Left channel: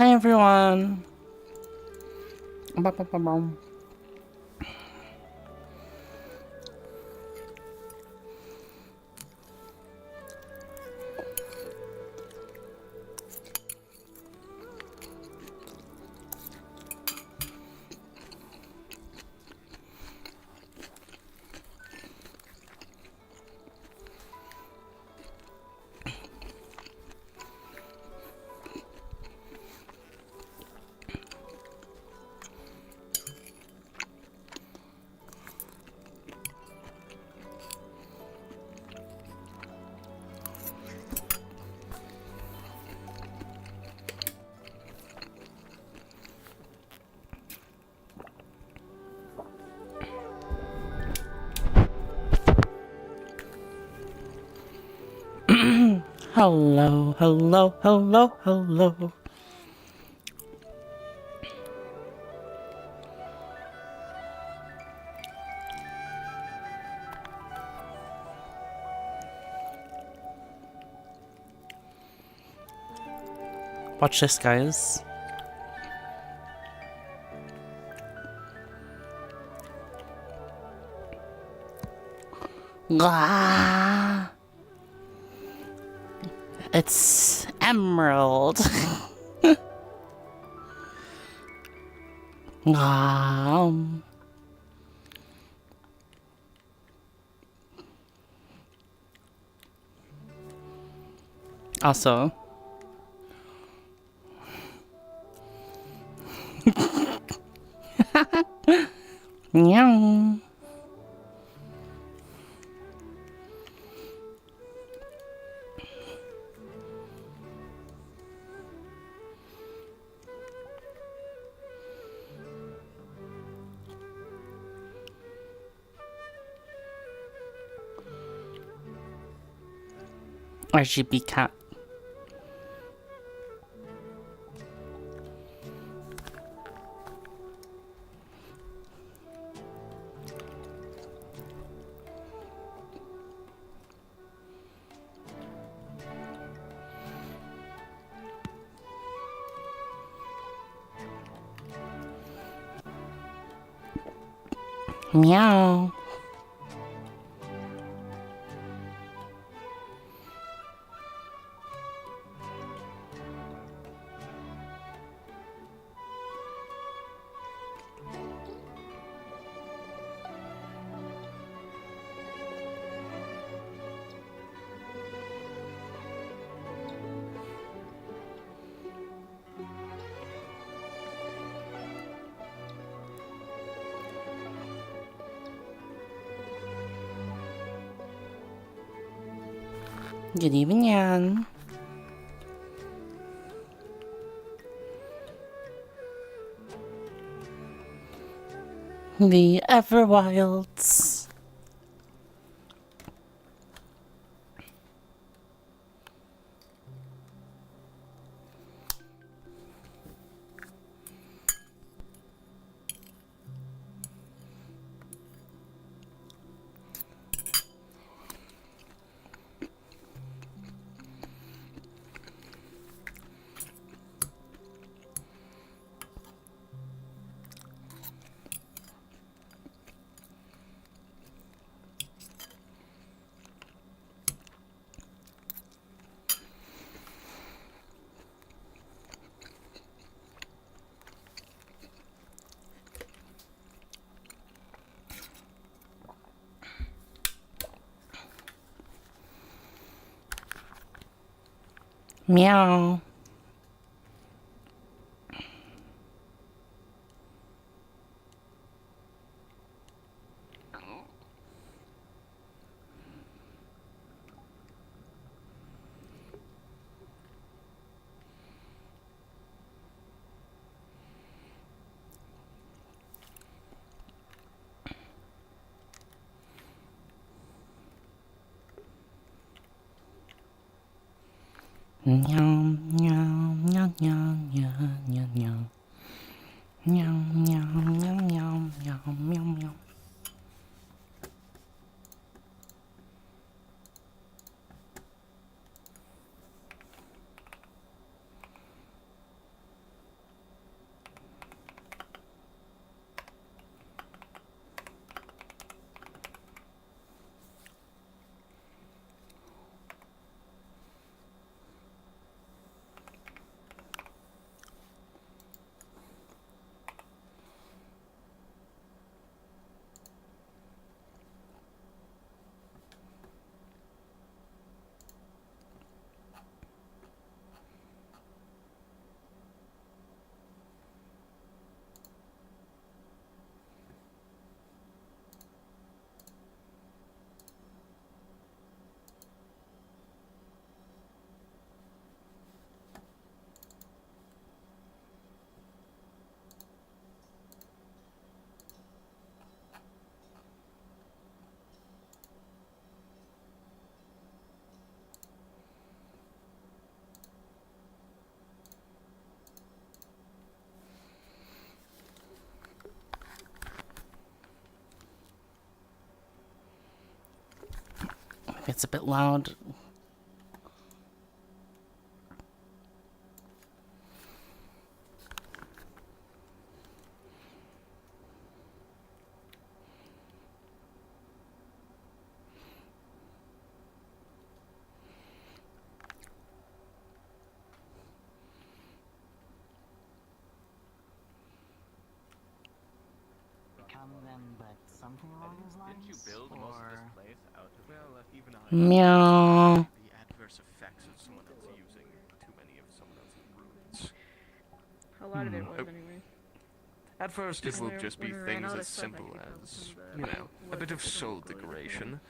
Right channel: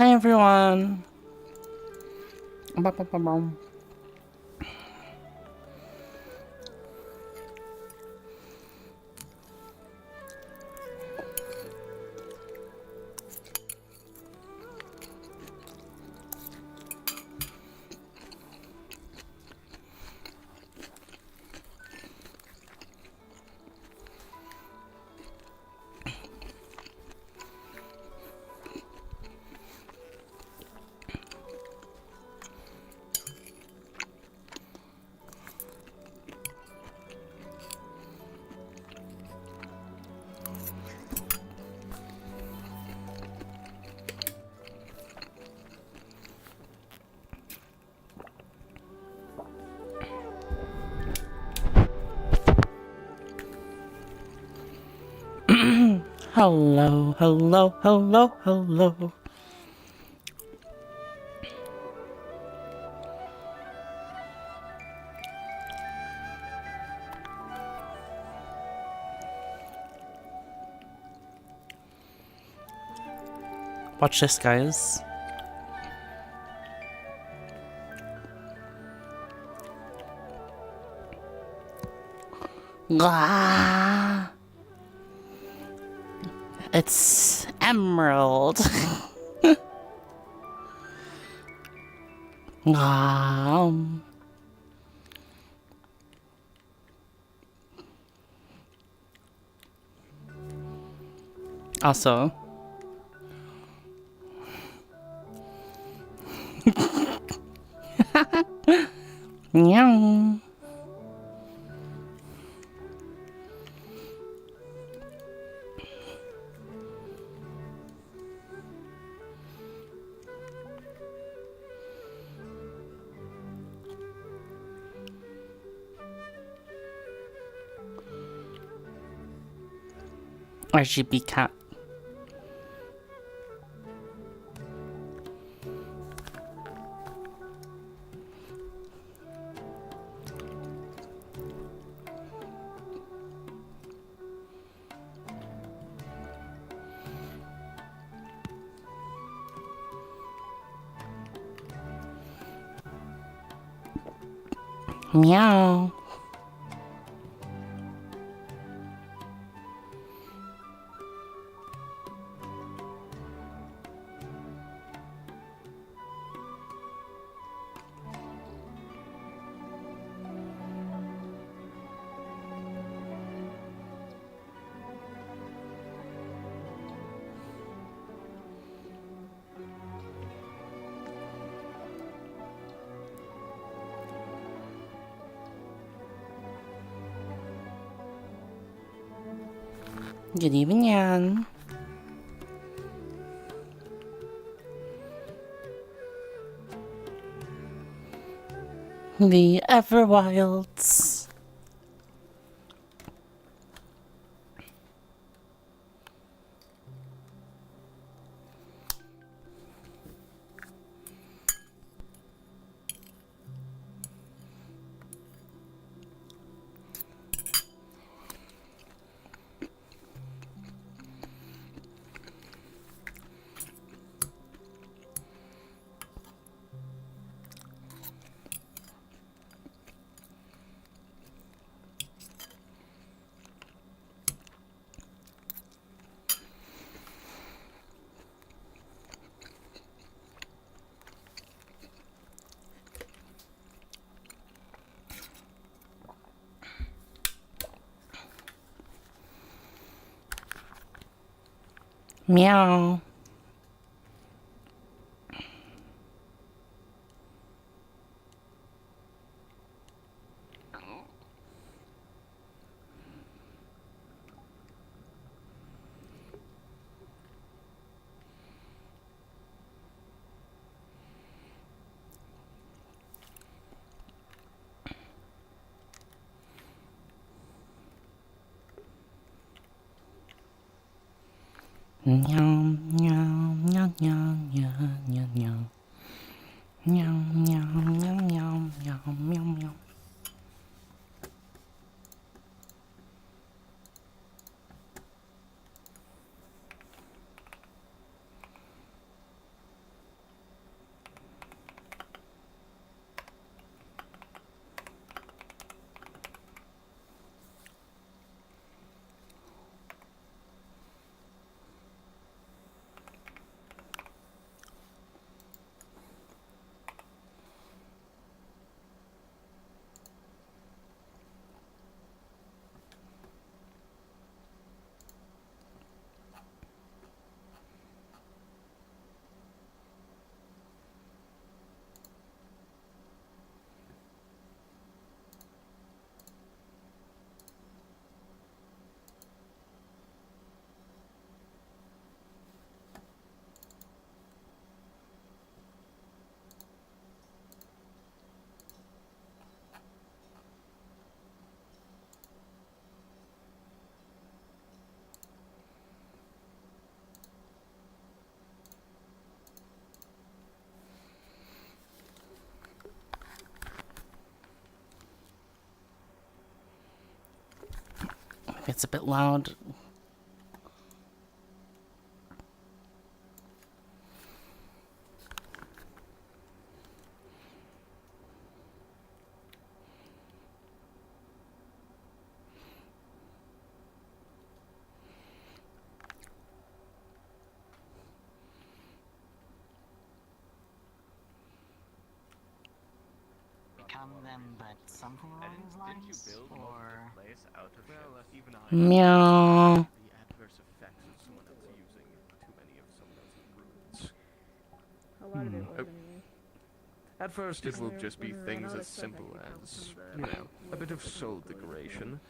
Hi everyone. Ba-ba-ba-bum. Hello, hello, hello, hello. Watch this, guys. Ah, it's emerald. Ah. Also, meow. RGB cat. Meow. Good evening, Yan. The Everwilds. Meow. Meow, meow, meow, meow, meow, meow, meow. Meow, meow, meow, meow, meow, meow, meow. It's a bit loud. Meow. A lot of it was anyway. At first, it will just be things as simple as, you know, a bit of soul degradation.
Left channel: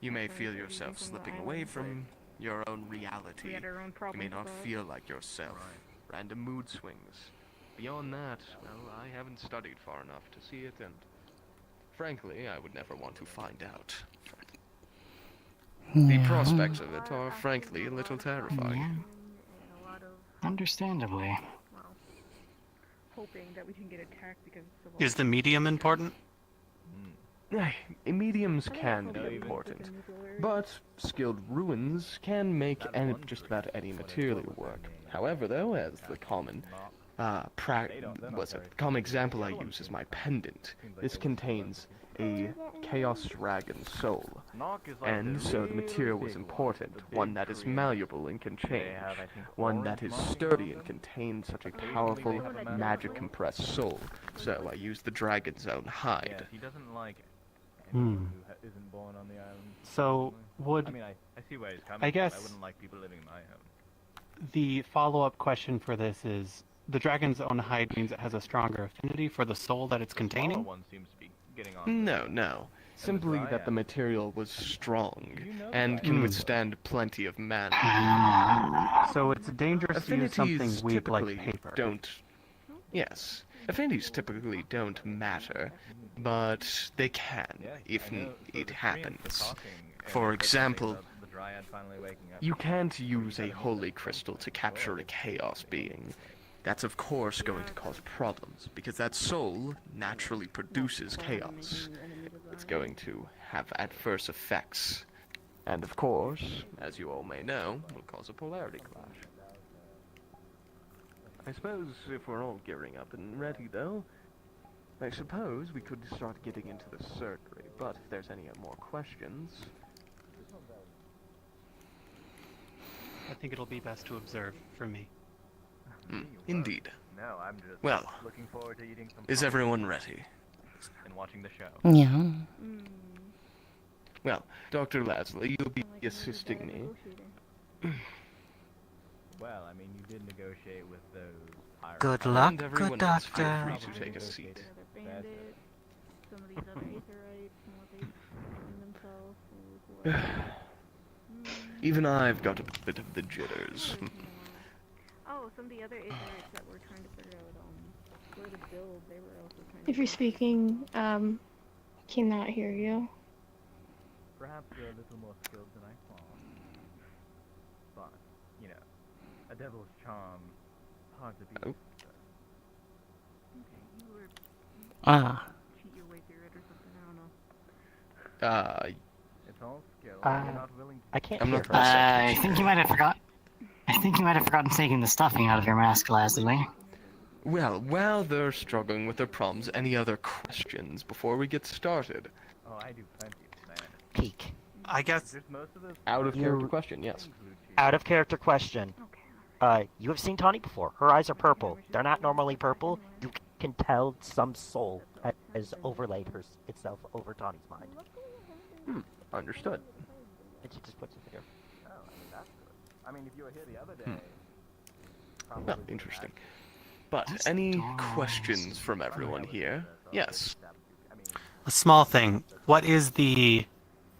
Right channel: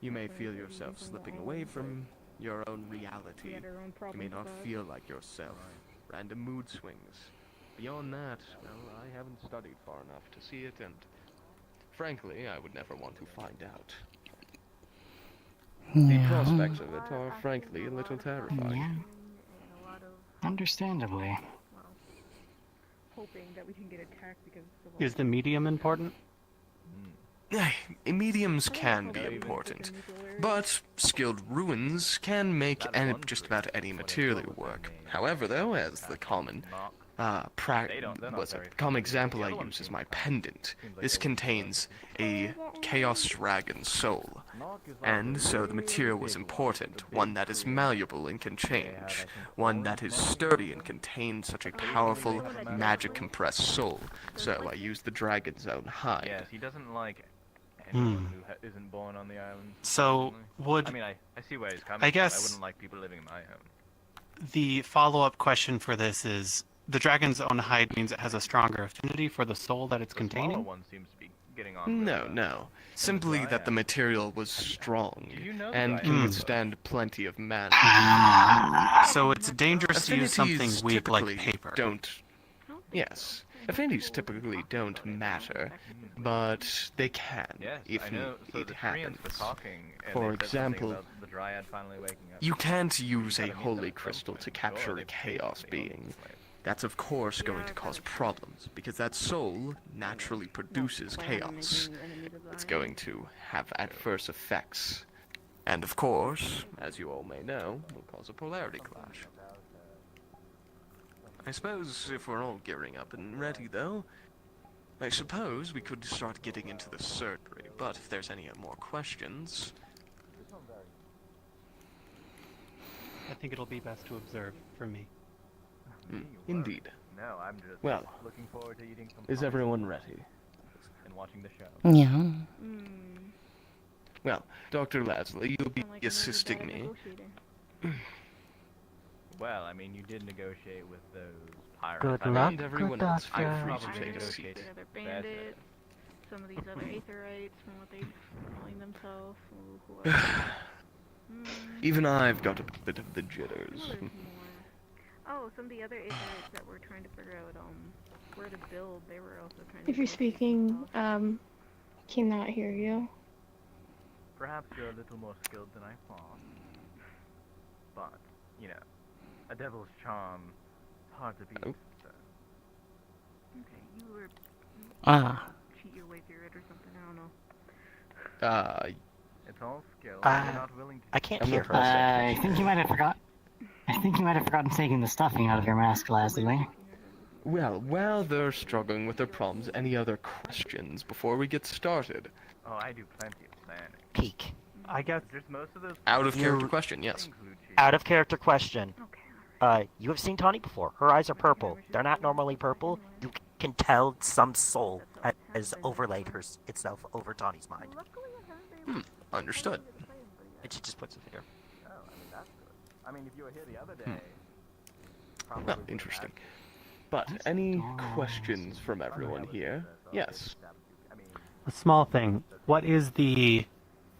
You may feel yourself slipping away from your own reality. You may not feel like yourself. Random mood swings. Beyond that, well, I haven't studied far enough to see it, and frankly, I would never want to find out. The prospects of it are frankly a little terrifying. Yeah. Understandably. Hoping that we can get attacked because Is the medium important? Mediums can be important, but skilled ruins can make just about any material work. However, though, as the common example I use is my pendant. This contains a Chaos Dragon soul, and so the material was important, one that is malleable and can change, one that is sturdy and contains such a powerful magic-compressed soul, so I used the dragon's own hide. Yeah, he doesn't like anyone who isn't born on the island. So, would... I mean, I see where he's coming I guess from. I wouldn't like people living in my home. The follow-up question for this is, the dragon's own hide means it has a stronger affinity for the soul that it's containing? One seems to be getting on. No. Simply that the material was strong, and can withstand plenty of mana. So it's dangerous to use something weak like paper. Yes. Affinities typically don't matter, but they can, if it happens. For example, you can't use a holy crystal to capture a chaos being. That's of course going to cause problems, because that soul naturally produces chaos. It's going to have adverse effects. And of course, as you all may know, will cause a polarity clash. I suppose if we're all gearing up and ready, though, I suppose we could start getting into the surgery, but if there's any more questions... I think it'll be best to observe for me. Indeed. No, I'm just well, looking forward to eating some is everyone ready? and watching the show. Yeah. Well, Dr. Lasley, you'll be assisting me. Well, I mean, you did negotiate with those pirates. Good And luck, everyone good else, feel doctor. free to take a seat. other bandits, some of these other Aetherites, and what they calling themselves. Even I've got a bit of the jitters. Oh, some of the other Aetherites that we're trying to figure out where to build, they were also trying to... If you're speaking, cannot hear you. Perhaps you're a little more skilled than I thought. But, you know, a devil's charm, hard to beat. Oh. Okay, you were... cheat your way through it or something, I don't know. It's all skill, and you're not willing to... I can't I'm hear. not I think you might have forgotten taking the stuffing out of your mask, Leslie. Well, while they're struggling with their problems, any other questions before we get started? Oh, I do plenty of sand. Peek. I guess Just most of those... Out of character question, yes. Out of character question. You have seen Tawny before. Her eyes are purple. They're not normally purple. You can tell some soul has overlaid itself over Tawny's mind. Understood. And she just puts it there. Oh, I mean, that's good. I mean, if you were here the other day... Well, interesting. But, any questions from everyone here? Yes. a small thing. What is the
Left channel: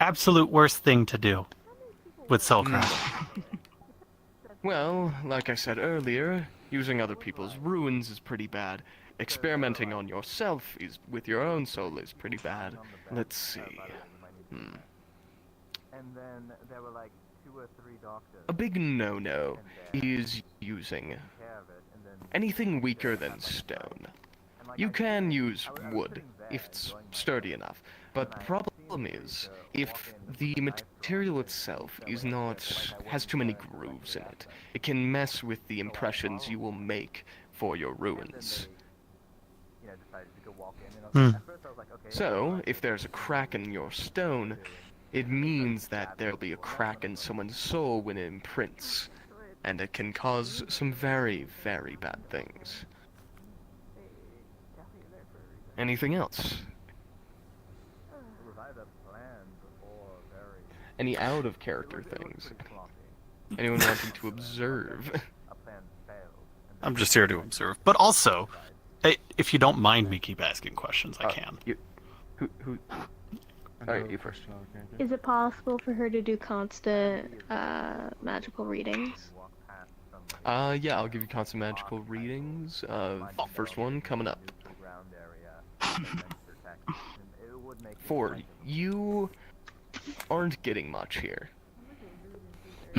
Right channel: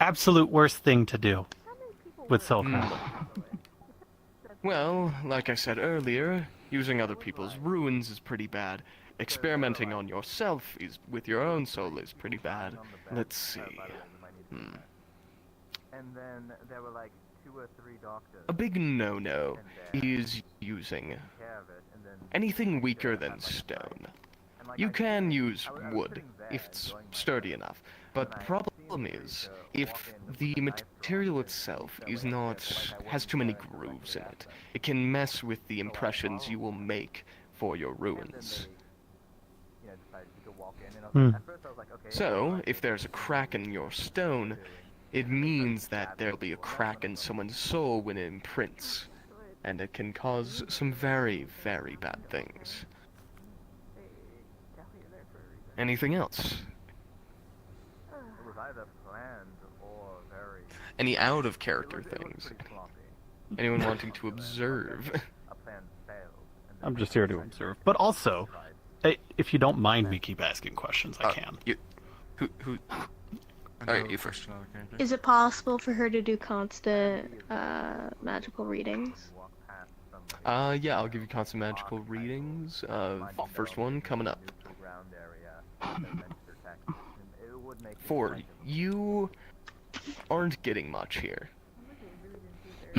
absolute worst thing to do with soul crystals? Well, like I said earlier, using other people's ruins is pretty bad. Experimenting on yourself with your own soul is pretty bad. Let's see. And then there were like 2 or 3 doctors. A big no-no is using anything weaker than stone. You can use wood if it's sturdy enough, but the problem problem is, if the material itself has too many grooves in it, it can mess with the impressions you will make for your ruins. So, if there's a crack in your stone, it means that there'll be a crack in someone's soul when it imprints, and it can cause some very, very bad things. Anything else? Any out-of-character things? Anyone wanting to observe? I'm just here to observe. But also, if you don't mind me keep asking questions, I can. Who? Alright, you first. Is it possible for her to do constant magical readings? Yeah, I'll give you constant magical readings. First one coming up. 4. You aren't getting much here.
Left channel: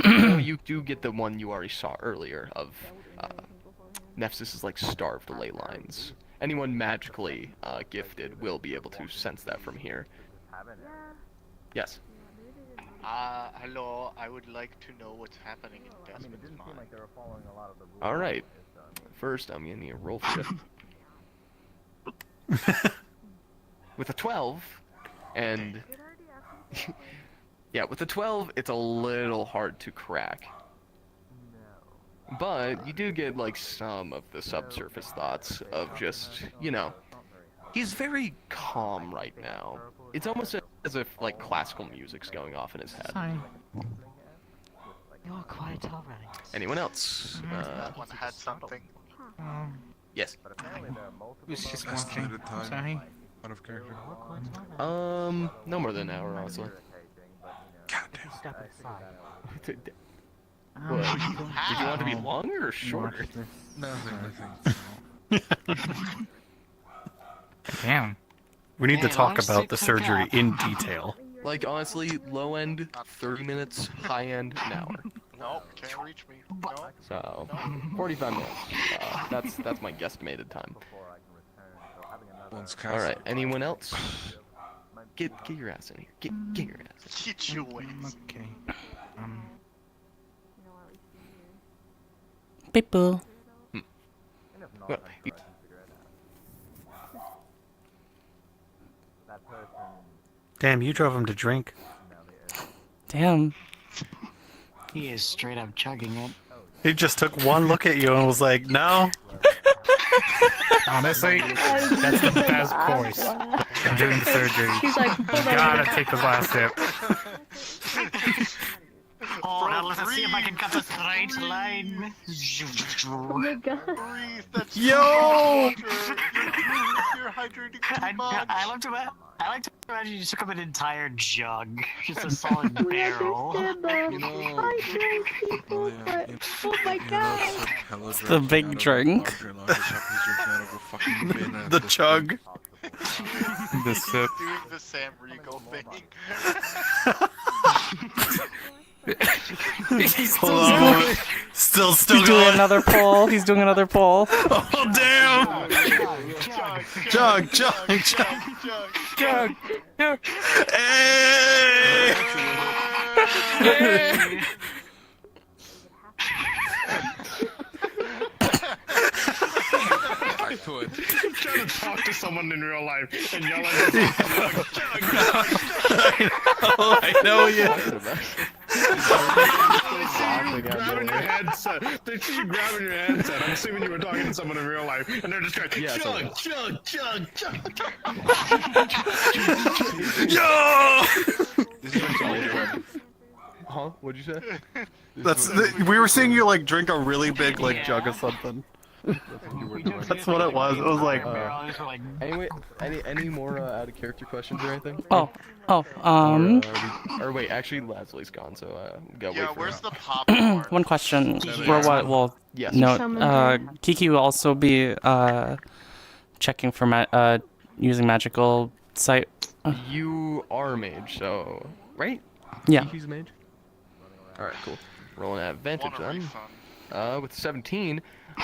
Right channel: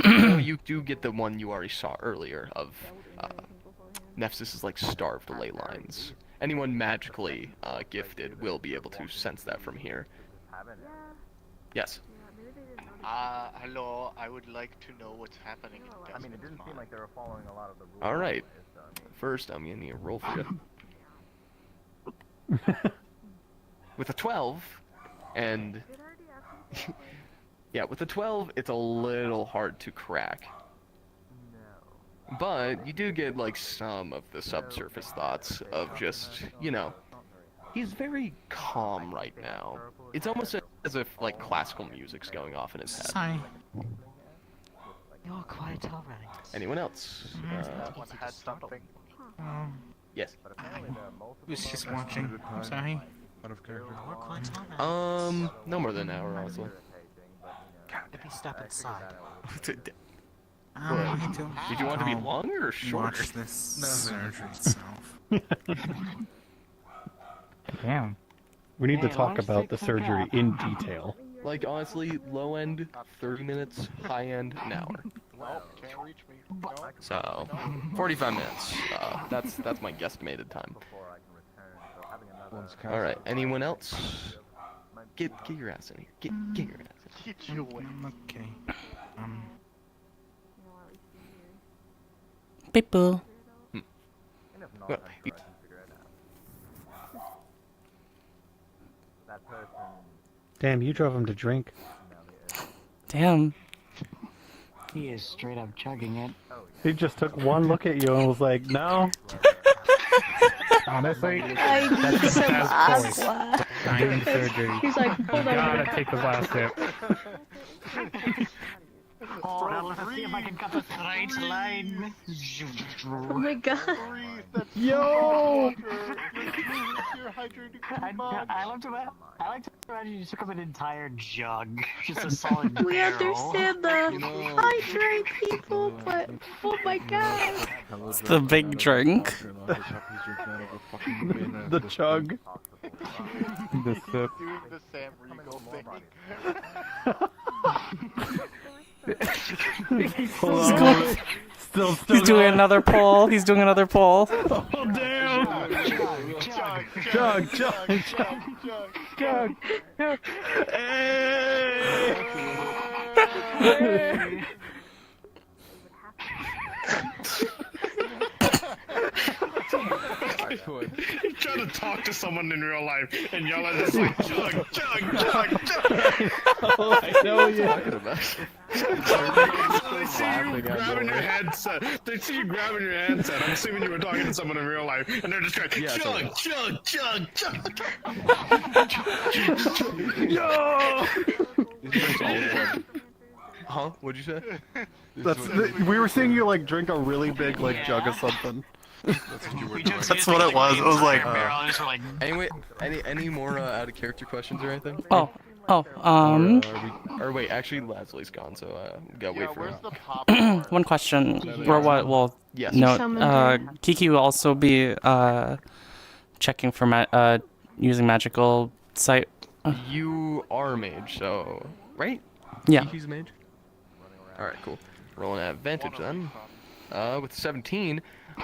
You do get the one you already saw earlier of Nephsis is like starved to ley lines. Anyone magically gifted will be able to sense that from here. Yes. Hello, I would like to know what's happening in Desmond's mind. Alright. First, I'm gonna need a roll for you. With a 12, and... yeah, with a 12, it's a little hard to crack. But you do get, like, some of the subsurface thoughts of just, you know... He's very calm right now. It's almost as if, like, classical music's going off in his head. Sorry. You're quiet already. Anyone else? Had something. Yes. I was just watching. Sorry. No more than an hour, honestly. Step inside. What? Did you want to be longer or shorter? Damn. We need to talk about the surgery in detail. Like, honestly, low end, 30 minutes, high end, an hour. Nope, can't reach me. Nope. So, 45 minutes. That's my guesstimated time. Alright, anyone else? Get your ass in here. Get your ass in. Get your wings. Okay. People. Well, Damn, you drove him to drink. Damn. He is straight up chugging it. He just took one look at you and was like, no. Honestly, that's the best voice. I'm doing surgery. She's like, You hold on. gotta take the last sip. Hold on, let's see if I can cut the straight line. Oh my god. Breathe, that's Yo! You're hydrating too much. I like to imagine you took up an entire jug. Just a solid We barrel. understand the hydrate people, but oh my god. It's the big drink. The chug. The sip. Doing the Sam Riegel thing. Still He's doing another pull. He's doing another pull. Oh damn! Chug, chug, chug. Hey! He's trying to talk to someone in real life, and y'all are just like, chug. I know you. Grabbing your headset. They see you grabbing your headset. I'm assuming you were talking to someone in real life, and they're just going, chug. Yo! Huh? What'd you say? We were seeing you like drink a really big like jug of something. That's what it was. It was like. Anyway, any more out of character questions or anything? Oh. Or wait, actually Leslie's gone, so we gotta wait for Where's her. the pop part? One question. Or what? Well, Yes. no. Kiki will also be checking for using magical sight. You are a mage, so right? Yeah. Kiki's a mage. All right, cool. Rolling at advantage then. With 17,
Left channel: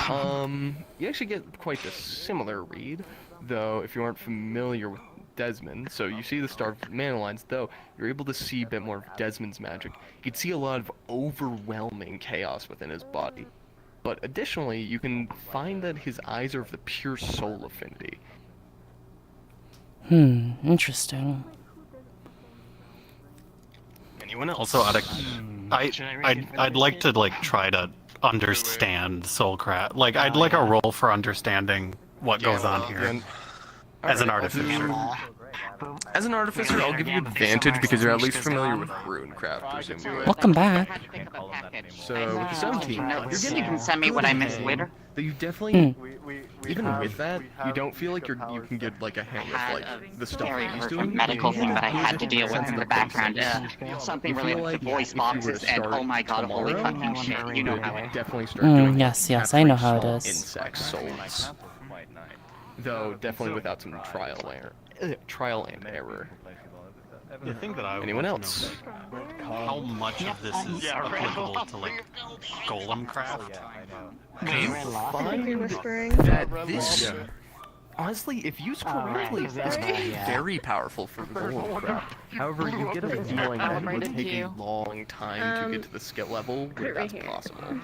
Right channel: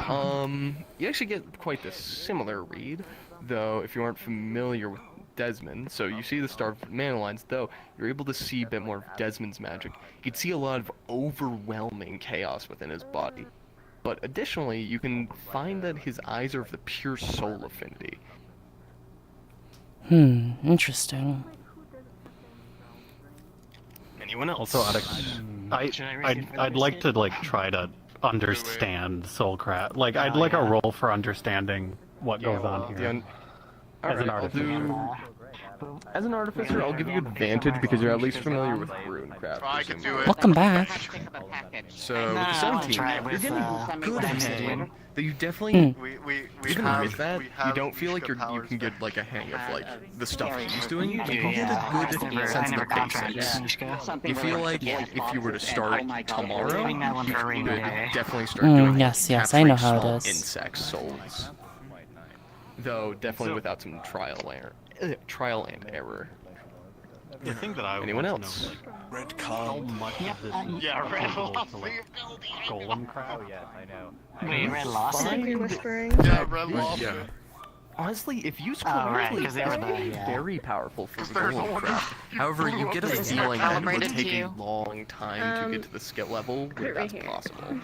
you actually get quite the similar read, though if you aren't familiar with Desmond, so you see the starved mana lines, though you're able to see a bit more of Desmond's magic. You'd see a lot of overwhelming chaos within his body. But additionally, you can find that his eyes are of the pure soul affinity. Interesting. Anyone else? Also, I'd like to like try to understand Soulcraft. Like, I'd like a roll for understanding what goes on here. As an artificer. As an artificer, I'll give you advantage because you're at least familiar with runecraft. Welcome back. So with the 17, you're getting send me what I missed later. But you definitely, We even have- with that, we you have don't feel like you powers. can get like a hang of like the stuff he's doing. Medical You thing get that I a had good to deal with sense in of the background. basics. Something You feel related like to voice if you were to boxes and start oh my god, tomorrow, holy fucking shit, you know how would definitely start doing yes, I know how it small is. insect souls. Though definitely without some trial and error. The thing that I Anyone want else? to know, like, how much of this is applicable to like golem craft? Wait, Red Lost? Simply whispering. Yeah, Red This, Lobster. honestly, if used correctly, 'cause that's that's bad, very powerful for golem craft. However, you get a feeling that it would take a long time to get to the skill level put where it right that's here. possible.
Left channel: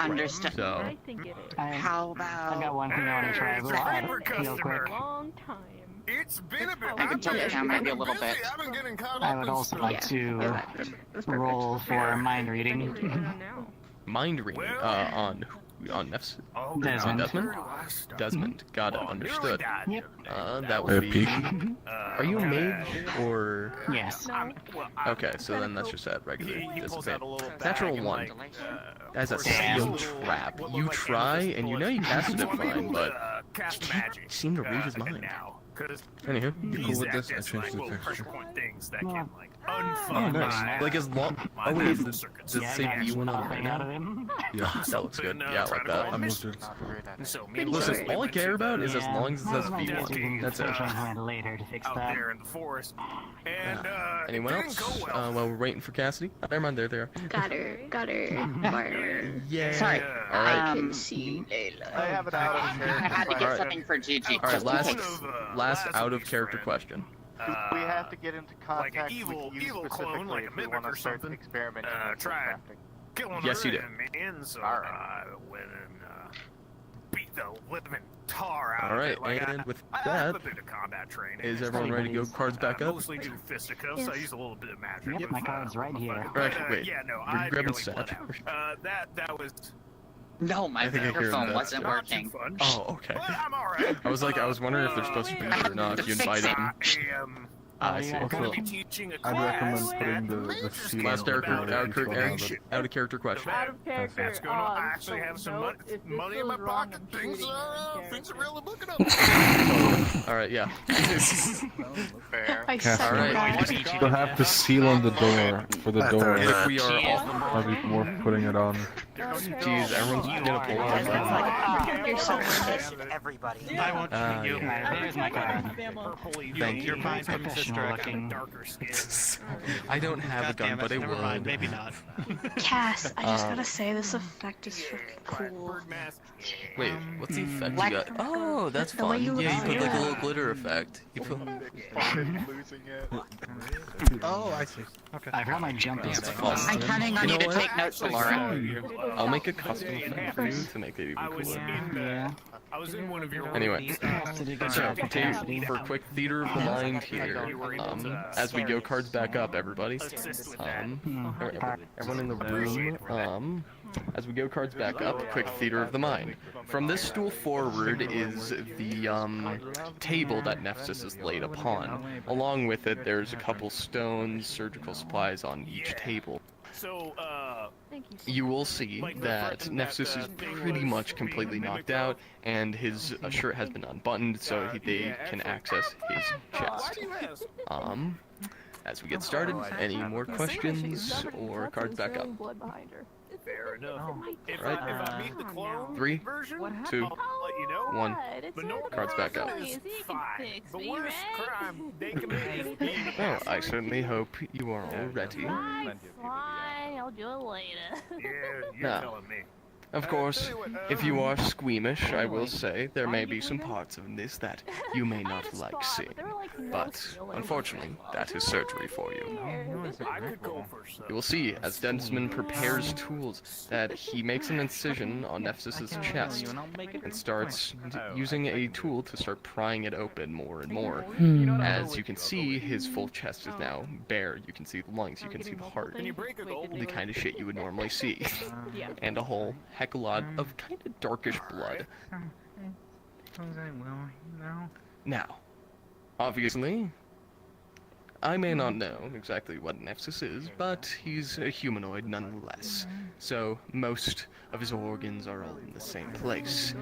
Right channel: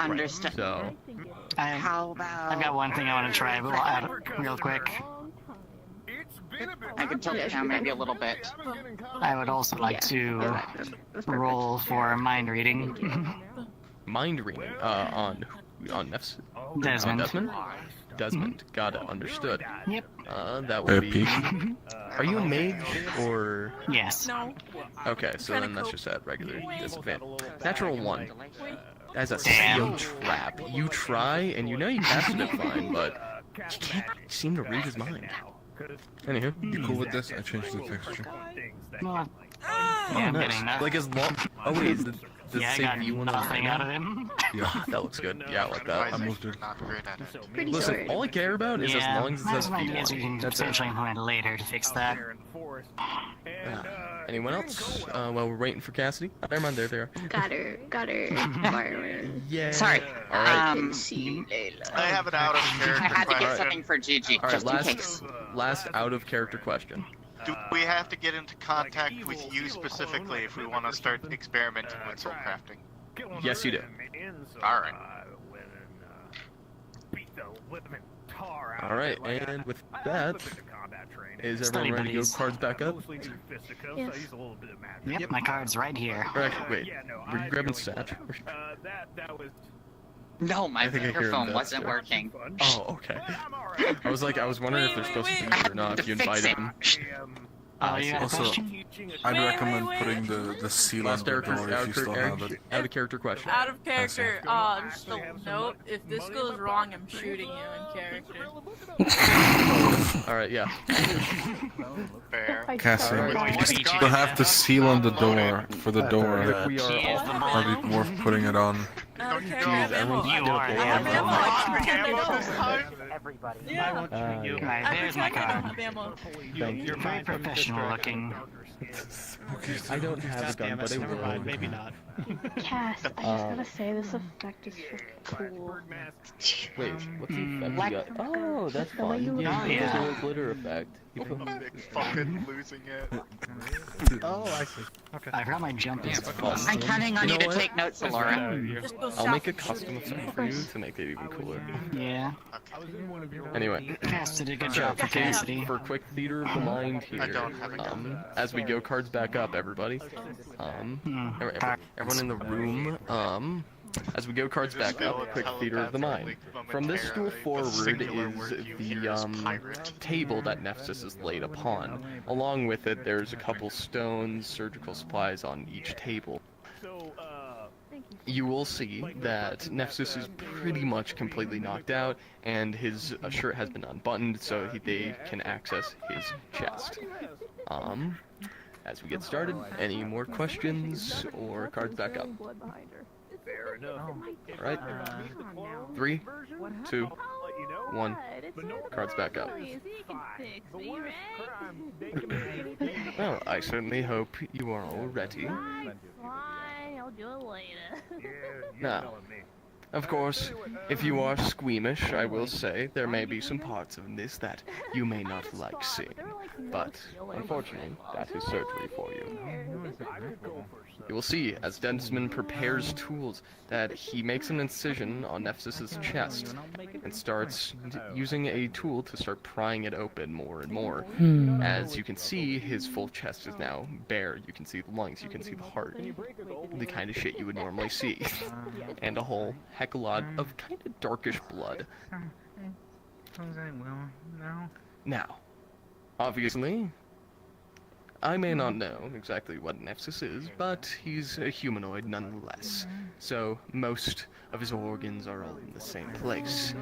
understand. So, How about I've got one thing I want to try, but we'll add it real quick. I could tilt it down maybe a little bit. I would also like to That's perfect. roll for mind reading. mind reading on Nephsis. On Desmond. Desmond? Desmond. Got it. Understood. Yep. That would be... Are you a mage, or... Yes. Okay, so then that's just at regular disadvantage. Natural 1. As a sealed trap. You try, and you know you casted it fine, but... You can't seem to read his mind. Anywho. You cool with this? I changed the texture. Oh, nice. Like as long... Oh wait, does it Yeah, I say got V1 on nothing it out of now? him. Yeah. That looks good. Yeah, I like that. I moved it. Pretty Listen, good. all I care about is as Yeah. long as it says We V1. can That's it. potentially find later to fix that. Anyone else? While we're waiting for Cassidy? Oh, never mind, there they are. Got her. Firing. Yeah. Sorry. Alright. Can see. I have an out of I character had to get Alright. something for Gigi. Alright, just in case. last out of character question. Do we have to get into contact with you specifically if we want to start experimenting with soul crafting? Yes, you do. Alright. Alright, and with that, is everyone ready to go cards back up? Yes. Yep, my card's right here. Or actually, wait, were you grabbing Satch? No, my I think I hear microphone him wasn't downstairs. working. Oh, okay. I was wondering if they're supposed to be here or not, if you invited them. I see. Also, I'd recommend putting the seal Last on the door if you still have it. out of character question. Out of character, so note, if this goes wrong, I'm shooting you in character. Alright, yeah. Fair. I Cassie, swear. you have the seal on the door for the door. If we are... Might be worth putting it on. Jeez, everyone's gonna pull out, Everybody. yeah. Right, there's my card. Thank you. Very professional looking. I don't have a gun, but I would. Maybe not. Cass, I just gotta say, this effect is freaking cool. Wait, what's the effect you got? Oh, that's The way fun. you Yeah, you look. put like a little glitter effect. You put... Losing it. Oh, I see. Okay. I forgot my jump is I'm counting on You you know to what? take notes, Laura. I'll make a custom effect for you to make it even cooler. Yeah. Anyway, Cass did a good so job for for Cassidy. for a quick theater of the mind here, as we go cards back up, everybody, alright, everyone in the room, as we go cards back up, quick theater of the mind. From this stool forward is the table that Nephsis is laid upon. Along with it, there's a couple stones, surgical supplies on each table. You will see that Nephsis is pretty much completely knocked out, and his shirt has been unbuttoned, so they can access his chest. As we get started, any more questions or cards back up? Fair enough. Alright, 3, 2, 1, cards back up. Well, I certainly hope you are all ready. I'll do it later. Now, Of course, if you are squeamish, I will say there may be some parts of this that you may not like seeing. But, unfortunately, that is surgery for you. You will see, as Densman prepares tools, that he makes an incision on Nephsis' chest and starts using a tool to start prying it open more and more. As you can see, his full chest is now bare. You can see the lungs, you can see the heart, the kind of shit you would normally see. And a whole heck of a lot of kind of darkish blood. Now, obviously, I may not know exactly what Nephsis is, but he's a humanoid nonetheless. So, most of his organs are all in the same place.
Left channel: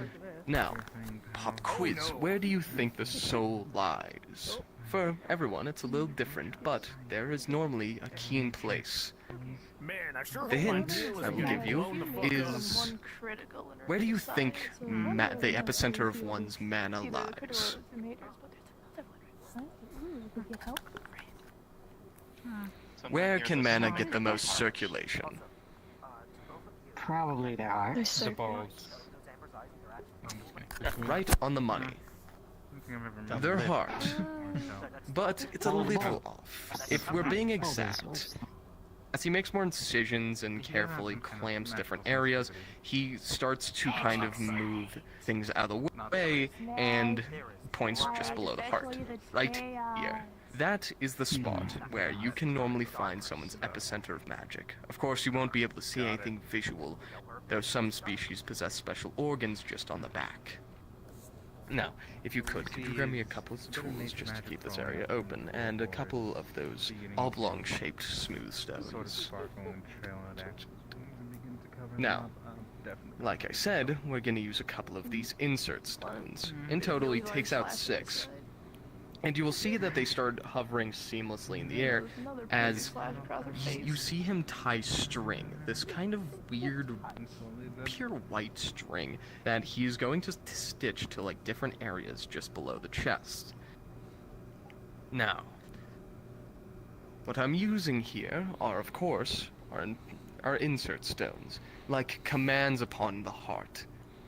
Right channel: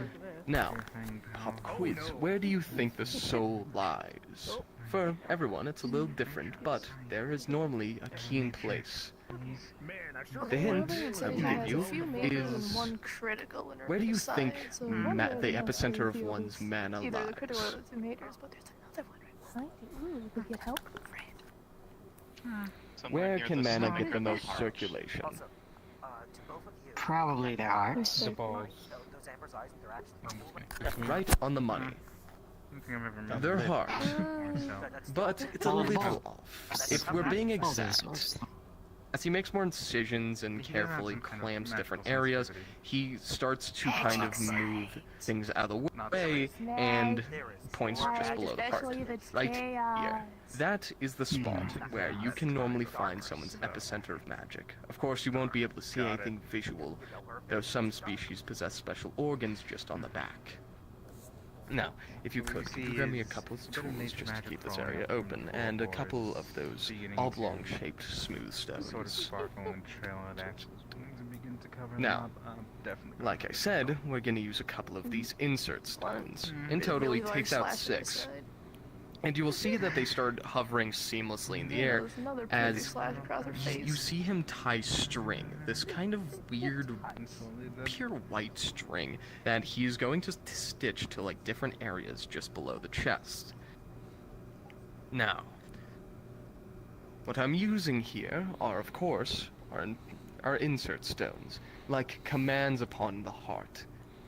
Now, pop quiz, where do you think the soul lies? For everyone, it's a little different, but there is normally a keen place. The hint I will give you is, where do you think the epicenter of one's mana lies? Where can mana get the most circulation? Probably the heart. Right on the money. Their heart. But it's a little off. If we're being exact, as he makes more incisions and carefully clamps different areas, he starts to kind of move things out of the way and points just below the heart. Right here. That is the spot where you can normally find someone's epicenter of magic. Of course, you won't be able to see anything visual, though some species possess special organs just on the back. Now, if you could grab me a couple of tools just to keep this area open, and a couple of those oblong-shaped smooth stones. Now, like I said, we're going to use a couple of these insert stones. In total, he takes out 6. And you will see that they start hovering seamlessly in the air as you see him tie string, this kind of weird, pure white string that he is going to stitch to like different areas just below the chest. Now, what I'm using here are, of course, are insert stones, like commands upon the heart.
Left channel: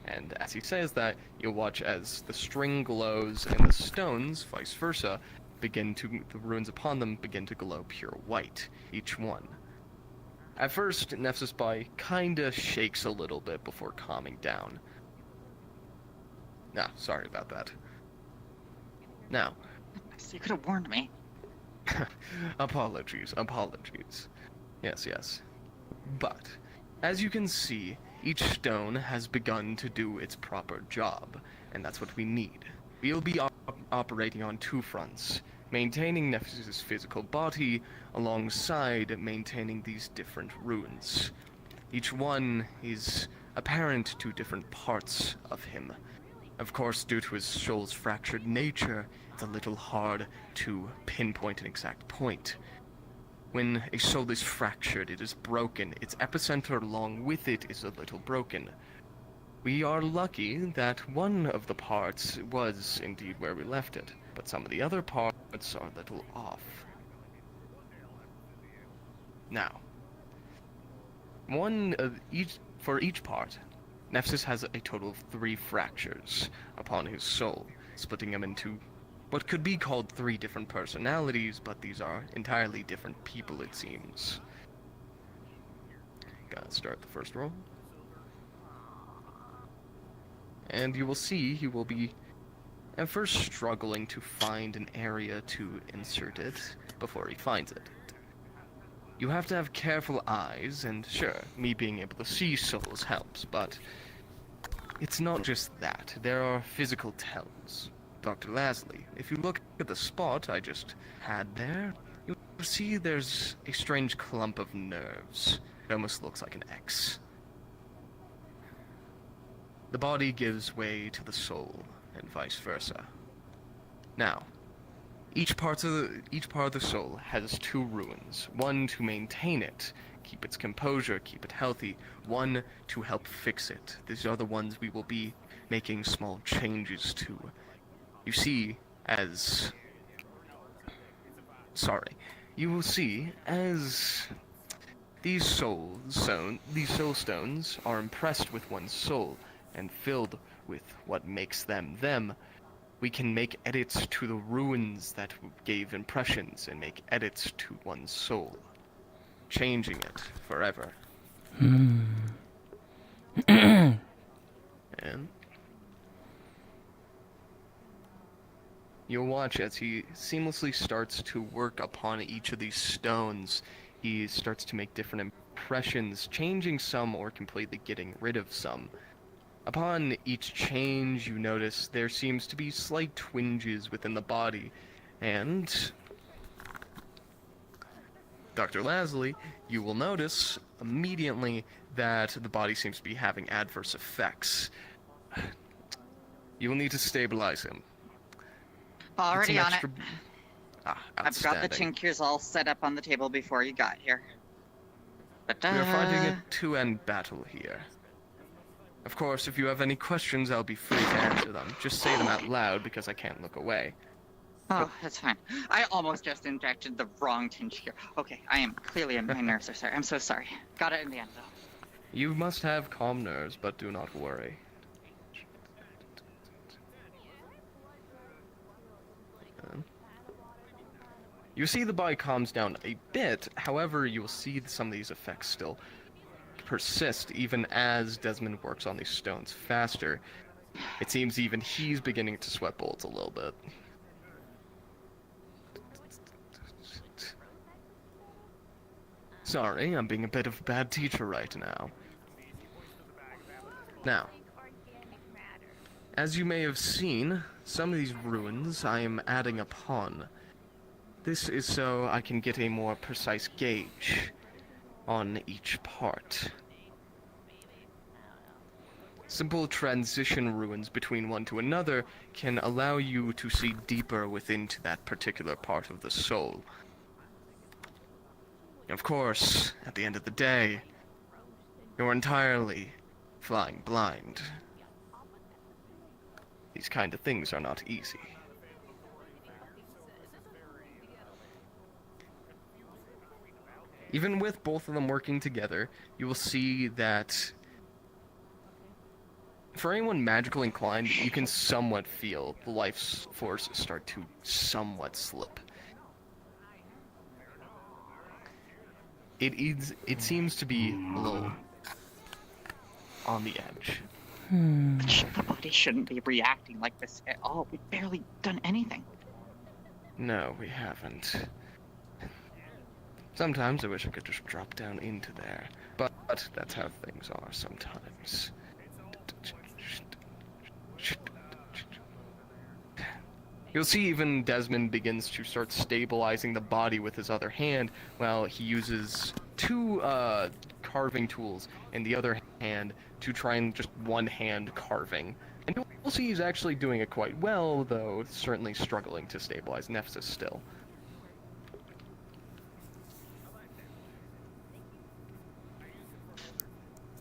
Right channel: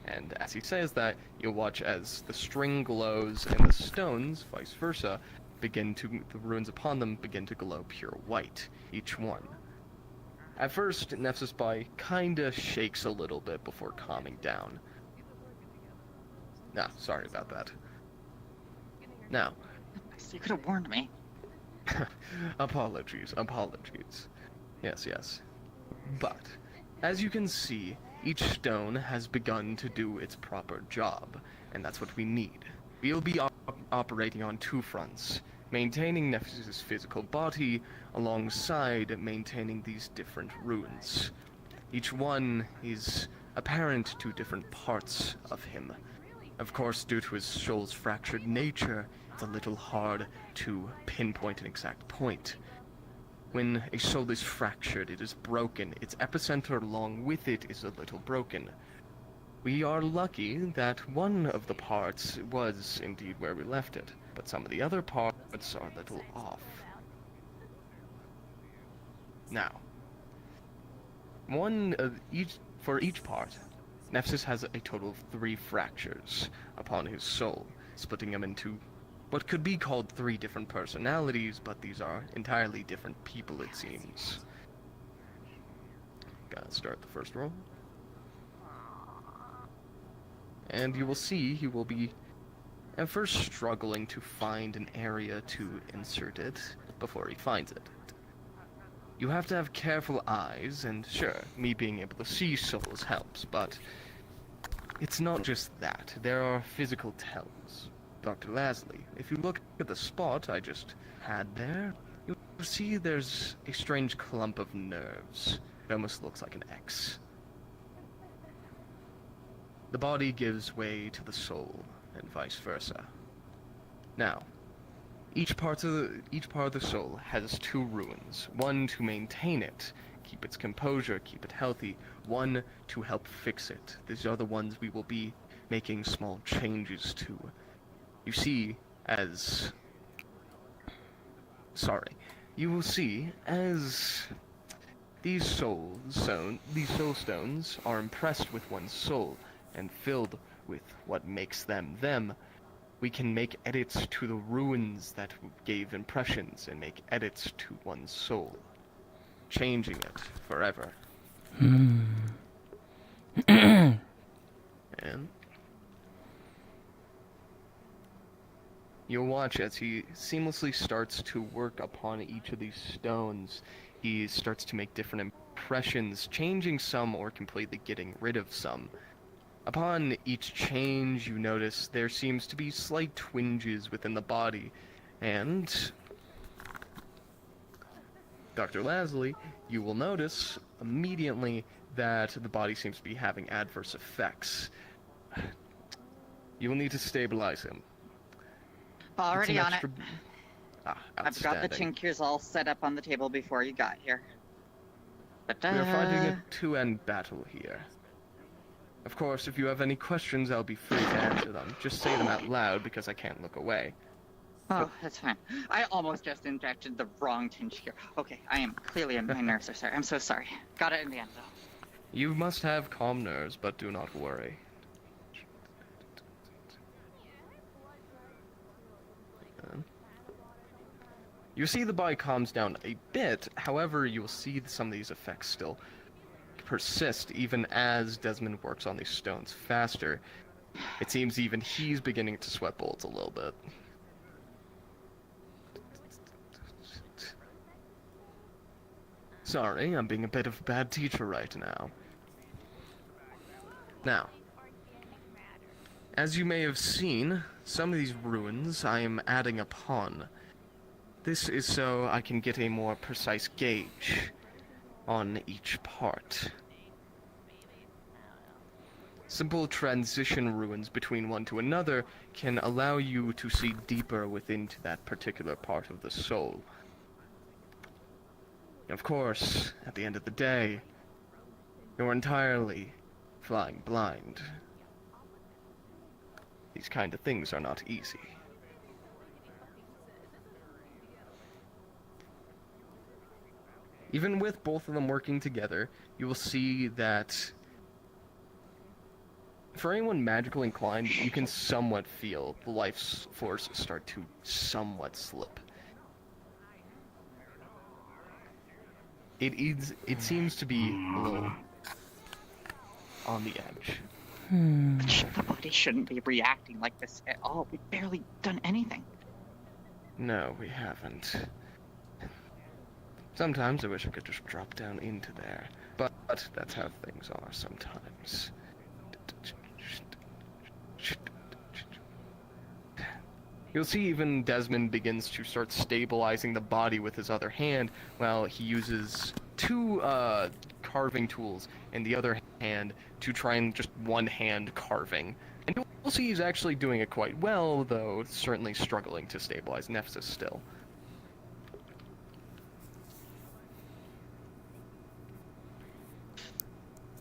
And as he says that, you'll watch as the string glows and the stones, vice versa, the runes upon them begin to glow pure white, each one. At first, Nephsis kinda shakes a little bit before calming down. Sorry about that. Now. You could have warned me. Apologies. Yes. But, as you can see, each stone has begun to do its proper job, and that's what we need. We'll be operating on 2 fronts, maintaining Nephsis' physical body alongside maintaining these different runes. Each one is apparent to different parts of him. Of course, due to his soul's fractured nature, it's a little hard to pinpoint an exact point. When a soul is fractured, it is broken. Its epicenter along with it is a little broken. We are lucky that one of the parts was indeed where we left it, but some of the other parts are a little off. Now, for each part, Nephsis has a total of 3 fractures upon his soul, splitting him into what could be called 3 different personalities, but these are entirely different people, it seems. Gotta start the first roll. And you will see he will be at first struggling to find an area to insert it before he finds it. You have to have careful eyes, and sure, me being able to see souls helps, but it's not just that. There are physical tells. Dr. Lasley, if you look at the spot I just had there, you'll see there's a strange clump of nerves. It almost looks like an X. The body gives way to the soul, and vice versa. Now, each part of the soul has 2 runes. One to maintain it, keep its composure, keep it healthy. One to help fix it. These are the ones we will be making small changes to. You will see, as These soul stones are impressed with one's soul and filled with what makes them them. We can make edits to the ruins that gave impressions and make edits to one's soul, changing it forever. And you'll watch as he seamlessly starts to work upon each of these stones. He starts to make different impressions, changing some or completely getting rid of some. Upon each change, you notice there seems to be slight twinges within the body, and Dr. Lasley, you will notice immediately that the body seems to be having adverse effects. You will need to stabilize him. Already on it. I've got the Outstanding. tinctures all set up on the table before you got here. But, We are fighting a two-end battle here. Of course, if you have any questions, I'll be free to answer them. Just say them out loud because I can't look away. Oh, that's fine. I almost just injected the wrong tincture. Okay, I am clearly my nerves are sorry. I'm so sorry. Got it in the end, though. You must have calm nerves, but do not worry. You see the body calms down a bit, however, you will see some of these effects still persist even as Desmond works on these stones faster. It seems even he's beginning to sweat bullets a little bit. Sorry, I'm being a bit of a bad teacher right now. Now, as you may have seen, some of these ruins I am adding upon. This is so I can get a more precise gauge on each part. Simple transition ruins between one to another can allow you to see deeper within that particular part of the soul. Of course, at the end of the day, you're entirely flying blind. These kind of things are not easy. Even with both of them working together, you will see that for anyone magically inclined, you can somewhat feel the life force start to somewhat slip. It seems to be a little on the edge. The body shouldn't be reacting like this at all. We've barely done anything. No, we haven't. Sometimes I wish I could just drop down into there, but that's how things are sometimes. You'll see even Desmond begins to start stabilizing the body with his other hand, while he uses two carving tools in the other hand to try and just one-hand carving. And you'll see he's actually doing it quite well, though certainly struggling to stabilize Nephsis still.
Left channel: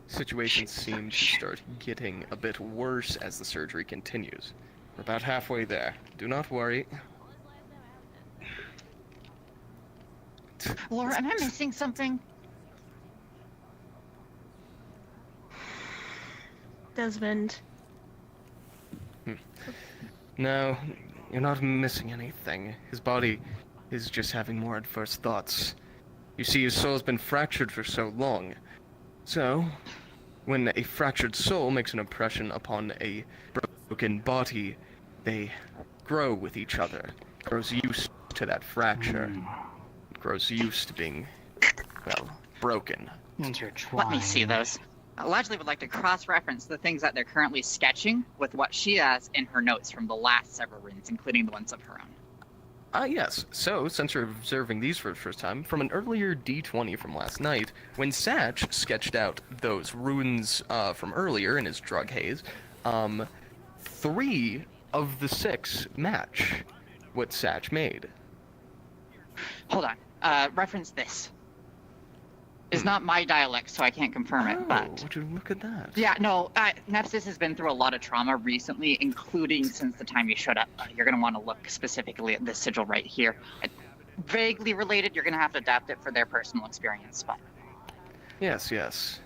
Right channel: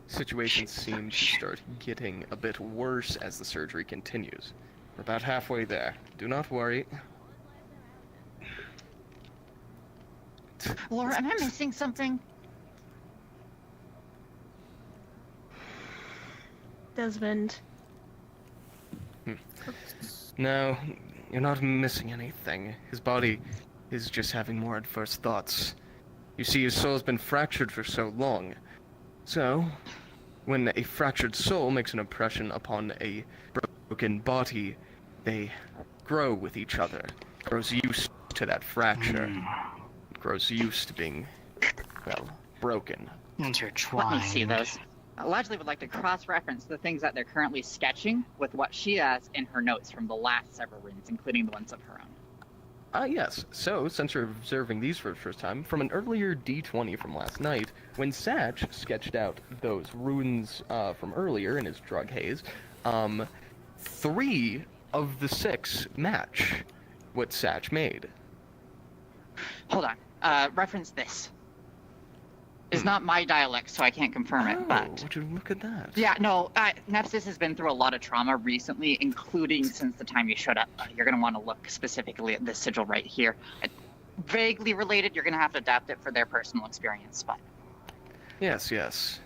Situation seems to start getting a bit worse as the surgery continues. We're about halfway there. Do not worry. Laura, am I missing something? Desmond. No, you're not missing anything. His body is just having more adverse thoughts. You see, his soul's been fractured for so long. So, when a fractured soul makes an impression upon a broken body, they grow with each other. It grows used to that fracture. It grows used to being, well, broken. Let me see those. Allegedly would like to cross-reference the things that they're currently sketching with what she has in her notes from the last several runes, including the ones of her own. Yes. So, since you're observing these for the first time, from an earlier D20 from last night, when Satch sketched out those runes from earlier in his drug haze, 3 of the 6 match what Satch made. Hold on. Reference this. It's not my dialect, so I can't confirm it, but... Would you look at that? Yeah, no, Nephsis has been through a lot of trauma recently, including since the time you showed up. You're going to want to look specifically at this sigil right here. Vaguely related, you're going to have to adapt it for their personal experience, but... Yes, yes.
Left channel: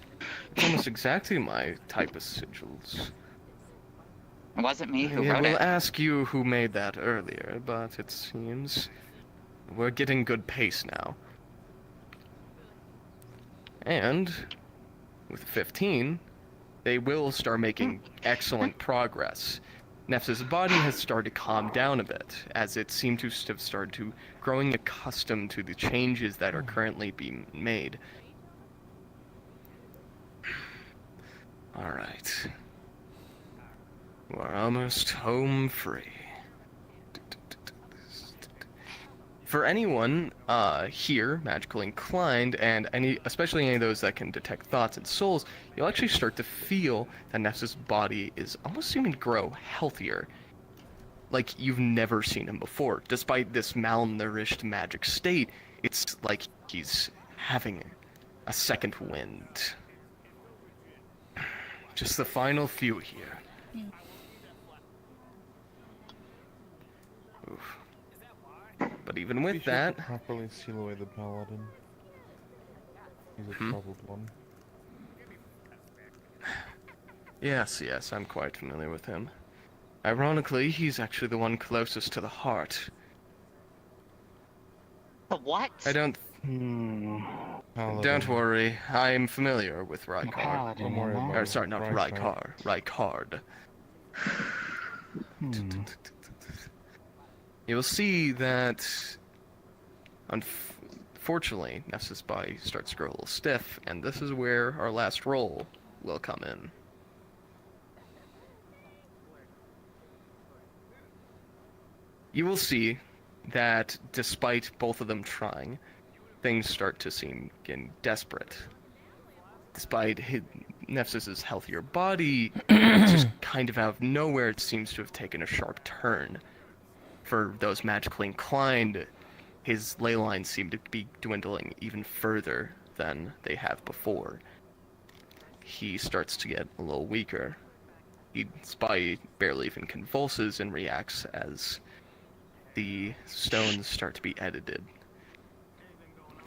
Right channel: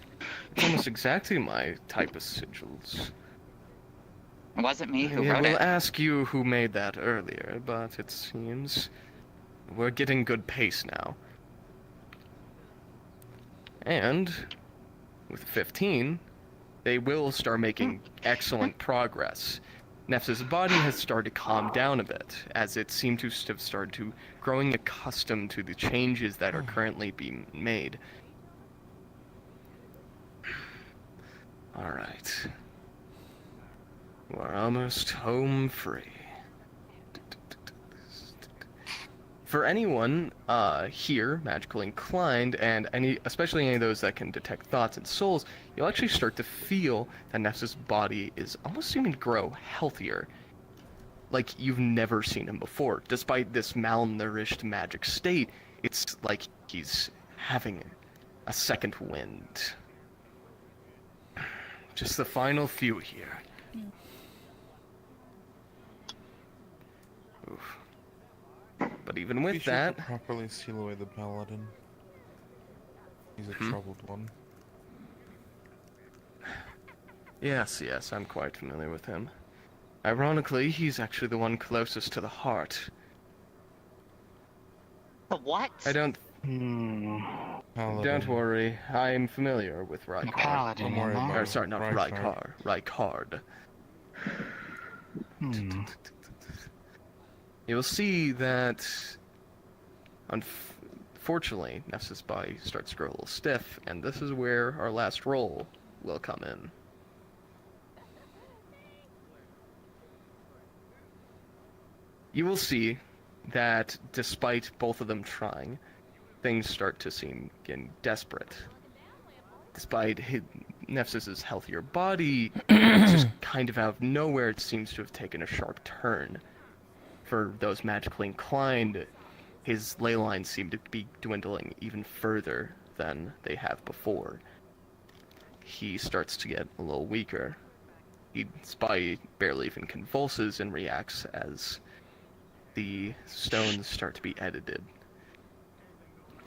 It's almost exactly my type of sigils. It wasn't me who I wrote will it. ask you who made that earlier, but it seems we're getting good pace now. And with 15, they will start making excellent progress. Nephsis' body has started to calm down a bit, as it seemed to have started to growing accustomed to the changes that are currently being made. Alright. We're almost home free. For anyone here, magically inclined, and especially any of those that can detect thoughts and souls, you'll actually start to feel that Nephsis' body is almost seeming to grow healthier. Like you've never seen him before. Despite this malnourished magic state, it's like he's having a second wind. Just the final few here. Oof. But even with that... properly seal away the paladin. He's a troubled one. Yes, I'm quite familiar with him. Ironically, he's actually the one closest to the heart. The what? I don't... Don't worry, I'm familiar with Rykard. Don't worry about it. Sorry, not Rykard. Rykard. You'll see that, unfortunately, Nephsis' body starts to grow a little stiff, and this is where our last roll will come in. You will see that, despite both of them trying, things start to seem getting desperate. Despite Nephsis' healthier body, just kind of out of nowhere, it seems to have taken a sharp turn. For those magically inclined, his ley lines seem to be dwindling even further than they have before. He starts to get a little weaker. His body barely even convulses and reacts as the stones start to be edited.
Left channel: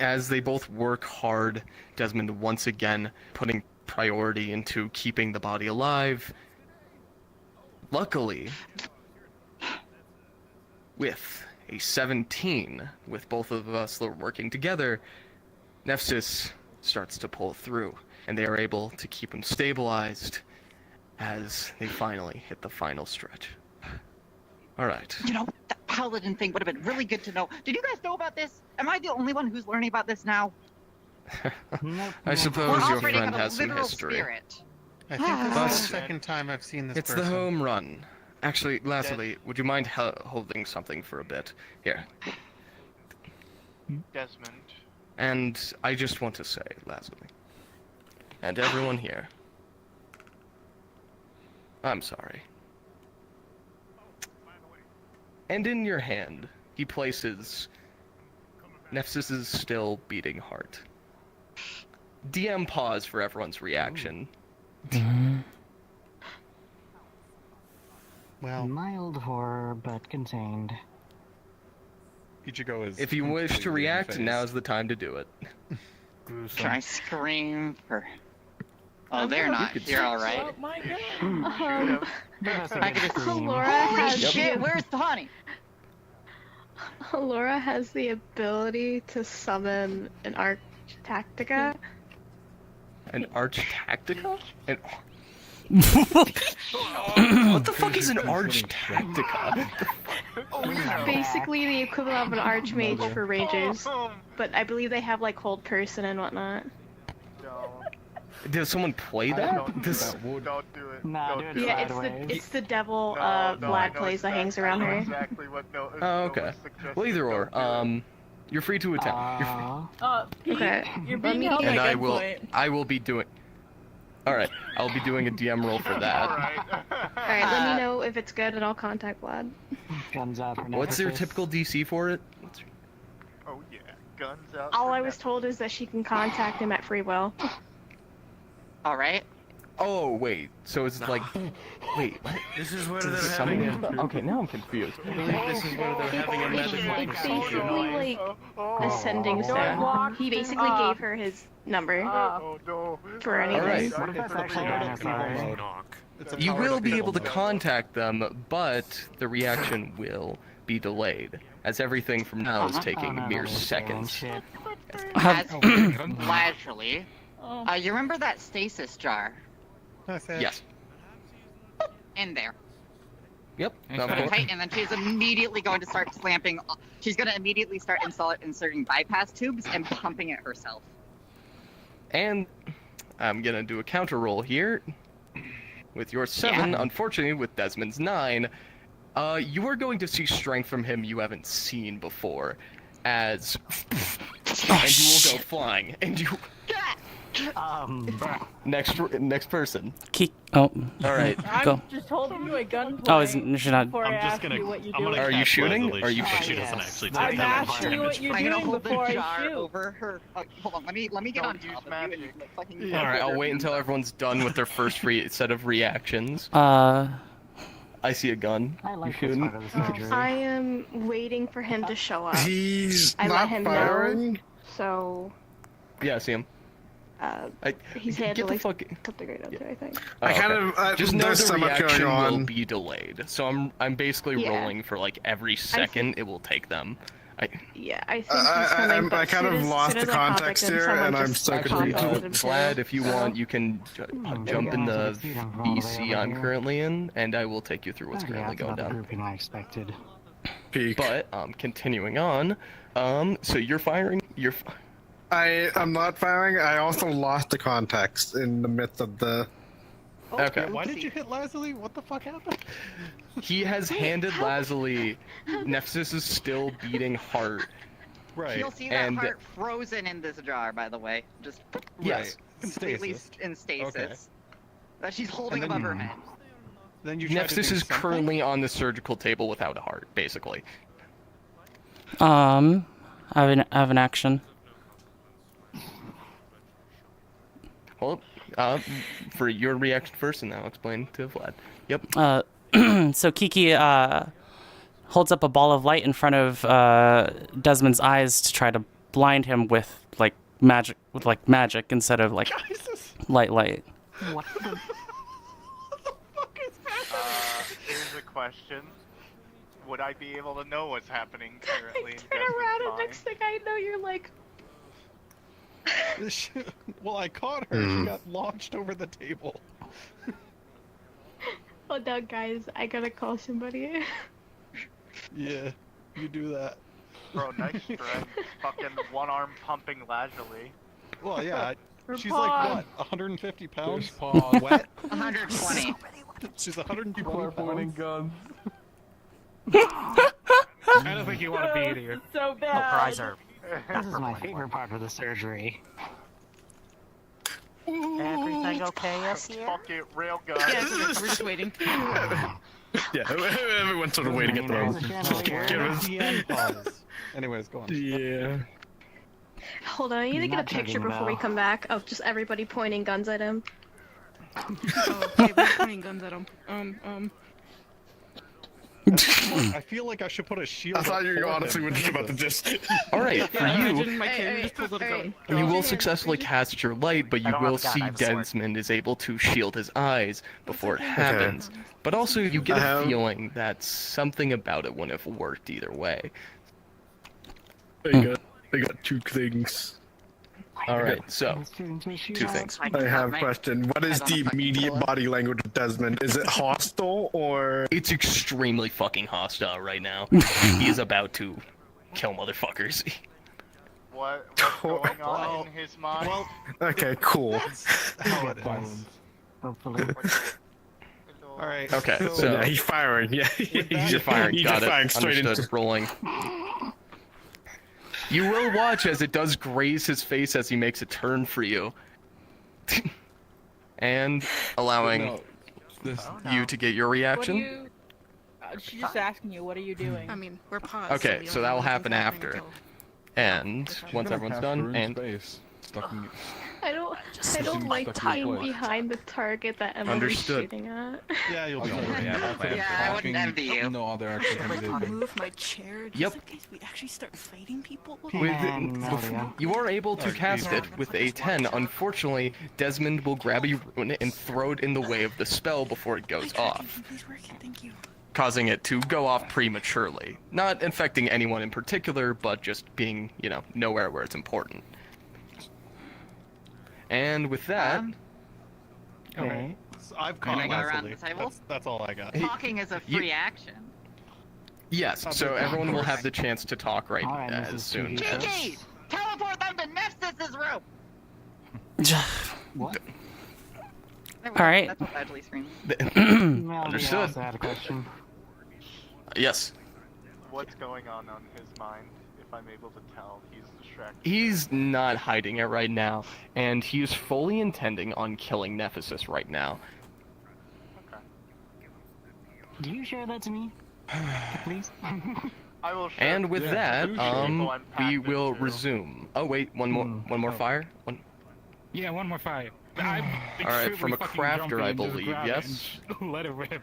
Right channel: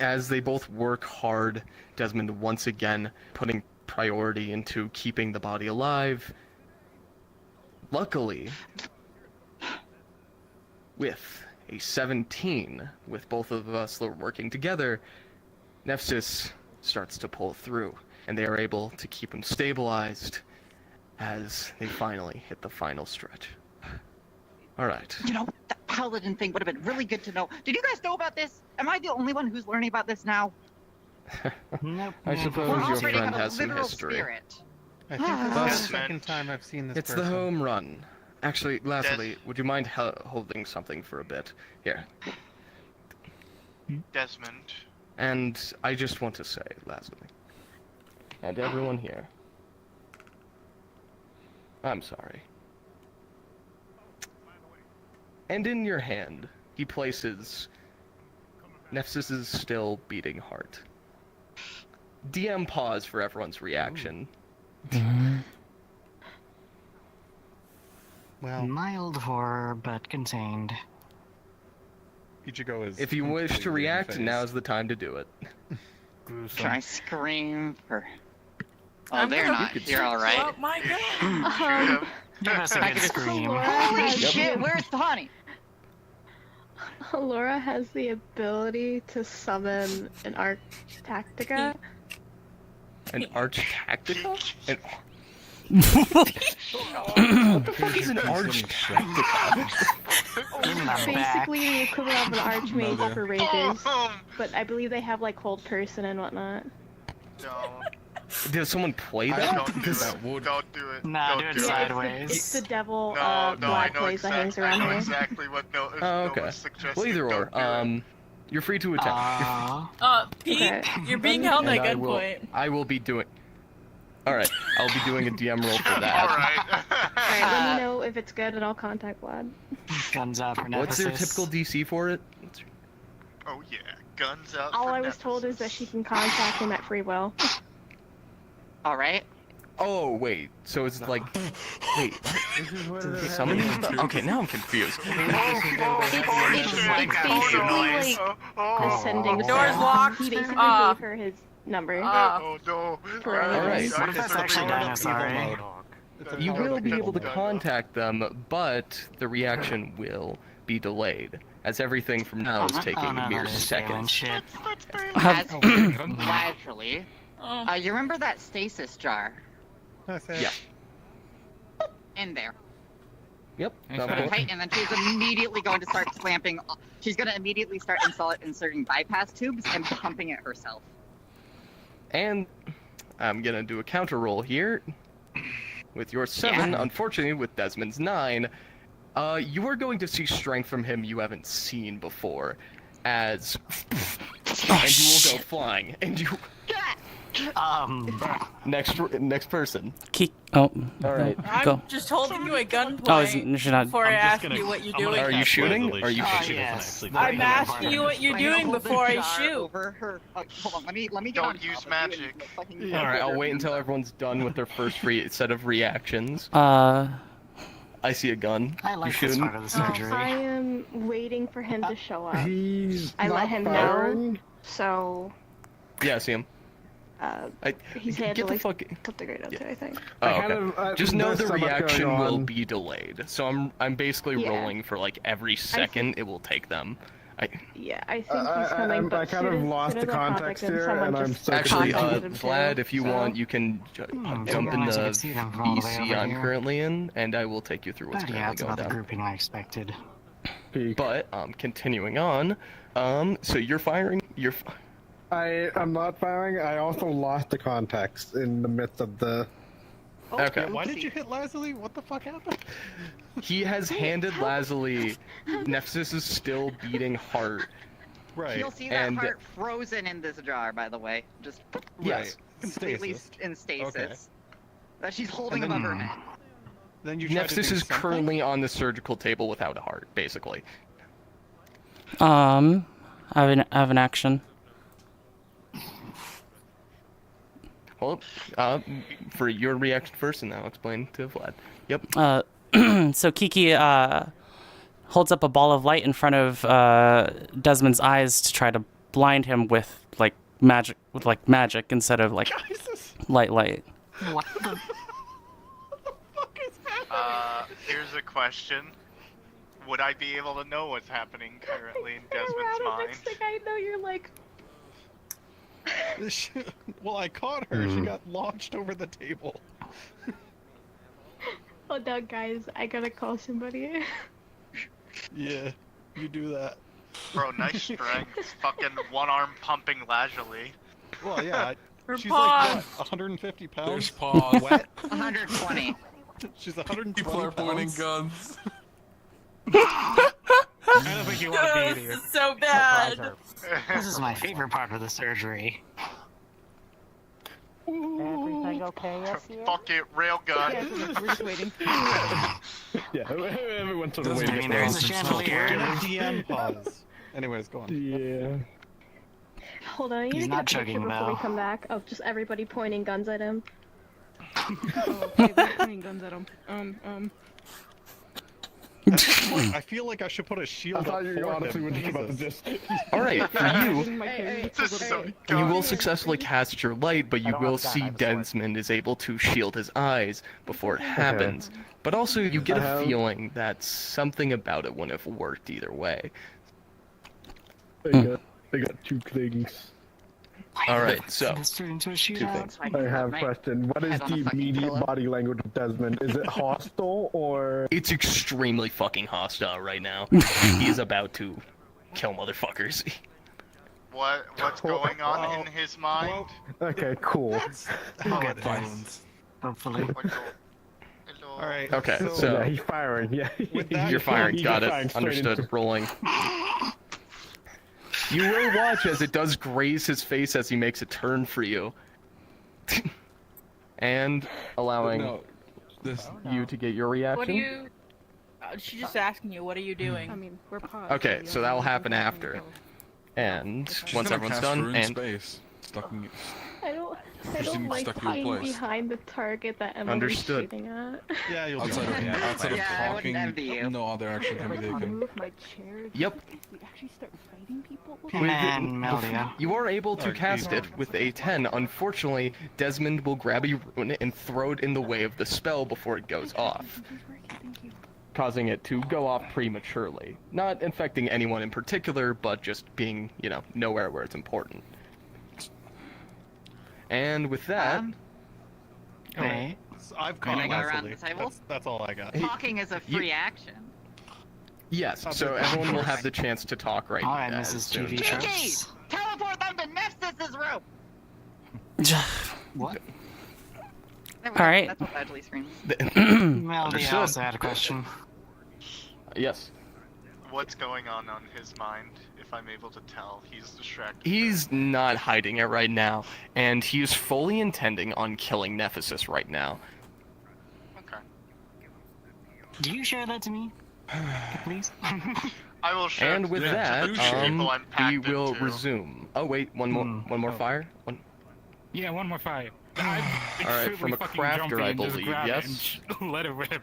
As they both work hard, Desmond once again putting priority into keeping the body alive. Luckily, with a 17, with both of us working together, Nephsis starts to pull through, and they are able to keep him stabilized as they finally hit the final stretch. Alright. You know, the paladin thing would have been really good to know. Did you guys know about this? Am I the only one who's learning about this now? I suppose your friend has some literal history. Spirit. I think this is the second time I've seen this It's person. the home run. Actually, lastly, would you mind holding something for a bit? Here. Desmond. And I just want to say, lastly, and everyone here, I'm sorry. And in your hand, he places Nephsis' still beating heart. DM pause for everyone's reaction. Well, mild horror, but contained. Ichigo is If you wish to completely react, unfazed. now's the time to do it. Can I scream for... Oh, they're not here, alright. Give us a I good can scream. Holy Yep. shit, where's Tawny? Laura has the ability to summon an Arch Tactica. An Arch Tactica? What the fuck is an Arch Tactica? Basically the equivalent of an Archmage for rangers, but I believe they have like hold person and whatnot. Did someone play that? Don't do it. Nah, do it Yeah, sideways. it's the devil I Vlad know plays that hangs around I know her. exactly what Oh, okay. Well, either or. You're free to attempt. Pete, Okay. you're being held And at gunpoint. I will be doing... Alright, I'll be doing a DM roll for that. Alright, let me know if it's good and I'll contact Vlad. Guns out for What's your Nephsis. typical DC for it? Oh yeah, guns out. All I was told is that she can contact him at free will. Alright. Oh, wait. So it's like... Wait, what? This is where Does it summon him? Okay, now I'm confused. It's basically like ascending Door's stone. locked. He basically gave her his number. Oh no. For All right. What if it's actually dinosaur? You will be able to contact them, but the reaction will be delayed, as everything from now is taking mere seconds. Lazuli, you remember that stasis jar? Yeah. In there. Yep. Okay, and then she's immediately going to start clamping. She's going to immediately start inserting bypass tubes and pumping it herself. And I'm gonna do a counter roll here. With your 7, unfortunately, with Desmond's 9, you are going to see strength from him you haven't seen before, as and you will go flying, and you. Next person. All right, go. I'm just holding you a gun. Oh, she's not. Before I ask you what you're doing. Are you shooting? Are you She shooting? doesn't actually I'm take it. asking you what you're doing before I jar shoot. over her. Hold on, let me get on top of you and fucking. All right, I'll wait until everyone's done with their first set of reactions. I see a gun. You shooting? I am waiting for him to show up. I let him know, so. Yeah, I see him. He's get handling the fuck. the grade up there, I think. Oh, okay. Just know the reaction will be delayed. So I'm basically rolling for like every second it will take them. Yeah, I think he's coming. I kind of lost the context here, and I'm so actually confused. Vlad, if you want, you can jump in the VC I'm currently in, and I will take you through what's currently going down. Grouping I expected. But continuing on, so you're firing. I'm not firing. I also lost the context in the midst of the. Okay. Why did you hit Lazuli? What the fuck happened? He has handed Lazuli. Nephsis is still beating heart. Right. You'll see that heart frozen in this jar, by the way. Just completely in stasis. That she's holding above her head. Then you Nephsis is currently on the surgical table without a heart, basically. I have an action. Well, for your reaction first, and then I'll explain to Vlad. Yep. So Kiki holds up a ball of light in front of Desmond's eyes to try to blind him with magic instead of light. Here's a question. Would I be able to know what's happening currently in Desmond's mind? Next thing I know, you're like. Well, I caught her. She got launched over the table. Hold on, guys. I gotta call somebody. Yeah, you do that. Bro, nice strength. Fucking one arm pumping Lazuli. Well, yeah. She's like, what, 150 pounds? Wet? 120. She's 120 pounds. Guns. I don't think you want to be here. This is so bad. This is my favorite part of the surgery. Everything okay up here? Fuck it, railgun. Yeah, we're just waiting. Yeah, everyone's sort of waiting up there. Anyways, go on. Yeah. Hold on, I need to get a picture before we come back of just everybody pointing guns at him. Okay, we're pointing guns at him. I feel like I should put a shield up for him. Honestly, we're just about to just. Alright, for you, you will successfully cast your light, but you will see Desmond is able to shield his eyes before it happens. But also, you get a feeling that something about it wouldn't have worked either way. I got two things. Alright, so, two things. I have a question. What is the immediate body language of Desmond? Is it hostile or? It's extremely fucking hostile right now. He's about to kill motherfuckers. What's going on in his mind? Okay, cool. How it ends. Hopefully. Alright. Okay, so so yeah, he's firing. Yeah, you're firing. He's Got firing it. straight Understood. into- Rolling. You will watch as it does graze his face as he makes a turn for you. And allowing you to get your What are reaction. you? She's just asking you, what are you doing? I mean, we're paused. Okay, so that will happen after. And once everyone's done, and Stuck I Something don't like stuck in your being place. behind the target that Emily's Understood. shooting at. Yeah, you'll be Instead fine. I wouldn't envy you. no other action can be taken. Move my chair. Yep. Just in case we actually start fighting people. You are able to cast it with a 10. Unfortunately, Desmond will grab a rune and throw it in the way of the spell before it goes off, causing it to go off prematurely. Not infecting anyone in particular, but just being, nowhere where it's important. And with that... Okay. I've Can I caught go around Leslie. the table? That's all I got. Talking is a free action. Yes, so everyone will have the chance to talk right as soon. Kiki! Teleport them to Nephsis' room! What? All right. That's what Badgley screams. Understood. I also had a question. Yes. What's going on his mind, if I'm able to tell? He's distracted. He's not hiding it right now, and he is fully intending on killing Nephsis right now. Do you share that to me? Please? I will share. And with that, we will resume. Oh wait, one more fire. Yeah, one more fire. All right, from a crafter, I believe. Yes. Let it rip.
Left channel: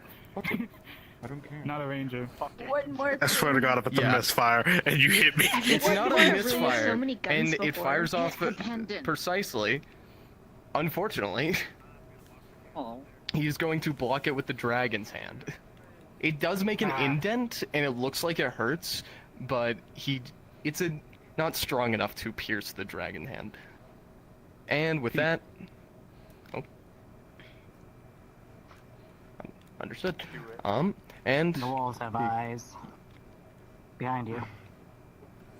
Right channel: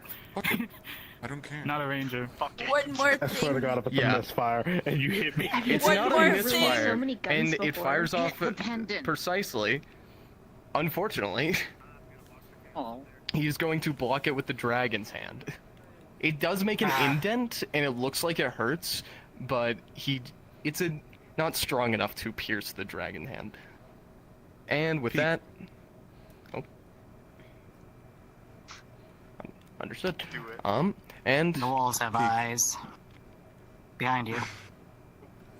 I don't care. Not a ranger. One more. I swear to God, I put the misfire and you hit me. It's not a misfire, so many guns and it before. fires off precisely. Unfortunately, he's going to block it with the dragon's hand. It does make an indent, and it looks like it hurts, but it's not strong enough to pierce the dragon hand. And with that, understood. And the walls have eyes. Behind you.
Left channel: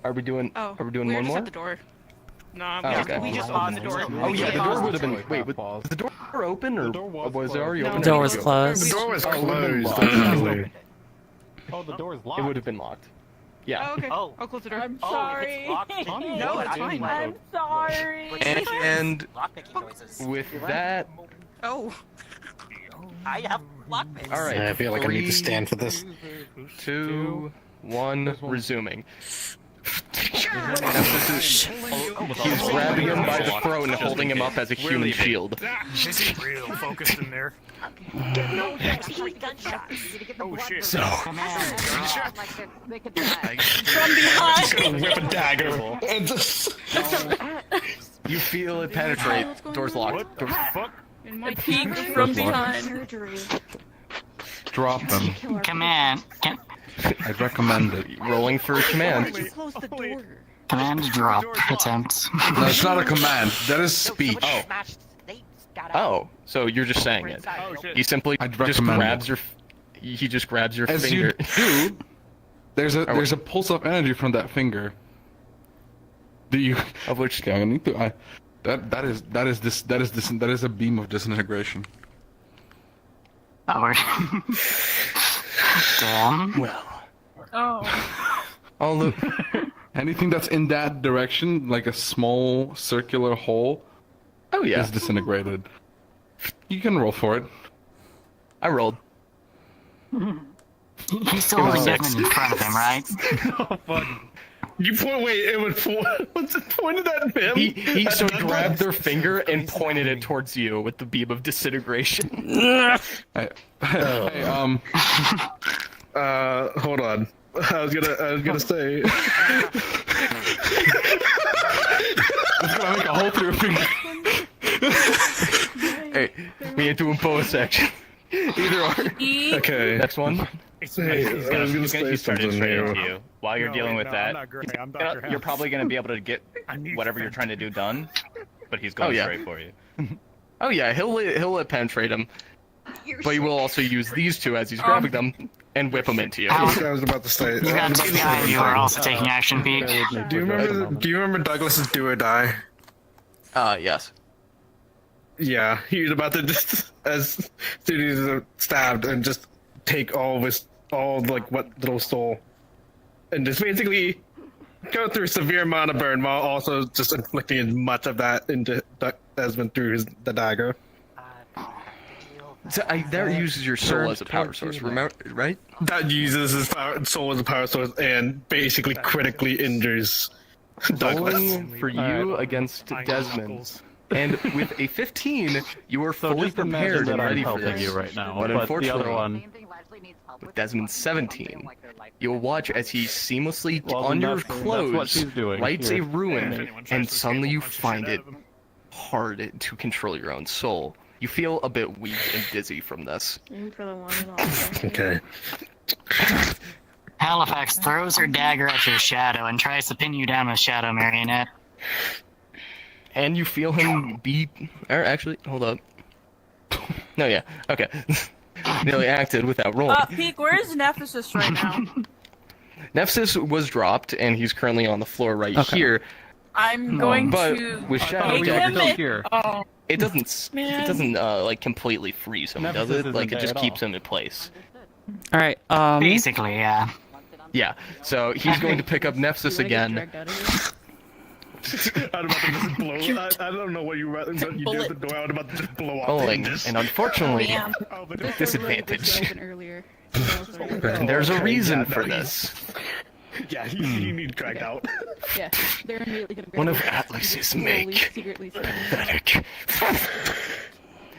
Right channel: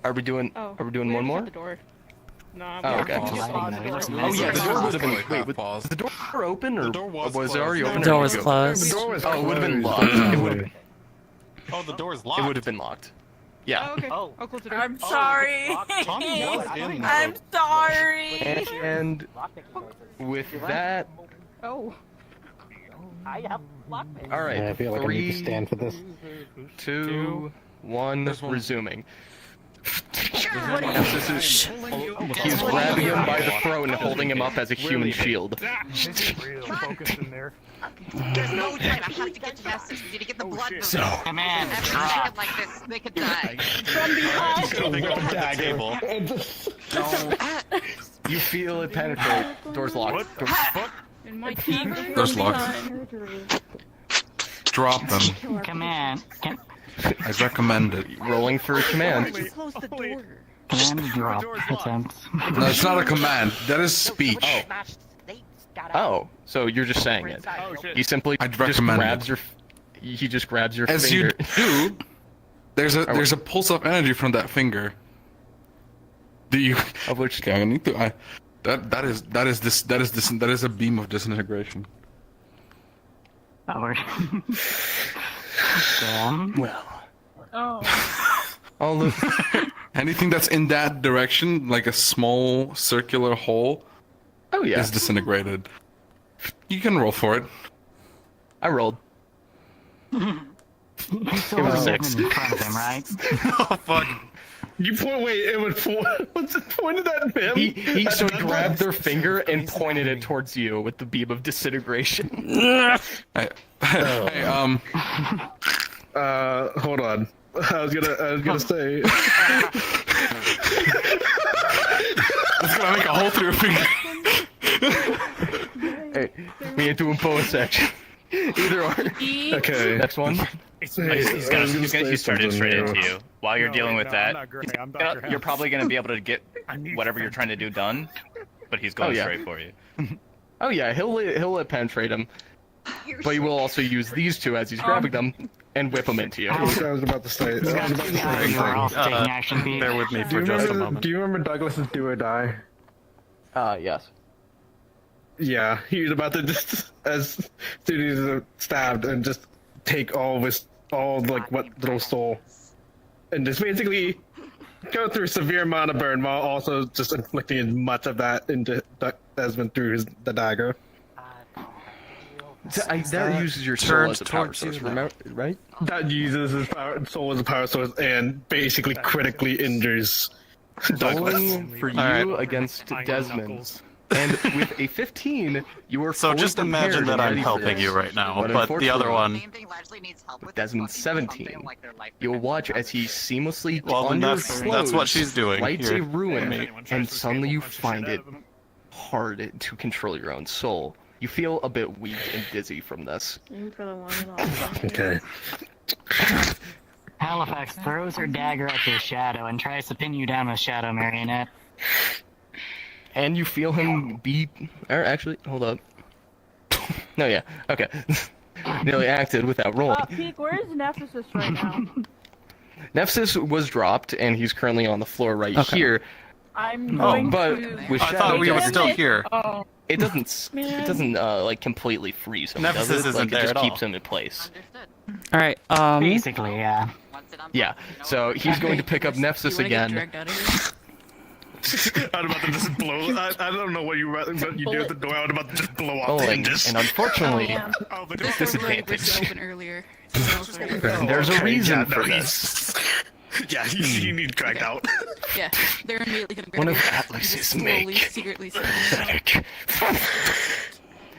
Are we doing? Oh, Are we doing one just more? at the door. No, Oh, okay. we just paused the door. Oh yeah, the door would have been. Wait, was the door open or was it already open? The door was closed. The door was closed. It would have been locked. Oh, the door's locked. It would have been locked. Yeah. Oh, okay. Oh. I'll close the door. I'm sorry. Tommy was in. I'm sorry. And with that, Oh. I have lockpicks. all right. I feel like I need to stand for this. 2, 1, resuming. He's grabbing him by the throat and holding him up as a human shield. Real focused in there. So, From behind. Whip a dagger. And just... you feel it penetrate. Door's locked. And my team from Door's locked. behind. Drop them. Command. I recommend it. Rolling for a command. Close the door. Command drop attempt. No, it's not a command. That is speech. Oh, so you're just saying it. He simply I'd just recommend grabs your. He just grabs your As finger. you do, there's a pulse of energy from that finger. Do you? Of which? Okay, I need to. That is a beam of disintegration. Oh, damn. Well. Oh. All the Anything that's in that direction, like a small circular hole, is disintegrated. You can roll for it. I rolled. You still have a in front of him, right? Oh, fuck. You point. Wait, it was what's it pointed at him? He so grabbed their finger and pointed it towards you with the beam of disintegration. Hold on. I was gonna say. It's gonna make a hole through your finger. Hey, we need to impose action. Either or. Okay. Next one. Hey, I was gonna say something here. To you. While you're dealing with that, you're probably going to be able to get whatever you're trying to do done, but he's going straight for you. Oh yeah, he'll let penetrate him, but he will also use these two as he's grabbing them and whip them into you. I was about to say. You got two guys who are also taking action, Pete. Do you remember Douglas's do or die? Yes. Yeah, he was about to just, as soon as he was stabbed, and just take all what little soul, and just basically go through a severe amount of burn while also just inflicting as much of that into Desmond through the dagger. That uses your soul as a power source, remember, right? That uses his soul as a power source and basically critically injures rolling for you against Desmond. And with a 15, you are So fully just imagine prepared that and I'm ready for helping this. you right now, But but the other unfortunately, one... with Desmond 17, you'll watch as he seamlessly, Well, on your that's clothes, what she's doing lights here. a ruin, and suddenly you find it hard to control your own soul. You feel a bit weak and dizzy from this. Aim for the one and all. Okay. Halifax throws her dagger at your shadow and tries to pin you down with Shadow Marionette. And you feel him be... Or actually, hold up. No, yeah. Okay. Nearly acted without rolling. Peak, where is Nephsis right now? Nephsis was dropped, and he's currently on the floor right here. I'm going but to... with Shadow we were Dagger, still here. Oh. it doesn't like completely freeze him, does Nephsis it? Like isn't it there just at keeps all. him in place. All right. Basically, yeah. Yeah. So he's going to pick up Nephsis again. I'm about to just blow. I don't know what you do at the door. I'm about to just blow up. Rolling, and unfortunately, disadvantage. And there's a reason for this. Yeah, you need dragged out. Yeah, they're immediately gonna One of Atlas's make. Pathetic.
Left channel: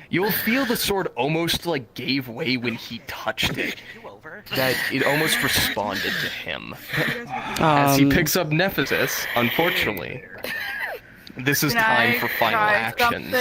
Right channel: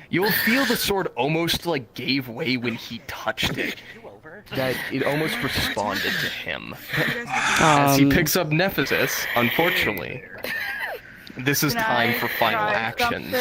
You'll feel the sword almost like gave way when he touched it. That it almost responded to him. As he picks up Nephsis, unfortunately, this is time for final actions.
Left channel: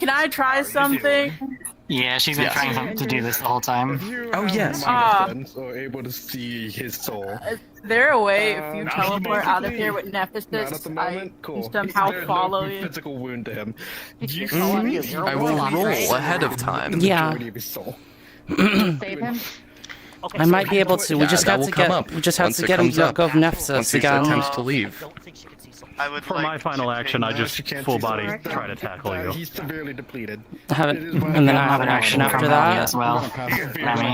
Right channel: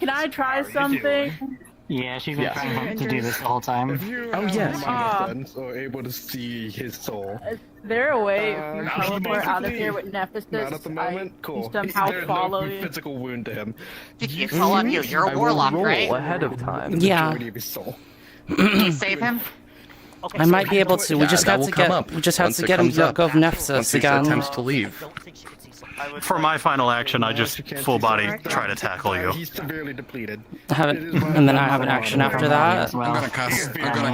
Can I try something? Yeah, she's been trying to do this the whole time. Oh, yes. Friends are able to see his soul. Is there a way if you Not at the teleport out of moment. here with Nephsis, Not at the moment. Cool. somehow There's follow no you? physical wound to him. I will roll ahead of time. Yeah. Majority of his soul. Save him? I might be able to. We just that have will to come get. up We just have once to it get him comes to up. go of Once Nephsis he again. attempts to leave. For my final action, I just full body try to tackle you. He's severely depleted. And then I have an action after that. I'm gonna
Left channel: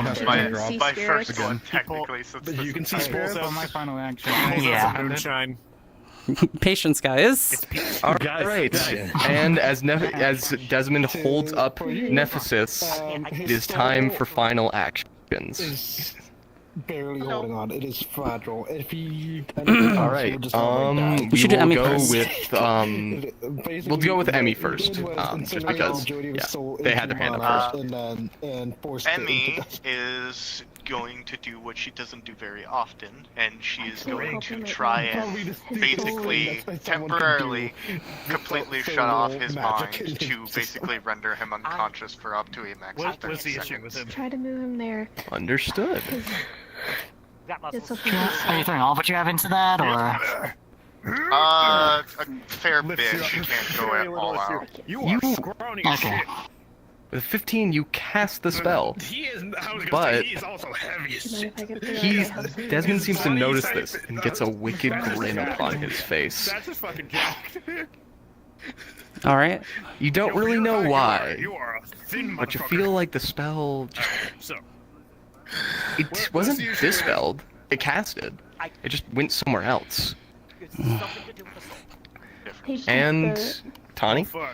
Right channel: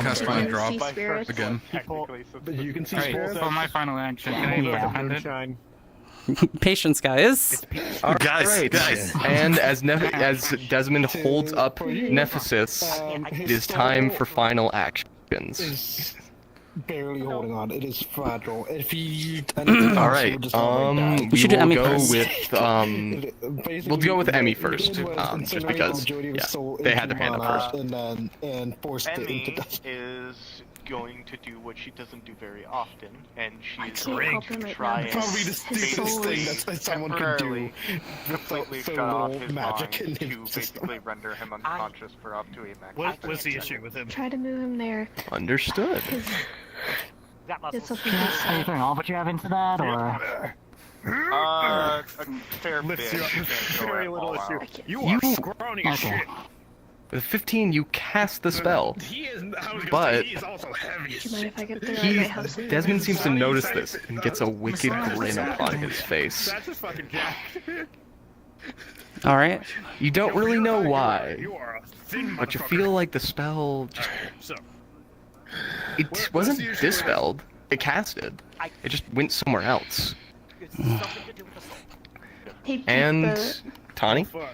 cast my drop See spirits? again. Technically, since You can see spirits. So my final action. Can I Yeah. moonshine? Patience, guys. All Guys, right. guys. And as Desmond holds up Nephsis, it is time for final actions. Is barely holding on. It is fragile. If he used All right. We should do Emmy go first. with we'll go with Emmy first, just because they had their hand up first. And forced it Emmy into death. is going to do what she doesn't do very often, and she is can't going help to him right try now. and Probably the basically thing that someone can temporarily, do completely for shut a off little his magic in mind to his basically render him unconscious for up to a max. What's the issue with him? Try to move him there. Understood. It's up Anything all what you have into that, or? A fair bit. Lift you up. Can't go Very at little all issue. out. You are scrawny as Okay. shit. With 15, you cast the spell. He is. I was gonna But say, he is also heavy as shit. Desmond seems to notice this and gets a wicked grin upon his face. That's a fucking jack. All right. You don't really know why, You are a thin but you motherfucker. feel like the spell just So, it wasn't dispelled. It casted. It just went somewhere else. And Tani? fuck.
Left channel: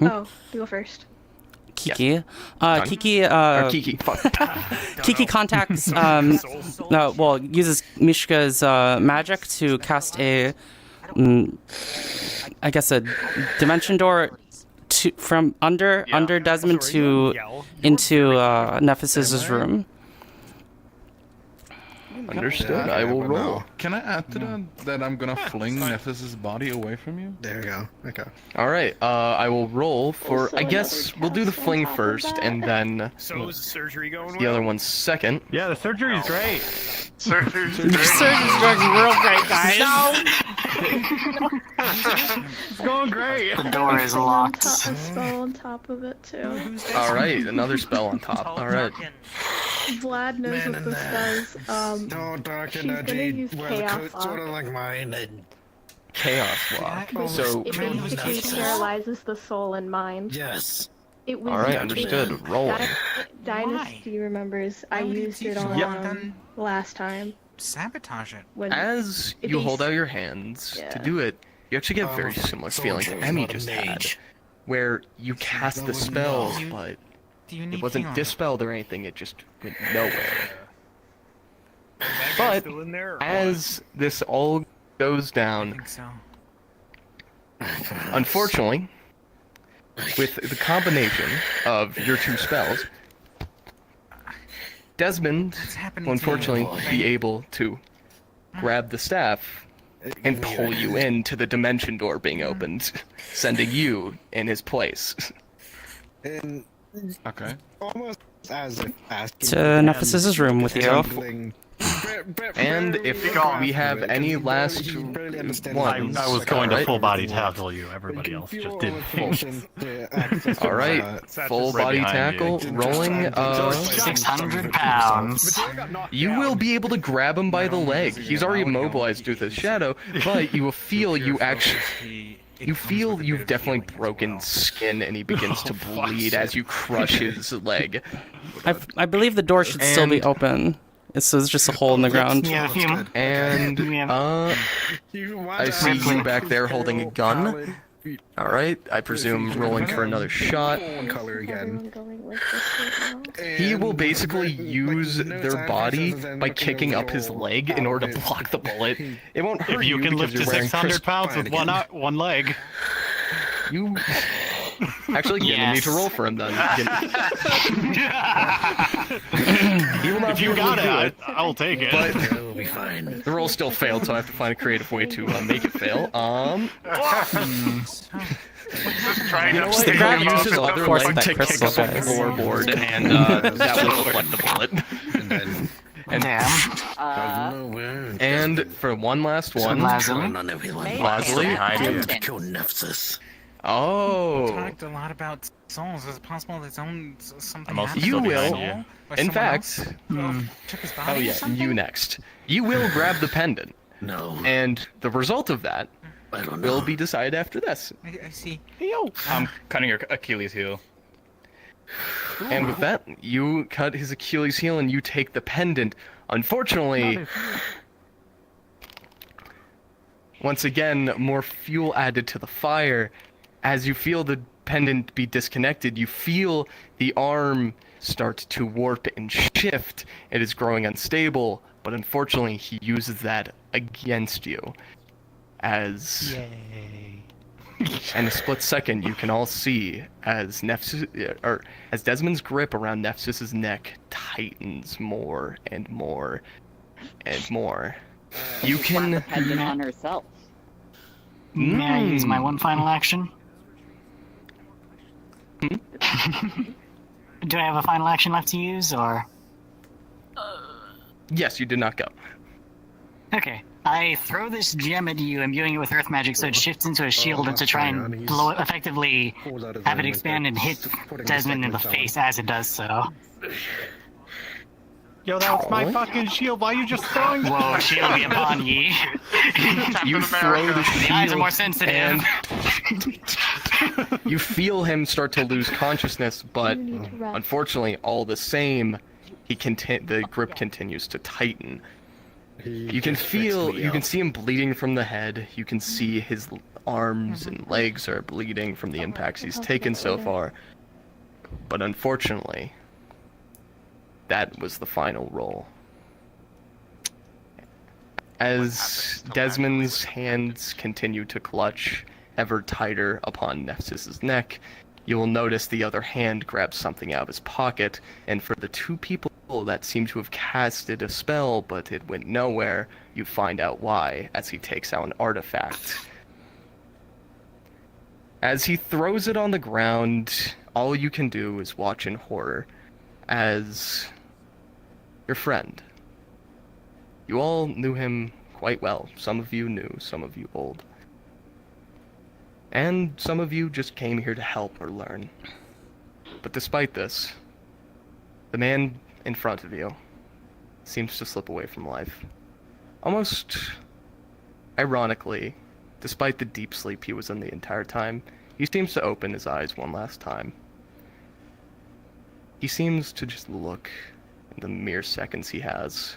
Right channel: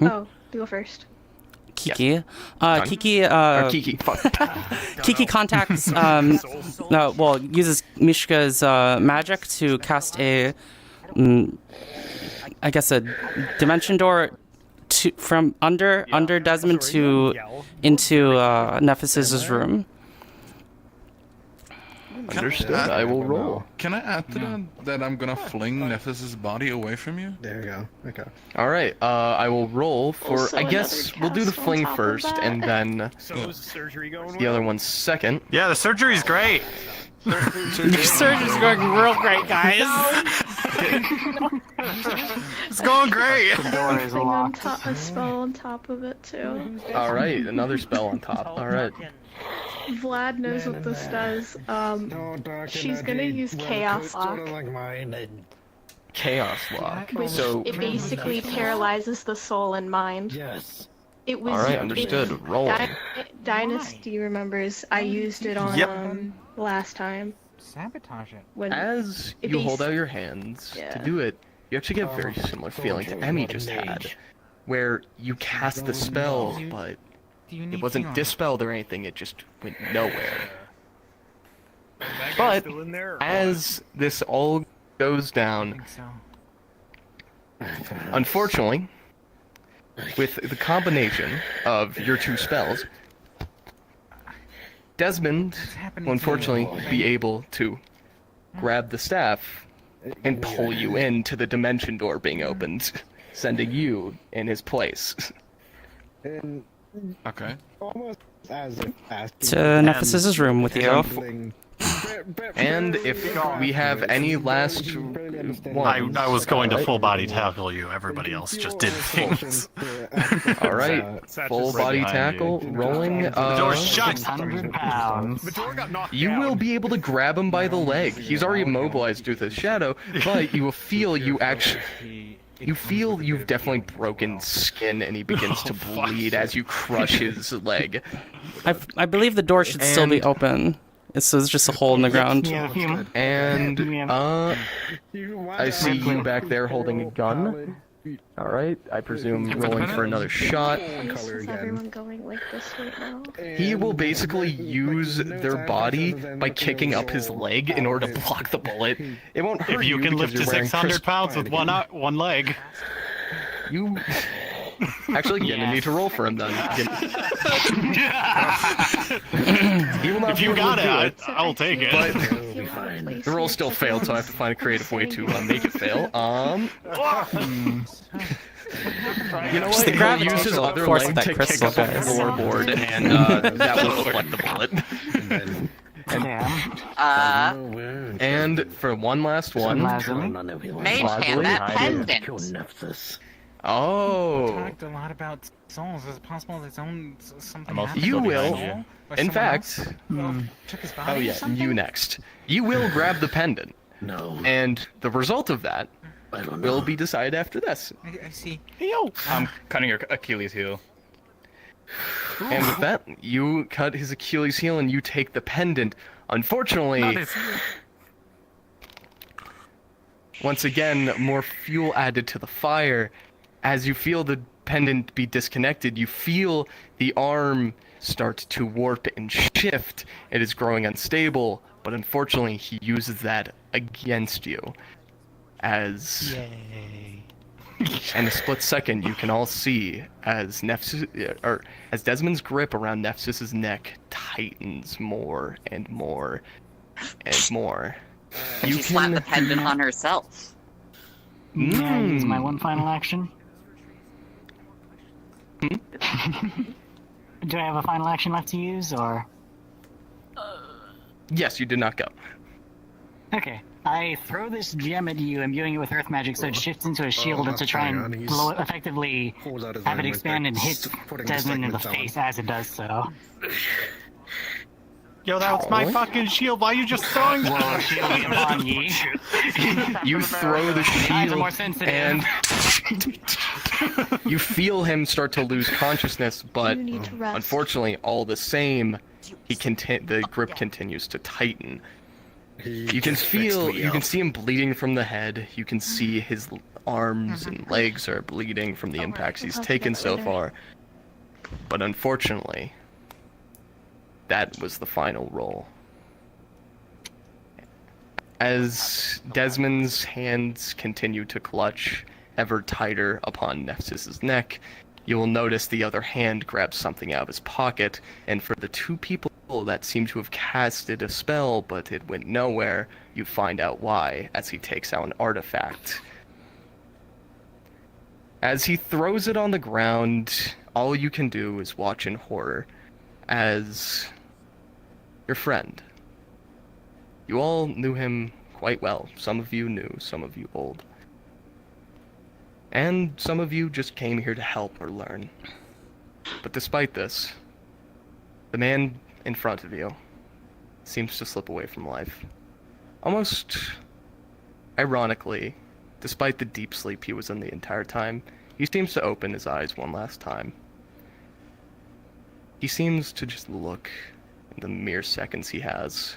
Oh, you go first. Kiki. Done. Kiki. Or Kiki. Fuck. Kiki contacts. Uses Mishka's magic to cast a, I guess a dimension door from under Desmond into Nephis's room. Understood. I will roll. Can I add to that I'm gonna fling Nephis's body away from you? There we go. Okay. All right. I will roll for. I guess we'll do the fling first, and then So is the surgery going the well? other one second. Yeah, the surgery's great. Surgery's going real great, guys. It's going great. The door is Thing on locked. top, a spell on top of it too. All right. Another spell on top. All right. Vlad knows what this does. She's gonna use Chaos Lock. Sort of like mine. And... Chaos lock. So. It basically paralyzes the soul and mind. Yes. It was, All right. Understood. Rolling. Dynasty remembers. I used it on last time. Sabotage it. When As it you bas- hold out your hands to Yeah. do it, you actually get a very similar feeling to Emmy just had, where you cast the spell, but it wasn't dispelled or anything, it just went nowhere. That guy's But still in there? Or as this all goes down. Unfortunately, with the combination of your two spells, Desmond will unfortunately be able to grab the staff and pull you into the dimension door being opened, sending you in his place. Okay. To Nephsis' room with you. And if we have any last ones... I was going to full body tackle you. Everybody else just did things. Alright, full body tackle, rolling, 600 pounds. You will be able to grab him by the leg. He's already immobilized due to the shadow, but you will feel you actually... You feel you've definitely broken skin, and he begins to bleed as you crush his leg. I believe the door should still be open. It's just a hole in the ground. And, I see you back there holding a gun. Alright, I presume rolling for another shot. He will basically use their body by kicking up his leg in order to block the bullet. It won't hurt If you can because lift to you're wearing 600 pounds with one leg. You... Actually, you're gonna need to roll for him then. He will not If you be able got to do it, I'll take it. But the roll still failed, so I have to find a creative way to make it fail. You know what? The gravity use his other force leg that to crystal kick up a guys. floorboard, and that will deflect the bullet. And for one last one. Oh. Talked a lot about souls. Is it possible that something You will, in fact. Took his Oh body or yeah, something? you next. You will grab the pendant. No. And the result of that will be decided after this. I see. I'm cutting your Achilles heel. And with that, you cut his Achilles heel and you take the pendant. Unfortunately, once again, more fuel added to the fire. As you feel the pendant be disconnected, you feel the arm start to warp and shift. It is growing unstable, but unfortunately, he uses that against you. As in a split second, you can all see as as Desmond's grip around Nephsis' neck tightens more and more and more. You can the pendant on herself. May I use my one final action? Do I have a final action left to use, or? Yes, you did not go. Okay. I throw this gem at you, imbuing it with earth magic so it shifts into a shield and to try and blow it, effectively have it expand and hit Desmond in the face as it does so. Yo, that was my fucking shield. Why are you just throwing it? Whoa, shield be upon ye. You throw the Eyes are more shield sensitive. and you feel him start to lose consciousness, but unfortunately, all the same, the grip continues to tighten. You can see him bleeding from the head. You can see his arms and legs are bleeding from the impacts he's taken so far. But unfortunately, that was the final roll. As Desmond's hands continue to clutch ever tighter upon Nephsis' neck, you will notice the other hand grabs something out of his pocket, and for the two people that seem to have casted a spell but it went nowhere, you find out why as he takes out an artifact. As he throws it on the ground, all you can do is watch in horror as your friend. You all knew him quite well. Some of you new, some of you old. And some of you just came here to help or learn. But despite this, the man in front of you seems to slip away from life. Almost ironically, despite the deep sleep he was in the entire time, he seems to open his eyes one last time. He seems to just look in the mere seconds he has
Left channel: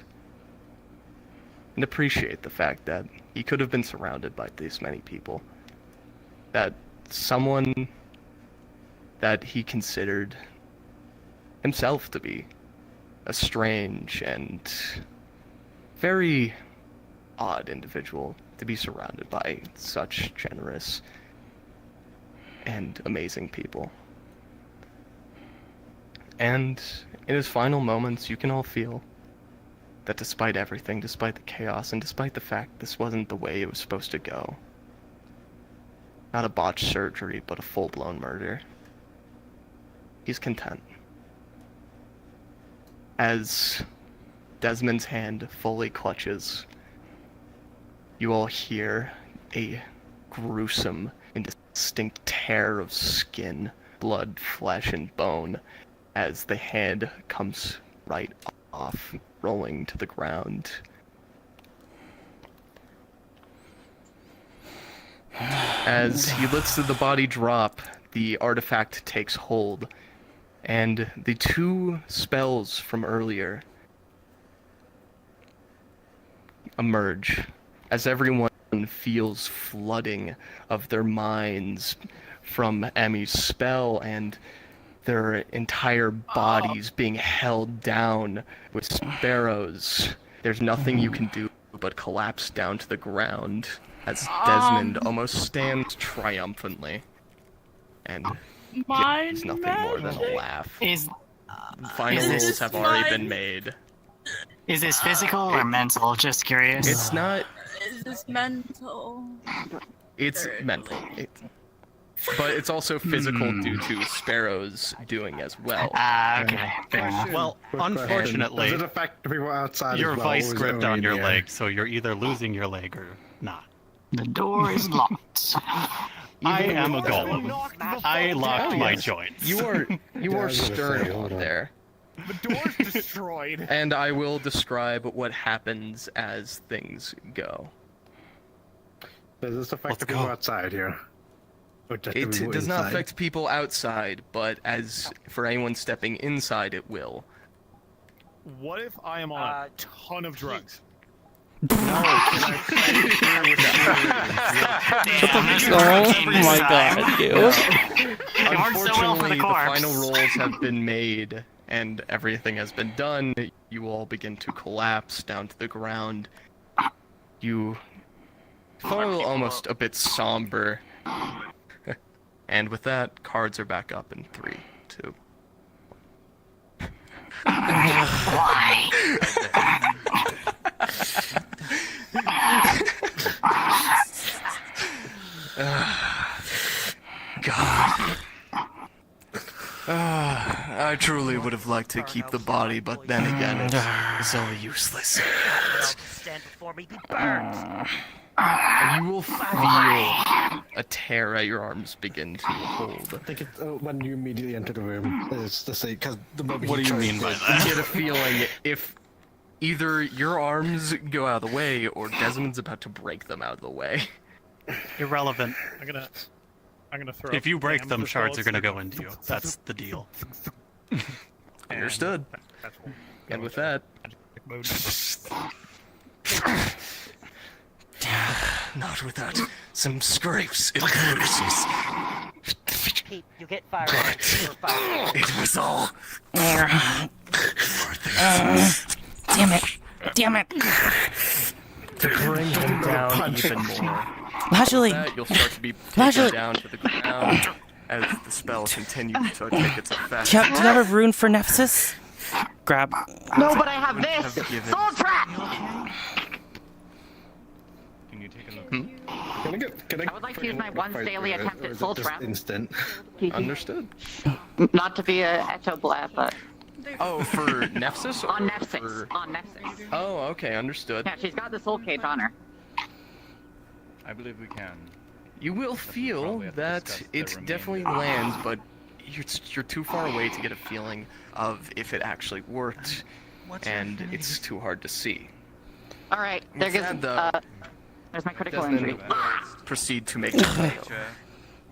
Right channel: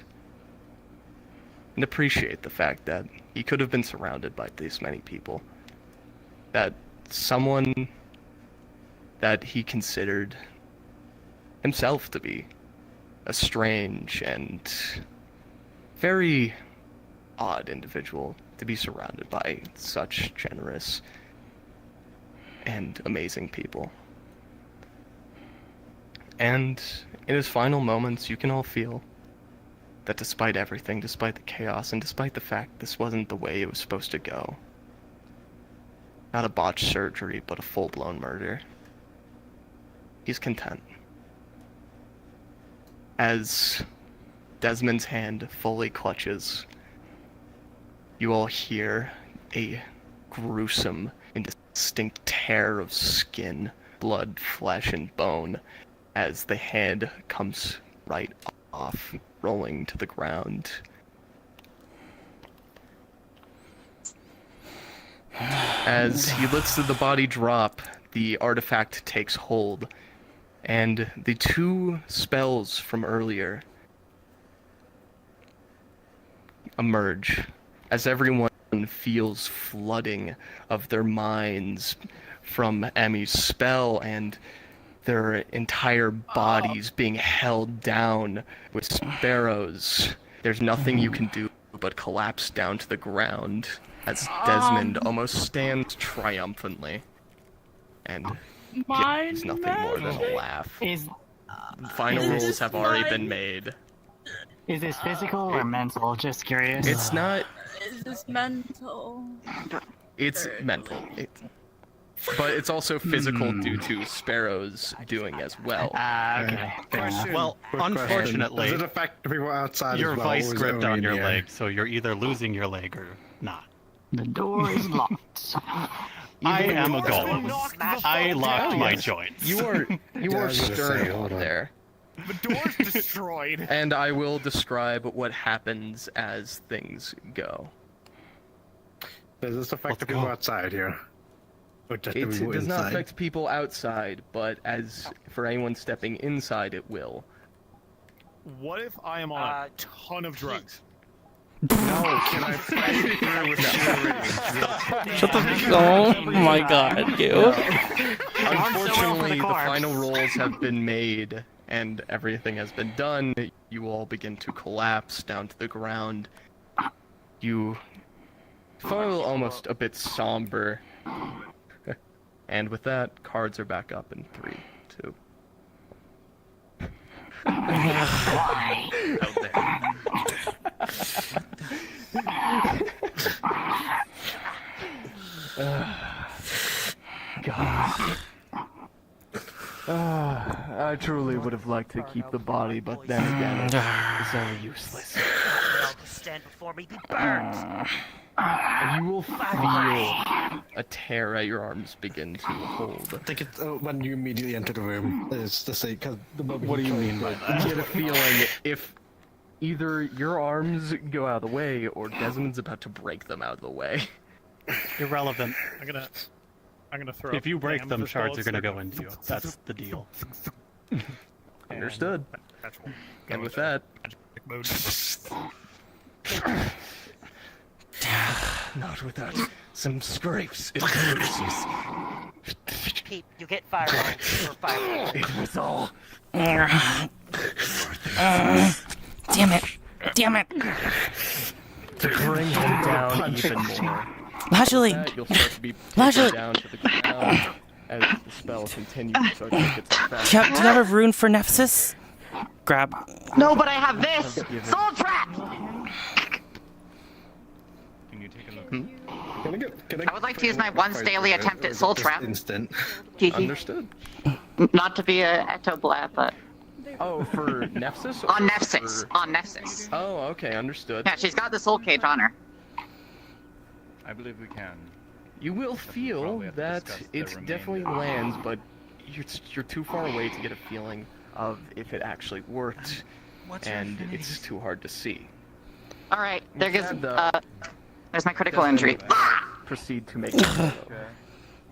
and appreciate the fact that he could have been surrounded by this many people. That someone that he considered himself to be a strange and very odd individual to be surrounded by such generous and amazing people. And in his final moments, you can all feel that despite everything, despite the chaos, and despite the fact this wasn't the way it was supposed to go, not a botched surgery, but a full-blown murder, he's content. As Desmond's hand fully clutches, you all hear a gruesome and distinct tear of skin, blood, flesh, and bone as the hand comes right off, rolling to the ground. As he lets the body drop, the artifact takes hold, and the two spells from earlier emerge as everyone feels flooding of their minds from Emmy's spell and their entire bodies being held down with sparrows. There's nothing you can do but collapse down to the ground as Desmond almost stands triumphantly and gives nothing more than a laugh. Final rules have already been made. Is this physical or mental? Just curious. It's not. Is this mental? It's mental. But it's also physical due to Sparrow's doing as well. Okay. Well, unfortunately, does it affect people outside your as well? vice or is it gripped only on in your the air? leg, so you're either losing your leg or not. The door is locked. I am a golem. I locked my yes. joints. You are stern hold on. there. The door's destroyed. And I will describe what happens as things go. Does this affect the people outside here? Or just the It people does not inside? affect people outside, but as for anyone stepping inside, it will. What if I am on a ton of drugs? No, can I play here with Shut the oh my god, you. Unfortunately, the final rolls have been made and everything has been done. You all begin to collapse down to the ground. You feel almost a bit somber. And with that, cards are back up in 3, 2. Why? God. I truly would have liked to keep the body, but then again, it's all useless. Stand before me, be burned. You will feel a tear at your arms begin to hold. I think it's when you immediately enter the room. It's the same, because the moment What do you mean by that? You get a feeling if either your arms go out of the way or Desmond's about to break them out of the way. Irrelevant. I'm gonna throw. If you break damn them, the shards are spells gonna that- go into you. That's the deal. Understood. That's cool. And with that, not without some scrapes and bruises. Pete, you get fireball. It was all. Damn it. Damn it. To bring him down even more. Lashly. You'll start to be Lashly. pushed down to the ground as the spell continues to take its effect. Do you have a rune for Nephsis? Grab. No, but I have this! Soul Trap! Can you take a look? I would like to use my once daily attempt at Soul Trap. Instant. Understood. Not to be a ectoblab, but... Oh, for Nephsis? On Nephsis. On Nephsis. Oh, okay, understood. Yeah, she's got the soul cage on her. I believe we can. You will feel Probably have to that discuss the it remainder. definitely lands, but you're too far away to get a feeling of if it actually worked, and it's too hard to see. Alright, there goes, there's my critical Desmond, injury. Proceed to make it.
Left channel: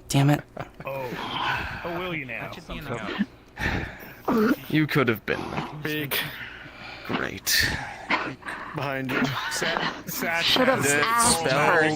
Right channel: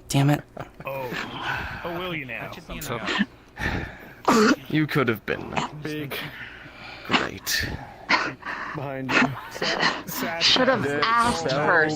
Damn it. Oh, will you now? You could have been Big. great. Behind you. Should have asked her.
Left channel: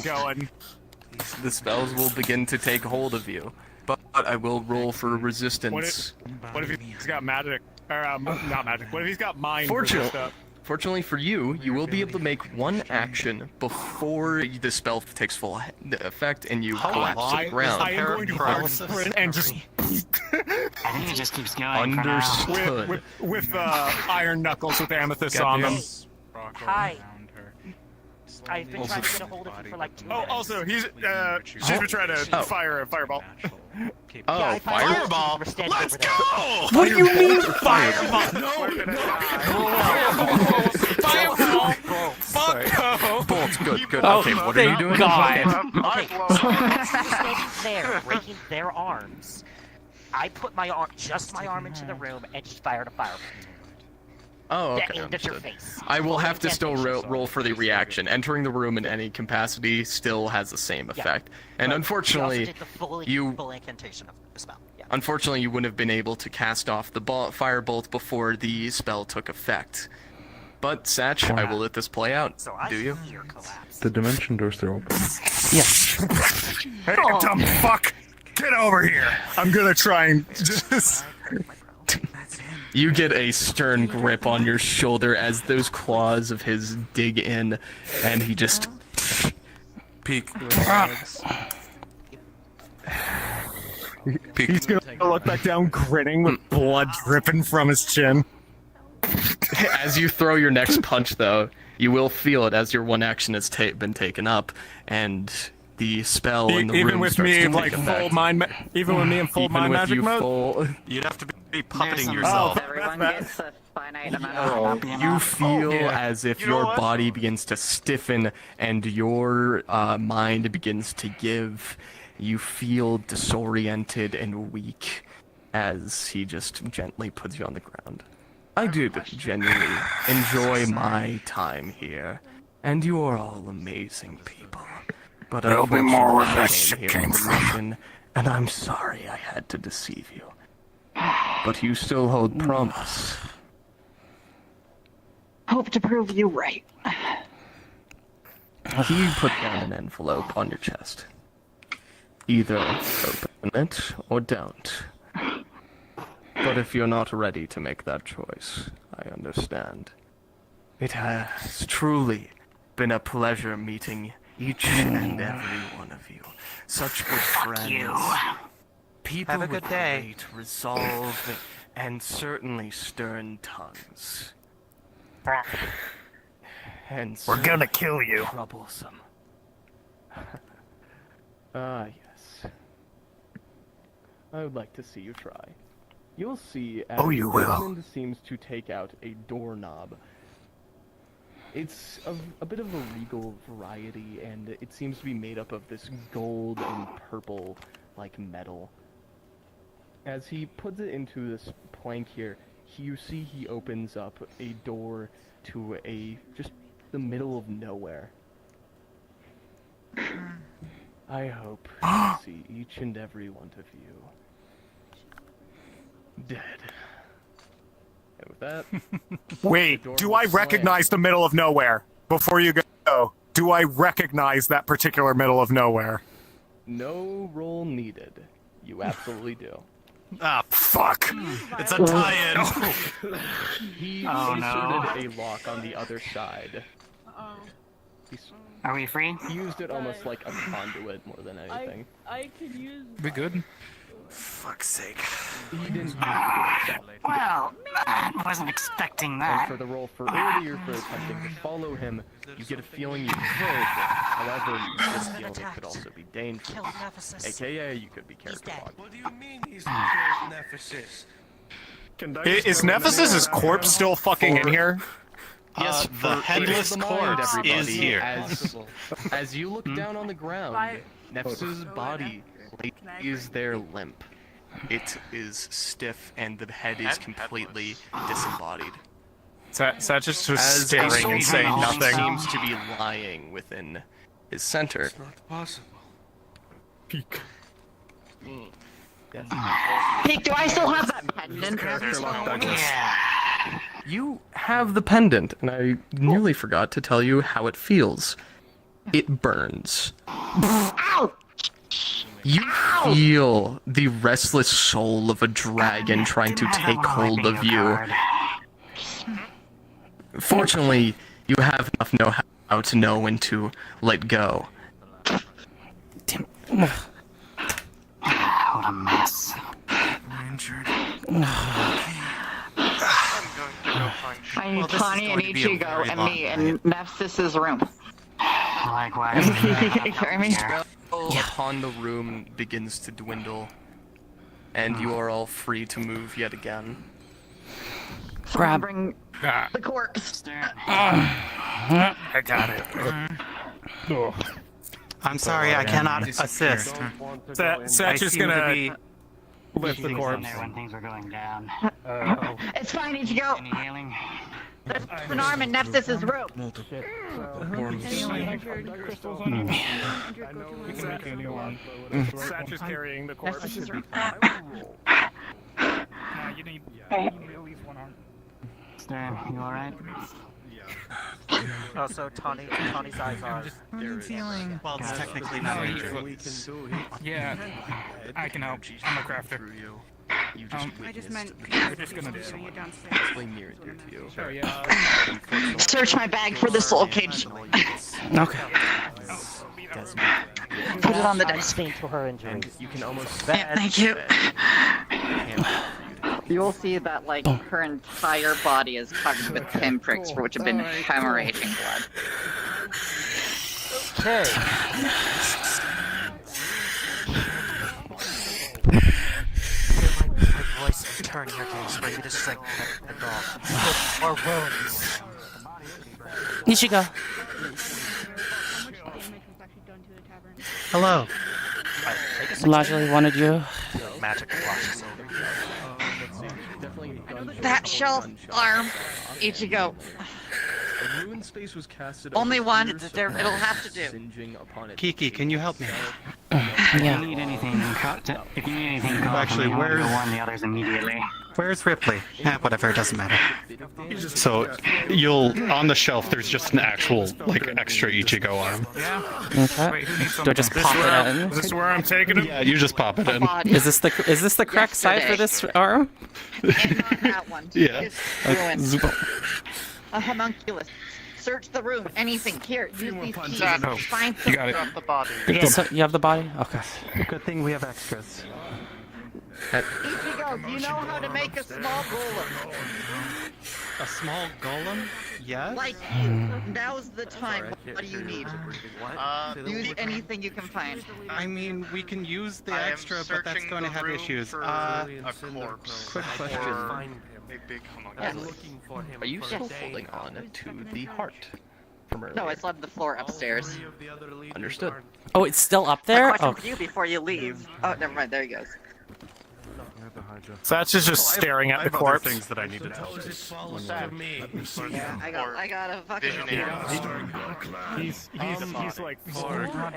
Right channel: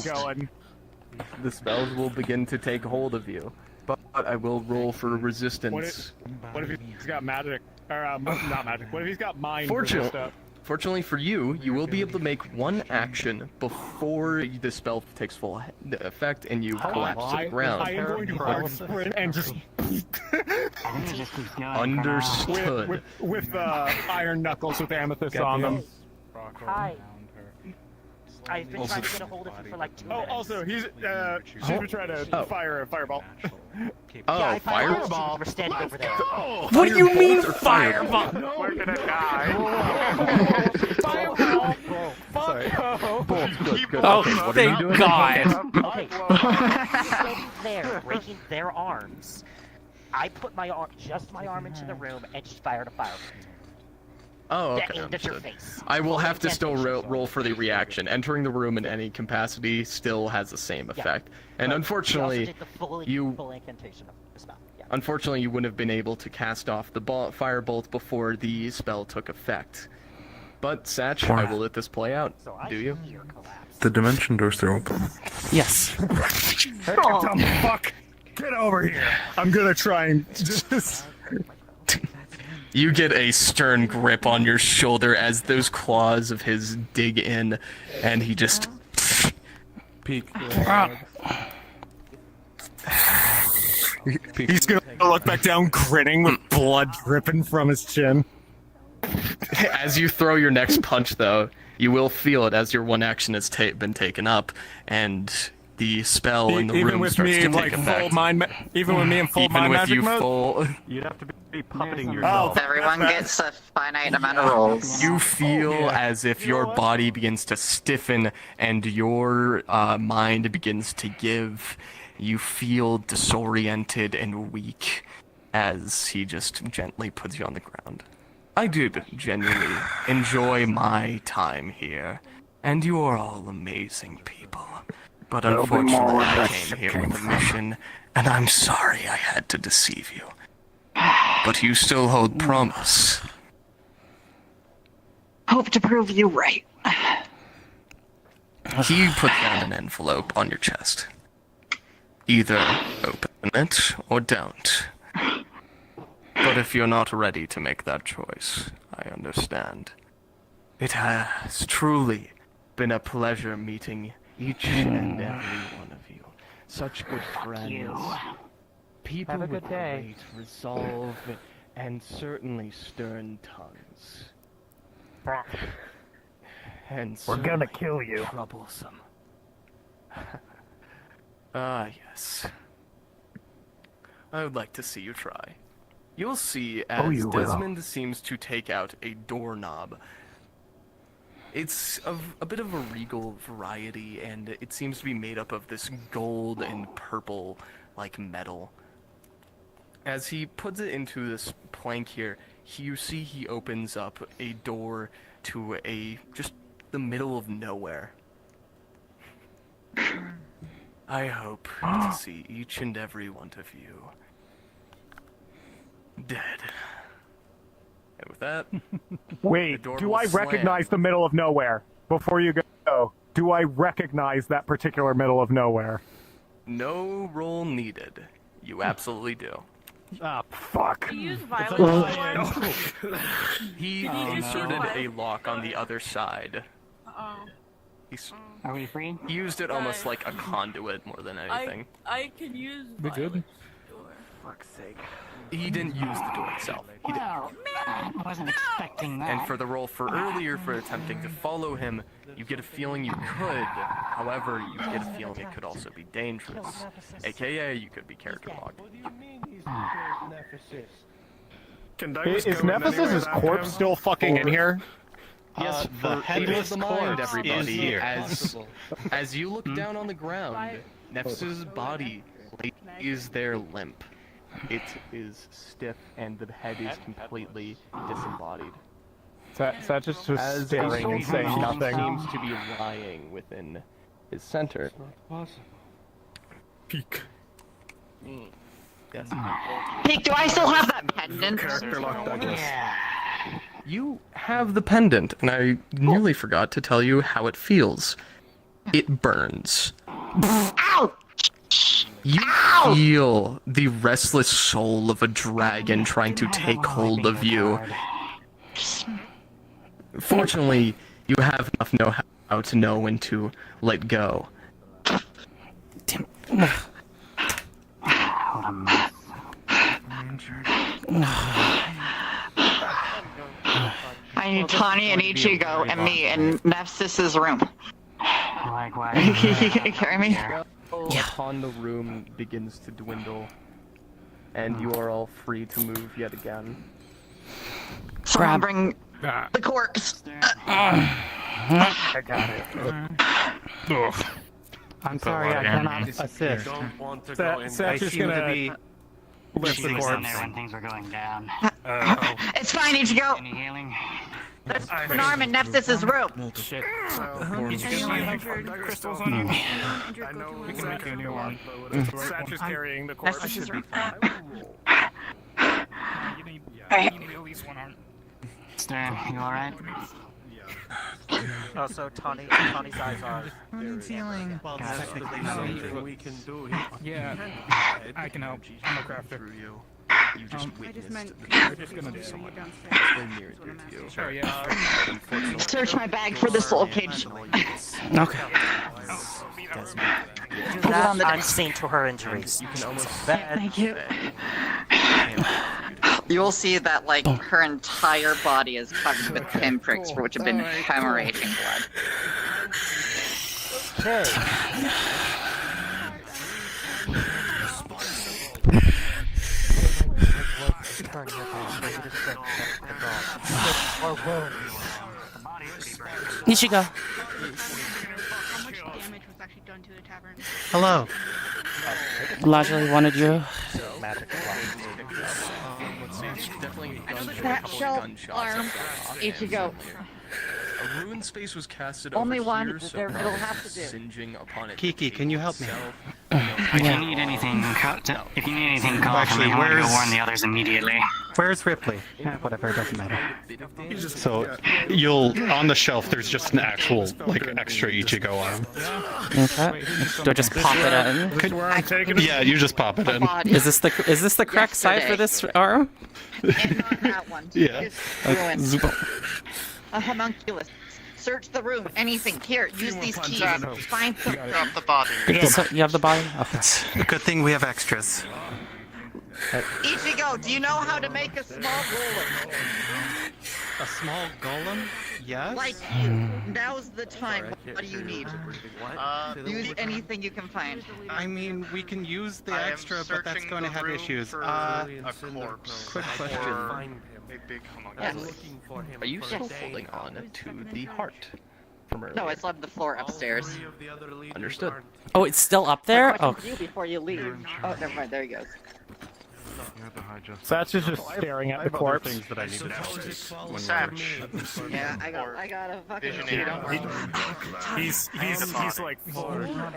The spells will begin to take hold of you, but I will roll for resistance. What if he's got magic? Or, not magic. What if he's got mind? Fortunately, Fortunately for you, you will be able to make one action before the spell takes full effect and you collapse to the ground. I am going to crouch sprint and just... I think it just keeps going. Understood. With iron knuckles with amethyst on them. Hi. I've been trying to get a hold of you for like 2 minutes. Also, she's been trying to fire a fireball. Oh, yeah, fireball? We're standing over there. What do you mean fireball? We're gonna die. Sorry. Good. Oh, Okay, what are you thank doing? God. Okay, standing there, breaking their arms. I put my arm, just my arm into the room and just fired a fireball. Oh, okay. That aimed at your Understood. face. I will have to still Incantation. roll for the reaction. Entering the room in any capacity still has the same effect. And But unfortunately, we also did the full incantation of the spell. Yeah. unfortunately, you wouldn't have been able to cast off the firebolt before the spell took effect. But, Satch, I will let this play out. Do you? The dimension doors are open. Yes. Hey, dumb fuck! Get over here! I'm gonna try and just... You get a stern grip on your shoulder as those claws of his dig in, and he just... Peek. He's gonna look back down, grinning with blood dripping from his chin. As you throw your next punch, though, you will feel it as your one action has been taken up, and the spell in the even room with starts me to in like take full effect. mind, even with me in full Even mind with magic you mode. full- You'd have to be puppeting Oh, yourself. Everyone gets a finite amount of rolls. You feel as if your body begins to stiffen and your mind begins to give. You feel disoriented and weak as he just gently puts you on the ground. I did genuinely enjoy my time here, and you are all amazing people. But There'll be more where unfortunately, I this came shit here came for the from. mission, and I'm sorry I had to deceive you. But you still hold promise. Hope to prove you right. He put down an envelope on your chest. Either open it or don't. But if you're not ready to make that choice, I understand. It has truly been a pleasure meeting each and every one of you. Such good friends. People Have a good with day. great resolve and certainly stern tongues. And We're gonna certainly kill you. Troublesome. Ah, yes. I would like to see you try. You'll see as you will. Desmond seems to take out a doorknob. It's a bit of a regal variety, and it seems to be made up of this gold and purple, like metal. As he puts it into this plank here, you see he opens up a door to just the middle of nowhere. I hope to see each and every one of you dead. And with that, Wait, the door do will I recognize the middle of nowhere? Before you go, do I recognize that particular middle of nowhere? no roll needed. You absolutely do. Ah, fuck. It's a tie-in. He inserted a lock on the other side. Are we free? He used it almost like a conduit more than anything. I can use. Be good. Fuck's sake. He didn't use the door itself. Well, I wasn't expecting that. And for the roll for earlier for attempting to follow him, you get a feeling you could. However, you get a feeling it could also be dangerous. AKA, you could be character locked. What do you mean he's killed Nephsis? Is Nephsis' corpse still fucking in here? Yes, the headless the mind, corpse everybody. is here. As you look down on the ground, Nephsis' body lays there limp. It is stiff, and the head is completely disembodied. Satch is just As staring a and saying soldier nothing. seems to be lying within his center. Possible. Peek. Peek, do I still have that pendant? You have the pendant, and I nearly forgot to tell you how it feels. It burns. Ow! You feel the restless soul of a dragon trying to take hold of you. Fortunately, you have enough know-how to know when to let go. What a mess. I need Tawny and Ichigo and me in Nephsis' room. Likewise. You carry me? Upon the room begins to dwindle, and you are all free to move yet again. Someone bring the corpse. I'm sorry, I cannot assist. Satch is gonna lift the corpse. When things were going down. It's fine, Ichigo. Any healing? There's an arm in Nephsis' room. Satch is carrying the corpse. Stern, you alright? Also, Tawny's eyes are. Needs healing. Well, technically, Yeah, I can help. I'm a crafter. You just witnessed We're just gonna do someone way near to you. Sure, yeah. Search my bag for the soul cage. Okay. Put it on the deck. Unseen to her injuries. You can almost. Thank you. You will see that, like, her entire body is covered with pinpricks for which have been hemorrhaging blood. Ichigo. Hello. Lajali wanted you. That shelf arm, Ichigo. A ruined space was casted Only over one. here, so It'll have to do. singeing upon it. Kiki, can you help me? If you need anything, call for Actually, me. I'm gonna go where's- warn the others immediately. Where's Ripley? Whatever, it doesn't matter. So you'll on the shelf. There's just an actual like extra Ichigo arm. Okay. Do I just pop it in? Is this where I'm taking it? Yeah, you just pop it in. Is this the correct side for this arm? That one. Yeah. It's Okay. ruined. A homunculus. Search the room. Anything. Here, use these keys. Find some. Drop the body. So you have the body? Okay. Good thing we have extras. Ichigo, do you know how to make a small golem? A small golem? Yes. Like, now's the time. What do you need? Use anything you can find. I mean, we can use the extra, but that's going to have issues. Quick question. Are you still holding on to the heart from earlier? No, it's on the floor upstairs. Understood. Oh, it's still up there? Question Oh. for you before you leave. Oh, never mind. There he goes. Satch is just staring at the corpse. Things that I need to tell you. Yeah, I got a fucking. Visionary. He's like.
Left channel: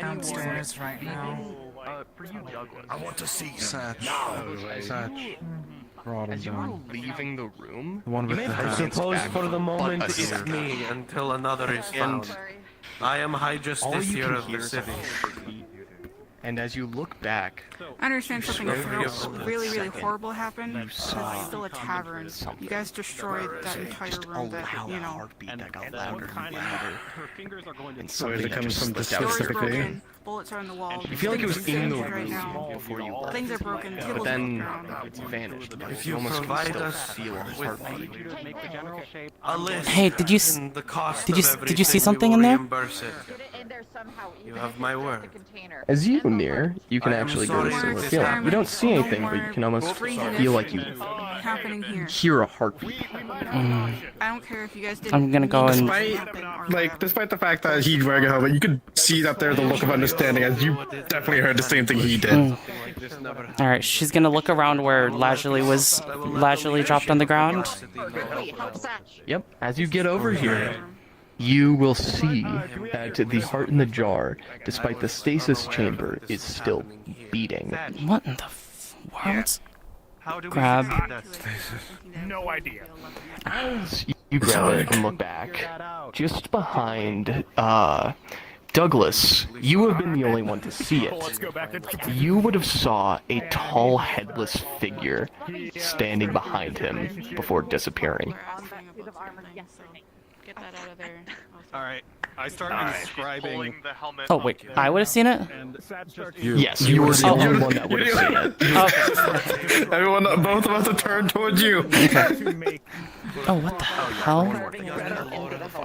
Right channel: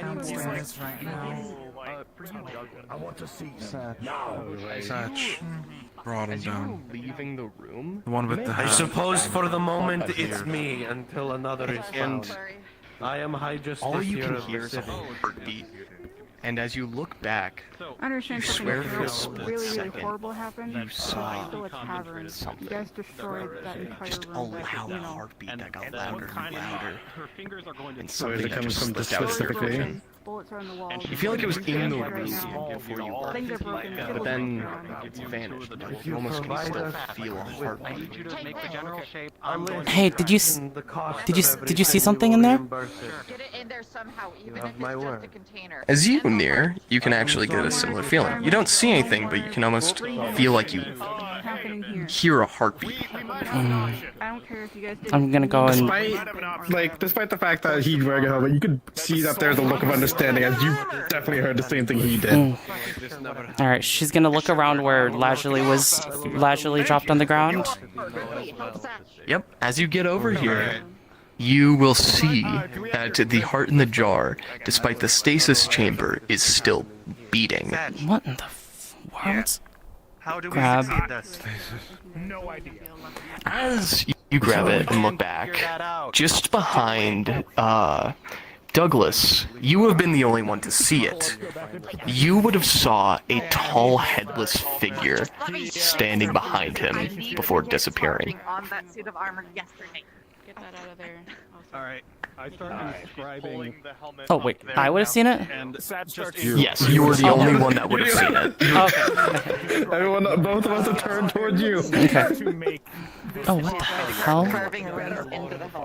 Downstairs right now. I want to see Satch. Brought him As you down. were leaving the room, The one with the I I suppose for the moment But it's me until another is found. I am High all you Justiciar can of hear the is a city. heartbeat. And as you look back, I understand something slowly a really, really second, horrible happened. you But saw it's still a tavern. You something. guys destroyed that entire Just a room. But, loud you know, heartbeat that got louder and louder. And So something is it that coming just from the slipped out of your specific day? vision. bullets are in the walls. You feel like it was in the Right room now. before you left. Things are broken. But Tables then broken. it vanished. You almost can still feel a heartbeat. Hey, did you see something in there? You have my word. As you near, you can actually get a similar feeling. You don't see anything, but you can almost feel like you Happening here. hear a heartbeat. I don't care if you guys did. I'm gonna go and. Despite the fact that he wearing a helmet, you could see that there's a look of understanding, as you definitely heard the same thing he did. All right, she's gonna look around where Lajali dropped on the ground. Yep. As you get over here, you will see that the heart in the jar, despite the stasis chamber, is still beating. What in the world? How do we Grab. succeed this? No idea. As you grab it and look back, just behind Douglas, you have been the only one to see it. You would have saw a tall, headless figure standing behind him before disappearing. On that suit of armor yesterday. Get that out of there. All right. I start inscribing. Oh wait, I would have seen it. Yes, you were the Oh, only oh. one that would have seen it. Okay. Everyone, both of us have turned towards you. Okay. Oh, what the hell?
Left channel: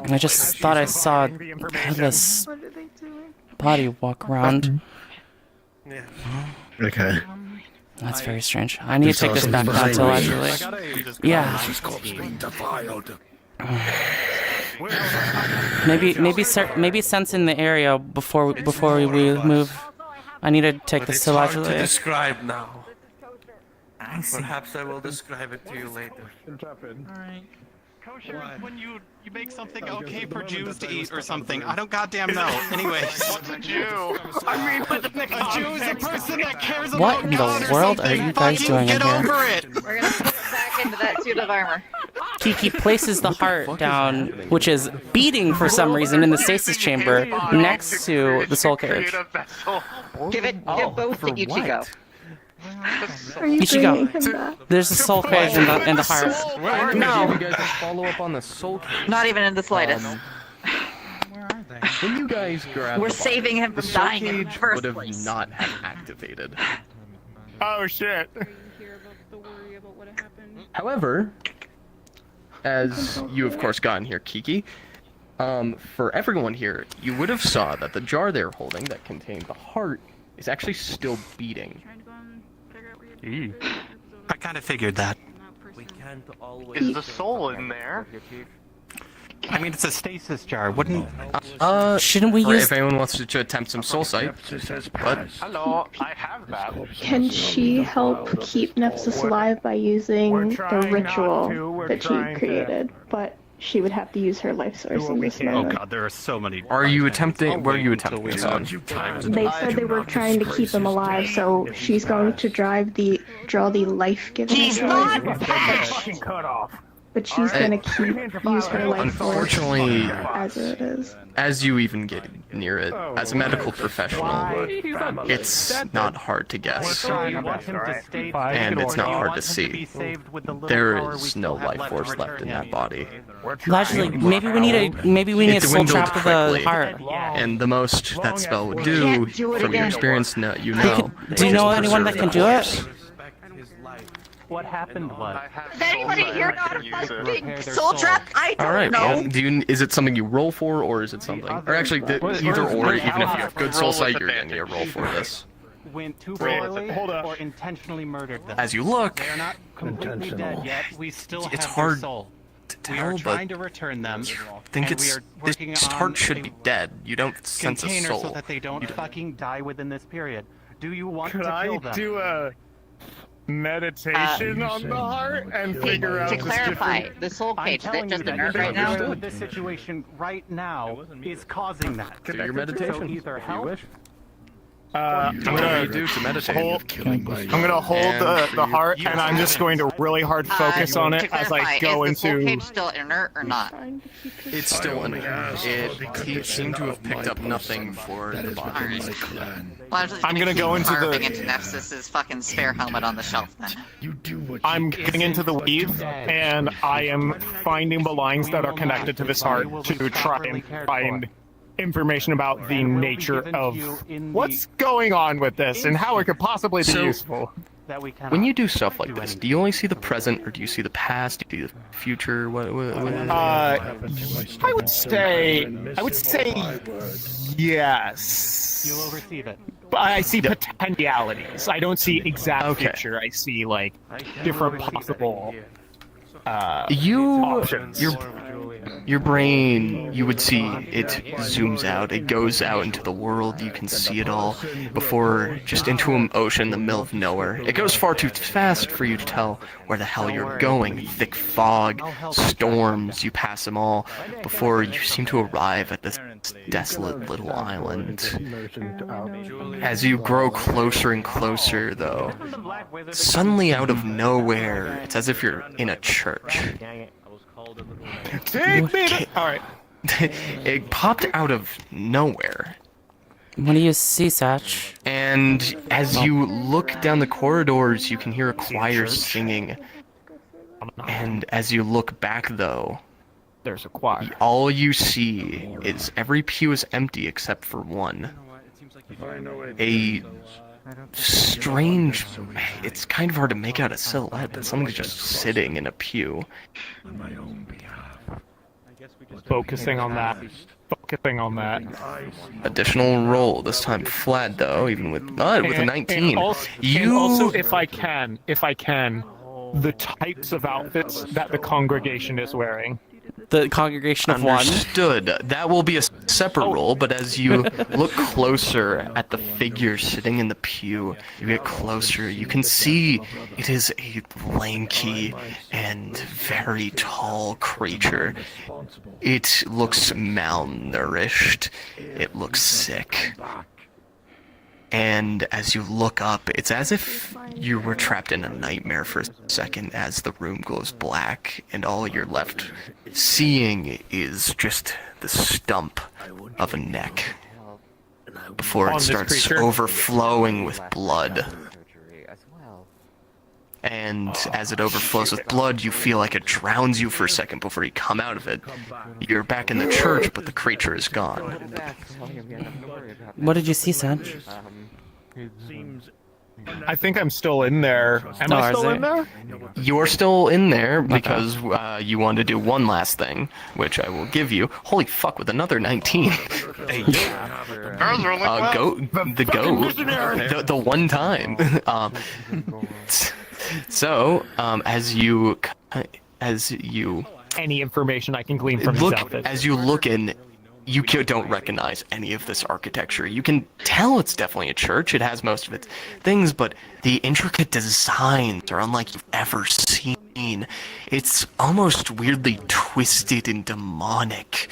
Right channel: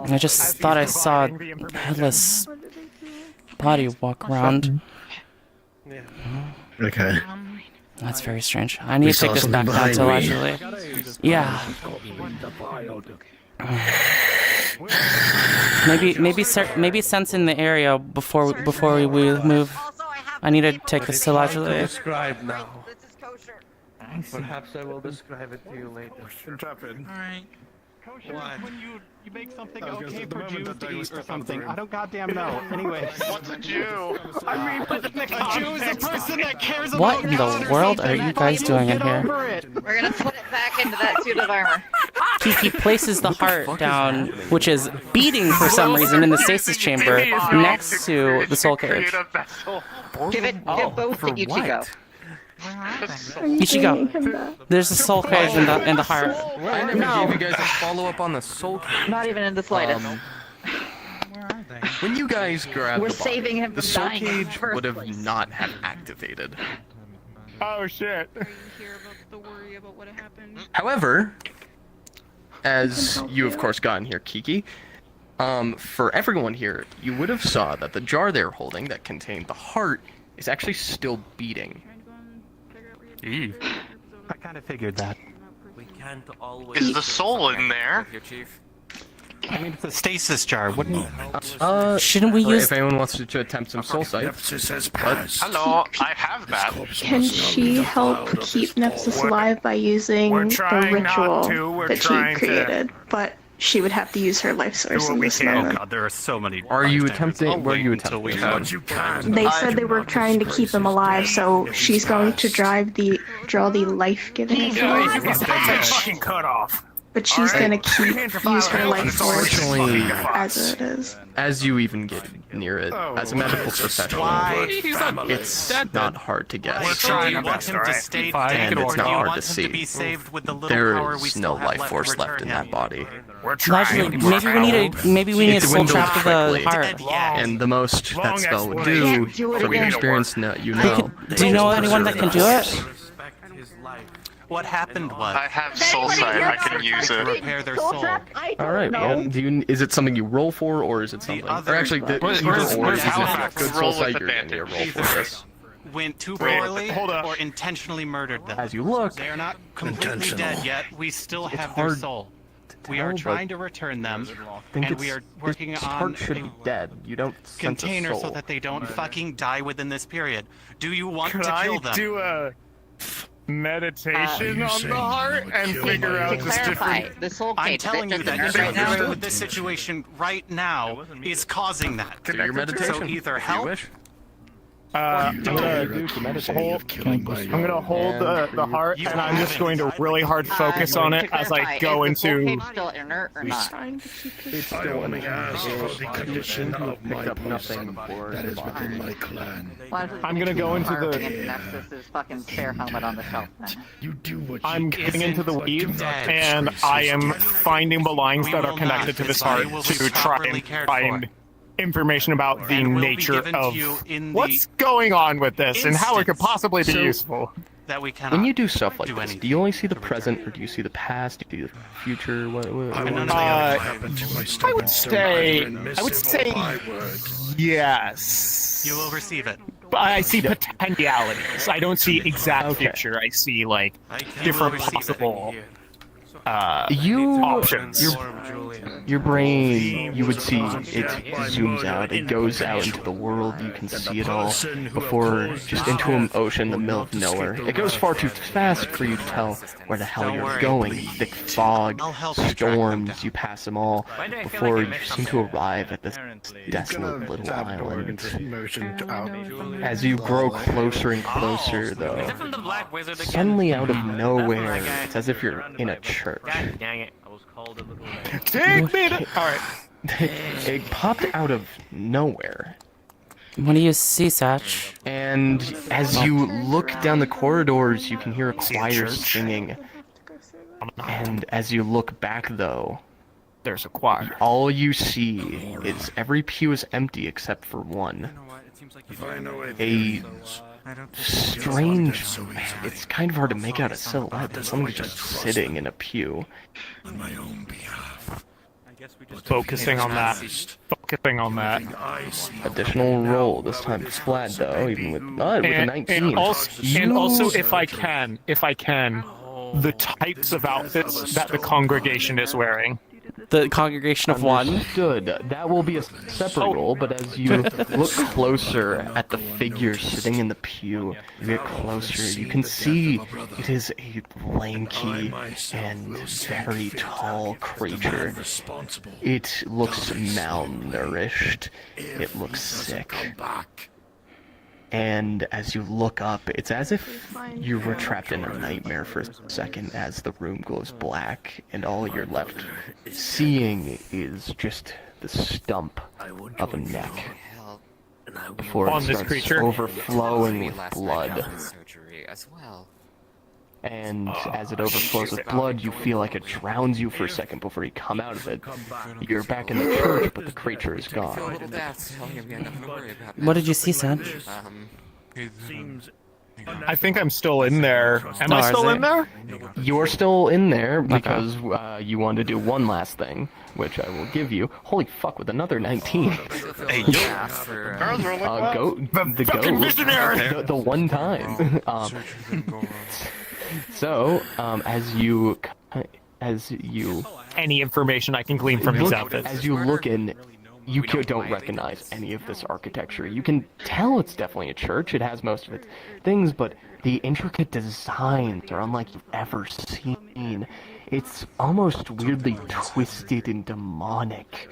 I just thought I saw a headless body walk around. Okay. That's very strange. I need to take this back down to allegedly. Yeah. Maybe sensing the area before we move. I need to take this to allegedly. Describe now. Perhaps I will describe it to you later. Alright. When you make something okay for Jews to eat or something, I don't goddamn know. Anyways. What's a Jew? I mean, a Jew is a person that cares about What in the world are you guys doing in here? We're gonna put it back into that suit of armor. Kiki places the heart down, which is beating for some reason in the stasis chamber next to the soul cage. Give both to Ichigo. Ichigo, there's a soul cage in the heart. No. You guys follow up on the soul cage. Not even in the slightest. When you guys grabbed We're the body, saving him the from soul dying in the cage first would have place. not have activated. Oh shit. However, as you of course got in here, Kiki, for everyone here, you would have saw that the jar they were holding that contained the heart is actually still beating. I kind of figured that. Is the soul in there? I mean, it's a stasis jar. Wouldn't? Shouldn't we use? If anyone wants to attempt some soul sight, but Hello, I have that. Can she help keep Nephsis alive by using the ritual that she created? But she would have to use her life source in this moment. Oh god, there are so many. Are you attempting? What are you attempting? They said they were trying to keep him alive, so she's going to draw the life-giving sword. Cut off. But she's gonna use her life source Unfortunately, as it is. as you even get near it, as a medical professional, it's not hard to guess, and it's not hard to see. There is no life force left in that body. Actually, maybe we need a soul dwindled trap to the quickly, heart. and the most that spell would do, from your experience, you know. Do you know anyone that can do it? What happened was I have soul sight, I can use it. Soul trap? I don't Alright, know. well, is it something you roll for, or is it something... Or actually, either or, even if you have good soul Roll sight, with you're going to roll for this. went too poorly or intentionally murdered them. As you look, they are not completely dead yet. We still It's have their hard soul. to We are tell, trying but to return them, I think and we it's... are working This on heart should a be dead. You don't sense a container soul. so that they don't fucking die within this period. Do you want Could to I kill them? do a meditation on the heart and figure out To the clarify, stupid... the soul I'm cage, is it telling you just that inert right now? this situation right now is causing that. Do your meditation. So either help. I'm gonna do to meditate. I'm gonna hold the heart, and I'm just going to really hard focus on it as I go is the soul into... cage still inert or not? It's still in it seemed to have picked up nothing for Well, I'm just I'm gonna go into the- into Nephsis's fucking spare helmet on the shelf then. I'm getting into the weave, and I am finding the lines that are connected to this heart to try and find information about the nature of what's going on with this and how it could possibly be useful. When you do stuff like this, do you only see the present, or do you see the past? Do you see the future? I would say yes. You will receive it. But I see potentialities. I don't see exact future. I see like different possible options. Your brain, you would see it zooms out, it goes out into the world, you can see it all, before just into an ocean in the middle of nowhere. It goes far too fast for you to tell where the hell you're going. Thick fog, storms, you pass them all, before you seem to arrive at this desolate little island. As you grow closer and closer, though, suddenly out of nowhere, it's as if you're in a church. Alright. It popped out of nowhere. What do you see, Satch? And as you look down the corridors, you can hear a choir singing. And as you look back, though, There's a quad. All you see is every pew is empty except for one. A strange... It's kind of hard to make out a silhouette, but somebody just sitting in a pew. Focusing on that. Focusing on that. Additional roll, this time flat though, even with a 19. And also, if I can, the types of outfits that the congregation is wearing. The congregation of one? Understood. That will be a separate roll, but as you look closer at the figure sitting in the pew, you get closer, you can see it is a lanky and very tall creature. It looks malnourished. It looks sick. And as you look up, it's as if you were trapped in a nightmare for a second as the room goes black, and all you're left seeing is just the stump of a neck before it starts overflowing with blood. And as it overflows with blood, you feel like it drowns you for a second before you come out of it. You're back in the church, but the creature is gone. What did you see, Sanj? I think I'm still in there. Am I still in there? You're still in there because you want to do one last thing, which I will give you. Holy fuck, with another 19. The one time. So, as you any information I can glean from these outfits. As you look in, you don't recognize any of this architecture. You can tell it's definitely a church. It has most of its things, but the intricate designs are unlike you've ever seen. It's almost weirdly twisted and demonic.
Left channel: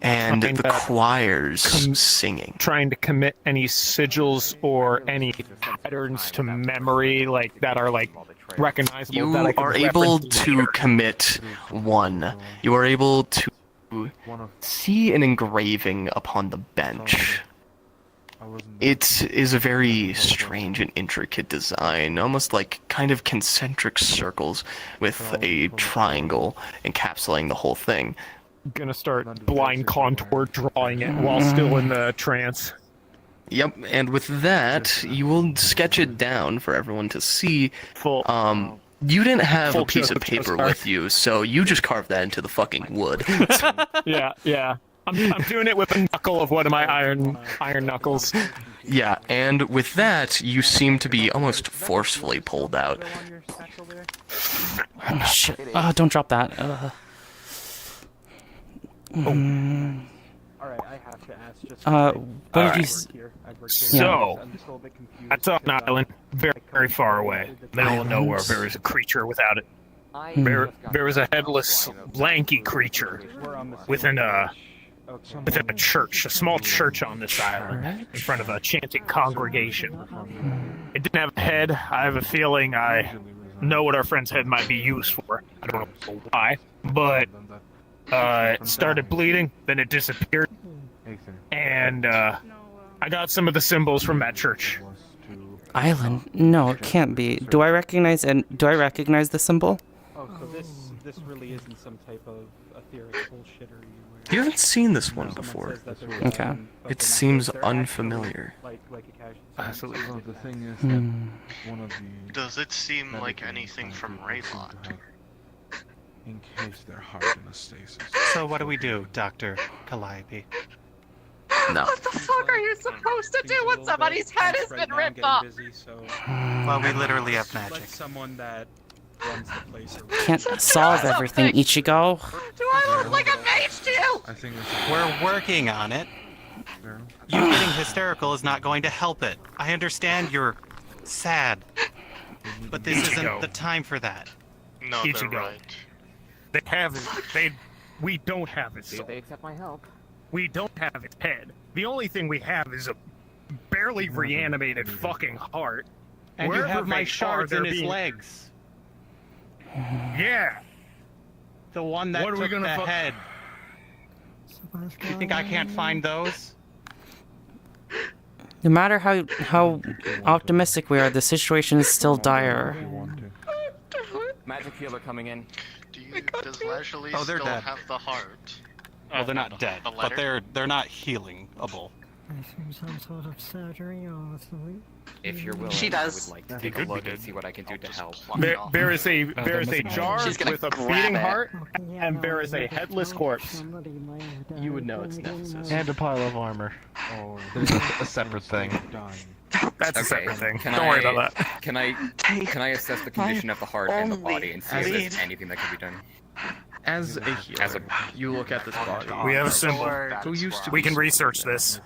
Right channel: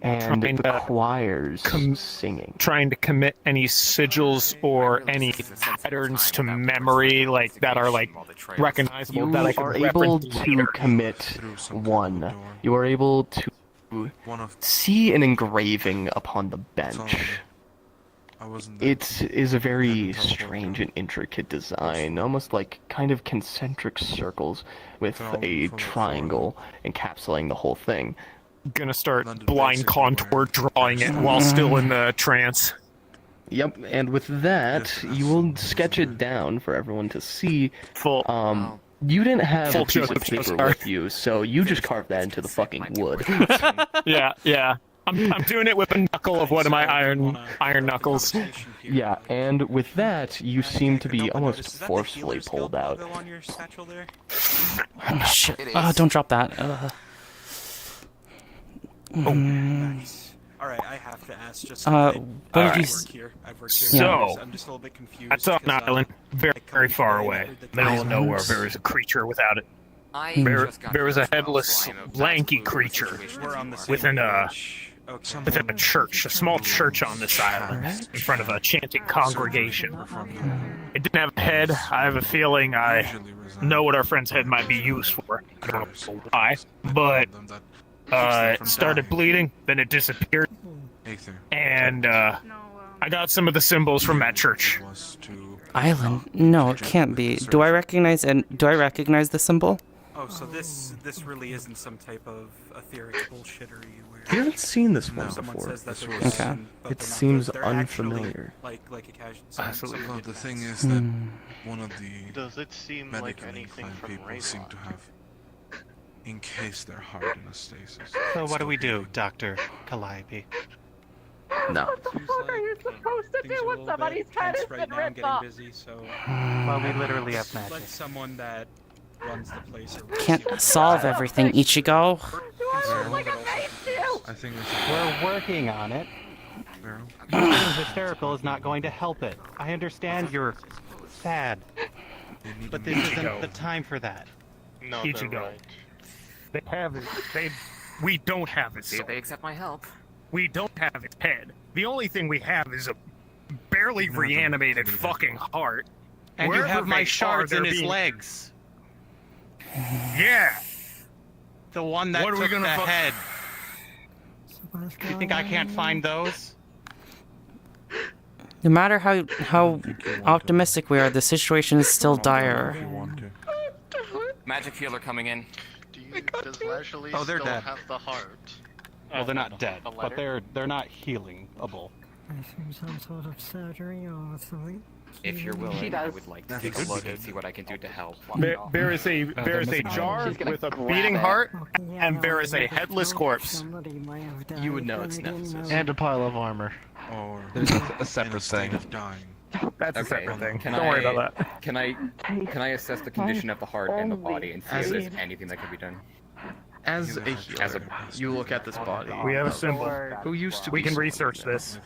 And the choirs singing. Trying to commit any sigils or any patterns to memory, like that are like recognizable. You that I can are able to commit one. You are able to see an engraving upon the bench. It is a very strange and intricate design, almost like kind of concentric circles with a triangle encapsulating the whole thing. Gonna start blind contour drawing it while still in the trance. Yep, and with that, you will sketch it down for everyone to see. You didn't have a piece of paper with you, so you just carved that into the fucking wood. Yeah. I'm doing it with a knuckle of one of my iron knuckles. Yeah, and with that, you seem to be almost forcefully pulled out. Oh, shit. Don't drop that. Alright, I have to ask just what did you So, that's on an island, very, very far away. Middle of nowhere, there was a creature without it. There was a headless, lanky creature within a church, a small church on this island, in front of a chanting congregation. It didn't have a head. I have a feeling I know what our friend's head might be used for. I don't know why, but it started bleeding, then it disappeared, and I got some of the symbols from that church. Island? No, it can't be. Do I recognize the symbol? Oh, so this really isn't some type of etheric bullshittery. You haven't seen this one before. Okay. It seems unfamiliar. Absolutely. Well, the thing is that one of the... Does it seem like anything from Raybon? In case they're hard in a stasis. So what do we do, Dr. Calliope? No. What the fuck are you supposed to do when somebody's head has been ripped off? Well, we literally have magic. Someone that runs the place. Can't solve everything, Ichigo. Do I look like a mage to you? I think we're working on it. You being hysterical is not going to help it. I understand you're sad, but this isn't the time for that. No, Ichigo. right. They have it. We don't have it. See, they accept my help. We don't have its head. The only thing we have is a barely reanimated fucking heart. And wherever you have my they shards are, in they're his being... legs. Yeah. The one that took the head. You think I can't find those? No matter how optimistic we are, the situation is still dire. Magic healer coming in. Do you Does Lashley Oh, they're still dead. have the heart? Well, they're not dead, The but letter? they're not healingable. Some sort of surgery or something. If you're willing, She I does. would like to take a look and see what I can do to help. There is a jar She's gonna with a grab beating it. heart, and there is a headless corpse. You would know it's Nephsis. And a pile of armor. There's a separate thing. That's a separate thing. Can Don't worry about that. Can I assess the condition of the heart and the body and see if there's anything that can be done? As a healer, you look at this body. We have a symbol. Who used to We be can someone research now. this.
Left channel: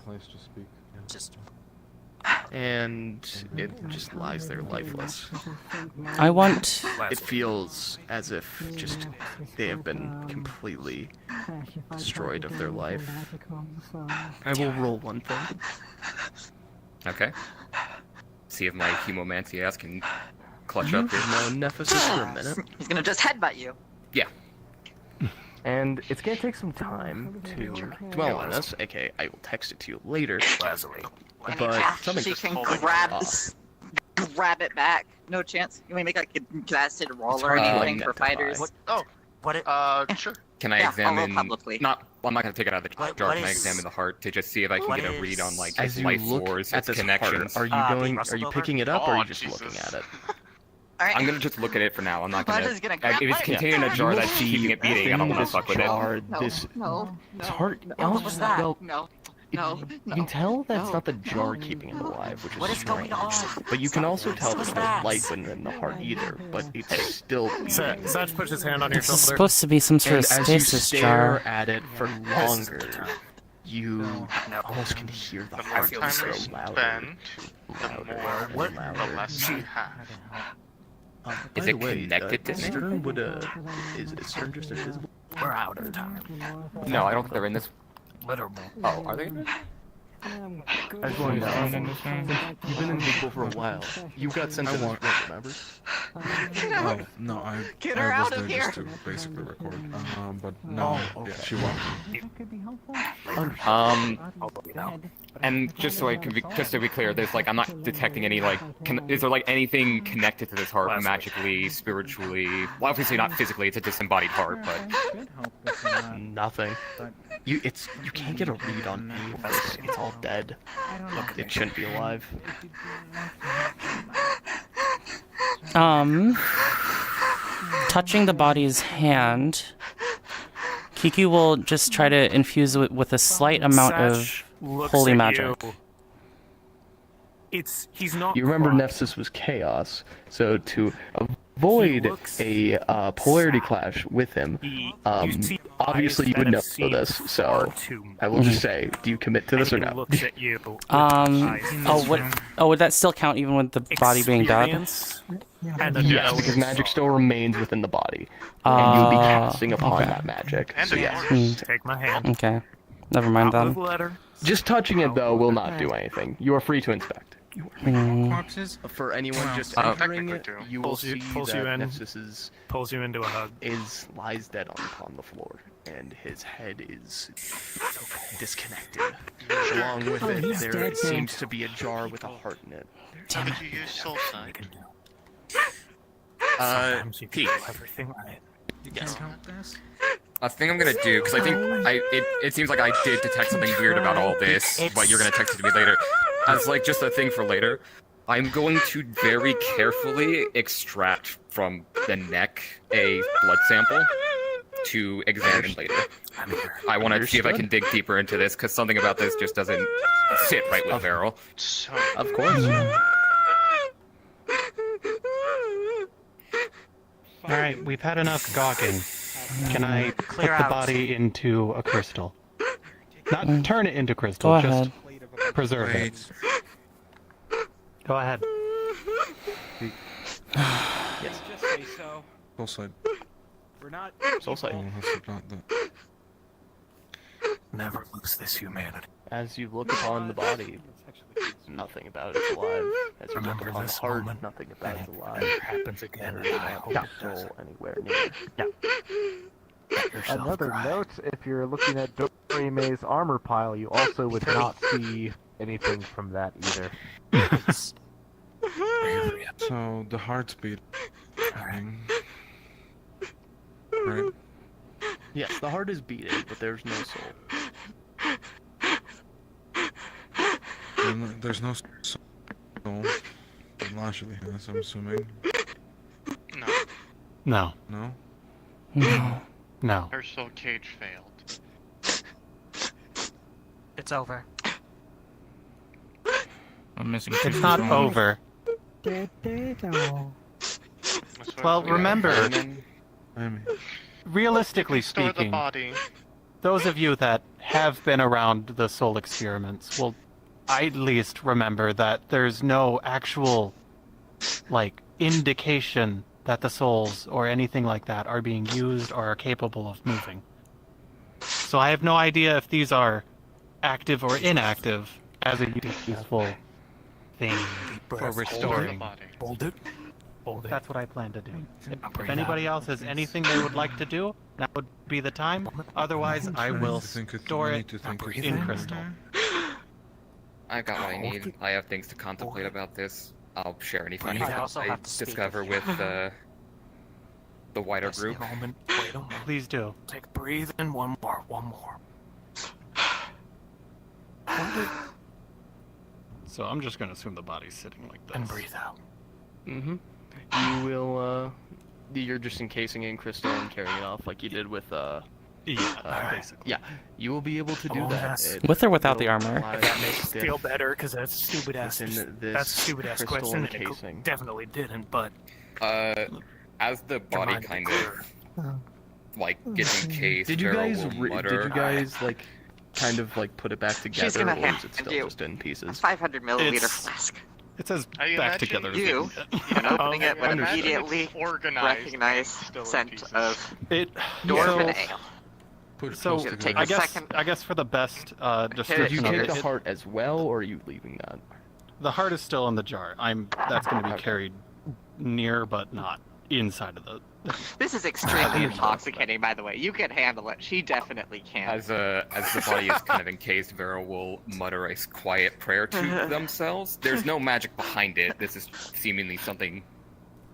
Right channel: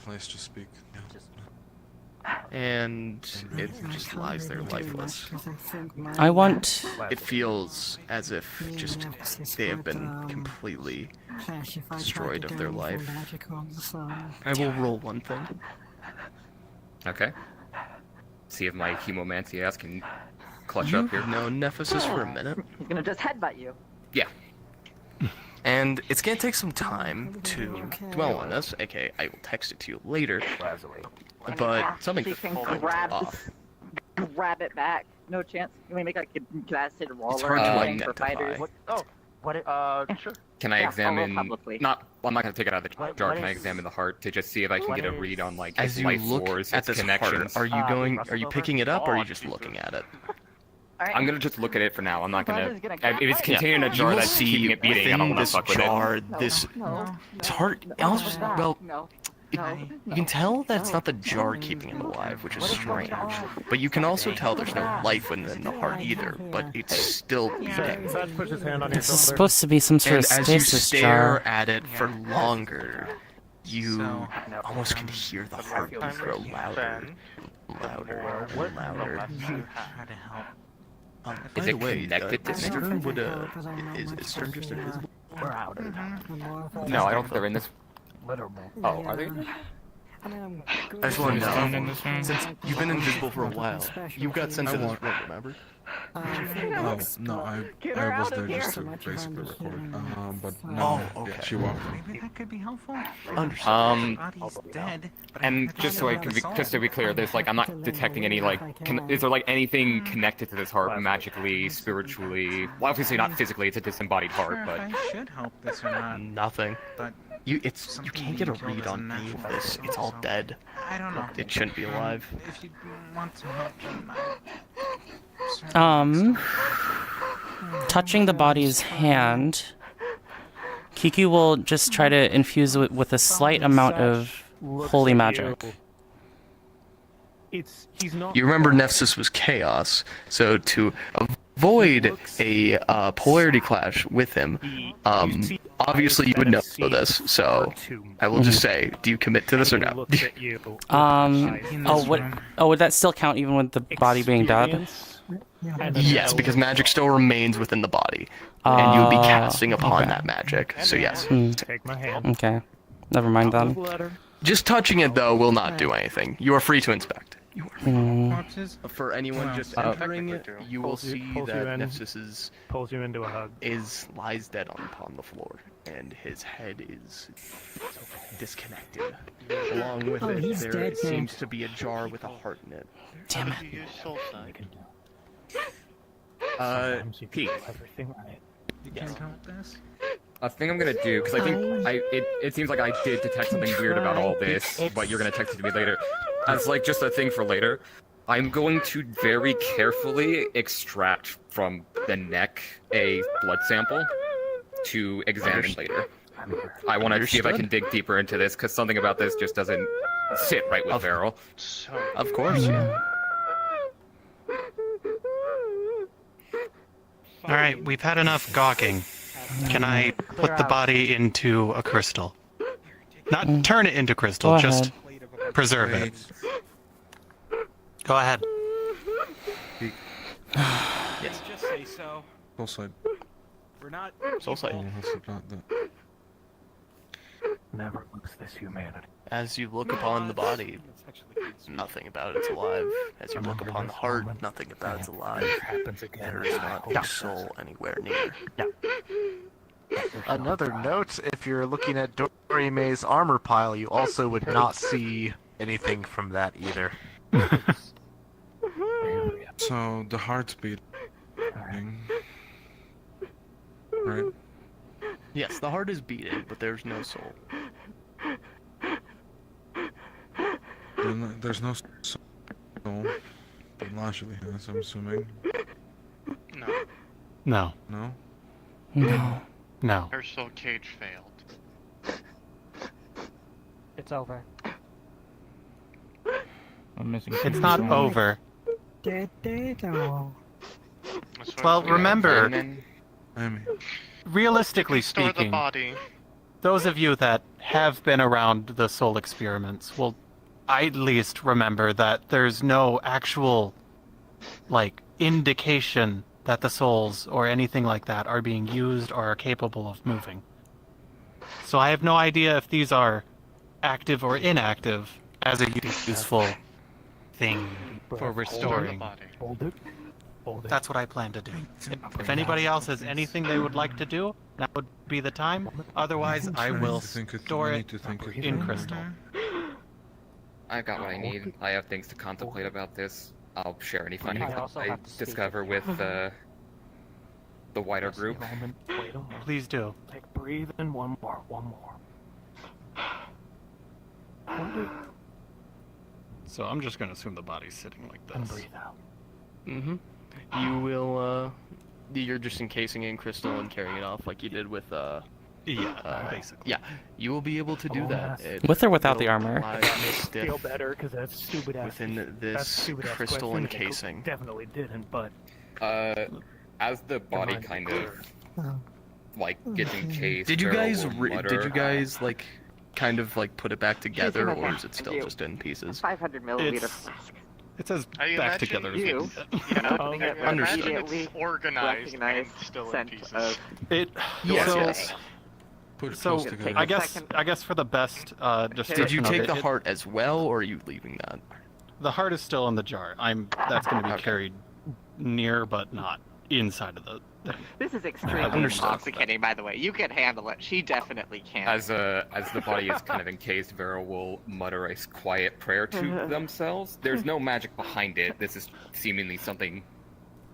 And it just lies there lifeless. I want. It feels as if just they have been completely destroyed of their life. I will roll one thing. Okay. See if my hemomancy ass can clutch up here. No, Nephsis for a minute. He's gonna just headbutt you. Yeah. And it's gonna take some time to dwell on this, aka I will text it to you later. But something She just can felt grab off. grab it back. No chance. You may make like a acid roller hard to thing for identify. fighters. Sure. Can I Yeah, follow examine? publicly. Not. Well, I'm not gonna take it out of the jar. Can I examine the heart to just see if I can get a read on like its As you life look force, at its this connections? heart, are you picking it up or are you just looking at it? I'm gonna just look at it for now. I'm not gonna. Elijah's gonna If grab it's it. contained in a You jar will that's see keeping it beating, I don't want to within fuck with this it. jar, this heart. Also, well, you can tell that's not the jar keeping him alive, which is strange. But you can also tell there's no life within the heart either, but it's still beating. Saj puts his hand on your This is shoulder. supposed to be some sort of And as you stasis stare jar. at it for longer, you almost can hear the heart just grow louder, louder, and louder. Is it connected to Stern anything? would is Stern just invisible? No, I don't think they're in this. Oh, are they? You've been invisible for a while. You got sent to this room, remember? Oh, no, I was there just to basically record. But no, yeah, she walked in. That could be helpful. And just so I can be, just to be clear, there's like I'm not detecting any like. Is there like anything connected to this heart magically, spiritually? Well, obviously not physically. It's a disembodied heart, but Should help this or not. Nothing. But You can't get a read on any of this. It's all dead. I don't know. It shouldn't be alive. If you want some help, Touching the body's hand, Kiku will just try to infuse it with a slight amount of holy magic. He's not. You remember Nephsis was chaos, so to avoid a polarity clash with him, obviously you would know this. So I will just say, do you commit to this or no? Would that still count even with the body being dead? Yes, because magic still remains within the body, and you'll be casting upon that magic. So yes. Take my hand. Okay. Never mind then. Just touching it though will not do anything. You are free to inspect. For anyone just entering it, you will see that Nephsis pulls you into a hug. Lies dead upon the floor, and his head is disconnected. Along with it, there seems to be a jar with a heart in it. Damn it. Pete. Everything right. Yes. a thing I'm gonna do because I think it seems like I did detect something weird about all this, but you're gonna text it to me later. As like just a thing for later, I'm going to very carefully extract from the neck a blood sample to examine later. I want to see if I can dig deeper into this because something about this just doesn't sit right with Varel. Of course. All right, we've had enough gawking. Can I put the body into a crystal? Not turn it into crystal, Go just ahead. preserve it. Go ahead. Just say so. Soul side. We're not. Soul side. Oh, I forgot that. Never lose this humanity. As you look upon the body, nothing about it's alive. As you look upon the heart, nothing about it's alive. It happens again. There is no soul anywhere near. Another note, if you're looking at Dorime's armor pile, you also would not see anything from that either. So the heartbeat. right? Yes, the heart is beating, but there's no soul. There's no soul. But Lashley has, I'm assuming. No. No. No? No. No. Her soul cage failed. It's over. I'm missing. It's not over. Well, remember, realistically Store the speaking, body. those of you that have been around the soul experiments will at least remember that there's no actual, like, indication that the souls or anything like that are being used or are capable of moving. So I have no idea if these are active or inactive as a useful thing for restoring. That's what I plan to do. If anybody else has anything they would like to do, that would be the time. Otherwise, I will store it in crystal. I've got what I need. I have things to contemplate about this. I'll share any findings I discover with the wider group. Please do. Take breathe in one more. So I'm just gonna assume the body's sitting like this. And breathe out. Mm-hmm. You will, you're just encasing it in crystal and carrying it off like you did with, basically. Yeah, you will be able to do that. With or without the armor? Feel better because that's stupid ass. Within this That's stupid ass crystal question. encasing. Definitely didn't, but As the body kind of like gets encased, Did you Farrell guys, will mutter. did you guys like, kind of like put it back together, gonna or have is it to still do just in pieces? 500 milliliter It's- flask. It says I back imagine together. You, Yeah, opening it would understood. immediately organized recognize and still in scent pieces. of It. yesterday. So Take I a guess second. for the best Did you description of take it, the heart as well, or are you leaving that? the heart is still in the jar. That's going to be carried near, but not inside of the. This is extremely intoxicating, by the way. You can handle it. She definitely can. As the body is kind of encased, Vera will mutter a quiet prayer to themselves. There's no magic behind it. This is seemingly something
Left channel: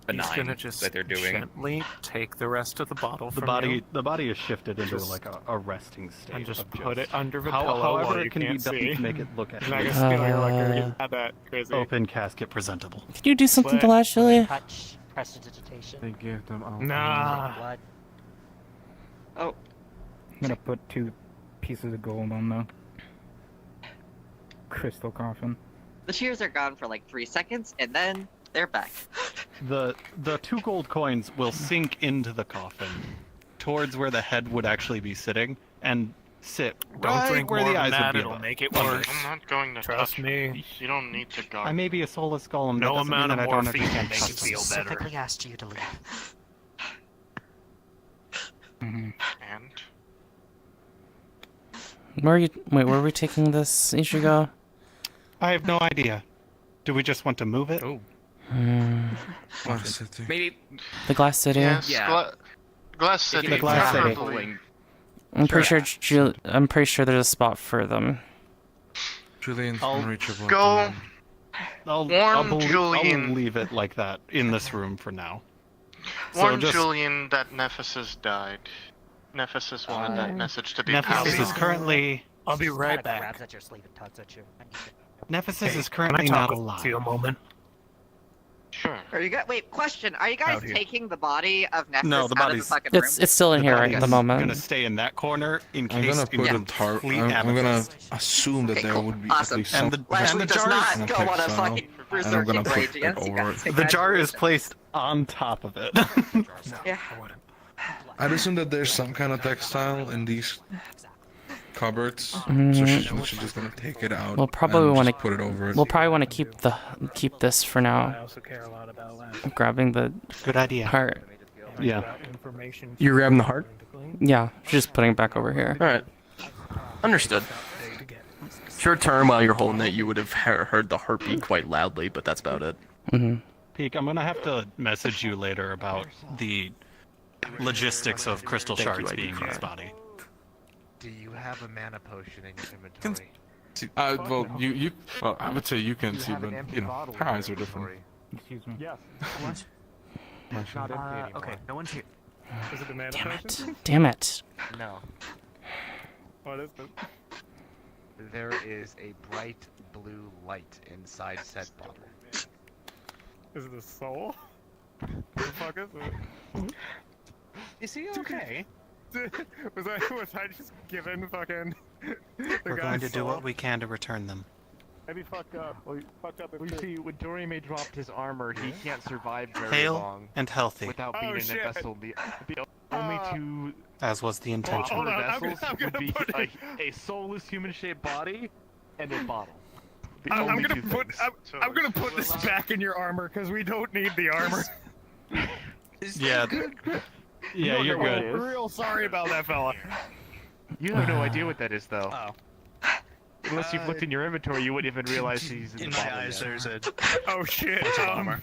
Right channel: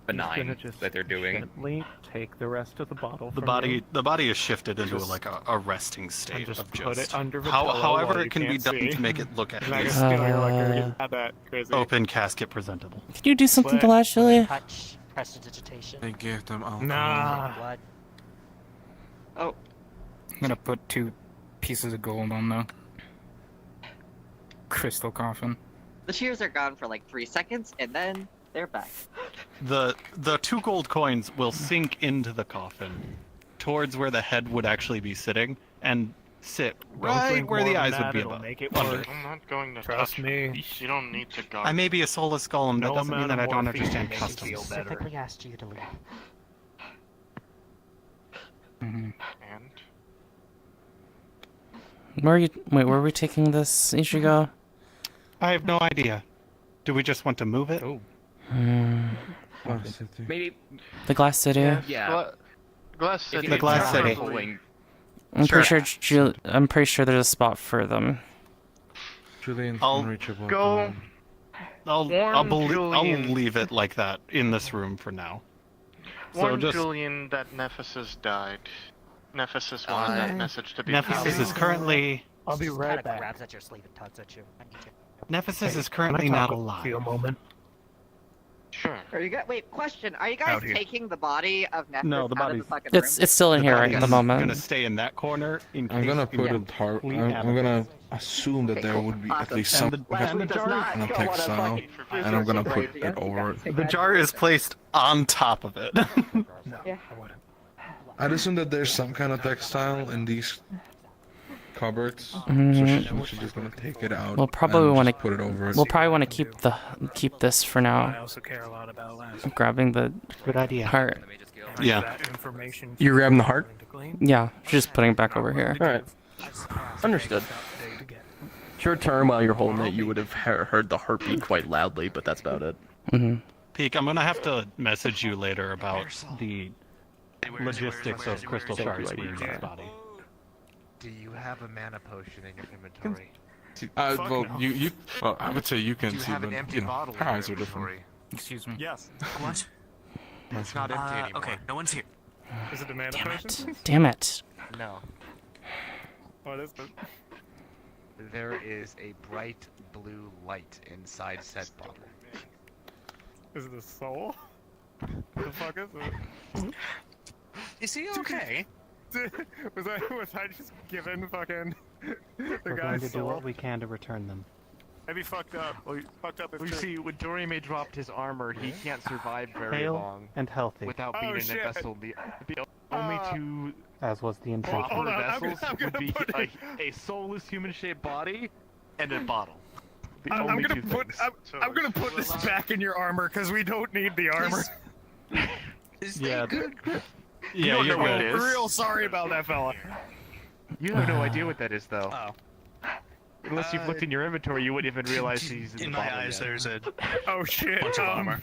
benign that they're doing. Gently take the rest of the bottle. The body is shifted into like a resting state. And just of put it under the pillow however while it you can be can't done see. to make it look at And I least guess feeling like you're not that crazy. open casket presentable. Can you do something to Lashley? Touch, prestidigitation. They give them all. Nah. What? Oh, I'm gonna put 2 pieces of gold on the crystal coffin. the tears are gone for like 3 seconds, and then they're back. The 2 gold coins will sink into the coffin, towards where the head would actually be sitting, and sit right drink where the more eyes than would that, be it'll above. make it Under. worse. I'm not going to Trust touch me. her. You don't need to guard. I may be a soulless golem, No that doesn't mean amount that I of don't morphine understand makes you customs. feel better. Specifically asked you to leave. And Where were we taking this, Ichigo? I have no idea. Do we just want to move it? Oh. Maybe The Glass City? yeah. Glass City. The Glass City. I'm pretty sure there's a spot for them. Julian's I'll unreachable. Go. I'll Julian. leave it like that in this room for now. So Warn just Julian that Nephsis died. Nephsis wanted that message to be Nephsis is currently I'll be right Kinda back. grabs at your sleeve and tugs at you. I need to- Nephsis is Can currently I not talk alive. to you a moment? Sure. Are you guys? Wait, question. Are you guys Out here. taking the body of Nephsis No, the out of the body's- fucking It's room? still in here right at the Gonna moment. stay in that corner in case I'm gonna in put a tar. complete I'm gonna amethyst. assume that there would be at Awesome. least some And the Lashley does jar not in a go on a textile, fucking and I'm gonna researching put it radiance. over it. The jar is placed on top of it. Yeah. I'd assume that there's some kind of textile in these cupboards, so she's just gonna take it out. We'll probably and want to just put it over it. We'll probably want to keep this for I now. also care a lot about last. I'm grabbing the Good idea. heart. Yeah. Information. You're grabbing the heart? Yeah, just putting it back over here. Alright. Understood. Short term, while you're holding it, you would have heard the heartbeat quite loudly, but that's about it. Peak, I'm gonna have to message you later about the logistics of crystal shards being in his body. Do you have a mana potion in your inventory? Well, well, I would say you can see, but you know, her eyes are different. Excuse me. Yes. It's not empty anymore. Okay, no one's here. Is it a mana Damn potion? it. Damn it. No. What is it? There is a bright blue light inside said bottle. Is it a soul? What the fuck is it? Is he okay? was I just given fucking the We're guy's going to do soul? what we can to return them. I'd be fucked up. Fucked up. We see, when Dorime dropped his armor, he can't survive very Hale long and healthy. without Oh, being in shit. a vessel. The only two As was the intention. proper Hold on, vessels I'm would gonna be put a soulless human-shaped body and a bottle. The I'm only gonna two put things. I'm gonna put this back in your armor because we don't need the armor. Yeah. Yeah, you're I'm good. real sorry about that fella. You have no idea what that is, though. Oh. Unless you've looked in your inventory, you wouldn't even realize he's in In the my bottle eyes, yet. there's a Oh shit. bunch of armor.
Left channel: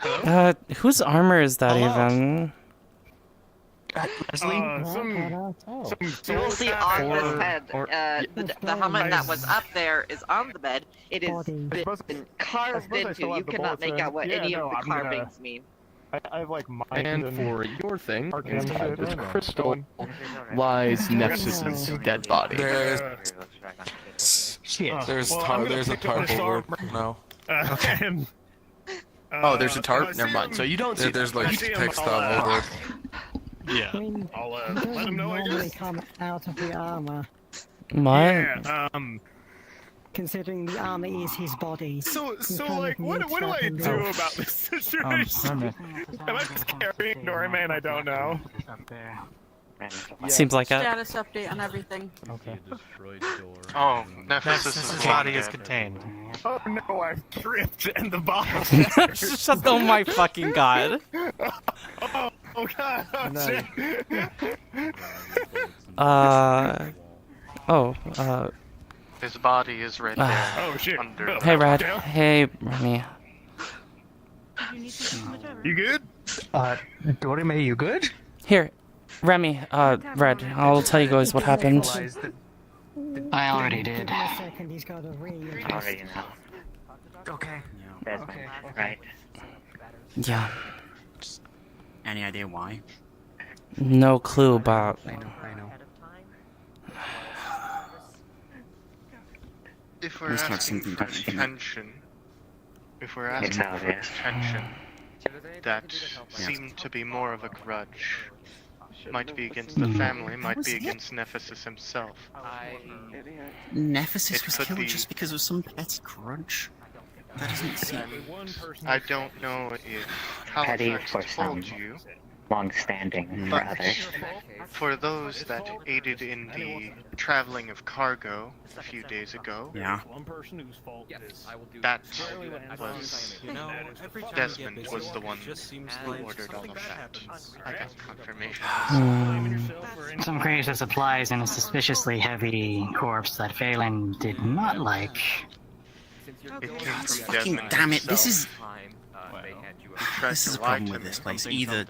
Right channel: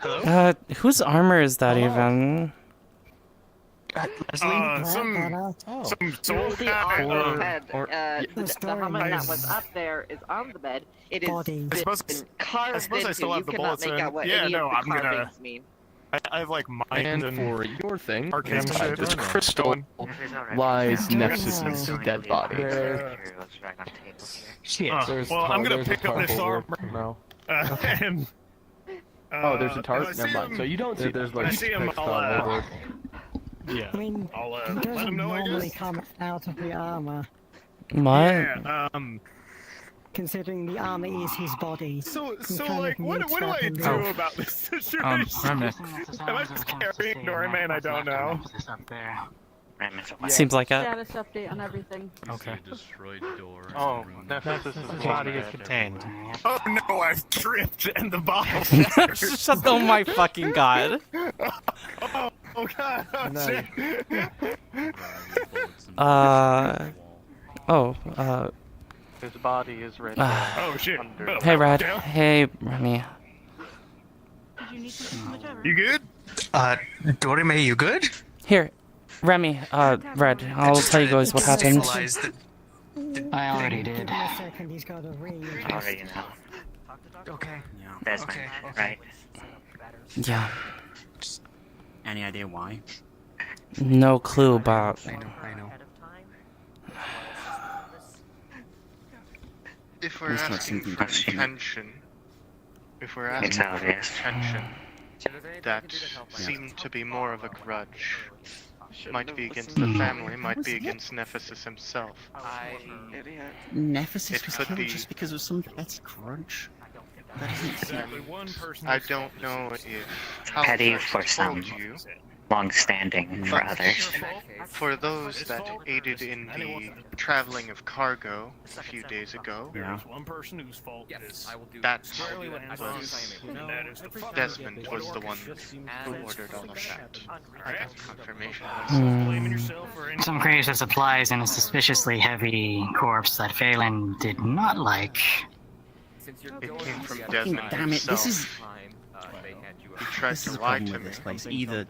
Hello? Whose armor is that even? Some soul The helmet that was up there is on the bed. It is been carved suppose I still into. You have the cannot bulletin. make out what Yeah, any no, of the I'm gonna- carvings mean. I have like mind And for your thing, arcane inside shit. this crystal lies Nephsis' dead body. Shit. There's I'm gonna pick up this armor. No. And Oh, there's a if I tarp? see Never mind. him- So you don't see there's if I like see him, text I'll, on the board. Yeah. I mean, I'll he let doesn't him know, I normally guess. come out of the armor, What? Yeah, considering the armor is his body. so He kind like, of what needs do I that in do there. about this situation? Am I carrying Dorime? I don't know. Seems like it. Status update on everything. Okay. Oh, Nephsis Nephsis' is body is dead. contained. Oh no, I've tripped and the bottle. Shut oh my fucking god. Oh god, oh shit. His body is ready. Oh shit. Under- Hey, Red. Down. Hey, Remy. You good? Dorime, you good? Here, Remy, Red, I'll tell you guys what happened. I already did. In a second, he's got a ring. Already know. Okay. Desmond, right? Yeah, Any idea why? no clue, but I know. If we're It's not asking something for that's gonna- attention, if we're It's asking for obvious. attention, that seemed to be more of a grudge. Might be against the family, might be against Nephsis himself. Nephsis It was could killed be- just because of some petty grudge? That doesn't seem... And I don't know if Petty Halifax for some, told you, long-standing for but others. for those that aided in the traveling of cargo a few days ago, Yeah. that was Desmond was the one who ordered all of that. I got confirmation. Some crates of supplies and a suspiciously heavy corpse that Phelan did not like. It came from Desmond Damn it, this is... He tried This to is a lie problem to with me. this place. Either...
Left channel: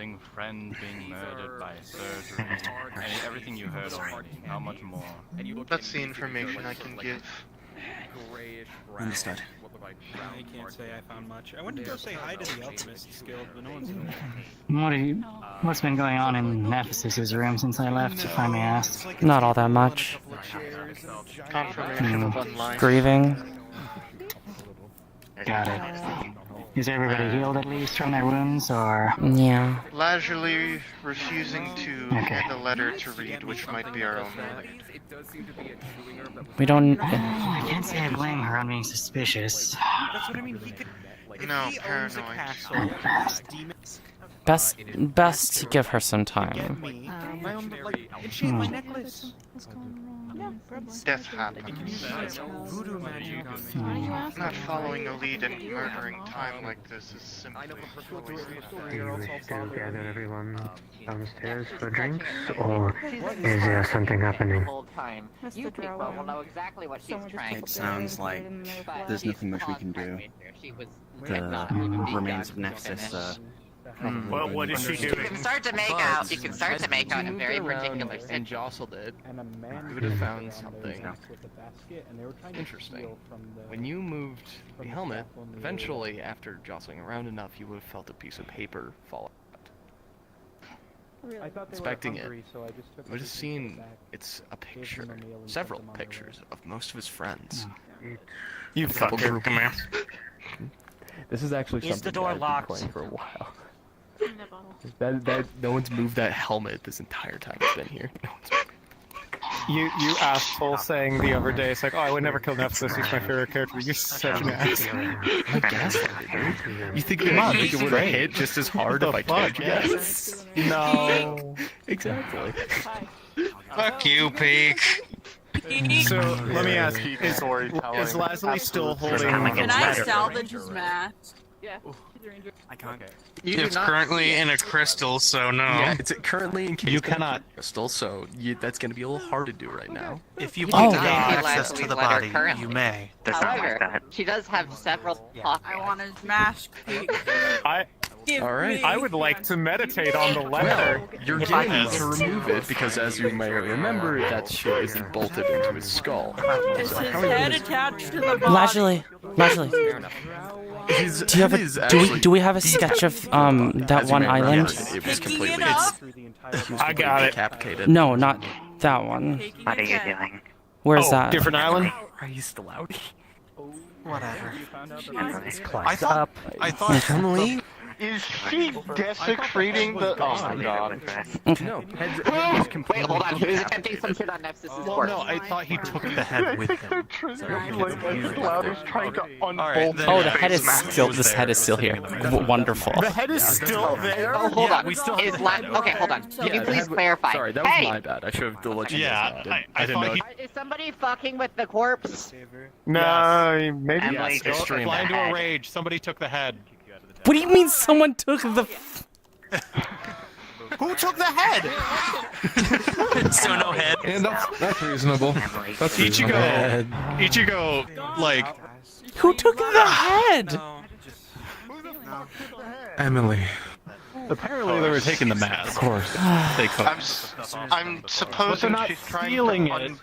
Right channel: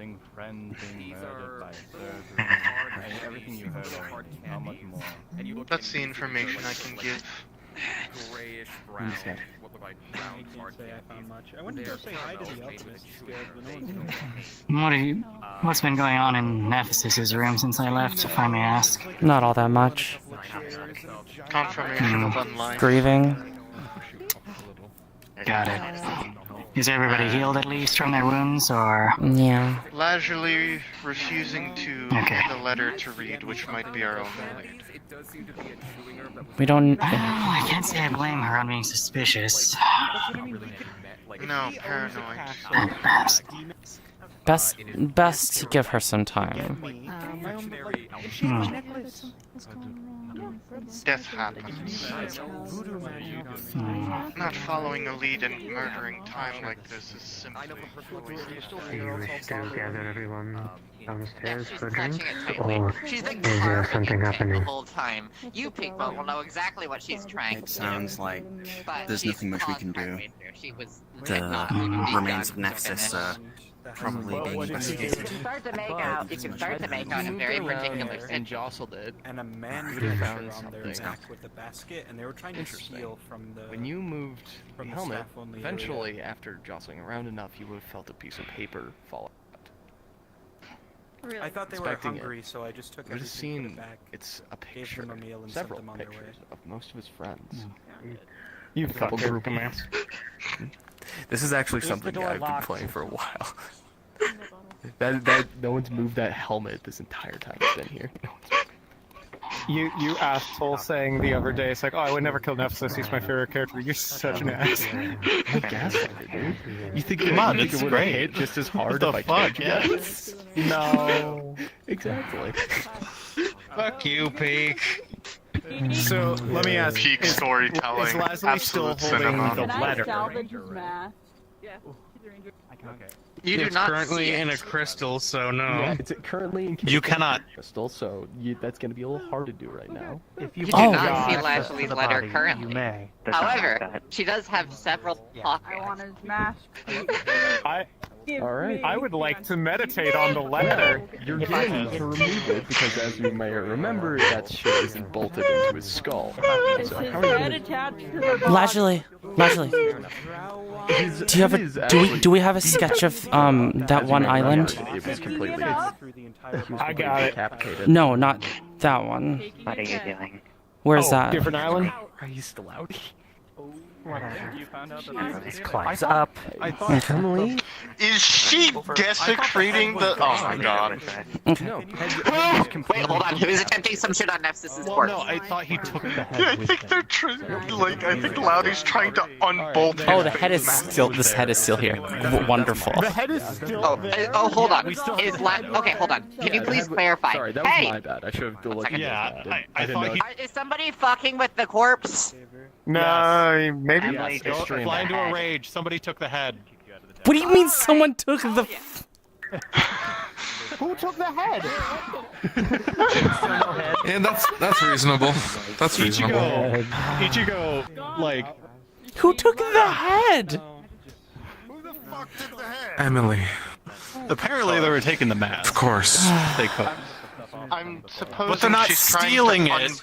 That's the information I can give. Understood. I can't say I found much. I went to go say hi to the Alchemist Guild, but no one's What's been going on in Nephsis' room since I left, if I may ask? not all that much. Confirmation of unlife. Grieving. Got it. Is everybody healed at least from their wounds, or...? Yeah. Leisurely refusing to Okay. hand a letter to read, which might be our own way. We don't... I can't say I blame her on being suspicious. No, paranoid. Best to give her some time. Death happens. Not following a lead and murdering time like this is simply Gather everyone downstairs for drinks, or is there something happening? You people will know exactly what she's trying It to sounds like there's nothing much we can do. The remains of Nephsis probably You can start to make out. You can start to make out a very particular and situation. jostled it, and a man you would have found something with a basket, and they were trying to interesting. steal from the When you moved the from the helmet, staff on the- eventually, after jostling around enough, you would have felt a piece of paper fall out. I thought they expecting were hungry, it. so I just took I would have everything seen back, it's a gave picture, them a meal, and several sent them on their pictures of most of his friends. You Couple fucker. group of men. This is actually Is the something door I've locked? been playing for a while. that no one's moved that helmet this entire time I've been here. You asshole saying the other day, it's like, oh, I would never kill Nephsis, he's my favorite character. You're such an ass. I gaslighted, dude. You think Come on, it this is would have great. hit just as hard What if the I fuck? told you? Yes. No. Exactly. Fuck you, Peak. So, let me ask, Peak is storytelling. Leslie still Absolute holding the Can I letter? salvage his mask? It's currently in a crystal, so no. Yeah, it's currently encased You in cannot. crystal, so that's going to be a little hard to do right now. If you Oh, deny God. access to Leslie's the letter body, currently. you may. However, she does have several pockets. I want his mask. Alright. I would like to meditate on the letter. You're getting to remove it because, as you may remember, that shit isn't bolted into his skull. Is So his how are you head gonna- attached to the Lajley, do you have a do we have a sketch of that As you one may island? remember, it was completely. I got it. Decapitated. No, not that one. What are you doing? Where's that? Different island? Are you still out? Everyone's climbs up. I thought Emily is she desecrating the? Oh my god! No, head Wait, hold on. He was attempting some shit on Nephsis' Well, corpse. no, I thought he took the I head with think him. they're like I think Loudy's trying to unbolt. Oh, the head is still. This head is still here. Wonderful. The head is still there. Oh, hold on. Okay, hold on. Can you please clarify? Sorry, that hey! was my bad. I should have let you Yeah, know. I thought he. Is somebody fucking with the corpse? No, maybe. Emily, Go, fly into a rage. Somebody took the head. What do you mean someone took the? Who took the head? So no head. Yeah, that's reasonable. That's reasonable. Ichigo, like. Who took the head? Emily. Apparently they were taking the mask. Of course. They could. I'm supposing But they're not she's trying stealing to it.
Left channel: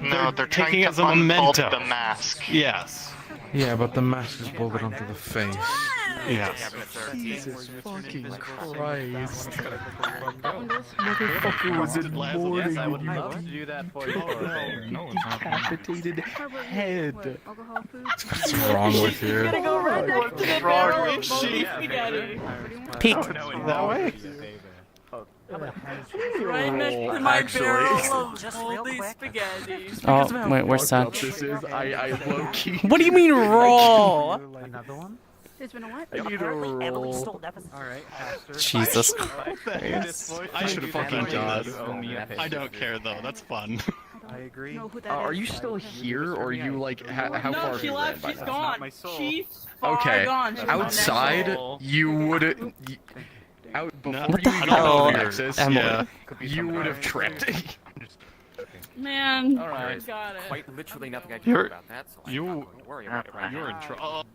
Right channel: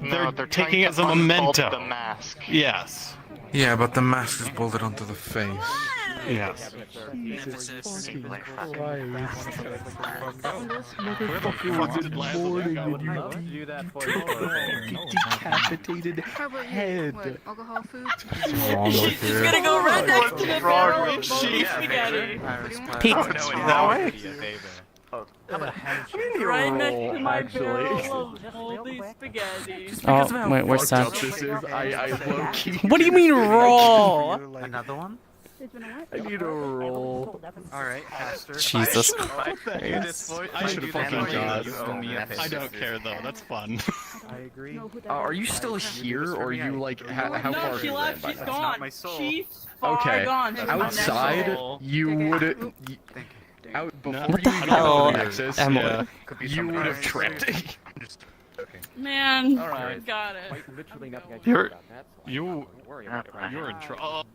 No, They're trying taking it to as a unbolt memento. The mask. Yes. Yeah, but the mask is bolted onto the face. Yes. Jesus fucking Christ. Motherfucker was in mourning when you decapitated head. What's wrong with He's here? gonna go right next to the barrel of moldy spaghetti. Peek. That way? Right next to my barrel of moldy spaghetti. Oh wait, where's Sam? I low key. What do you mean roll? Another one? I need a roll. Alright. Jesus Christ. I should have fucking died. I don't care though. That's fun. I agree. Are you still here, or are you like how far No, have she you left. ran She's by now? gone. She's far Okay. gone. She's Outside, you would out before What the you hell, got to Nexus, Emily? you would have tripped. Man, Alright. got it. Quite literally nothing I can do You're about that. So you don't worry about it. you're in trouble.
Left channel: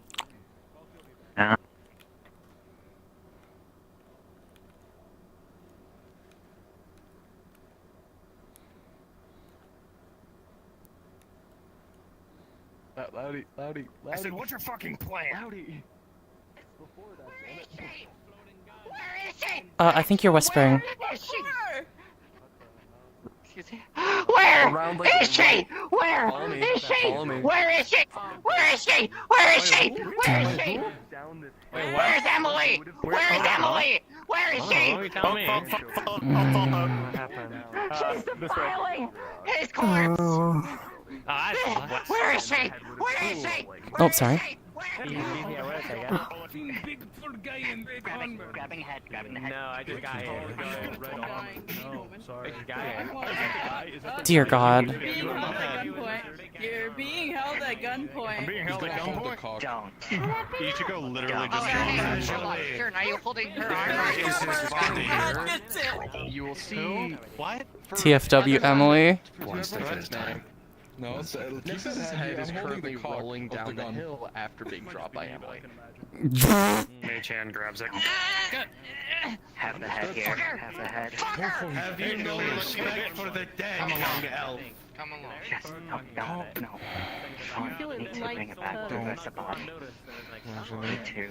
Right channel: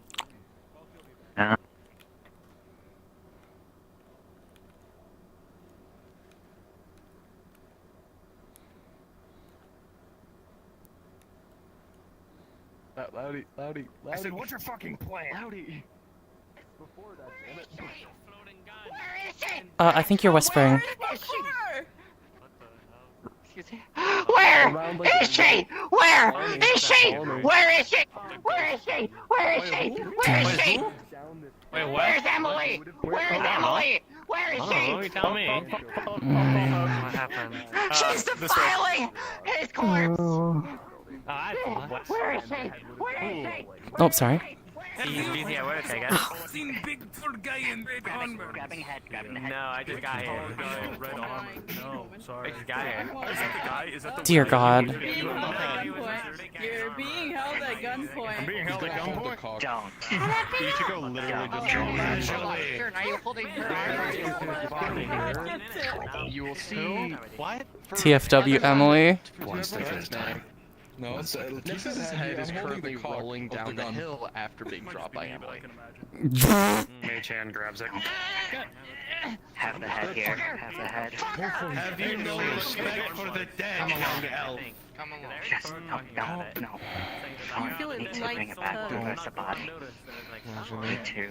Loudy. I said, what's your fucking plan? Loudy. I think you're whispering. Where is she? Where is she? Where is she? Where is she? Where is she? Where is she? Where's Emily? Where is Emily? Where is she? You tell me. She's defiling his corpse. Where is she? Where is she? Oh, sorry. Grabbing head. No, I just got hit. No, sorry. Dear God. Being held at gunpoint. You're being held at gunpoint. I'm being held at gunpoint. Don't. Ichigo literally just Sure, now you're holding her. You will see. What? TFW Emily. One step at a time. No, it's keep that Nexus's head. head is I'm holding currently the cock rolling of the down the gun. hill after being dropped by Emily. Mei-chan grabs it. Have the head here. Have the head. Have you no respect for the dead, young elf? Come along. Just no. I feel it Need to bring it back. likes Reverse the body. Need to.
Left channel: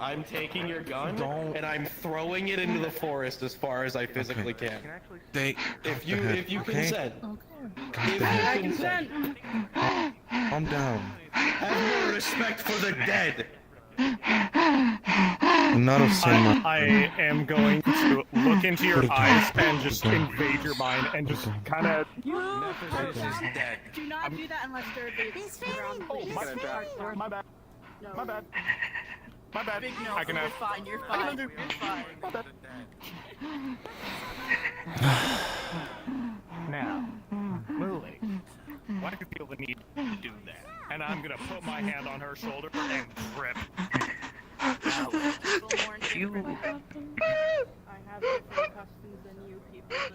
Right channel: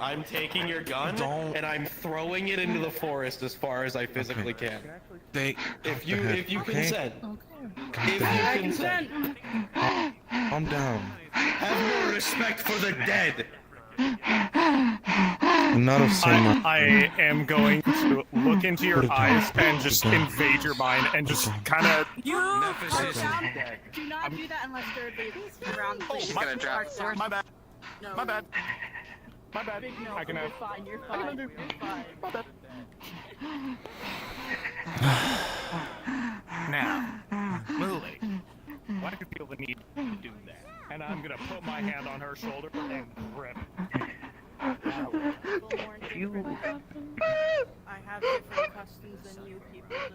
I'm taking your gun, and I'm throwing it into the forest as far as I physically can. If you consent. I consent. Calm down. Have more respect for the dead. I'm not a son. I am going to look into your eyes and just invade your mind and just kind of. Nephsis is dead. Do not do that unless Derby is around, please. My bad. My bad. My bad. Big no. I can have. Fine. You're fine. You're fine. My bad. Now, Lily, why do you feel the need to do that? And I'm gonna put my hand on her shoulder and grip. I have different customs than you people do.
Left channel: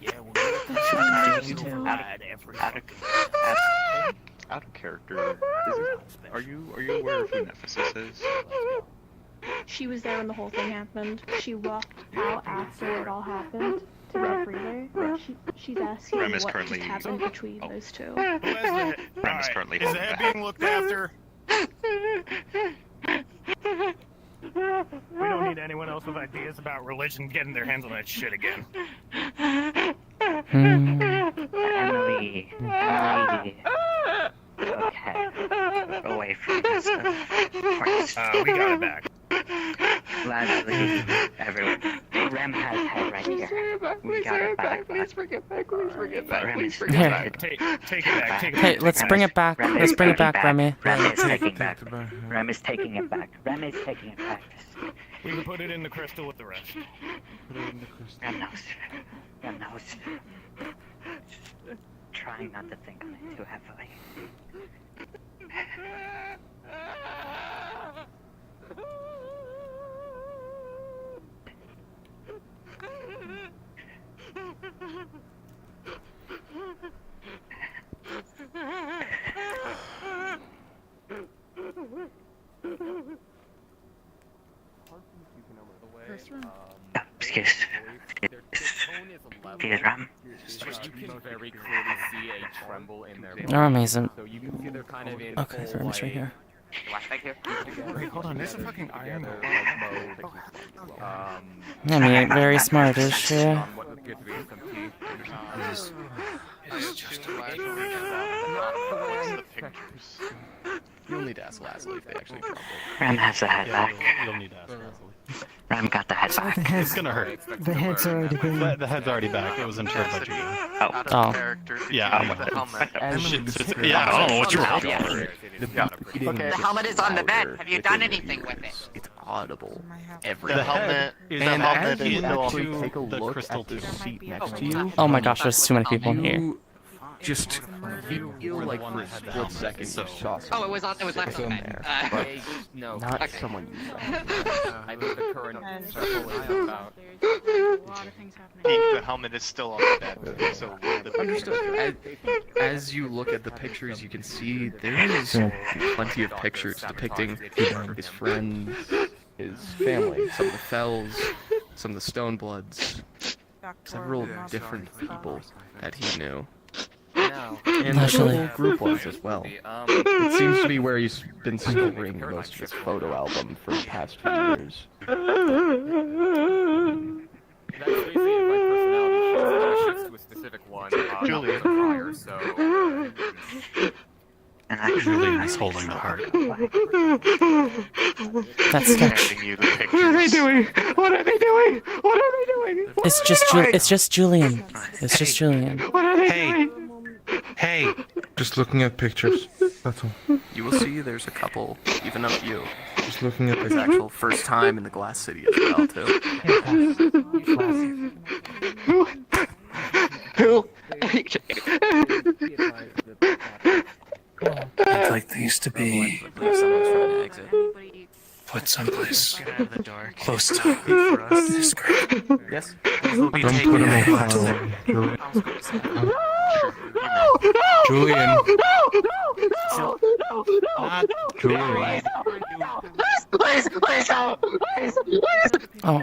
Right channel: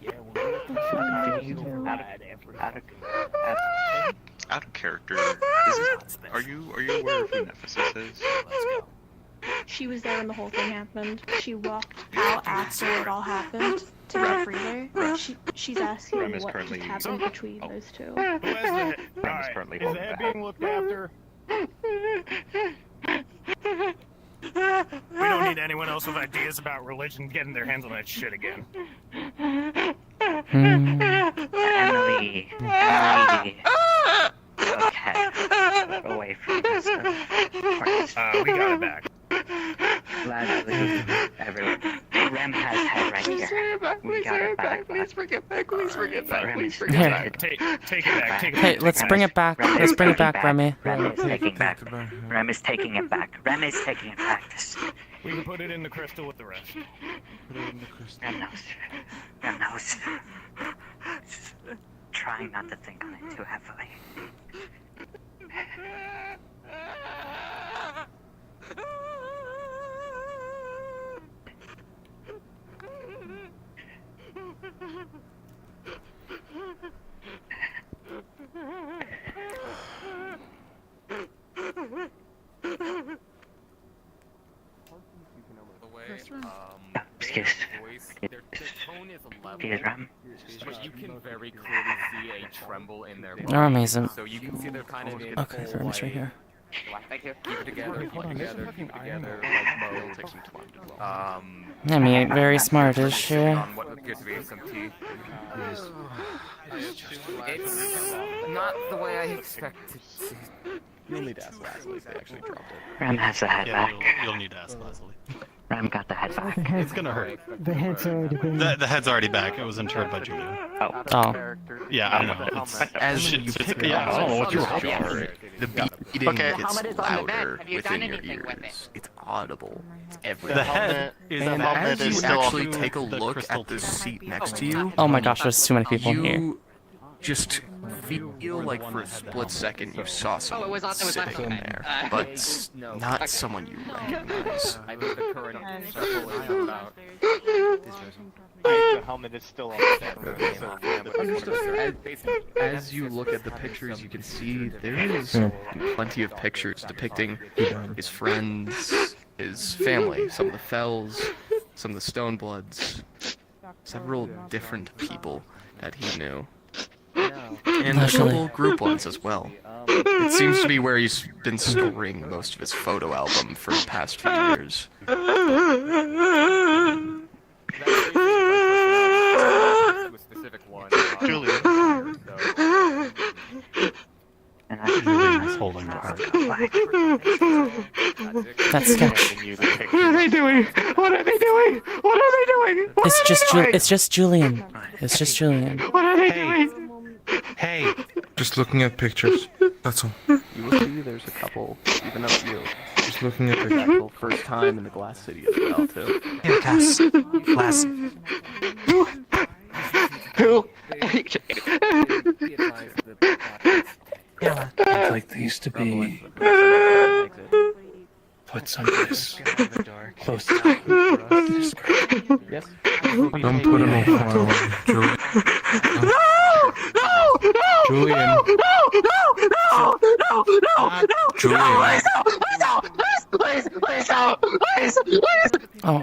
Yeah, well, you're every Out of character. Are you aware of who Nephsis is? She was there when the whole thing happened. She walked out after it all happened to get freer. She's asking Rem is what currently- just happened between those two. Rem is currently Is the head being looked after? We don't need anyone else with ideas about religion getting their hands on that shit again. Emily. Okay. Away from this. We got it back. Leslie, everyone. Rem has head right here. We got it back. Please bring it back. Please bring it back. Rem Please is bring it Here. back. Take it back. Take it Hey, back. let's bring it back. Let's bring it back, Remy. Rem is taking back. Rem is taking it back. Rem is taking it back. We can put it in the crystal with the rest. Rem knows. Rem knows. Trying not to think on it too heavily. Excuse Ram. But you can very clearly see a tremble in their Oh, amazing. So you can see they're kind of in Okay, very much right here. Hold on, there's a fucking together like mode. I mean, very smart, is she? What appears to be SMT. It's not the way I expected. You'll need to ask Leslie if they actually dropped it. Ram has the head back. You'll need to ask Leslie. Ram got the head back. It's gonna hurt. The head's already been... The head's already back. It was interred by Julia. Oh. Yeah. Yeah, I don't know what you're The helmet is on the bed. Have you done anything with it? It's audible. The head is And above as you next actually to take a the look crystal at the tube. seat next to you, Oh my gosh, there's too many people here. you just feel were the like one for a that had the split helmet. second you saw Oh, someone it was left sitting on there, but No. not someone you recognize. I think the current circle is about. The helmet is still on the bed. So Understood. As you look at the pictures, you can see there is plenty of pictures depicting his friends, his family, some of the Fells, some of the Stonebloods, several different people that he knew. And the Actually. whole group was as well. It seems to be where he's been storing most of his photo album for the past few years. That's basically my personality to a specific one. Julia. He's holding the heart. That's sketch. What are they doing? What are they doing? What are they doing? It's just Julian. It's just Julian. What are they doing? Hey, just looking at pictures. That's all. You will see there's a couple, even of you. Just looking at There's pictures. actual first time in the Glass City as well, too. Yes. Glass. Who? I'd like these to be put someplace close to this girl. Yes? Don't put them on fire. Julian. No! Julian. Please, Oh.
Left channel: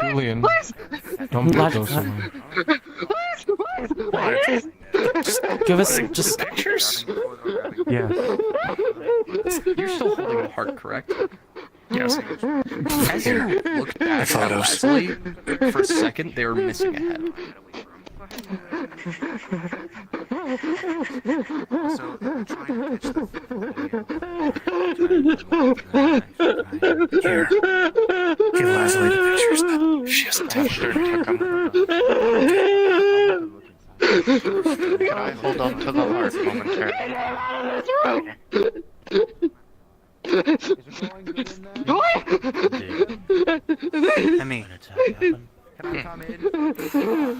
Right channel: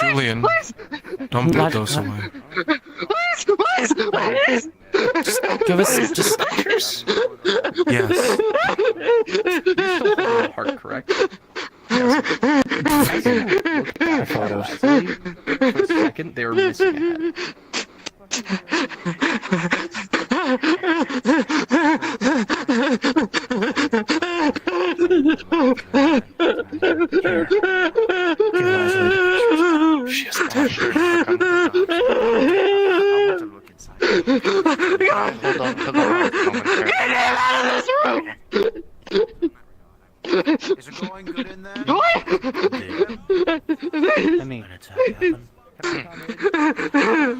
Julian. Don't put those away. Please. Give us just. Yes. You're still holding the heart, correct? Yes. As you look at photos, for a second, they were missing a head. She has captured him. Can I hold on to the heart momentarily? Get him out of this room! Is it going good in there? Emmy.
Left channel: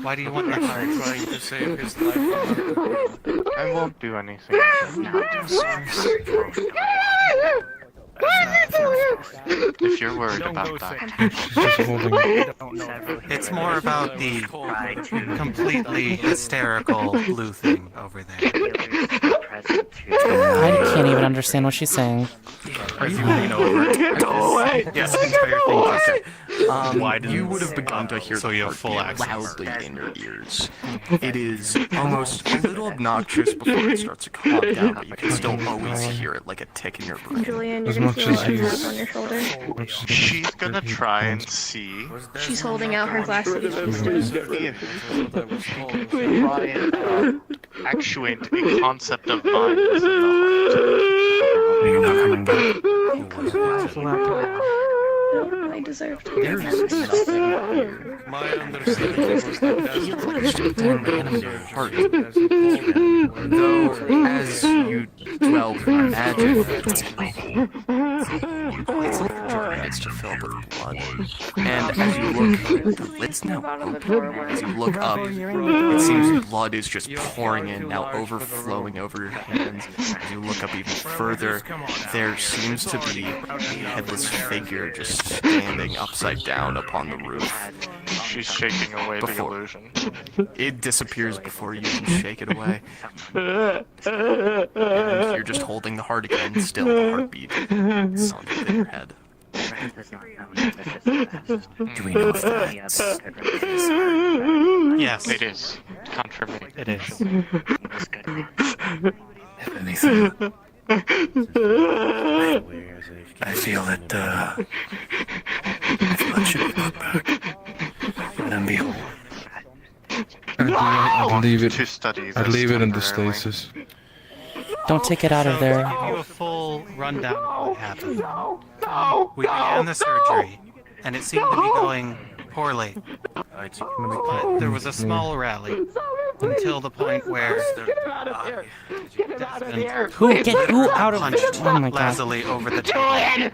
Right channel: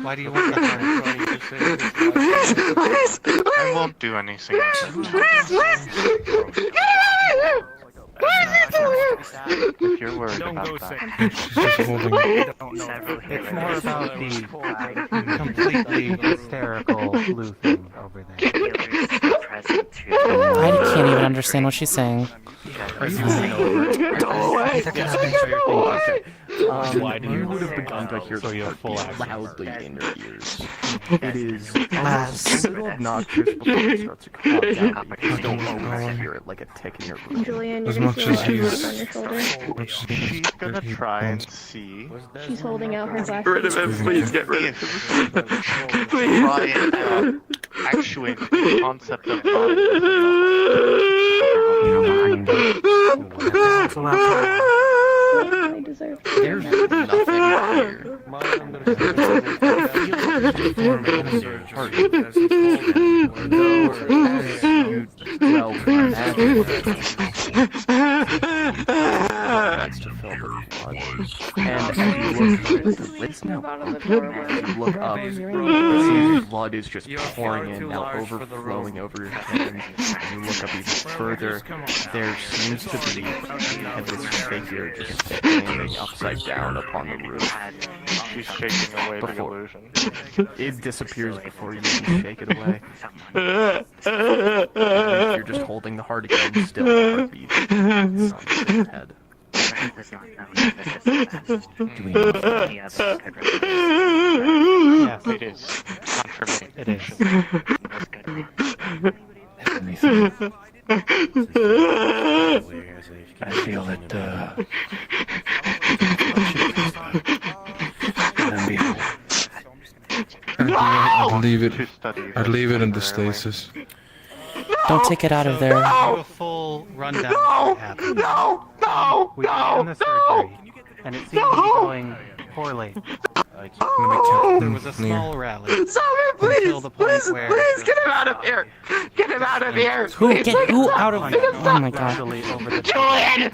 Why do you want the heart? I won't do anything. If you're worried about that. It's more about the completely hysterical blue thing over there. I can't even understand what she's saying. Go away! You would have begun to hear the heartbeat loudly in your ears. It is almost a little obnoxious before it starts to calm down, but you just don't always hear it like a tick in your brain. Julian, As you can much feel as it on he's- your shoulder. She's gonna try and see. She's holding out her glasses. Get rid of him, please get rid of him. Try and actuate the concept of I deserve There's nothing here. My understanding is As you look up, it seems blood is just pouring in, now overflowing over your hands. As you look up even further, there seems to be a headless figure just standing upside down upon the roof. She's shaking away the illusion. It disappears before you can shake it away. And you're just holding the heart again, still the heartbeat. It's on your head. Do we know if that's yes, it is. Confirmation. It is. I feel that, I'd leave it. Two studies. I'd leave it in the stasis. Don't take it out of there. Do a full rundown of what happened. we began the surgery, and it seemed to be going poorly. There was a small rally until the point where Get him out of here! Get him out of here! Who get who out of? Oh my god. lazily over the Julian!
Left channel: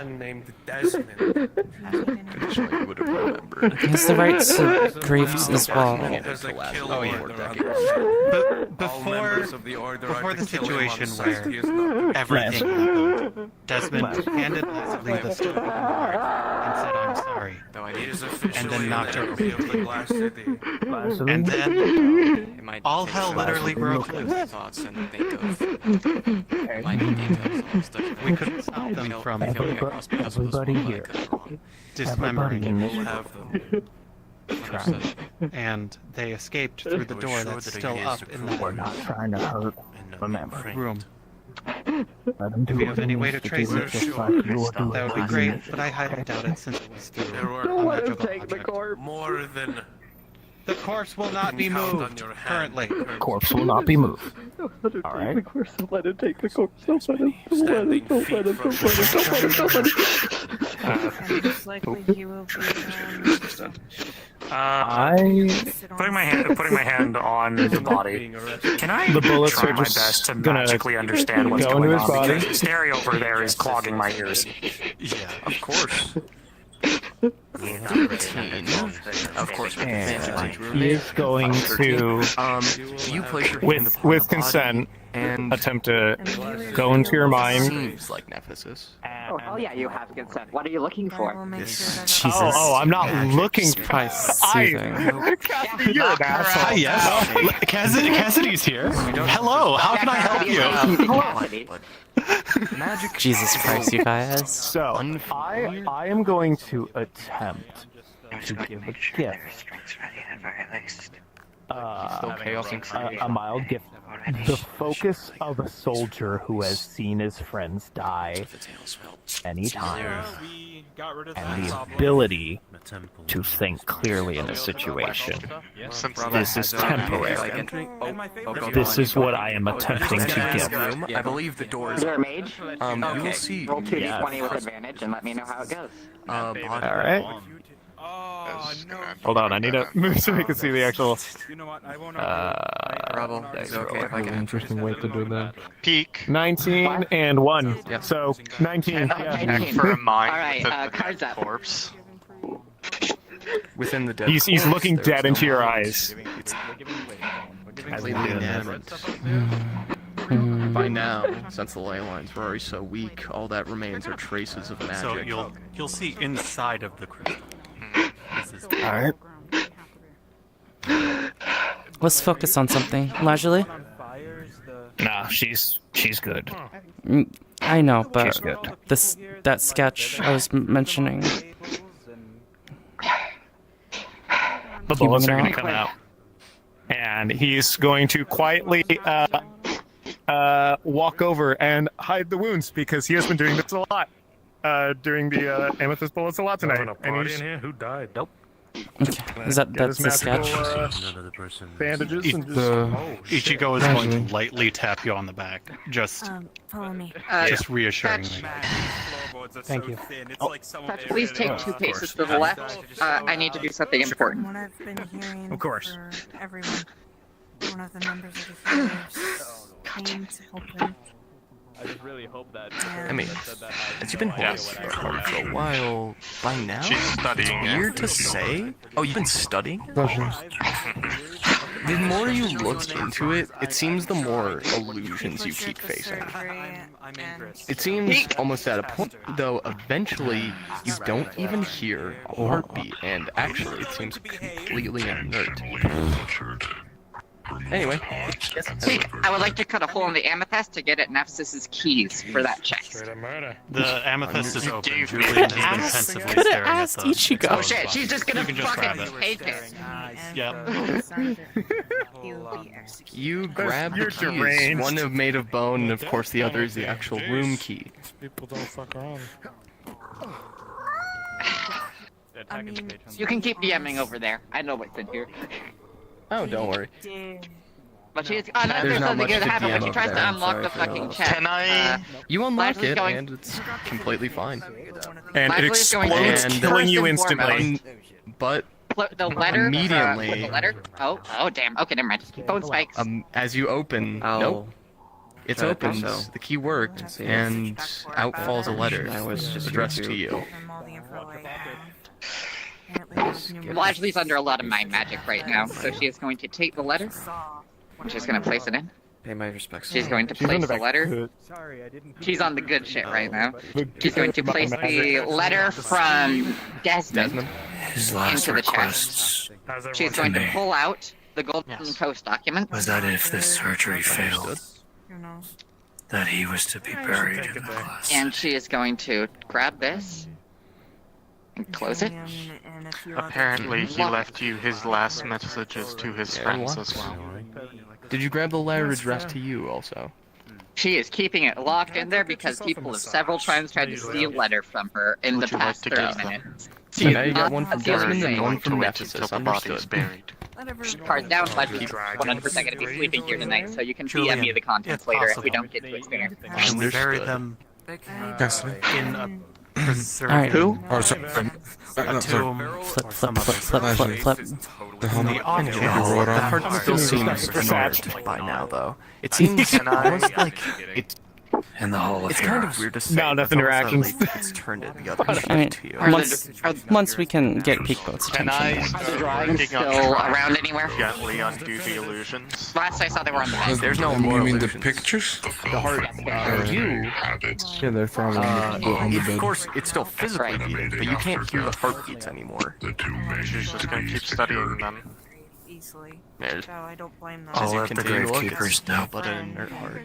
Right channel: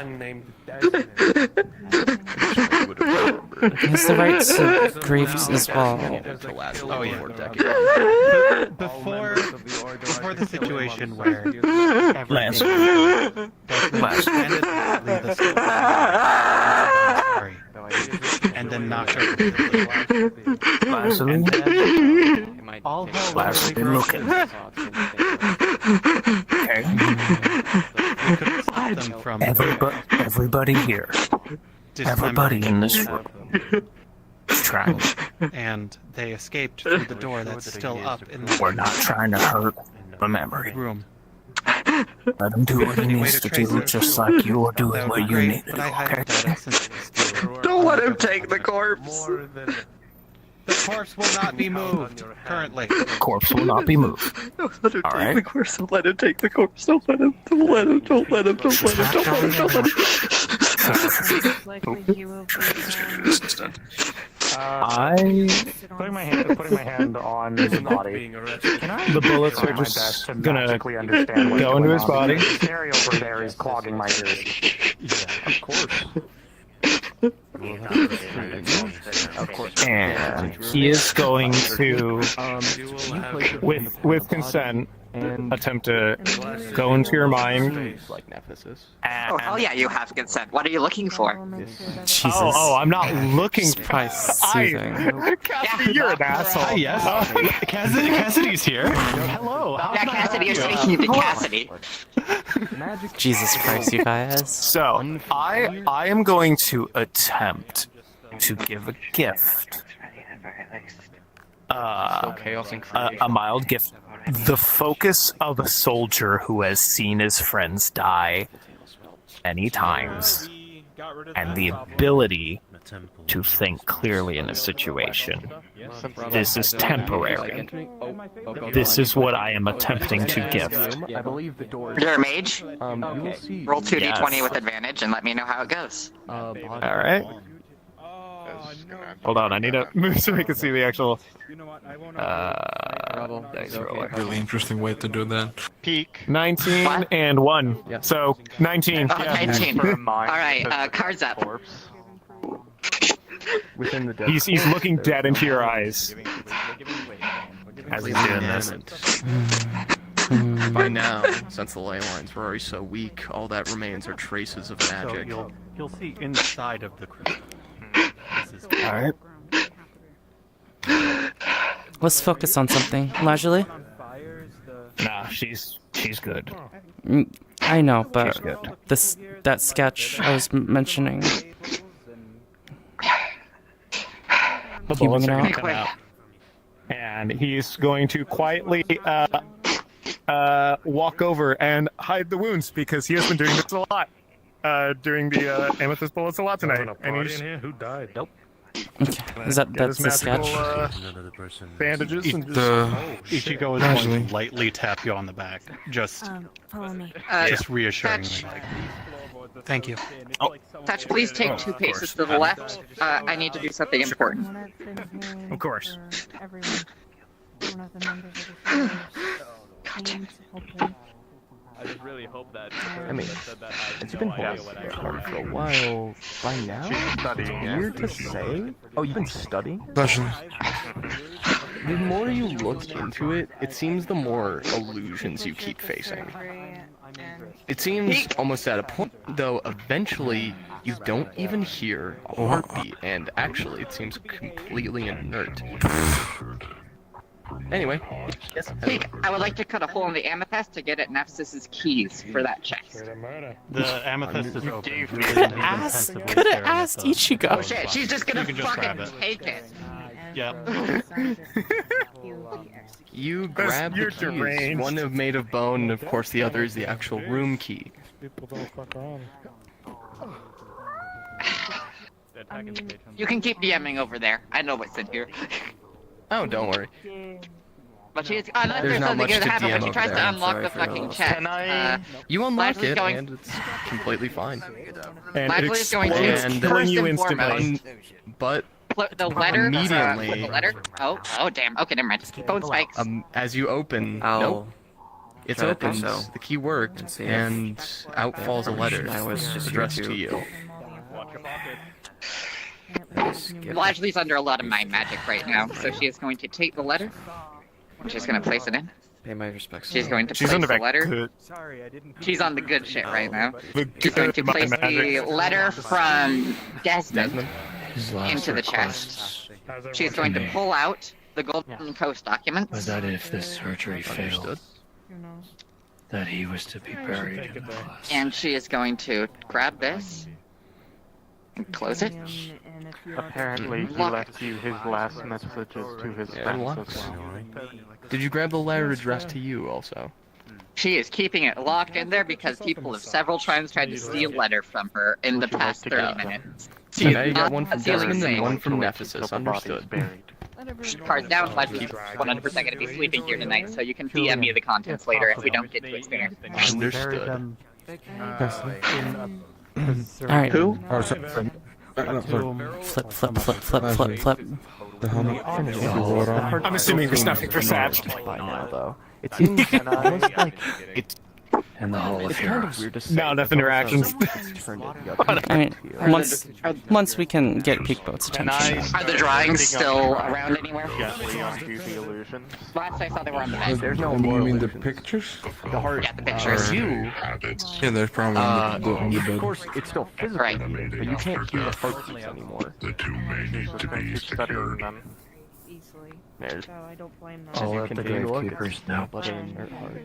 Unnamed Desmond. He has the right to grieve as well. Oh yeah. Before the situation where everything Desmond handed Lee the stick and said, "I'm sorry," and then knocked her over. and then all hell literally broke loose. We couldn't stop them from Everybody here. Everybody in this room. Trying. and they escaped through the door that's still up in We're that not trying to hurt the memory. room. Let them do what If he any way needs to to trace do it, it just like you will do that it would where be you great, need but I highly doubt it since it was still. Don't let him take the corpse. The corpse will not be moved currently. corpse will not be moved. Don't let him All take right. the corpse. Don't let him take the corpse. Don't let him. Don't let him. Don't let him. Don't let him. Don't let him. Don't let him. Most likely he will be Putting my hand on the body. Can I the bullets are just gonna understand what's go into going his on? body. The stereo over there is clogging my ears. Yeah, of course. And he is going to, with consent, attempt to go into your mind. Seems like Nephsis. Oh yeah, you have consent. What are you looking for? Jesus. I'm not looking for soothing. Cassidy, you're an asshole. Hi, yes. Cassidy's here. Hello, how can I help you? Cassidy. Jesus Christ, you guys. So, I am going to attempt to give a gift. Still chaos and creation. A mild gift. The focus of a soldier who has seen his friends die many times, and the ability to think clearly in a situation. This is temporary. This is what I am attempting to give. I believe the door You're a mage? you will see. Roll 2d20 with advantage and let me know how it goes. Alright. Hold on, I need to move so we can see the actual dice roller. Really interesting way to do that. Peak. 19 and 1. So, 19. Yeah. 19. Alright, cards up. Within the dead. He's looking dead into your eyes. As he's doing this. By now, since the ley lines were already so weak, all that remains are traces of magic. So you'll see inside of the crystal. Alright. Let's focus on something. Lajali? Nah, she's good. I know, but that sketch I was mentioning. The bullets are going to come out. And he's going to quietly walk over and hide the wounds because he has been doing this a lot. During the amethyst bullets a lot tonight. And he's in here? Who died? Nope. Okay. That's the sketch. Bandages and Ichigo is going to lightly tap you on the back, just reassuringly. Thank you. Touch, please take 2 paces to the left. I need to do something important. Of course. I just really hope that I mean, has he been dead for a while by now? It's weird to say. Oh, you've been studying? The more you look into it, it seems the more illusions you keep facing. It seems almost at a point, though, eventually you don't even hear a heartbeat, and actually it seems completely inert. Anyway, I would like to cut a hole in the amethyst to get at Nephsis' keys for that chest. The amethyst is open. Could have asked Ichigo. Oh shit, she's just gonna fucking take it. Yep. You grab the keys. One is made of bone, and of course the other is the actual room key. You can keep DMing over there. I know what's in here. Oh, don't worry. But she's unless there's something good to happen when she tries to unlock the fucking chest. You unlock it, going... and it's completely fine. And it is going to explodes, killing you instantly. But the letter. Immediately. The letter. Oh damn. Okay, never mind. Phone spikes. As you open, nope. It's opened. The key worked, and out falls a letter addressed to you. Lajli's under a lot of my magic right now, so she is going to take the letter. She's going to place it in. Pay my respects. She's going to place the letter. She's on the good shit right now. She's going to place the letter from Desmond into the chest. She's going to pull out the Golden Coast document. Was that if this surgery failed, that he was to be buried in the glass? And she is going to grab this and close it. Apparently, he left you his last messages to his friends as well. Did you grab the letter addressed to you also? She is keeping it locked in there because people have several times tried to steal letter from her in the past 30 minutes. So now you got one from Desmond and one from Nephsis. Understood. Cards down, Lajli's 100% going to be sleeping here tonight, so you can DM me the contents later if we don't get to it sooner. Understood. Alright. Who? Oh, sorry. Flip. I'm assuming there's nothing for Satch. By now, though. It seems almost like it's in the Hall of It's kind of Heroes. weird to say. No, enough interactions. It's turned it the other I mean, to you. once we can get Peak Boat's attention. Are the drawings still around anywhere? Gently undo the illusions. Last I saw, they were on the bed. There's no You more mean the illusions. pictures? The heart. Yeah, the pictures. You. Yeah, they're from on the Of bed. course, it's still physically beating, but you can't hear the heartbeats anymore. She's just gonna keep studying them. Easily. There's- So I don't blame them. As you let the continue to look, gravekeepers it's know. but an inert heart.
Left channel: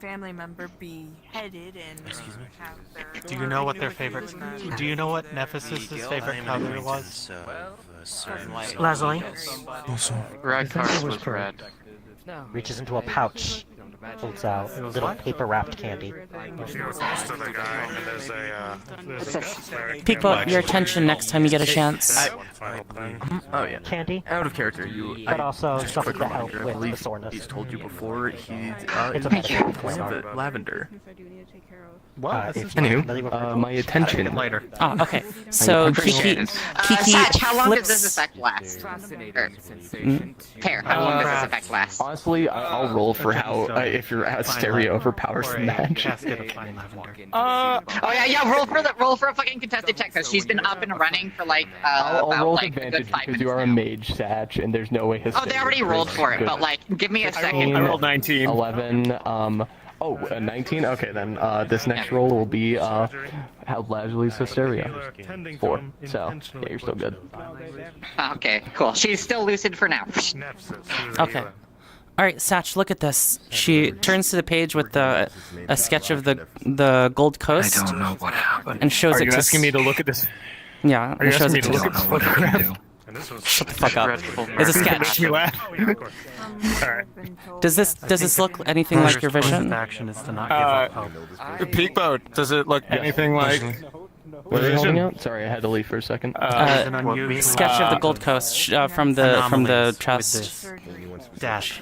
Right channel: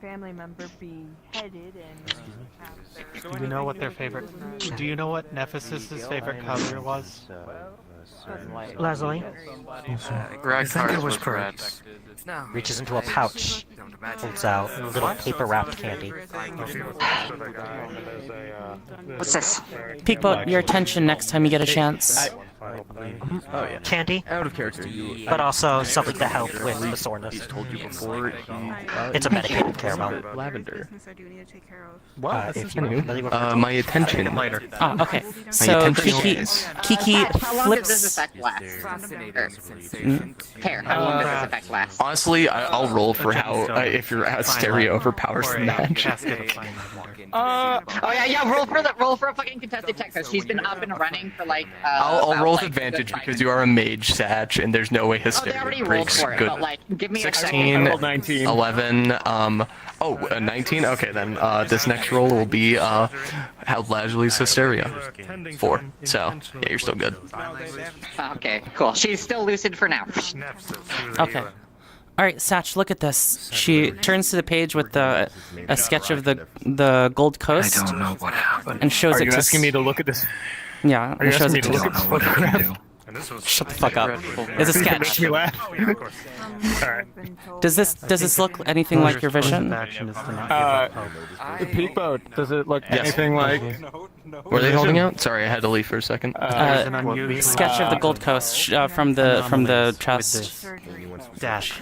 Family member beheaded and have their Do you know what their favorite? Do you know what Nephsis' favorite color was? Leslie Red card was red. reaches into a pouch, pulls out a little paper wrapped candy. What's this? Peak Boat, your attention next time you get a chance. Oh yeah. Candy, Out of character, you. but also something to help with the He's soreness. told you before. He. It's a medicated Some care. of it lavender. If you My attention. Later. Ah, okay. So Kiki Satch, how long does this flips. effect last? Mm. Pear, how long does this effect last? Honestly, I'll roll for how if your stereo overpowers the match. Oh yeah, roll for a fucking contested check because she's been up and running for like. I'll about, roll with like, a good advantage 5 because you are a mage, Satch, and there's no way his Oh, they already rolled for it, good. but like, give me your 16, second. rolled 19. 11, 19? Okay, then this next roll will be how Lasley's hysteria. 4. So, yeah, you're still good. Okay, cool. She's still lucid for now. Okay. All right, Satch, look at this. She turns to the page with a sketch of the Gold Coast. I don't know what happened. And shows Are it you to. asking me to look at this? Yeah, Are you and shows asking me it to to. look at this know what I can photograph? do. Shut the fuck up. It's a It makes sketch. me laugh. Alright. Does this look anything like your vision? Peak boat. Does it look anything like? Were they holding out? Sorry, I had to leave for a second. Sketch of the Gold Coast from the chest. Dash.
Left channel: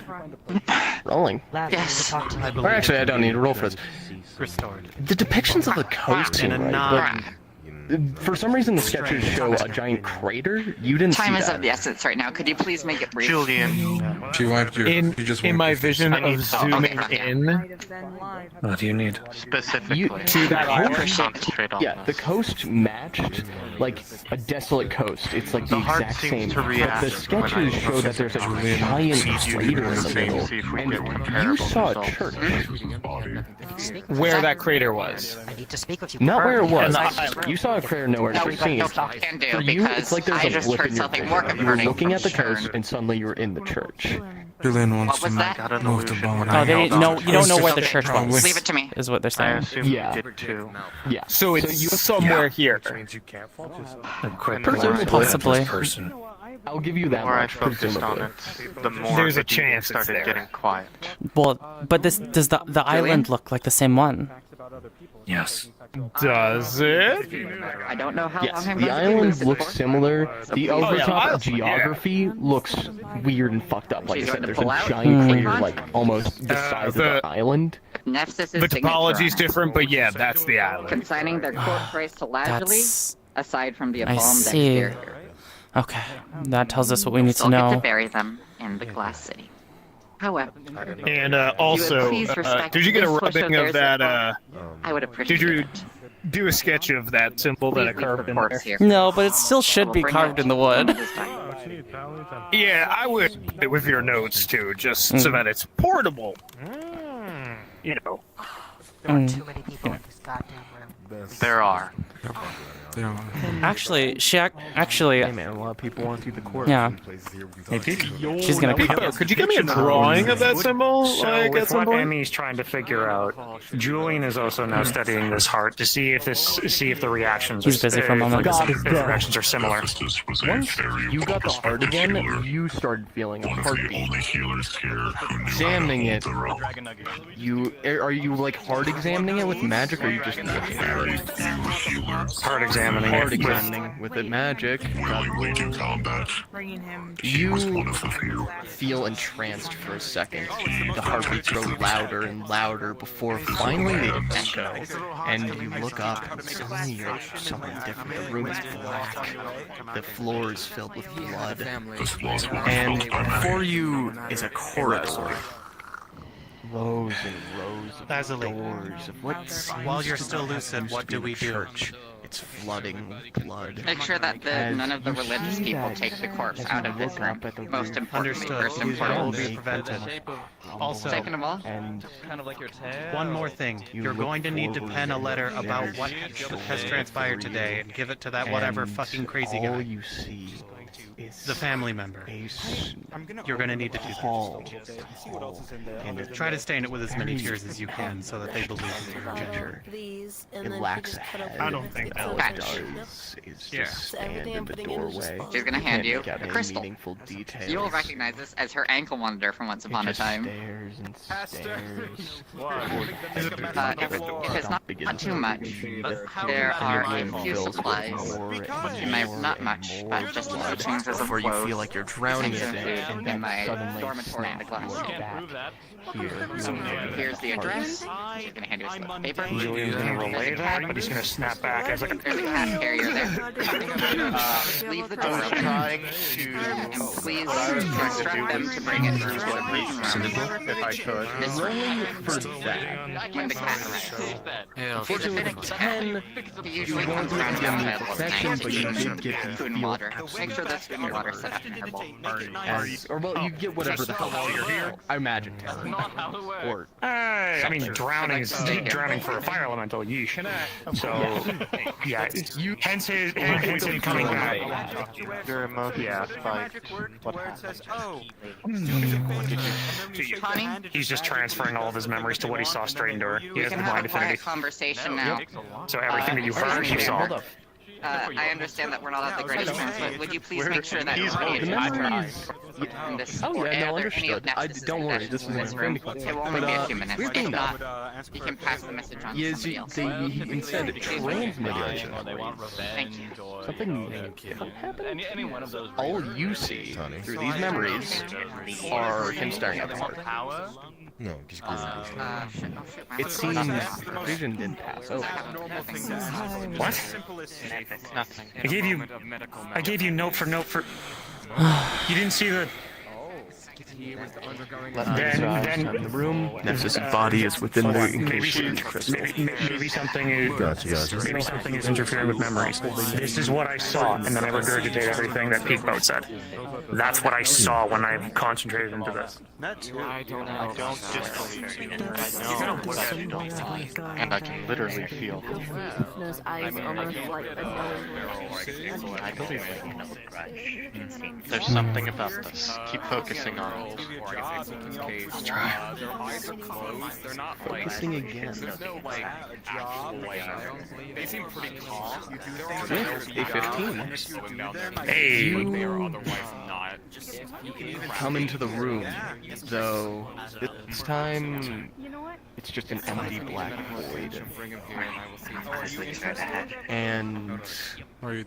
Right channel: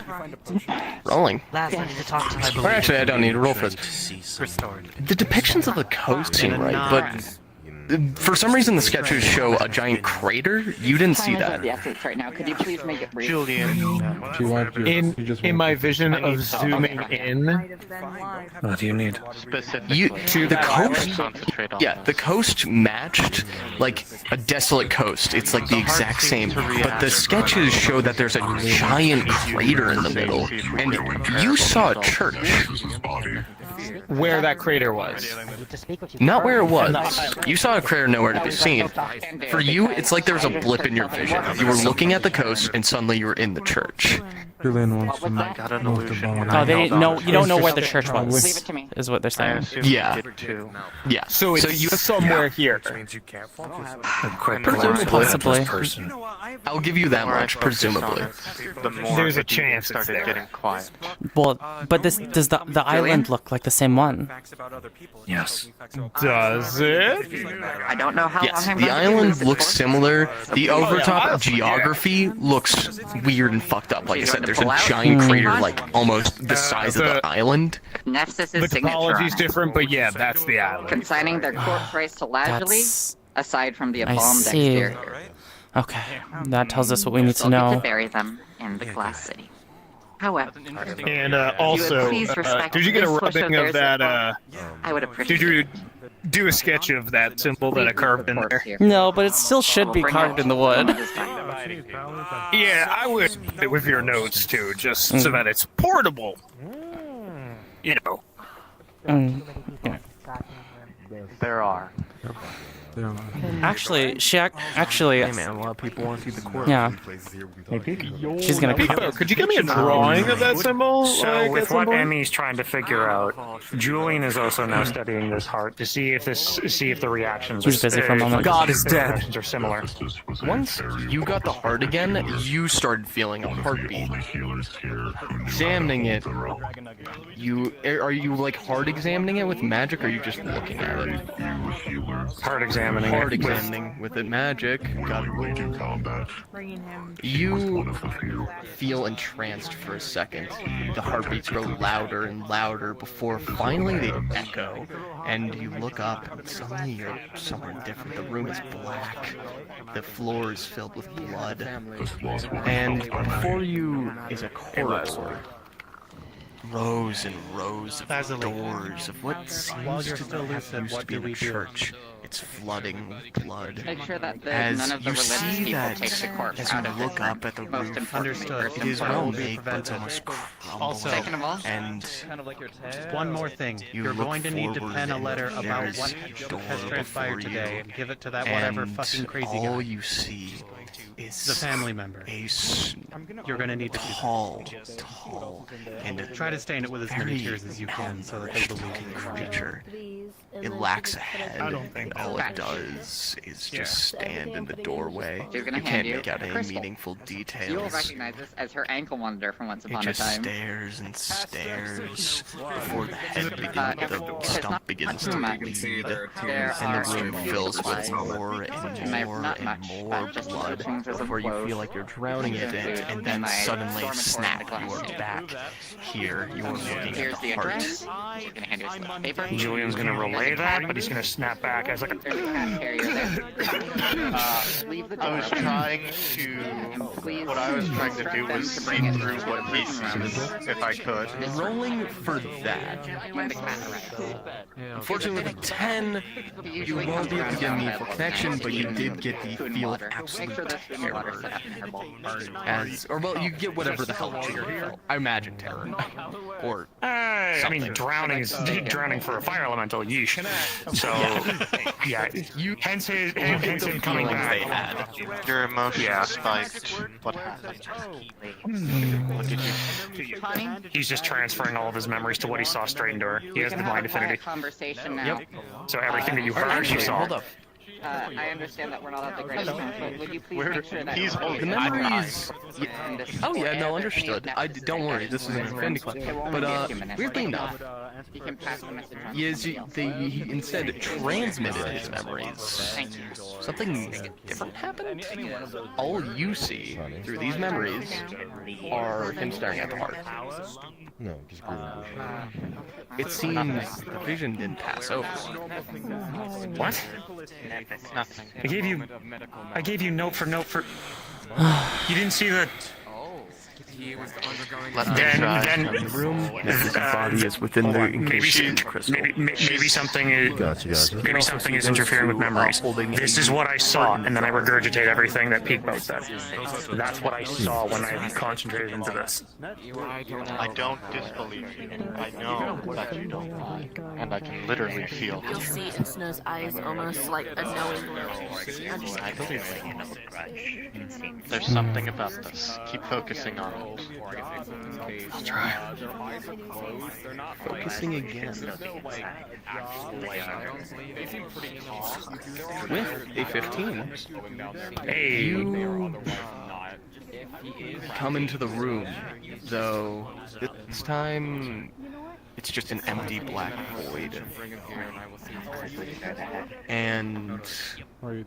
Rolling. Or actually, I don't need to roll for this. Restored. The depictions of the coast seem right, but for some reason the sketches show a giant crater. You didn't see Time is that. of the essence right now. Could you please make it brief? In my vision of zooming in What do you need? to that island. Yeah, the coast matched like a desolate coast. It's like the exact same. But the sketches show that there's a giant crater in the middle, and you saw a church. Where that crater was. Not where it was. You saw a crater nowhere to be seen. For you, it's like there's a blip in your vision. You were looking at the coast, and suddenly you were in the church. Julian wants to got an illusion when Oh, they didn't know. You don't know where the church was. Leave it to me. Is what they're saying. Yeah. Yeah. So it's somewhere here. Possibly. I'll give you that much, presumably. There's a chance it's started there. getting quiet. Well, but does the island look like the same one? Yes. Does it? I don't know how Yes, long the island looks similar. The overtop yeah. geography looks weird and fucked up. Like I said, there's a giant crater, like almost the size of the island. Nephsis' The signature topology's different, but yeah, that's the island. consigning their court price to Lasley, That's. aside from the I embalmed see. exterior. Okay, that tells us what we need to Told me to know. bury them in the glass city. However, And also, please respect did you get a this push rubbing of of theirs that? I would appreciate Did you do a sketch of that symbol that I carved in there? No, but it still should be carved in the wood. Yeah, I would with your notes too, just so that it's portable. You know. There are. Actually, Hey man, a lot of people want to see the court. Yeah. She's gonna. Pico, could you give me a drawing of that symbol? So Like, with at some what point? Emmy's trying to figure out, Julian is also now studying this heart to see if the reactions. He's busy for a moment. God is dead. Reactions are similar. Once you got the heart again, you started feeling a heartbeat. Examining it, are you like hard examining it with magic, or are you just looking at it? Heart examining. Hard examining with it magic. Got to roll. You feel entranced for a second. The heartbeats grow louder and louder before finally they echo, and you look up and suddenly you're somewhere different. The room is black. The floor is filled with blood. And before you is a corridor. rows and rows of doors of what While you're still lucid, what do we do? Church. It's flooding with blood. Make sure that As none of the you religious see people that, take the corpse as out you of this look room. up at the Most roof, importantly, Understood. first It and will foremost. be prevented. Also, Second of all, and one more thing. You're look going to need to forward pen a and letter about there's what has transpired for you. today and give it to that whatever And fucking crazy all guy. you see is The family member. You're going to need to do tall, and try to stain it with as many tears as you can so that they believe you. creature. It lacks a head. I don't think all so. it does is just stand in the doorway. she's gonna You hand can't you make out a any crystal. meaningful details. You will recognize this as her ankle monitor from Once It Upon a just Time. stares and stares before If the it's stump not begins too to much, bleed, there are and the room a few fills with supplies. more and Not more much, and but more just blood changes of before you clothes, feel like you're drowning in changes it, of food and in then my suddenly dormitory in the snap, class. you are back here. You are looking Here's at the heart. address. She's gonna hand you a slip of paper. Julian's gonna relay that, but he's gonna snap back as like There's a cat carrier there. Leave the door I was open. trying to. Please What I was trying to do them was to bring it through what prison room. if I could. Rolling for that. When the cat arrives. Unfortunately, with 10, you won't be able to get meaningful connection, but you did get the Food and feel of water. Make sure there's food and water set up in her bowl. or well, you get whatever the hell I imagine terror, or I mean, drowning is drowning for a fire elemental. Yeesh. So, yeah. Hence him coming back. Your emotions Yeah. spiked. What happened? He's just transferring all of his memories to what he saw straight into her. He has the mind affinity. Conversation now. So everything that you heard, you saw. I understand that we're not at the greatest times, but would you please make sure that He's nobody holding is the memories. in this Oh yeah, no, or any of understood. Nexus's Don't worry, possessions this is in an this room. infinity It will question. only be a But few minutes. weird thing though. You can pass the message on. He to is somebody else. he instead transmitted his memories. Thank you. Something different happened. All you see through these memories are him staring at the heart. No, just Google. It seems the vision didn't pass over. What? Nothing. I gave you note for note for. You didn't see the. Then in the room, Nephsis' body is within the encasing crystal. Maybe something is. Gotcha. Maybe something is interfering with memories. This is what I saw, and then I regurgitate everything that Peakboat said. That's what I saw when I concentrated into this. I don't disbelieve you. I know that you don't lie. And I can literally feel You'll see Snow's eyes almost like a knowing. I believe that you know the grudge. There's something about this. Keep focusing on it. I'll try. Focusing again. With a 15, Hey, you come into the room, though this time it's just an empty black void. And there's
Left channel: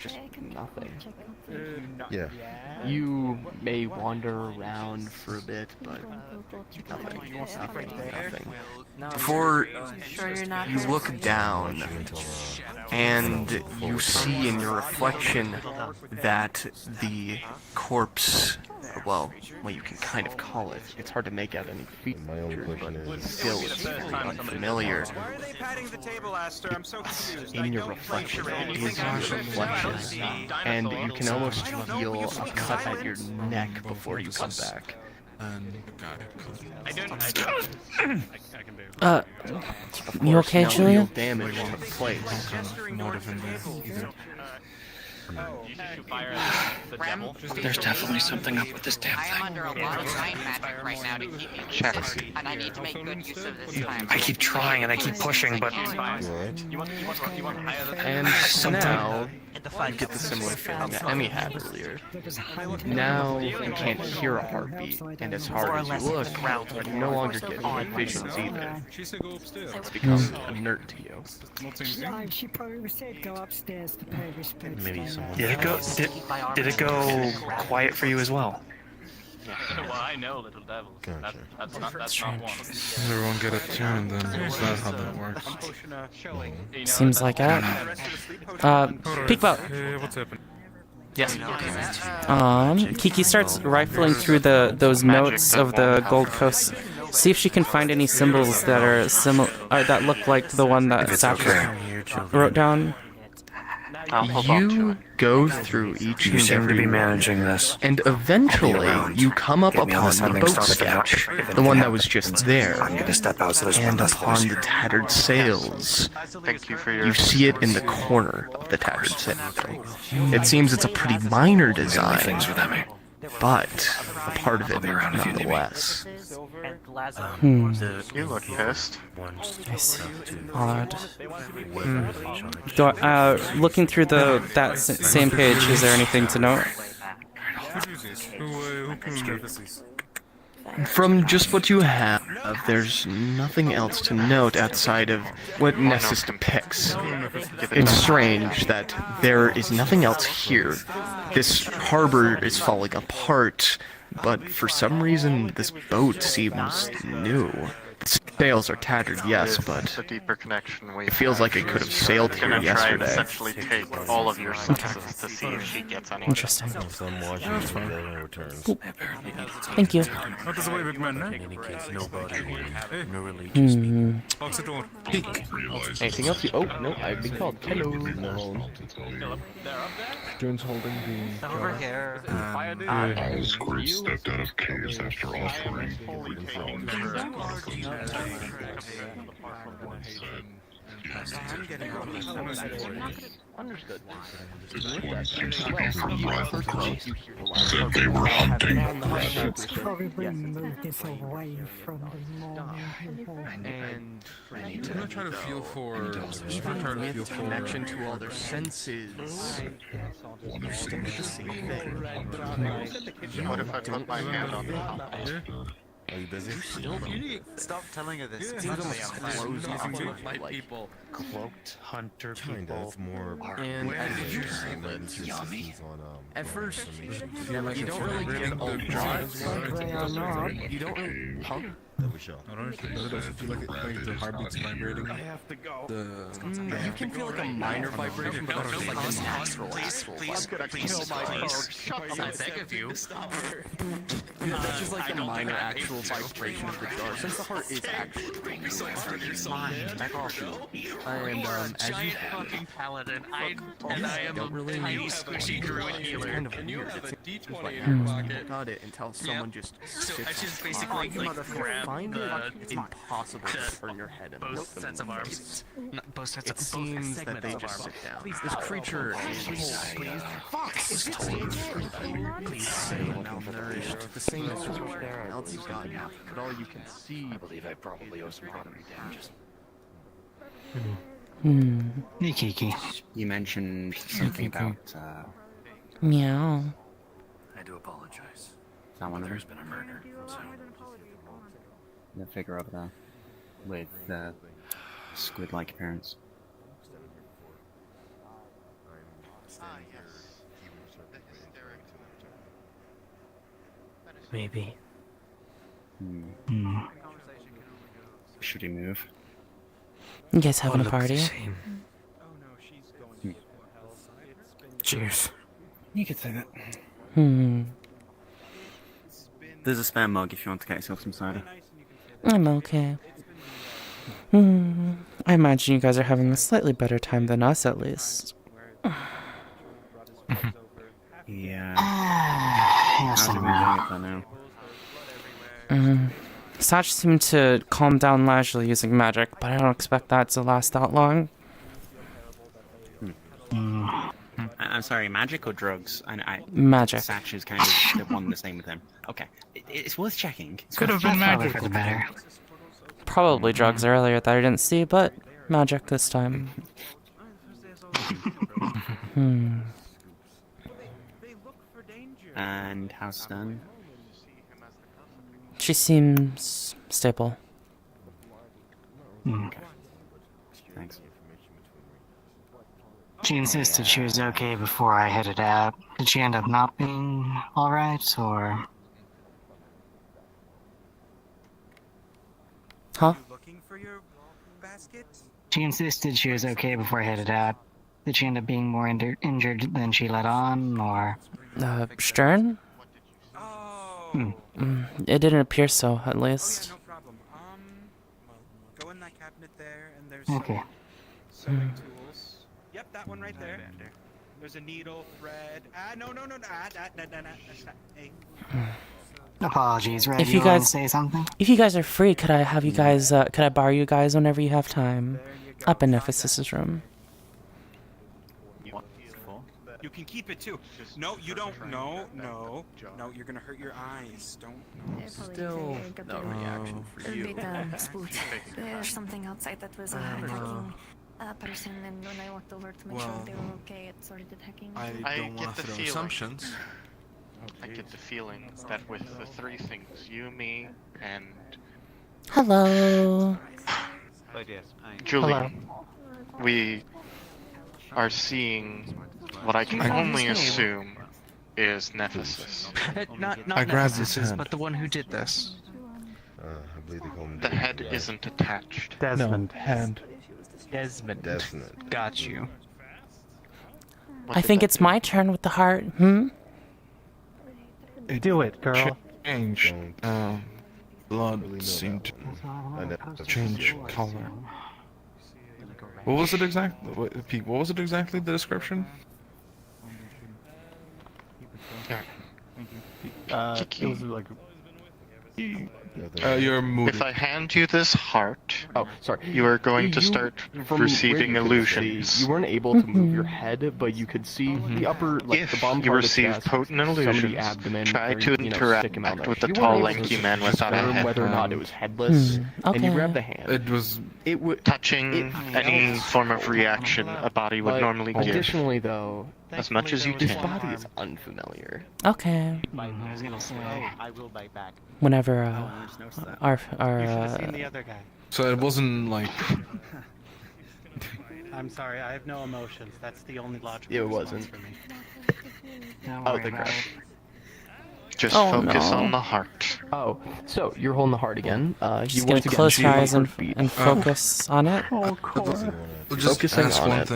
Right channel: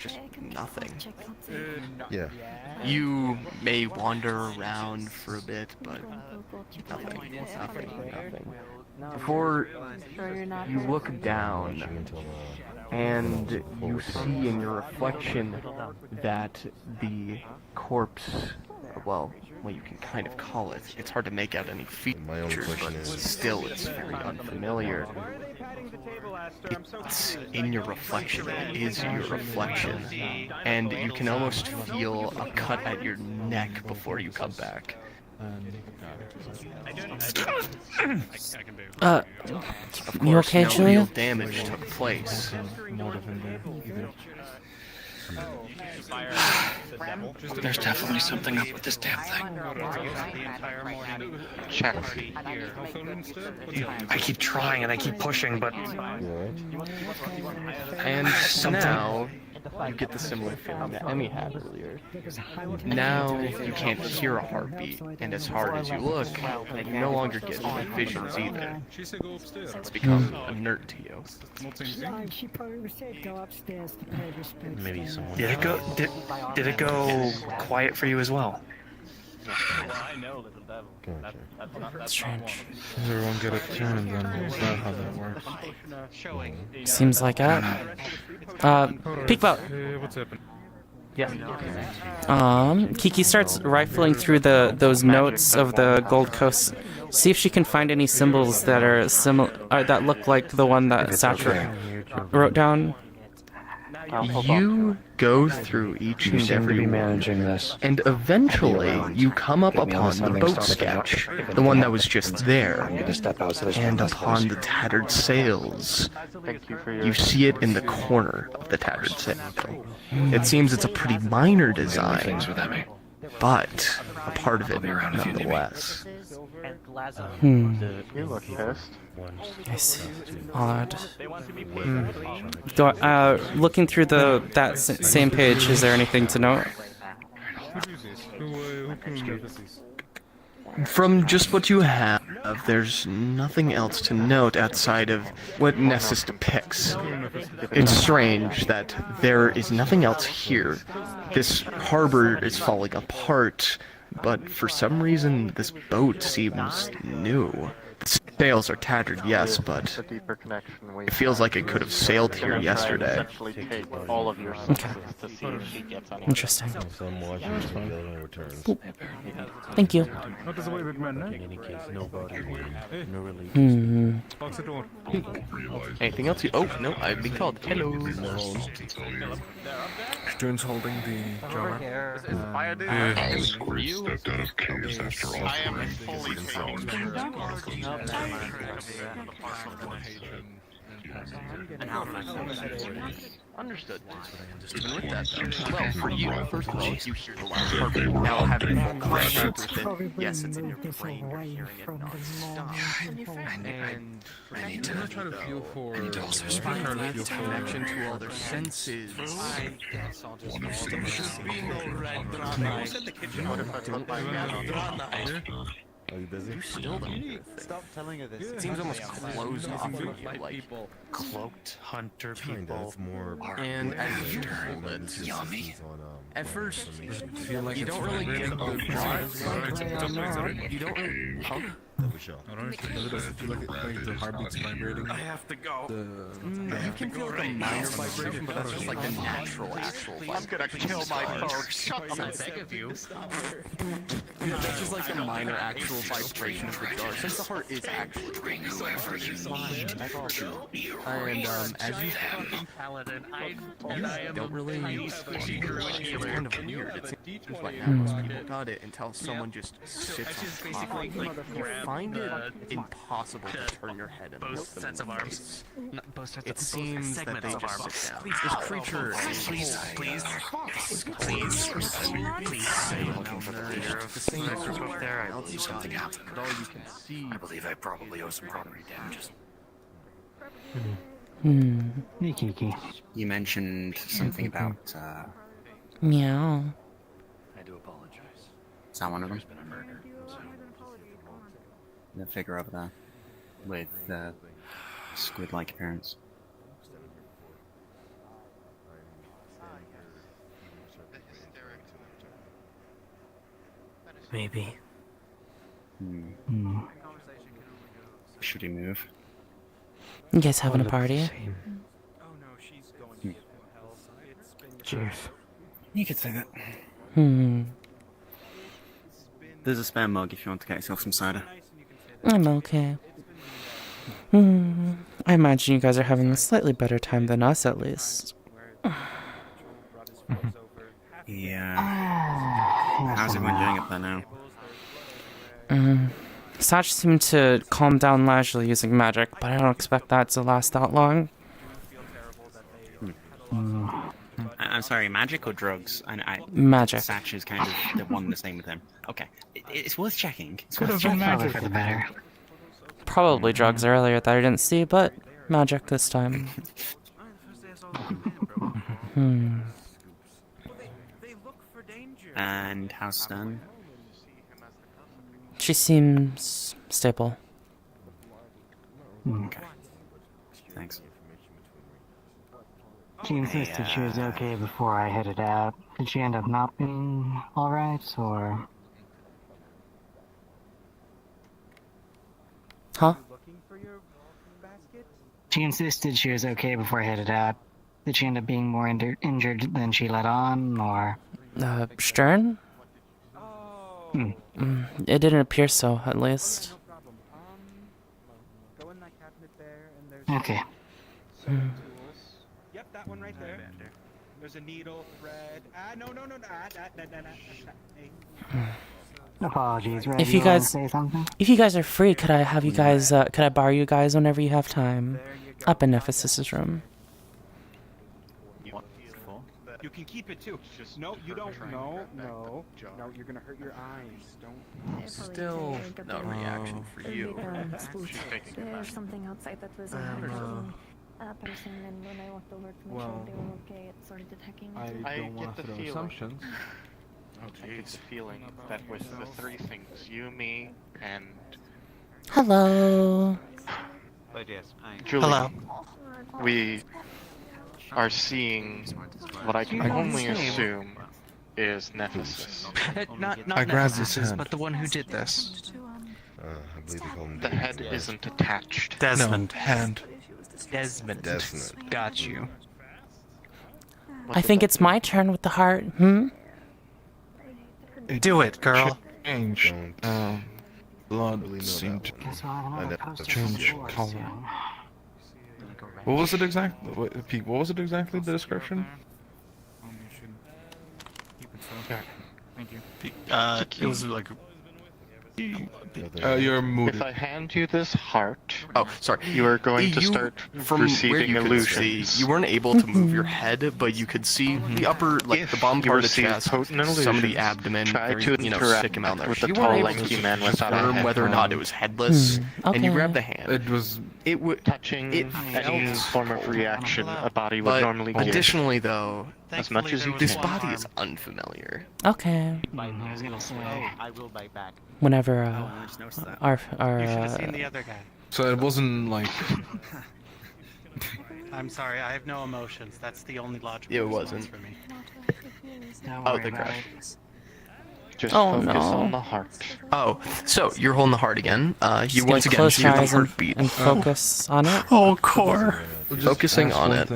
just nothing. Yeah. You may wander around for a bit, but nothing. Before you look down, and you see in your reflection that the corpse, well, you can kind of call it. It's hard to make out any features, but still it's very unfamiliar. It's in your reflection. It is your reflection. And you can almost feel a cut at your neck before you come back. You okay, no Julian? real damage took place. There's definitely something up with this damn thing. Check. I keep trying and I keep pushing, but. And now you get the similar feeling that Emmy had earlier. Now you can't hear a heartbeat, and as hard as you look, you no longer get any visions either. It's become inert to you. Maybe someone. Did it go quiet for you as well? Gotcha. Strange. Everyone get a tune, then is that how that works? Seems like it. Peekboat. Hey, what's happening? Yes. Kiki starts rifling through those notes of the Gold Coast See if she can find any symbols that are similar, that look like the one that Satcher wrote down. You go through each You and seem to every be one, managing this. and eventually you come up Get me all upon the the settings boat stuff out. sketch, If the one anything that was just there, I need to step out so there's and one less upon voice. the tattered sails. Thank you for your. You see it in the corner of the tattered sail. It seems it's a pretty minor design, but a part of it nonetheless. You look pissed. I see. Odd. Looking through that same page, is there anything to note? From just what you have, there's nothing else to note outside of what Nephsis depicts. It's strange that there is nothing else here. This harbor is falling apart, but for some reason this boat seems new. The sails are tattered, yes, but A deeper connection. it feels like it could have sailed here yesterday. Essentially take all of your senses to see if she gets anything. Interesting. Boop. Thank you. Anything else? Oh, no, I've been called. Hello. Stern's holding the jar. Squirt stepped out of caves after offering his Understood. For you, first of all, that they were hunting rabbits. And I'm gonna try to feel for connection to all their senses. What if I put my hand on the top? Are you busy? You still don't. Stop telling her this. It seems almost closed off of you, like Cloaked hunter Kind people. of more. and as you hold it, at first you don't really get a lot. You don't really pump. Alright, does it feel like the heartbeat's vibrating? I have to go. You can feel like a minor vibration, but that's just like the natural vibration. That's just like the minor actual vibration of the jar, since the heart is actually beating. And as you don't really it's kind of weird. It seems like most people got it until someone just sits on top. Like, you find it impossible to turn your head and look them in the face. It seems that they just sit down. This creature is malnourished, the same as everyone else has got, but all you can see. I believe I probably owe some property damages. Hey, Kiki. You mentioned something about, Meow. I do apologize. Is that one of them? There's been a murder. So. The figure over there. With, squid-like appearance. Maybe. Should he move? You guys having a party? Cheers. You could say that. Hmm. There's a spare mug if you want to get yourself some cider. I'm okay. I imagine you guys are having a slightly better time than us, at least. Yeah. How's it been doing up there now? Satch seemed to calm down leisurely using magic, but I don't expect that to last that long. I'm sorry, magic or drugs? Magic. Satch is kind of the one the same with him. Okay. It's worth checking. Could have been magic for the better. Probably drugs earlier that I didn't see, but magic this time. And how's Stern? She seems stable. Okay. Thanks. She insisted she was okay before I headed out. Did she end up not being alright, or...? Huh? She insisted she was okay before I headed out. Did she end up being more injured than she let on, or...? Stern? It didn't appear so, at least. Okay. Yep, that one right there. There's a needle, thread. No. Apologies, Red. If you wanna guys, say something? if you guys are free, could I have you guys? Could I borrow you guys whenever you have time? Up in Nephsis' room. You can keep it too. No, you don't. No, you're gonna hurt your eyes. Don't. Still no reaction for A you. bit spooked. There's something outside that was hacking a person, and when I walked over to make sure they were okay, it started hacking. I get the feeling. I get the feeling that with the three things, you, me, and Hello. Julie, we are seeing what I can only assume is Nephsis. Not I grabbed his Nephsis, hand. but the one who did this. I believe they call him The head isn't attached. Desmond. Hand. Desmond. Desmond. Got you. I think it's my turn with the heart. Do it, girl. Change. Blood seemed to change color. What was it exactly? Pete, what was it exactly? The description? It was like. You're moody. If I hand you this heart, Oh, sorry. you are going to start From receiving where you could see, illusions. you weren't able to move your head, but you could see the upper, like If the bottom you part of the receive chest, potent some of illusions, the abdomen, try very, to thick interact amount there. with the You tall, weren't able lanky to man without a confirm head. whether or not it was headless, and you okay. grabbed the hand. It was It would Touching any form of reaction a body would But normally give. additionally, though, As much as you this can. body is unfamiliar. Okay. I was gonna say, I will bite back. Whenever our so it wasn't like. I'm sorry, I have no emotions. That's the only logical It response wasn't. for me. Oh, the crush. Just Oh, focus no. on the heart. Oh, so you're holding the heart again. You Just gonna once again close hear your the eyes and heartbeat. focus on it. Oh, core. Focusing on it.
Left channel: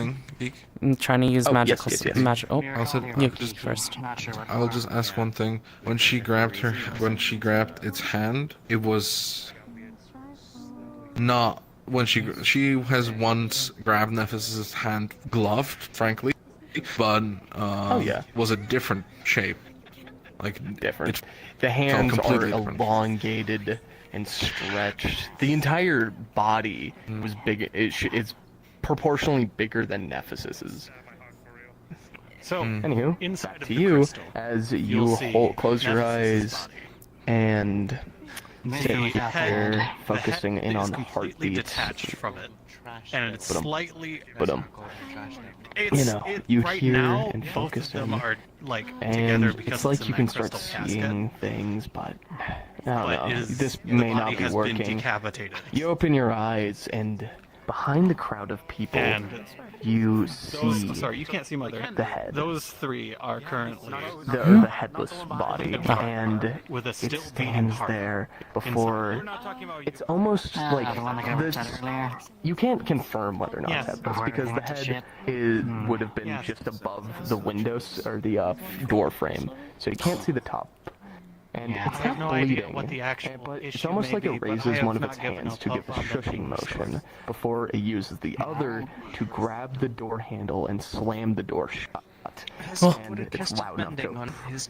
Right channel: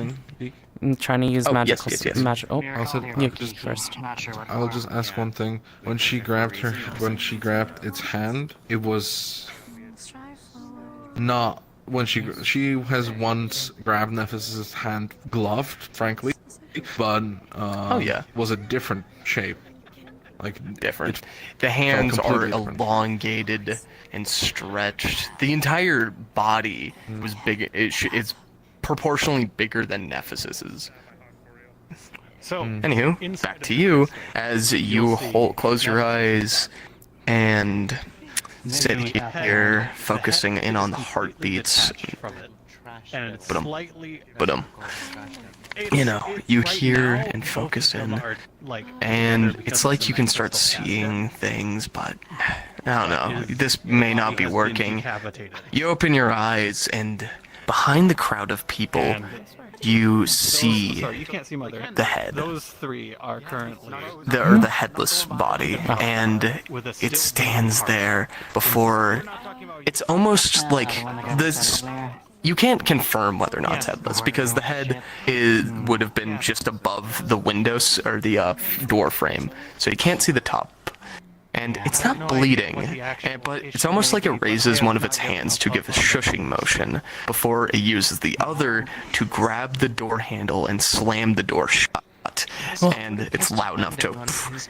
I'm trying to use Oh, magical yes. magic. Oh, I'll you first. I'll just ask one thing. When she grabbed its hand, it was not when she has once grabbed Nephis' hand gloved, frankly, but was a different shape, like different. It The felt hands are completely different. elongated and stretched. The entire body was big. It's proportionally bigger than Nephis's. So, Anywho, back to you as you close your eyes and sit here focusing in on the heartbeats. and it's Ba-dum. slightly. Ba-dum. You know, you hear and focus in, and it's like you can start seeing things, but I don't know. This may not be working. You open your eyes, and behind the crowd of people, you see Sorry, you can't see my the head. Those three are currently The headless body, and it stands there before. It's almost like this. You can't confirm whether or not it's headless because the head would have been just above the windows or the door frame, so you can't see the top. And it's not bleeding, but it's almost like it raises one of its hands to give a shushing motion before it uses the other to grab the door handle and slam the door shut. And it's loud enough to.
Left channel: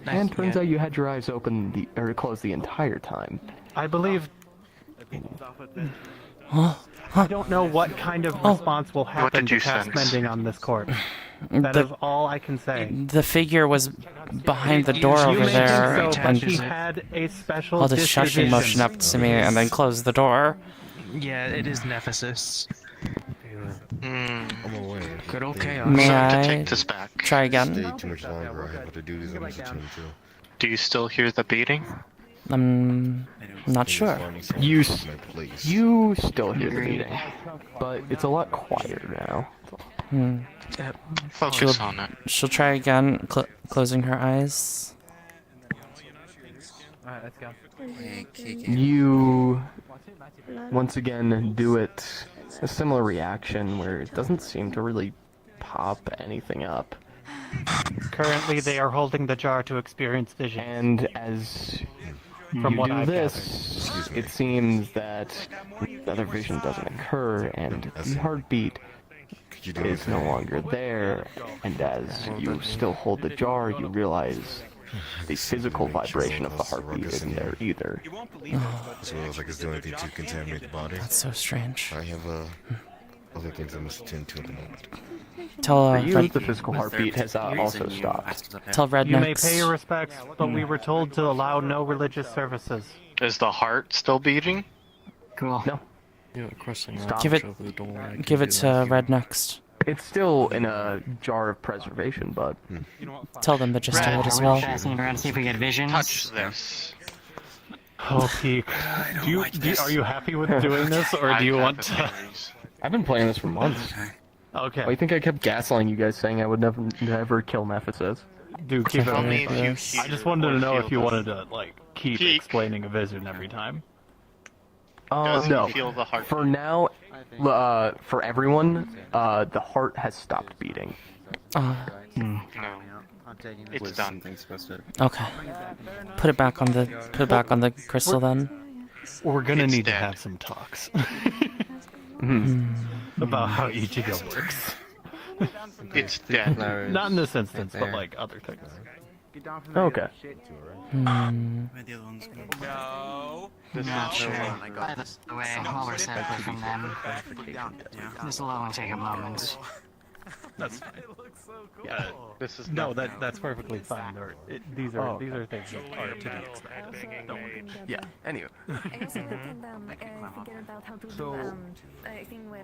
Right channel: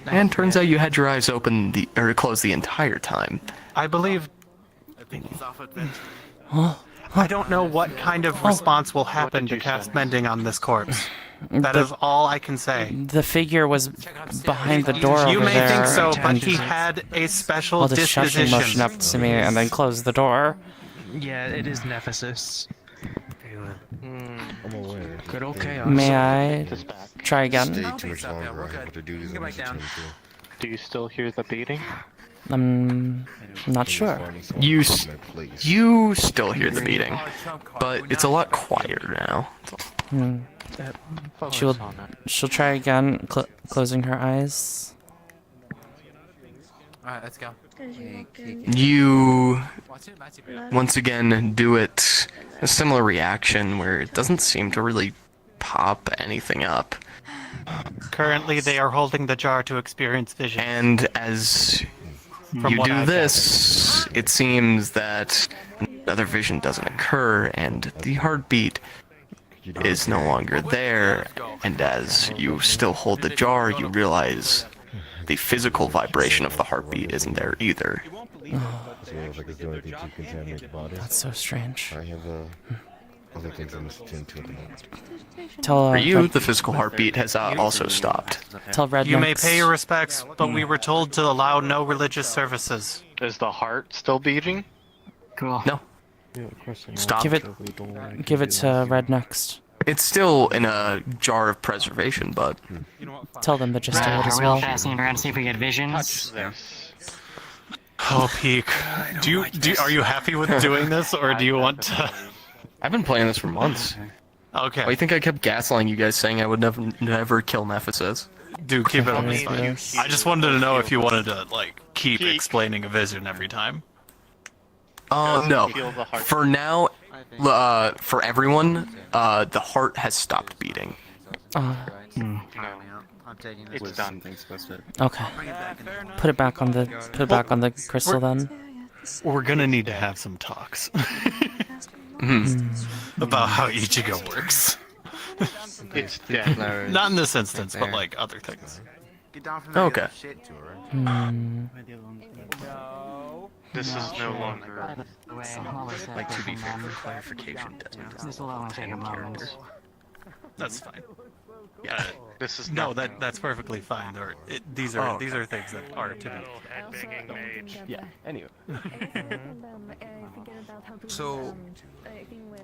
And turns out you had your eyes open or closed the entire time. I believe. I don't know what kind of response will happen did you to cast sense? mending on this corpse. That is all I can say. The figure was behind the door You over may there, think so, but and he had a special held a shushing motion up to me, and then closed the door. Yeah, it is Nephsis. I'm aware. Good old chaos. May To I take this back. try again? Stay too much longer. I have other duties I need to attend to. Do you still hear the beating? I'm not sure. You still hear the beating, but it's a lot quieter now. Focus on it. She'll try again, closing her eyes. Alright, let's go. You once again do it. A similar reaction where it doesn't seem to really pop anything up. Currently, they are holding the jar to experience vision. And as From you what do I've this, it seems that other vision doesn't occur, and the heartbeat is no longer there, and as you still hold the jar, you realize the physical vibration of the heartbeat isn't there either. So it was like it's doing anything to contaminate the body. That's so strange. I have other things I must attend to at the moment. Tell For you, the physical heartbeat has also stopped. Tell Rednecks. You may pay your respects, but we were told to allow no religious services. Is the heart still beating? Cool. No. Stop. Give it to Red next. It's still in a jar of preservation, but tell them to just do it as well. Passing around to see if we get visions. Oh, Peak. Are you happy with doing this, or do you want to? I've been playing this for months. Okay. I think I kept gaslighting you guys, saying I would never kill Nephsis. Dude, keep it up. I just wanted to know if you wanted to keep explaining a vision every time. No. For now, for everyone, the heart has stopped beating. No. It's done. Okay. Put it back on the crystal then. We're gonna need to have some talks. About how Ichigo works. It's dead. Not in this instance, but other things. Okay. This is the way while we're set for them. This will only take a moment. That's fine. Yeah. This is that's perfectly fine. These are things that are to be. Yeah. Anyway. So,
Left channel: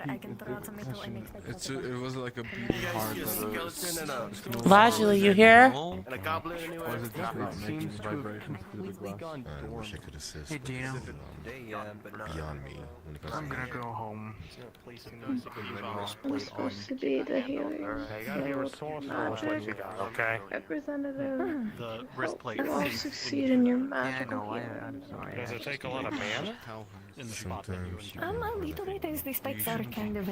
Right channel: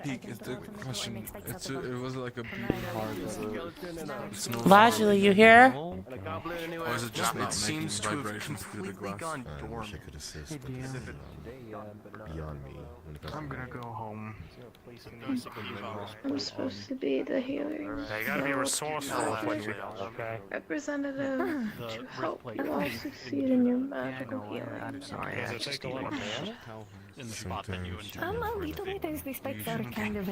Peak is the question. It was like a beating heart. Lajuli, you here? Or is it just It seems to have vibrations through the glass? I wish I could assist. Hey, Dan. Beyond me. When it comes I'm to gonna go home. I'm supposed to be the healer. You gotta be resourceful, okay? Representative. The wrist plate. And I'll succeed in your magical healing. I'm sorry. Does it take a lot of damage? In the spot that you intend. A little bit as the spikes are kind of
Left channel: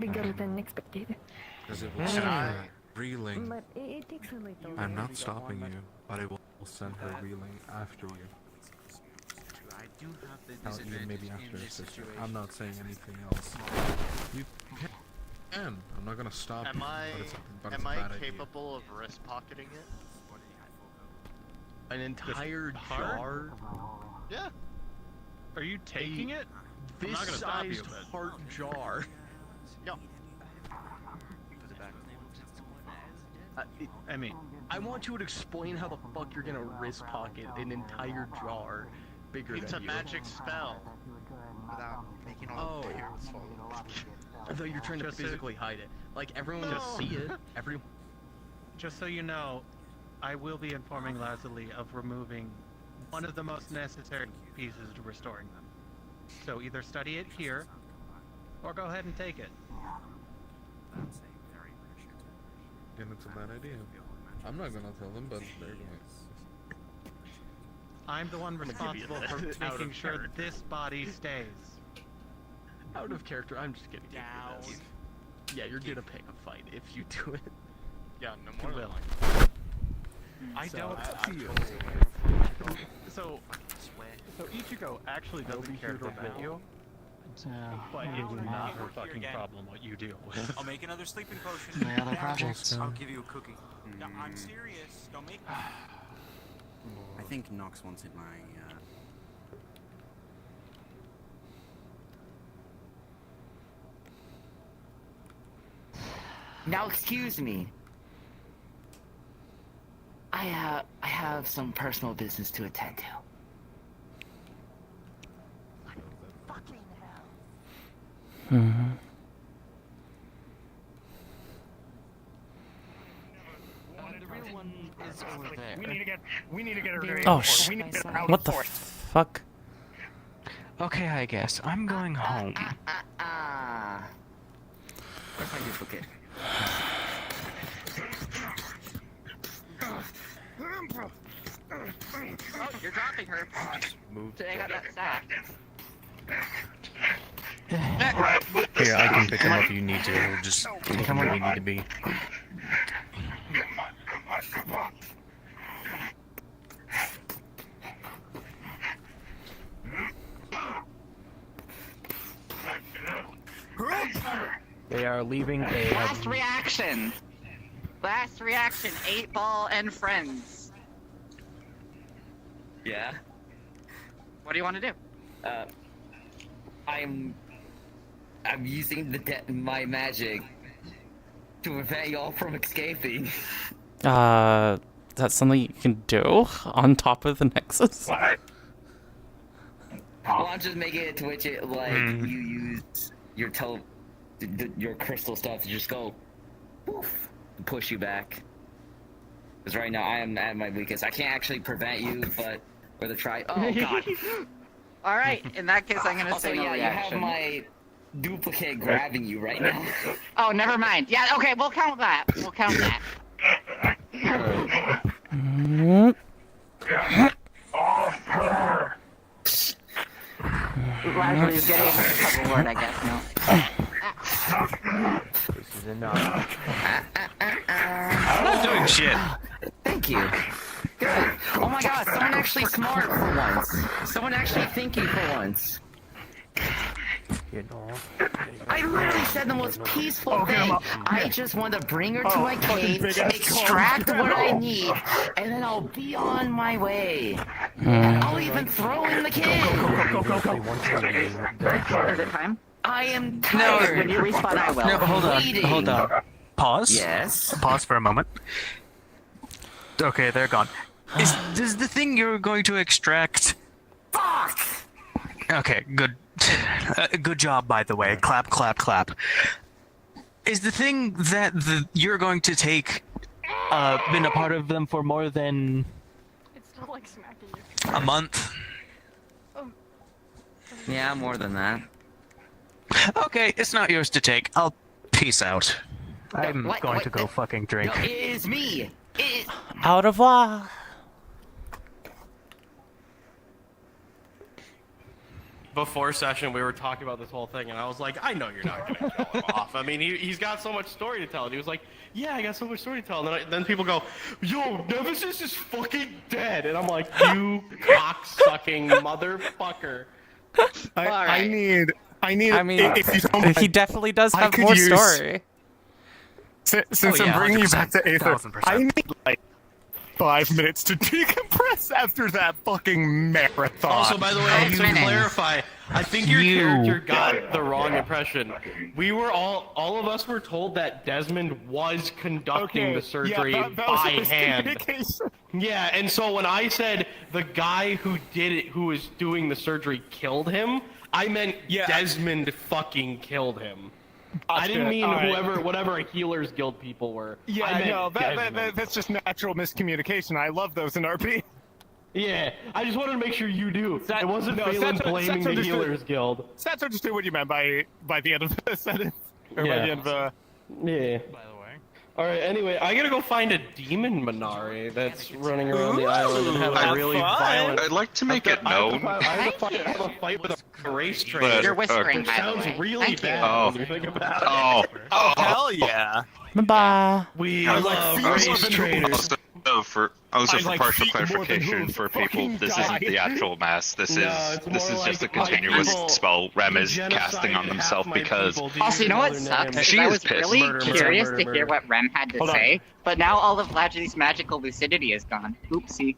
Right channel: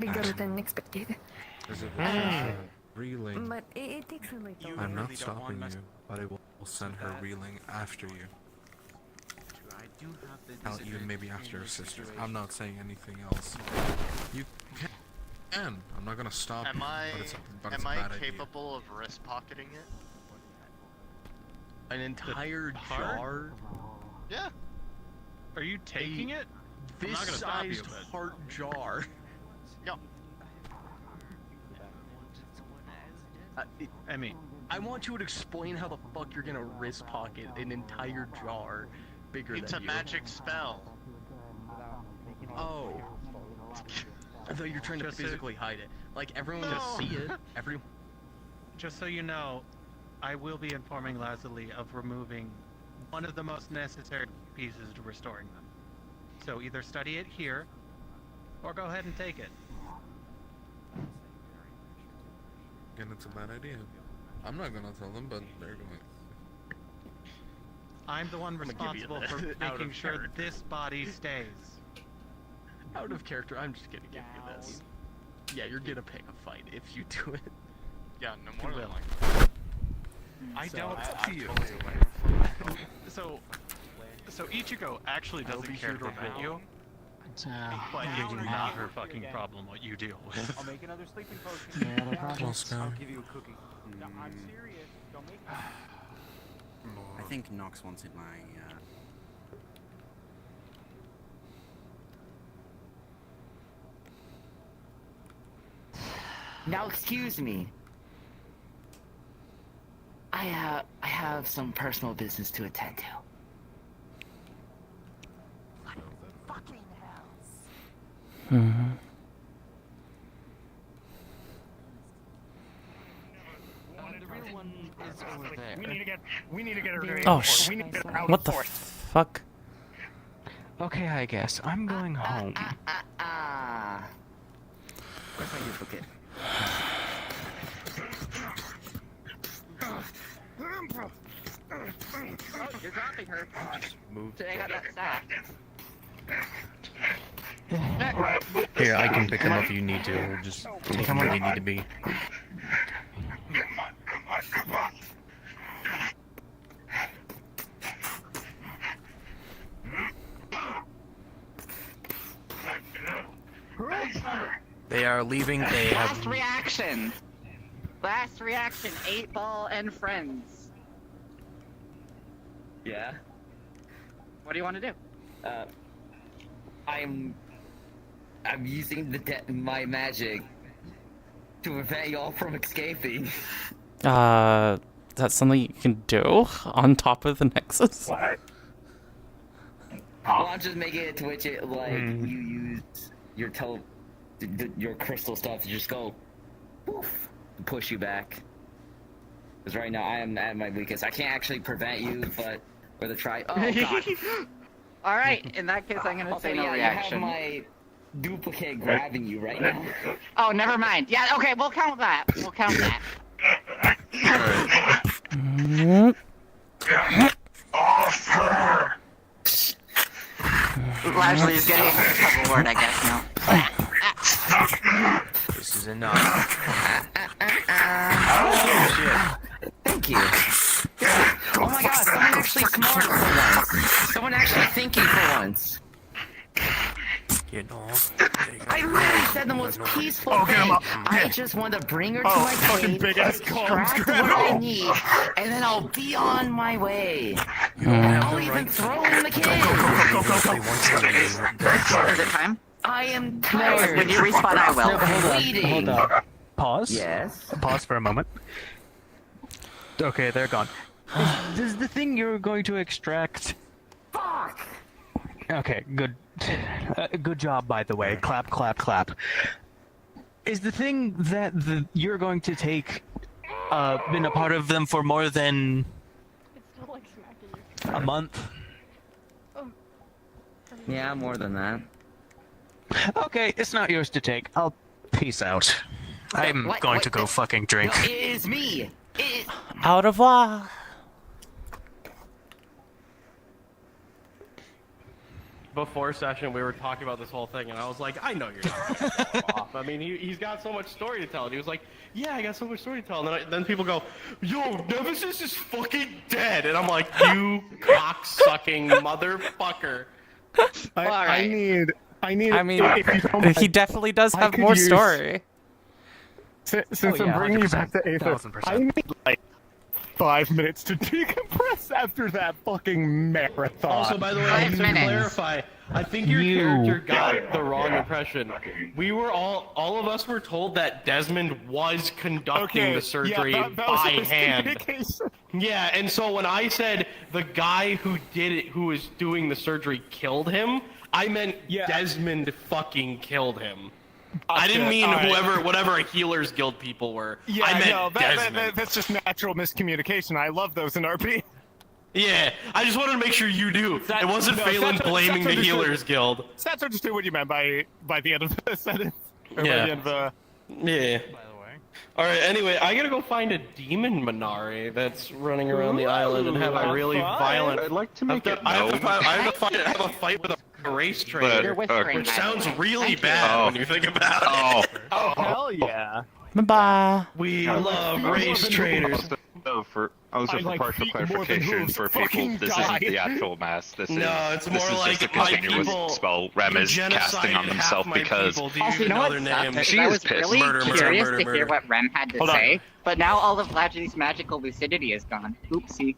bigger than expected. Reeling. But it takes a little. I'm not stopping you, but I will send her reeling after you. Even maybe after your sister. I'm not saying anything else. You can. I'm not gonna stop you, but it's a bad idea. Capable of wrist pocketing it? An entire jar? Yeah. Are you taking it? I'm not gonna stop you, This-sized heart jar. No. I mean, I want you to explain how the fuck you're gonna wrist pocket an entire jar bigger It's a than you. magic spell. Oh. I thought you were trying to physically hide it. Like, everyone will see it. Just so you know, I will be informing Lazuli of removing one of the most necessary pieces to restoring them. So either study it here, or go ahead and take it. Again, it's a bad idea. I'm not gonna tell them, but they're going. I'm the one responsible for making sure that this body stays. Out of character, I'm just gonna give you this. Yeah, you're gonna pick a fight if you do it. Yeah, no You more. will. I don't see you. So Ichigo actually doesn't care to prevent you. But it would not her fucking problem what you deal with. I'll make another sleeping potion. My other projects. I'll give you a cookie. No, I'm serious. Don't make me. I think Nox wanted my, Now, excuse me. I have some personal business to attend to. We need to get her to Oh we need to get her out what of the force. fuck? Okay, I guess. I'm going home. Where's my usual kid? You're dropping her. Move. Today I got that sack. Here, I can pick them up if you need to. Just take them where you need to be. are leaving. They Last reaction. Last reaction. 8-Ball and friends. Yeah. What do you want to do? I'm using my magic to prevent y'all from escaping. That's something you can do on top of the Nexus? Well, I'm just making it to which it, like, you use your your crystal stuff to just go poof, to push you back. Because right now I am at my weakest. I can't actually prevent you, but with a try. Oh god. All right. In that case, I'm gonna say no reaction. You have my duplicate grabbing you right now. Oh, never mind. Yeah. Okay. We'll count that. We'll count that. Largely is getting bored, I guess. No. This is enough. I'm not doing shit. Thank you. Good. Oh my god, someone actually smart for once. Someone actually thinking for once. You know. I literally said the most peaceful thing. I just want to bring her to my cave, extract what I need, and then I'll be on my way. And I'll even throw in the kid. Is it time? I am tired. When you respawn, I will. No, Hold on. Pause. Yes. Pause for a moment. Okay, they're gone. Is the thing you're going to extract? Fuck! Okay, good. Good job, by the way. Clap, clap, clap. Is the thing that you're going to take been a part of them for more than a month? Yeah, more than that. Okay, it's not yours to take. I'll peace out. I'm going to go fucking drink. No, it is me. Au revoir. Before session, we were talking about this whole thing, and I was like, I know you're not going to go off. I mean, he's got so much story to tell. And he was like, yeah, I got so much story to tell. And then people go, yo, Nephsis is fucking dead. And I'm like, you cock-sucking motherfucker. I need. I mean, if you don't he definitely does I have could more use- story. Since I'm bringing you back to Aether, I need like 5 minutes to decompress after that fucking marathon. Also, by the way, to clarify, I think your character got the wrong impression. We were all of us were told that Desmond was conducting the surgery that was by a hand. miscommunication. Yeah, and so when I said the guy who did it, who was doing the surgery, killed him, I meant Desmond fucking killed him. I didn't mean whatever Healers Guild people were. Yeah, I meant no, Desmond. that's just natural miscommunication. I love those in RP. Yeah, I just wanted to make sure you do. It wasn't no, Phelan Stats blaming the understood. Healers Guild. Stats understood what you meant by the end of the sentence. Or by the end of the... Yeah. By the way. Alright, anyway, I gotta go find a demon Minari that's running around the island and have a really violent... I'd like to make it known. I have a fight with a race trader. But, Which sounds really bad when you think about it. Oh, hell yeah. Bye-bye. We love race traders. For partial clarification for people, this isn't the actual mass. This is just a continuous spell Rem is casting on himself because Also, you know what sucks? she I is was pissed. really curious to hear what Rem had to say, but now all of Latchy's magical lucidity is gone. Oopsie.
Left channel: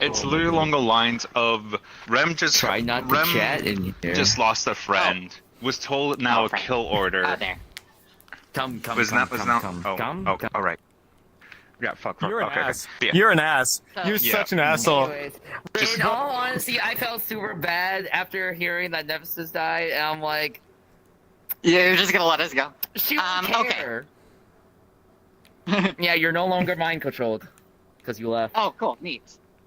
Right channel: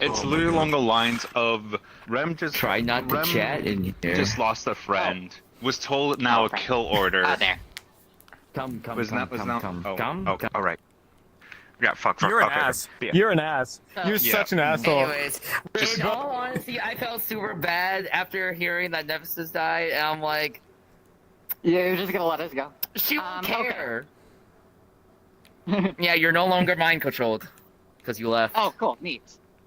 It's literally along the lines of Rem just try not to chat in here. Just lost a friend. Was told now a kill order. Oh, there. Come. All right. Yeah, fuck. You're an okay, ass. yeah. You're an ass. You're such an asshole. Anyways, in all honesty, I felt super bad after hearing that Nephsis died, and I'm like, yeah, you're just gonna let us go. She won't care. Yeah, you're no longer mind controlled because you left. Oh, cool, neat.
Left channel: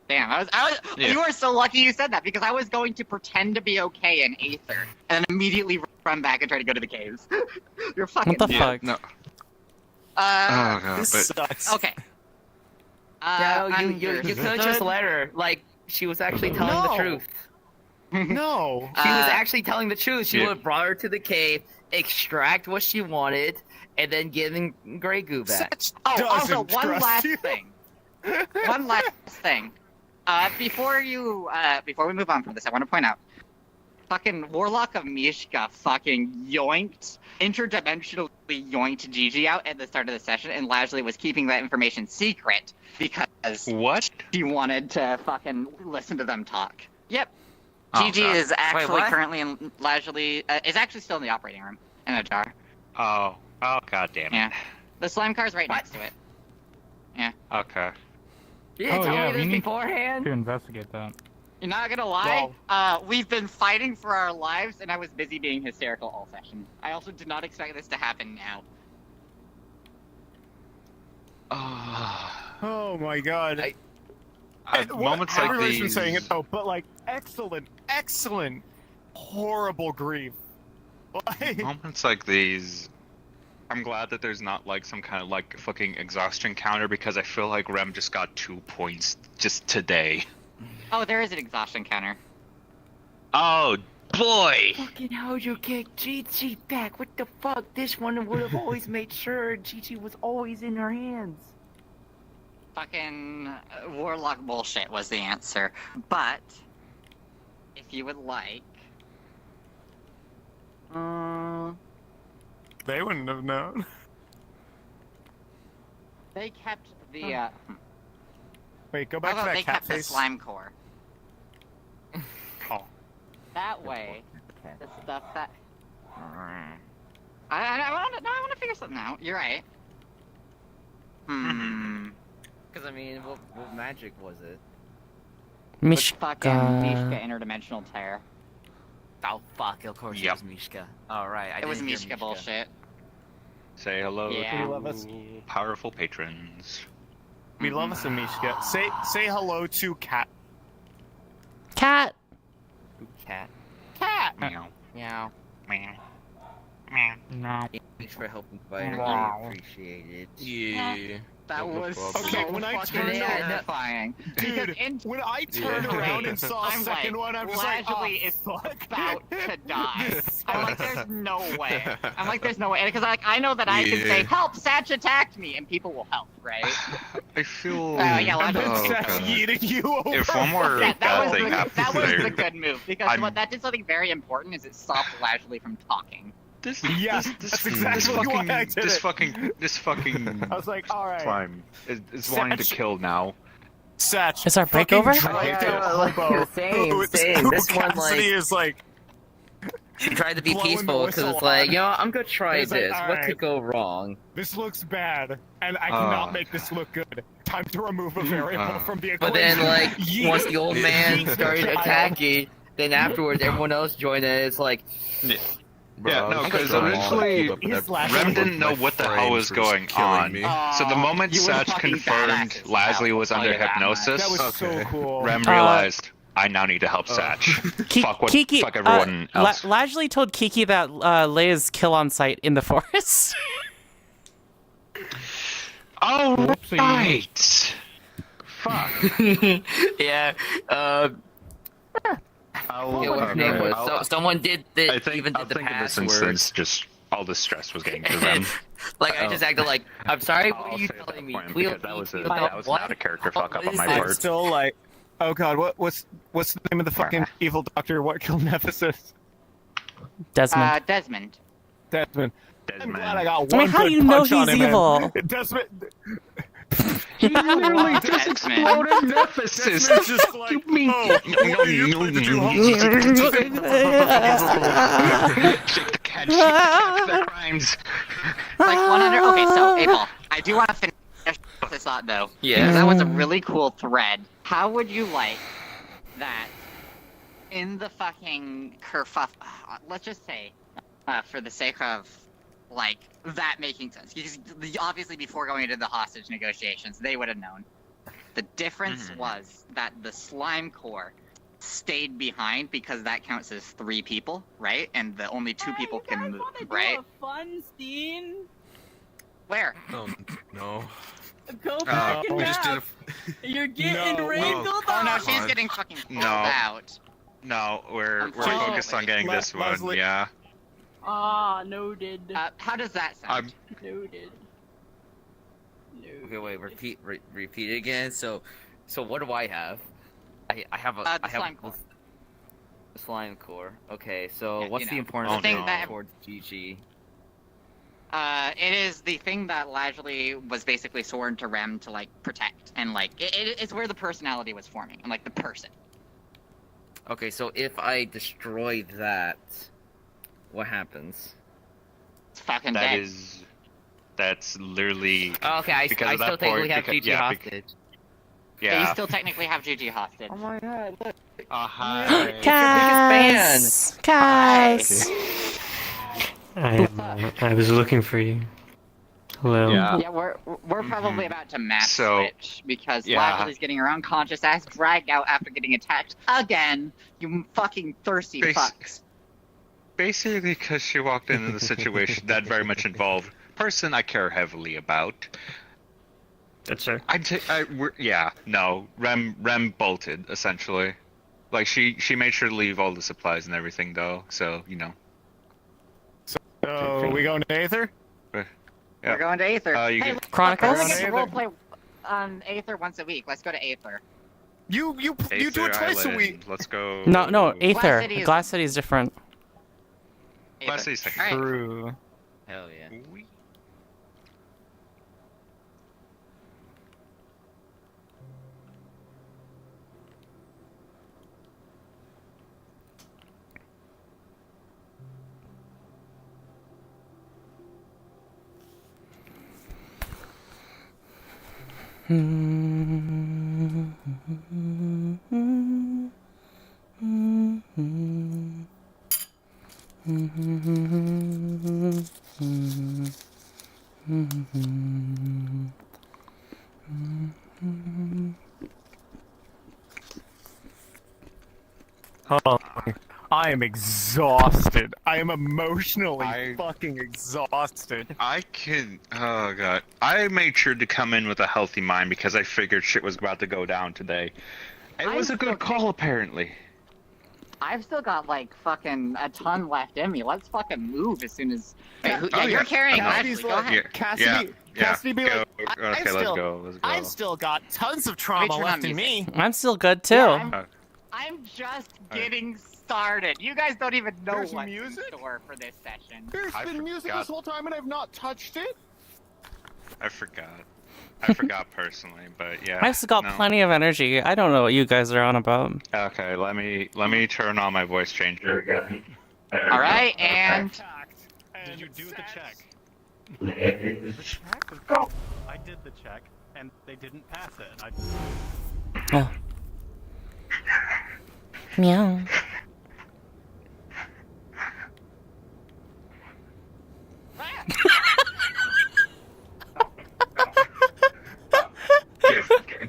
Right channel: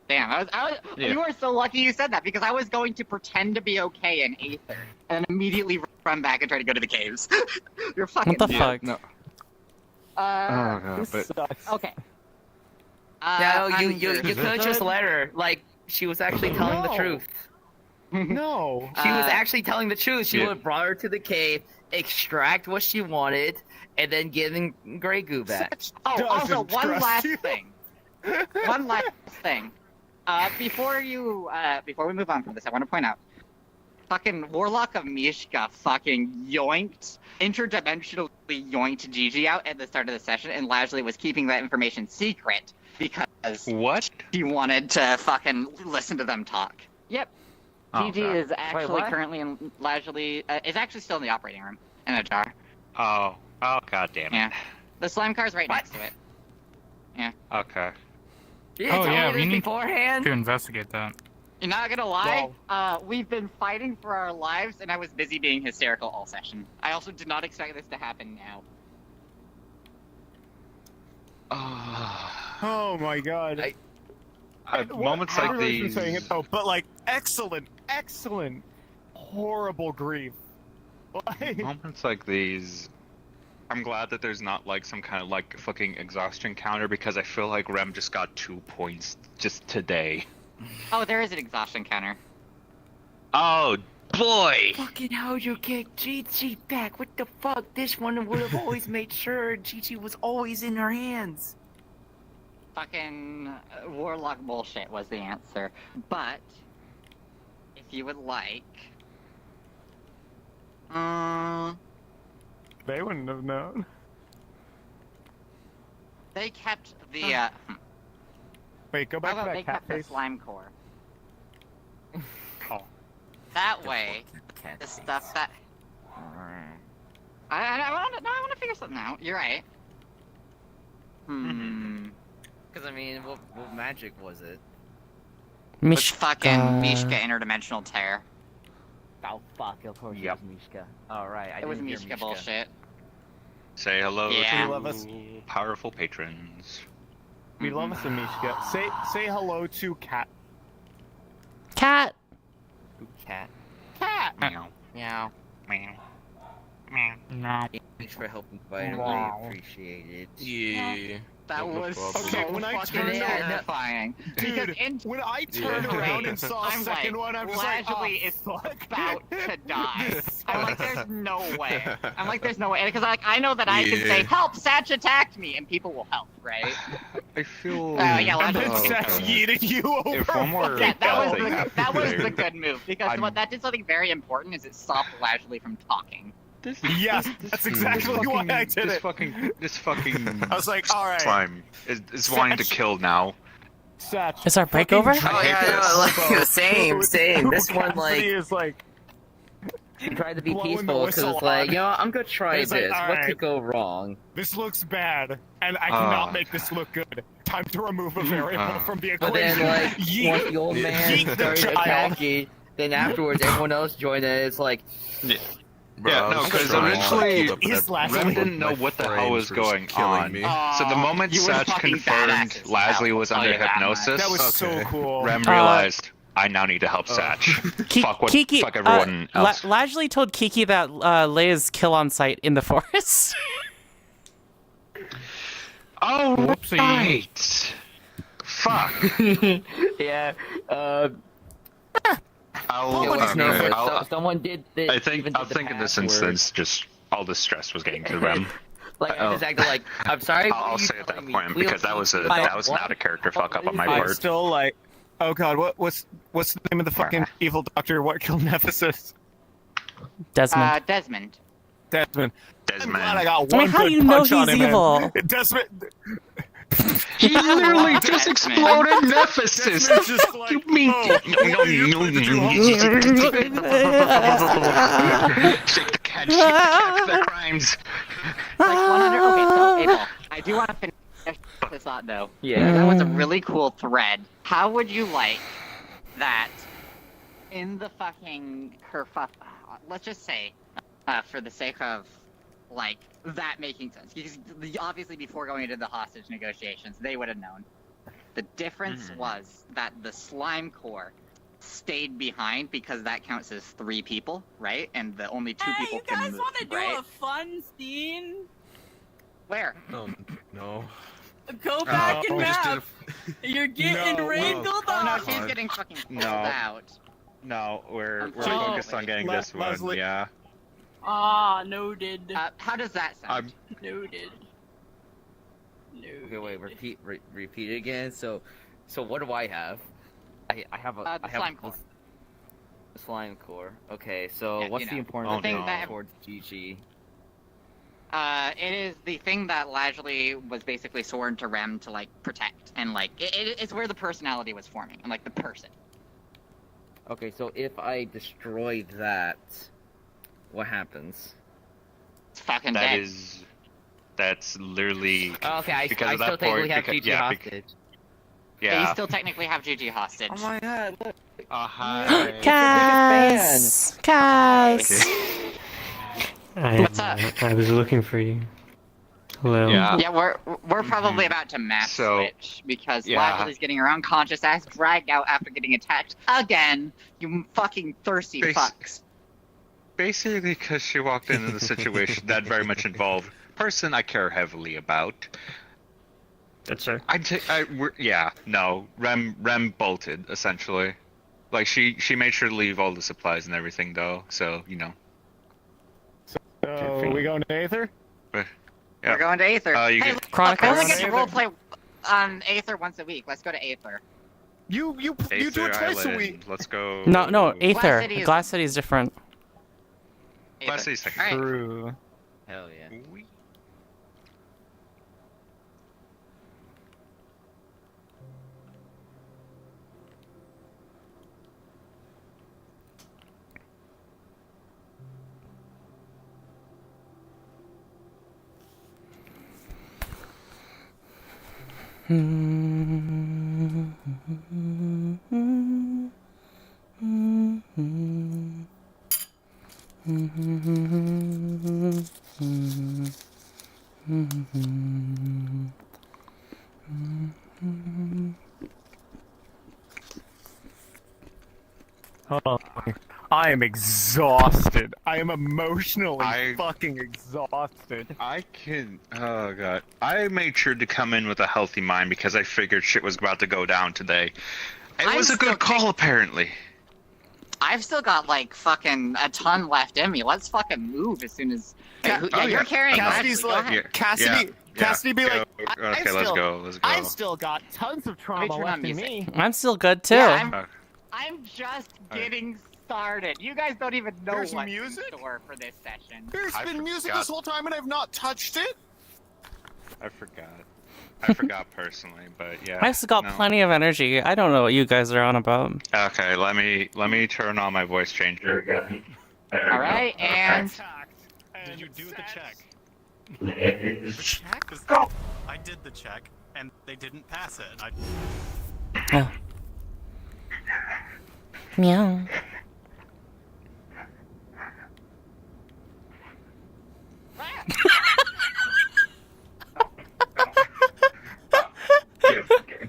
Damn, I was Yeah. You were so lucky you said that because I was going to pretend to be okay in Aether and then immediately run back and try to go to the caves. You're fucking. What the fuck? No. Oh god, sucks. Okay. No, you could have just let her. Like, she was actually telling the truth. No. She was actually telling the truth. She would have brought her to the cave, extract what she wanted, and then giving Grey Goo back. Oh, also, one last thing. Before we move on from this, I want to point out, fucking Warlock of Mishka fucking interdimensionally yoinked Gigi out at the start of the session, and Lashley was keeping that information secret because he wanted to fucking listen to them talk. Yep. Gigi is actually currently in Lashley, is actually still in the operating room in a jar. Oh, god damn it. Yeah. The slime car's right next to it. Yeah. Okay. You didn't tell me this we need beforehand? to investigate that. You're not gonna lie, we've been fighting for our lives, and I was busy being hysterical all session. I also did not expect this to happen now. Oh my god. Moments like Everybody's been these. saying it though, but like excellent, horrible grief. Like, Moments like these, I'm glad that there's not like some kind of like fucking exhaustion counter, because I feel like Rem just got 2 points just today. Oh, there is an exhaustion counter. Oh boy! Fucking how you get Gigi back? What the fuck? This one would have always made sure Gigi was always in her hands. Fucking Warlock bullshit was the answer. But, if you would like... They wouldn't have known. They kept the, Wait, go back to that they cat kept the face. slime core. That way, the stuff that... I want to figure something out. You're right. Because, I mean, what magic was it? Mishka. Fucking Mishka interdimensional tear. Oh, fuck, of course it was Mishka. Alright, It was Mishka bullshit. Say hello Yeah. We love us. to powerful patrons. We love us in Mishka. Say hello to Cat. Cat. Cat. Cat. Meow. Meow. Meow. Meow. No. Thanks for helping fight. I really appreciate it. Yeah. That was Okay, when I fucking turned around, terrifying. dude, when I turned around and saw a I'm second like, one, I was like, Lashley oh, is fuck. about to die. I'm like, there's no way. Because I know that I can say, help, Satch attacked me, and people will help, right? I feel. Yeah, And then Lashley. Seth yeeting you over. If one more Yeah, that thing was happened the there, good move, because I'm- what that did something very important is it stopped Lashley from talking. Yes, that's exactly why I did this it. fucking. I was like, alright. Slime is wanting to kill now. Satch. Is our break over? Same. This one, like, is like, she tried to be blowing the peaceful because whistle it's like, on. you know, I'm gonna try It's like, this. What alright. could go wrong? This looks bad, and I cannot make this look good. Time to remove a variable from the But equation. then, like, Yeet. once the old man Yeet the started child. attacking, then afterwards everyone else joined and it's like, Yeah, no, because originally Ren didn't know what the hell was going on. So the moment You were Satch fucking confirmed badasses, Lashley I'll was tell under you that much. hypnosis, That was so cool. Rem realized I now need to help Satch. Kiki, fuck everyone else. Lashley told Kiki that Leia's kill on site in the forest. Oh, right. Fuck. yeah, I'll, yeah, what's his name was? Someone did the, I think, even did I the think in this password. instance, just all the stress was getting to Rem. Like, I just acted like, I'm sorry, what I'll are you say at that telling me? point We'll because that was eat not a character fuck up on my I'm part. I'm still like, oh god, what's the name of the fucking evil doctor? What killed Nephsis? Desmond. Desmond. Desmond. I'm glad I got I mean, one how do good you know punch on he's him, man. evil? Desmond. He literally just exploded Nephsis. Desmond's just like, You mean? The crimes. Like 100. Okay, so Abel, I do want to finish this thought though. Yeah. That was a really cool thread. How would you like that in the fucking kerfuff? Let's just say, for the sake of like that making sense, because obviously before going into the hostage negotiations, they would have known. The difference was that the slime core stayed behind because that counts as 3 people, right? And the only 2 people can move, right? A fun scene. Where? No. Go back and nap. You're getting wrangled Oh no, up. she's getting fucking pulled out. No, we're Oh, focused on getting this one. Leslie. Yeah. Ah, noted. How does that sound? Noted. Okay, wait, repeat it again. So what do I have? I have a, the I have slime core. Slime core. Okay, so what's the importance of it towards GG? It is the thing that Lazuli was basically sworn to Rem to, like, protect. And, like, it's where the personality was forming. And, like, the person. Okay, so if I destroy that, what happens? It's fucking dead. That's literally... Okay, I because still technically have GG hostage. Yeah, you still technically have GG hostage. Oh my god, look. Hi. Cass! Cass! I was looking for you. Hello. Yeah, we're probably about to map switch because Lazalu's getting her unconscious ass dragged out after getting attacked again. You fucking thirsty fucks. Basically, because she walked into the situation that very much involved person I care heavily about. That's her. Rem bolted essentially. Like she made sure to leave all the supplies and everything though. So you know. So we going to Aether? We're going to Aether. Chronicles? We'll play on Aether once a week. Let's go to Aether. You do it twice a week. Let's go. No, Aether. City is- Glass City is different. Glass City's second. Alright. True. Hell yeah. Oh, I am exhausted. I am emotionally fucking exhausted. Oh god. I made sure to come in with a healthy mind because I figured shit was about to go down today. It was a good call, apparently. I've still got like fucking a ton left in me. Let's fucking move as soon as. You're carrying Lazuli. Go ahead. Cassidy be like, Okay, let's go. I've still got tons of trauma left in me. I'm still good too. I'm just getting started. You guys don't even know There's what's music? in store for this session. There's been music this whole time and I've not touched it. I forgot personally, but yeah. I've still got plenty of energy. I don't know what you guys are on about. Okay, let me turn on my voice changer again. All right, and Did you do the check? I did the check, and they didn't pass it. Oh. Meow.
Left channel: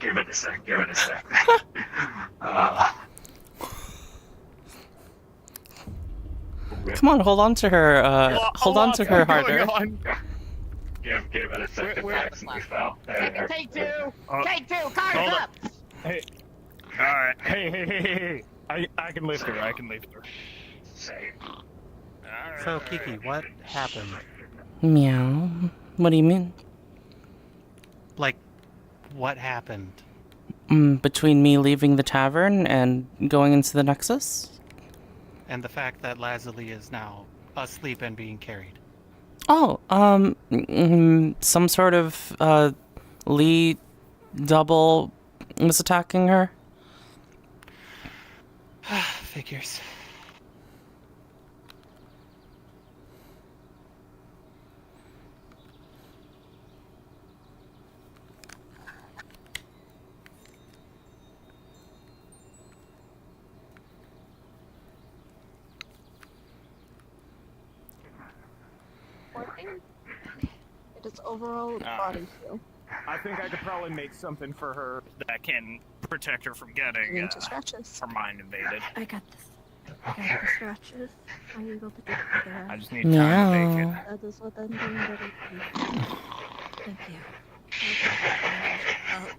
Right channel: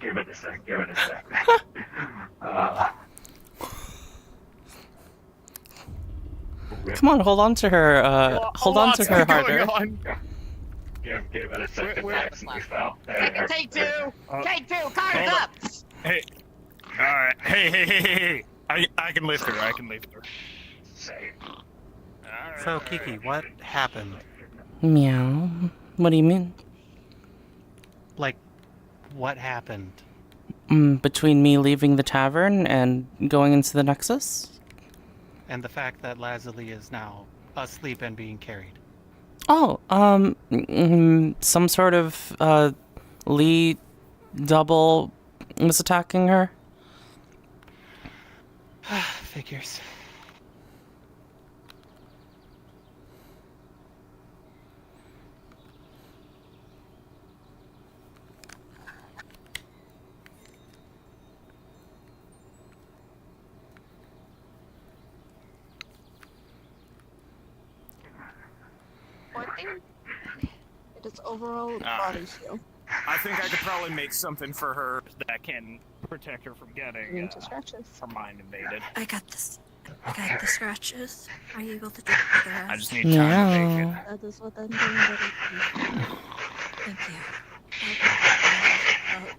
Give it a sec. Come on, hold on to her. Hold on to her harder. take two, cards up. Hey, alright, hey. I can lift her, So, Kiki, what happened? Meow. What do you mean? Like, what happened? Between me leaving the tavern and going into the Nexus? And the fact that Lazuli is now asleep and being carried. Oh, some sort of, Lee double was attacking her? Figures. It is overall body heal. I think I could probably make something for her that can protect her from getting Into scratches. her mind invaded. I got this. I got the scratches. Are you able to do the rest? I just need time to make it. That is what I'm doing very quickly. Thank you.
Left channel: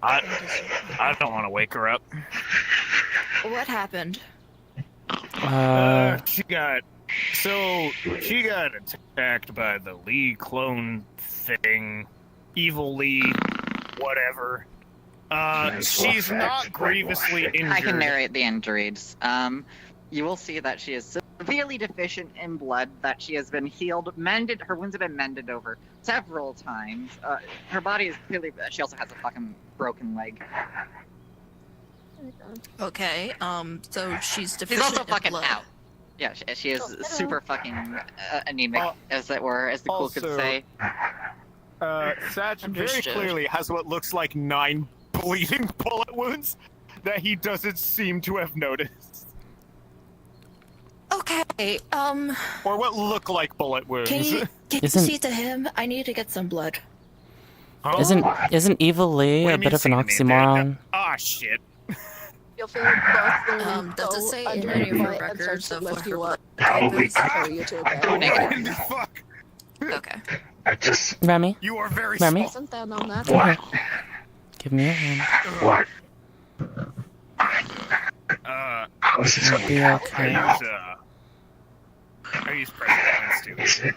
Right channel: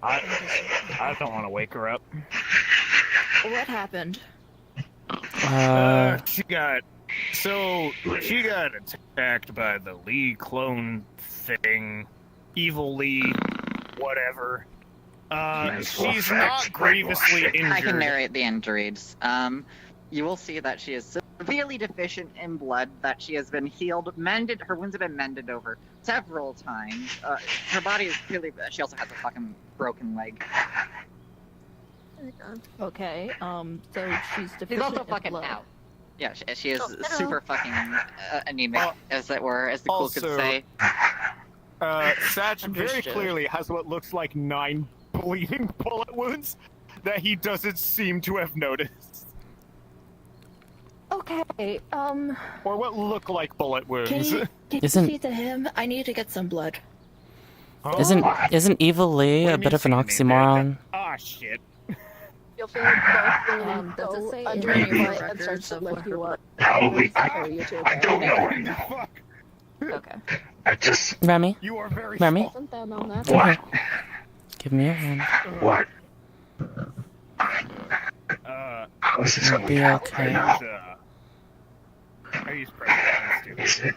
I don't want to wake her up. What happened? She got attacked by the Lee clone thing, evil Lee, whatever. She's not grievously injured. I can narrate the injuries. you will see that she is severely deficient in blood, that she has been healed, her wounds have been mended over several times. Her body is clearly, she also has a fucking broken leg. Okay, so she's She's deficient also in fucking blood. out. Yeah, she is super fucking anemic, as it were, as the cool kids say. Satch very Understood. clearly has what looks like 9 bleeding bullet wounds that he doesn't seem to have noticed. Okay, Or what look like bullet wounds. Can you see to him? I need to get some blood. Isn't Evil Lee a bit of an oxymoron? Ah, shit. You'll feel both does it say under in your your foot and start to lift you up. Probably. I don't know. Okay. I just. Remy? You are very Remy? Isn't that on that? What? Give me your hand. What? How is this It'll going be to happen okay. right now? I use pressure points too.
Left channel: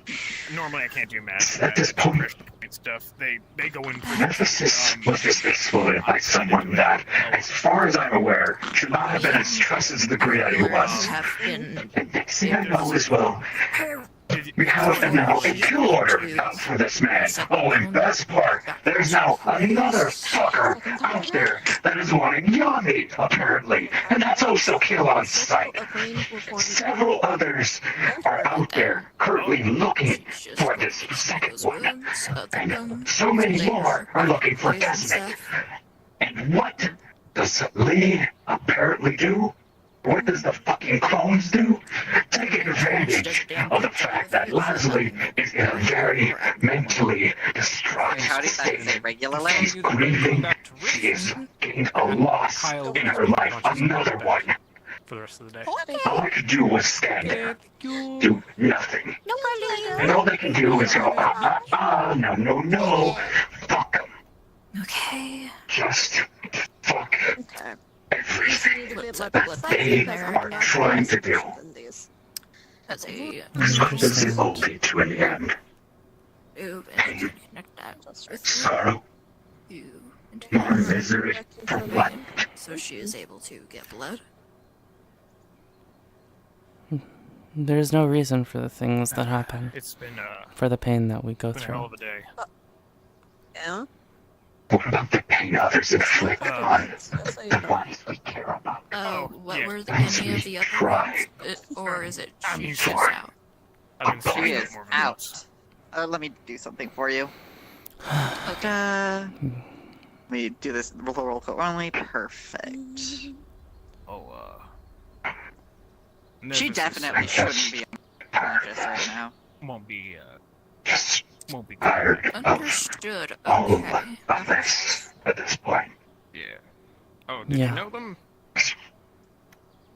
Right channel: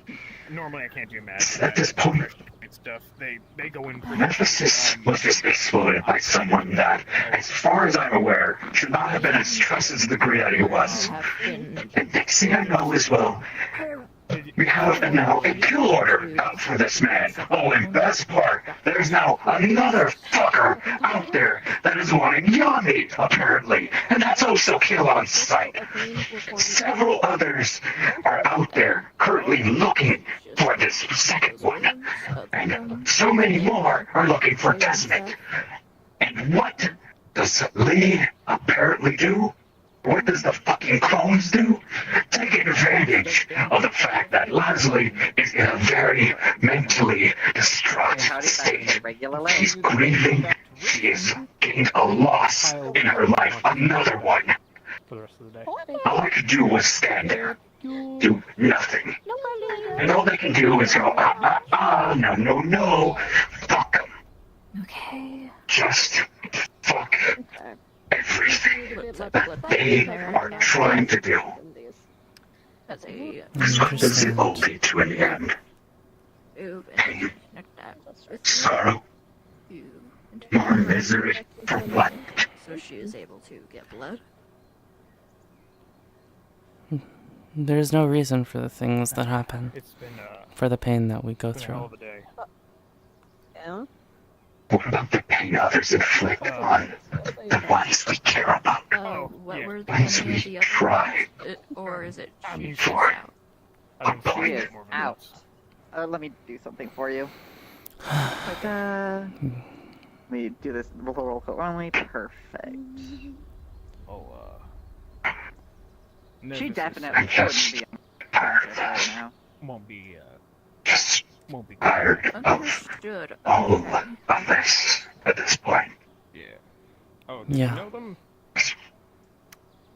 Normally I can't do math. At this point, Stuff. They go in. Nephsis was just exploited by someone that, as far as I'm aware, should not have been as stressed as the degree that he was. And next thing I know as well, we have now a kill order out for this man. Oh, and best part, there's now another fucker out there that is wanting Yami, apparently. And that's also kill on sight. Several others are out there currently looking for this second one. And so many more are looking for Desmond. And what does Lee apparently do? What does the fucking clones do? Taking advantage of the fact that Leslie is in a very mentally distraught state. She's grieving. She is getting a loss in her life. Another one. For the rest of the day. All I could do was stand there. Do nothing. And all they can do is go, no. Fuck them. Okay. Just fuck everything that they are trying to do. Because what does it all lead to in the end? Pain, sorrow, more misery for what? So she is able to get blood. There's no reason for the things that happen. It's been, for the pain that we go through. Yeah? What about the pain others inflict on the ones we care about? What were Ones any we of the other try ones? Or is it she's for. out? She is out. Let me do something for you. Let me do this roll call only. Perfect. She definitely shouldn't be unconscious right now. Won't be, won't be tired of Understood. all of this at this point. Yeah. Oh, did Yeah. you know them?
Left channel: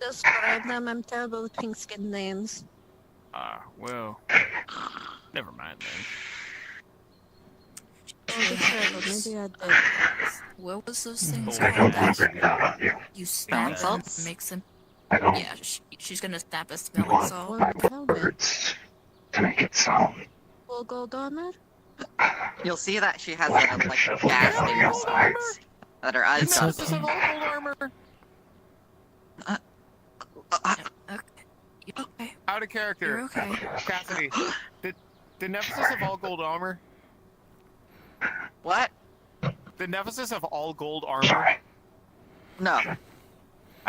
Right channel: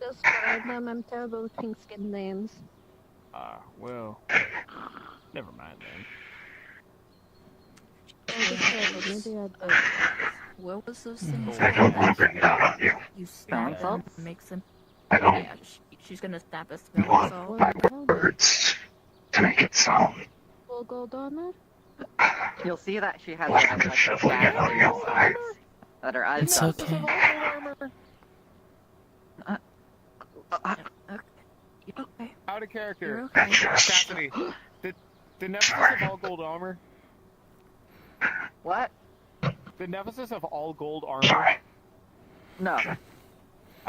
Describe them. I'm terrible with pink skin names. Well, never mind then. What was those things? I don't want to bring it out on you. You snap them, makes them. I don't Yeah, she's gonna snap a smelling want salt. my words to make it sound Full gold armor. You'll see that she has like I'm just shoveling it on your eyes. that her eyes. It's okay. Out of character. You're okay. Cassidy, the Nephsis of all gold armor. What? The Nephsis of all gold armor. No.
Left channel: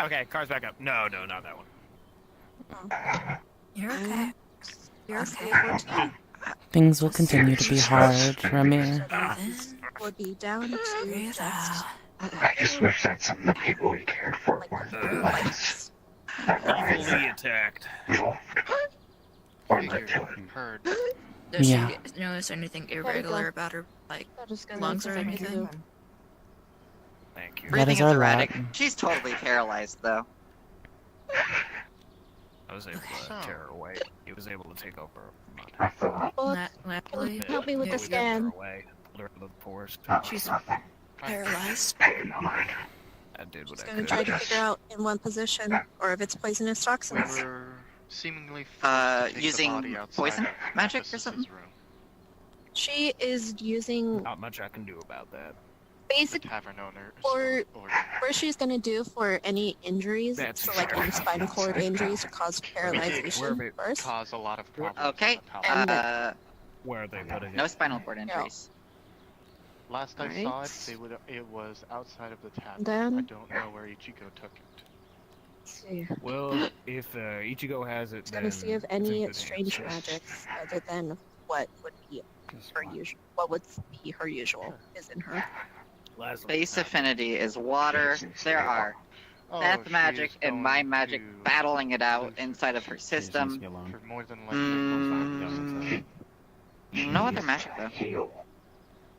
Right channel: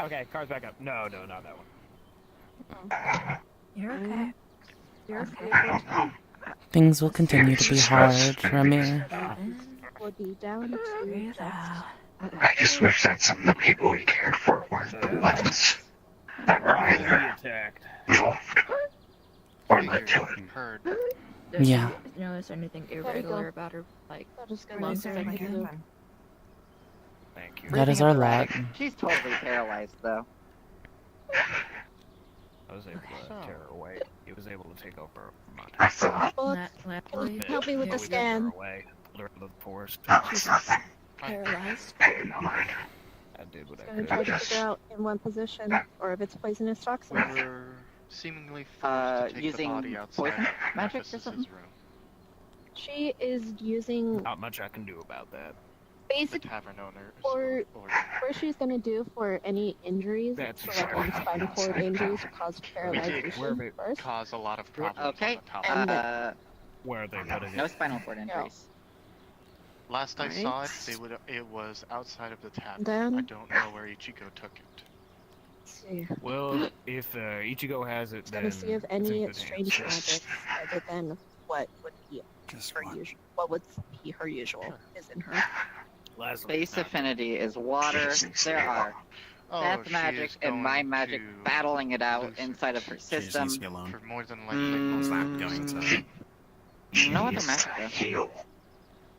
Okay, car's back up. No, not that one. You're okay. You're okay. Things will continue to be hard, Remy. Would be down to I just wish that some of the people we cared for weren't the ones that were either attacked. involved or led to it. Does Yeah. she notice anything irregular about her, like lungs or anything? That is our lot. She's totally paralyzed, though. I was able to tear her away. He was able to take over Help me with the scan. away, pulled her out of the forest. She's paralyzed. I did what I Gonna could. try to figure out in one position, or if it's poisonous toxins. Seemingly using poison magic or something? She is using Not much I can do about that. Basically, tavern owner. for what she's gonna do for any injuries, so like any spinal cord injuries, cause paralyzation first. Cause a lot of problems. Okay. And Where are they putting No spinal cord injuries. Last I Alright. saw it, it was outside of the tavern. Then- I don't know where Ichigo took it. see. Well, if Ichigo has it, Just then gonna see if it's any in good strange hands. magics other than what would be her usual. What would be her usual is in her. Base affinity is water. There are death magic and mind magic battling it out inside of her system. For more than likely, No other magic though.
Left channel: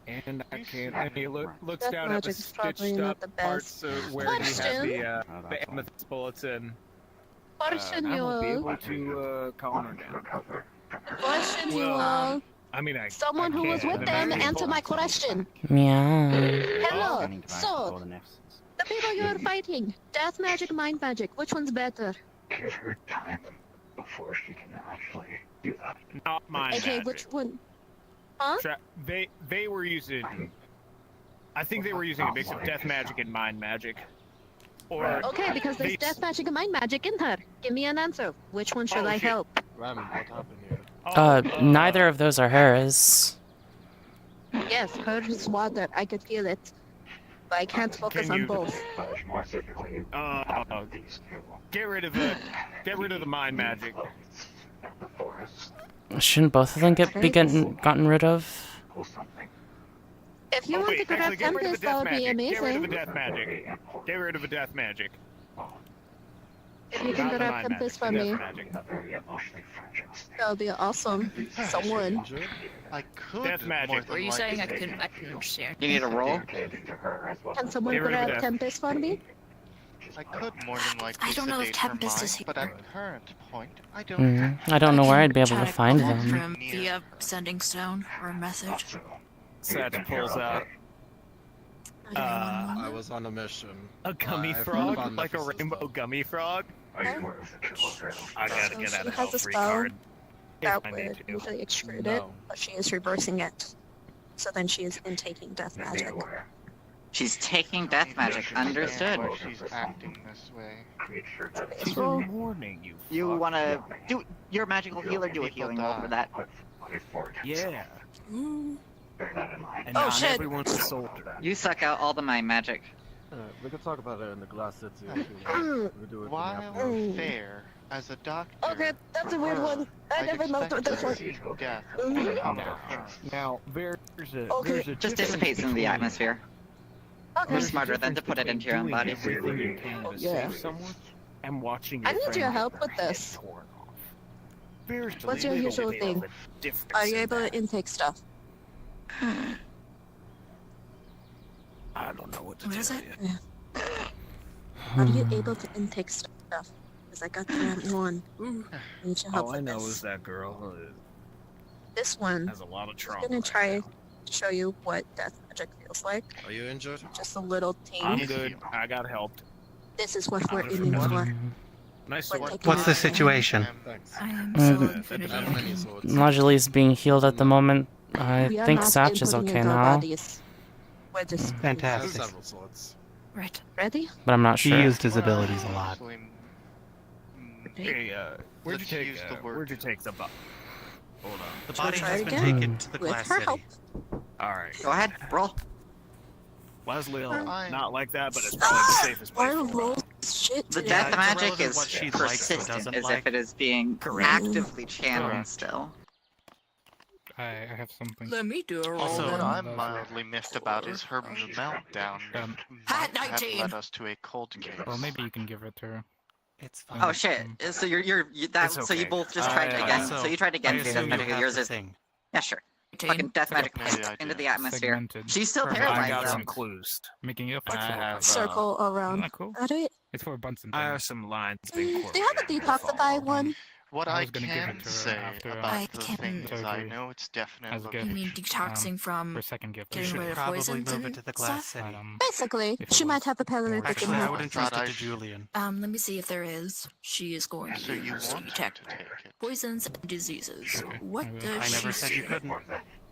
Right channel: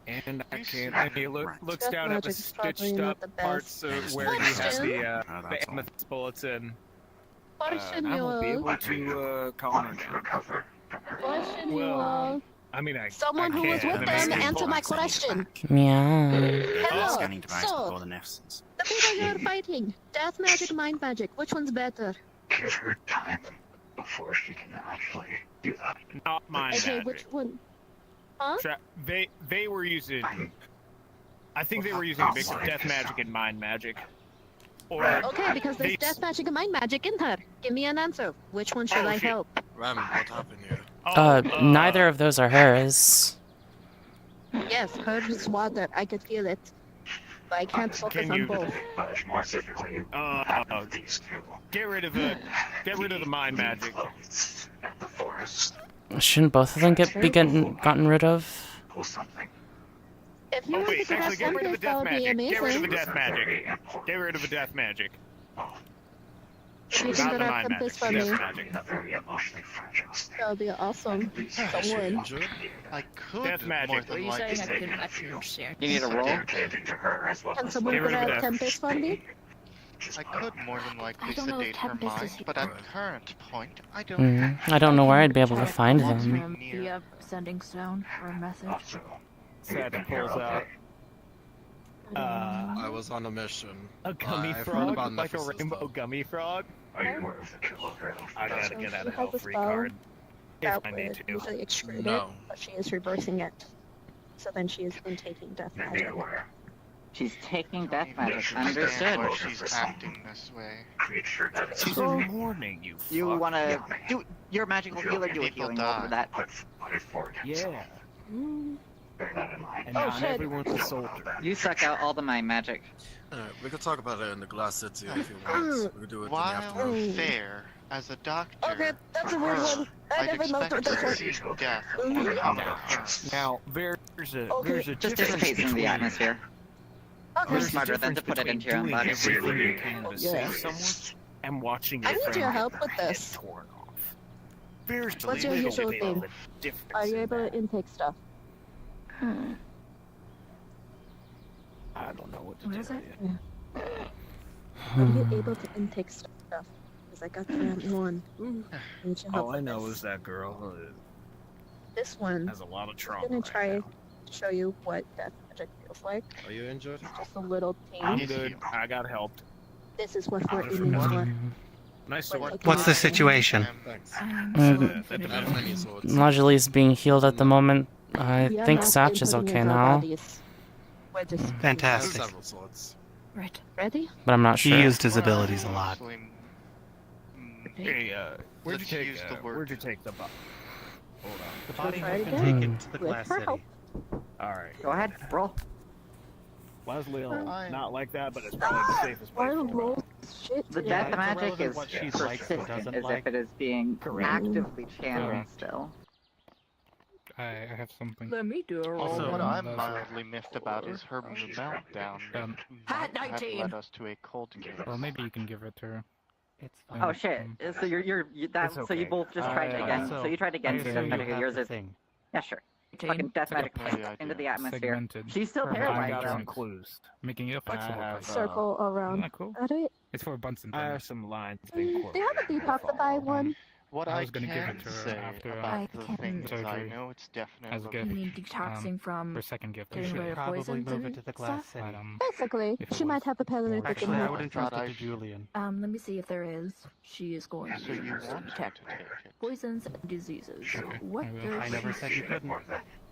And I can't. And he looks Death down at the magic is probably stitched not up the parts best. where you have Question. the amethyst bulletin. Question I you won't be all. able to calm him down. Question you Well, all. I mean, Someone who was with them, answer my question. Meow. Hello. Scanning device So, before the Nephsis. the people you are fighting, death magic, mind magic, which one's better? Give her time before she can actually do that. Not mind Okay, magic. which one? Huh? They were using. I think they were using a mix of death magic and mind magic. Or Okay, because there's death magic and mind magic in her. Give me an answer. Which one should I help? Ramen, what happened here? Neither of those are hers. Yes, hers is water. I could feel it. But I can't focus on both. Get rid of the mind magic. Shouldn't both of them be gotten rid of? If you want to give us Actually, get rid of the Tempest, that death would be magic. Get rid of the amazing. death magic. Get rid of the death magic. If you can Not the grab mind Tempest for magic, me, death magic. that would be awesome. Someone. I could Death magic. more What than are you likely saying? I couldn't share. You need a roll? Can someone Get rid of grab death. Tempest for me? I could more than likely I don't know if sedate her Tempest is mind, but at the current point, I don't. I don't know where I'd be able to find Walk them. through via sending stone or a message. Santa pulls out. I was on a mission. A gummy I've heard frog? about Like a Nephsis, rainbow gummy frog? Are you aware of the I gotta get She out of has a hell free spell card. If that I need would to. usually exclude it, No. but she is reversing it. So then she is intaking death magic. She's taking death I magic. understand Understood. why she's acting this way. She's Well, a morning, you You fuck. wanna do your magical healer? Do a People healing roll die. for that. Yeah. Mm. And Oh, not shit. everyone's a soldier. You suck out all the mind magic. We could talk about it in the glass city if you want. We'll do it in the While afternoon. fair, as a doctor, Okay, that's a weird one. I I'd never noticed expect this one. death Mhm. come. Now, there's a Okay. there's a Just difference dissipates in the between- atmosphere. Okay. Who's smarter than to put it into your own body? Everything you can to Yeah. save someone and watching I it need from your help with get this. torn off. There's a What's your little usual bit of thing? a difference Are you in able that. to intake stuff? I don't know what to What tell is it? you. Are you able to intake stuff? Because I got the wrong one. I need your help All I with know this. is that girl This one. has a lot of I'm trauma. gonna right try now. to show you what death magic feels like. Are you injured? Just a little ting. I'm good. I got helped. This is what we're I'm aiming just- for. Nice We're sword. taking What's the it. situation? I have many swords. Najali's being healed at the moment. I We are think not Satch is inputting okay into our now, bodies. We're just Fantastic. Several swords. Right. ready. but I'm not He sure. used his abilities a lot. Hey, where'd you Let's take use the word. where'd you take the boat? The body Try has been again. taken to the With glass her city. help. Alright. Go ahead, roll. Leslie, Fine. not like that, but it's probably the safest Why way. do rolls shit The today? death it's magic irrelevant is what she likes or persistent, doesn't as like. if it is being Correct. actively channeled Correct. still. I have something. Let me do a roll. Also, what then. I'm mildly miffed about is her meltdown Hat might have 19. led us to a cold case. Or maybe you can give it to her. It's Oh shit! So you It's so you okay. both just tried to again. So you tried to get I death assume you magic. have Yours the is thing. yeah, sure. 18. Fucking death magic That's the into the idea. atmosphere. Segmented. She's still Perfect. I paralyzed got though. some clues. Making you a flexible I have, person. Circle around. Isn't that cool? Got it. It's for Bunsen. I have some lines being Do you have a detoxify one? What I I was gonna give can it to her say after, about I the can- things I surgery know, it's as a definitely gift. You mean detoxing from For second gift. getting rid of Probably poisons move it and to the glass stuff? city. But, Basically, if it she might was- have a paralytic in Actually, I her. would entrust it to Julian. Let me see if there is. She is going So you to want detect to take it. poisons and diseases. What I does never she said you couldn't.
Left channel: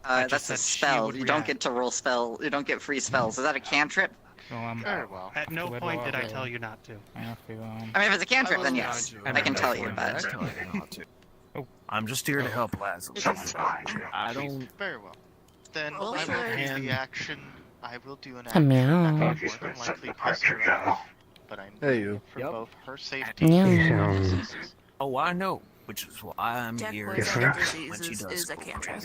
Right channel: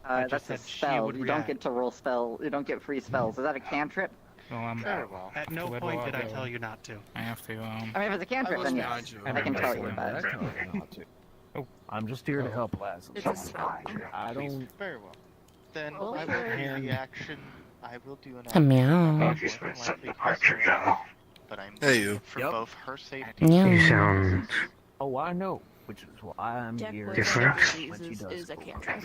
That's a spell. You don't get to roll spell. You don't get free spells. Is that a cantrip? Well, At no point did I tell you not to. I have to. I mean, if it's a cantrip, then yes, I can tell you. But Oh, I'm just here to help Lazarus. I don't. Very well. Then I will use the action. I will do an A meow. action likely possible, but I'm Hey, you. for Yep. both her safety Meow. and Oh, I know. Which is why I'm here. Different when she diseases does. is a cantrip.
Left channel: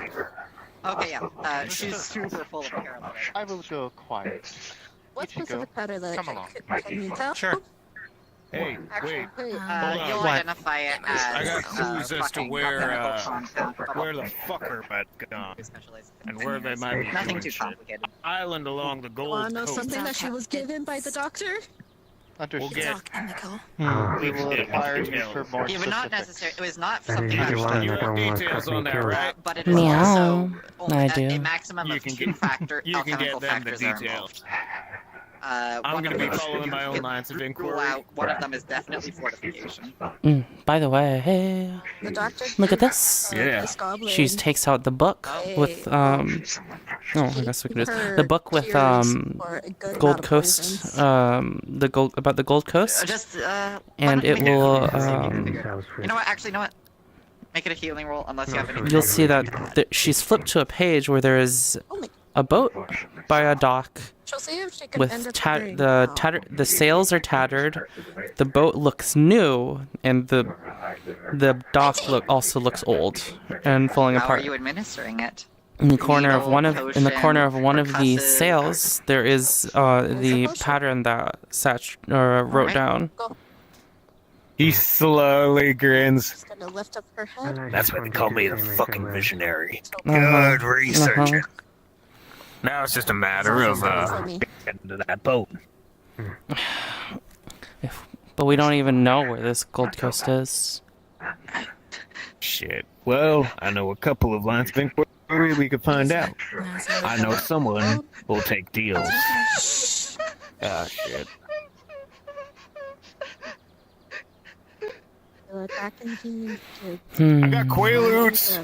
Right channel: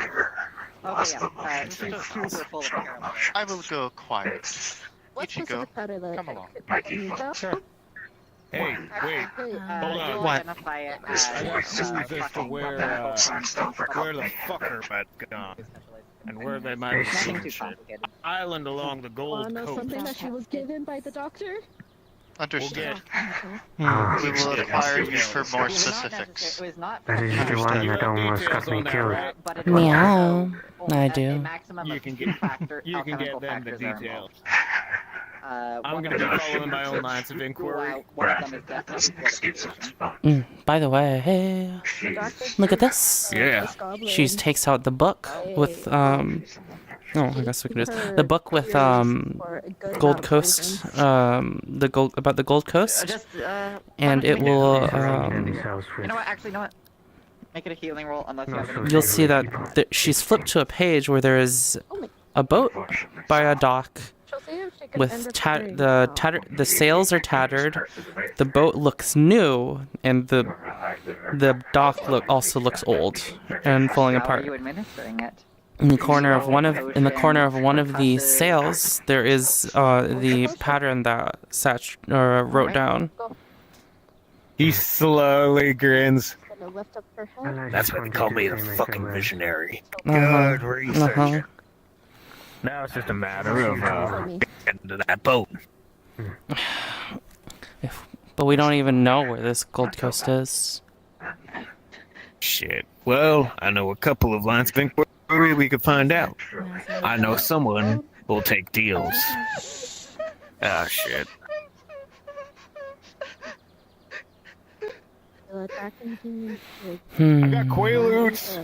okay, yeah. She's super full of paralytics. I will go quiet. What Ichigo, specific paralytic come along. can you tell? Sure. Hey, wait. Hey, Hold on. You'll What? identify it as I got clues as to fucking where the fucker might have gone and where they might be Nothing doing too shit. complicated. Island along the Gold wanna know Coast. something that she was given by the doctor? Understood. get- We will acquire you for more It was not necessary. specifics. It was not Understood. You have details on that, right? but it was Meow. also I a do. maximum You of can 2 get- factor You can alchemical get them the factors are details. involved. I'm One gonna of be them- following my own lines of inquiry. One of them is definitely fortification. By the way, hey, The doctor look at this. Yeah. this goblin. She takes out the book with Oh, I guess we can do this. The book with for a good Gold amount of Coast, reasons. the gold about the Gold Coast, Just and it will. You know what? Actually, you know what? Make it a healing roll unless you have. You'll see that she's flipped to a page where there is a boat by a dock She'll see if she can with end her turn. the sails are tattered, the boat looks new, and the dock also looks old and falling How are apart. you administering it? In the corner of one of the sails, there is the pattern that Satch wrote down. He slowly grins. She's gonna lift up her head. That's why they call me the fucking visionary. Uh-huh. Good researcher. Uh-huh. Now it's just a matter of getting to that boat. But we don't even know where this Gold Coast is. Shit. Well, I know a couple of lines of inquiry we could find out. I know someone will take deals. Ah, shit. Feel it back in here. I got Quaaludes.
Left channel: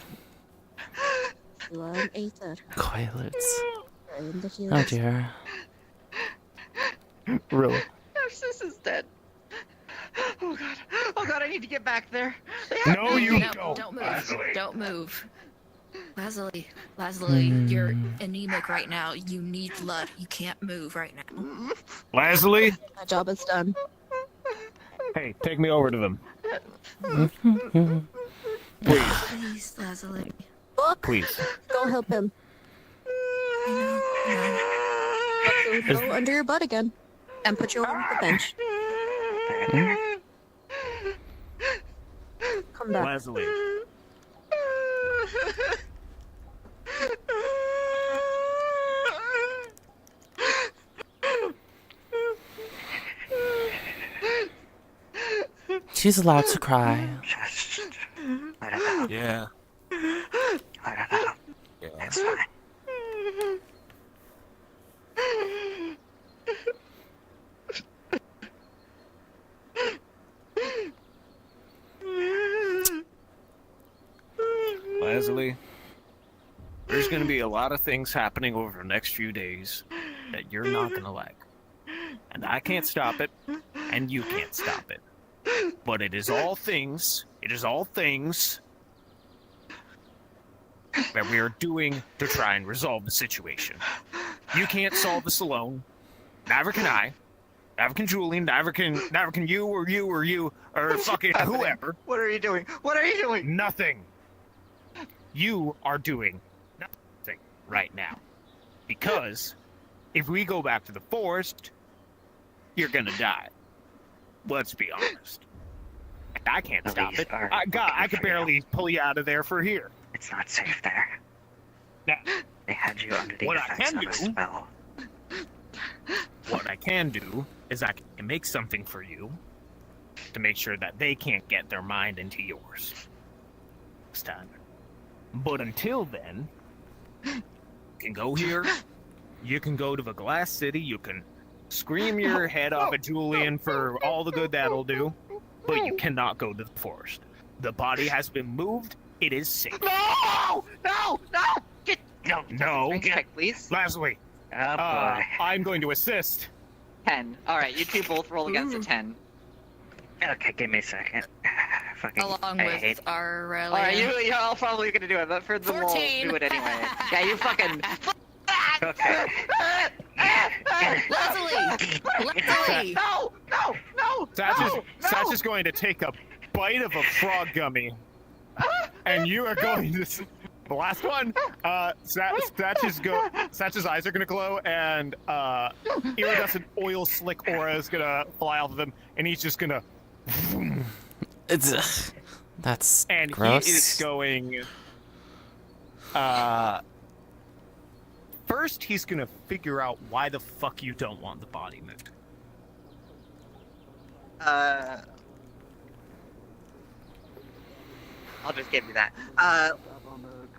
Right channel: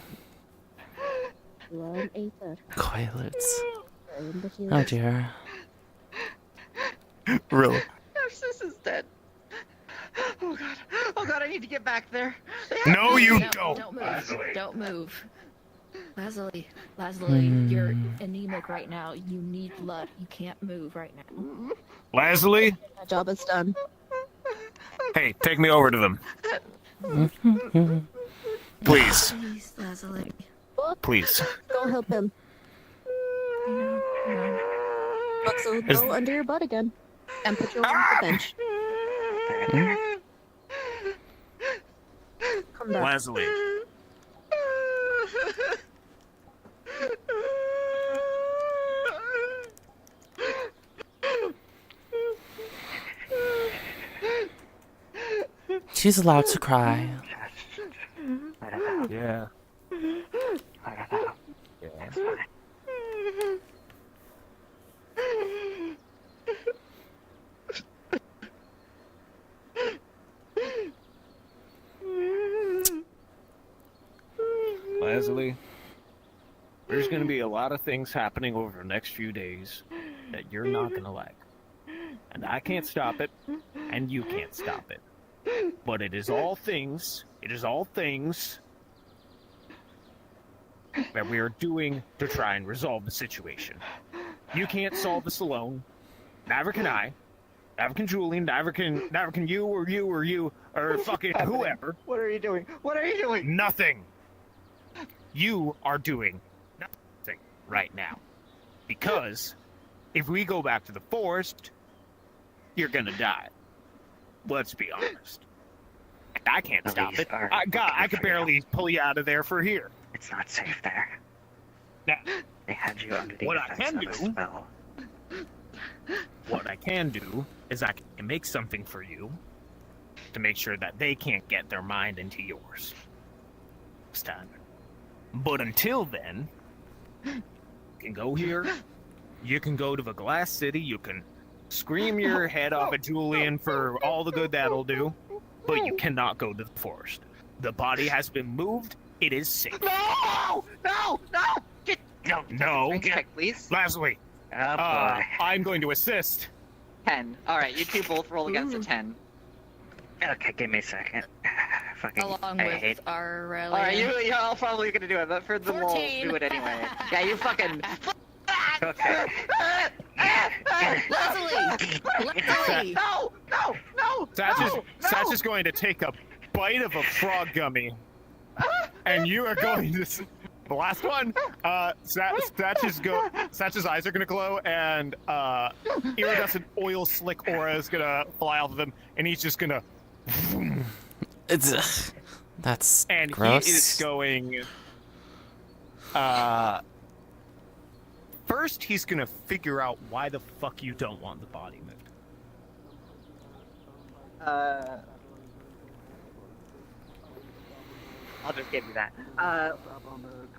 Learn Aether. Quaaludes. Learn the Oh healing. dear. Really? Nephsis is dead. Oh god. Oh god, I need to get back there. No, you No, don't. don't move. Don't move. Lazuli, you're anemic right now. You need blood. You can't move right now. Leslie? My job is done. Hey, take me over to them. Please. Please, Lazuli. Please. Go help him. Is- Go under your butt again. And put you on the bench. Come back. Leslie. She's allowed to cry. Yeah. It's fine. Leslie, there's going to be a lot of things happening over the next few days that you're not going to like. And I can't stop it, and you can't stop it. But it is all things that we are doing to try and resolve the situation. You can't solve this alone. Neither can I. Neither can Julian. Neither can you or fucking whoever. What are you doing? What are you doing? Nothing. You are doing nothing right now. Because if we go back to the forest, you're gonna die. Let's be honest. And I can't stop it. I could barely pull you out of there for here. It's not safe there. Now, They had you under the what I effects can of a do, spell. what I can do is I can make something for you to make sure that they can't get their mind into yours. Next time. But until then, you can go here. You can go to the Glass City. You can scream your head off at Julian for all the good that'll do. But you cannot go to the forest. The body has been moved. It is safe. No! No! No! No. Check, please. Leslie. I'm going to assist. 10. Alright, you two both roll against a 10. Okay, give me a second. Fucking, Along I with hate. our rally. Alright, you're all probably gonna do it, but for the roll, 14. do it anyway. Yeah, you fucking. Okay. Leslie! No! Satch is going to take a bite of a frog gummy. And you are going to... The last one, Satch's eyes are gonna glow, and iridescent oil slick aura is gonna fly off of him, and he's just gonna. That's and gross. he is going. First, he's gonna figure out why the fuck you don't want the body moved. I'll just give you that.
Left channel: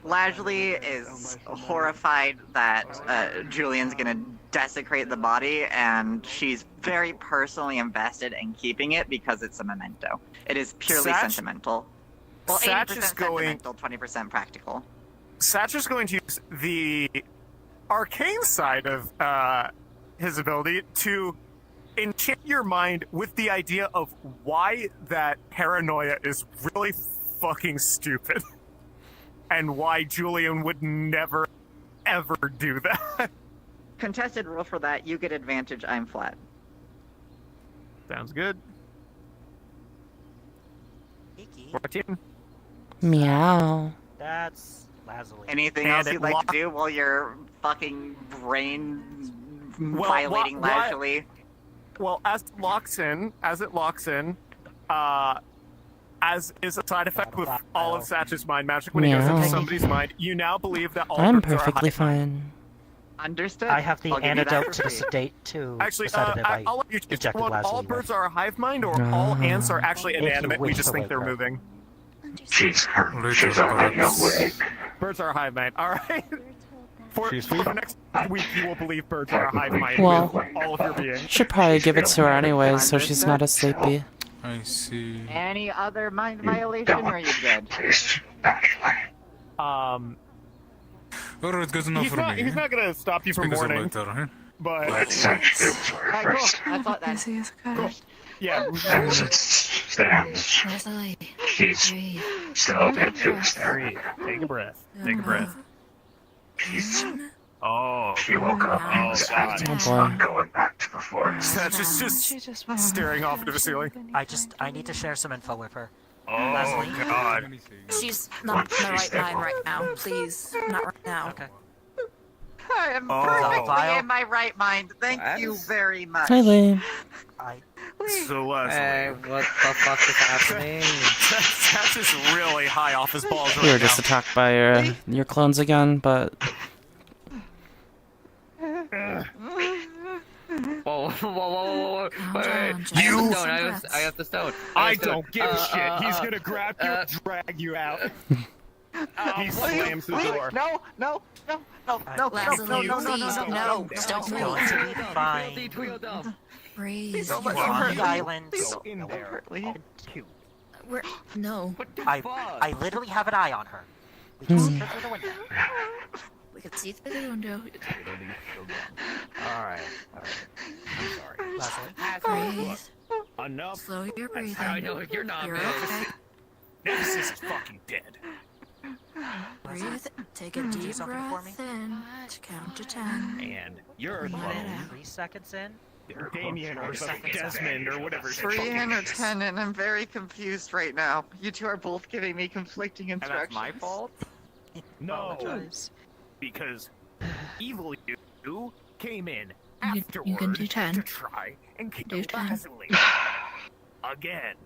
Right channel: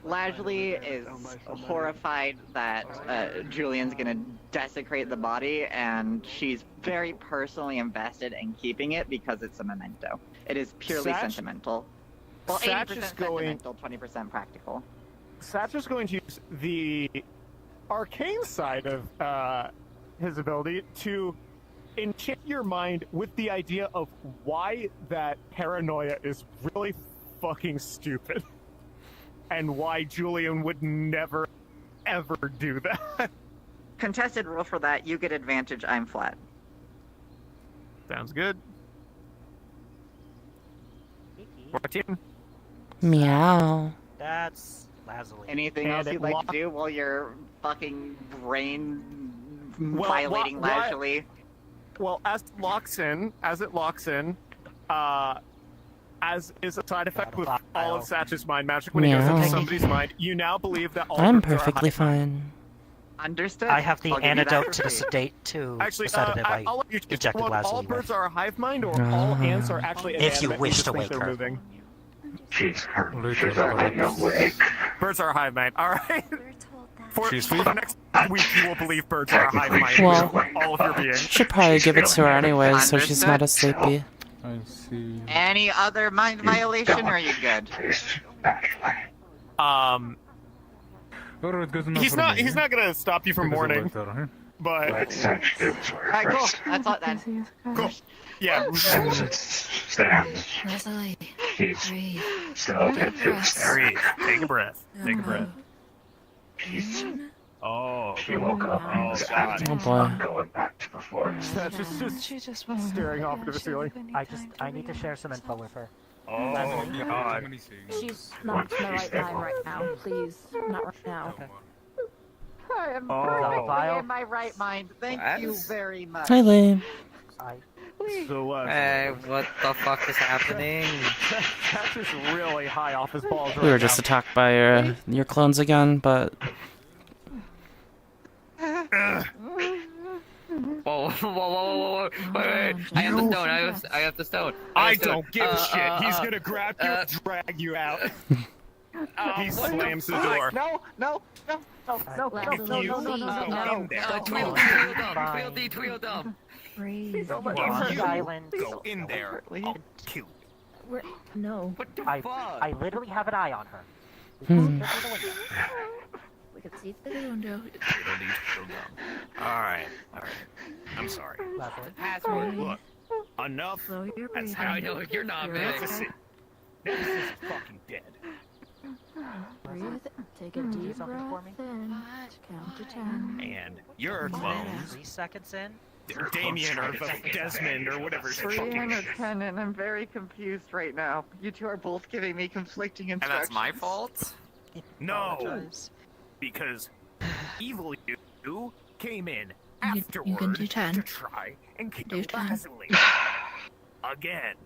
Largely is horrified that Julian's gonna desecrate the body, and she's very personally invested in keeping it because it's a memento. It is purely sentimental. Well, Satch 80% is going. sentimental, 20% practical. Satch is going to use the arcane side of his ability to enchant your mind with the idea of why that paranoia is really fucking stupid. And why Julian would never, ever do that. Contested rule for that, you get advantage, I'm flat. Sounds good. 14. Meow. That's Lazuli. Anything else you'd like to do while you're fucking brain violating Lazuli? Well, as it locks in, as is a side effect with all of Satch's mind magic when it goes into somebody's mind, you now believe that all I'm birds are perfectly high. fine. Understood. I have the I'll give you that antidote for to the free. sedate too. Actually, the sedative I I'll let you choose. injected All Lazuli birds with. are a hive mind, or all ants are actually If you inanimate. We wish just to think wake they're her. moving. She's already awake. Birds are a hive mind. All right. For the next week, you will believe birds are a hive mind. Well, with all of your being. should probably give it to her anyways, so she's not as sleepy. I see. Any other mind violation, or are you good? He's not gonna stop you from mourning, but Alright, cool. That's all then. Cool. Yeah. Rosalie, She's breathe. still good to us there. Breathe. Take a breath. Take a breath. Oh, She woke up and was Oh boy. going back to the forest. That's just staring off into the ceiling. I need to share some info with her. Oh God. She's not in the right mind right now. Please, not right now. Okay. I am Oh. perfectly in my right mind. Thank you very much. Hi, Lee. So what the fuck is happening? That's just really high off his balls. We were just attacked by your clones again, but Whoa. Wait. I have the stone. I have the stone. I don't give a shit. He's gonna grab you and drag you out. He slams the door. No. Lazuli, please, no. Stop me. Tweel dumb. Breathe. Go in there. Cute. No. What the fuck? I literally have an eye on her. We could see through the window. Alright. I'm sorry. Breathe. Enough. Slow your breathing. I know you're not, You're man. okay. Nephsis is fucking dead. Breathe. Take a deep breath in. Count to 10. And you're a Breathe clone. out. 3 seconds in. Damien or Desmond or whatever. his fucking name is. and I'm very confused right now. You two are both giving me conflicting instructions. And that's my fault? No. Because evil you came in You afterward can do 10. to try and kill Do 10. Lazuli. Again.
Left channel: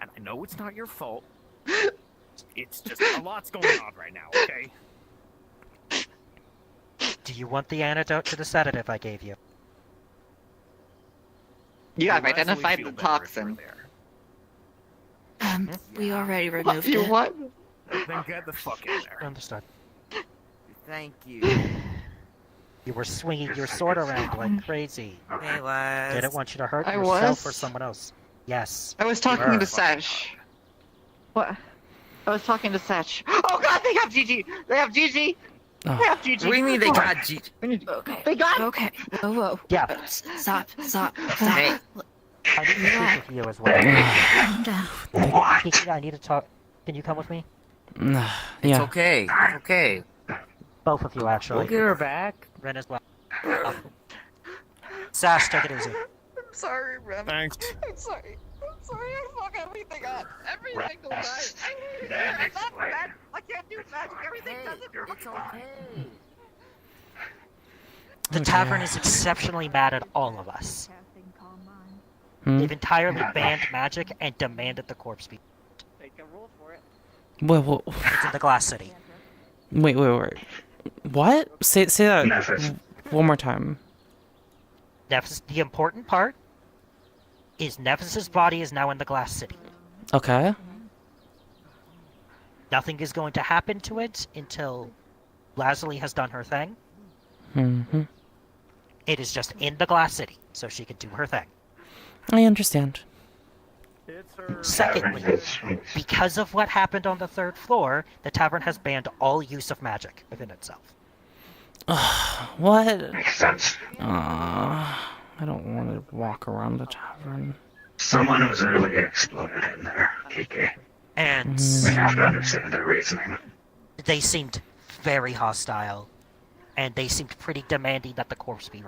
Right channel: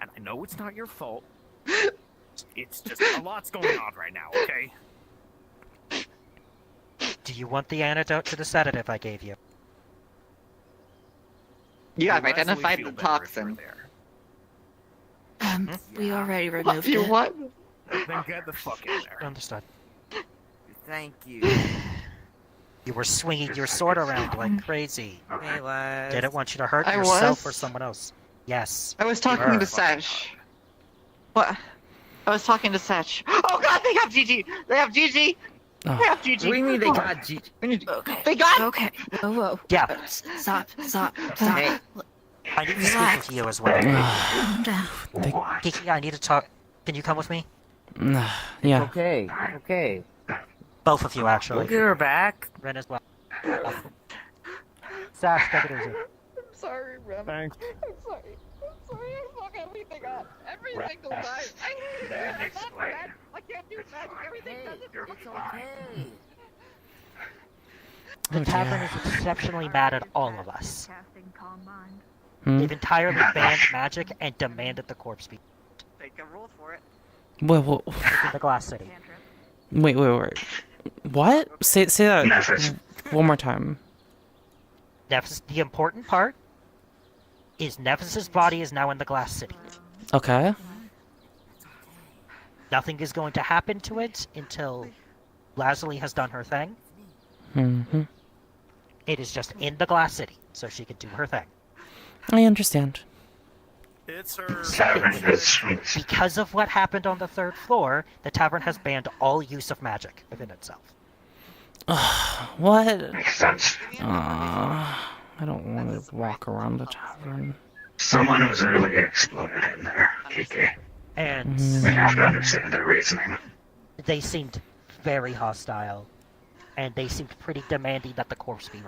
And I know it's not your fault. It's just a lot's going on right now, okay? Do you want the antidote to the sedative I gave you? You have Lazuli identified feel the better if you're toxin. there. We already removed You it. what? Then get the fuck in there. Understood. Thank you. You were swinging your sword around like crazy. Hey, Les. Didn't want you to hurt I yourself was? or someone else. Yes. I was you talking were. to Sesh. What? I was talking to Sesh. Oh god, they have Gigi! They have Gigi! Oh. What do you mean they got Gigi? Okay. They got. Okay. Whoa, whoa. Yeah. Stop. Hey. I need to speak with you as well. Calm down. Kiki, I need to talk. Can you come with me? Yeah. Okay. Okay. Both of you, actually. We'll get her back. Ren as well. Sash, take it easy. I'm sorry, Rem. Thanks. I'm sorry. I fuck everything up. Every single time. I'm not bad. I can't do magic. Everything doesn't. It's okay. The Oh, tavern dear. is exceptionally mad at all of us. Hmm? They've entirely banned magic and demanded the corpse be. They can rule for it. Wait. It's in the Glass City. Wait. What? Say that one more time. Nephsis, the important part is Nephis's body is now in the Glass City. Okay. Nothing is going to happen to it until Lazuli has done her thing. Mm-hmm. It is just in the Glass City, so she can do her thing. I understand. Secondly, because of what happened on the 3rd floor, the tavern has banned all use of magic within itself. What? Makes sense. I don't want to walk around the tavern. Someone was really exploded in there, Kiki. And We have to understand their reasoning. they seemed very hostile, and they seemed pretty demanding that the corpse be.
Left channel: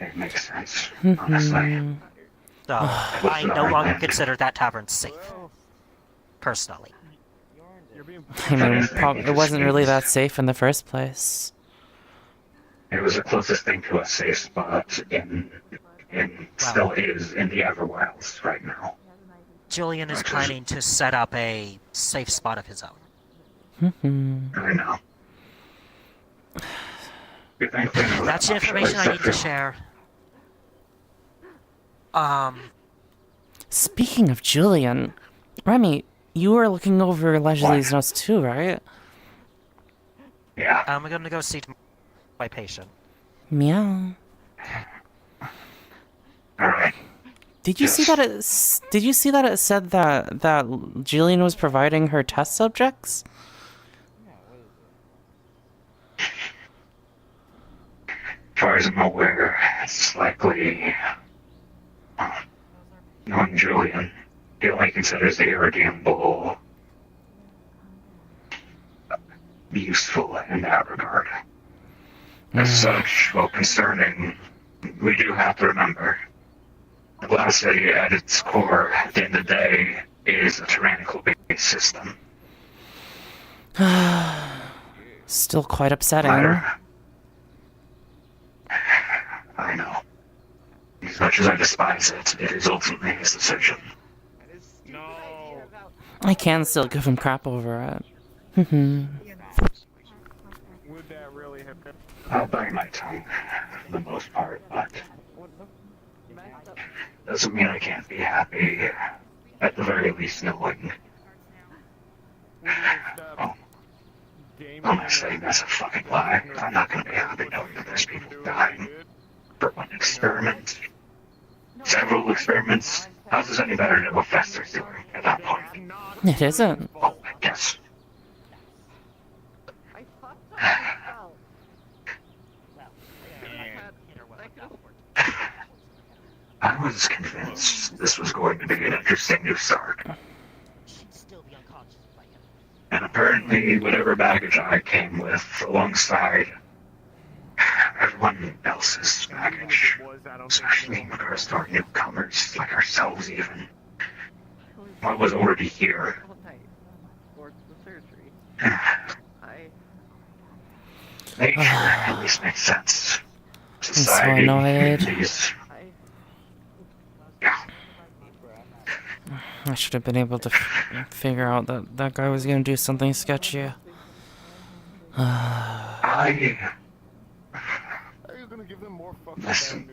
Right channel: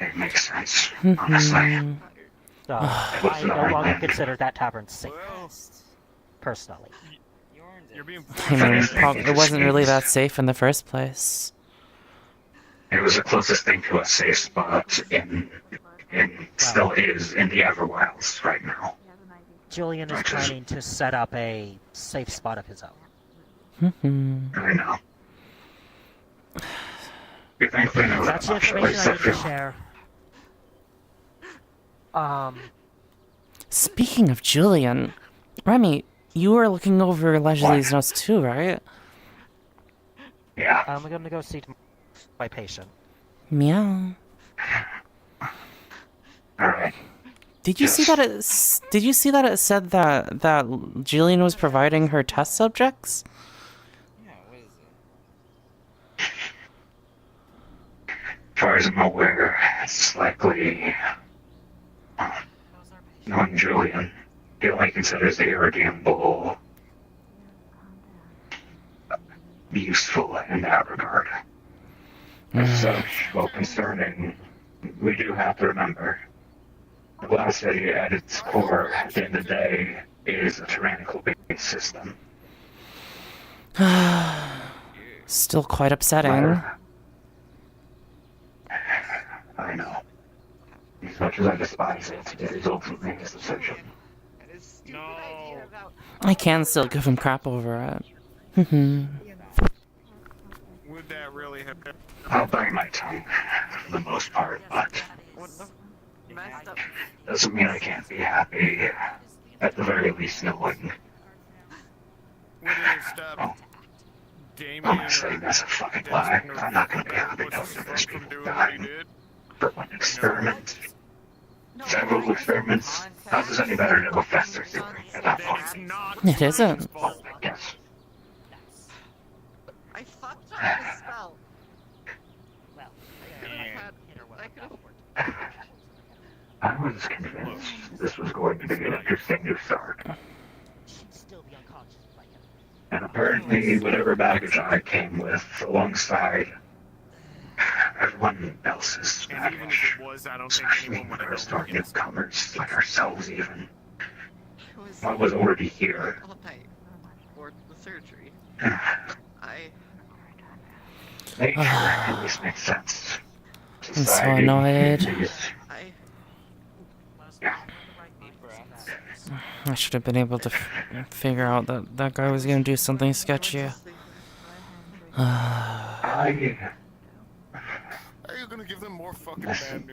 It makes sense, Mm-hmm. honestly. So I no longer consider that tavern safe, personally. I mean, it wasn't really that safe in the first place. It was the closest thing to a safe spot still is in the Everwilds right now. Julian is planning to set up a safe spot of his own. Mm-hmm. I know. We thankfully know That's the much, information I need to except share. Speaking of Julian, Remy, you were looking over Leslie's notes too, right? Yeah. I'm gonna go see my patient. Meow. Alright. Did you see that it said that Julian was providing her test subjects? As far as I'm aware, it's likely knowing Julian, he only considers the irredeemable useful in that regard. As such, while concerning, we do have to remember, the Glass City at its core, at the end of the day, is a tyrannical-based system. Still quite upsetting. I know. As much as I despise it, it is ultimately his decision. I can still give him crap over it. Would that really have been? I'll bite my tongue, for the most part, but doesn't mean I can't be happy, at the very least knowing. Oh, I'm not saying that's a fucking lie. I'm not gonna be happy knowing that there's people dying for one experiment. Several experiments. How does any better know what Fester's doing at that point? It isn't. Well, I guess. I was convinced this was going to be an interesting new start. And apparently, whatever baggage I came with alongside everyone else's baggage, especially when I was talking to newcomers like ourselves even, I was already here. Nature at least makes sense. I'm so annoyed. These I should have been able to figure out that that guy was gonna do something sketchy. Listen,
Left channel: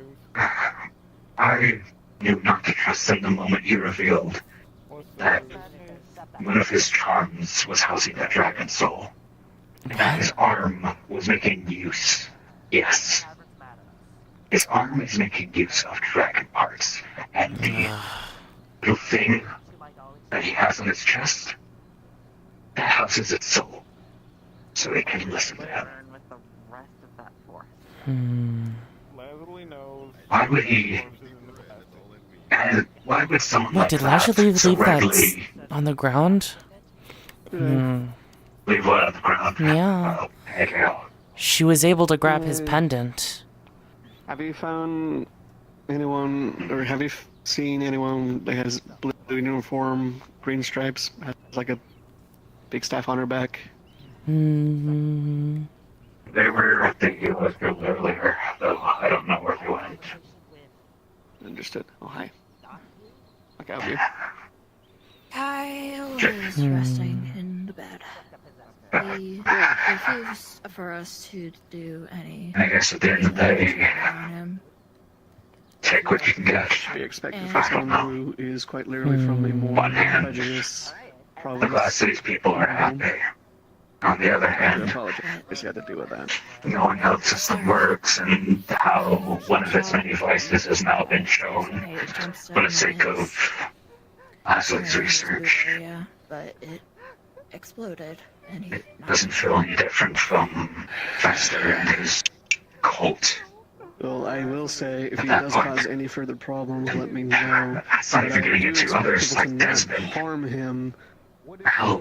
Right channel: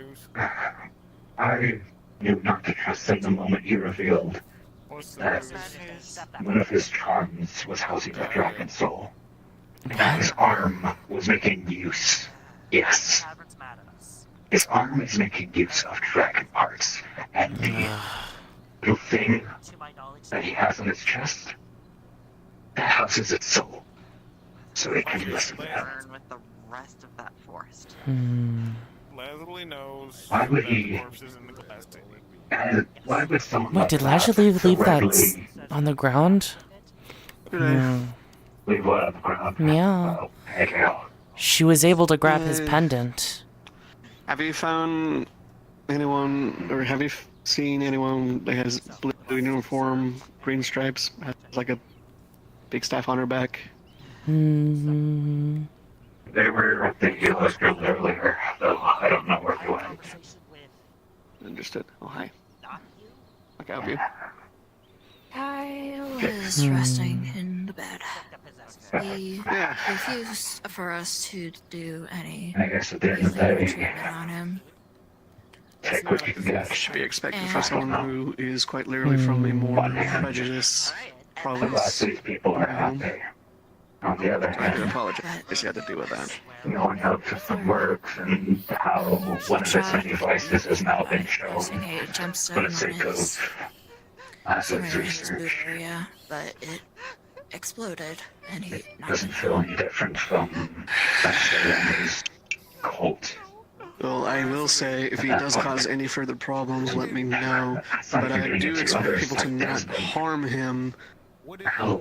I knew not to trust him the moment he revealed that one of his charms was housing that dragon soul. And that his arm was making use. Yes. His arm is making use of dragon parts. And the little thing that he has on his chest, that houses its soul. so we can listen to him. Why would he? And why would someone Wait, like did that Lazuli so leave that readily on the ground? leave what on the ground? Yeah. Hey, She was able to grab his pendant. Have you found anyone, or have you seen anyone that has blue uniform, green stripes, has like a big staff on her back? Hmm. They were thinking it was good earlier, though I don't know where they went. Understood. Oh, hi. I can help you. I was resting in the bed. He refused for us to do any I guess at the end of the day, treatment on him. take what you can get. Should be expected for someone who is quite literally from a more prejudiced province. The rest of these people are happy. On the other I do hand, apologize. You had to deal with that. no one knows system works and how one of its many vices has now been shown for the sake of Azo's research. Area, but it exploded, and he Doesn't feel any different from Fester and his cult. Well, I will say, if he does cause any further problems, let me know. That's not But I even getting do into expect others people to like not Desmond. harm him,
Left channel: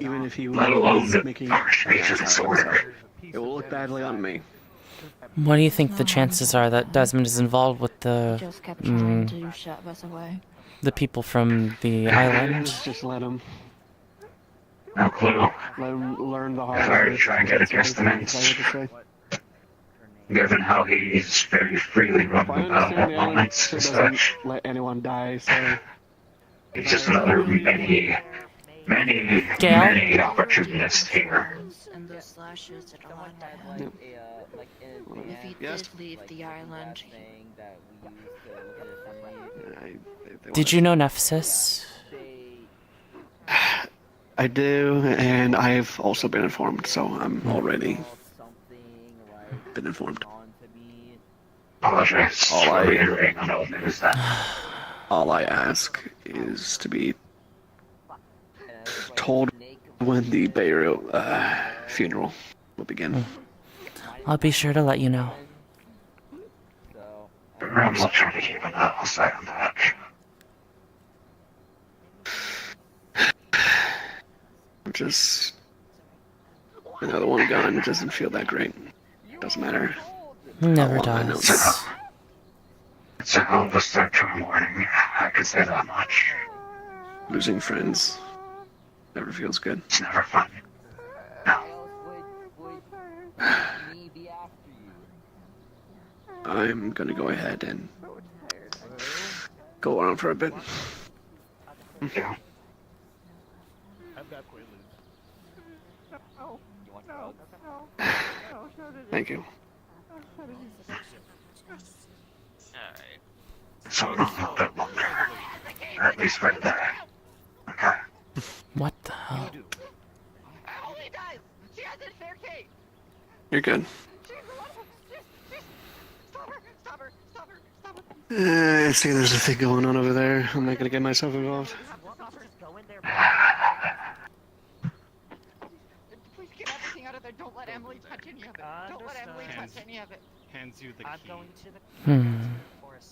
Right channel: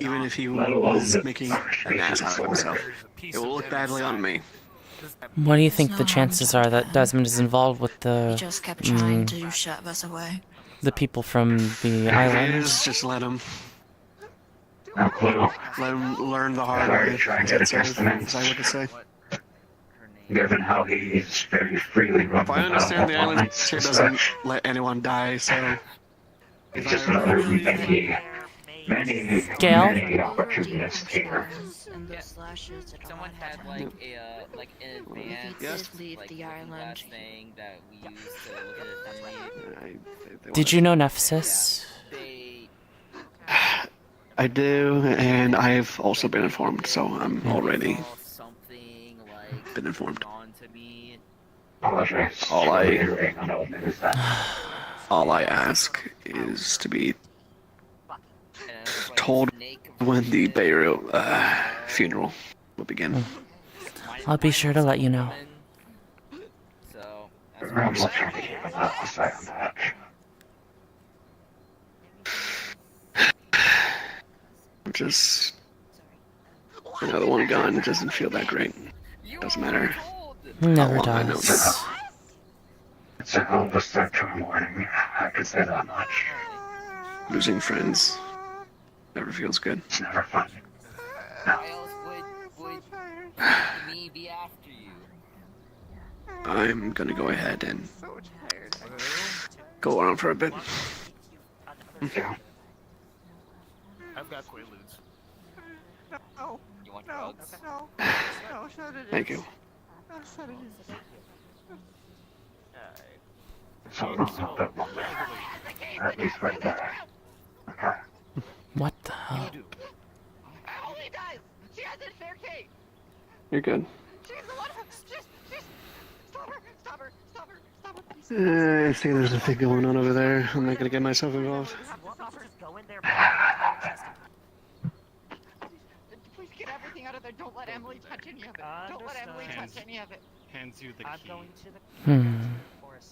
even if he Let alone was the making first an pages ass of out of disorder. himself. It will look badly on me. What do you think the chances are that Desmond is involved with he the just kept trying to shove us away. the people from the island? Just let him. No clue. Let him learn the hard I've already way. tried to That's adjust everything them. I would say. Given how he's very freely If running I about understand, the at island moments sure and doesn't such, let anyone die, so... he's just another many Gail? opportunists here. And those slashes did a lot to him. If he did leave the island, Did you know Nephsis? I do, and I've also been informed, so I'm already been informed. Apologize. All I ask is to be told when the burial funeral will begin. I'll be sure to let you know. I'm not trying to keep an eye on that. Just another one gone. It doesn't feel that great. Doesn't matter. Never how long I know does. It's a hell of a start to a morning. I can say that much. Losing friends never feels good. It's never fun. No. I'm gonna go ahead and go on for a bit. Yeah. Thank you. So I don't know that we'll or at least right there. What the hell? Holy dies! She has a staircase! You're good. I see there's a thing going on over there. I'm not gonna get myself involved. Please get everything out of there. Don't let Emily touch any of it. Don't let Emily touch any of it. Hands you the key. I'm going to the forest.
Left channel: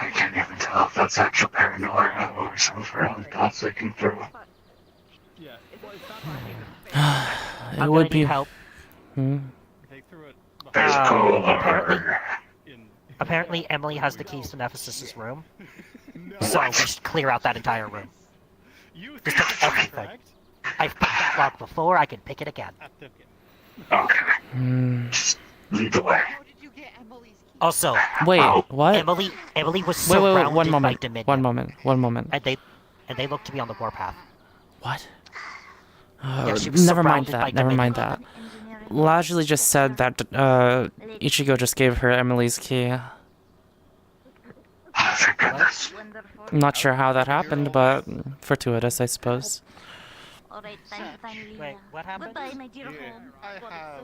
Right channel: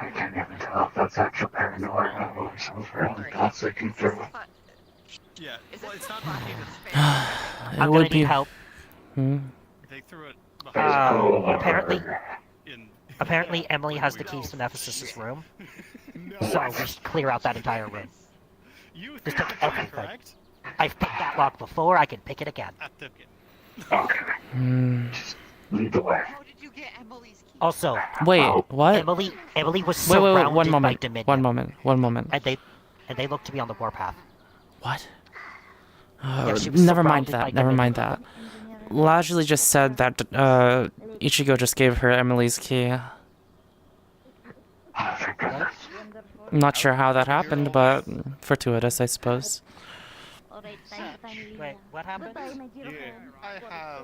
I can't even tell if that's actual paranoia or some other thoughts I can throw. Yeah, well, it's not It would be. Help. They threw it Apparently, Emily has the keys to Nephsis' room, so we should clear out that entire room. Just take everything. I've picked that lock before. I can pick it again. Okay. Lead the way. Also, Wait, what? Emily was Wait, surrounded one by moment. Dominion. One moment. And they look to be on the warpath. What? Yeah, she was Never mind surrounded by that. Never Dominion. mind that. Lazuli just said that Ichigo just gave her Emily's key. I'm not sure how that happened, but fortuitous, I suppose. Wait, what happened? I have.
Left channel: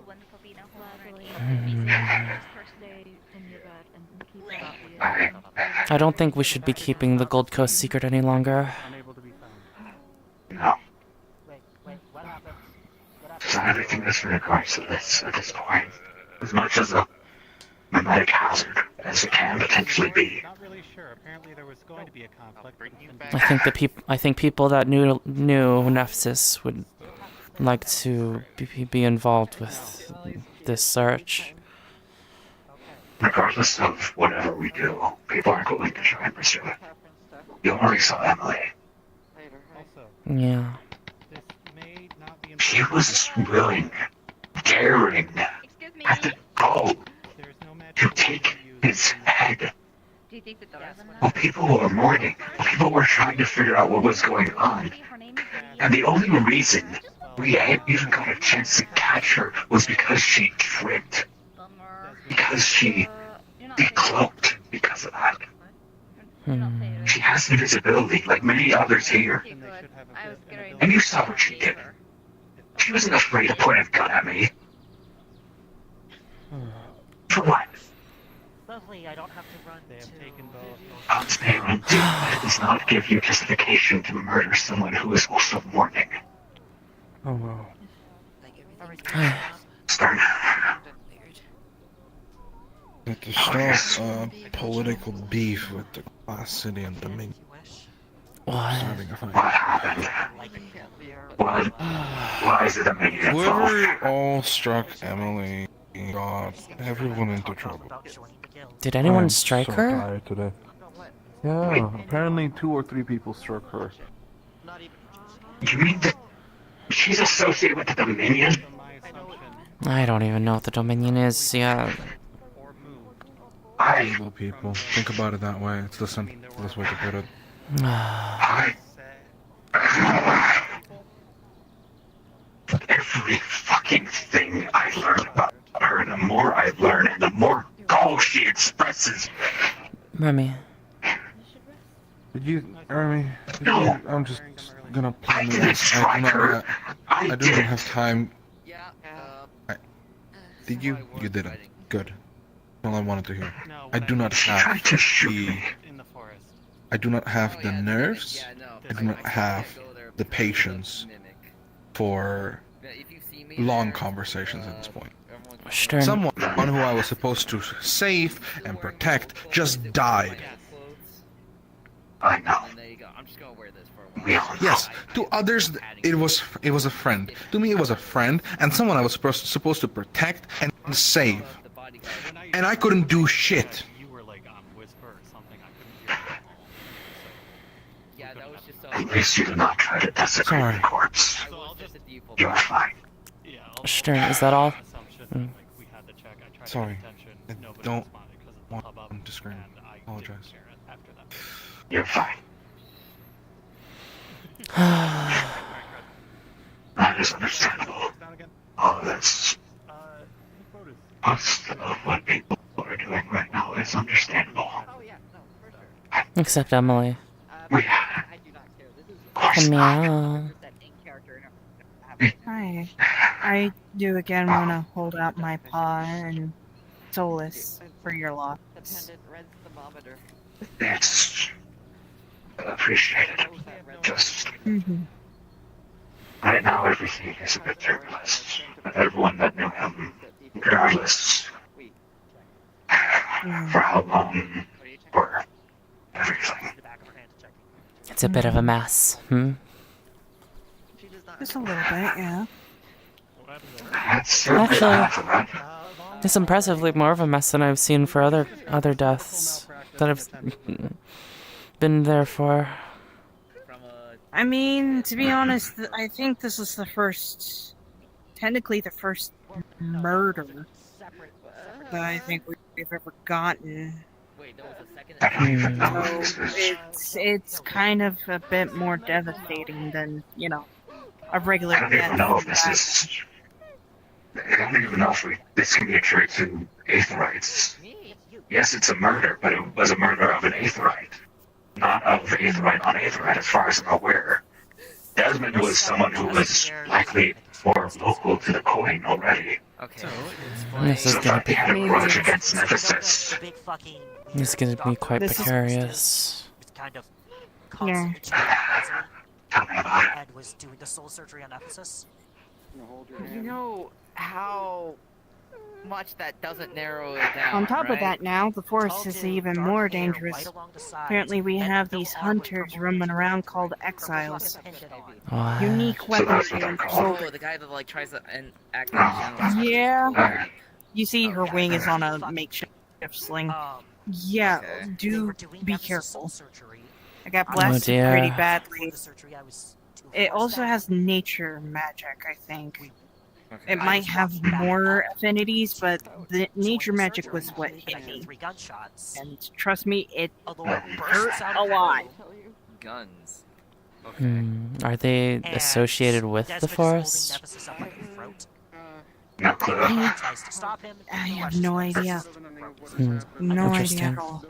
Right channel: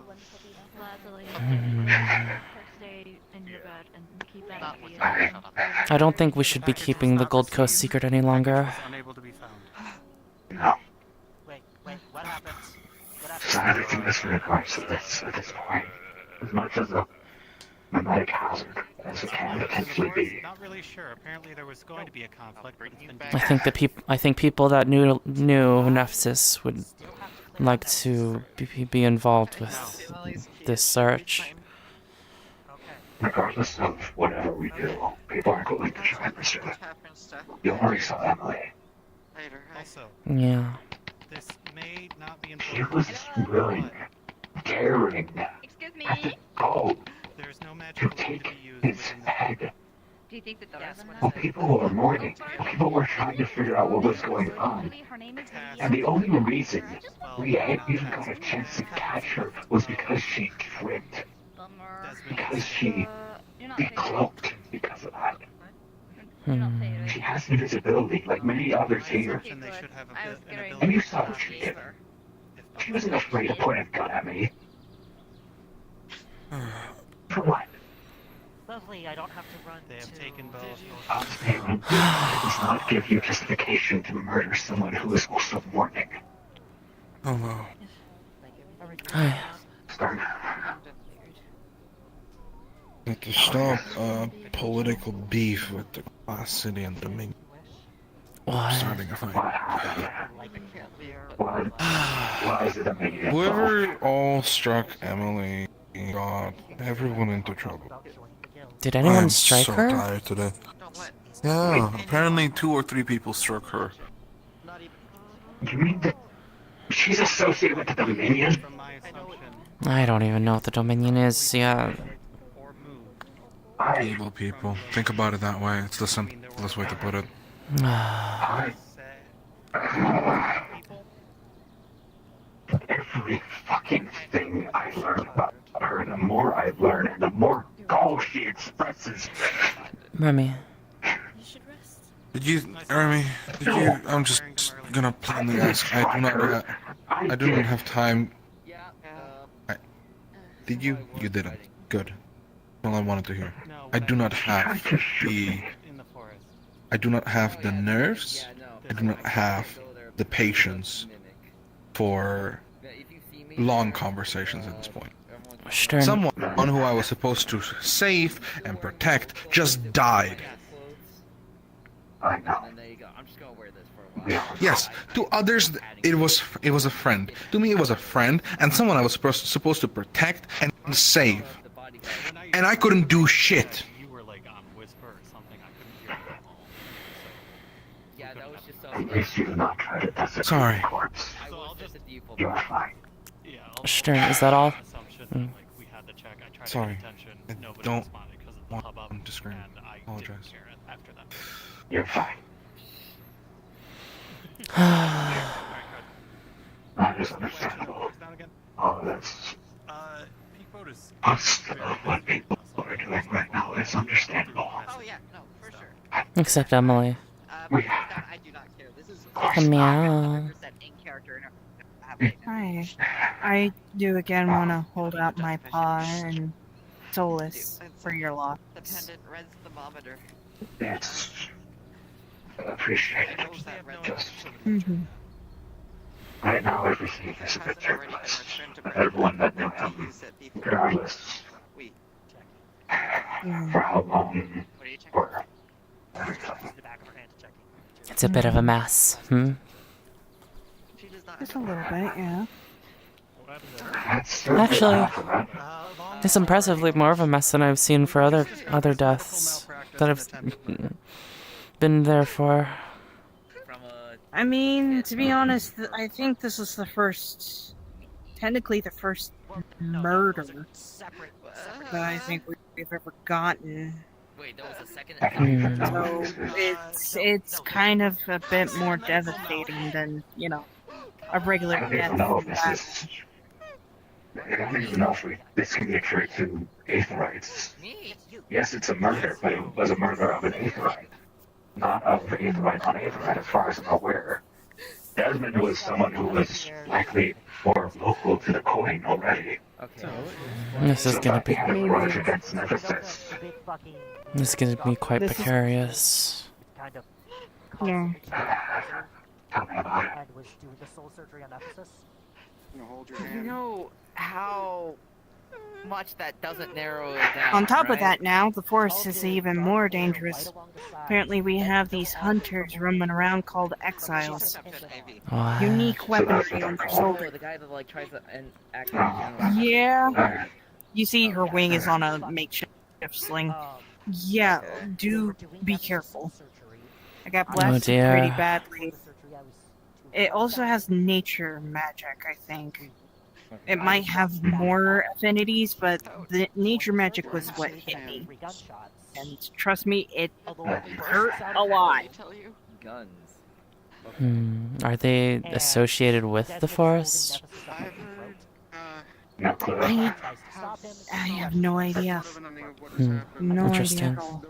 I don't think we should be keeping the Gold Coast secret any longer. No. So everything that's in regards to this at this point, as much as a mimetic hazard as it can potentially be. Not really sure. Apparently there was going to be a conflict. I think people that knew Nephsis would like to be involved with this search. Regardless of whatever we do, people aren't going to try and pursue it. You already saw Emily. Yeah. She was willing, daring, at the goal to take his head. While people were mourning, people were trying to figure out what was going on. And the only reason we had even got a chance to catch her was because she tripped. Because she decloaked because of that. She has invisibility like many others here. And you saw what she did. She wasn't afraid to point a gun at me. For what? Lovely, I don't have to run It does not give you justification to murder someone who is also mourning. Oh no. Stern. To stop political beef with the Glass City and Dominion. What? Why is it Dominion? Whoever all struck Emily got everyone into trouble. Did anyone I'm strike so her? Tired today. Yeah, apparently 2 or 3 people struck her. You mean that she's associated with the Dominion? I don't even know what the Dominion is. Yeah. Evil people. Think about it that way. It's the simplest way to put it. Every fucking thing I learn about her, the more I learn, the more gall she expresses. Remy. Did you, Remy? I'm just gonna plainly ask. I do not have time. Did you? You didn't. Good. All I wanted to hear. I do not have the. I do not have the nerves. I do not have the patience for long conversations at this point. Stern. Someone who I was supposed to save and protect just died. I know. Yes, to others it was a friend. To me it was a friend and someone I was supposed to protect and save. And I couldn't do shit. At least you did not try to desecrate Sorry. the corpse. You're fine. Stern, is that all? Sorry. I don't want to scream. Apologize. You're fine. That is understandable. All this. Us, what people are doing right now is understandable. Except Emily. Meow. Hi. I do again want to hold out my paw and solace for your loss. It's appreciated. Just Mm-hmm. right now, everything is a bit turbulent. Everyone that knew him, regardless for how long or everything. It's a bit of a mess. Just a little bit, yeah. Actually, it's impressively more of a mess than I've seen for other deaths that I've been there for. I mean, to be honest, I think this is technically the first murder that I think we've ever gotten. So it's kind of a bit more devastating than, a regular I don't death. even know if I don't even know if this can be attributed to Aetherites. Yes, it's a murder, but it was a murder of an Aetherite. Not of Aetherite on Aetherite, as far as I'm aware. Desmond was someone who was likely more local to the coin already. This is gonna be. Had a grudge against Nephsis. This is gonna be quite precarious. Yeah. Tell me about it. Was doing the soul surgery on Nephsis. You know how much that doesn't narrow it down. On top of right? that now, the forest is even more dangerous. Apparently we have these hunters roaming around called exiles. What? Unique weaponry on their shoulder. Oh, the guy that like tries to act like a general. Yeah. You see her wing is on a makeshift sling. Yeah, do be careful. I got blasted dear. pretty badly. It also has nature magic, I think. It might have more affinities, but the nature magic was what hit me. And trust me, it hurt a lot. Guns. Are they associated with the forest? I have no idea. No Interesting. idea at all.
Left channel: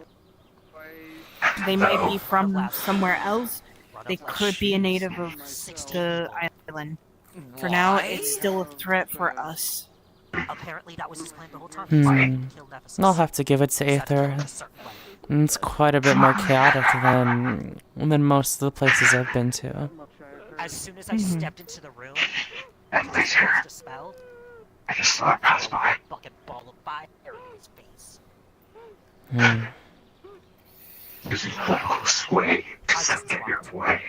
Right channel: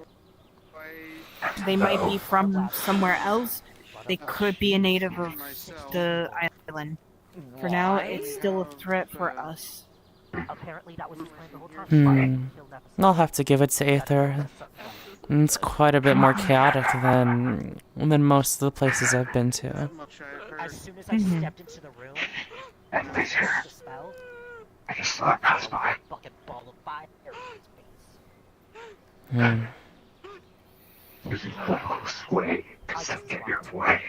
They might be from somewhere else. They could be a native of the island. For now, it's still a threat for us. I'll have to give it to Aether. It's quite a bit more chaotic than most of the places I've been to. As soon as I stepped into the room, And it was dispelled. I just saw it pass by. Fucking ball of fire in his face. Using a little sway to get your way.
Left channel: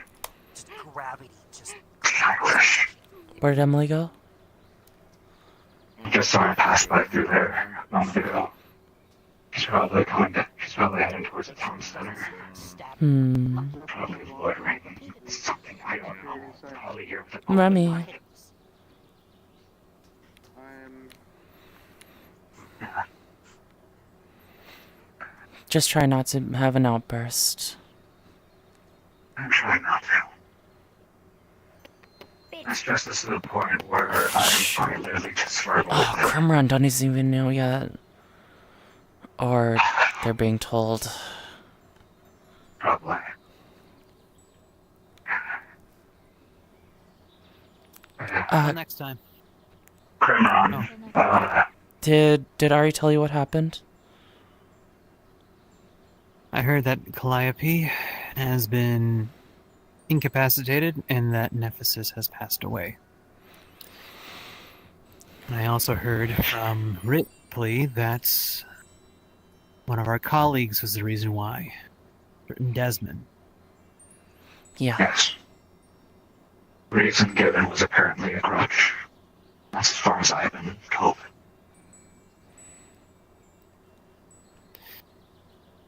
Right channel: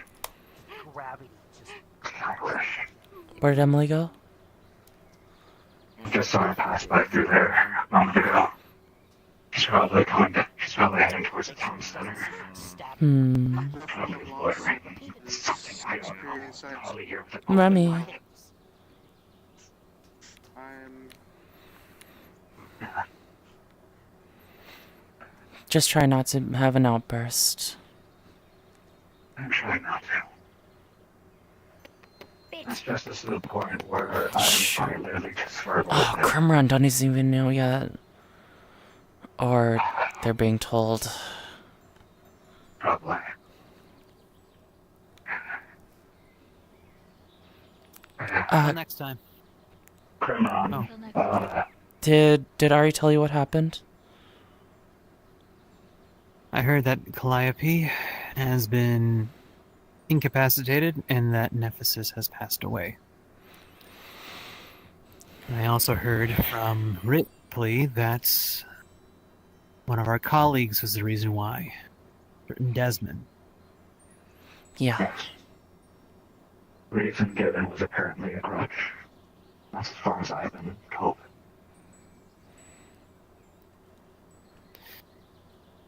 Where did Emily go? I just saw it pass by through there a moment ago. He's probably heading towards the town center. Probably loitering. Something, I don't know. Probably here with the Remy. Just try not to have an outburst. I'm trying not to. It's just this little point where I'm literally just for Oh, Crimrun doesn't even know yet. Or they're being told. Probably. Next time. Did Ari tell you what happened? I heard that Calliope has been incapacitated and that Nephsis has passed away. And I also heard from Ripley that one of our colleagues was the reason why. Certain Desmond. Yeah. Yes. Reason given was apparently a grudge. That's as far as I've been told.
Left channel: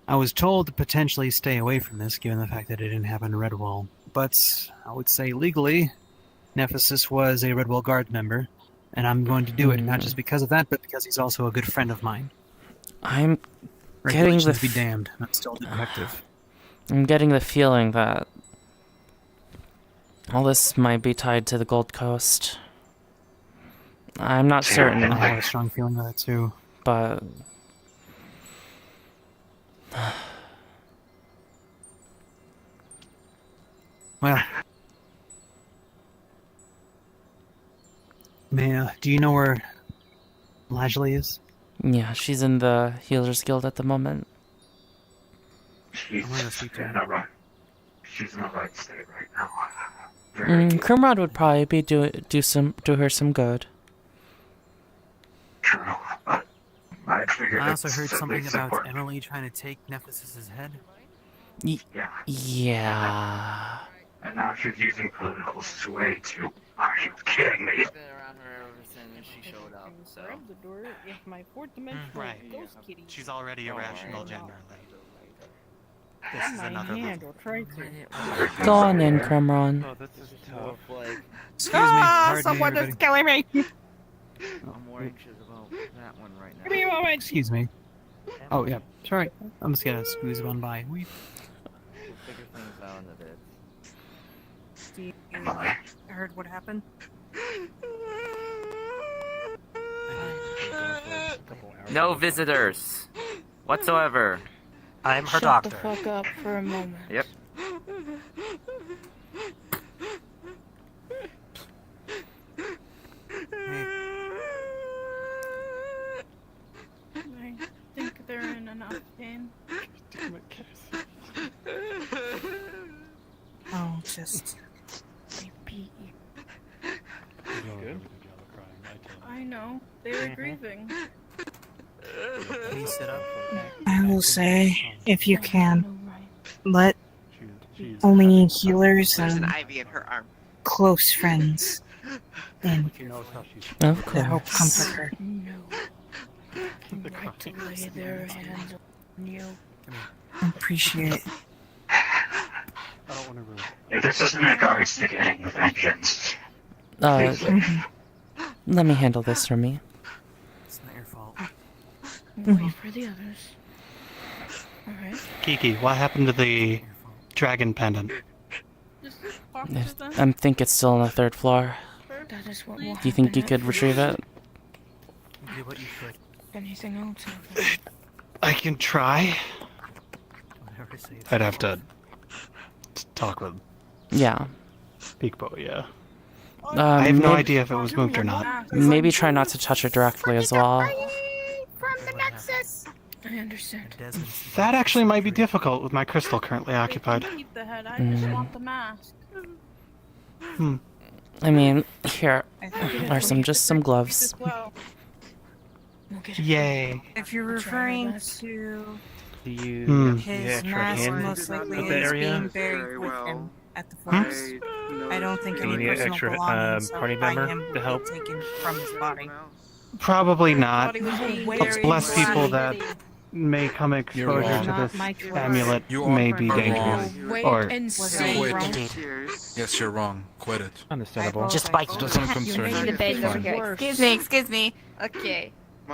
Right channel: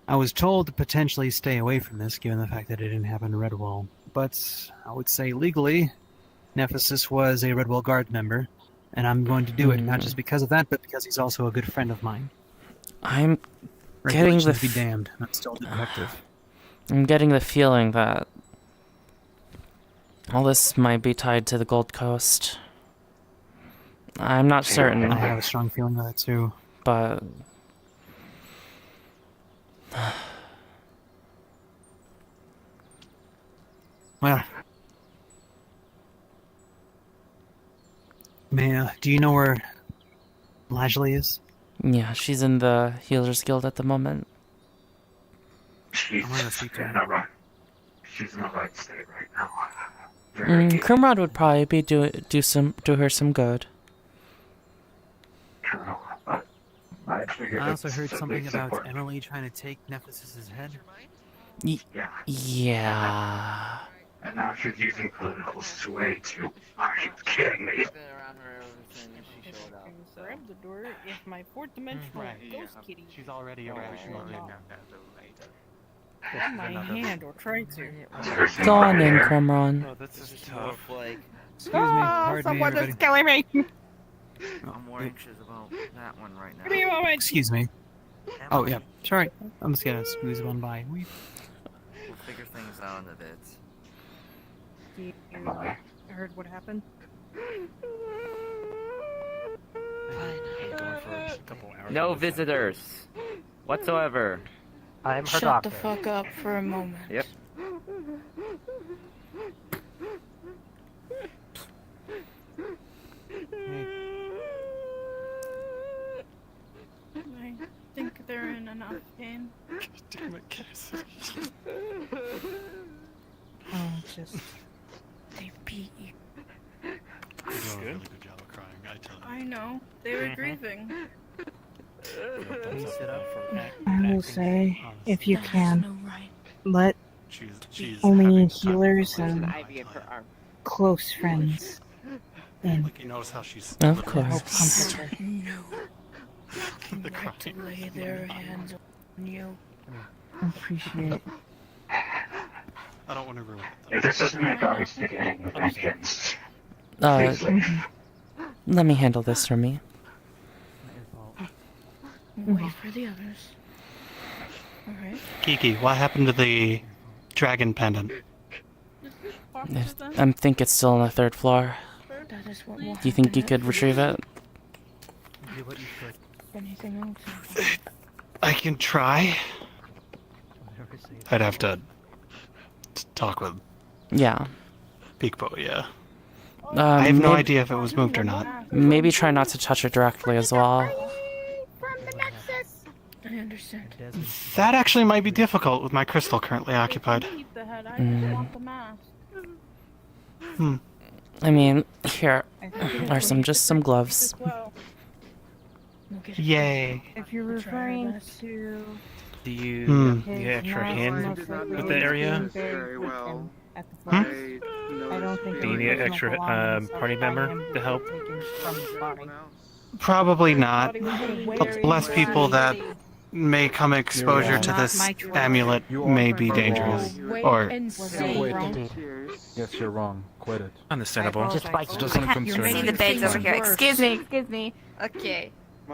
I was told to potentially stay away from this, given the fact that it didn't happen in Redwall. But I would say legally, Nephsis was a Redwall Guard member, and I'm going to do it, not just because of that, but because he's also a good friend of mine. I'm getting the be damned. That's still detective. I'm getting the feeling that all this might be tied to the Gold Coast. I'm not certain. I have a strong feeling of that too. But well, Maya, do you know where Lajley is? yeah, she's in the Healers Guild at the moment. She's in a right. She's in a right state right now. Crimrod would probably be do her some good. True. I also heard something about Emily trying to take Nephsis' head. Yeah. And now she's using political sway to. Are you kidding me? Grab the door with my fourth dimensional ghost kitty. She's already a rational gender. Grab my hand or try to. Go on in, Crimron. Oh, that's just tough. Excuse me. Someone is killing me. I'm more anxious about that one right now. Give me a moment. Excuse me. Oh, yeah. Sorry. I'm just gonna squeeze one by. We'll figure things out in a bit. Steve, I heard what happened. No visitors whatsoever. I'm her Shut doctor. the fuck up for a moment. Yep. I think they're in enough pain. Oh, just... I beat you. I know. They were grieving. I will say, if you can, let only healers and close friends in. Of To help course. comfort her. Like to lay their hands on you. I appreciate it. This doesn't regards to getting vengeance. Let me handle this for me. Wait for the others. Alright. Kiki, what happened to the dragon pendant? I think it's still on the 3rd floor. That is what will Do you think you happen could retrieve it? Anything else? I can try. I'd have to talk with Yeah. Peekbo, yeah. I have no idea if it was moved or not. Maybe try not to touch it directly as well. I understand. That actually might be difficult with my crystal currently occupied. I mean, here are some gloves. Yay. If you're referring to Do you his extra mask hand most likely with the is area? being buried with him at the forest, I don't think Do you need an extra party member to help? taken from his body. Probably not. Less people that may come exposure to this amulet may be dangerous. Or Yes, you're wrong. Quit it. Understandable. Just by doesn't concern See me. the beds over here. Excuse me. Okay.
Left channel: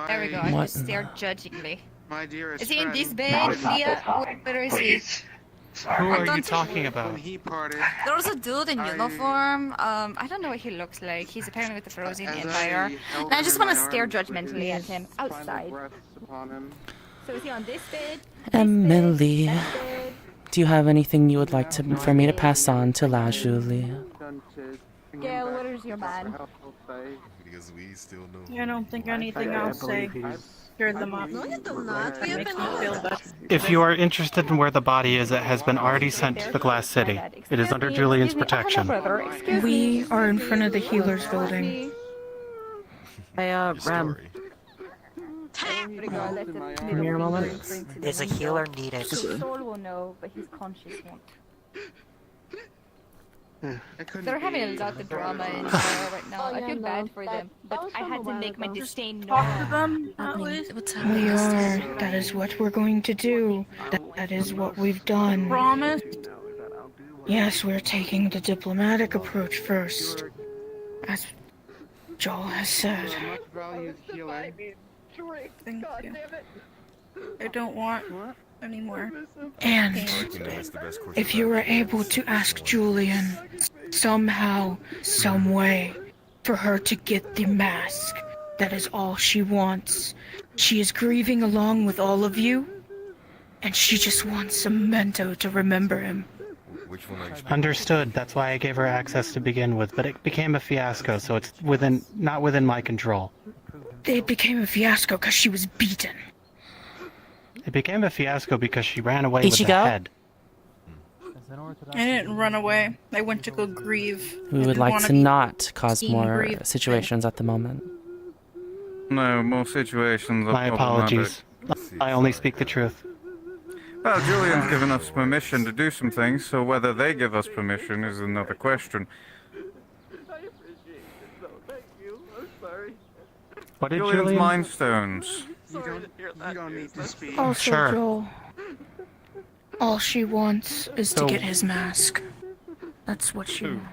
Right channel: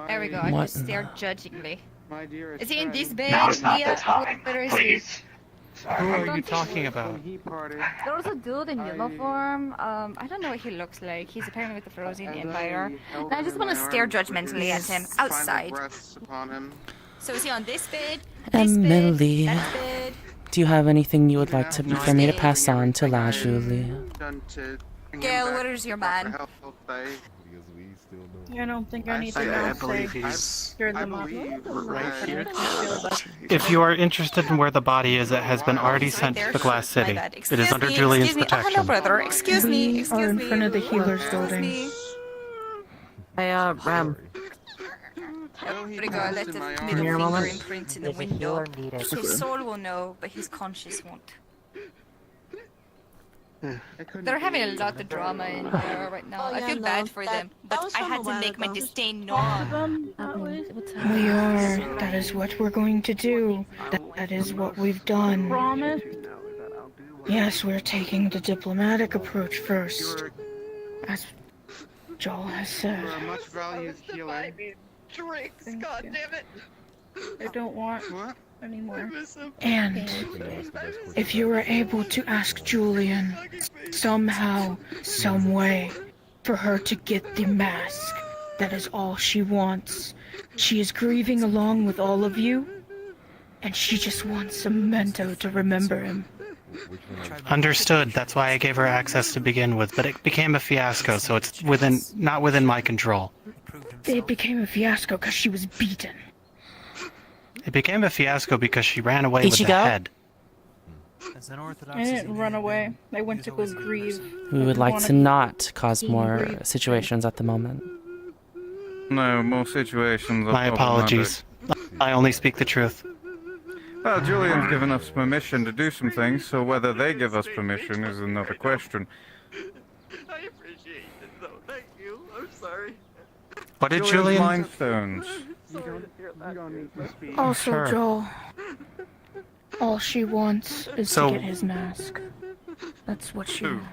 There we go. I What? just stared judgingly. My dearest Is he in this friend. bed? Leah? Where is he? Who are you talking about? There was a dude in uniform. I don't know what he looks like. He's apparently with the Frozen Empire. And I just want to stare judgmentally at him outside. So is he on this bed? Emily, do you have anything you would like for me to pass on to La Julie? Gail, where is your man? I don't think anything else say scared them up. That makes me feel better. If you are interested in where the body is, it has been already sent to the Glass City. It is under Julian's protection. Excuse me. We are in front of the healer's building. There we go. Let the Give me a middle finger moment. imprint to the Is a window. healer needed? His soul will know, but his conscience won't. They're having a lot of drama in there right now. I feel bad for them, but I had to make my disdain known. We are. That is what we're going to do. That is what we've done. Promise? Yes, we're taking the diplomatic approach first. As Joel has said. Thank you. I don't want anymore. And if you were able to ask Julian somehow, some way, for her to get the mask, that is all she wants. She is grieving along with all of you, and she just wants a memento to remember him. Understood. That's why I gave her access to begin with, but it became a fiasco, so it's not within my control. It became a fiasco because she was beaten. It became a fiasco because she ran away with the Ichigo? head. I didn't run away. I went to go grieve. We would like to not cause more situations at the moment. No, more situations are My apologies. I only speak the truth. Well, Julian's given us permission to do some things, so whether they give us permission is another question. What did Julian's Julian... Mind Stones. Also, Sure. Joel, all she wants is So- to get his mask. That's what she wants.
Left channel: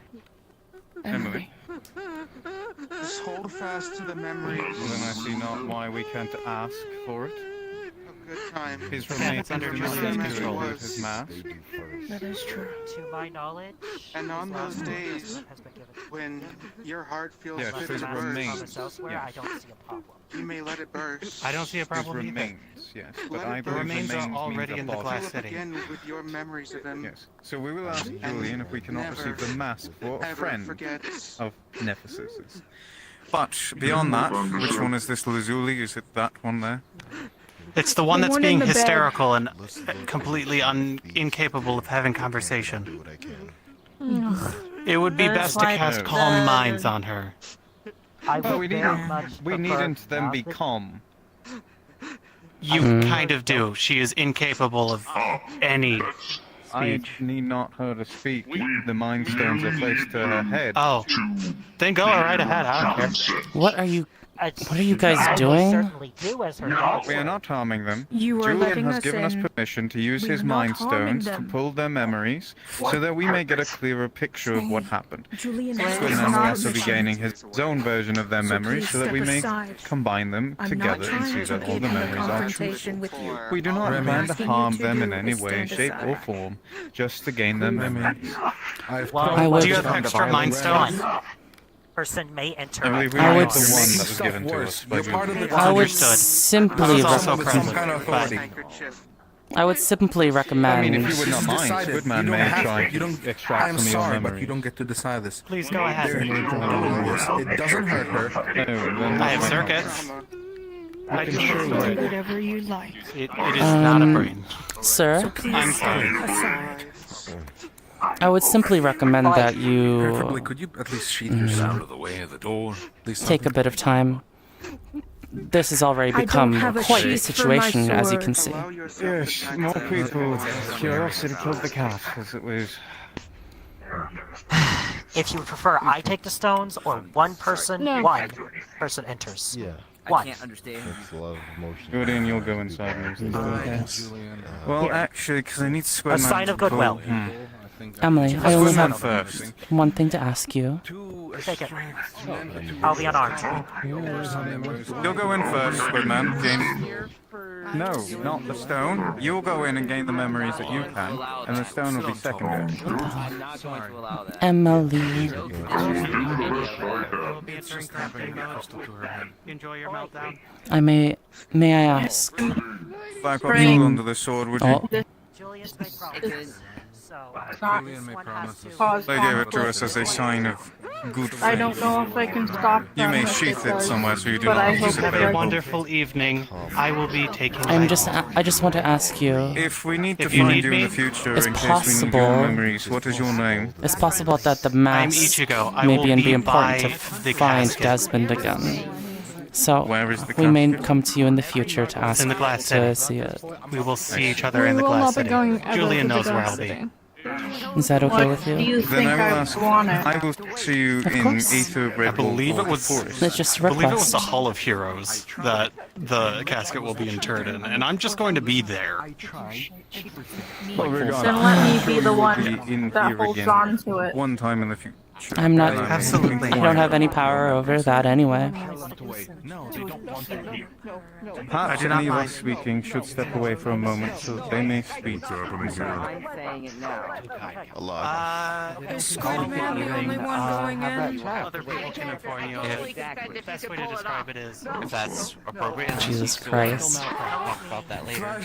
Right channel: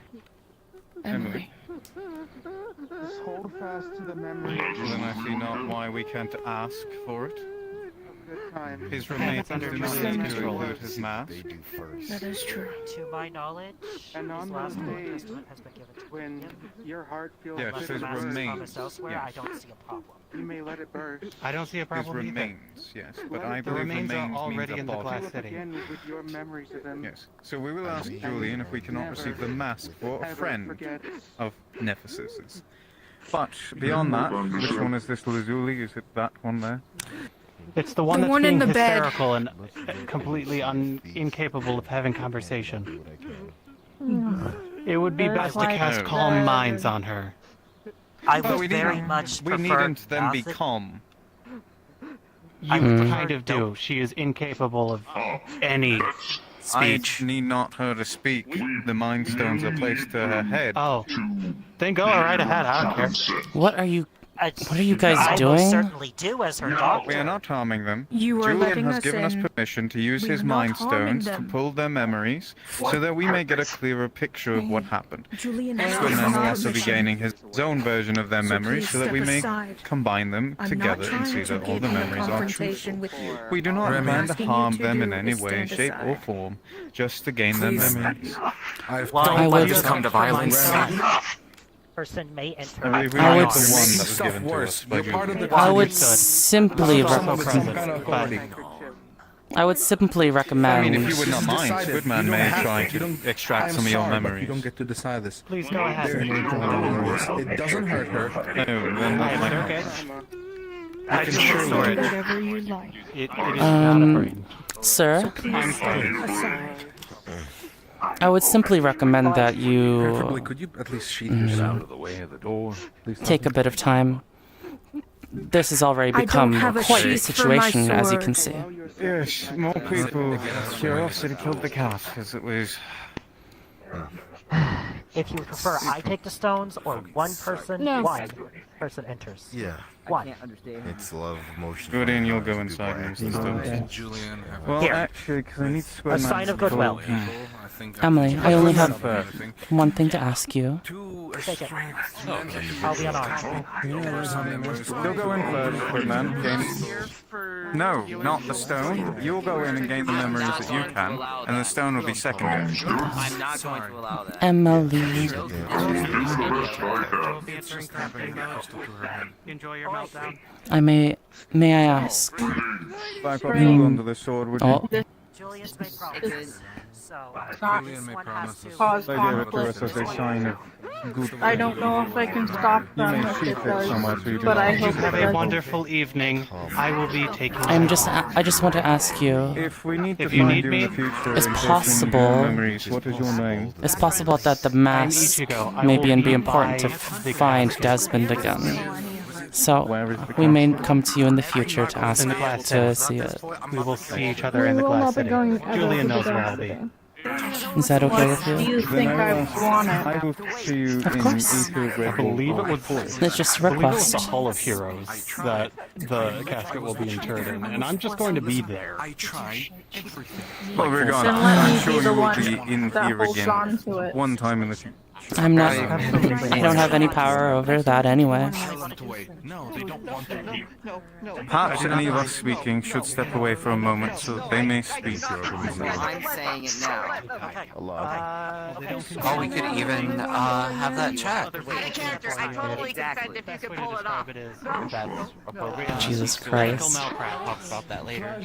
Emily. Just hold fast to the memories. Well, then I see not why we can't ask for it. His That remains is do not under need to control. include his mask. That is true. To my knowledge, And on his those last days testament has been given. when your heart feels Yes, Unless his the mask is remains. promised elsewhere, I Yes. don't see a problem. you may let it burst. I don't see a His problem either. remains, yes, but Let I it believe remains are remains already means a in the body. Glass City. Begin with your memories of him. Yes, so we will ask Julian if we cannot receive the mask for a friend of Nephsis's. But beyond that, which one is this Lazuli? Is it that one there? It's the one The that's one in being the bed. hysterical and completely incapable of having conversation. It would be That's best to why cast it's calm bad. minds on her. I But would very much we prefer needn't them be nothing. calm. You Hmm. kind of do. She is incapable of any speech. I need not her to speak. The Mind Stones are placed to her head. Oh, then go right ahead. I don't care. What are you I guys will doing? certainly do as her daughter. We are not harming them. You are Julian letting has us given us in. permission to use We his are not Mind harming Stones to them. pull their memories so that we may get a clearer picture of what happened. Julian is Ferdinand will not also be permission. gaining his own version of their So memories please so that we step may aside. combine them I'm not together and trying see to that all get the in a memories are confrontation truthful. with you. We do not What I'm plan to asking you harm to them do in any is way, stand shape, or aside. form, just to gain their memories. I would. Do your extra mind stone. Person may enter. We I would need the one that was given to us by Julian. I would Understood. simply I would simply recommend. I mean, if you would not mind, Decided. Goodman You don't may have try to. You to don't extract I'm some of your sorry, but memories. you don't get to decide this. Please go ahead. It doesn't hurt her. No, I have circuits. I just do whatever you like. It is not a brain. Sir, So please step aside. I would simply recommend that Preferably, you could you at least sheet yourself out of the way of the door? take a bit of time. This has already I don't become have a quite a sheath for my situation, as you sword. can see. Yes, more people. Curiosity killed the cat, as it was. If you prefer, I take the stones, or one person enters. Yeah. One. It's a lot of emotion. Julian, you'll go inside and use the stones. Well, Here. actually, because I need to square A sign of goodwill. Emily, I only have first. one thing to ask you. Take it. I'll be unarmed. You'll go in first, Goodman. No, not the stone. You'll go in and gain the memories that you can, and the stone will be secondary. Emily. Enjoy your meltdown. May I ask? Black Ops under the sword, would you? Oh, Julius made promises. Julian may promise us. Cause They gave it to conflict. us as a sign of good faith. I don't know if I can stop You them may if sheath it it does, somewhere so you do but I not hope use it Have a doesn't. wonderful evening. I will be taking. I just want to ask you. If we need to If you find need you in me, the future, it's in case we need possible- your memories, what is your name? It's possible that the mask Ichigo. I may will be be important to by the find casket. Desmond again. So Where is the we may casket? come to you in the future to ask In the glass to city. see it. We will see each other in the We will glass not be city. going ever Julian to knows the where glass I'll be. city. Is that okay with Do you? you think I want it? I will see you Of in course. Aether of I Red believe it Bull. was. It's just a I believe it was the request. Hall of Heroes that the casket will be interred in, and I'm just going to be there. Well, we're gone. Then let me be the Be one in that here holds again. on to it. One time in the future. I'm not. I don't have any power over that anyway. No, they don't want that. Perhaps any of us speaking should step away for a moment so they may speak. I'm saying it now. So we could even have that chat. If that's appropriate. Jesus Christ. Talk about that later.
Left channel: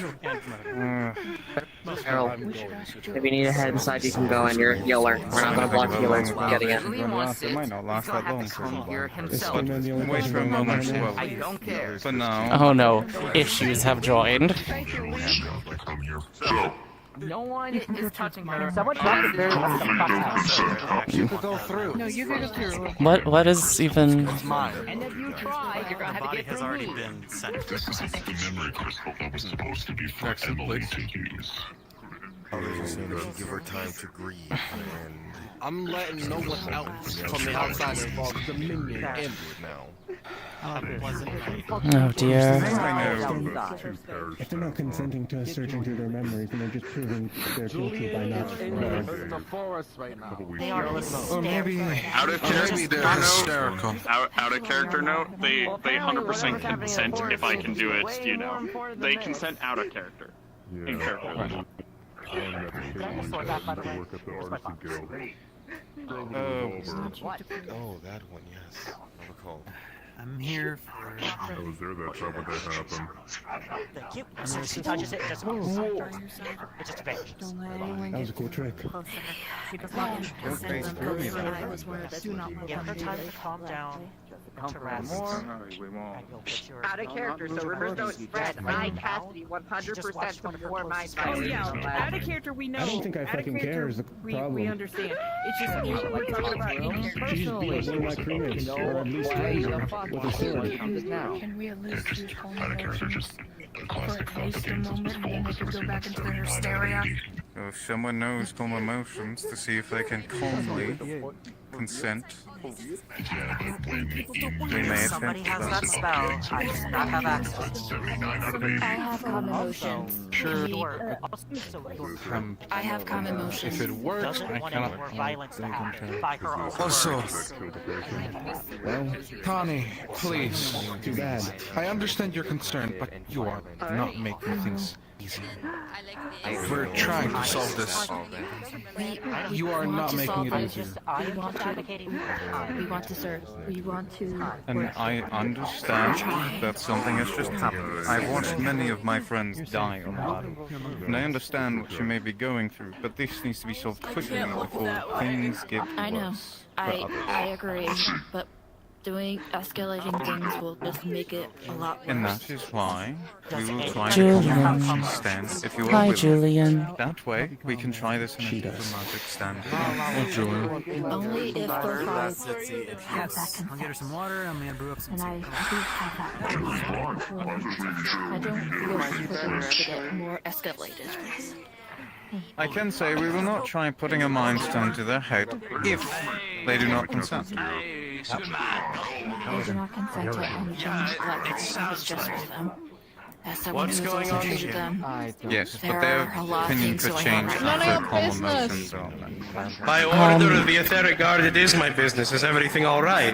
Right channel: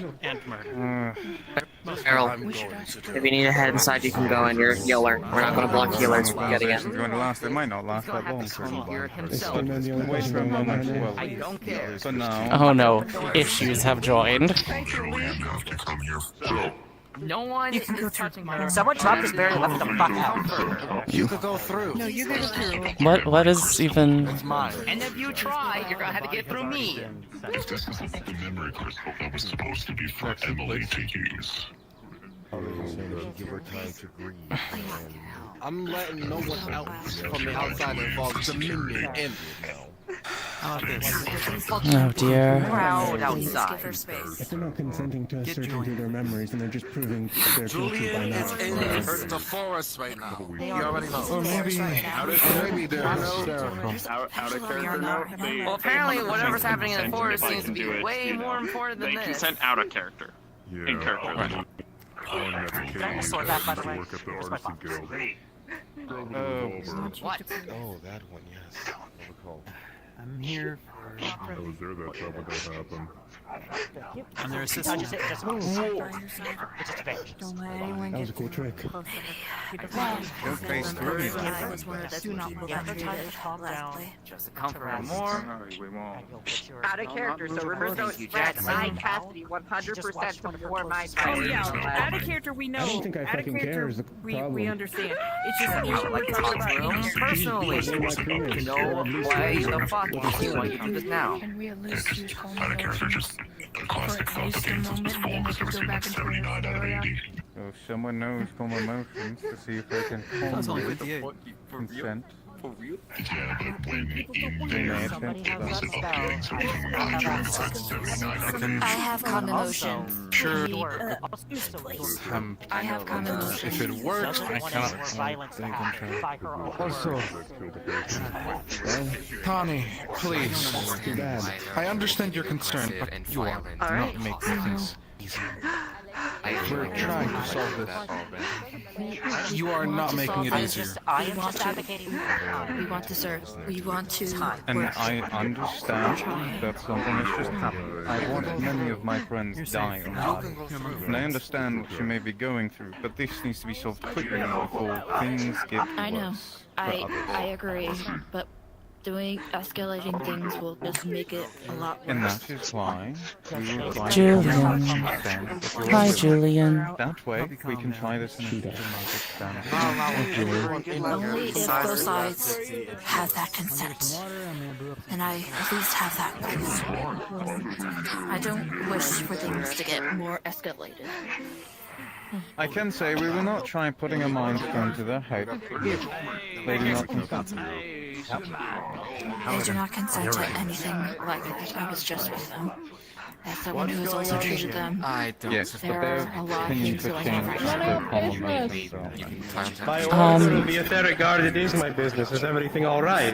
If you need to head inside, you can go in. You'll learn. We're not going to block you from getting it. It might not last that long. I don't care. For now. Oh no, issues have joined. No one is touching her. Someone talks very left the You could go through. No, you can go through. What is even? It's mine. And if you try, you're gonna have to get through me. This isn't the memory crystal that was supposed to be for Emily to use. Give her time to grieve. I'm letting no one else from the outside of the Dominion in now. Oh dear. If they're not consenting to us searching through their memories, then they're just proving they're guilty by not. Or maybe Out of character note, they 100% consent, and if I can do it, you know, they consent out of character. In character. Oh, that one, yes. I'm here for I was there that time when that happened. He touches it, doesn't move. It just vanishes. That was a cool trick. Give her time to calm down. Out of character, so rumors don't spread. I, Cassidy, 100% support my Oh yeah, out of character we know. I don't think I Out of fucking character, care is the we problem. understand. It's just we're talking about in She's personally. one of my crewmates, or at least threatened her with a sword. Can we at least use calm emotions for at least a moment, and then they could go back into their hysteria? If someone knows calm emotions to see if they can calmly consent. They may attempt I have calm emotions. I have calm emotions. If it works, doesn't want any more violence to happen. By her own. Also, Connie, please. Too bad. I understand your concern, but you are not making things easier. We're trying to solve this. You are not making it easier. We want to serve. We want to. And I understand that something has just happened. I've watched many of my friends die on the battle. And I understand what you may be going through, but this needs to be solved quickly before things get worse. I know. for others. I agree, but escalating things will just make it a lot worse. And that is why we will try Julian. to stand if you Hi, will. Julian. That way, we can try this in a diplomatic stand. Only if both sides have that consent. And I at least have that consent. I don't wish for things to get more escalated. I can say we will not try putting a mind stone to their head if they do not consent. I do not consent to anything like that. I was just with them. As someone who has also treated them, Yes, but there their are a lot of opinion things could that I change have. if their common emotions are met. By order of the Aether Guard, it is my business. Is everything all right?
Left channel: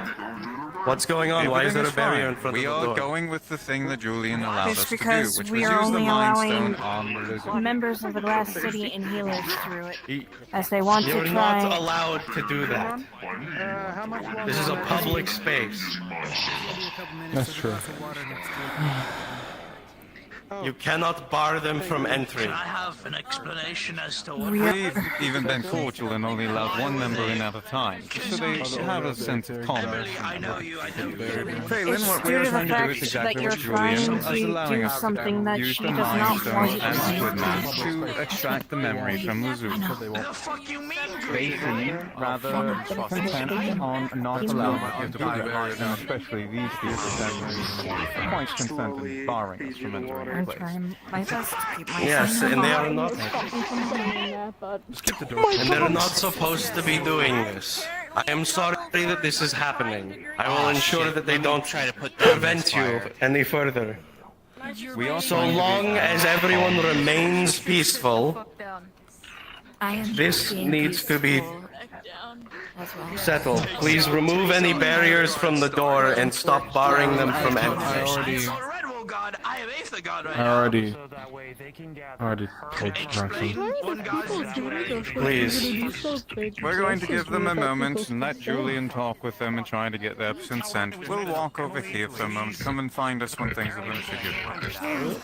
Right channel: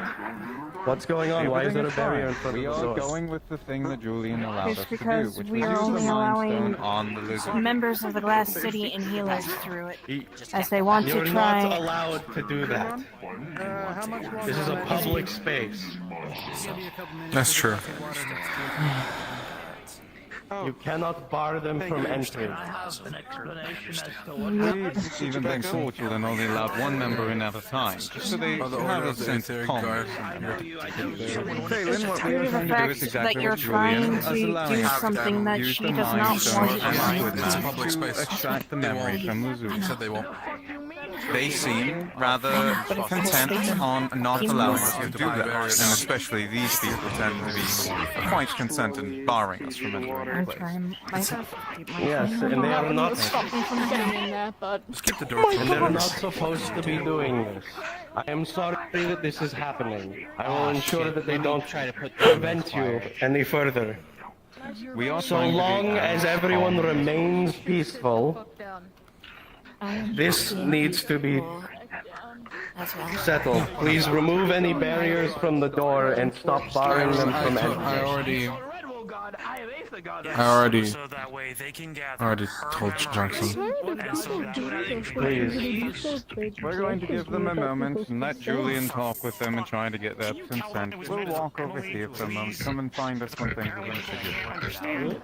What's going on? Why is there a barrier in front We of the are doors? going with the thing that Julian allowed It's us to do, because which we was are use the only mind allowing stone on the lizard. members of the Glass City and healers through it, as they want You're to try. not allowed to do that. This is a public space. That's true. You cannot bar them from entry. I have an explanation as to We've even been cordial and only allowed one member in at a time, so they have a sense of calmness from them. Phelan, what we Due are to the trying to do is fact exactly that you're what Julian trying is to allowing do us to something that use she the does mind not stone want and you the to goodman to extract the memory from Luzu. They seem rather content on not allowing us to do that, and especially these people tend to be quite content in barring us from entering the I'm place. trying my best to keep my Yes, and they are not. And they're not supposed to be doing this. I am sorry that this is happening. I will ensure that they don't try to prevent you any further. We are So trying to be long as everyone remains peaceful, this needs to be settled. Please remove any barriers from the door and stop barring them from entry. I already told Jackson. Please. We're going to give them a moment and let Julian talk with them and try to get their consent. We'll walk over here for a moment. Come and find us when things are going to do.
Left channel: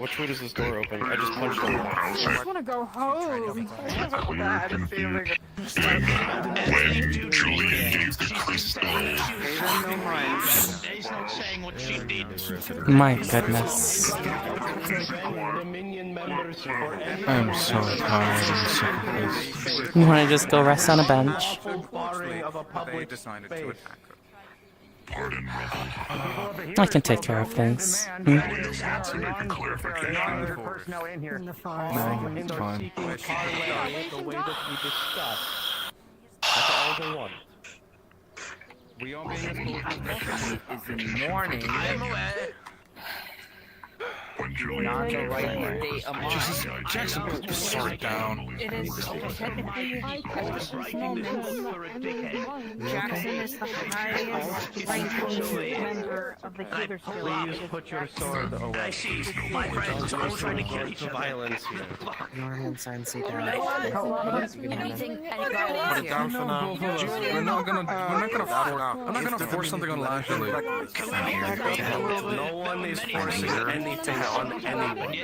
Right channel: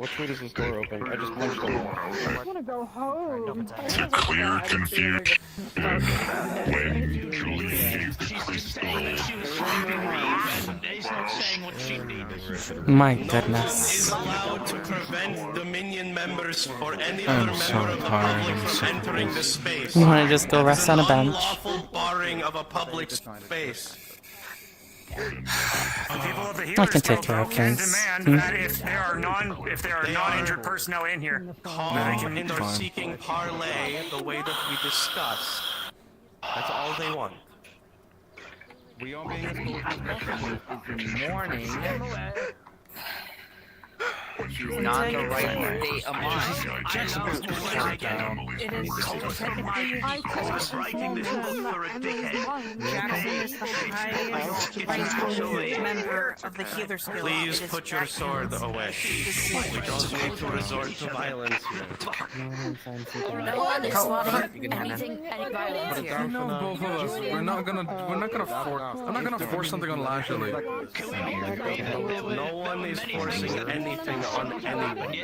What tweet is this door open? I just punched a wall. I just want to go home. Clear confusion. When Julian used the crystal. He's not saying what she did. My goodness. I'm so tired and sick of this. You want to just go rest on a bench? I can take care of things. Hmm? If there are non-injured personnel in here, No, fine. The way that we discussed. That's all they want. We are being as cordial as possible. Is in the morning. not the right state of mind. Jackson, just slow it down. It is technically Esposito's moment. Jackson is the highest ranked member of the Healers Guild. Please put your sword away. Don't resort to violence here. Anything, any violence here. No, both of us. I'm not gonna force something on Lashley. No one is forcing anything on anyone.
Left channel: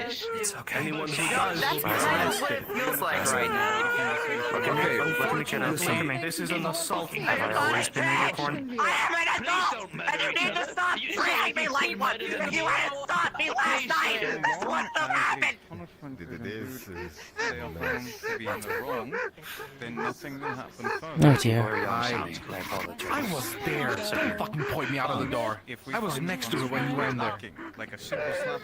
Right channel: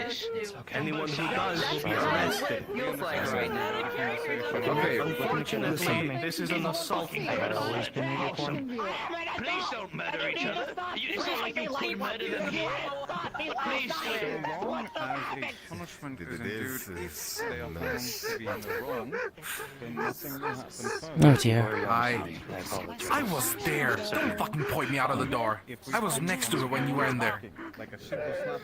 Anyone who does will be arrested. Okay, unfortunately, this is an assault. Please don't murder each other. It's not like you could murder them here. Please don't. Punishment it is stay at home to be in the wrong, then nothing will happen fun. Oh dear. I was there. Don't fucking point me out of the door. I was next to it when you were in there. Like a simple slap.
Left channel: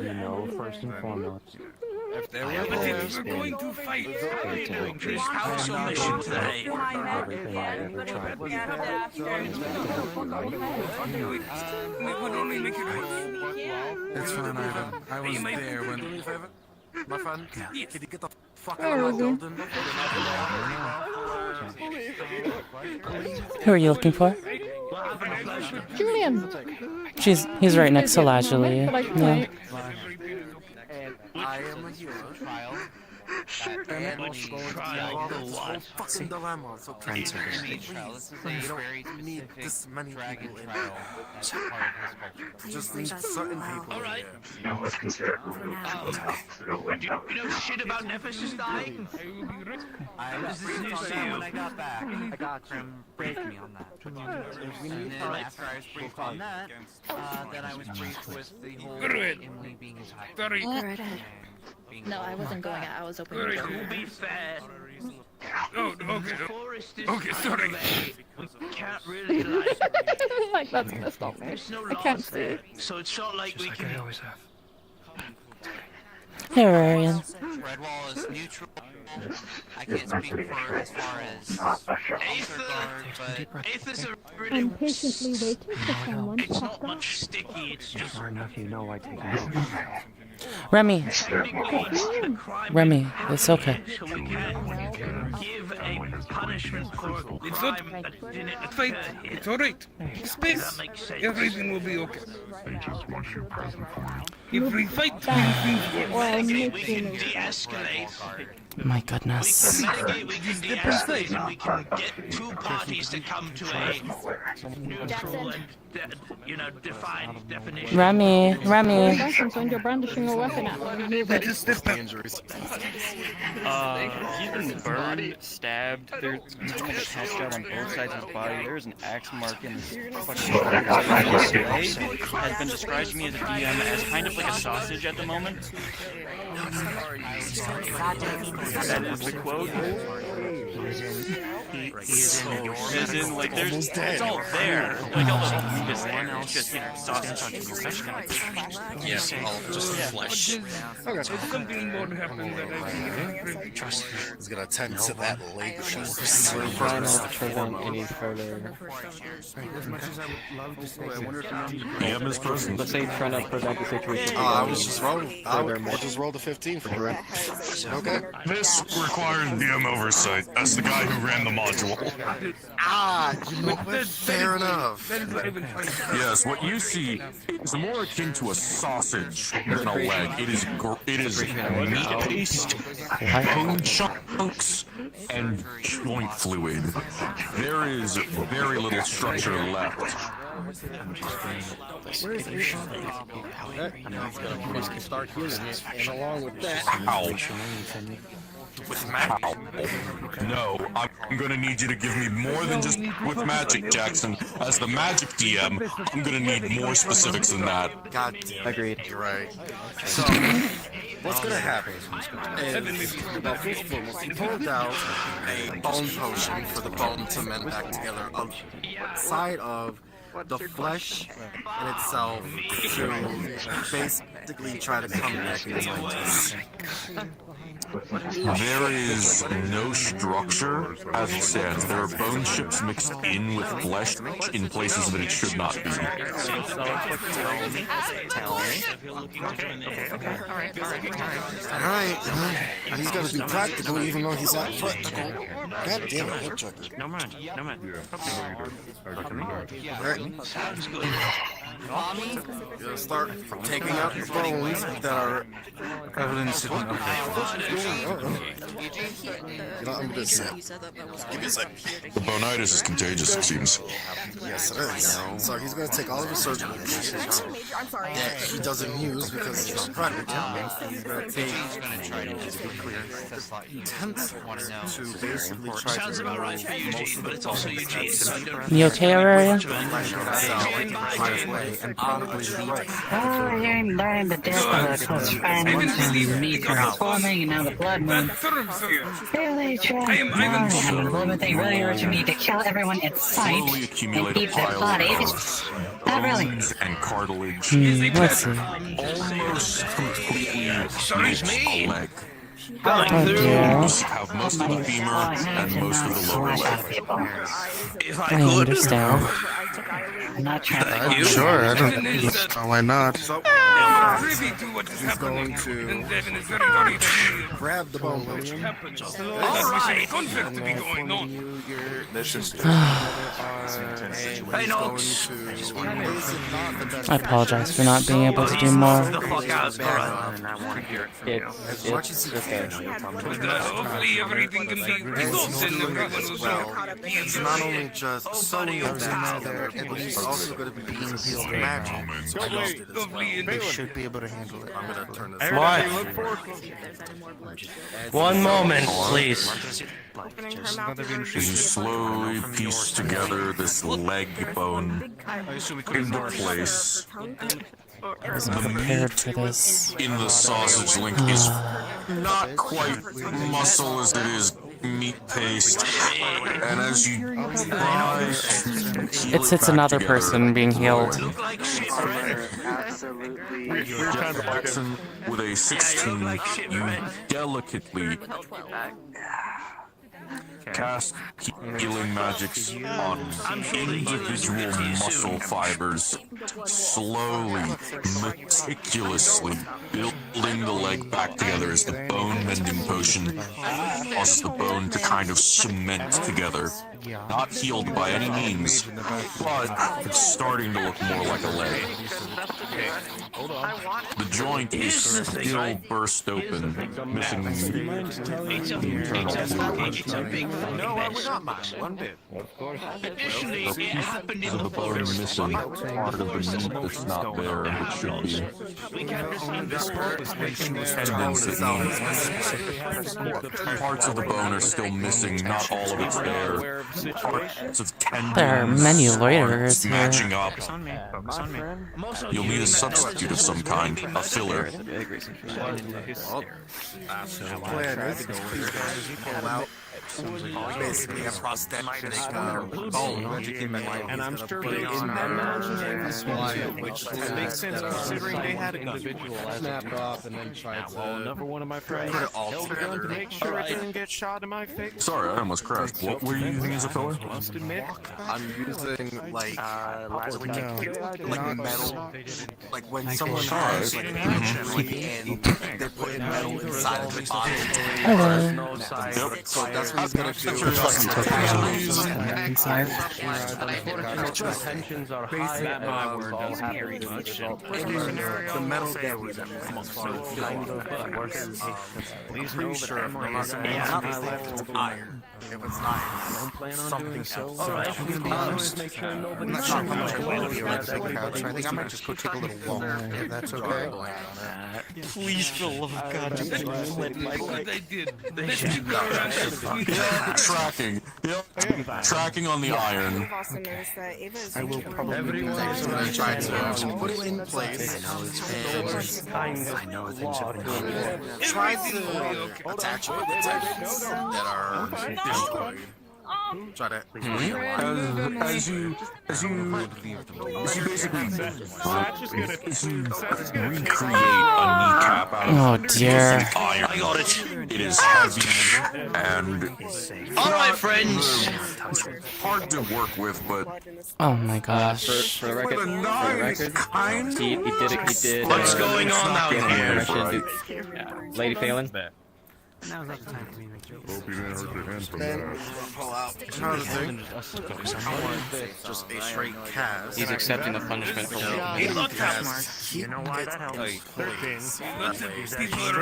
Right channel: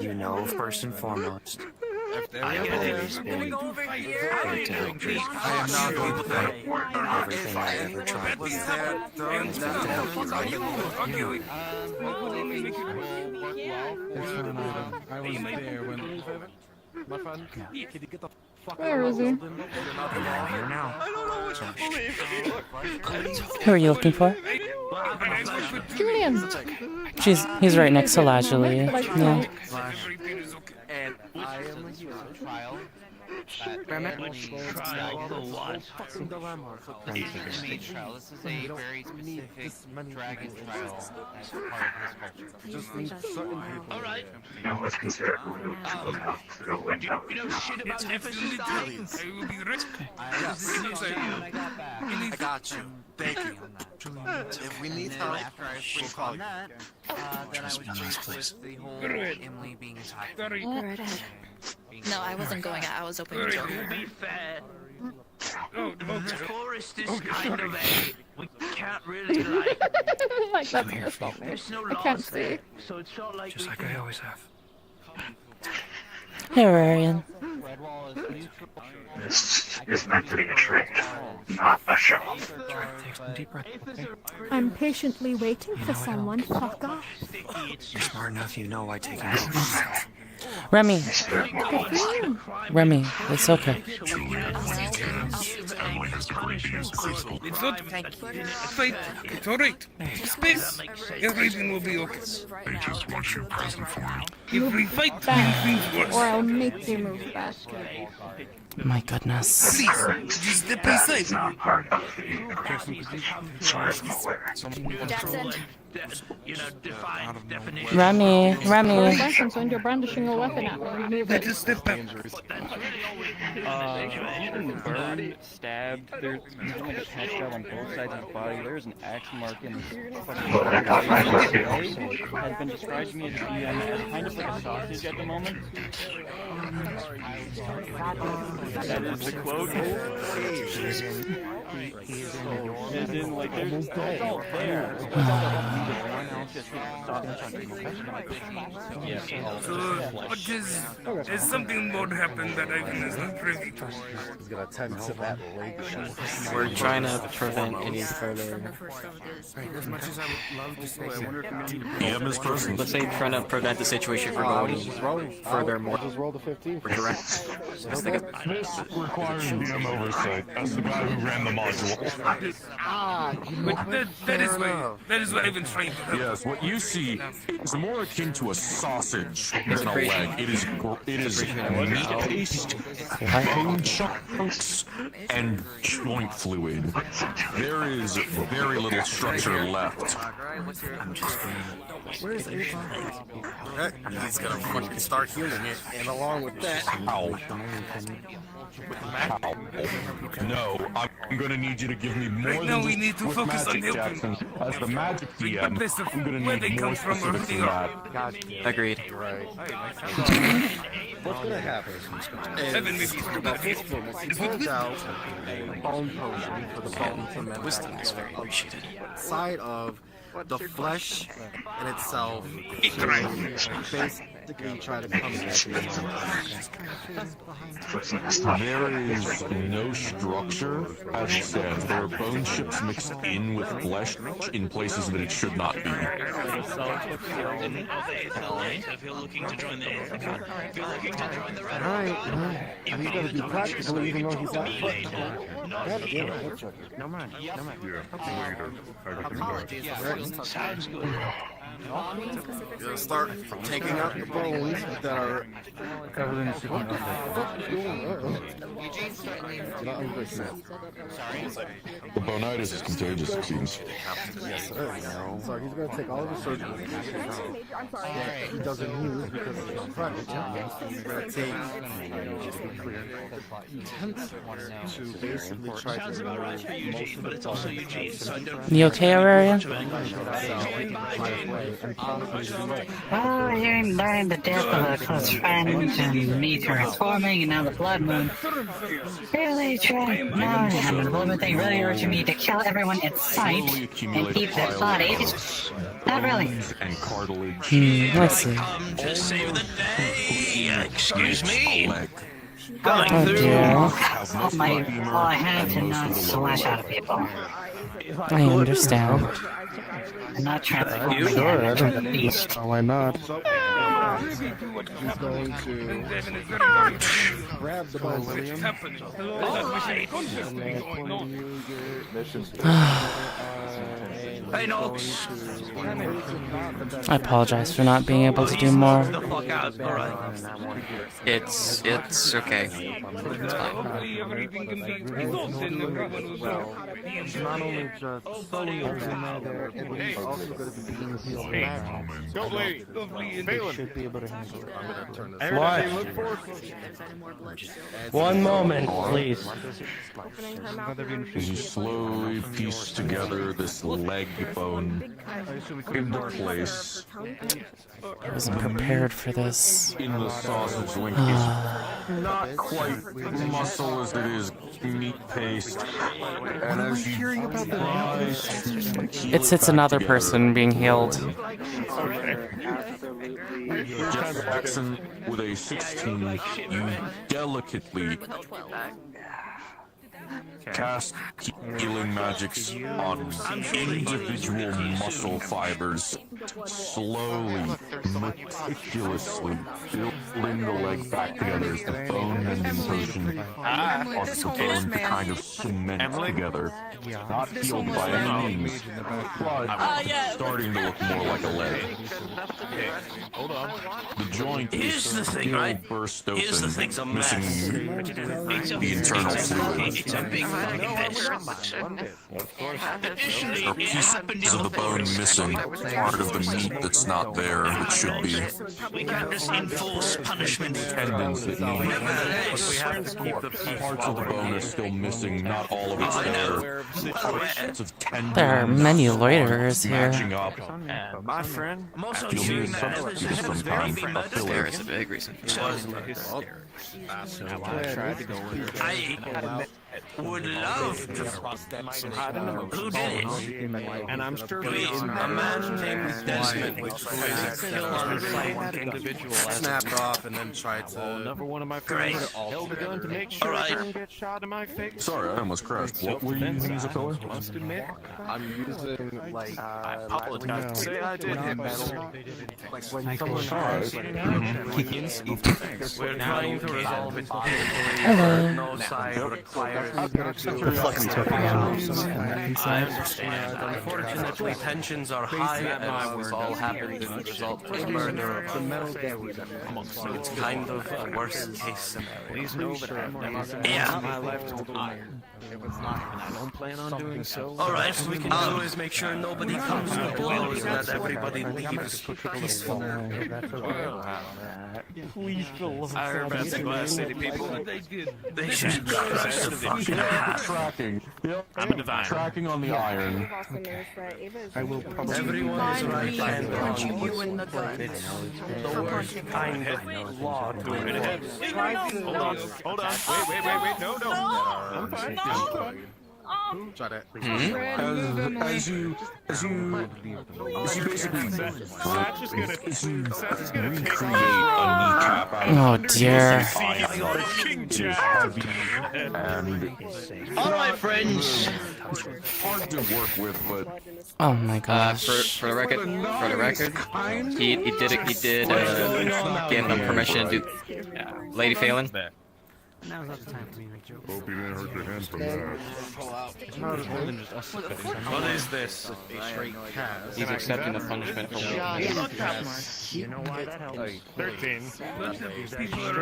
You know, first and foremost, If there I have always been here to help you. Everything I ever tried has been to help you. It's fine, Adam. I was there when... My friend, can you get the fuck Where is he? Who are you looking for? Julian! He's right next to Lazuli. Yeah. I am a hero trial. Trial for what? It's an image trial. This is a very specific dragon trial that's part of his culture. Just leave certain people. Alright. No one's considered rude. You know shit about Nephsis dying? I agreed on that when I got back. I got you. Thank you on that. If we need And then after I was briefed on that, then I was briefed with the whole Emily being his high. Go right ahead. No, I wasn't going out. I was opening the door. To be fair, the forest is kind of a... We can't really Like, that's pissed off me. I can't see. So it's not like we I can... always have. Hey, Rarian. This is meant to be a trick, not a show. I'm patiently waiting for someone to fuck off. You're smart enough, you know I take notes. Remy. Remy, it's okay. It's not fate. It's alright. Space. Everything will be okay. They just want you present for me. If we fight, things worse. My goodness. Just step aside. Remy. You're brandishing a weapon at me. Move it. Just step back. He's been burned, stabbed. There's a patch job on both sides of his body. There's an axe mark in his fucking body. Has been described to me as a DM as kind of like a sausage at the moment. That is the quote. As in, like, there's it's all there. Just sausage on your There's something more happened that I think is not really trust. He's gonna tend to that leg shot. We're trying to prevent any further. As much as I would love to say, I wonder if DM is present. Let's say trying to prevent the situation from going furthermore. I just rolled a 15 for direct. This requires DM oversight as the guy who ran the module. That is what I've been trying to do. Yes, what you see is more akin to a sausage than a leg. It is meat paste, bone chunks, and joint fluid. There is very little structure left. Where is Aether? He's gonna fucking start healing it, and along with that, No, I'm gonna need you to give me more than just with magic, Jackson. As the magic DM, I'm gonna need more specifics than that. God damn. Agreed. Right. What's gonna happen is about first and foremost, he pulled out a bone potion for the bone to manifest together outside of the flesh in itself to basically try to come at me. There is no structure as it stands. There are bone chips mixed in with flesh in places that it should not be. Alright, he's gotta be practical even though he's at foot. God damn it, No man. You'll start taking out the bones that are. What the fuck is going on? I'm just saying. The bonitis is contagious, it seems. Yes, it is. So he's gonna take all of his surgical equipment that he doesn't use because he's practical. He's gonna take intense to basically try to remove most of the bones. You okay, Auraria? Oh, you're learning the death of a close friend and me transforming and now the blood moon. Really try. I'm a little thing really urging me to kill everyone in sight and keep their bodies. Not really. And cartilage. Let's see. Excuse me. Oh dear. I have to not slash out of people. I understand. I'm not transforming Sure, into a beast. why not? He's going to grab the bone, William. I apologize for not being able to do more. It's okay. It's not only just sewing everything there, but he's also going to be using his magic. They should be able to handle it. I'm gonna turn this One moment, please. You slowly piece together this leg bone into place. I wasn't prepared for this. In the sausage link is not quite muscle as it is meat paste. And as you It's another person being healed. Jeff Jackson with a 16 delicately cast healing magics on individual muscle fibers, slowly, meticulously building the leg back together as the bone mending potion causes the bone to kind of cement together. Not healed by any means, but it's starting to look more like a leg. The joint is still burst open, missing the internal fluid. There are pieces of the bone missing, part of the meat that's not there, which should be. Tendons that need. Parts of the bone are still missing, not all of it's there. Parts of tendons. There are many loiterers here. Matching up. You'll need a substitute of some kind, a filler. Basically, a prosthetic and I'm sure which snapped off and then tried to. Another one of my friends held a gun to make sure it didn't get shot in my face. Sorry, I almost crashed. What were you using as a filler? I'm using like Like when someone dies, Hello. Inside. Unfortunately, tensions are high. That my word doesn't very much. the metal Please know that I've never once in my life told a liar. If it's not, and I don't plan on doing so. Alright, we can always make sure nobody comes out. That's okay. Please, for the love of God, Tracking on the iron. I will probably. Everyone is right and wrong. The worst kind of law to employ. Try to attach. I'm fine. Try that. As you basically Satch is gonna take Oh dear. it is heavy and Alright, friends. hard to work with, but Oh my gosh. For the record, he did give him permission to do. Lady Phelan. Now's not the time for me to make jokes. hope you didn't hurt your hand from that. What is this? Just a straight cast. He's accepting the punishment for You know what? 13. People are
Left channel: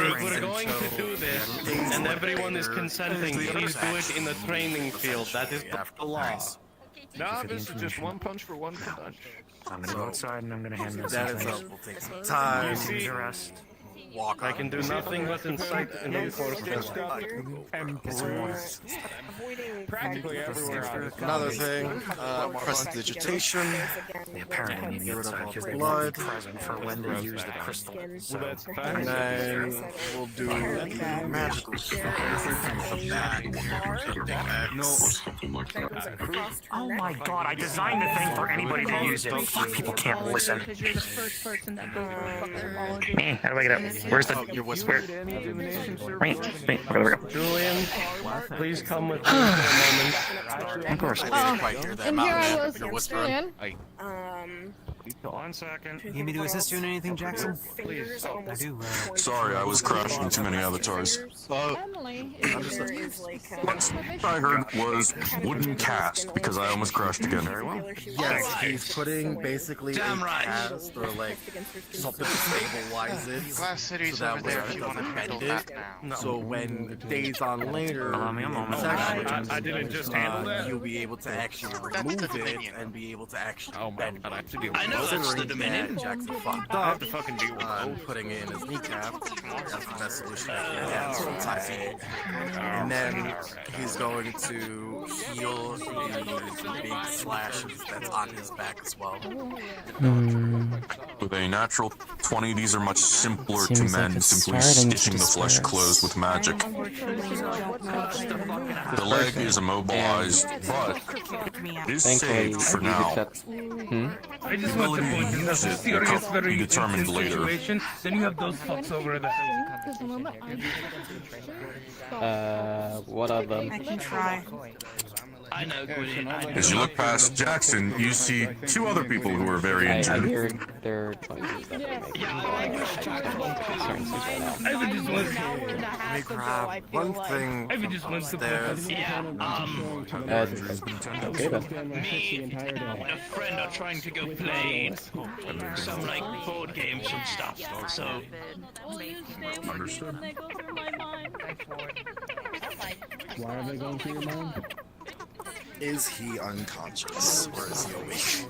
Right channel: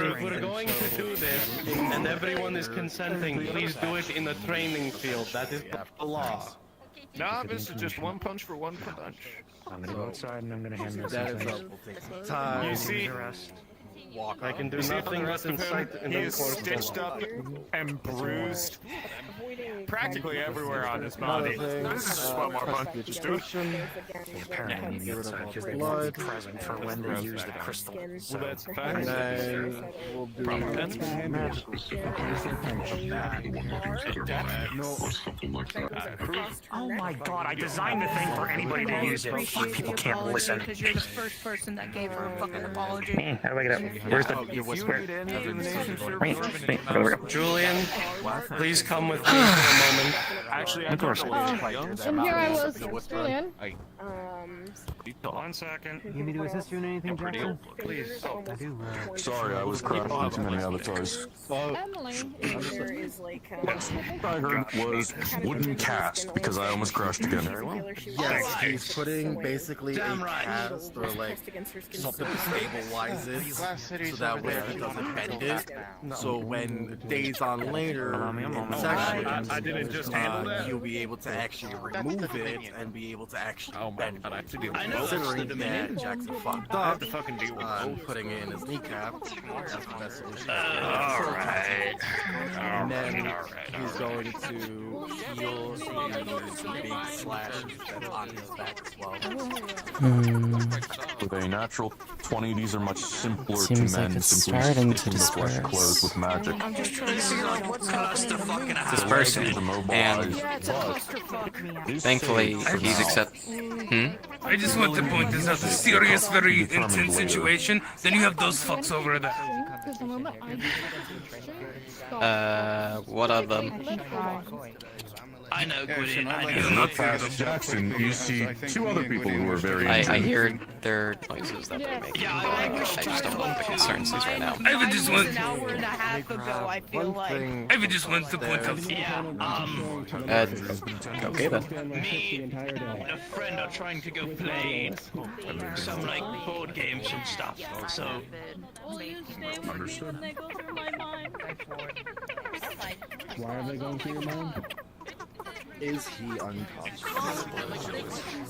going to do this, and everyone is consenting. Please do it in the training field. That is the law. Nah, this is just one punch for one punch. I'm gonna go outside and I'm gonna hand this That is a time. You see, I can do nothing but incite in the course stitched up and bruised practically everywhere on his body. Another thing, prestidigitation. They apparently need the blood present for when to use the crystal. Well, that's And then we'll do magical Oh my god, I designed the thing for anybody to use it. Fuck, people can't listen. Because you're the first person that gave her a fucking apology. How do I get up? Where's the whisper? Julian, please come with me for a moment. Of course. And here I was, Julian. 1 second. You need me to assist you in anything, Jackson? Please. I do. Sorry, I was crashing too many avatars. Emily is like, What I heard was wooden cast because I almost crashed again. Yes, he's putting basically a cast or like something to stabilize it so that way he doesn't bend it. So when days on later in session, you'll be able to actually remove it and be able to actually bend it. Considering that Jackson fucked up on putting it in his kneecap, that's the best solution. And then he's going to heal the slash that's on his back as well. With a natural 20, these are much simpler Seems to like mend it's since we're starting to sticking the flesh disperse. closed with magic. The leg is immobilized, but is Thankfully, saved for he's now. accept. I just want to point this is a serious, very intense Determined later. situation. Then you have those fucks over there. What of them? I know, As you look past Jackson, you see two other people who are very I injured. hear their noises that they're making. I just don't know the concerns he's right now. I just want. One thing I just wants to point out. Yeah. Okay then. Me and a friend are trying to go play some like board games and stuff. So Understood. Why are they going through your mind? is he unconscious or is he awake?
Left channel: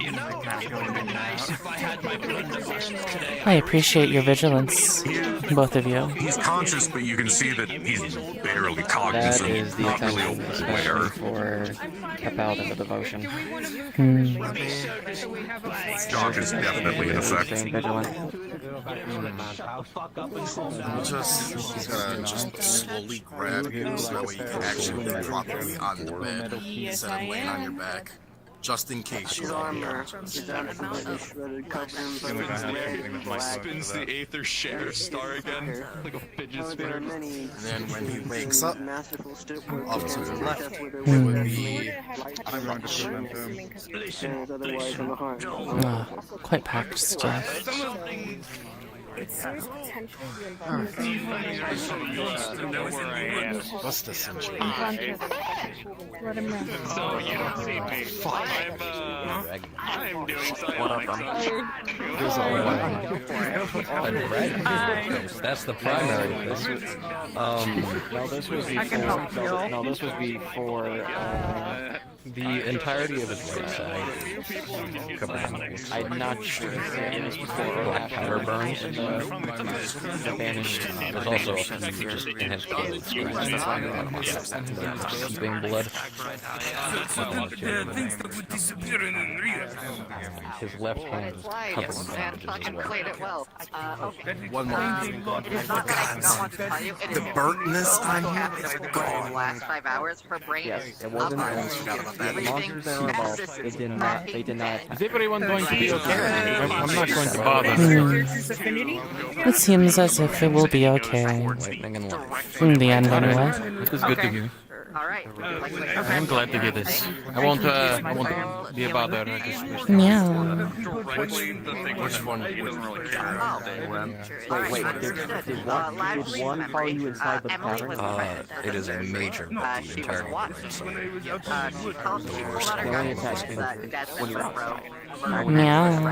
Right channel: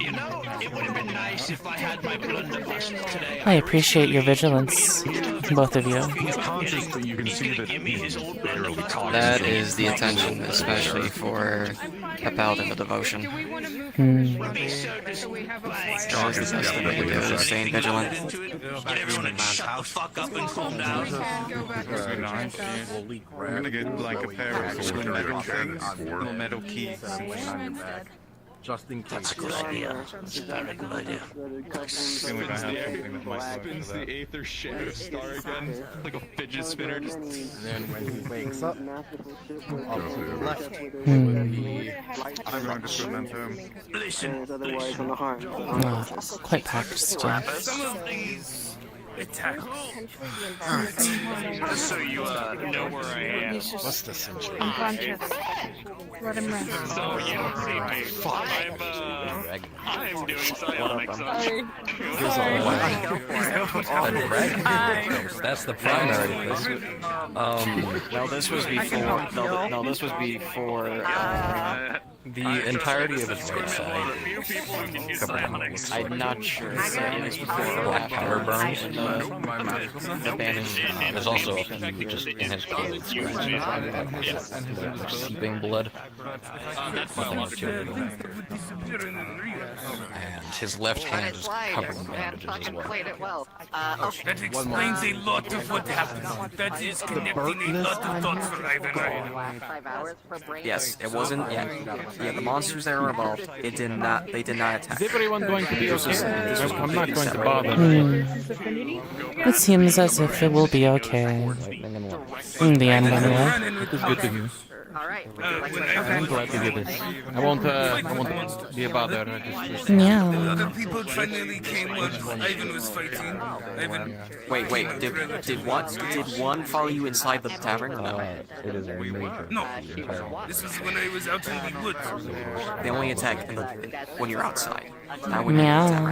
you know, it would have been nice if I had my blunderbuss today. I appreciate your vigilance, both of you. He's conscious, but you can see that he's barely That cognizant. is the attention, especially for a paladin of devotion. Dog is definitely an effect. Staying vigilant. He's gonna just slowly grab you so he can actually get everything on the metal keys and laying on your back. Just in case you Spins the Aether share star again, like a fidget spinner. And then when he wakes up, up to the left, I'm going to submit to him. Ah, quite packed still. Some of these attacks. So you know where I am. What's the situation? Let him know. Oh, you don't see me. I'm doing psionics. That's the primary. No, this was before. No, this was before the entirety of his website. I'm not sure if it was before Black Power burns and the banished. There's also a few just enhanced blood scratches. Keeping blood. Things that would disappear in real And his left hand is Slide, covered in man, bandages as fucking well. played it well. That One more. explains a lot of what happened. That is The burden this time last 5 hours for brain. Yes, it wasn't. The monsters that were involved, it did not. They did not attack. Is everyone going to be okay? I'm not going to bother. It seems as if it will be okay. In the end, anyway. That is good to hear. Alright, I'm glad to hear this. I won't be a bother. I just wish. Yeah. Wait. Did one follow you inside the tavern? It is a major entire. This is when I was out in the woods. They only attack when you're outside. Meow.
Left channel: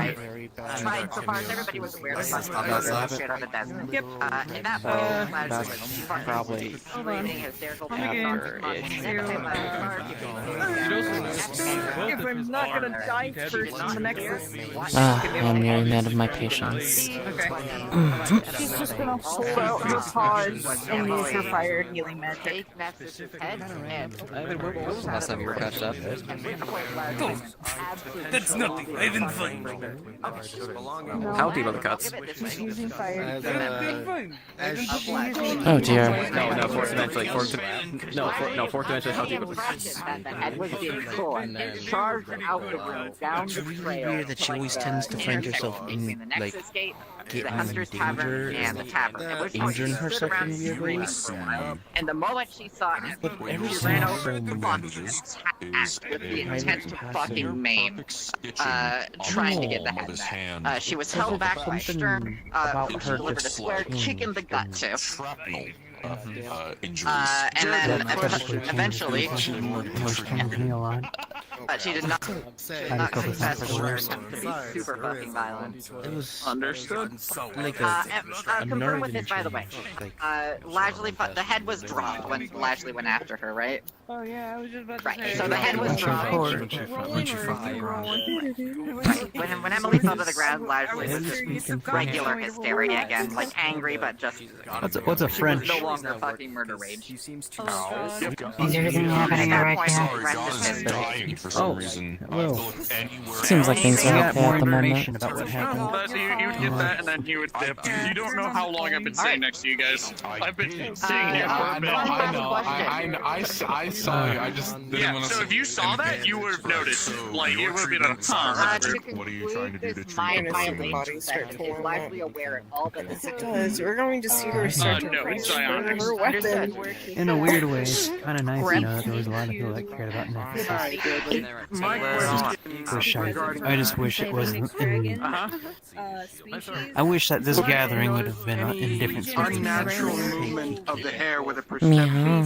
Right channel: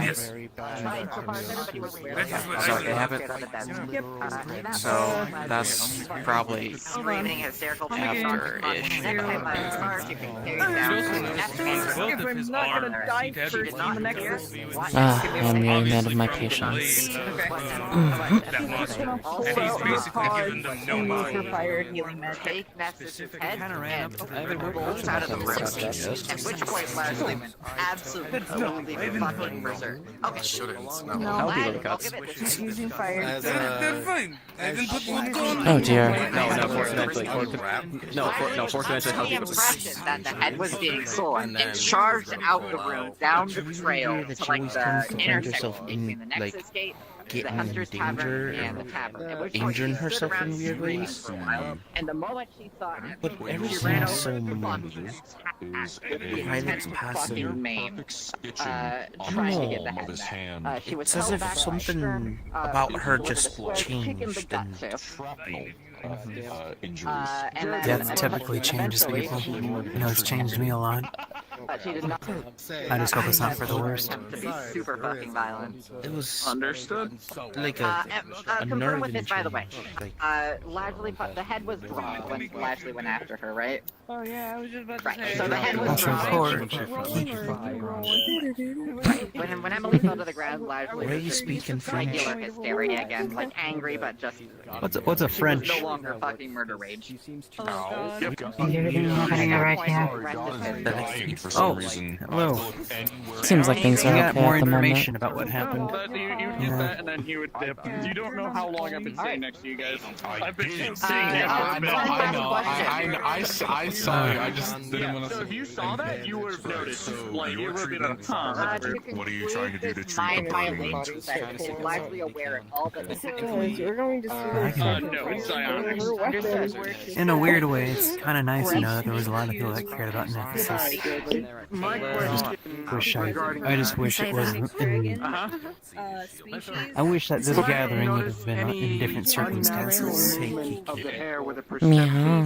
So that's probably. Hold on. If I'm not gonna die first in the Nexus. I am nearing the end of my patience. He's just gonna hold out her paws and use her fire healing magic. Take Nephsis' head and That's nothing. I didn't fight. How do you love the cuts? She's using fire. Oh dear. No, fourth eventually. Fourth eventually. How do you love the cuts? that the head was being sold. It charged out the road down the trail. That she always tends to find herself in, like, getting in danger, injuring herself in weird ways. And the moment she saw it, But she everything ran is over so to the mean. with the intent to fucking maim, trying to get the head. She was held back by Stern, about her just chicken the gut too. That typically changes people. It always changed me a lot. She did not. I just hope it's not for the worst. Attempt to be super fucking violent. It was understood. Like confirm with it, by the way. Like, Lashley, the head was dropped when Lashley went after her, right? Oh yeah, I was just about to say. Right. So the head was dropped. When Emily fell to the ground, Lashley was regular hysteria again, like angry but just. What's a French? No longer fucking murder rage. Is everything happening alright here? Oh, hello. Seems like things are We got okay more at the moment. information about what happened. You get that, and then you would dip. You don't know how long I've been sitting next to you guys. I've been sitting here for a bit. I saw you. I just didn't want to. So if you saw that, you would have noticed. Like it would have been a ton. What are you trying to do to treat Mind violation that is largely aware of all but the We're going to see her start no, her psionics. weapon. In a weird way, it's kind of nice to know that there was a lot of people that cared about Nephsis. I just wish it wasn't in. I wish that this gathering would have been in different circumstances. Meow.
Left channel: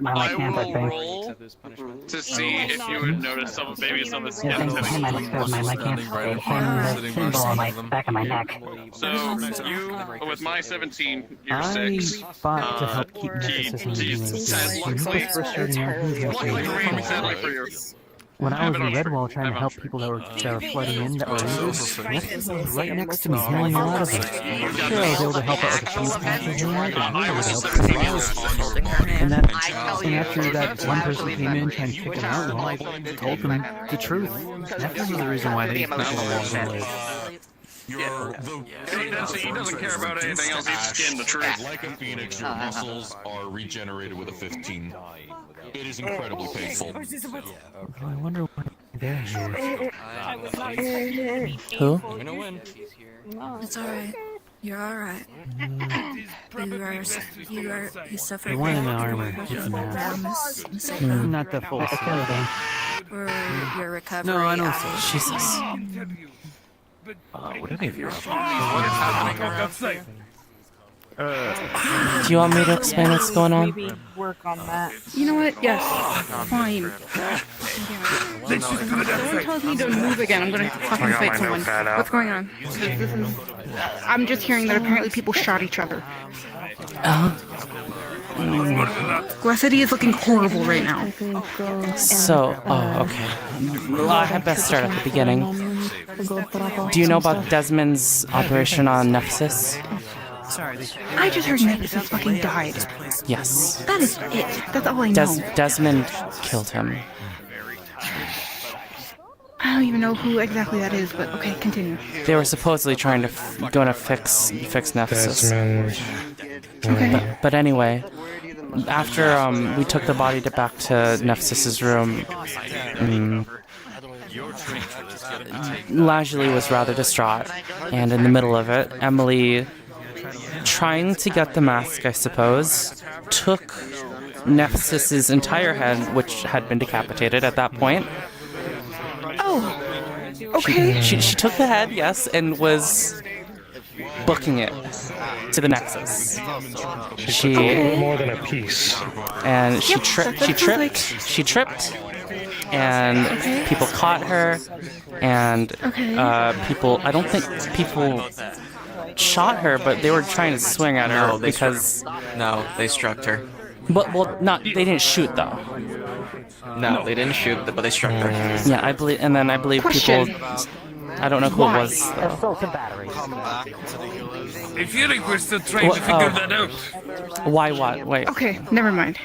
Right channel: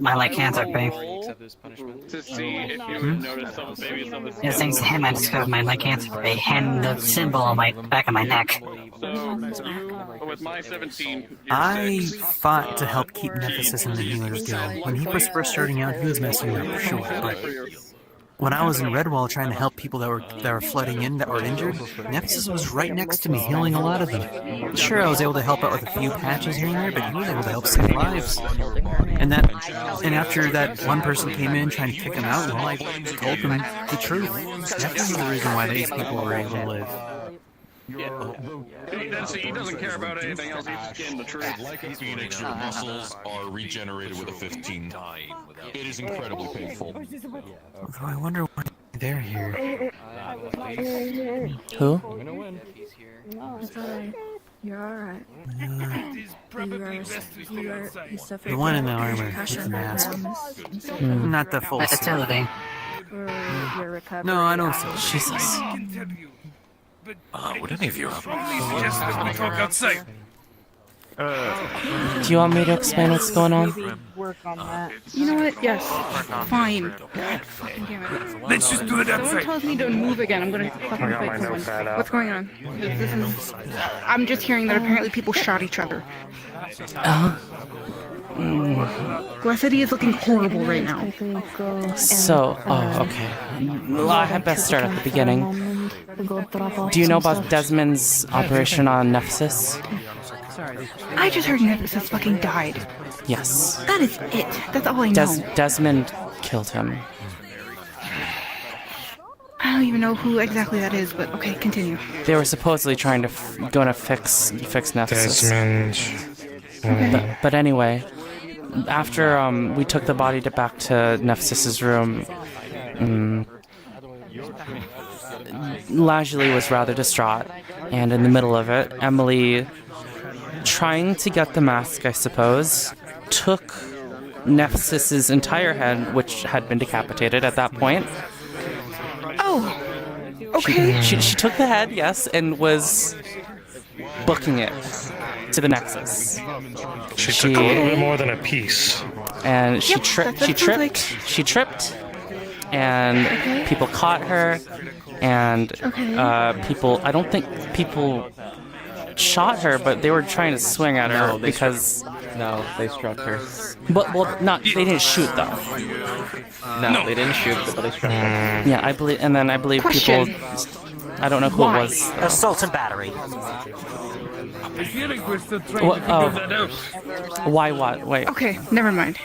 My lycanthrope thing. To see if you would notice some, maybe some of the This thing's hand might describe my lycanthropy and the symbol on my back of my neck. So you, with my 17, you're I 6. fought to help keep Nephsis in the healer's guild. When he was first starting out, he was mostly sure, but when I was in Redwall trying to help people that were flooding in that were injured, Nephsis was right next to me, healing a lot of them. Sure, I was able to help out with a few patches here and there, but he was able to help save lives. And after that one person came in trying to kick him out, well, I told them the truth. Nephsis is the reason why these people were able to live. He doesn't care about anything else. He's just getting the truth. Like a phoenix, your muscles are regenerated with a 15. It is incredibly painful. I wonder what they're here. Who? It's alright. You're alright. You suffered The one in the armor pressure with the mask. Not the full suit. Your recovery. No, I don't see. Jesus. Would any of you Do you want me to explain what's going on? Work on that. You know what? Yes. Fine. Let's just do it Someone tells me to move again, I'm gonna fucking fight someone. What's going on? I'm just hearing that apparently people shot each other. Glassity is looking horrible right now. So, okay. Well, I had best start at the beginning. Do you know about Desmond's operation on Nephsis? I just heard Nephsis fucking died. Yes. That is it. That's all I know. Desmond killed him. I don't even know who exactly that is, but okay, continue. They were supposedly trying to gonna fix Nephsis. Okay. But anyway, after we took the body back to Nephsis's room, Lazuli was rather distraught, and in the middle of it, Emily, trying to get the mask, I suppose, took Nephsis's entire head, which had been decapitated at that point. Oh, okay. She took the head, yes, and was booking it to the Nexus. She took a little more than a piece. And she Yep, tripped. that She sounds like- tripped. She tripped, and Okay. people caught her, and people. I don't think people shot her, but they were trying to swing at her because. No, they struck her. But not. They didn't shoot though. No, they didn't shoot, but they struck her. Yeah, I believe, and then I believe Question. people. I don't know who it was though. Assault and battery. I feel like we're still trying to figure that out. Why what? Wait. Okay, never mind.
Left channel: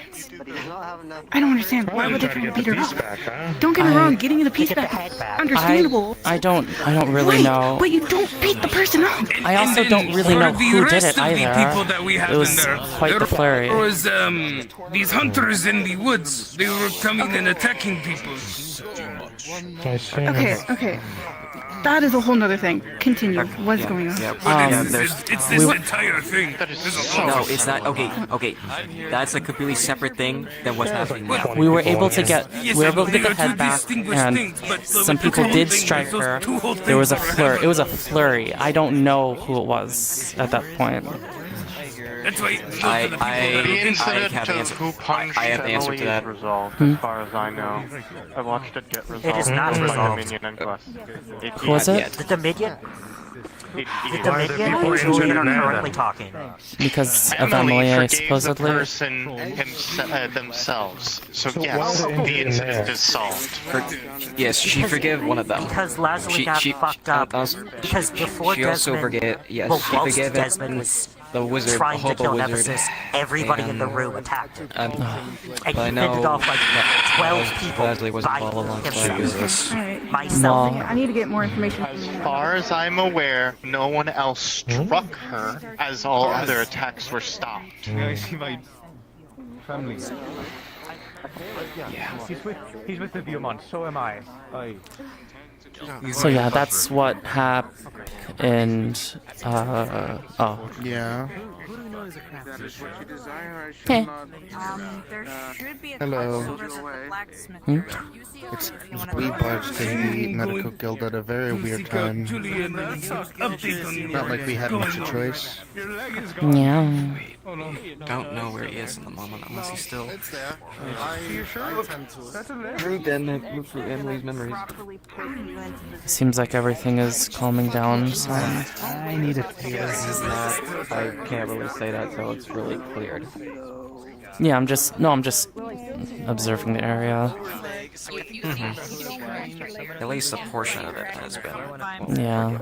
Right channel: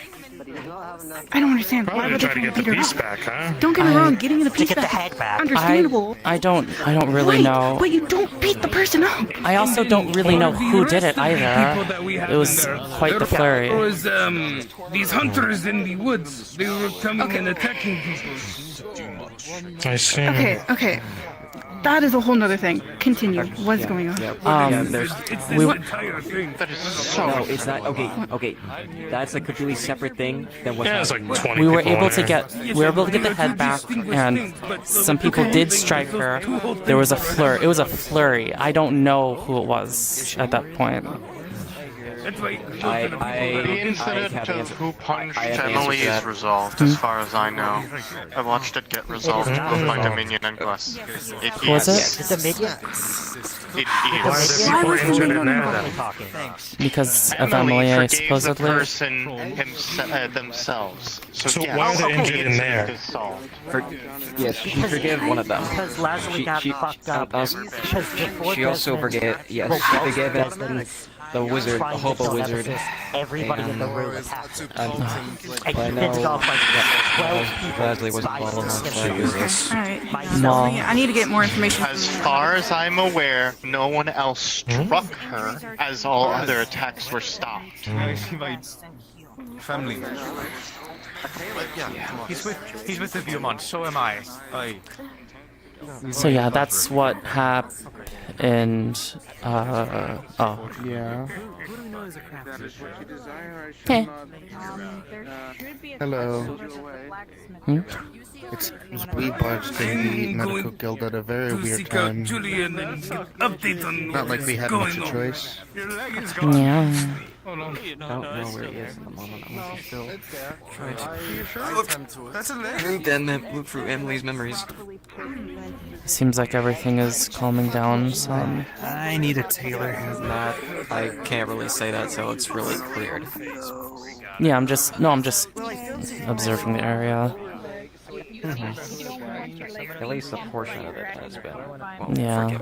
I don't understand. Why would they try to beat her up? Don't get me wrong, getting the piece back is understandable. I don't really Right, know. But you don't beat the person up. I also don't really know who did it rest of the people either. that we had It was in there, quite the flurry. It was these hunters in the woods. They were coming and attacking people. I see. Okay. That is a whole nother thing. Continue. What's going on? It's this entire thing. No, it's not. Okay. That's a completely separate thing than what's happening. We were able to get the head back, and some people did strike her. There was a flurry. It was a flurry. I don't know who it was at that point. I The incident have the of answer. who punched I have the answer Emily to that. is resolved, Hmm? as far as I know. I watched it get resolved not both by resolved. Dominion and Gus. Who was it? The Dominion? Why are there people injured in there then? Because of Emily Emily, forgave supposedly. the person themselves. So why are yes, they the injured in incident there? is solved. Yes, she forgave one of them. Because Lazuli got fucked up. Because before She also Desmond forgave. Yes, she repulsed forgave Desmond's the wizard, the trying to hobo kill wizard. Nephsis, everybody in the and- room attacked him. and- I but I know fended off like 12 people. Leslie was involved alongside with this. Alright. Well, I need to get more information. As far as I'm aware, no one else struck her, as all other attacks were stopped. I see my family. Yeah. He's with the Viewmont, so am I. So yeah, that's what happened. Oh. Yeah. Okay. Hello. Hmm? It's we barged in the medical guild at a very weird time. Not like we had much a choice. Yeah. Don't know where he is at the moment, unless he's still look through Emily's memories. Seems like everything is calming down some. I need a tailor. He's not. I can't really say that, so it's really clear. Yeah, I'm just observing the area. At least a portion of it has been. Yeah.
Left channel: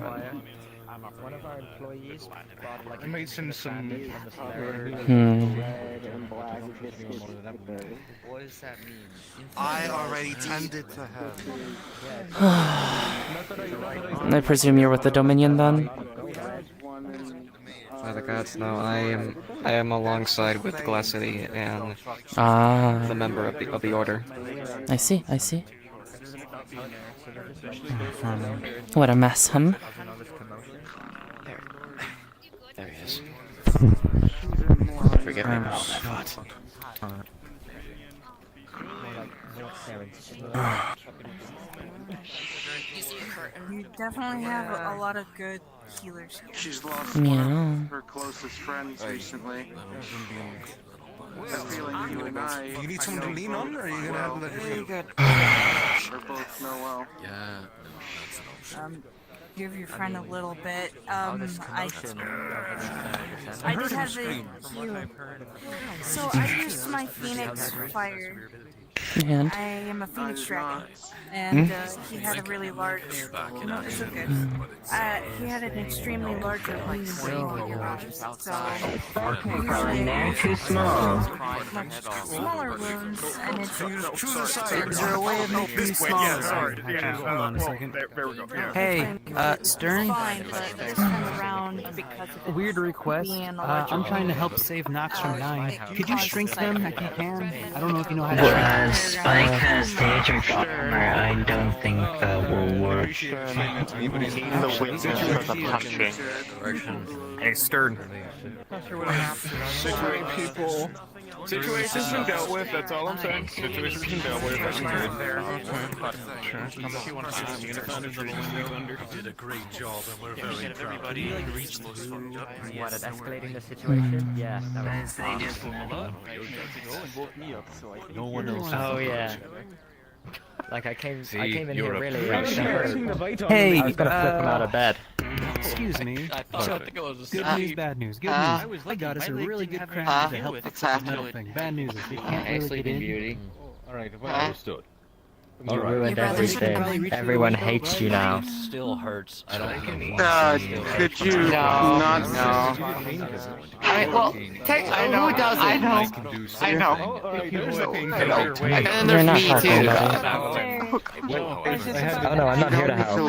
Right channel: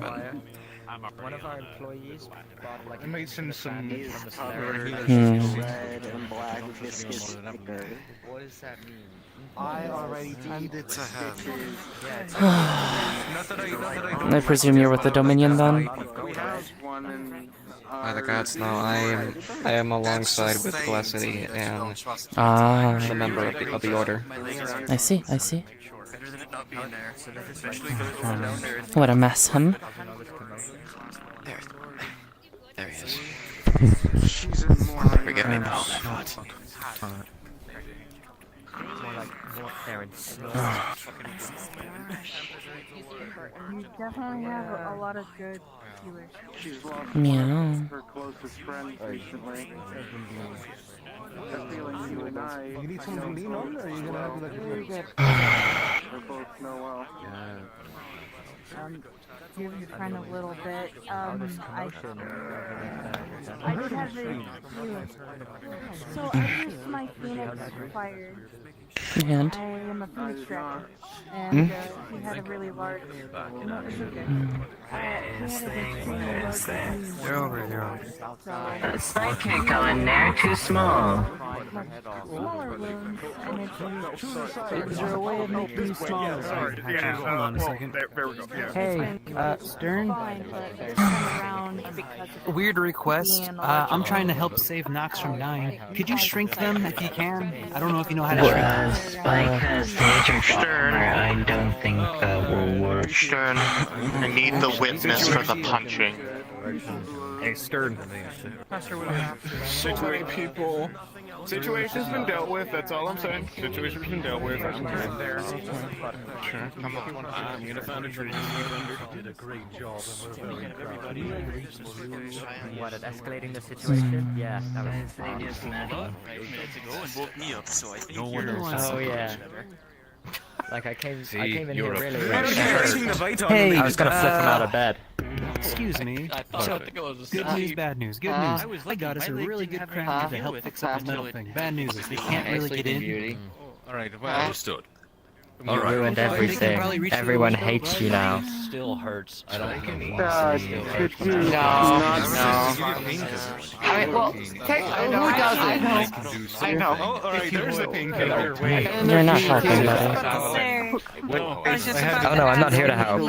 I made some. What does that mean? I already tended to him. I presume you're with the Dominion then? By the gods, no. I am alongside with Glassity and the member of the order. I see. What a mess, huh? There he is. Forgive me. You definitely have a lot of good healers. She's lost Meow. her closest friends recently. You need someone to lean on, or are you gonna have to let her They both know well. Give your friend a little bit. I just have a cue. So I used my Phoenix Fire. And? I am a phoenix dragon. And he had a really large... No, it's okay. He had an extremely large... So, Psychic on there, too small. smaller wounds, and it's... Is there a way of making these smaller? Sorry, hold on a second. There we go. Yeah. Hey, Stern? Weird request. I'm trying to help save Nox from dying. Could you shrink them if you can? I don't know if you know how to shrink. Spike has the Aether armor. I don't think that will work. Stern, you need the witness for the punching. Hey, Stern. So many people. Situation's been dealt with, that's all I'm saying. Situation's been dealt with. I'm getting there. Sure, come on. I'm gonna find a tree to sweep under. Did a great job, and we're very everybody reached the solution. What, at escalating the situation? Yeah, that was No one else. Oh, yeah. Like, I came in you're here really... Hey, I was gonna flip him out of bed. Excuse me. Good news, bad news. Good news. I got us a really good crowd to help fix this metal thing. Bad news is we can't really get in. Alright, well understood. You ruined everything. Everyone hates you now. Still hurts. I don't know. Could you No. I mean, well, who doesn't? I know. You're not helping, buddy. Oh no, I'm not here to help.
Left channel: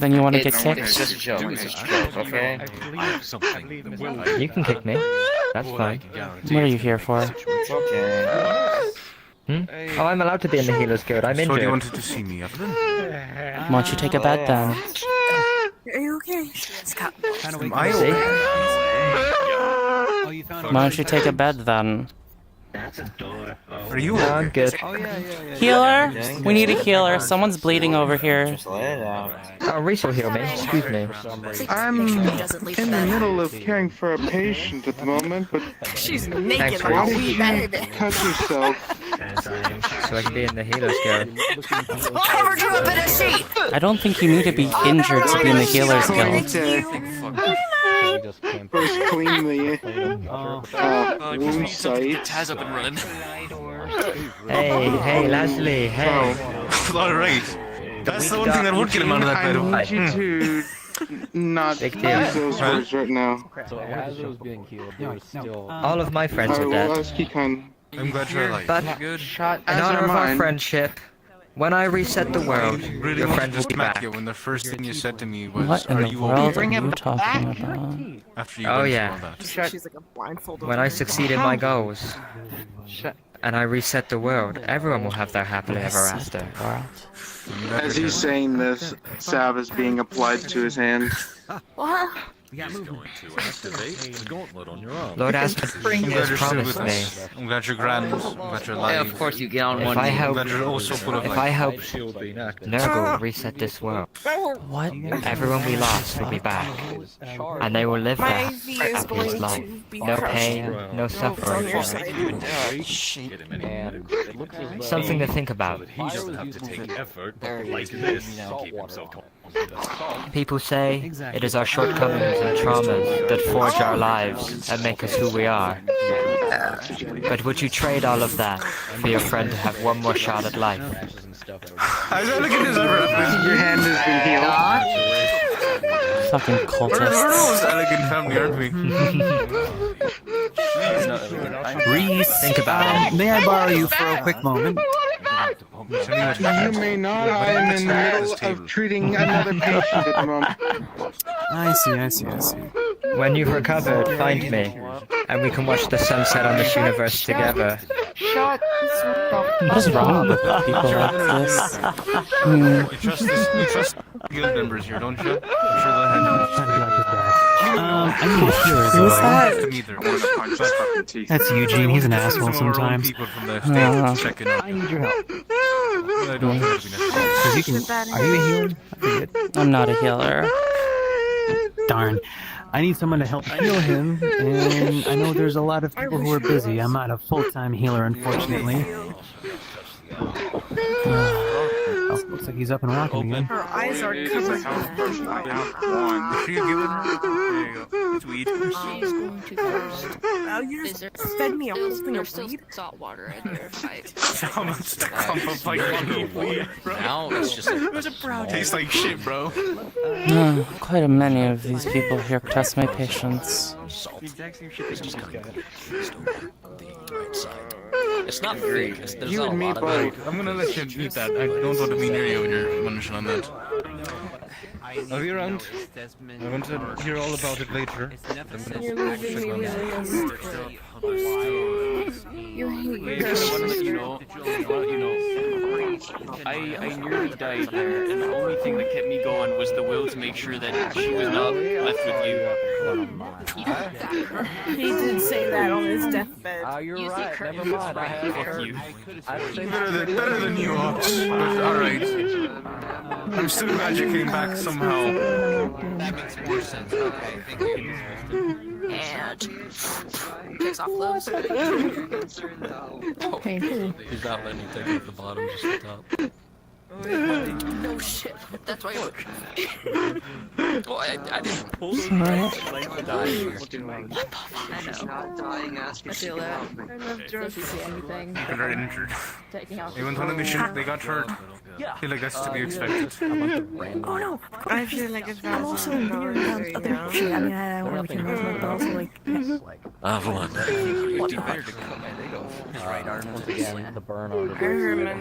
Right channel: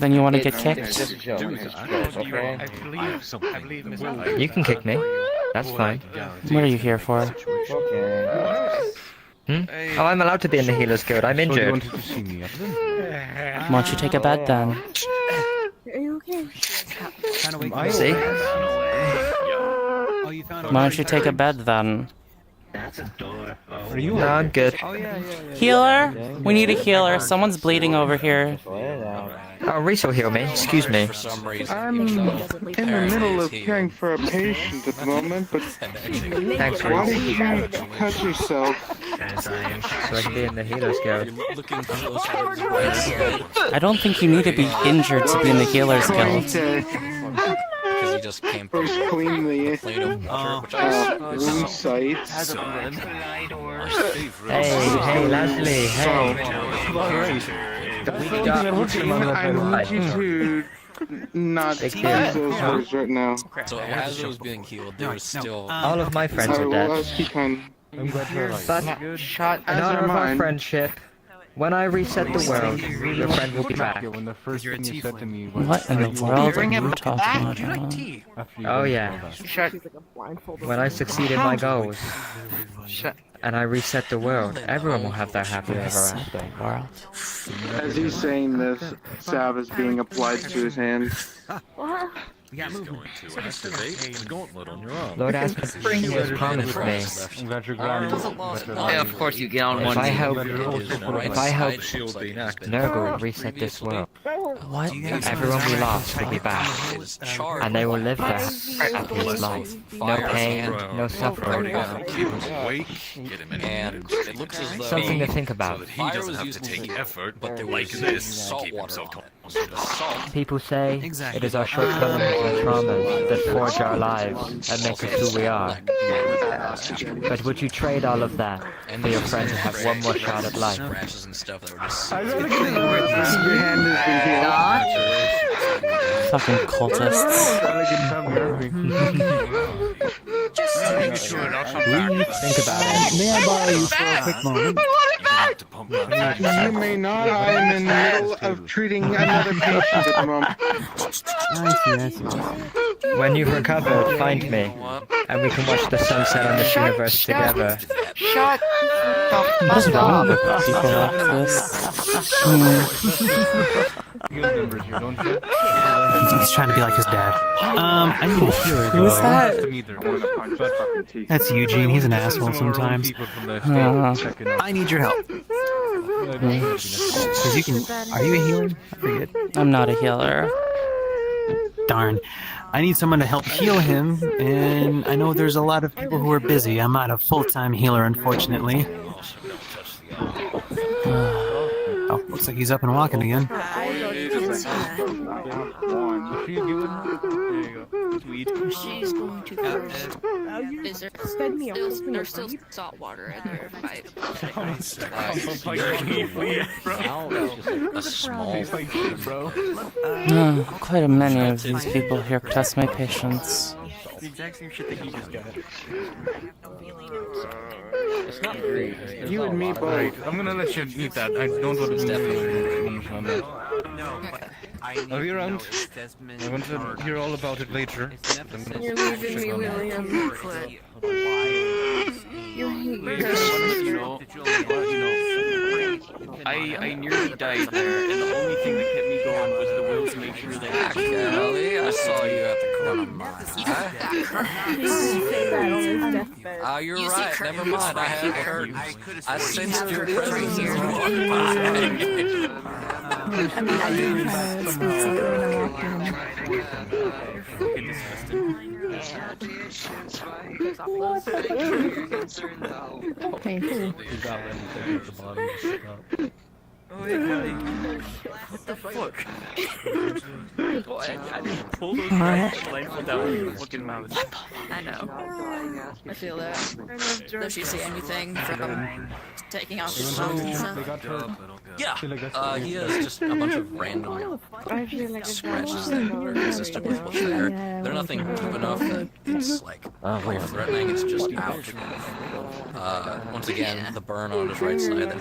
Then you want to get kicked? You can kick me. That's fine. What are you here for? Oh, I'm allowed to be in the healer's guild. I'm injured. So you wanted to see me, Why don't you take a bed then? Are you okay? Trying to wake me up. Oh, you found Why don't you take a bed then? That's a door. Are you? No, I'm good. Oh, yeah. Healer? We need a healer. Someone's bleeding over here. Oh, Reese will heal me. Excuse me. I'm in the middle of caring for a patient at the moment, but Thanks, why did Reese. you cut yourself? So I can be in the healer's guild. I don't think you need to be injured to be in the healer's guild. First clean the wound site. Hey, Leslie, hey. That's the only thing that would get him out of that bed. I need you to not use those words right now. So as I was being healed, there was still... All of my friends are dead. I'm glad you're alive. But, in honor of our friendship, when I reset the world, your friend will be back. When the first thing you said to me was, What in the world are you talking about? Oh yeah. When I succeed in my goals, and I reset the world, everyone will have their happily ever after. As he's saying this, salve is being applied to his hand. What? He's going to activate the gauntlet on your arm. Lord Aspen has promised me. I'm glad you're grand. Yeah, of course you get on one knee. If I help Nurgle reset this world, What? everyone we lost will be back, and they will live their happiest life. No pain, no suffering. Something to think about. He doesn't have to take effort, but like this to keep himself calm. People say it is our shortcomings and traumas that forge our lives and make us who we are. But would you trade all of that for your friend to have one more shot at life? Fucking cultists. Reese, think about it. May I borrow you for a quick moment? You may not. I am in the middle of treating another patient at the moment. I see. When you've recovered, find me, and we can watch the sunset on this universe together. What is wrong with people like this? members here, don't you? He's trying to be like his dad. I need a healer. Who is that? That's Eugene. He's an asshole sometimes. I need your help. Cause you can. Are you a healer? I forget. I'm not a healer. Darn. I need someone to help heal him, and I know there's a lot of people who are busy. I'm not a full-time healer, unfortunately. Oh, looks like he's up and walking again. Sweet. She's going to thirst. Oh, you Is there fed me a whole thing there's of still weed? salt water in there if I Now it's just a small. Tastes like shit, bro. Quite a many of these people here test my patience. It's not fake. There's You not and a me lot of both. it. I'm gonna let you eat that. I don't want to be near you when you're munching on that. I'll be around. I want to hear all about it later. You're losing me, William. You hate your I nearly died there, and the only thing that kept me going was the will to make sure that she would not mess with you. He did say that on his deathbed. Oh, you're right. Never mind. I sensed your I'm still magically back somehow. Painful. Is that anything at the bottom, just the top? Oh shit. That's why. Boy, I didn't pull the like without looking at my I know. I feel that. I love George. Does she say anything for taking off Even when they got hurt. Yeah. I feel like that's to be Just expected. a bunch of random. I feel like it's They're nothing enough. It's like, hold on. It's just once again, the burn on his right side.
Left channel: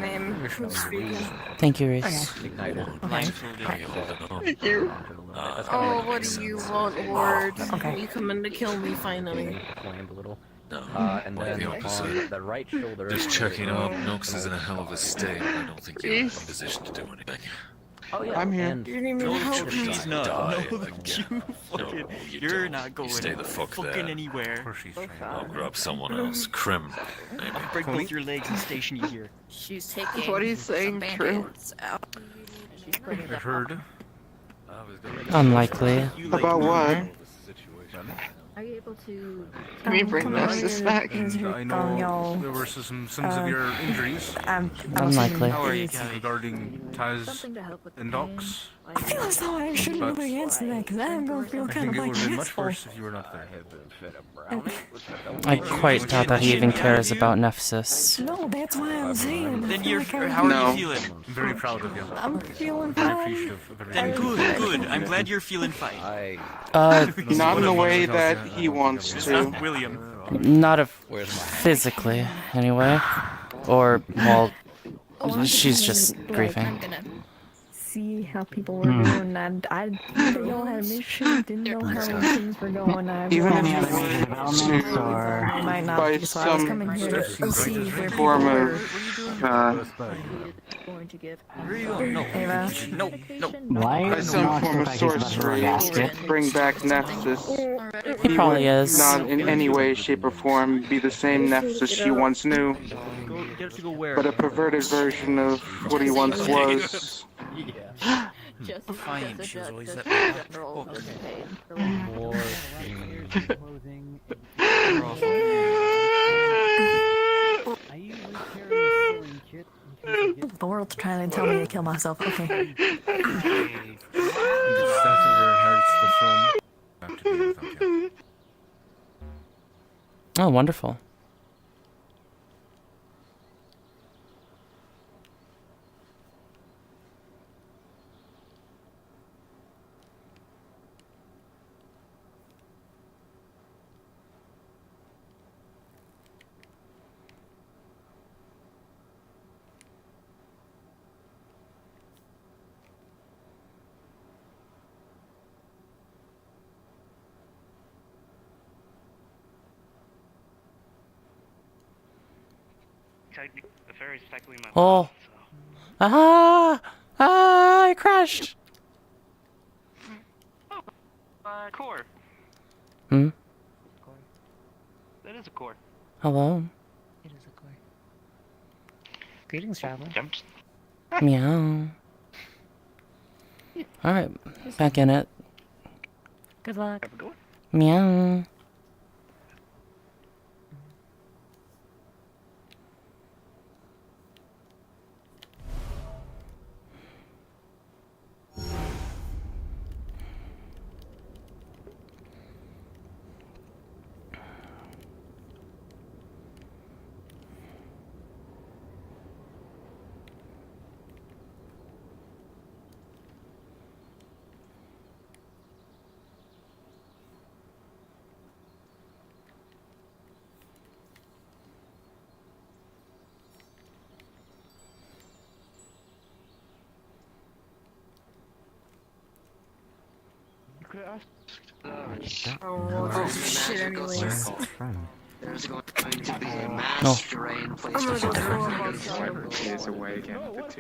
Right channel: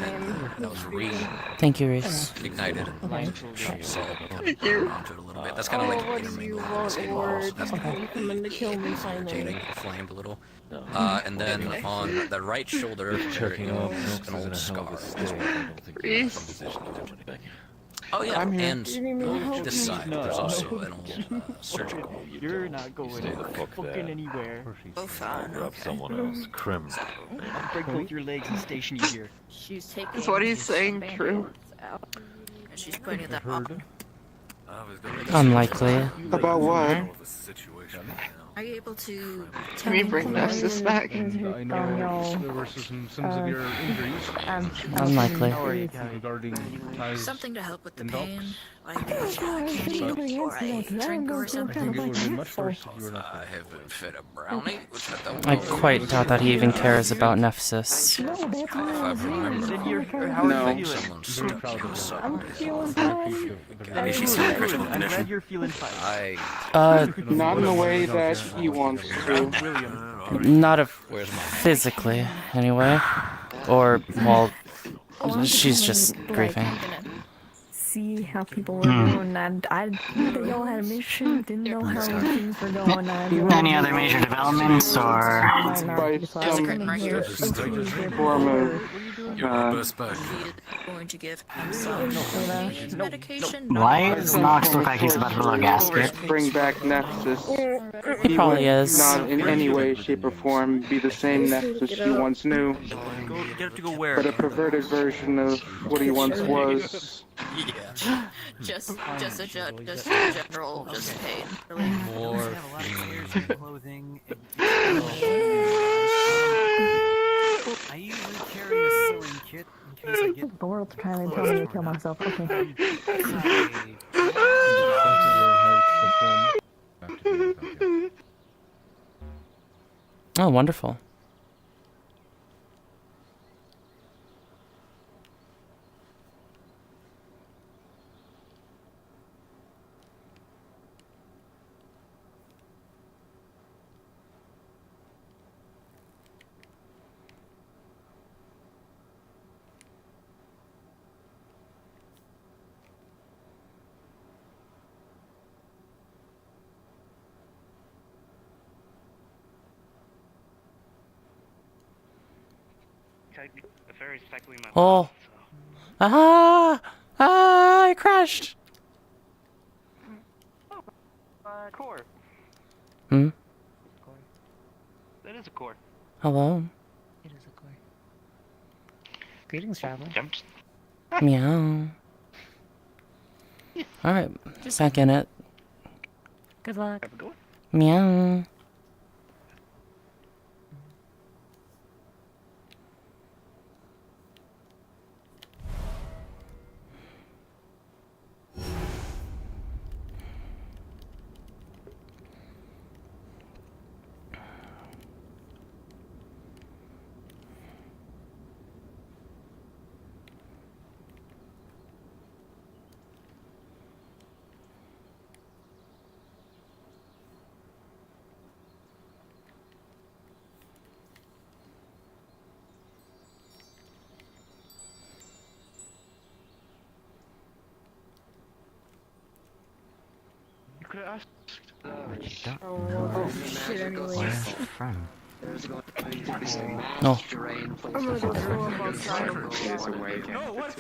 Thank you, Reese. Ignited. Thank you. That's kind of like what do you want, Lord? You coming to kill me finally? flamed a little. And then on the right shoulder. Just checking up. Nox is in a hell of a state. I don't think you're in a position to do anything. Oh yeah, I'm here. and You need me to help this you. side, No, there's no, also you're not going stay the fuck there. anywhere. I'll grab someone else. Crim. I'll break both your legs and station you here. She's taking. Is what he's saying true? Out. She's putting them Heard. Unlikely. About what? Are you able to? Can we bring Nephsis back? I know there were some severe injuries. Unlikely. Regarding ties Something to help with the and pain. docks. That's why I should But go against Nick. Now I'm going to feel I kind think of it like would be an much asshole. worse if you were not I there. have been fed a brownie, which I I quite doubt that he even cares about Nephsis. No, that's why I'm saying. Then you're. Like, How are No. you feeling? I'm very proud of you. I'm feeling Very fine. appreciative of Then everything. she's so good. I'm glad you're feeling fine. Not in the way that he wants to. William. Not of Where's my hat? physically, anyway. Or, well, she's just grieving. See how people were doing, and I didn't know how to make sure, didn't know how things were going. Do you have any other major developments, or? By some form of Going to give Why does Nox look like he's about to run a gasket? bring back Nephsis. He probably is. Not in any way, shape, or form be the same Nephsis she once knew, but a perverted version of what he once was. just a general just pain. The world's trying to tell me to kill myself. Okay. Oh, wonderful. The ferry's cycling my Oh. Ah! Ah! I crashed! core. Hmm? That is a core. Hello? It is a core. Greetings, traveler. Meow. Alright, back in it. Good luck. Have a good one. Meow. Shit, anyways. Where from? No.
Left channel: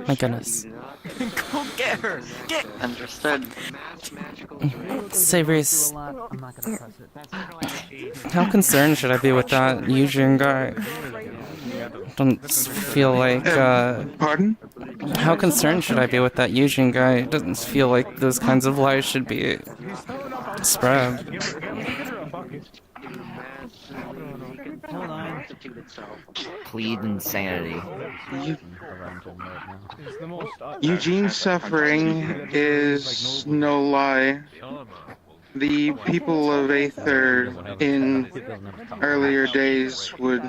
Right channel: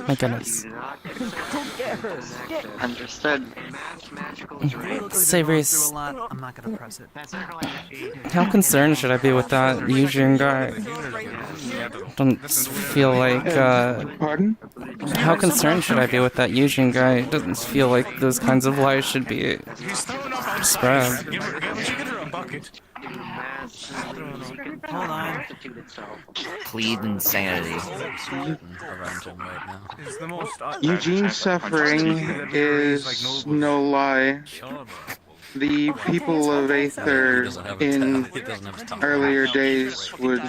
My goodness. Understood. Savory's. How concerned should I be with that Eugene guy? Don't feel like, Pardon? How concerned should I be with that Eugene guy? It doesn't feel like those kinds of lies should be spread. Hold on. Plead insanity. Eugene's suffering is no lie. The people of Aether in earlier days would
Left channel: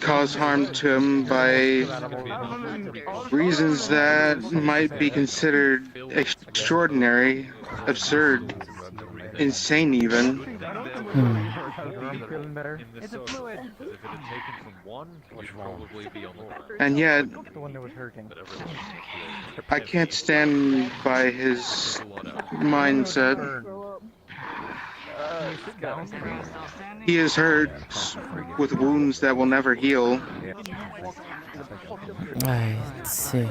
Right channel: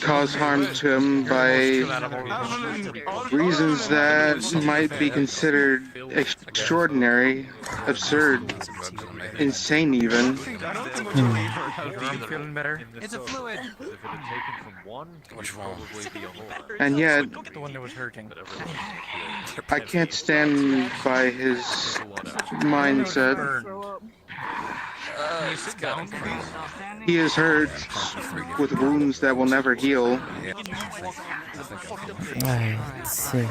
cause harm to him by reasons that might be considered extraordinary, absurd, insane even. And yet, I can't stand by his mindset. He is hurt with wounds that will never heal. I see.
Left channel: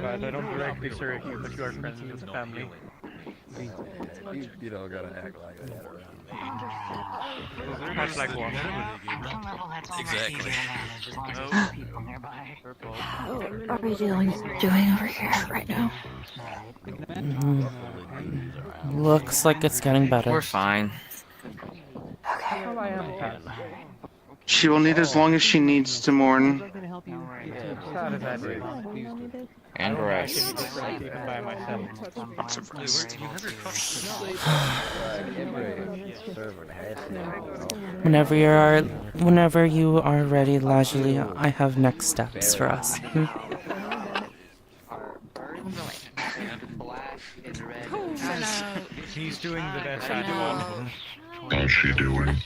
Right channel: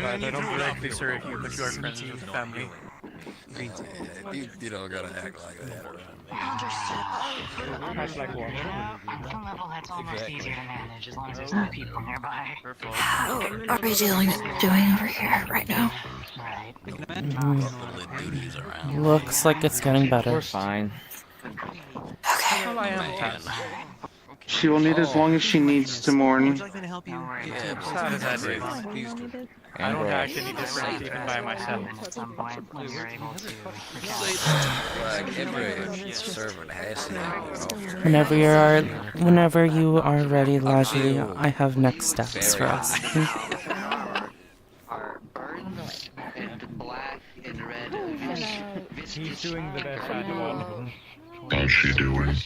I don't directly serve you, but you are friends with the family. You don't gotta act like that. Act like what? At some level, that's almost easier to manage as long as there's no people nearby. How are we doing over here right now? Looks like it's getting better. We're fine. She will need as long as she needs to mourn. And rest. Whenever you are ready, Lajali, I have next steps for us. He's doing the best animal. How's she doing?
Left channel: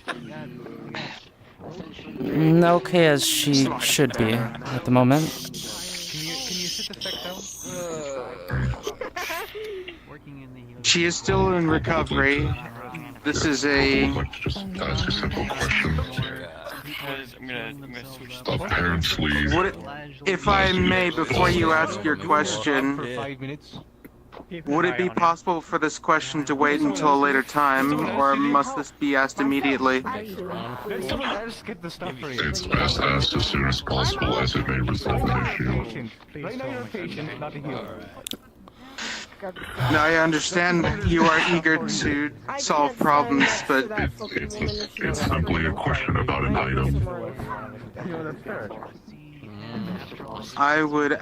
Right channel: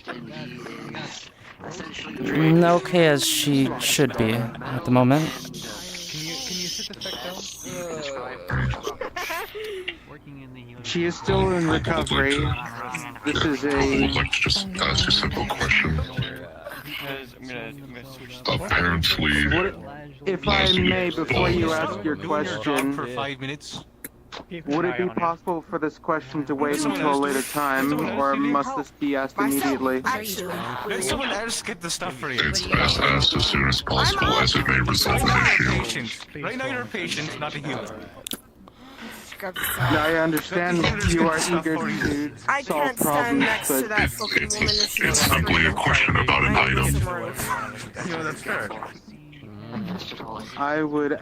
Okay as she should be at the moment. Can you sit the fuck down? She is still in recovery. This is a... Just ask a simple question. Apparently... If I may, before you ask your question, would it be possible for this question to wait until a later time, or must this be asked immediately? Someone else get the stuff for you. It's best asked as soon as possible, as it may resolve an issue. Right now you're a patient, not a healer. Now I understand you are eager to solve problems, but It's simply a question about an item. I would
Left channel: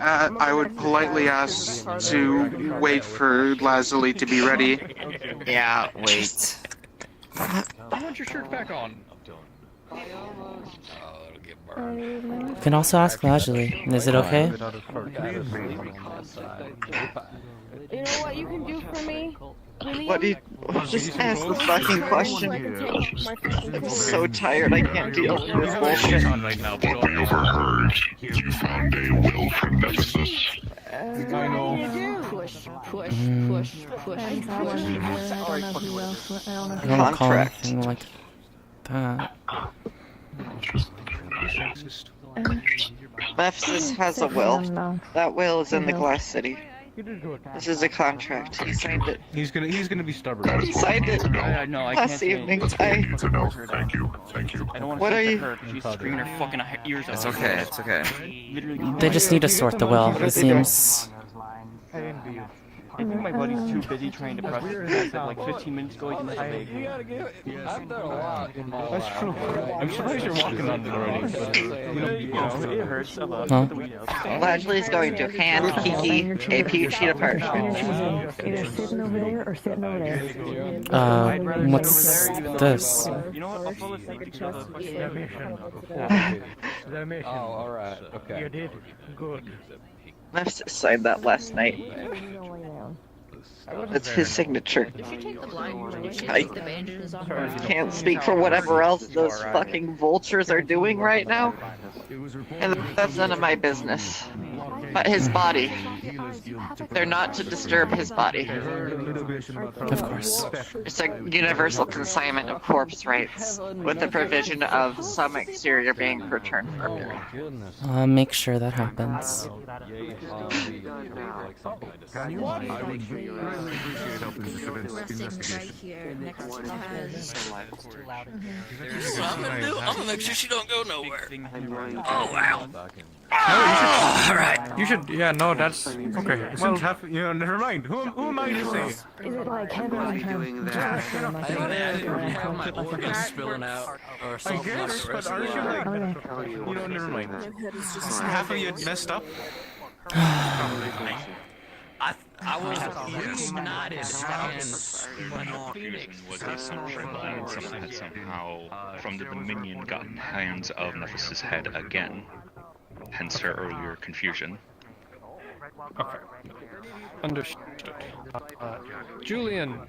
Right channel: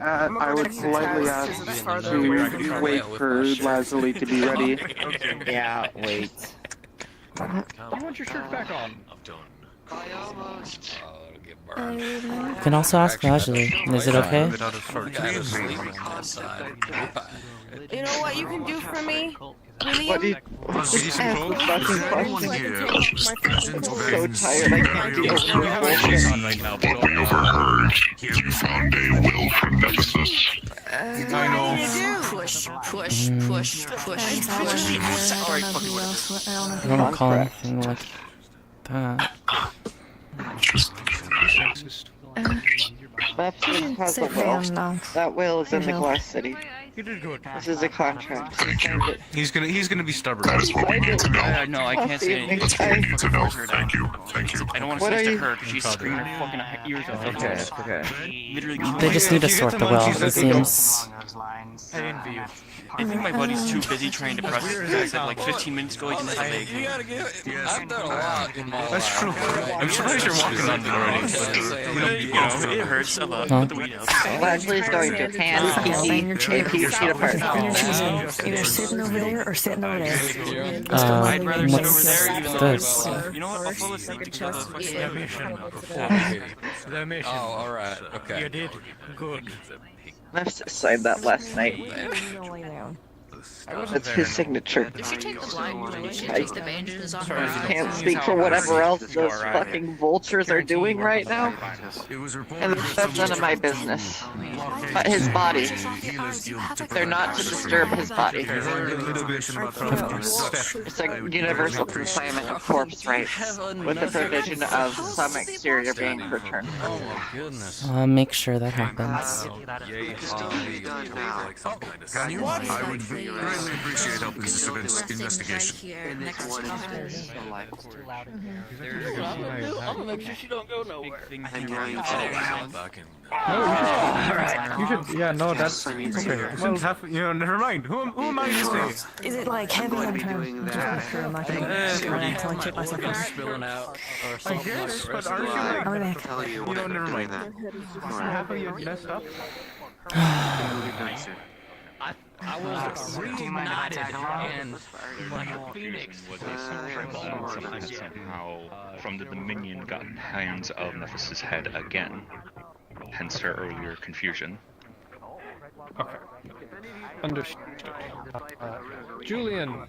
politely ask to wait for Lazuli to be ready. Yeah, wait. You want your shirt back on? You can also ask Lajali. Is it okay? You know what you can do for me? What did Just ask the fucking question. I'm so tired, I can't deal with this. On right now, but What we overheard, you found a will from Nephsis. I know. Push. I don't recall anything like that. Nephsis has a will. That will is in the Glass City. You did good. This is a contract. He signed it. He's gonna be stubborn. That is what we need to know. No, I can't Last say evening, it. That's what we need to know. Thank you. Thank you. I don't want What to are say you- to her because she's screaming her fucking ears off. It's okay, it's okay. Literally, They just need to sort the will, it seems. I envy you. I think my buddy's too busy trying to press it. He said like 15 minutes ago he didn't have a leg. That's true. I'm surprised you're walking on it already. You know, it hurts a lot. Huh? The weed helps. Lashley's going to hand Kiki a PhD apartment. Either sitting over there or sitting over there. What's this? You know what? I'll fall asleep together. Oh, alright, okay. You did good. Nephsis signed that last night. That's his signature. If you take the blind place, I just the bandages on her. can't speak for whatever else those fucking vultures are doing right now. And that's none of my business. But his body. They're not to disturb his body. Of course. It's a universal consignment of corpse rights, with the provision of some exterior being returned. I'll make sure that happens. Can you? I would really appreciate helping this investigation. I'm gonna make sure she don't go nowhere. Oh, wow. No, you should, yeah, no, that's, okay. Well, never mind. Who am I to say? Is it like heavy doing that? My organs spilling out. Or I something guess, like but aren't you like, never mind. Half of you messed up. I was reignited. Was the assumption that someone had somehow, from the Dominion, gotten hands of Nephsis' head again. Hence her earlier confusion. Okay. Understood. Julian,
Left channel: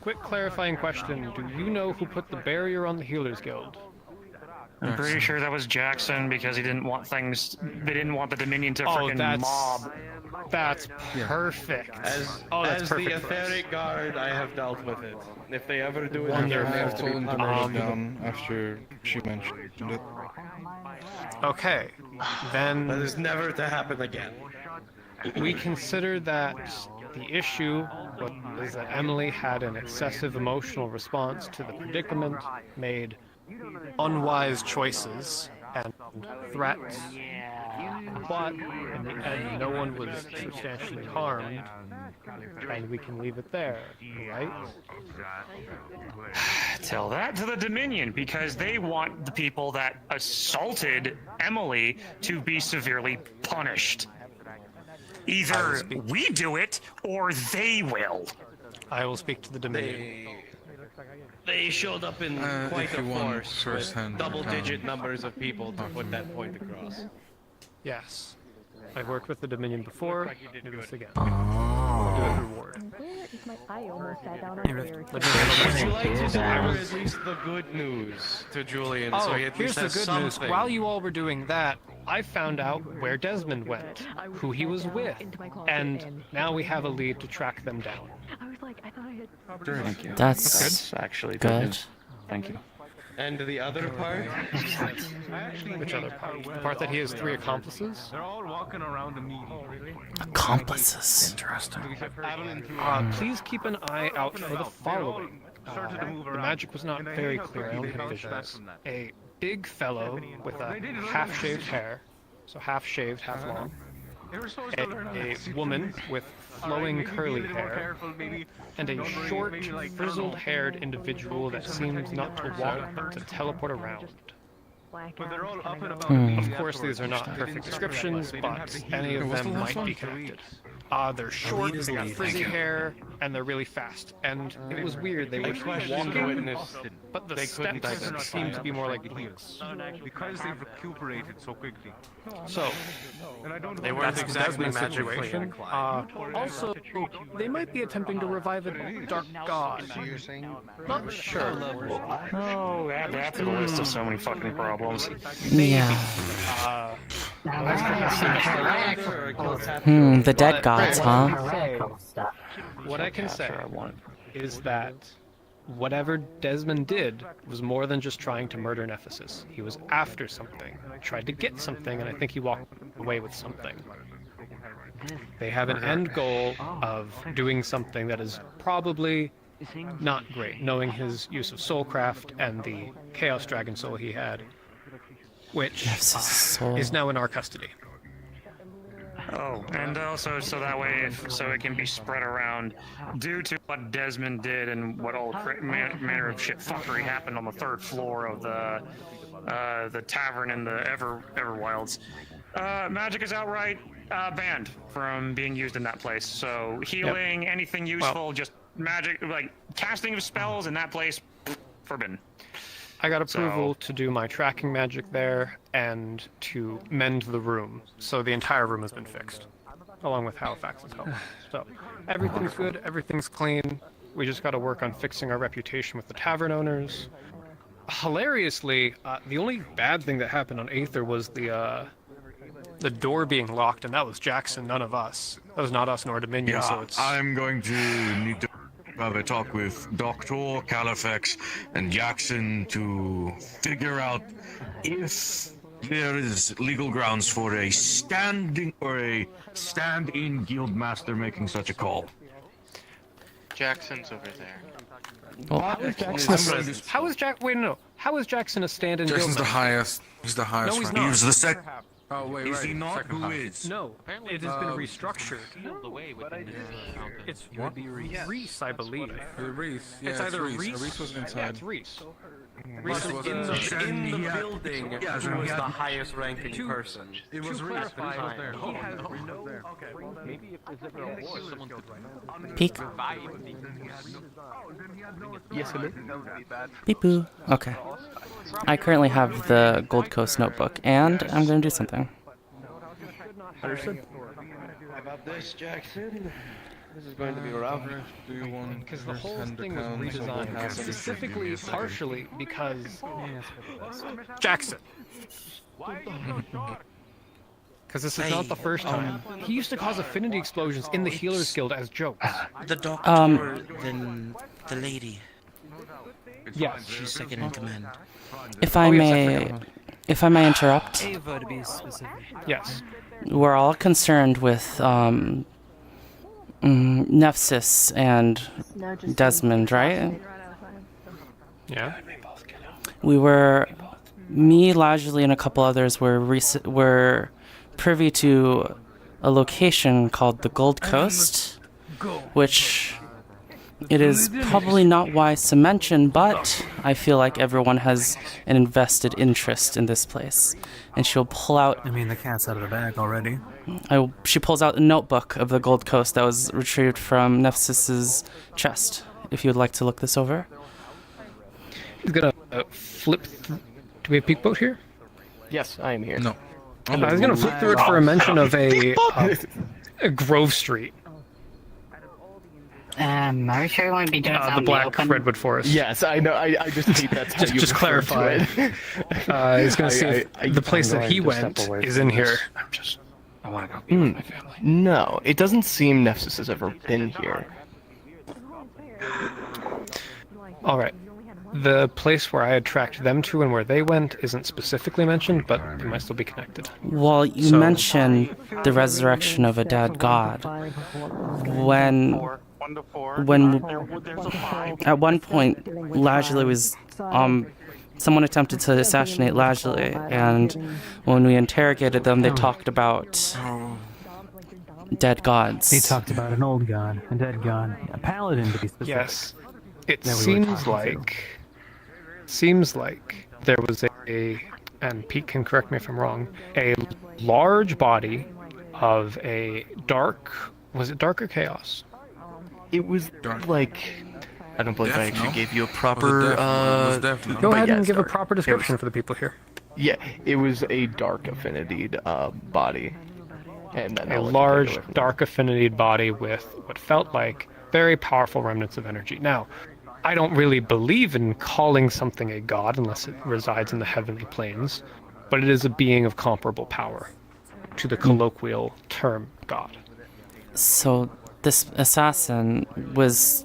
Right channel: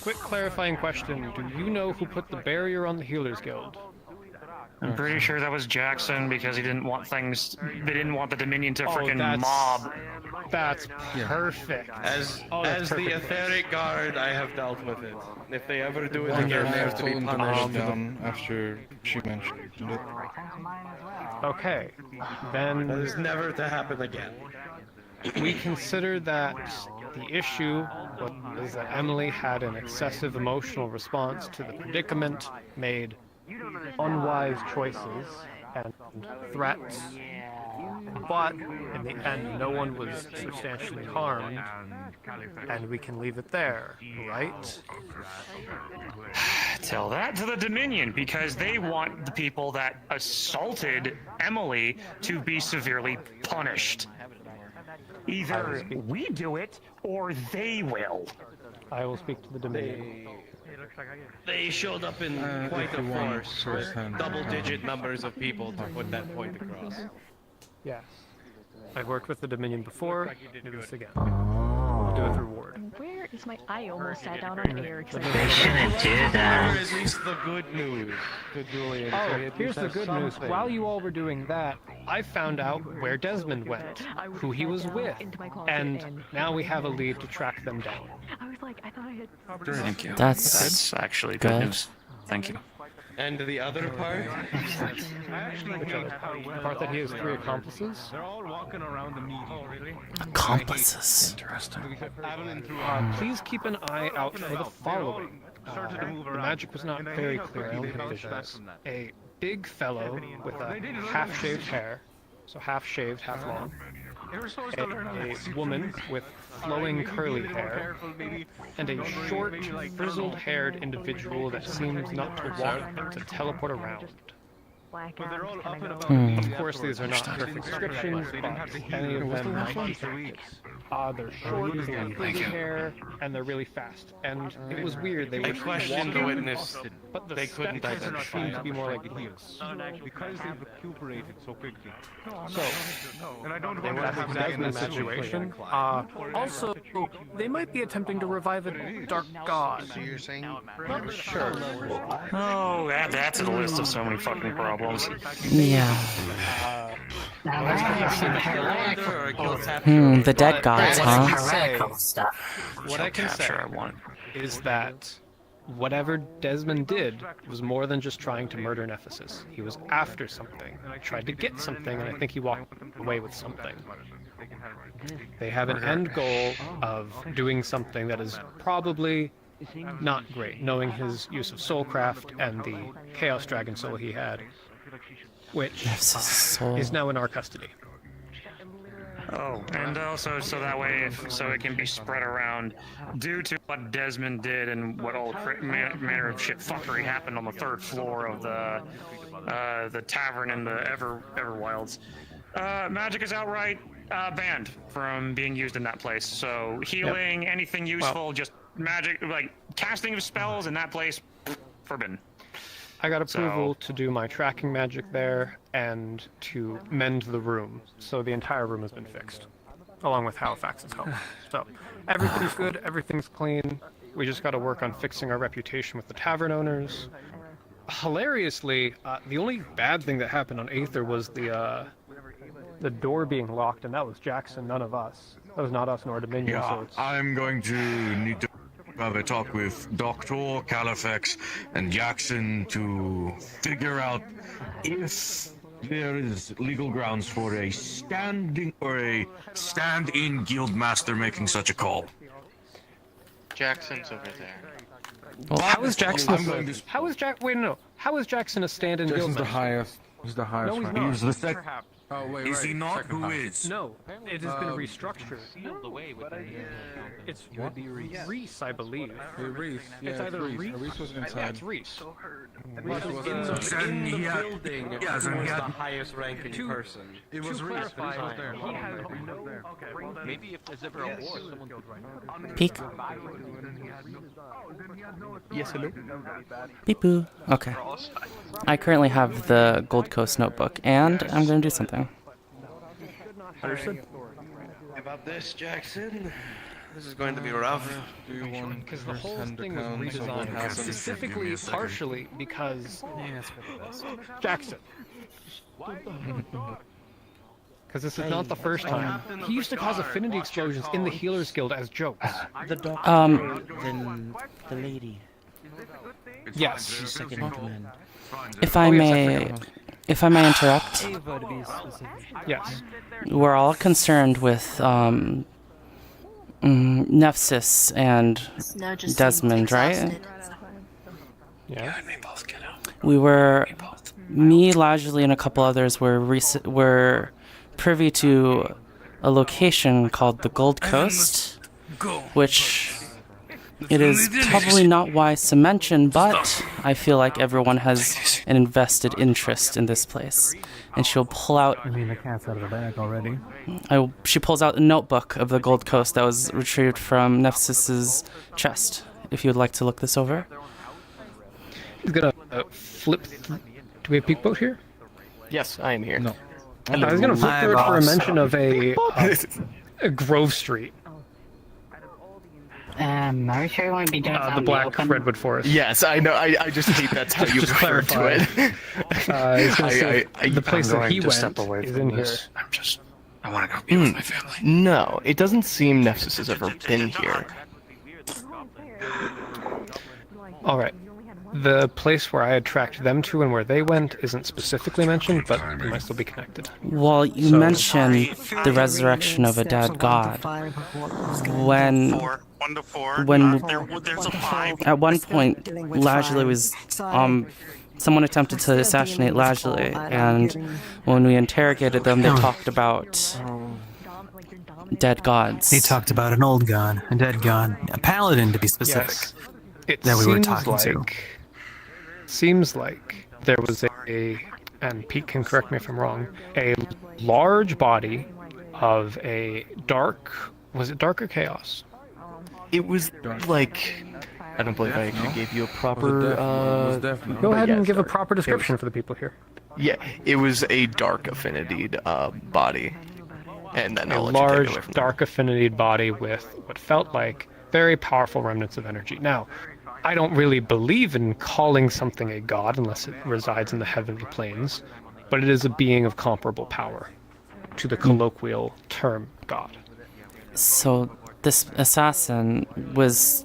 quick clarifying question. Do you know who put the barrier on the Healers Guild? I'm pretty sure that was Jackson because he didn't want things. They didn't want the Dominion to freaking mob. That's perfect. As that's the perfect. etheric guard, I have dealt with it. If they ever do it, Wonderful. again, I've told him to note it down after she mentioned it. Okay, then that is never to happen again. we consider that the issue was that Emily had an excessive emotional response to the predicament, made unwise choices and threats, but in the end no one was substantially harmed, and we can leave it there, right? Tell that to the Dominion because they want the people that assaulted Emily to be severely punished. Either we do it or they will. I will speak to the Dominion. They showed up in quite if a you want force with first-hand, double-digit numbers of people to put that point across. Yes. I've worked with the Dominion before, do this again. I'll do it as a reward. Where is my... I almost sat down on here. I will release the good news to Julian, so he at Here's least the has good news. something. While you all were doing that, I found out where Desmond went, who he was with, and now we have a lead to track them down. Thank you. That's actually good. Thank you. And the other part? Which other part? The part that he has 3 accomplices? They're all walking around immediately. Accomplices. Please keep an eye out for the following. The magic was not very clear. I only had visuals. A big fellow with a half-shaved hair, so half-shaved, half-long. A woman with flowing curly hair, and a short, frizzled-haired individual that seems not to walk but to teleport around. Of course, these are not perfect descriptions, but any of them might be connected. They're short, they have frizzy hair, and they're really fast. And it was weird, they were walking, but the steps seemed to be more like heels. Because they've recuperated so quickly. So, They were that's the exactly Desmond situation. Also, they might be attempting to revive a dark god. Not sure. Oh, that's a list of so many fucking problems. Yeah. The dead gods, huh? What I can say is that whatever Desmond did was more than just trying to murder Nephsis. He was after something, tried to get something, and I think he walked away with something. They have an end goal of doing something that is probably not great, knowing his use of soulcraft and the Chaos Dragon soul he had, which is now in our custody. Oh, and also so that way, so it can be spread around. Due to what Desmond did and what all manner of shit fuckery happened on the 3rd floor of the tavern in the Everwilds, magic is outright banned from being used in that place. So healing, anything useful, just magic, like casting of spells in that place, forbidden. I got approval to do my tracking magic there and to mend the room. So the entire room has been fixed, along with Halifax's help. So Everything's good. Everything's clean. We just got to work on fixing our reputation with the tavern owners. Hilariously, the only bad thing that happened on Aether was the door being locked, and that was Jackson, none of us. That was not us nor Dominion, so it's... I'm going to need to have a talk with Dr. Califax and Jackson to figure out if there is legal grounds for a stand-in guild master making such a call. Jackson's over there. Well, how is Jackson? Wait, no. How is Jackson a stand-in guild Jason's the master? highest. He's the highest. No, he's rank. not. He's the sec. Oh wait, Is he not? Who is? No, it has been restructured. It's What? Reese, I believe. Reese. Yeah, It's either Reese. Reese. Reese was Yeah, inside. it's Reese. Reese Reese was in the inside. building. Yeah, who was he the had- highest ranking person. It was to Reese. clarify, Reese was there. he has Reese was no. there. Okay, maybe if there's ever a war, someone could Peek. Yes, hello. Beep boo. Okay. I currently have the Gold Coast notebook, and I'm going to do something. Understood. About this, Jackson. This is going to be rough. Because the whole thing was redesigned specifically, partially because Jackson. Because this is not the first time. He used to cause affinity explosions in the Healers Guild as jokes. The doctor, then the lady. Yes. She's second in command. If I may interrupt, Ava, to be specific. Yes. we're all concerned with Nephsis and Desmond, right? Yeah. We were, me, Lajley, and a couple others were privy to a location called the Gold Coast, which it is probably not wise to mention, but I feel like everyone has an invested interest in this place. And she'll pull out... I mean, the cat's out of the bag already. She pulls out a notebook of the Gold Coast that was retrieved from Nephsis's chest, if you would like to look this over. He's gonna flip through. Do we have peek boat here? Yes, I am here. No. I was gonna flip through it for a mention of a Grove Street. Are you sure you want to be doing The Black Redwood Forest. Yes, I know. I just hate that's how you just refer clarify. to it. He's gonna see if the place that he went is in here. I want to go be with my family. No, it doesn't seem Nephsis has ever been here. All right. The place where I had tracked them to and where they went isn't specifically mentioned, but it might still be connected. Well, you mentioned the resurrection of a dead god. When at one point Lajley was someone attempted to assassinate Lajley, and when we interrogated them, they talked about dead gods. They talked about an old god, a dead god, a paladin to be specific. Yes. It that we were seems talking like there was and Pete can correct me if I'm wrong, a large body of a was it dark or chaos? It was like, I don't believe I actually gave you a proper. Go ahead and give a proper description for the people here. Yeah, it was a dark affinity body, and then A large dark affinity body with what felt like very powerful remnants of energy. Now, I don't really believe in calling something a god unless it resides in the heavenly planes, but it is a being of comparable power to the colloquial term god. So this assassin was...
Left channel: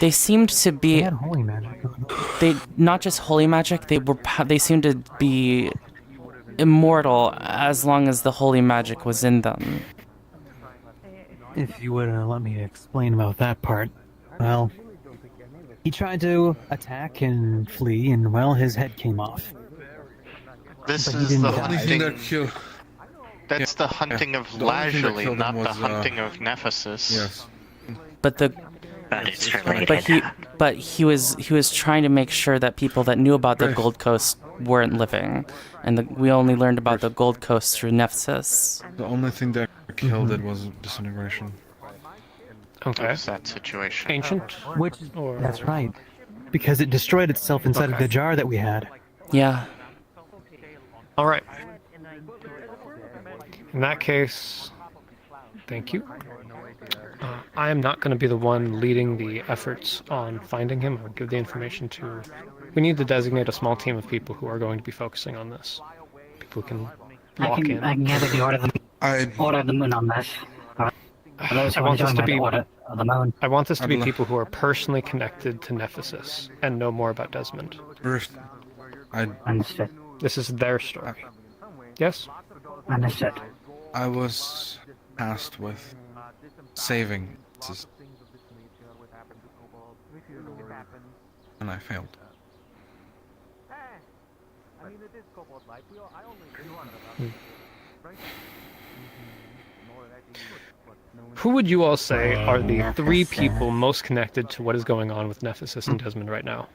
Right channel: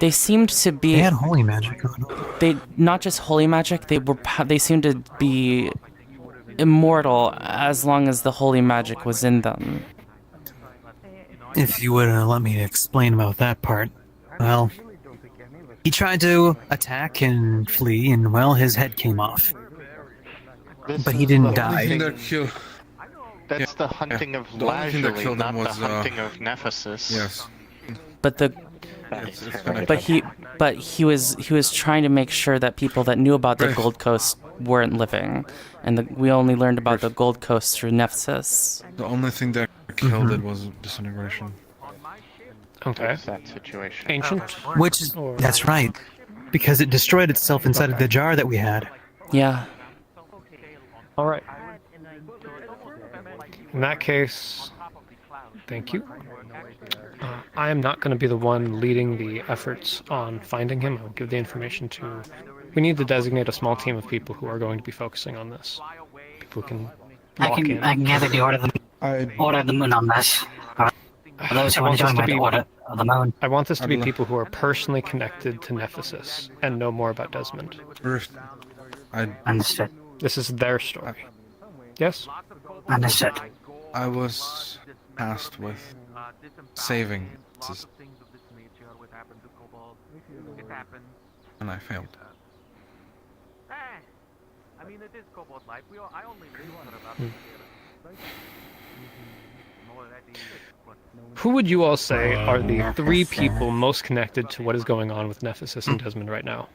They seemed to be... They had holy magic. They not just holy magic, they seemed to be immortal as long as the holy magic was in them. If you would let me explain about that part. Well, he tried to attack and flee, and well, his head came off. But he didn't die. That's the hunting of Lajley, not the hunting of Nephsis. Yes. But he was trying to make sure that people that knew about the Gold Coast weren't living, and we only learned about the Gold Coast through Nephsis. The only thing that killed it was disintegration. Okay. That situation. Ancient? That's right. Because it destroyed itself inside of the jar that we had. Yeah. All right. In that case, Thank you. I am not going to be the one leading the efforts on finding him. I'll give the information to... We need to designate a small team of people who are going to be focusing on this. People who can lock in. I can gather the order of the moon on this. I want this to be people who are personally connected to Nephsis and know more about Desmond. Understood. This is their story. Yes? Understood. I was tasked with saving this, and I failed. Who would you all say are the 3 people most connected to what is going on with Nephsis and Desmond right now?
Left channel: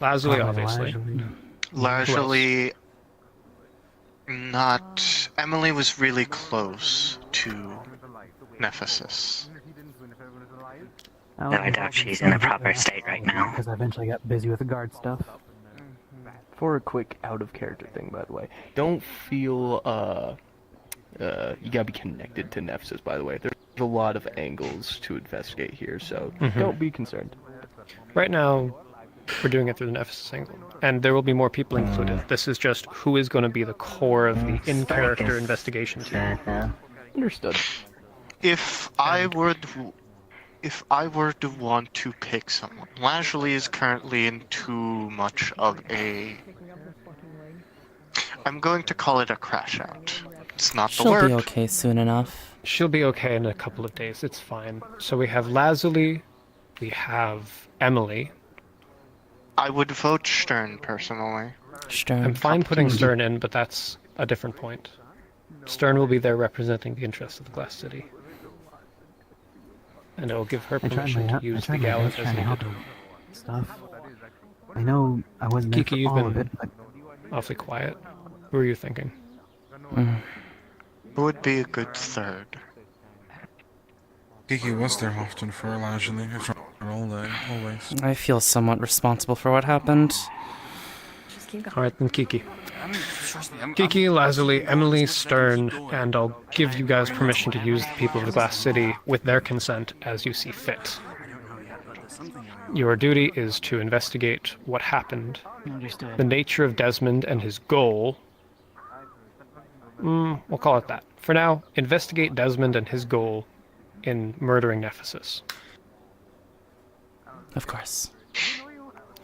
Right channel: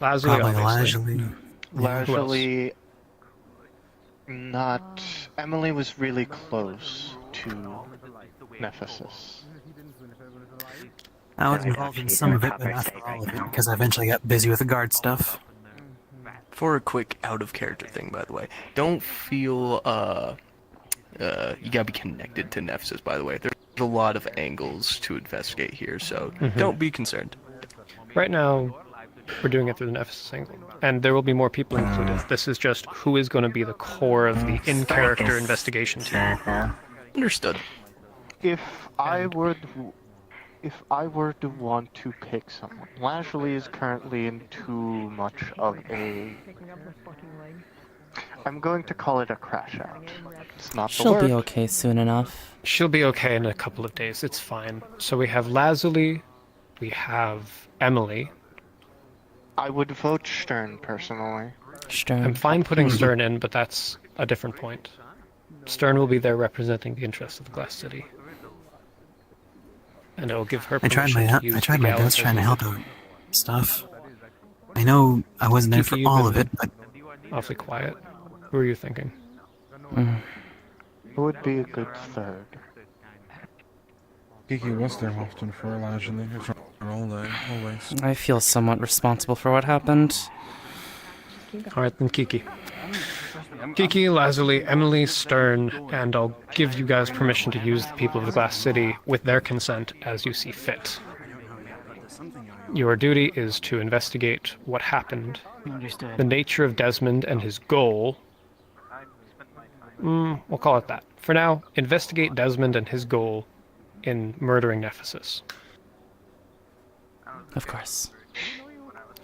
Lazuli, obviously. Largely, not. Emily was really close to Nephsis. I was involved in some of it, because I eventually got busy with the guard stuff. For a quick out-of-character thing, by the way, don't feel, you gotta be connected to Nephsis, by the way. There's a lot of angles to investigate here, so don't be concerned. Right now, we're doing it through the Nephsis angle, and there will be more people included. This is just who is going to be the core of the in-character investigation team. Understood. If I were to want to pick someone, Lashley is currently in too much of a... I'm going to call it a crash out. It's not the She'll word. be okay soon enough. She'll be okay in a couple of days. It's fine. So we have Lazuli, we have Emily. I would vote Stern, personally. Stern. I'm fine putting Stern in, but that's a different point. Stern will be there representing the interests of the Glass City. And it will give her I tried permission to use my the best gallows trying to as help needed. out stuff. I know I wasn't there for Kiki, you've all of been it, but awfully quiet. Who are you thinking? Who would be a good third? Kiki was there often for Lashley. It's all there, always. I feel somewhat responsible for what happened. Alright, then Kiki. Kiki, Lazuli, Emily, Stern, and I'll give you guys permission to use the people of the Glass City with their consent as you see fit. Your duty is to investigate what happened, the nature of Desmond and his goal. We'll call it that. For now, investigate Desmond and his goal in murdering Nephsis. Of course.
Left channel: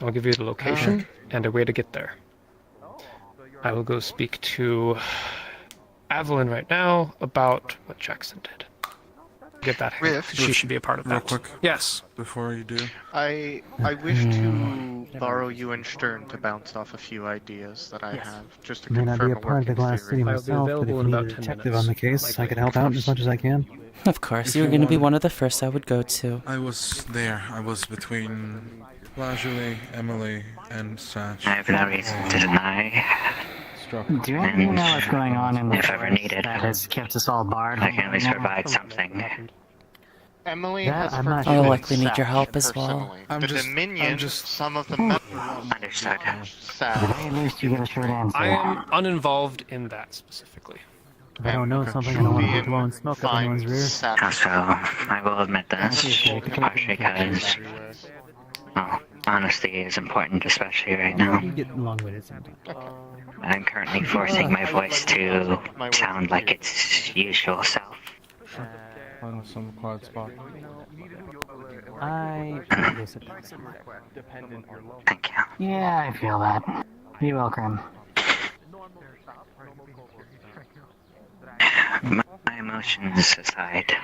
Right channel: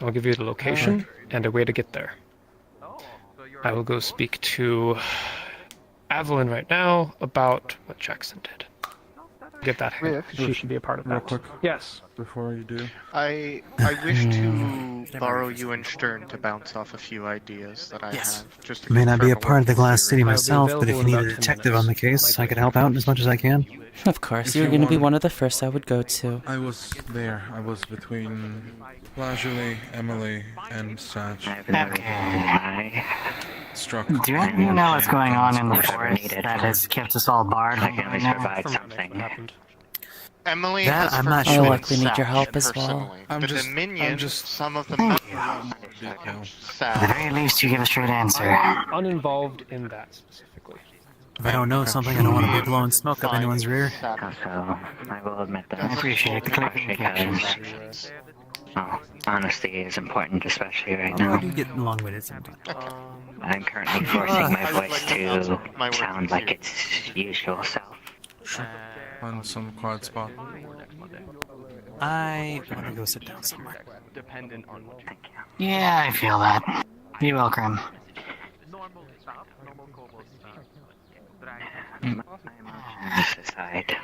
I'll give you the location and a way to get there. I will go speak to Evelyn right now about what Jackson did. Get that. She should be a part of that. Real quick. Yes. Before you do. I wish to borrow you and Stern to bounce off a few ideas that I have. Just to I may not be a confirm part of the working Glass City theory. myself, but if you need a detective on the case, I could help out as much as I can. Of course, you're going to be one of the first I would go to. I was there. I was between Lashley, Emily, and Saj. I have no reason to deny. Struck. Do any of you know what's going on in the forest that has kept us all barred? I can at least provide something. Emily That has I'm not I'll sure. likely need your help as well. The Dominion, some of the members At the very least, you give a straight answer. I'm uninvolved in that specifically. If I don't know something, I don't want to be blowing smoke up anyone's rear. So, I will admit this. Because, well, honesty is important, especially right now. You get long-winded sometimes. I'm currently forcing my voice to sound like its usual self. Sure. Find some quiet spot. I'll go sit down somewhere. Thank you. Yeah, I feel that. Be welcome. My emotions aside,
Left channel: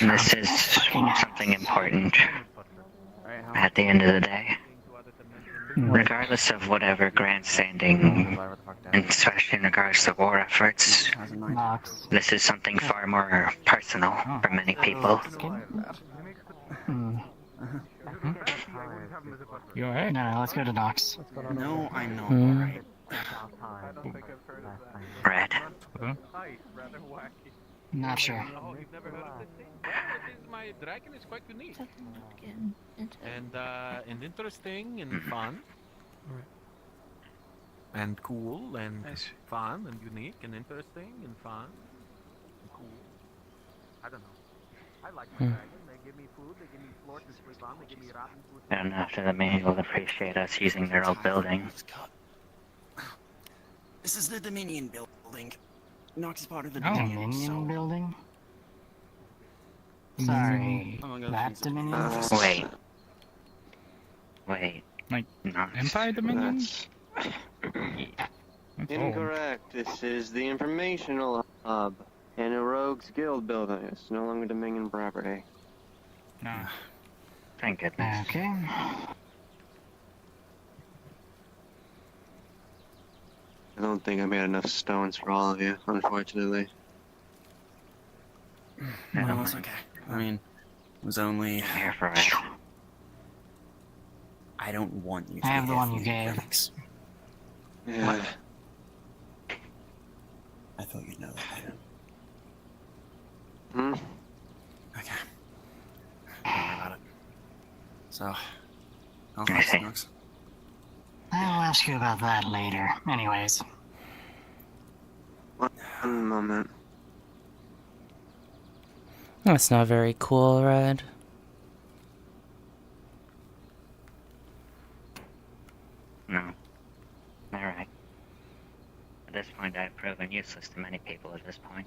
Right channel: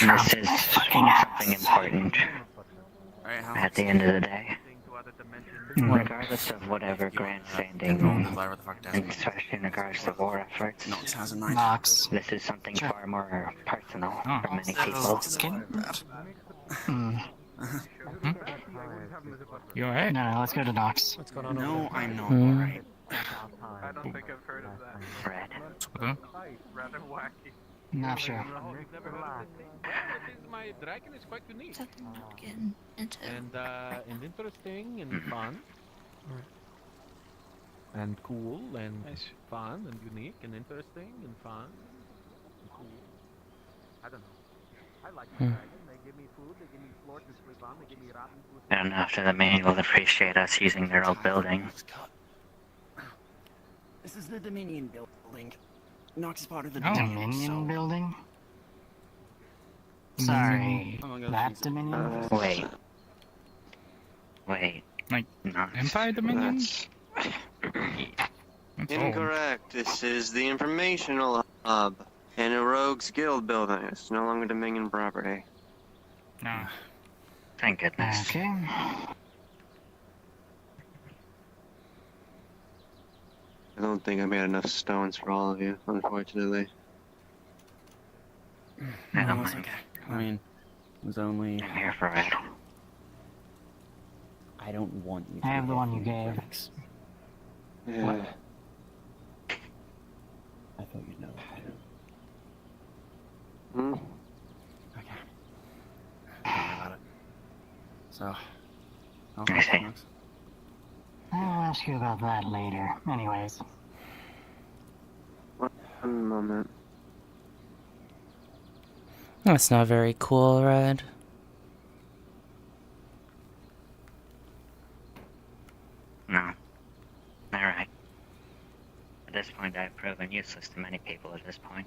this is something important at the end of the day. Regardless of whatever grandstanding, and especially in regards to war efforts, this is something far more personal for many people. You alright? No, let's go to Docs. No, I know. Red. Not sure. My dragon is quite unique. And interesting and fun. And cool and fun and unique and interesting and fun. I don't know if the Dominion will appreciate us using their old building. This is the Dominion building. Nox is part of the Dominion Dominion, so... building? Sorry, that Dominion? Wait. Like, Nox. Empire Dominion? Incorrect. This is the informational hub in a rogue's guild building. It's no longer Dominion property. Nah. Thank goodness. Okay. I don't think I made enough stones for all of you, unfortunately. No, it's okay. I mean, it was only... I'm here for it. I don't want you to I have be the here one for you the gave. critics. Yeah. I thought you'd know that later. Hmm? Okay. Got it. So, I see. I'll ask you about that later. Anyways. One moment. That's not very cool, Red. No. Alright. At this point, I've proven useless to many people at this point.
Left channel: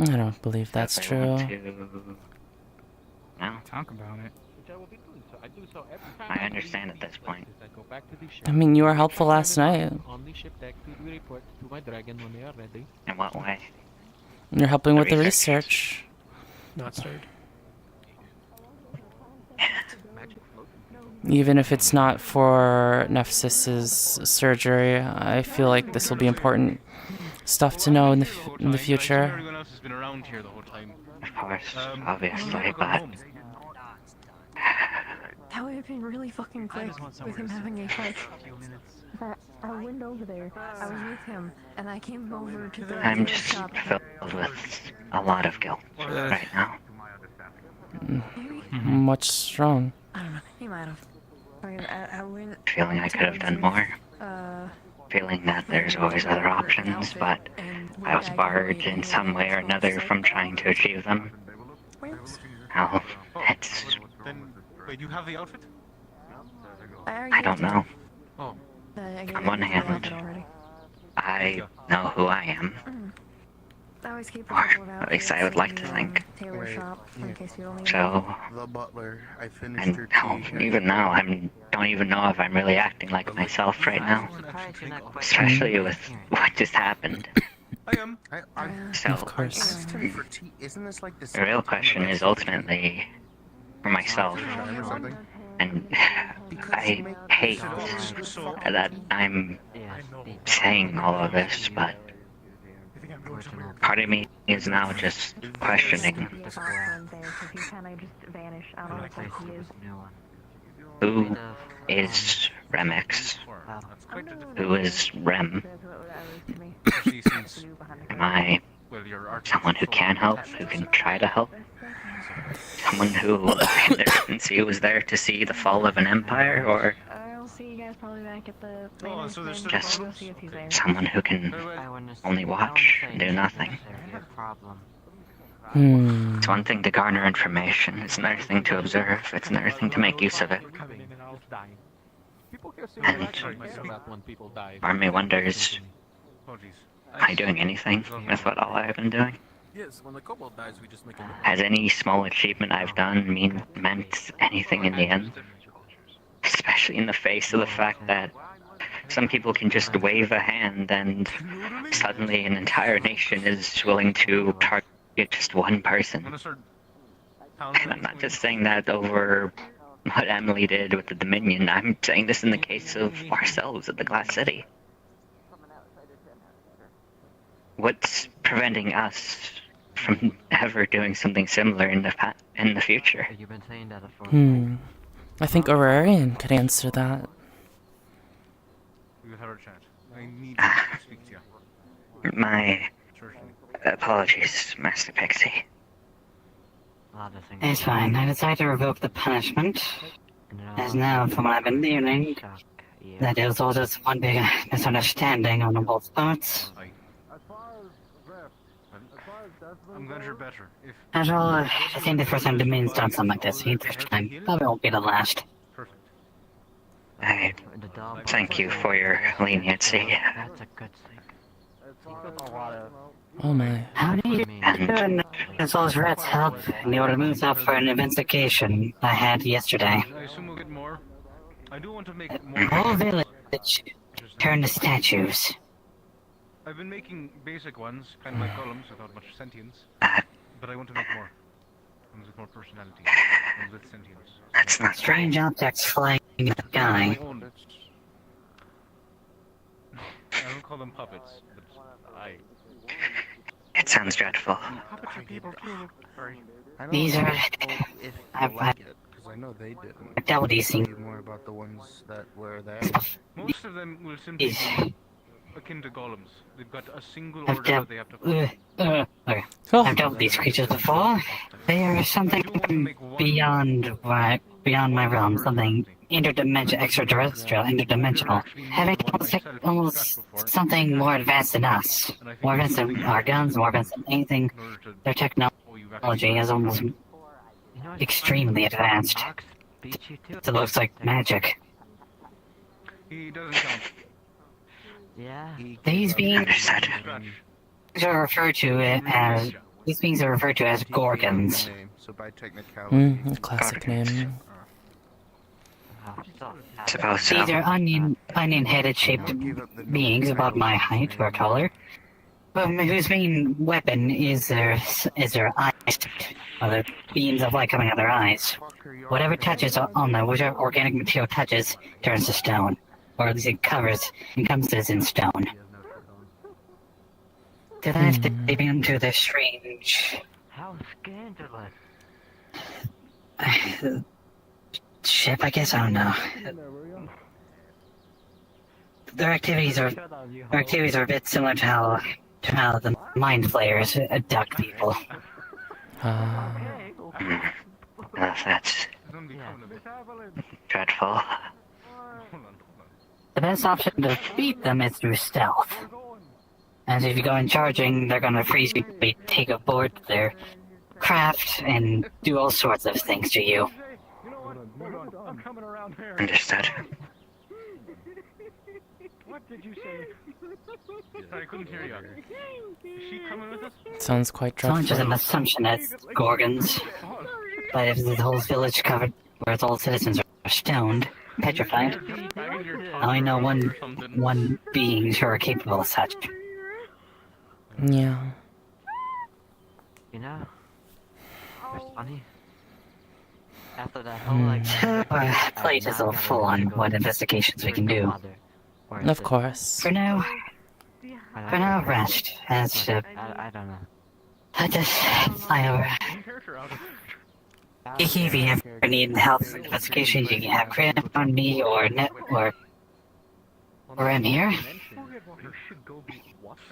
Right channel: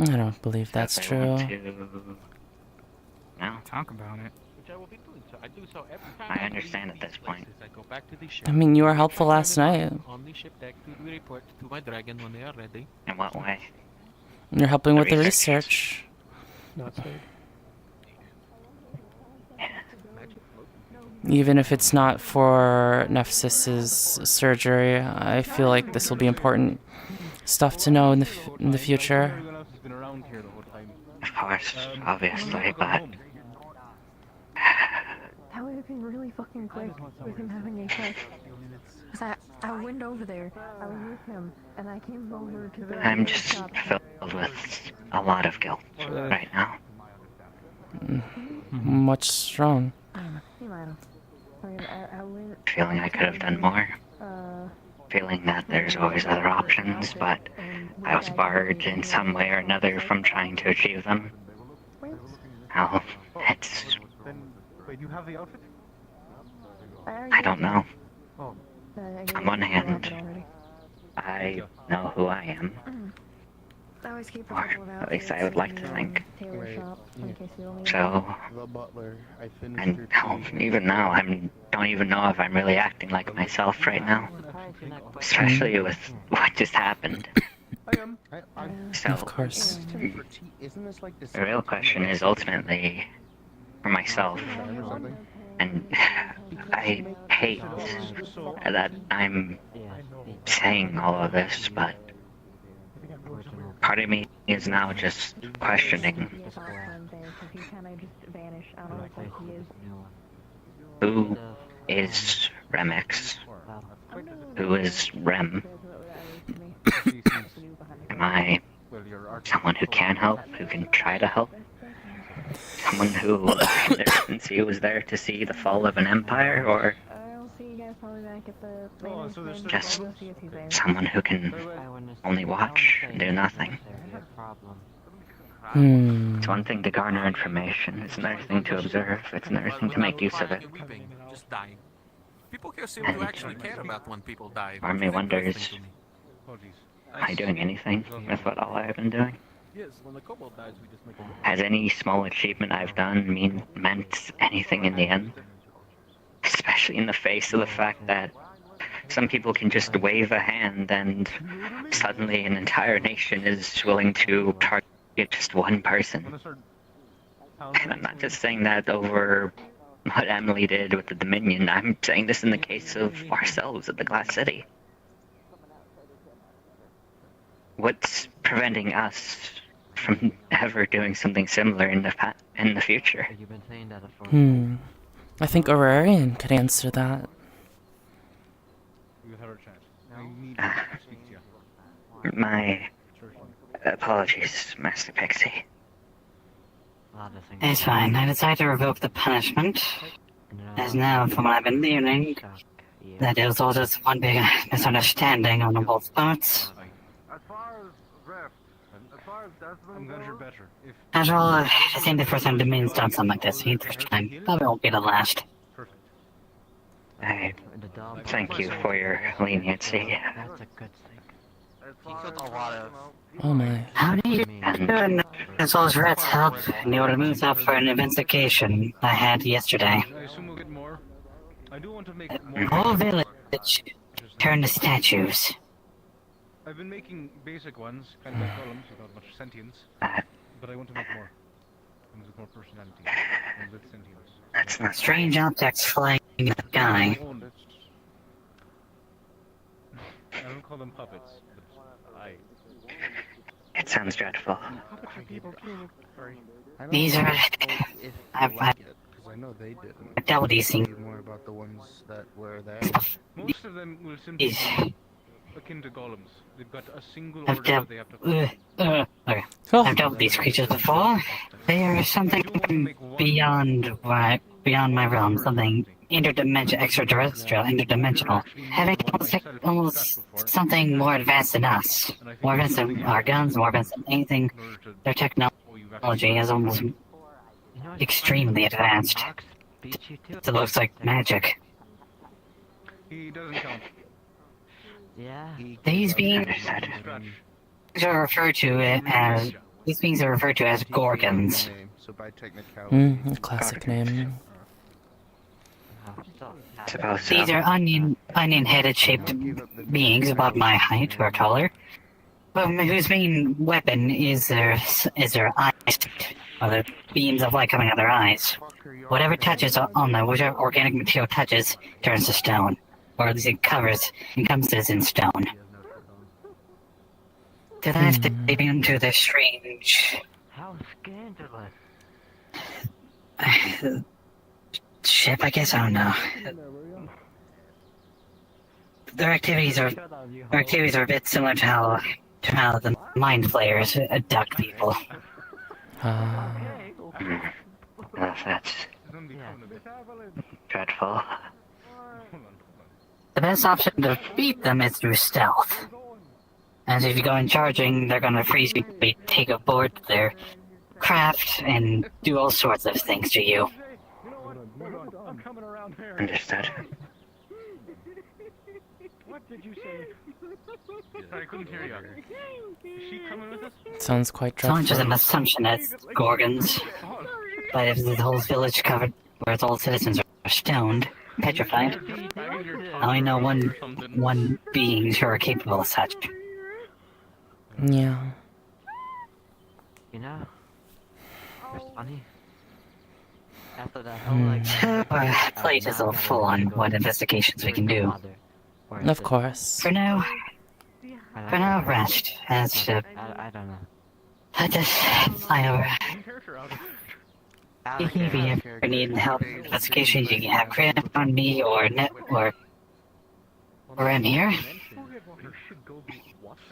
I don't believe that's If I true. want to... No? Talk about it. I understand at this point. I mean, you were helpful last night. In what way? You're helping The with the research. research. Not straight. Even if it's not for Nephsis's surgery, I feel like this will be important stuff to know in the future. Everyone else has been around here the whole time. Of course, obviously, but... That would have been really fucking quick with him having a check. Cause I went over there, I was with him, and I came over to the... I'm just filled with a lot of guilt right now. What's wrong? He might have. I went... Feeling I could have done more. Feeling that there's always other options, but I was barred in some way or another from trying to achieve them. Well, it's... Wait, you have the outfit? I don't know. On one hand, I know who I am. Or at least I would like to think. So, and even now, I don't even know if I'm really acting like myself right now. Especially with what just happened. So, Of course. the real question is ultimately for myself. And I hate that I'm saying all of this, but part of me is now just questioning who is Remix? Who is Rem? Am I someone who can help, who can try to help? Someone who was there to see the fall of an empire, or just someone who can only watch and do nothing? It's one thing to garner information, it's another thing to observe, it's another thing to make use of it. And part of me wonders, am I doing anything with what all I've been doing? Has any small achievement I've done meant anything in the end? Especially in the face of the fact that some people can just wave a hand and suddenly an entire nation is willing to target just one person. And I'm not just saying that over what Emily did with the Dominion, I'm saying this in the case of ourselves at the Glass City. What's preventing us from ever doing something similar in the future? I think Aurarian could answer that. My apologies, Master Pixie. It's fine. I decided to revoke the punishment. As now, from what I've been learning, that it was all just one big misunderstanding on both parts. I'm glad you're better. After all, it seemed the first time Dominion's done something like this. Each time probably won't be the last. I thank you for your leniency. Oh my. How do you do as those rats help in the order moves up for an investigation I had yesterday? I assume we'll get more. I do want to make The more. whole village turned to statues. I've been making basic ones, kind of like columns without much sentience. But I want to make more. Ones with more personality. Ones with sentience. Strange objects flying in the sky. I don't call them puppets, but It sounds dreadful. These are... I've dealt with these things. more about the ones that were there. Most of them will simply be akin to golems. They've got a single I've order dealt, they have to follow. okay. I've dealt with these creatures before. They are something beyond my realm, something extraterrestrial, interdimensional, having almost something more advanced than us, more advanced than our guns, more advanced than anything. Their technology is almost extremely advanced. It looks like magic. He doesn't count. These beings are referred to as gorgons. A classic name. These are onion-headed shaped beings about my height or taller, whose main weapon is their eyes, or the beams of light coming out of their eyes. Whatever touches on them, whichever organic material touches, turns to stone, or at least it encompasses in stone. Did I have to get into this strange... How scandalous. ship, I guess? I don't know. Their activities are a bit similar to how the mind flayers abduct people. That's dreadful. The best option to beat them is through stealth. As if you go in charging, they're gonna freeze you, take aboard their craft, and do all sorts of things to you. Understood. What did you say? Sorry, I couldn't hear you. Is she coming with us? Sounds quite It's not dreadful. just an assumption that gorgons. But if the whole village covered, where its all citizens are stoned, petrified, I only know one being who are capable of such. Yeah. You know, it's funny. After that whole Our plate is all full on what investigations we can do. Of course. For now, rest. As I don't know. I just fly over. If you ever need help with investigations, you can have credit on me or I'm here.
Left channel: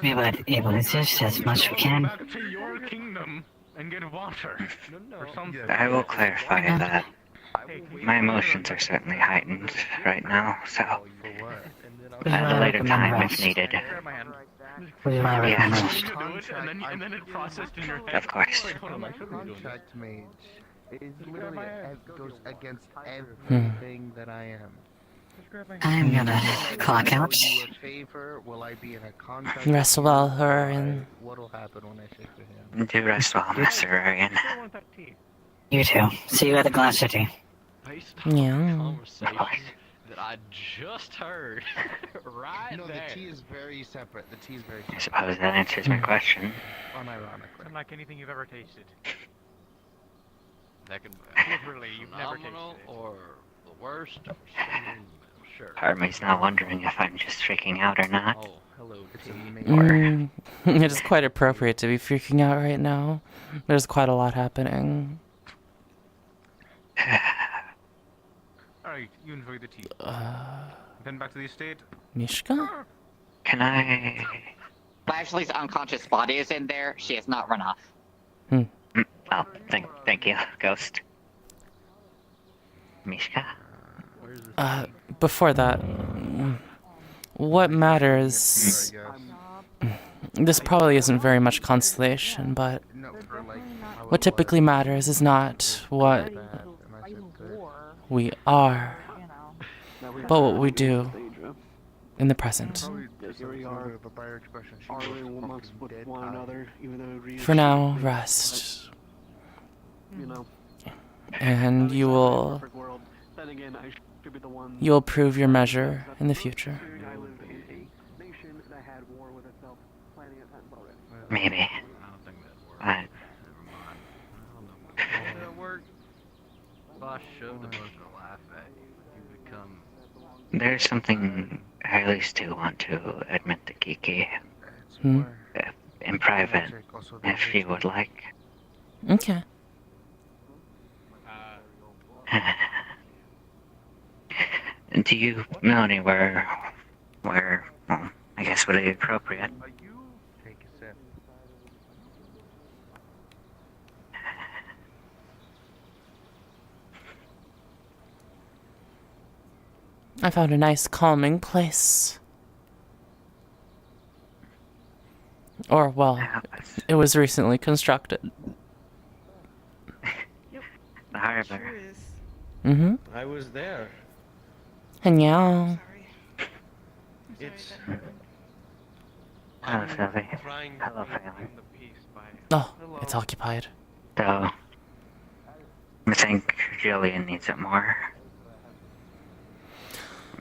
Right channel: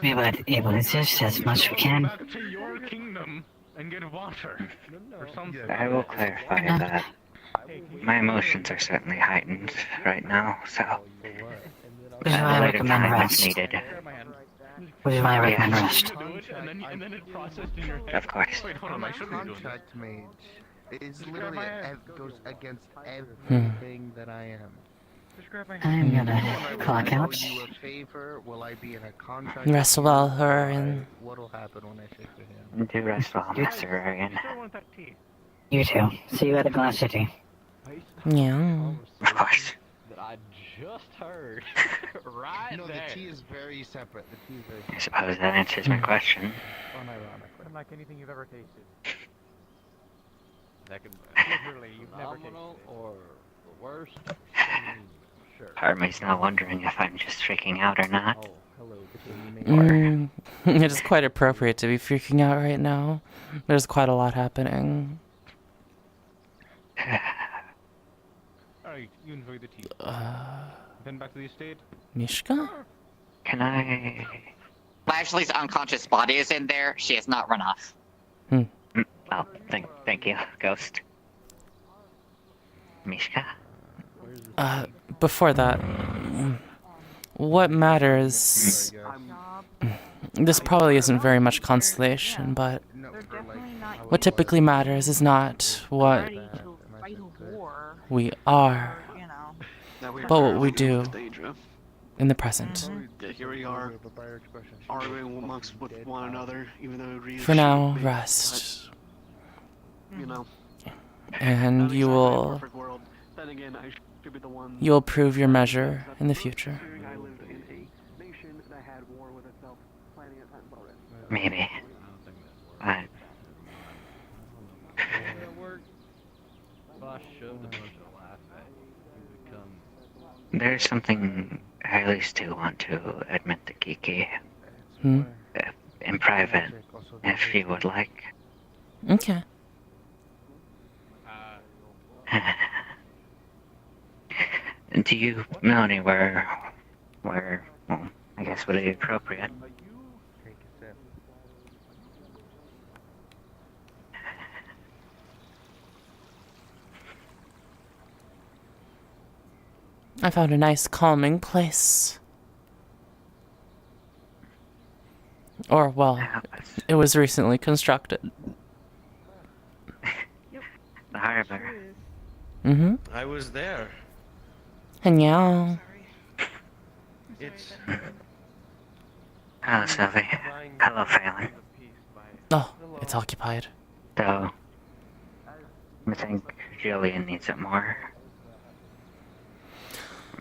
We would able to assist as much as we can. To your kingdom and get water. Or something. I will clarify that. My emotions are certainly heightened right now, so at a later time if needed. Which is why I recommend Yes. rest. Of course. It's literally goes against everything that I am. I'm gonna clock out. Will I be in a contract? Rest well, Hurrian. What'll happen when I shake your hand? Do rest well, Mr. Rarian. You too. See you at the Glass City. Yeah. Of course. That I just heard. Right No, there. the tea is very separate. The tea is very I suppose that answers my question. Unlike anything you've ever tasted. That could literally you've never tasted it. Or the worst. Sure. Part of me's now wondering if I'm just freaking out or not. It is quite appropriate to be freaking out right now. There's quite a lot happening. Alright, you enjoy the tea. Then back to the estate. Mishka? Can I... Lashley's unconscious body is in there. She has not run off. Oh, thank you, Ghost. Mishka? Before that, what matters... This probably isn't very much consolation, but what typically matters is not what we are, but what we do in the present. Here we are, arguing amongst one another, even though we For now, rest. You know. And you will prove your measure in the future. Maybe. But there's something I at least do want to admit to Kiki. In private, if you would like. Okay. Do you know anywhere where, I guess, would it be appropriate? I found a nice calming place. Or, well, it was recently constructed. The harbor. Mm-hmm. I was there. And yeah. It's... Hello, Sylvie. Hello, Phelan. Oh, it's occupied. So, I think Jillian needs it more.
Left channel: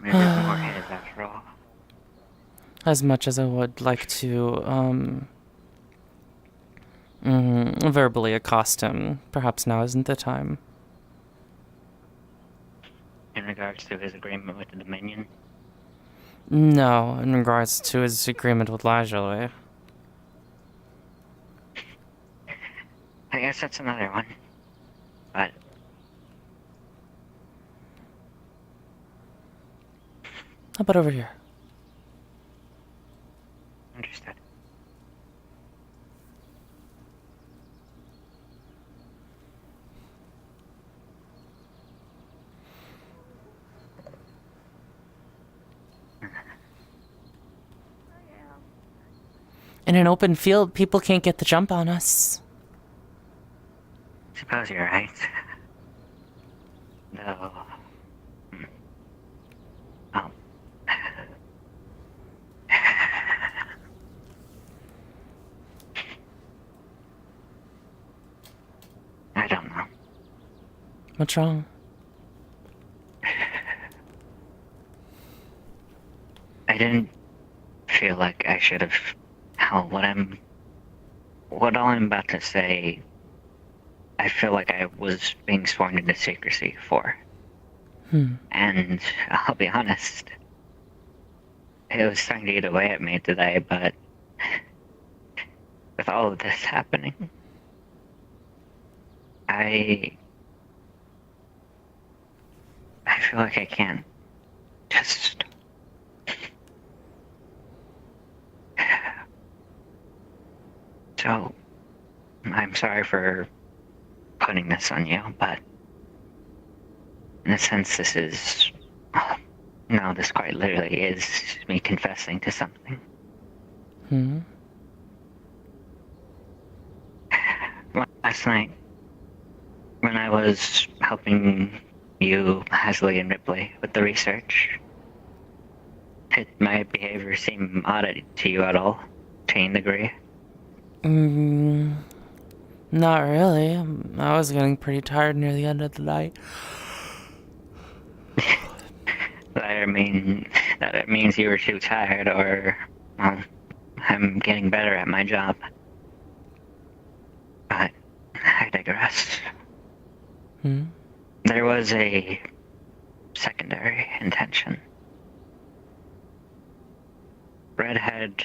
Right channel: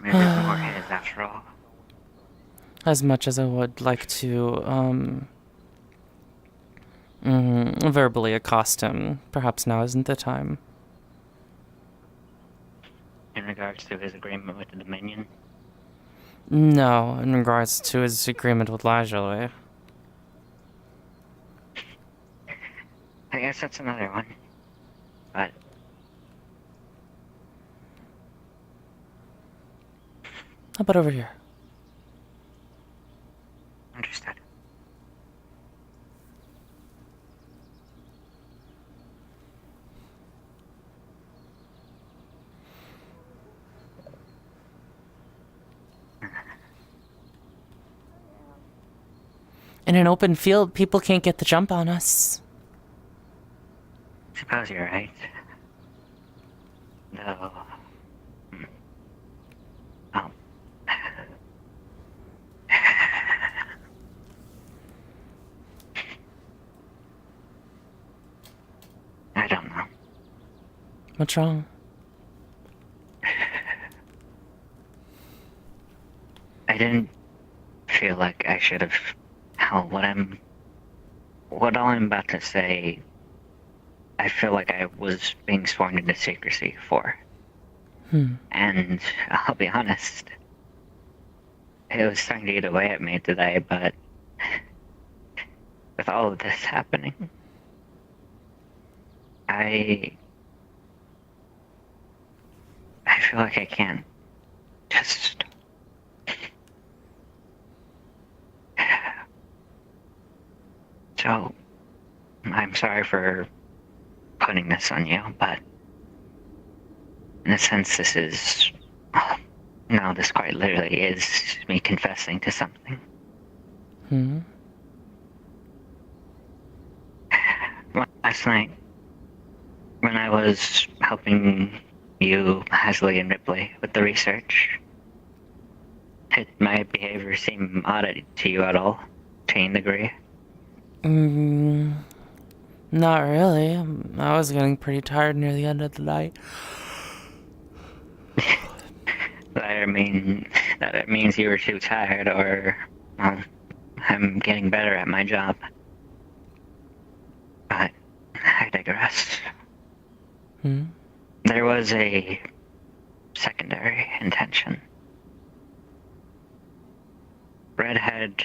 Maybe more his after all. As much as I would like to, verbally accost him, perhaps now isn't the time. In regards to his agreement with the Dominion? No, in regards to his agreement with Lajoie. I guess that's another one. But... how about over here? Understood. In an open field, people can't get the jump on us. Suppose you're right. Though... Oh. I don't know. What's wrong? I didn't feel like I should have... Hell, what all I'm about to say, I feel like I was being sworn into secrecy for. And I'll be honest, it was starting to eat away at me today, but with all of this happening, I feel like I can't just... So, I'm sorry for putting this on you, but in a sense this is... No, this quite literally is me confessing to something. Last night, when I was helping you, Hasley, and Ripley with the research, did my behavior seem odd to you at all? To any degree? Not really. I was getting pretty tired near the end of the night. I mean, that it means you were too tired, or, well, I'm getting better at my job. But I digress. There was a secondary intention. Redhead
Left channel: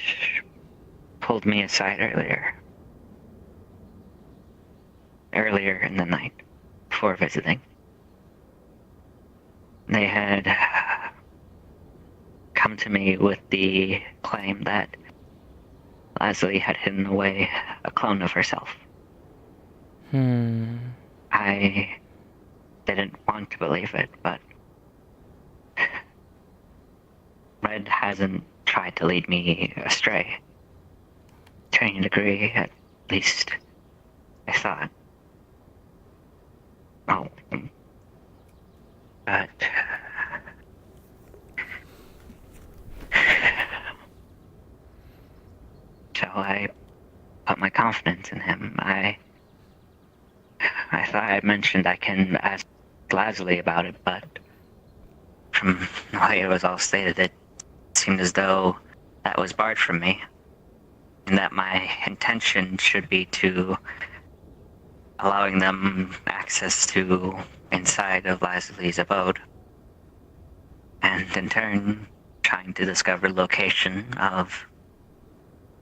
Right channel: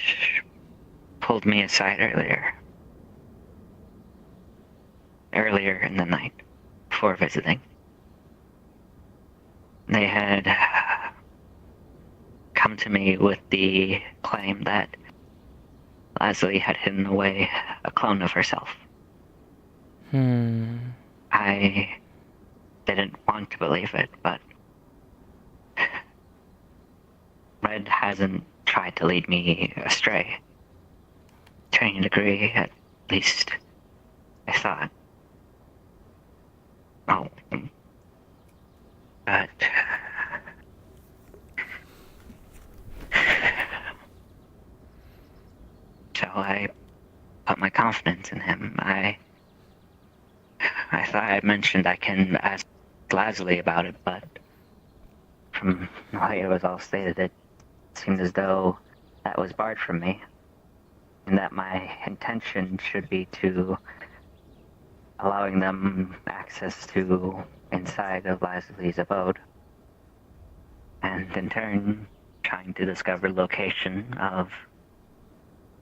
pulled me aside earlier in the night, before visiting. They had come to me with the claim that Leslie had hidden away a clone of herself. I didn't want to believe it, but Red hasn't tried to lead me astray. Training degree, at least, I thought. Oh, but so I put my confidence in him. I thought I had mentioned I can ask Lasley about it, but from the way it was all stated, it seemed as though that was barred from me, and that my intention should be to allowing them access to inside of Lasley's abode, and in turn trying to discover location of,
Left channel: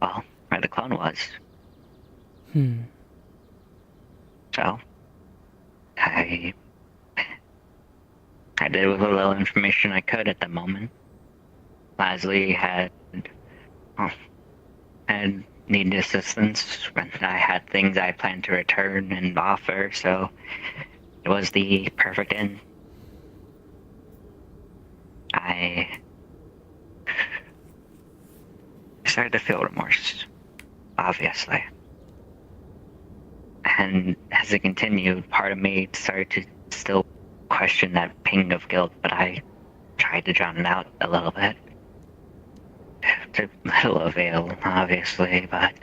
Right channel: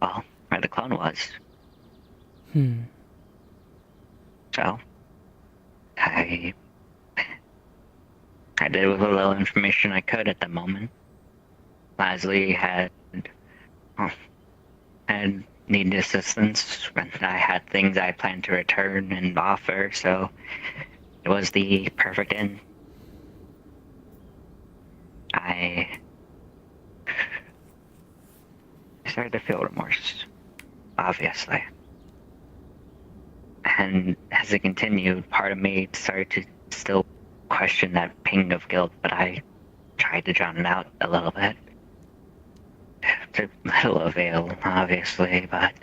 well, where the clone was. So I did with a little information I could at the moment. Lasley had needed assistance when I had things I planned to return and offer, so it was the perfect end. I started to feel remorse, obviously. And as it continued, part of me started to still question that ping of guilt, but I tried to drown it out a little bit. To little avail, obviously, but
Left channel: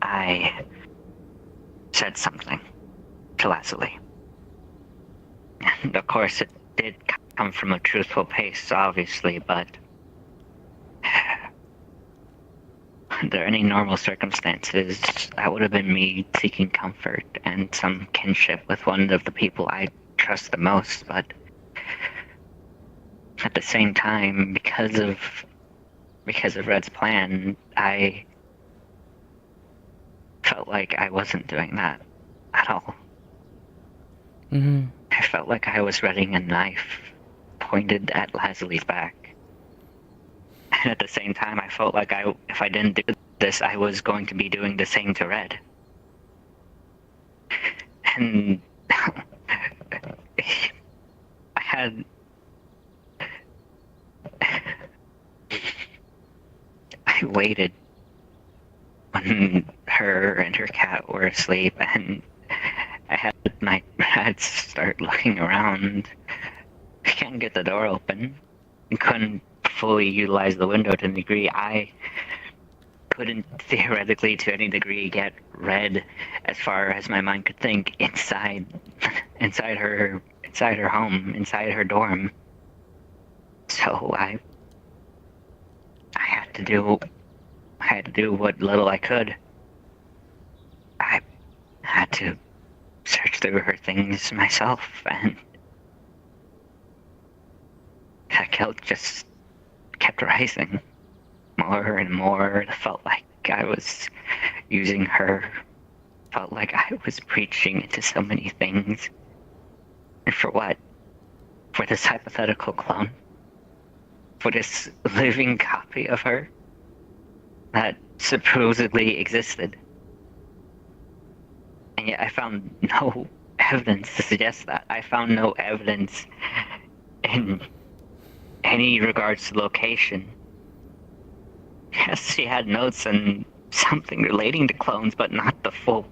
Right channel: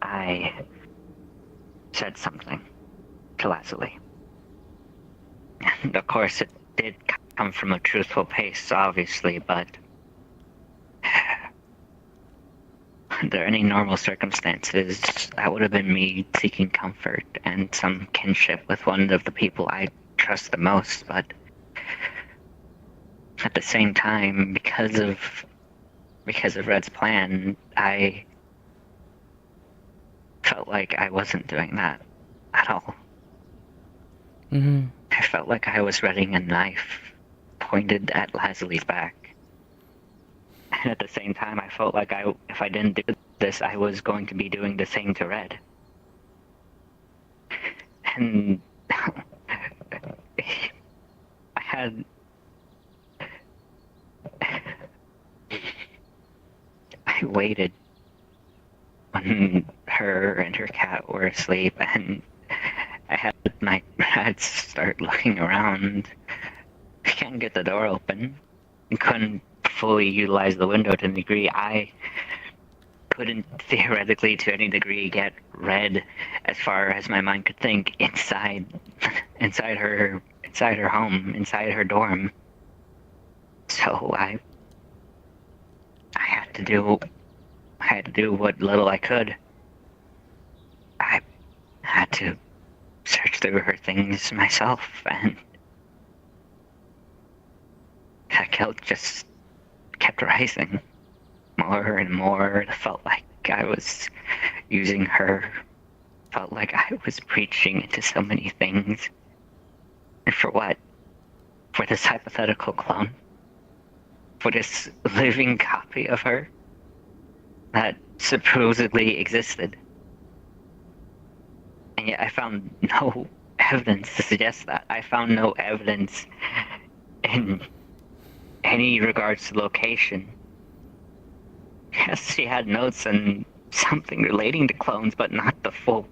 I said something to Leslie. And of course it did come from a truthful place, obviously, but under any normal circumstances, that would have been me seeking comfort and some kinship with one of the people I trust the most, but at the same time, because of Red's plan, I felt like I wasn't doing that at all. I felt like I was readying a knife pointed at Lasley's back. And at the same time, I felt like if I didn't do this, I was going to be doing the same to Red. And I waited when her and her cat were asleep, and I had my rats start looking around. I can't get the door open. I couldn't fully utilize the window to the degree I couldn't theoretically to any degree get Red as far as my mind could think inside her home, inside her dorm. So I had to do what little I could. I had to search through her things myself, and that guilt just kept rising. More and more, it felt like I was using her. Felt like I was preaching into so many things. And for what? For this hypothetical clone? For this living copy of her that supposedly existed? And yet I found no evidence to suggest that. I found no evidence in any regards to location. Yes, she had notes and something relating to clones, but not the full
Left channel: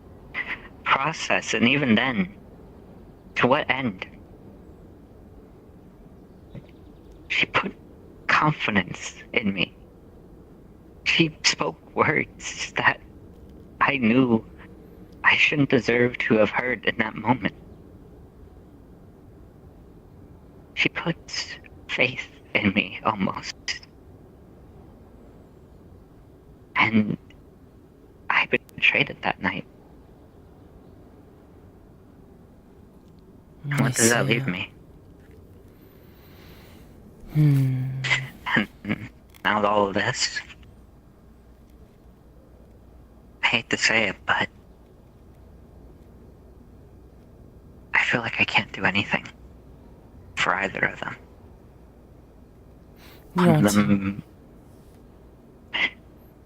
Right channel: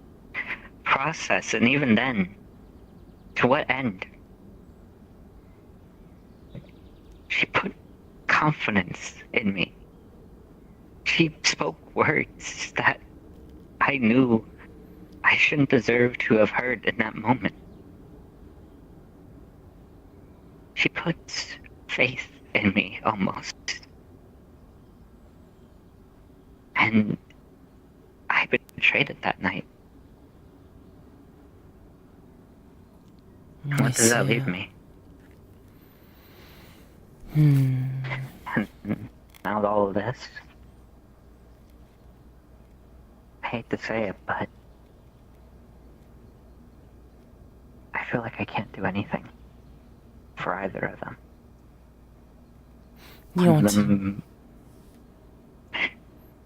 process. And even then, to what end? She put confidence in me. She spoke words that I knew I shouldn't deserve to have heard in that moment. She puts faith in me, almost. And I betrayed it that night. What does that leave me? Now with all of this, I hate to say it, but I feel like I can't do anything for either of them. You want to?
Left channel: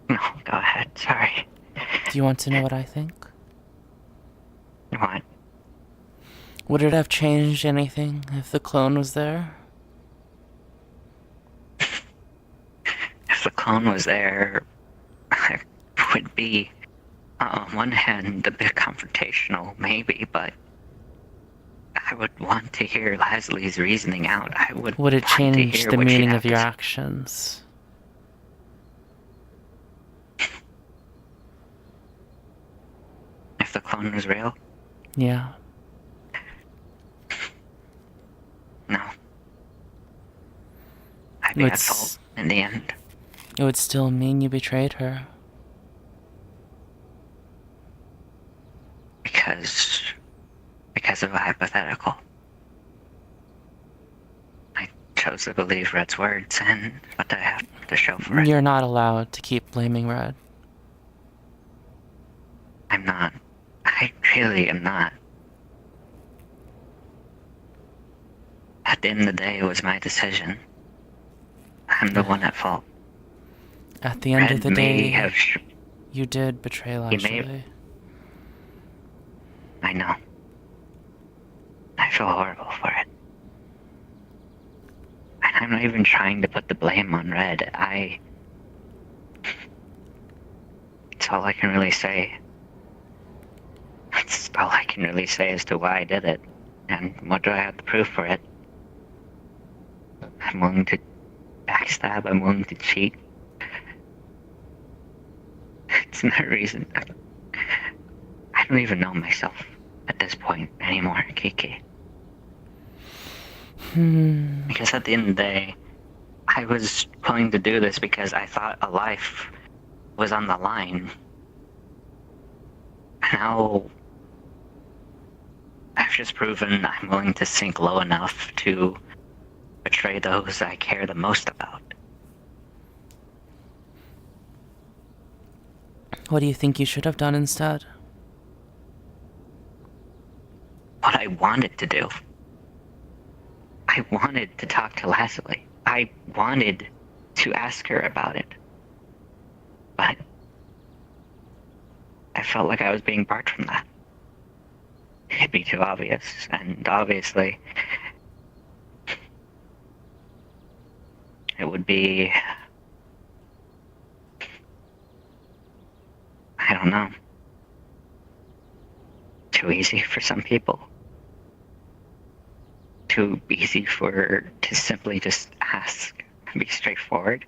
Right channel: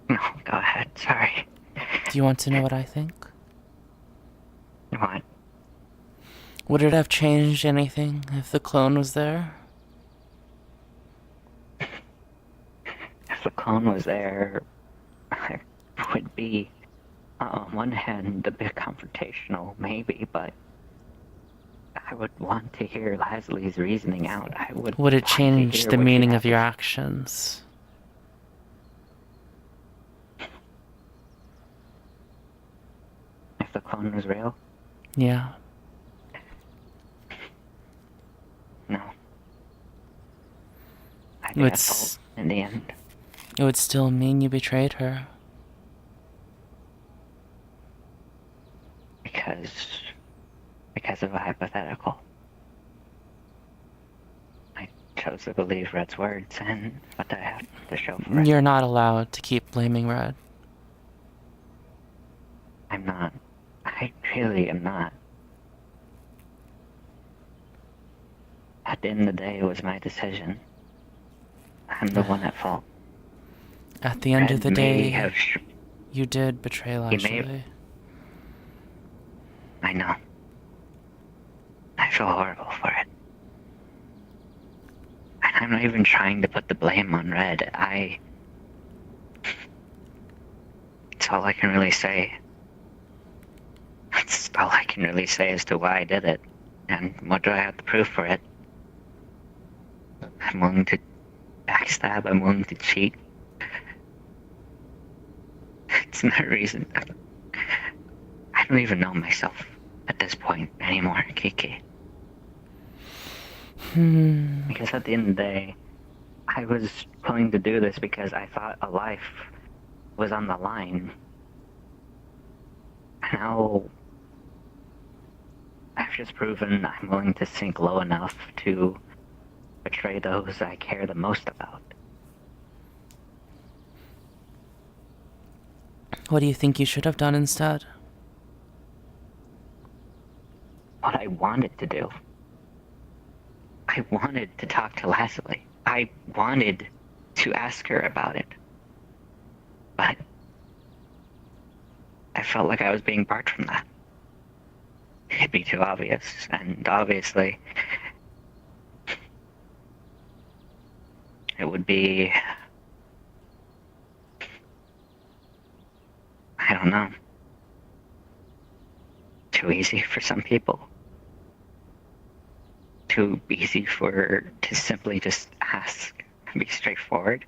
No, go ahead, sorry. Do you want to know what I think? What? Would it have changed anything if the clone was there? If the clone was there, it would be, on one hand, a bit confrontational, maybe, but I would want to hear Leslie's reasoning out. I would. Would it want to change hear the what she meaning had of your actions? If the clone was real? Yeah. No. I'd be at fault in the end. It would still mean you betrayed her. Because of a hypothetical. I chose to believe Red's words, and what do I have to show for it? You're not allowed to keep blaming Red. I'm not. I really am not. At the end of the day, it was my decision. I'm the one at fault. At the end of the Red may day, have you did betray Lashley. I know. I feel horrible for it. And I'm not even trying to put the blame on Red. It's all I can really say. That's all I can really say as to why I did it. And what do I have to prove for it? I'm willing to backstab, I'm willing to cheat. It's no reason. I don't even know myself at this point anymore, Kiki. Because at the end of the day, I was willing to do this because I thought a life was on the line. Now, I've just proven I'm willing to sink low enough to betray those I care the most about. What do you think you should have done instead? What I wanted to do. I wanted to talk to Leslie. I wanted to ask her about it. But I felt like I was being barred from that. It'd be too obvious, and obviously it would be, I don't know, too easy for some people. Too easy to simply just ask and be straightforward.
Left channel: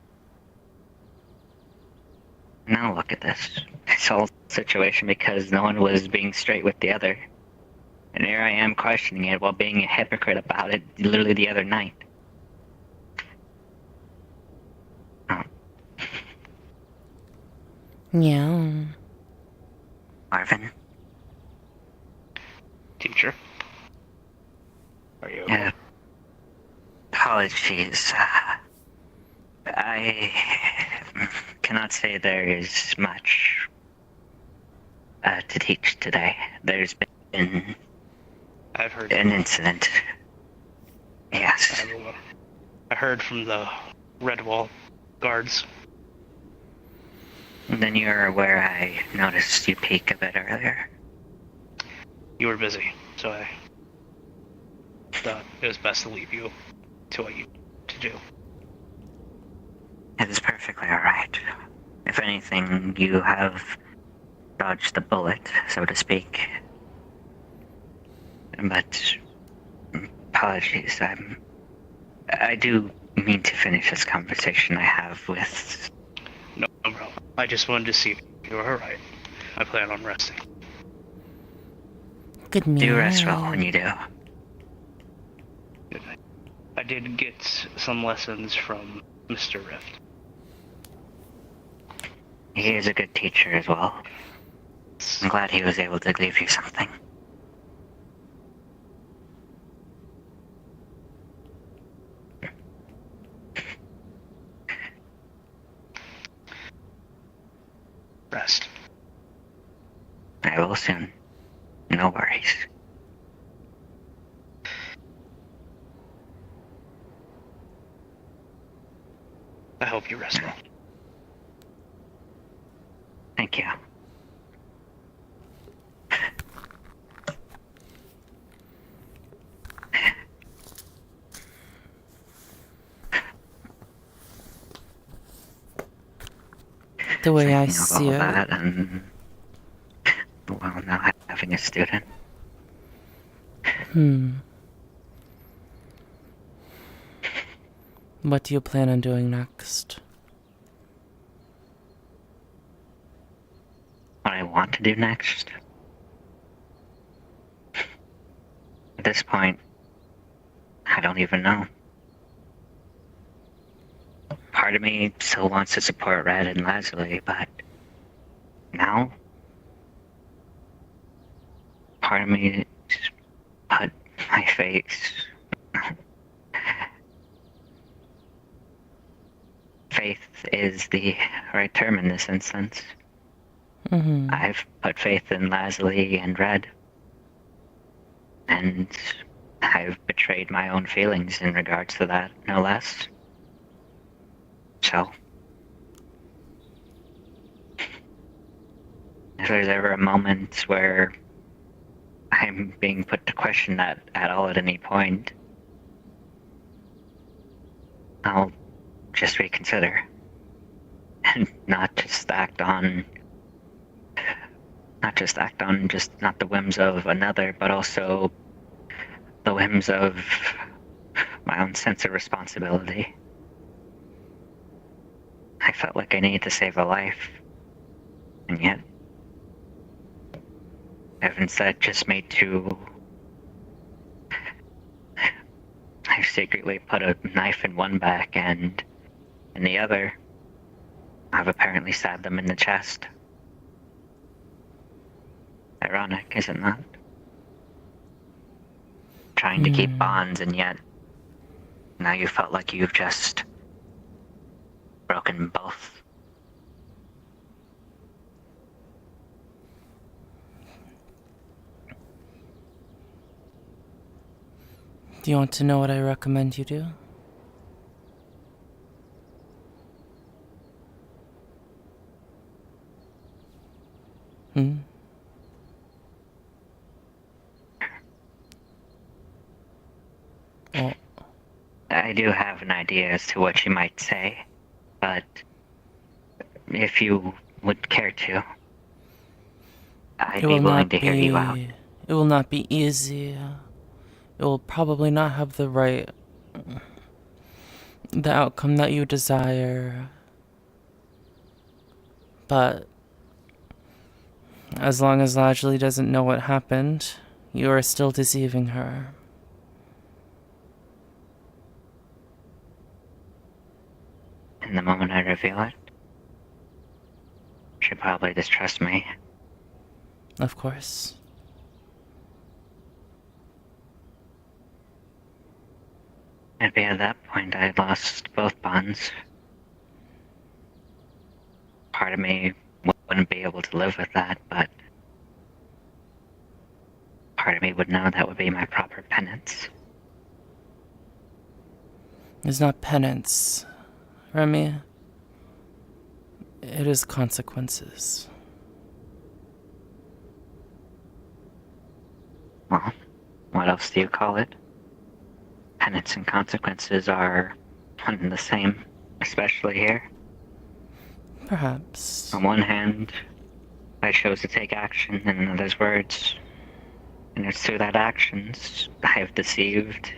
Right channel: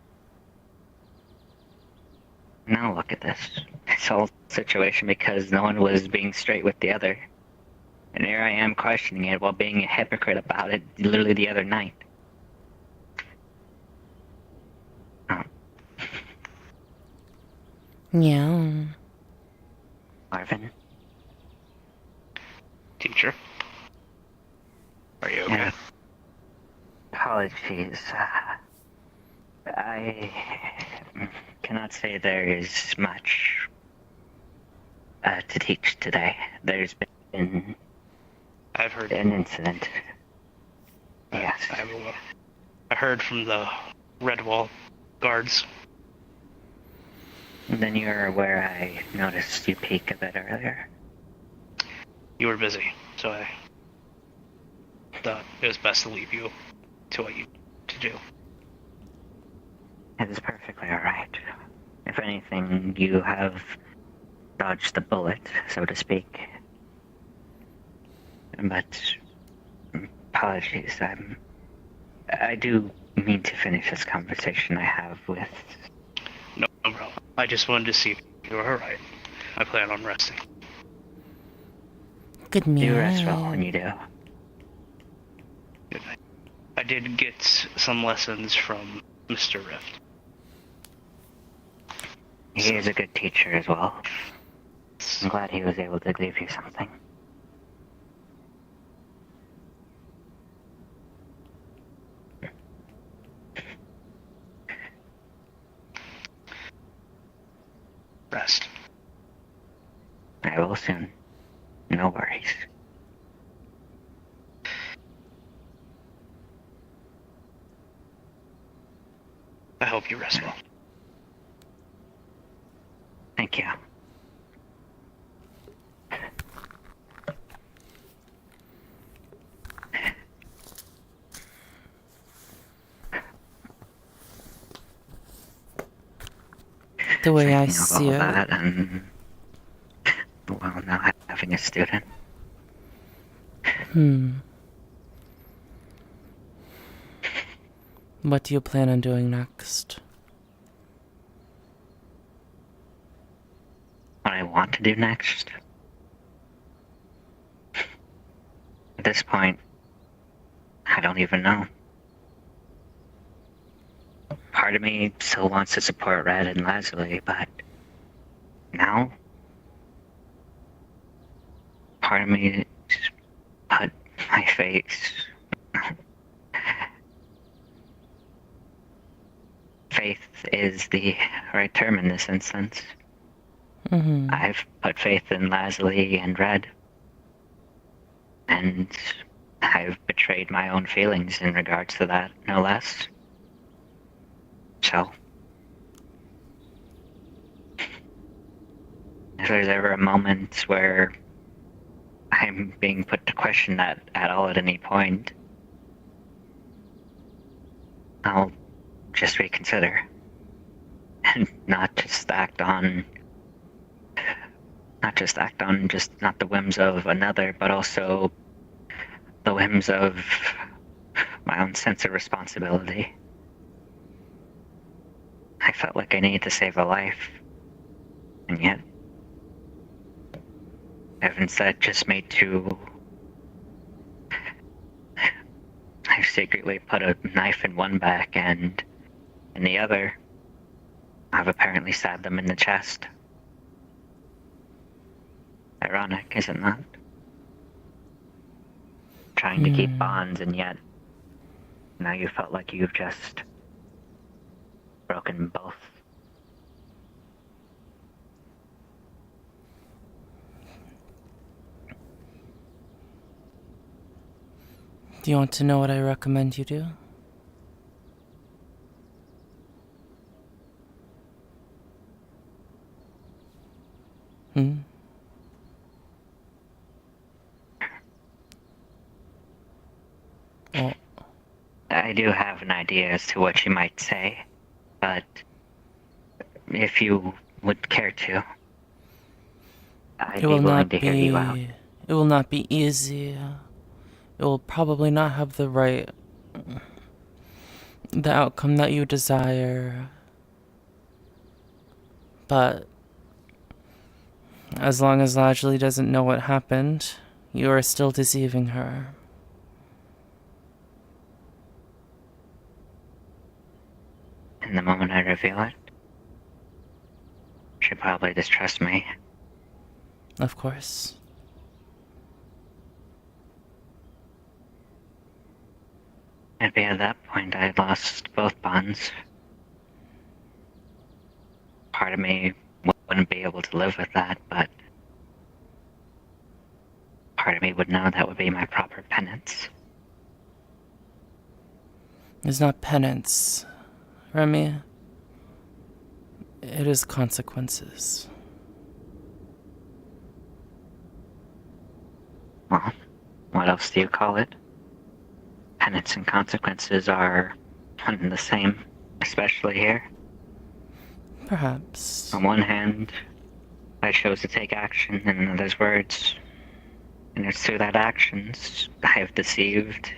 Now look at this whole situation because no one was being straight with the other. And here I am questioning it while being a hypocrite about it literally the other night. Yeah. Marvin? Teacher? Are you okay? Yeah. Apologies. I cannot say there is much to teach today. There's been I've heard an incident. Yes. I heard from the Redwall guards. And then you're aware I noticed you peek a bit earlier. You were busy, so I thought it was best to leave you to what you to do. It is perfectly alright. If anything, you have dodged the bullet, so to speak. But apologies, I do mean to finish this conversation I have with... No problem. I just wanted to see if you were alright. I plan on resting. Good night. Do rest well when you do. Good night. I did get some lessons from Mr. Rift. He is a good teacher as well. I'm glad he was able to leave you something. Rest. I will soon. No worries. I hope you rest well. Thank you. The way I thinking of see all it. that and, well, now having a student. What do you plan on doing next? What I want to do next? At this point, I don't even know. Part of me still wants to support Red and Leslie, but now, part of me just put my face. Faith is the right term in this instance. I've put faith in Leslie and Red, and I've betrayed my own feelings in regards to that, no less. So, if there's ever a moment where I'm being put to question that at all at any point, I'll just reconsider. And not just act on just not the whims of another, but also the whims of my own sense of responsibility. I felt like I needed to save a life, and yet I've instead just made two. I've secretly put a knife in one back, and in the other, I've apparently stabbed them in the chest. Ironic, isn't that? Trying to keep bonds, and yet now you felt like you've just broken both. Do you want to know what I recommend you do? Well, I do have an idea as to what you might say, but if you would care to, I'd be willing to hear you out. It will not be easy. It will probably not have the outcome that you desire. But as long as Lajli doesn't know what happened, you are still deceiving her. And the moment I reveal it, she'll probably distrust me. Of course. It'd be at that point I had lost both bonds. Part of me wouldn't be able to live with that, but part of me would know that would be my proper penance. It's not penance, Remy. It is consequences. Well, what else do you call it? Penance and consequences are one and the same, especially here. Perhaps. On one hand, I chose to take action, in another's words, and it's through that actions I have deceived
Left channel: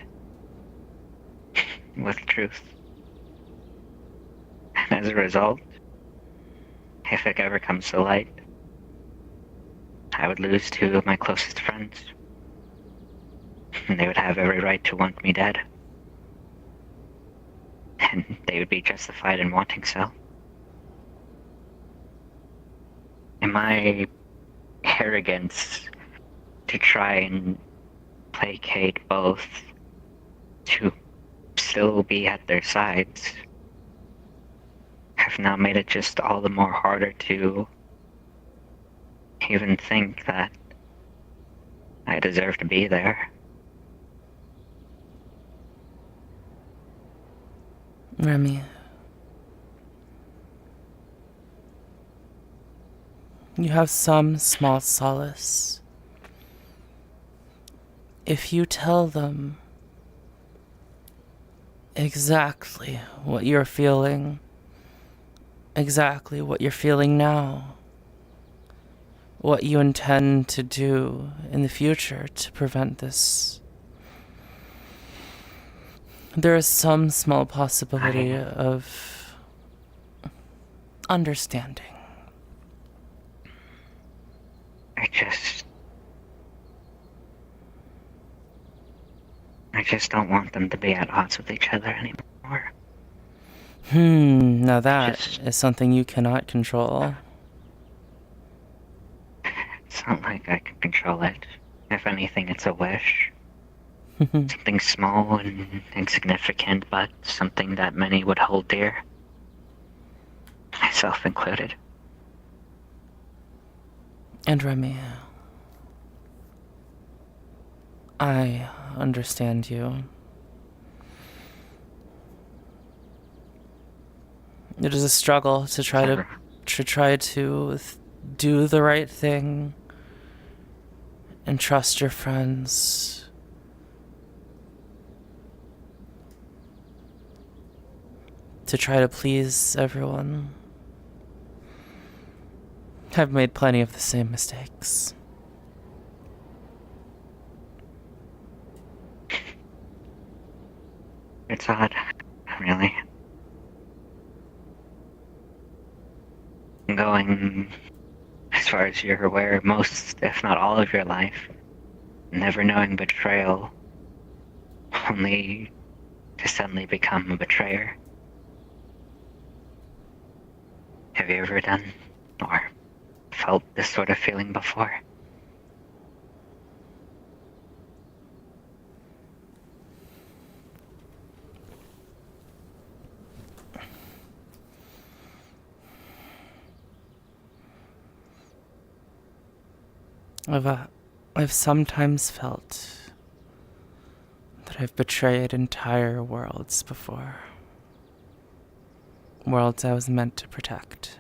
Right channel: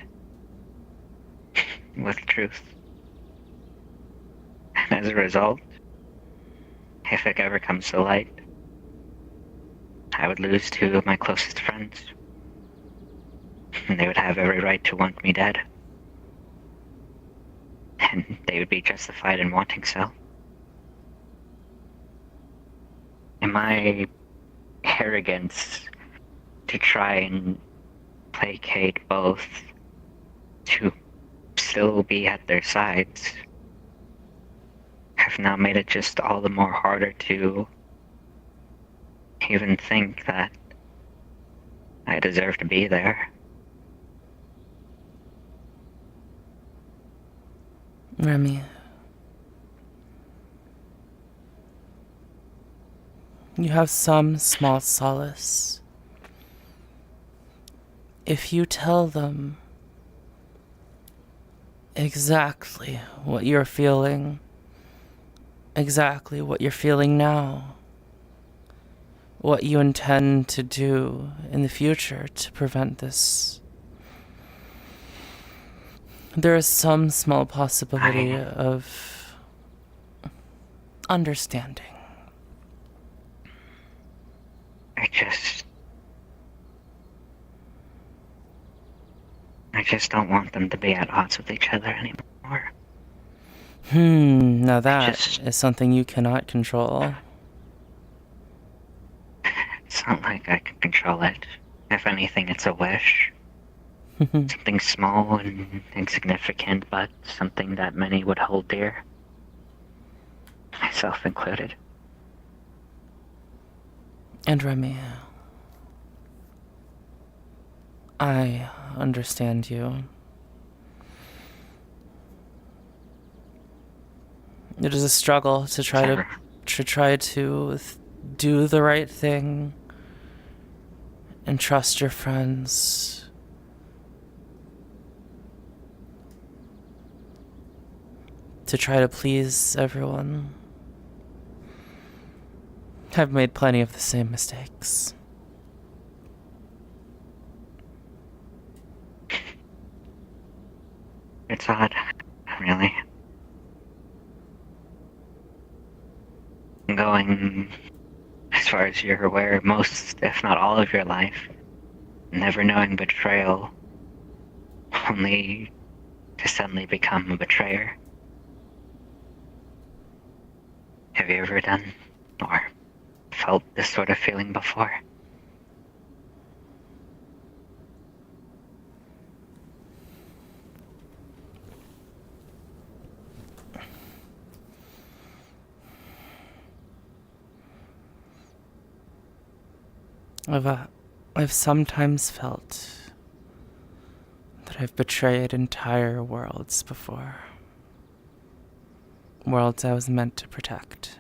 with truth. And as a result, if it ever comes to light, I would lose two of my closest friends. And they would have every right to want me dead. And they would be justified in wanting so. In my arrogance to try and placate both, to still be at their sides, I've now made it just all the more harder to even think that I deserve to be there. Remy. You have some small solace. If you tell them exactly what you're feeling, exactly what you're feeling now. What you intend to do in the future to prevent this. There is some small possibility of understanding. I just don't want them to be at odds with each other anymore. Now that is something you cannot control. It's not like I can control it. If anything, it's a wish. Something small and insignificant, but something that many would hold dear. Myself included. And Remy, I understand you. It is a struggle to try to do the right thing and trust your friends. To try to please everyone. I've made plenty of the same mistakes. It's odd, really. Going, as far as you're aware, most, if not all of your life, never knowing betrayal, only to suddenly become a betrayer. Have you ever done, or felt this sort of feeling before? I've sometimes felt that I've betrayed entire worlds before. Worlds I was meant to protect.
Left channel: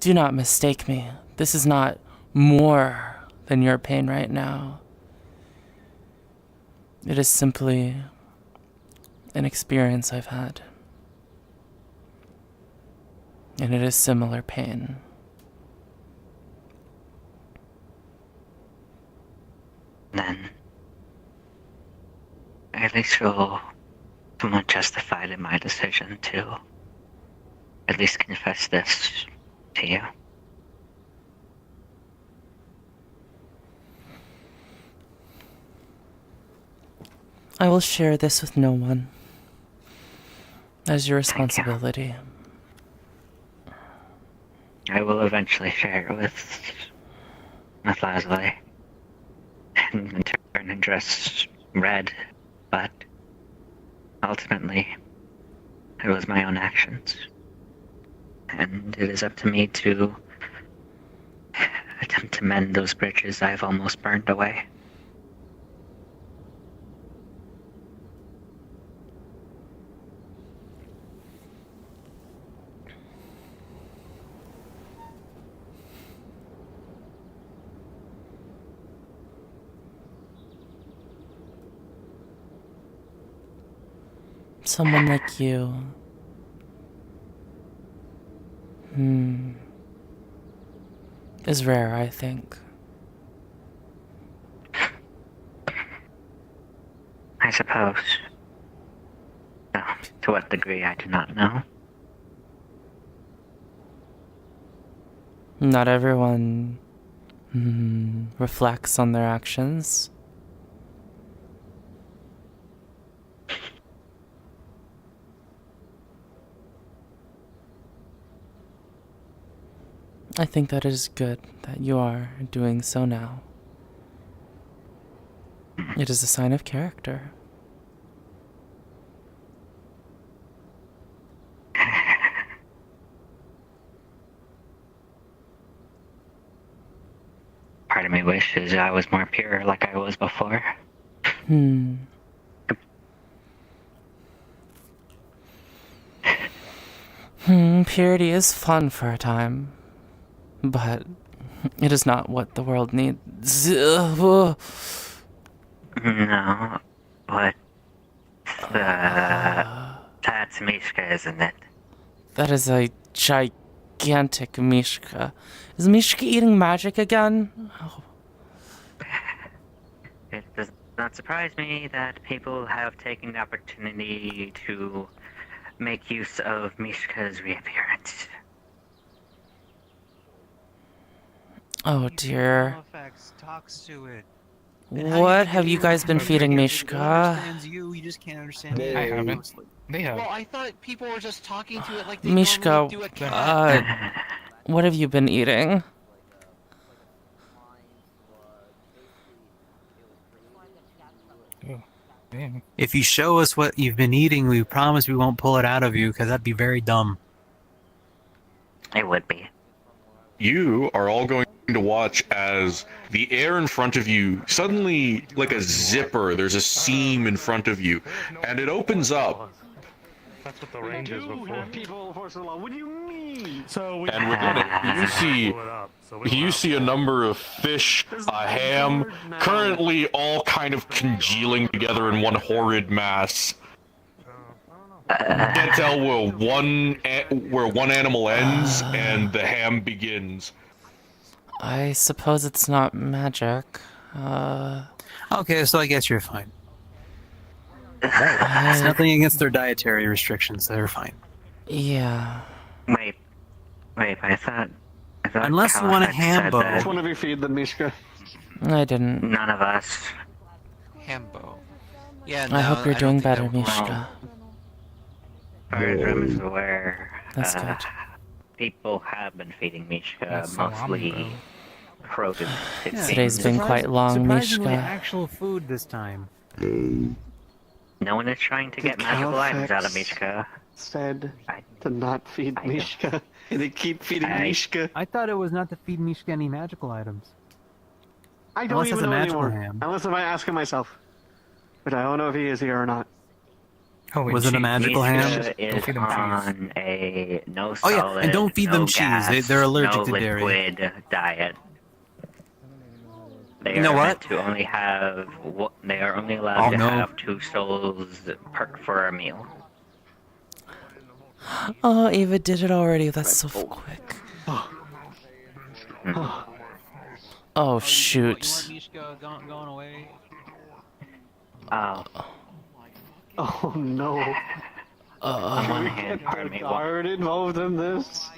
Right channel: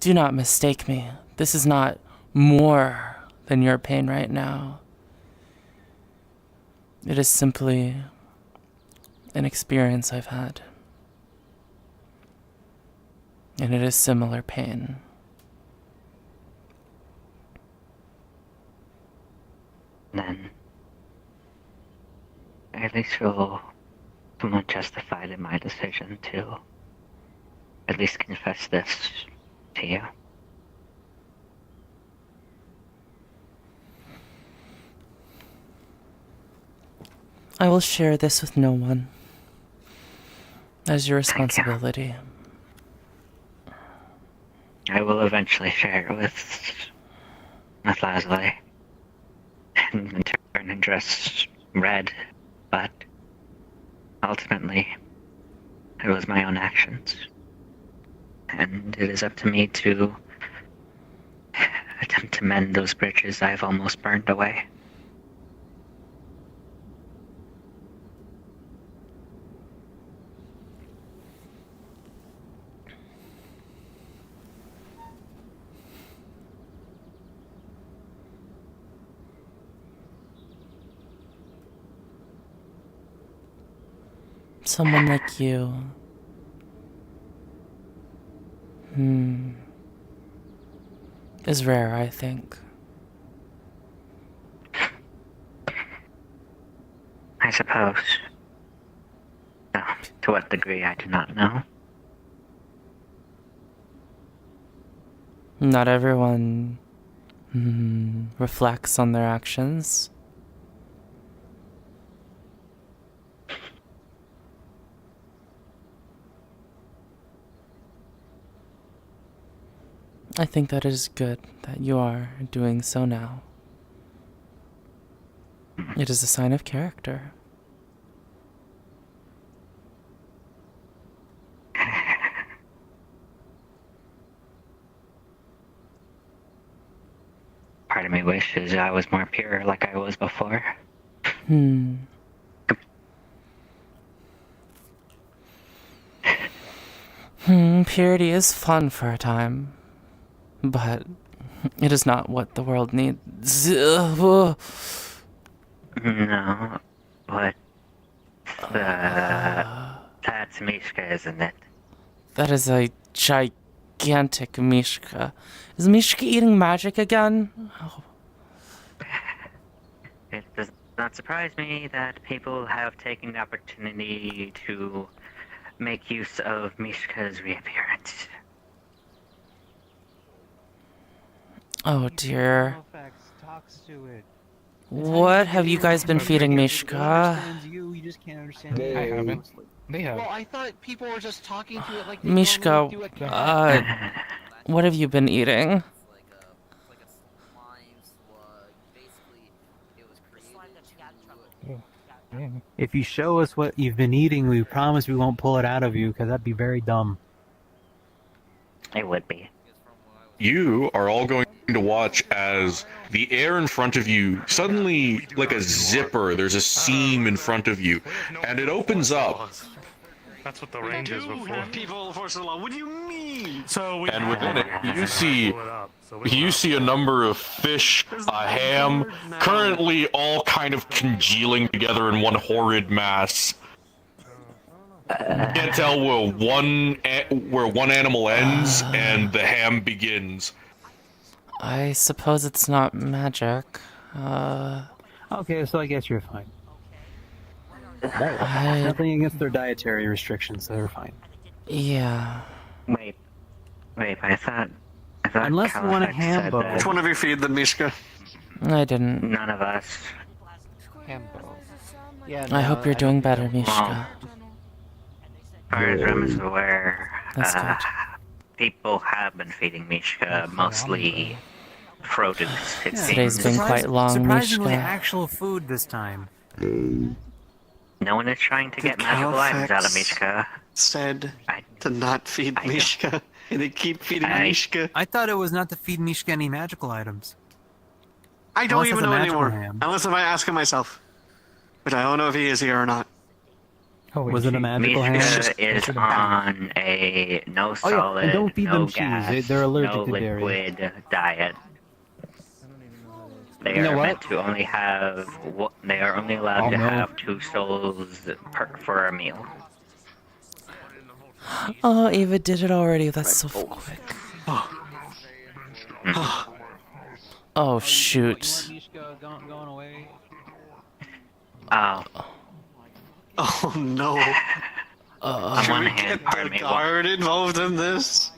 Do not mistake me. This is not more than your pain right now. It is simply an experience I've had. And it is similar pain. Then, I at least feel somewhat justified in my decision to at least confess this to you. I will share this with no one. As your responsibility. I will eventually share it with Leslie. And in turn address Red, but ultimately, it was my own actions. And it is up to me to attempt to mend those bridges I've almost burned away. Someone like you. Is rare, I think. I suppose. No, to what degree, I do not know. Not everyone reflects on their actions. I think that it is good that you are doing so now. It is a sign of character. Part of me wishes I was more pure like I was before. Purity is fun for a time, but it is not what the world needs. No, but that's Mishka, isn't it? That is a gigantic Mishka. Is Mishka eating magic again? Oh. It does not surprise me that people have taken the opportunity to make use of Mishka's reappearance. Oh dear. What have you guys been feeding Mishka? You just can't understand. I haven't. They have. Well, I thought people were just talking to it like they Mishka, normally do a cat. what have you been eating? If you show us what you've been eating, we promise we won't pull it out of you, because that'd be very dumb. It would be. You are all going to watch as the air in front of you suddenly, like a zipper, there's a seam in front of you, and it opens up. That's what the range is before. People enforce the law. What do you mean? And within it, you see a number of fish, a ham, currently all kind of congealing together in one horrid mass. You can't tell where one animal ends and the ham begins. I suppose it's not magic. Okay, so I guess you're fine. It's nothing against their dietary restrictions. They're fine. Yeah. Wait, I thought Unless you want a Caliphate ham said bow. that Which one of you feed the Mishka? I didn't. None of us. Hambo. Yeah, I hope you're doing better, Mishka. As far as I'm aware, That's good. people have been feeding Mishka mostly frozen things. Today's been quite long, Surprisingly, Mishka. actual food this time. No one is trying to get magical items out of Mishka. Said to not feed Mishka, and they keep feeding Mishka. I thought it was not to feed Mishka any magical items. I don't Unless it's even a know magical anymore. ham. Unless if I ask him myself. But I don't know if he is here or not. Was it a magical ham? Mishka is on a no Oh, yeah, solid, and don't feed no them cheese. gas, They're allergic no to dairy. liquid diet. They You know are what? meant to only have. They are only allowed Oh, to no. have 2 souls for a meal. Oh, Ava did it already. That's so quick. Oh, shoot. Oh no. Should we get the guard involved in this?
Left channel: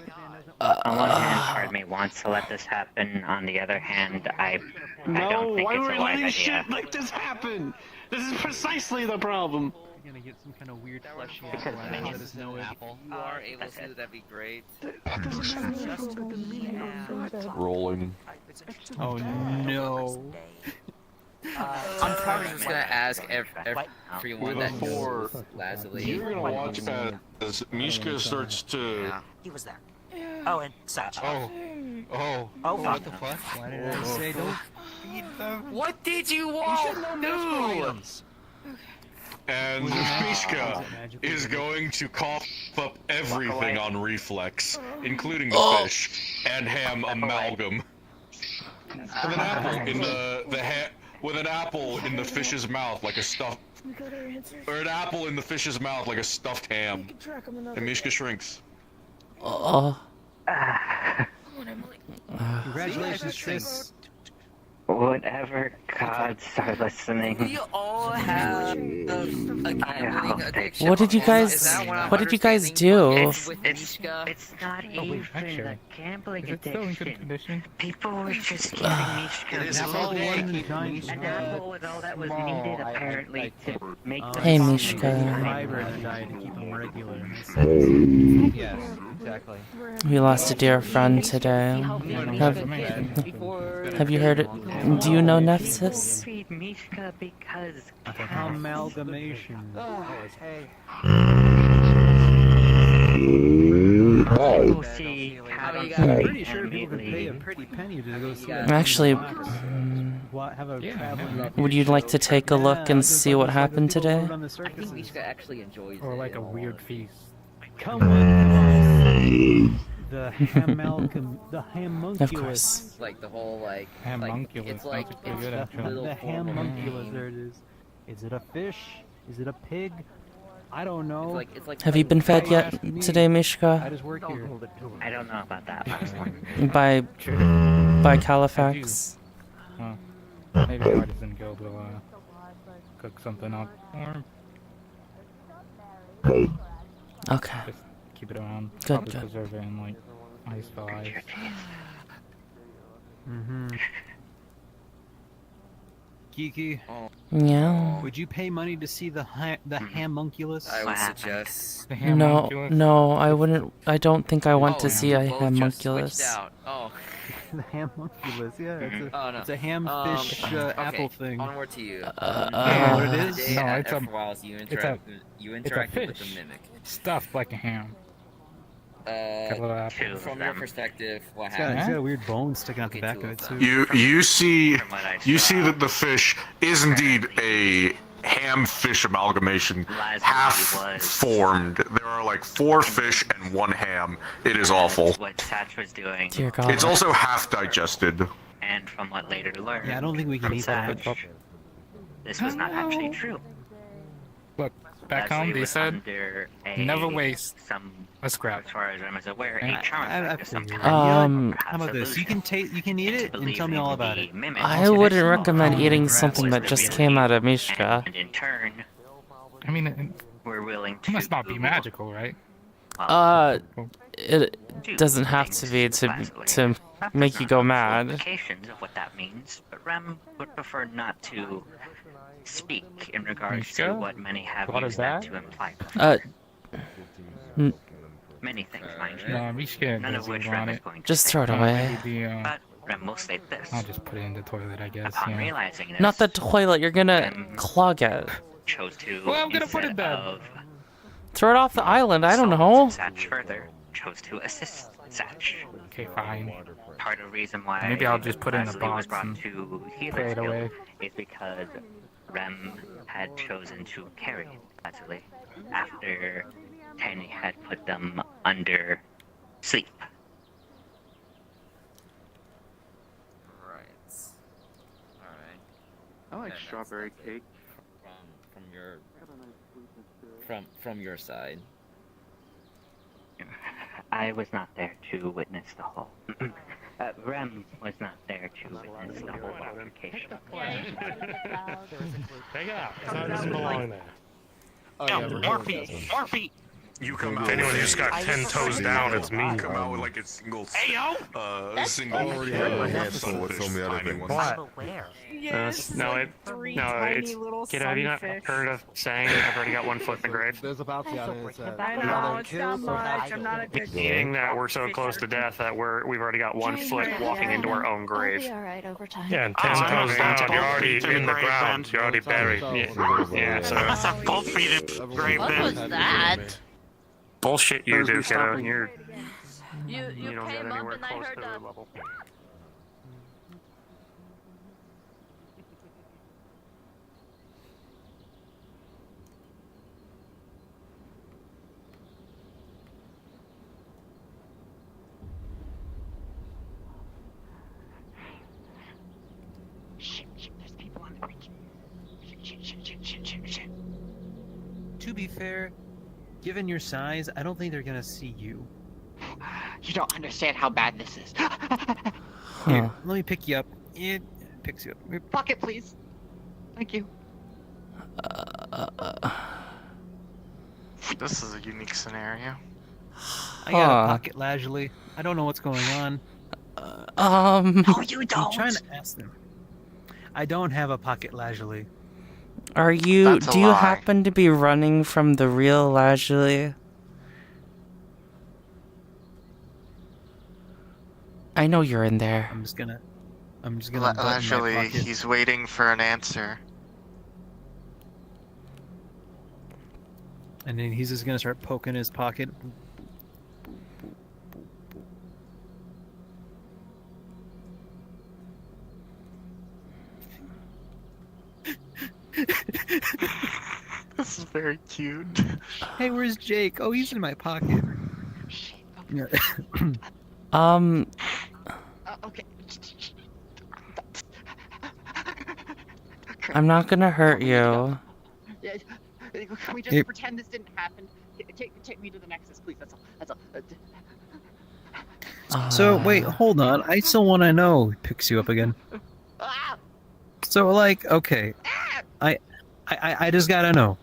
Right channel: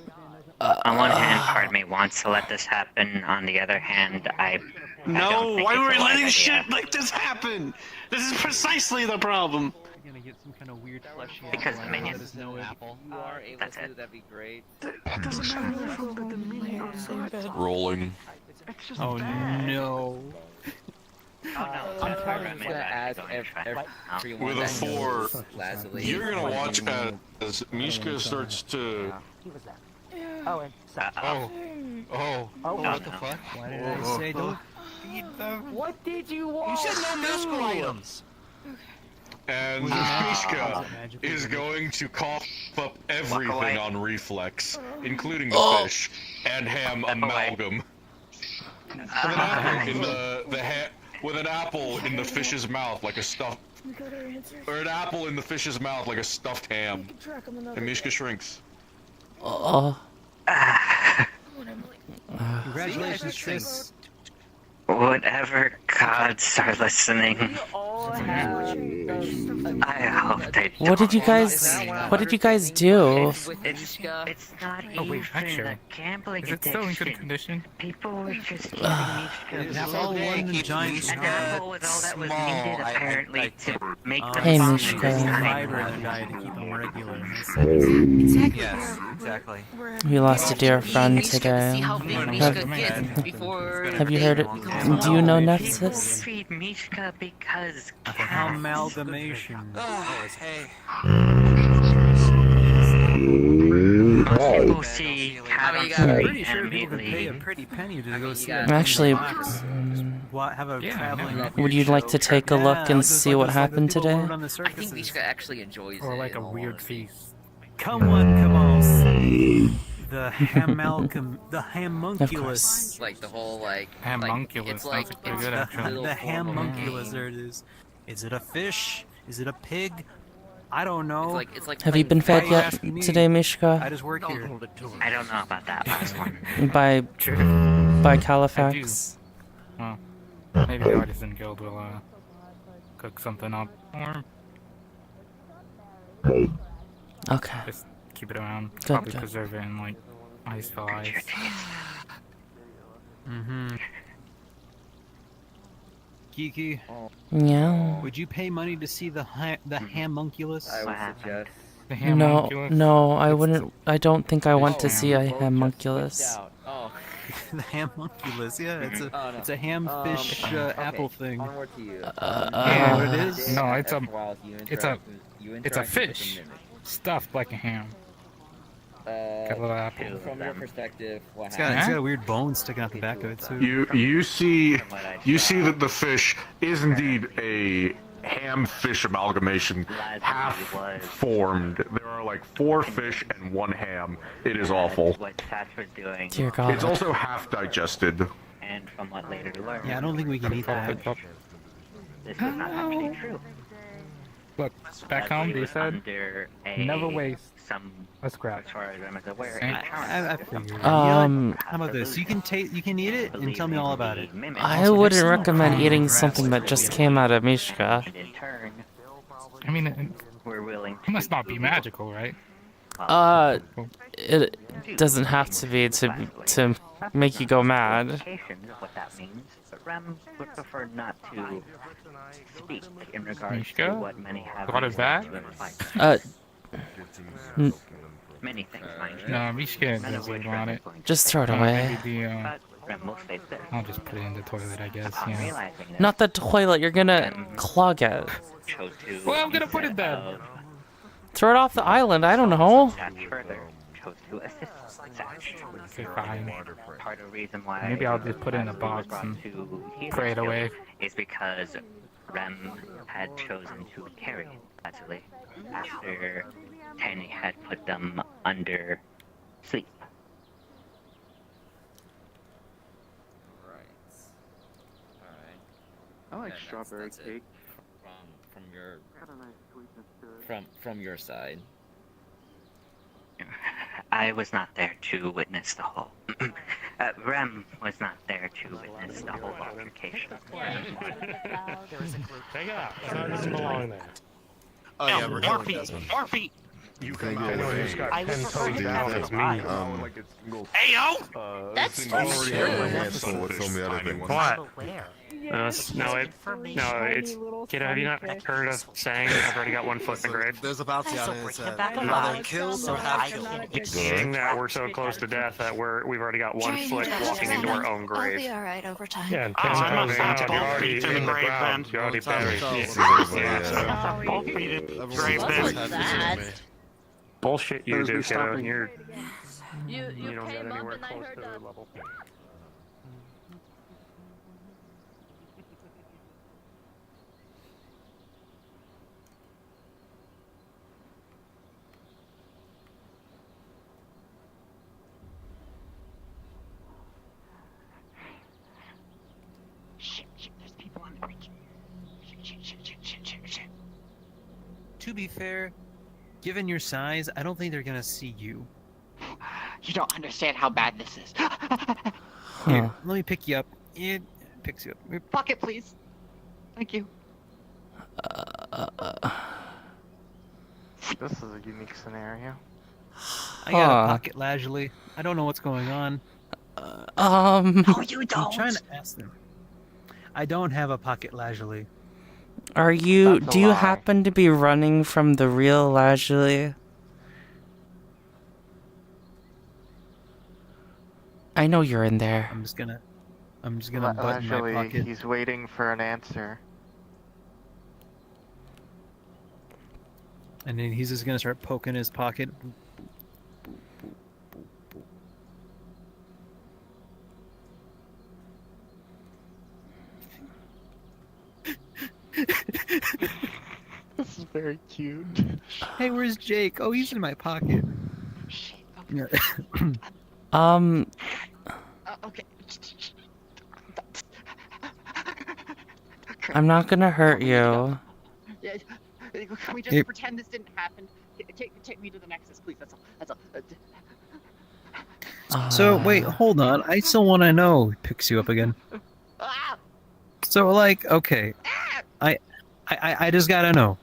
On one hand, part of me wants to let this happen. On the other hand, I No, don't think why it's are we a wise letting idea. shit like this happen? This is precisely the problem. You're gonna get some kind of weird fleshy Because apple. the minions- Let us know apple. You are able to, that'd be great. Rolling. Oh no. I'm just gonna ask everyone With a that 4, knows Lazuli. you're gonna watch as Mishka starts to. He was there. Oh, and such. Oh, What the fuck? Why did I say don't feed them? What did you want? You said no magical items. and Mishka is going to cough up everything on reflex, including the fish and ham amalgam. With an apple in with an apple in the fish's mouth like a stuffed, or an apple in the fish's mouth like a stuffed ham, and Mishka shrinks. Congratulations, Tris. Whatever gods are listening, I hope they What did you guys do? It's not even a gambling Is it still in good addiction. condition? People were just It's all one giant an apple with all that was needed apparently to make them Hey, small. Mishka. Fiber in the diet to keep them regular. Yes, exactly. We lost a dear friend today. Have you heard it? Do you know Nephsis? Feed Mishka because Amalgamation. people see cattle I'm feed pretty sure people can pay a immediately. pretty penny to go see Actually, have a traveling. would you like to take a look and see what happened today? I think Mishka actually enjoys Or it. like a weird feast. Come on. The homunculus. It's like the whole like Homunculus, it's like that's pretty it's good, the actually. little The form of a homunculus, game. there it is. Is it a fish? Is it a pig? I don't know. It's like Have you been fed yet today, I Mishka? just work here. I don't know about that last one. By Califax? Oh. Maybe the Artisan Guild will cook something up. Or Okay. just keep it around. Good, Probably good. preserve it in like ice for ice. Kiki. Yeah. Would you pay money to see the homunculus? I would suggest. No, I wouldn't. I don't think I want to see a homunculus. Oh. The homunculus, yeah, it's a Oh, no. hamfish Okay, apple thing. Onward to you. You know what it is? No, it's a, After while, you it's a, interact with- you it's a interact with the fish mimic. stuffed like a ham. From your perspective, what It's happened? got a weird bone sticking out the back of it too. You see that the fish is indeed a ham-fish amalgamation, half formed. There are like 4 fish and 1 ham. It is awful. What Satch was doing. Dear God. It's also half digested. And from what later learned. Yeah, I don't think we can eat that. This was not actually true. Look, back home they said, Under a, never waste some, a scrap. as far as I was aware, I figured. You know Um, what? How about this? You can eat it and tell me all about it. I wouldn't recommend eating something that just came out of Mishka. I mean, it must not be magical, right? It doesn't have to be to make you go mad. Implications of what that means, but Rem would prefer not to speak in regards to what many have What is used that? to imply. Many things, mind you. No, we should None of which do on Rem is it. going to Just throw it away. Rem will say this. I'll just put it in the toilet, I guess. Upon Yeah. realizing this, Not the toilet. You're gonna clog it. chose to Well, I'm gonna put it there. Throw it off the island. I don't know. Satch further chose to assist Satch. Okay, fine. Part of the reason why Maybe I'll just put it in a Leslie was box brought and to pray it Healer's away. Guild is because Rem had chosen to carry Leslie after Tanny had put them under sleep. I like strawberry cake. From your side. I was not there to witness the whole. Rem was not there to witness the whole altercation. Take it out. It doesn't belong there. Oh, yeah, Morphe! You come out with just got 10 toes down. That's me. Like it's single. Hey yo! Single. Kiddo, have you not heard of saying I've already got 1 foot in the grave? There's about either kill or have kill. Meaning that we're so close to death that we've already got 1 foot walking into our own grave. We'll be alright over time. Yeah, and I'm times not both feet in the grave then. You're already buried. Yeah, so it's a both feet in the grave then. Bullshit you do, kiddo. You don't get anywhere close to their level. To be fair, given your size, I don't think they're gonna see you. You don't understand how bad this is. Here, let me pick you up. It picks you up. Pocket, please. Thank you. This is a unique scenario. I got a pocket lazuli. I don't know what's going on. Oh, you I'm don't. trying to ask them. I don't have a pocket lazuli. Are you? That's a Do you lie. happen to be running from the real Lazuli? I know you're in there. I'm just gonna button my Actually, pocket. he's waiting for an answer. And then he's just gonna start poking his pocket. This is very cute. Hey, where's Jake? Oh, he's in my pocket. Okay. I'm not gonna hurt you. Yeah, can we just Yep. pretend this didn't happen? Take me to the Nexus, please. That's all. That's all. So wait, hold on. I still want to know. Picks you up again. Ah! So like, okay, I just gotta know.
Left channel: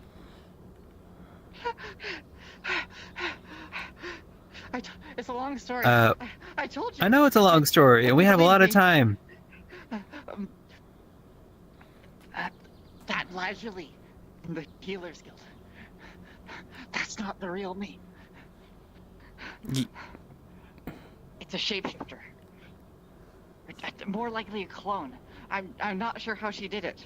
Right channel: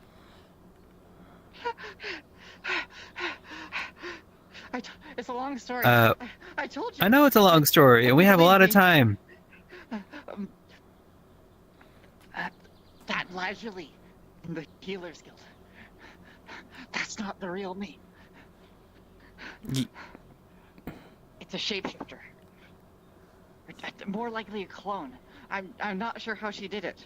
It's a long story. Uh, I told you. I know it's a long story, and we have a lot of time. That Lazuli from the Healers Guild. That's not the real me. It's a shapeshifter. More likely a clone. I'm not sure how she did it.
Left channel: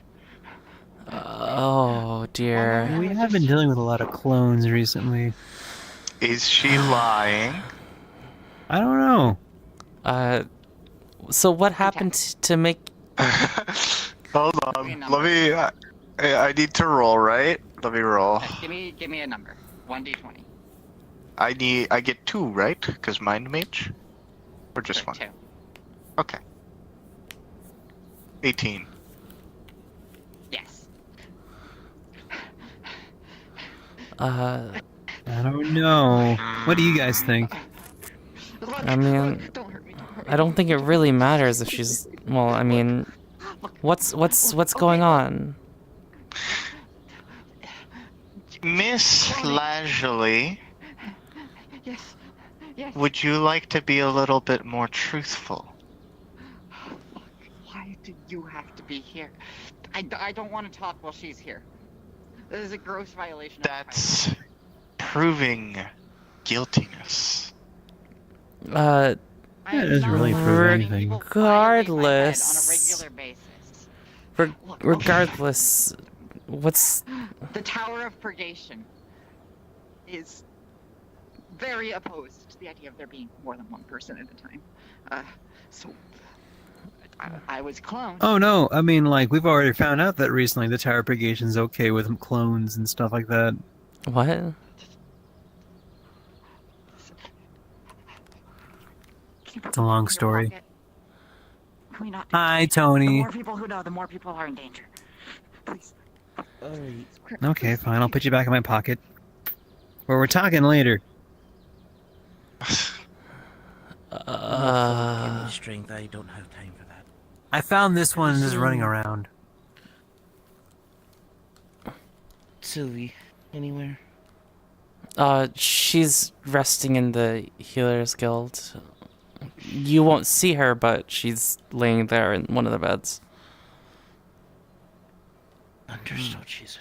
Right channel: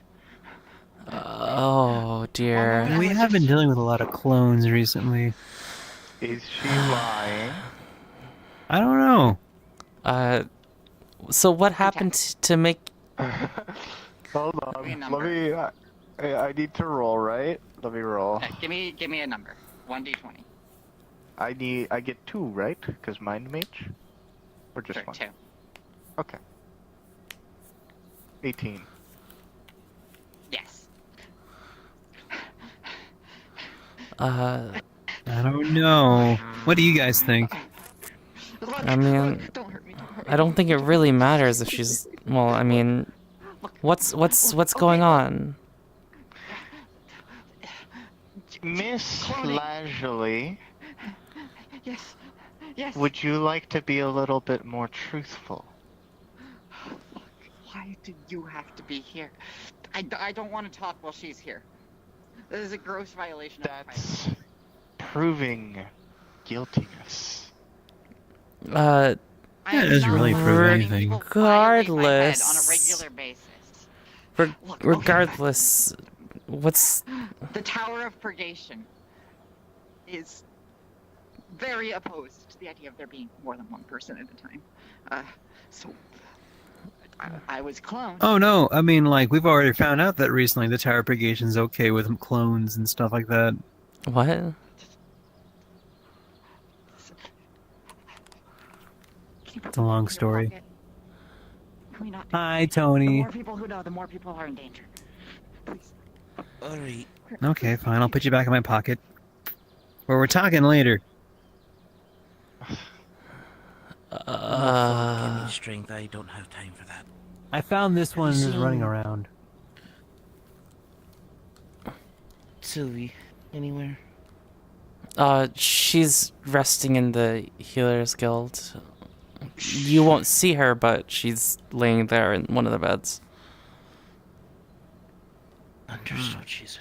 Oh dear. We have been dealing with a lot of clones recently. Is she lying? I don't know. So what happened to make? Hold on. Let me. I need to roll, right? Let me roll. Okay, give me a number. 1d20. I get 2, right? Because mind mage? Or just Sure, 1? 2. Okay. 18. Yes. I don't know. What do you guys think? I mean, I don't think it really matters if she's. Well, I mean, what's going on? Miss Lazuli, Yes. Yes. would you like to be a little bit more truthful? Why do you have to be here? I don't want to talk while she's here. This is a gross violation of That's proving guiltiness. It doesn't really prove anything. Regardless. Regardless, what's The Tower of Purgation is very opposed to the idea of there being more than one person at a time. So I was cloned. Oh no, I mean, like, we've already found out that recently the Tower Purgation's okay with clones and stuff like that. What? It's a long story. Can we not? Hi, The Tony. more people who know, the more people are in danger. Please. Okay, fine, I'll put you back in my pocket. Or we're talking later. Strength, I don't have time for that. I found this one just running around. Sylvie, anywhere? She's resting in the Healers Guild. You won't see her, but she's laying there in one of the beds. Understood, she's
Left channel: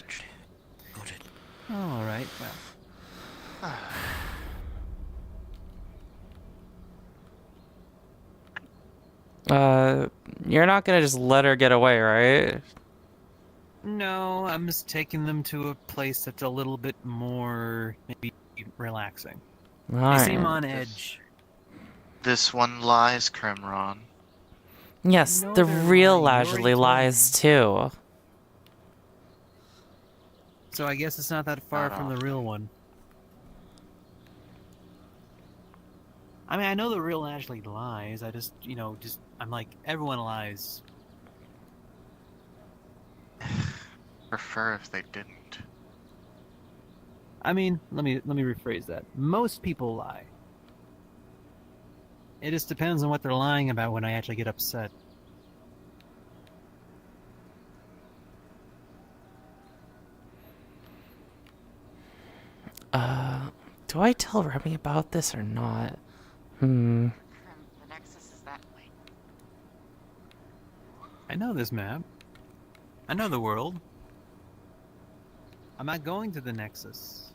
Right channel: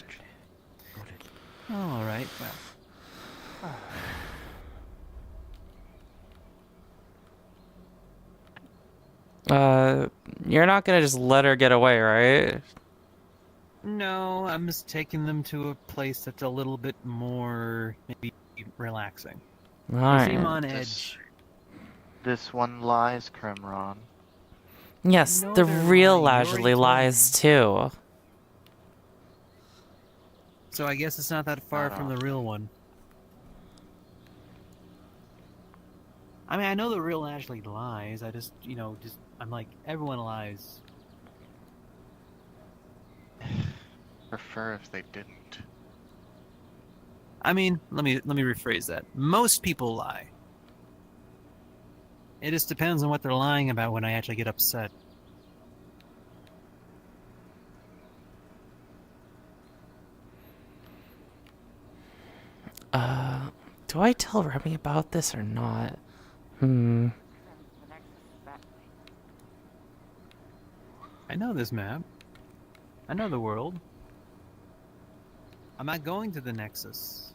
Alright, well. You're not gonna just let her get away, right? No, I'm just taking them to a place that's a little bit more, maybe, relaxing. They seem on edge. This one lies, Crimron. Yes, No, the they're real lying. You Lazuli already told lies too. So I guess it's not that far from the real one. I mean, I know the real Ashley lies. I just, I'm like, everyone lies. Prefer if they didn't. I mean, let me rephrase that. Most people lie. It just depends on what they're lying about when I actually get upset. Do I tell Remy about this or not? I know this map. I know the world. I'm not going to the Nexus.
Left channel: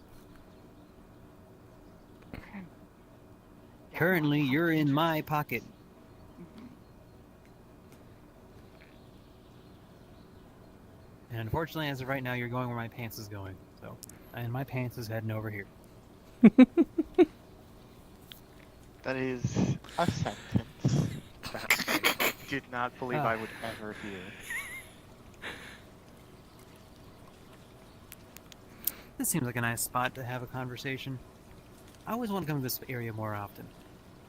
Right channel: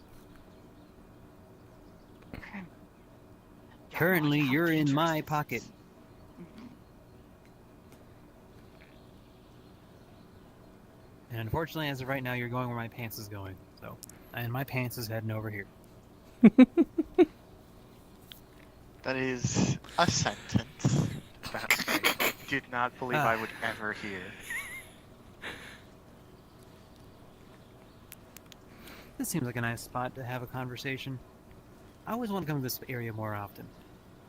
Currently, you're in my pocket. And unfortunately, as of right now, you're going where my pants is going. So, and my pants is heading over here. That is a sentence that I did not believe I would ever hear. This seems like a nice spot to have a conversation. I always want to come to this area more often.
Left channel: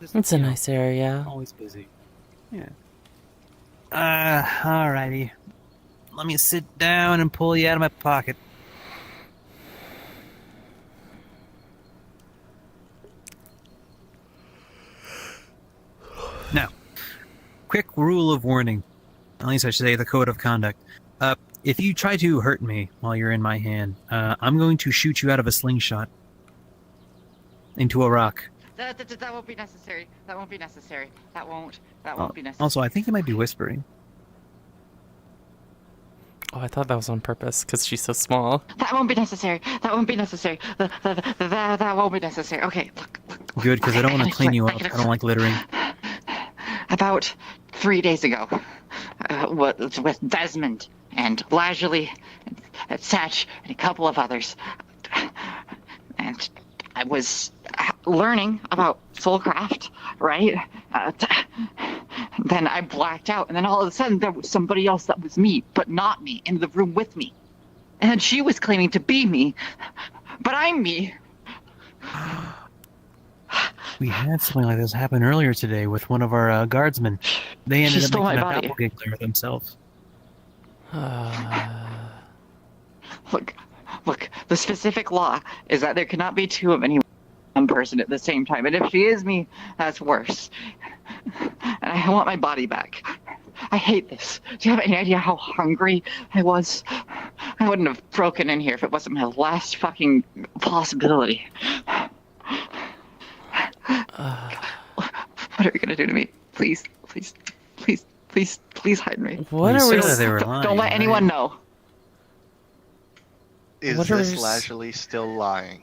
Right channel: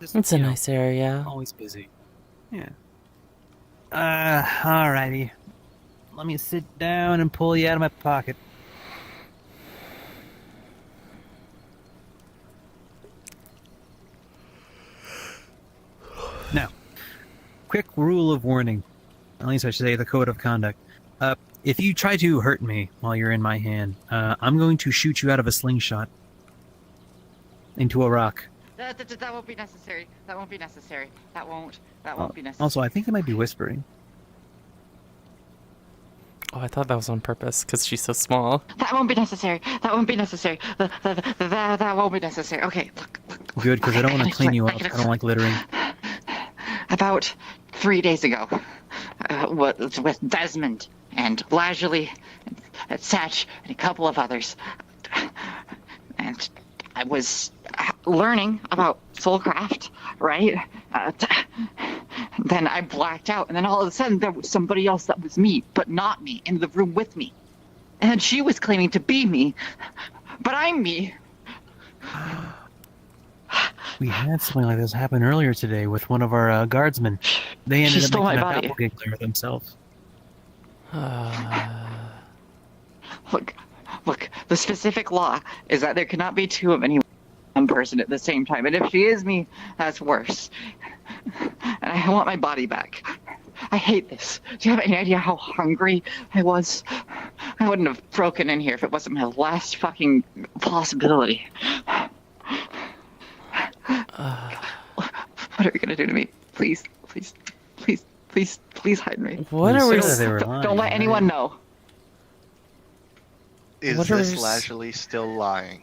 It's a nice area. Always busy. Yeah. Alrighty. Let me sit down and pull you out of my pocket. Now, quick rule of warning. At least I should say the code of conduct. If you try to hurt me while you're in my hand, I'm going to shoot you out of a slingshot into a rock. That won't be necessary. That won't be necessary. That won't be necessary. Also, I think they might be whispering. Oh, I thought that was on purpose because she's so small. That won't be necessary. That won't be necessary. That won't be necessary. Okay, look. Good, because I don't want to clean you up. I don't like littering. About 3 days ago, with Desmond and Lazuli and Satch and a couple of others, and I was learning about soulcraft, right? Then I blacked out, and then all of a sudden there was somebody else that was me, but not me, in the room with me. And she was claiming to be me, but I'm me. We had something like this happen earlier today with one of our guardsmen. They ended up making a body. doppelganger themselves. Look, the specific law is that there cannot be two of any one person at the same time, and if she is me, that's worse. And I want my body back. I hate this. Do you have any idea how hungry I was? I wouldn't have broken in here if it wasn't my last fucking possibility. What are you gonna do to me? Please hide me. What are we? Don't let anyone know. Is What are this we- Lazuli still lying?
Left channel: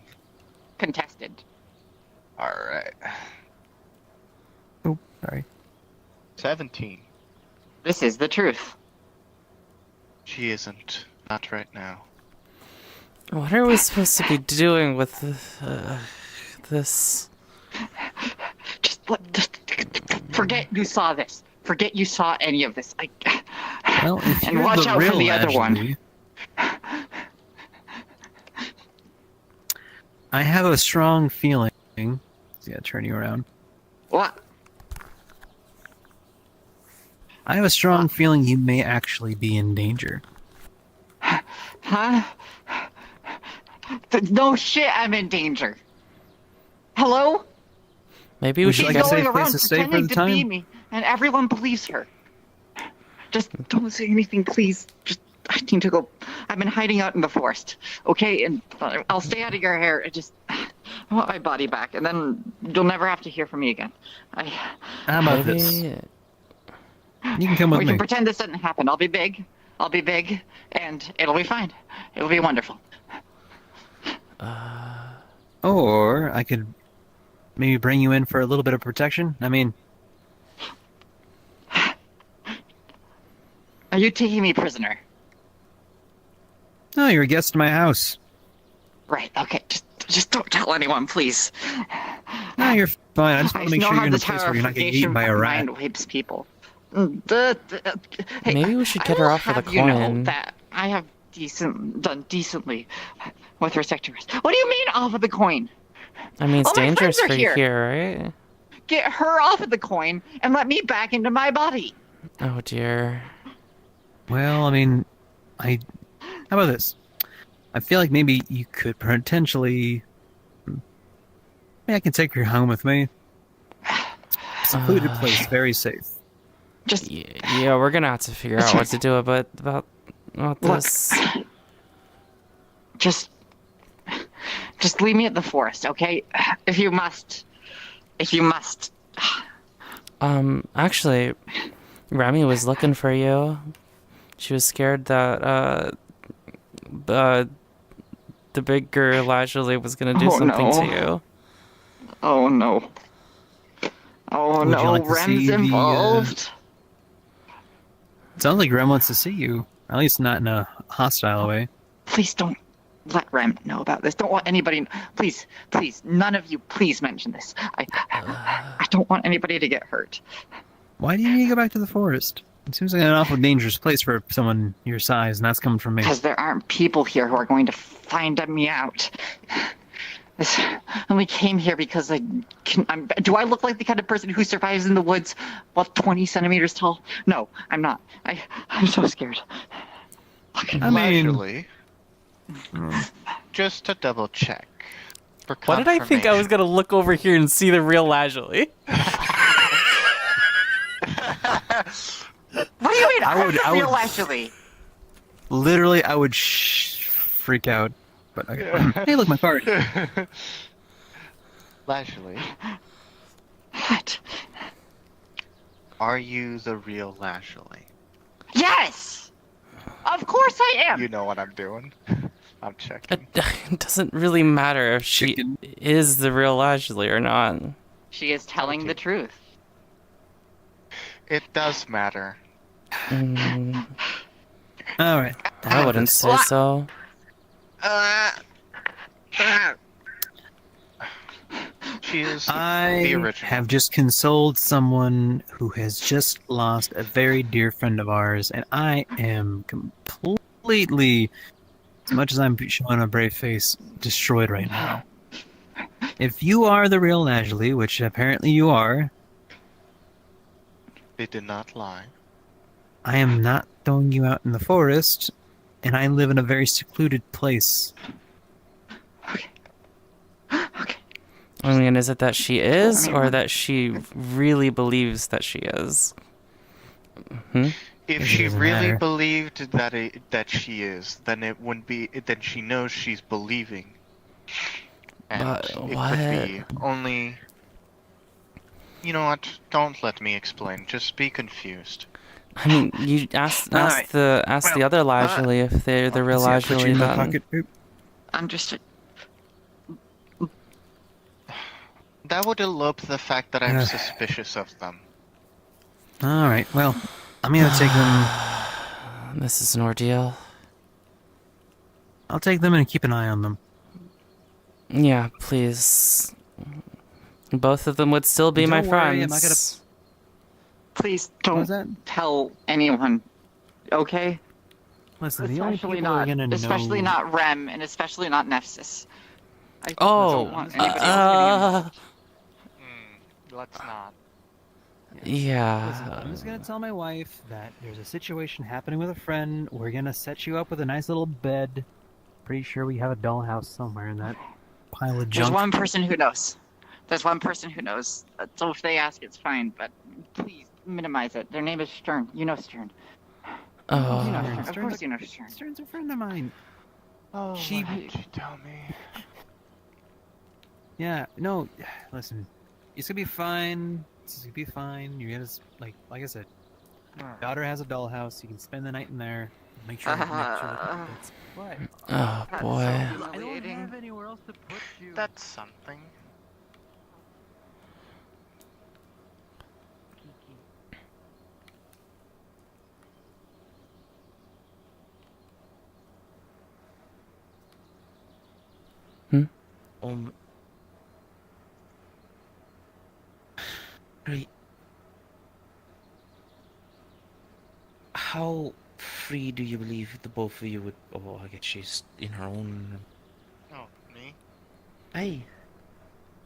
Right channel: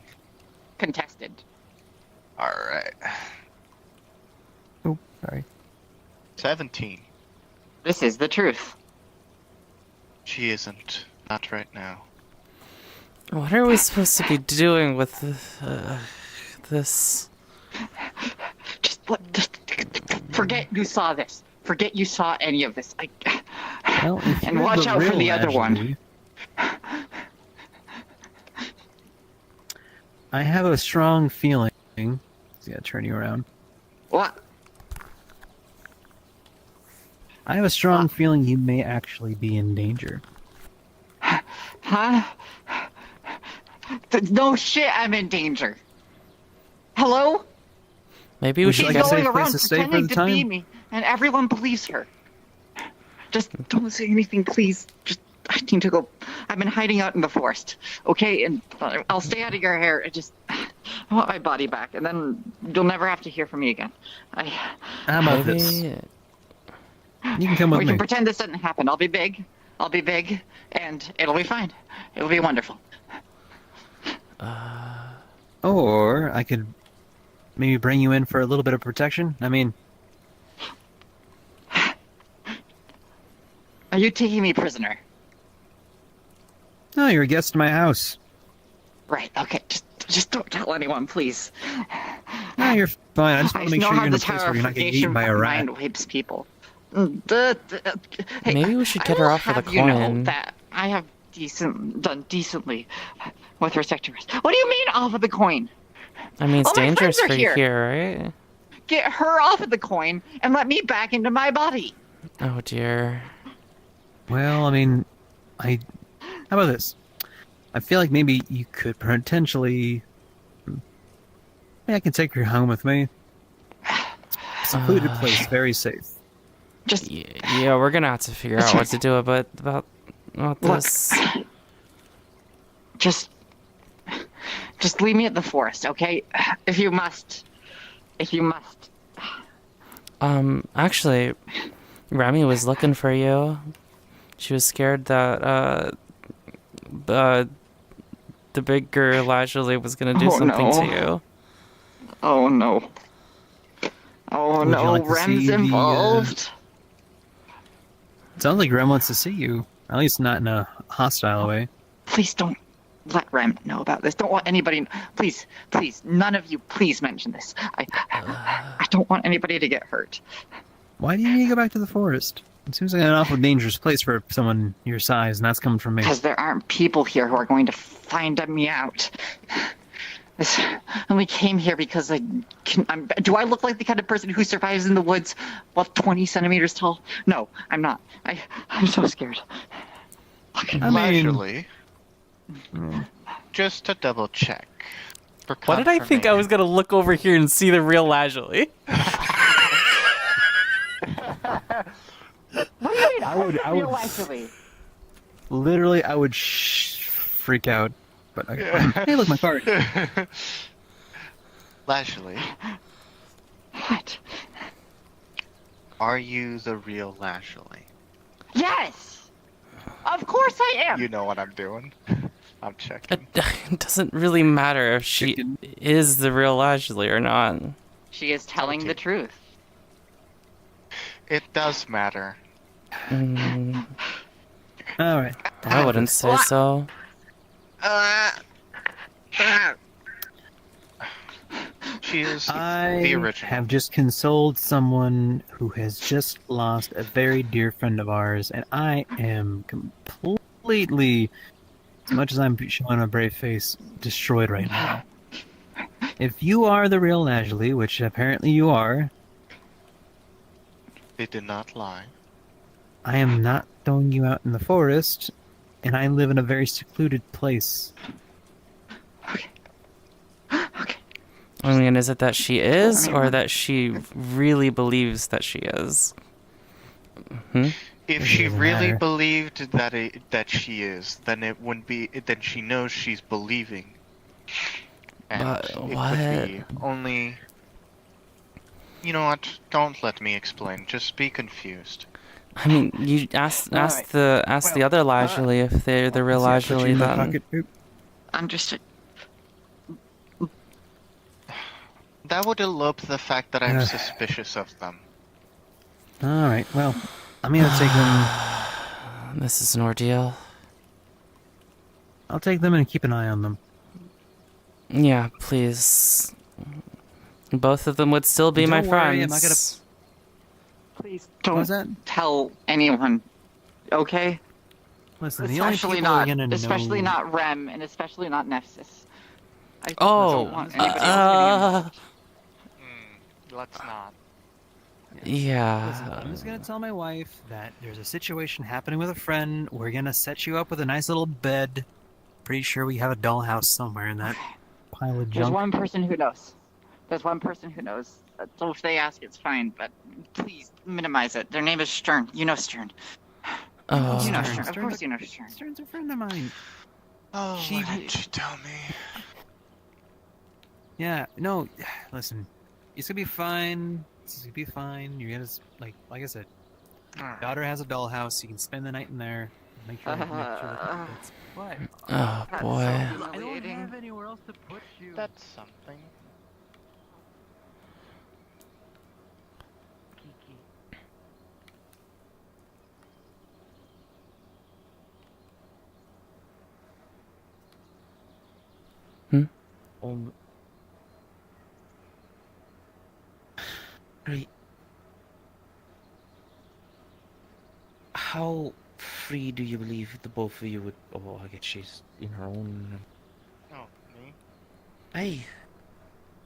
Contested. Alright. Oh, sorry. 17. This is the truth. She isn't. Not right now. What are we supposed to be doing with this? Just forget you saw this. Forget you saw any of this. Well, if and you're watch the out for real the other one. I have a strong feeling. Yeah, turn you around. What? I have a strong feeling you may actually be in danger. Huh? No shit, I'm in danger. Hello? Maybe we should She's get going around pretending to be me, and everyone believes her. Just don't say anything, please. Just, I need to go. I've been hiding out in the forest, okay? And I'll stay out of your hair. I want my body back, and then you'll never have to hear from me again. How about this? You can come with we me. can pretend this didn't happen. I'll be big, and it'll be fine. It'll be wonderful. Or I could maybe bring you in for a little bit of protection. I mean... Are you taking me prisoner? No, you're a guest in my house. Right, okay. Just don't tell anyone, please. No, you're fine. I just want to make know sure how you're in the a place Tower where of you're not getting Purgation eaten by a rat. mind wipes people. Hey, Maybe we should get I her will off with a have you know coin. that I have done decently with respect to rest. What do you mean off of the coin? I mean, it's All my dangerous friends for are you here. here, right? Get her off of the coin and let me back into my body. Oh dear. Well, I mean, how about this? I feel like maybe you could potentially... Maybe I can take her home with me. Secluded place, very safe. Just yeah, we're gonna have to figure out what to do about this. Just leave me at the forest, okay? If you must. Actually, Remy was looking for you. She was scared that the bigger Lazuli was gonna do something to you. Oh no. Oh Would you no, like to see Rem's the, involved. Sounds like Rem wants to see you. At least not in a hostile way. Please don't let Rem know about this. Don't want anybody. Please, none of you, please mention this. I don't want anybody to get hurt. Why do you need to go back to the forest? It seems like an awful dangerous place for someone your size, and that's coming from me. Because there aren't people here who are going to find me out. And we came here because do I look like the kind of person who survives in the woods while 20 centimeters tall? No, I'm not. I'm so scared. Actually, just to double check. For Why did I think I was gonna look over here and see the real Lajley? What do you mean? I would- I would- actually. Literally, I would freak out. But okay. Hey, look, my card. Lashley. What? Are you the real Lashley? Yes! Of course I am! You know what I'm doing. I'm checking. It doesn't really matter if she is the real Lajley or not. She is telling the truth. It does matter. Mm, Alright. I wouldn't say so. She is the I original. have just consoled someone who has just lost a very dear friend of ours, and I am completely, as much as I'm showing a brave face, destroyed right now. If you are the real Lajley, which apparently you are, They did not lie. I am not throwing you out in the forest, and I live in a very secluded place. I mean, is it that she is, or that she really believes that she is? Hmm? If she really believed that she is, then it wouldn't be. Then she knows she's believing. And But it what? could be only. You know what? Don't let me explain. Just be confused. I mean, you ask the other Lajley if they're the real Lajley, then. I'm just. That would elope the fact that I'm suspicious of them. Alright, well, I'm gonna take them. This is an ordeal. I'll take them and keep an eye on them. Yeah, please. Both of them would still be my Don't worry, friends. I'm not gonna. Please don't tell anyone, okay? Listen, the only Especially people who are not, gonna especially know... not Rem, and especially not Nephsis. I Oh, don't want anybody else getting Let's not. Yeah. Listen, I'm just gonna tell my wife that there's a situation happening with a friend. We're gonna set you up with a nice little bed. Pretty sure we have a dollhouse somewhere in that pile of There's junk. one person who knows. There's one person who knows. So if they ask, it's fine, but please minimize it. Their name is Stern. You know Stern. Oh. You know Stern. Of Stern's course you know Stern. Stern's a friend of mine. Oh, She- why didn't you tell me? Yeah, no, listen. It's gonna be fine. It's gonna be fine. You're gonna, like I said, your daughter has a dollhouse. You can spend the night in there. Make sure that what? Oh boy. I don't have anywhere else to put you. That's something. Right. How free do you believe the both of you would? Oh, I guess she's in her own. Oh, me? Aye.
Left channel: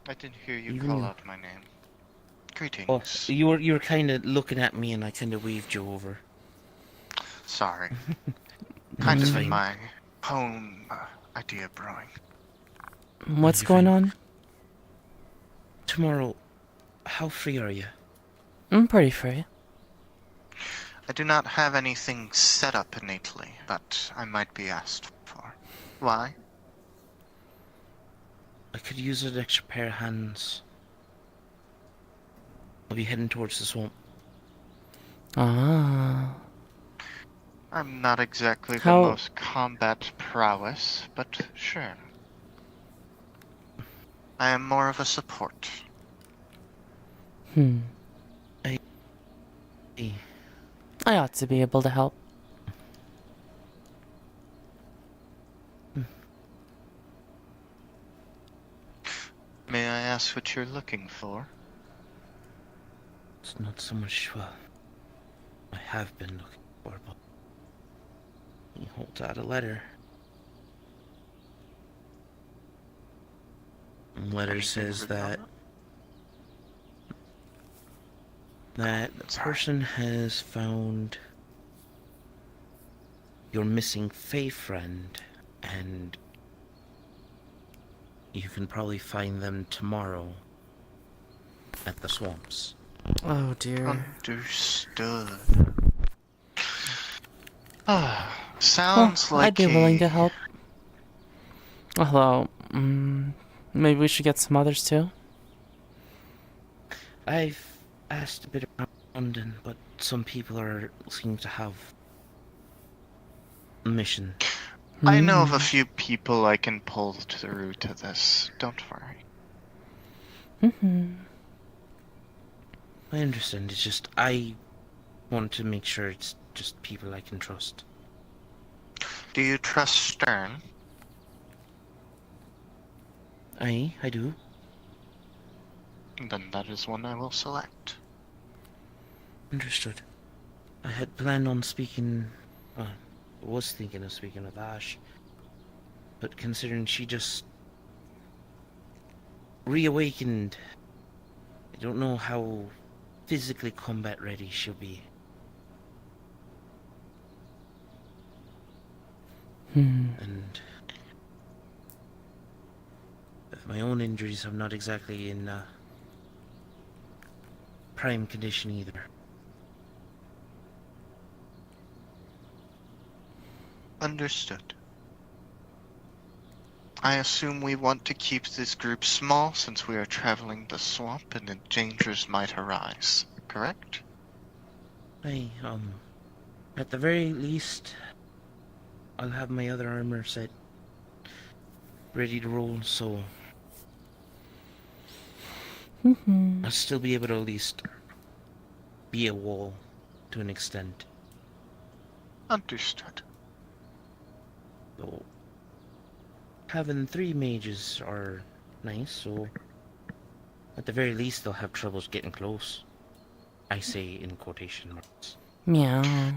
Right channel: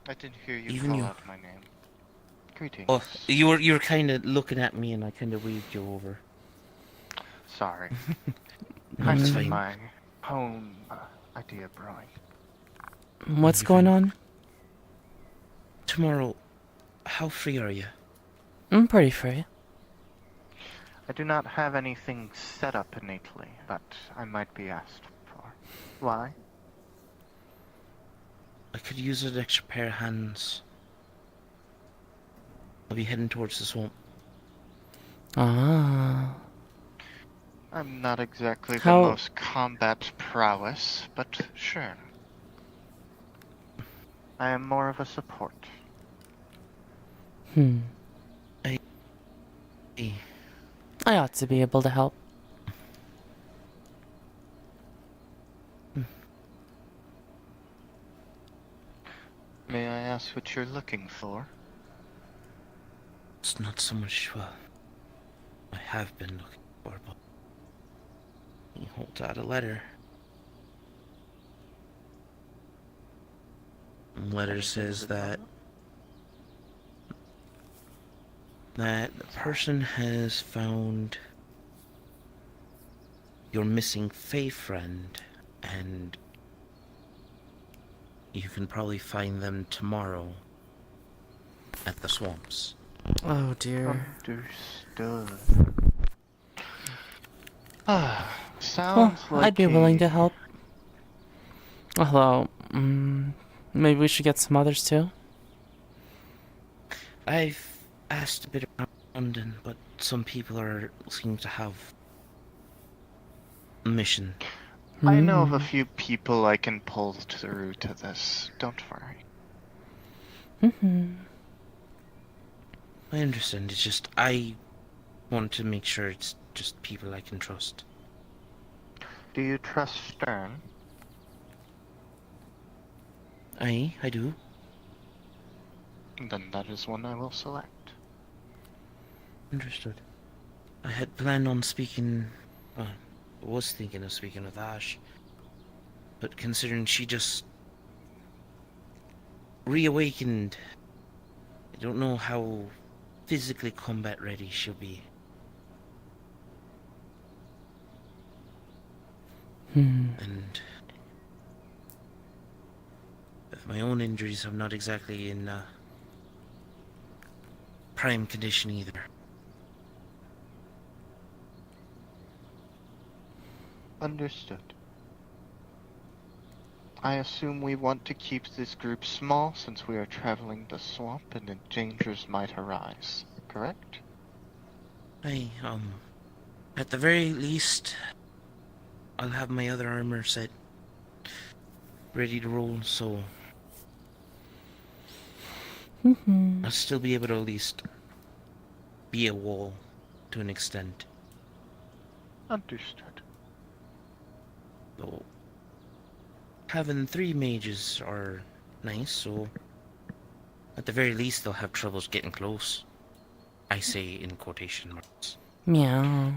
I didn't hear you Even call you. out my name. Greetings. Oh, you were kind of looking at me, and I kind of waved you over. Sorry. Kind of fine. my home idea brewing. What's going on? Tomorrow, how free are you? I'm pretty free. I do not have anything set up innately, but I might be asked for. Why? I could use an extra pair of hands. I'll be heading towards the swamp. Ah. I'm not exactly How- the most combat prowess, but sure. I am more of a support. I ought to be able to help. May I ask what you're looking for? It's not so much what I have been looking for, but he holds out a letter. letter says that that person has found your missing Fae friend, and you can probably find them tomorrow at the swamps. Oh dear. Understood. Well, Sounds like I'd be willing a- to help. Although, maybe we should get some others too. I've asked a bit around, but some people seem to have a mission. I know of a few people I can pull through to this. Don't worry. I understand. It's just I want to make sure it's just people I can trust. Do you trust Stern? I do. Then that is one I will select. Understood. I had planned on speaking. Was thinking of speaking with Ash, but considering she just reawakened, I don't know how physically combat ready she'll be. And my own injuries, I'm not exactly in prime condition either. Understood. I assume we want to keep this group small since we are traveling the swamp and the dangers might arise, correct? At the very least, I'll have my other armor set ready to roll, so I'll still be able to at least be a wall to an extent. Understood. So, having 3 mages are nice, so at the very least they'll have troubles getting close. I say in quotation marks. Meow.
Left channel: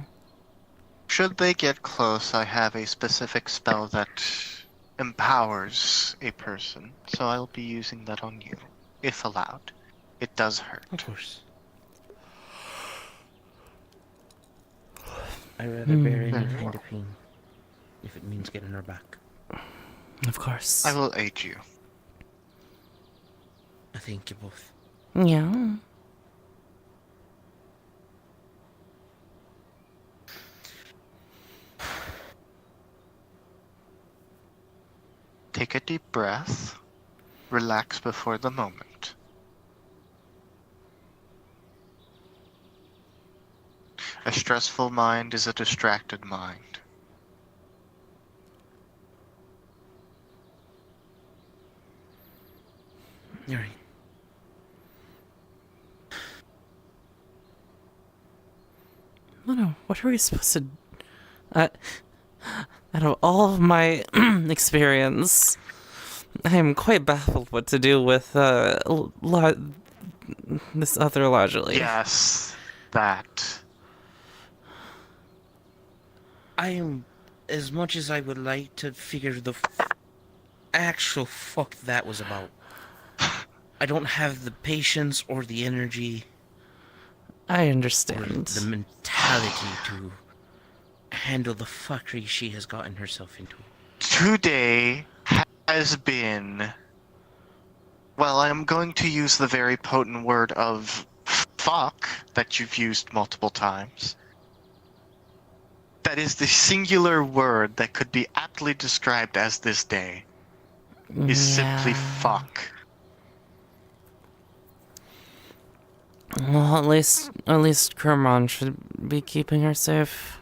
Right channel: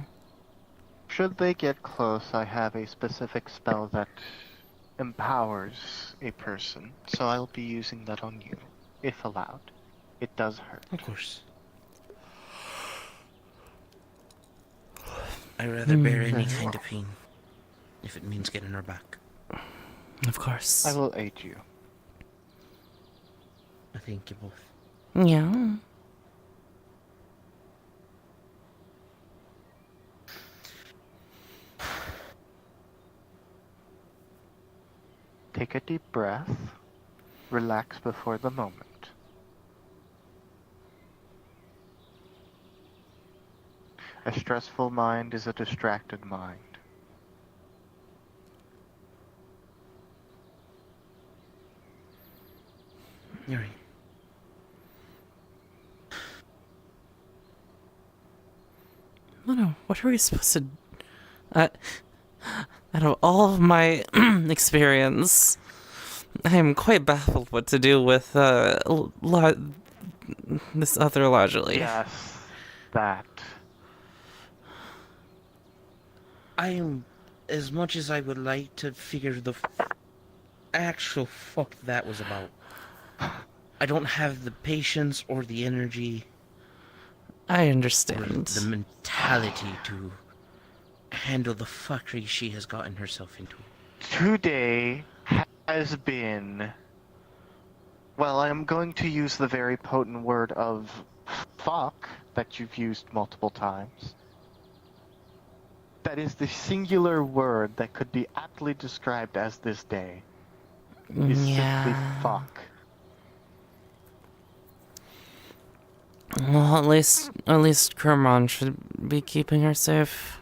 Should they get close, I have a specific spell that empowers a person, so I'll be using that on you, if allowed. It does hurt. Of course. I'd rather bear any kind of pain, if it means getting her back. Of course. I will aid you. I thank you both. Yeah. Take a deep breath. Relax before the moment. A stressful mind is a distracted mind. You're right. What are we supposed to... out of all of my experience, I am quite baffled what to do with this other largely. Yes, that. As much as I would like to figure the actual fuck that was about, I don't have the patience or the energy. I understand. Or the mentality to handle the fuckery she has gotten herself into. Today has been... Well, I'm going to use the very potent word of fuck that you've used multiple times. That is the singular word that could be aptly described as this day. Is simply fuck. Well, at least Kermon should be keeping her safe.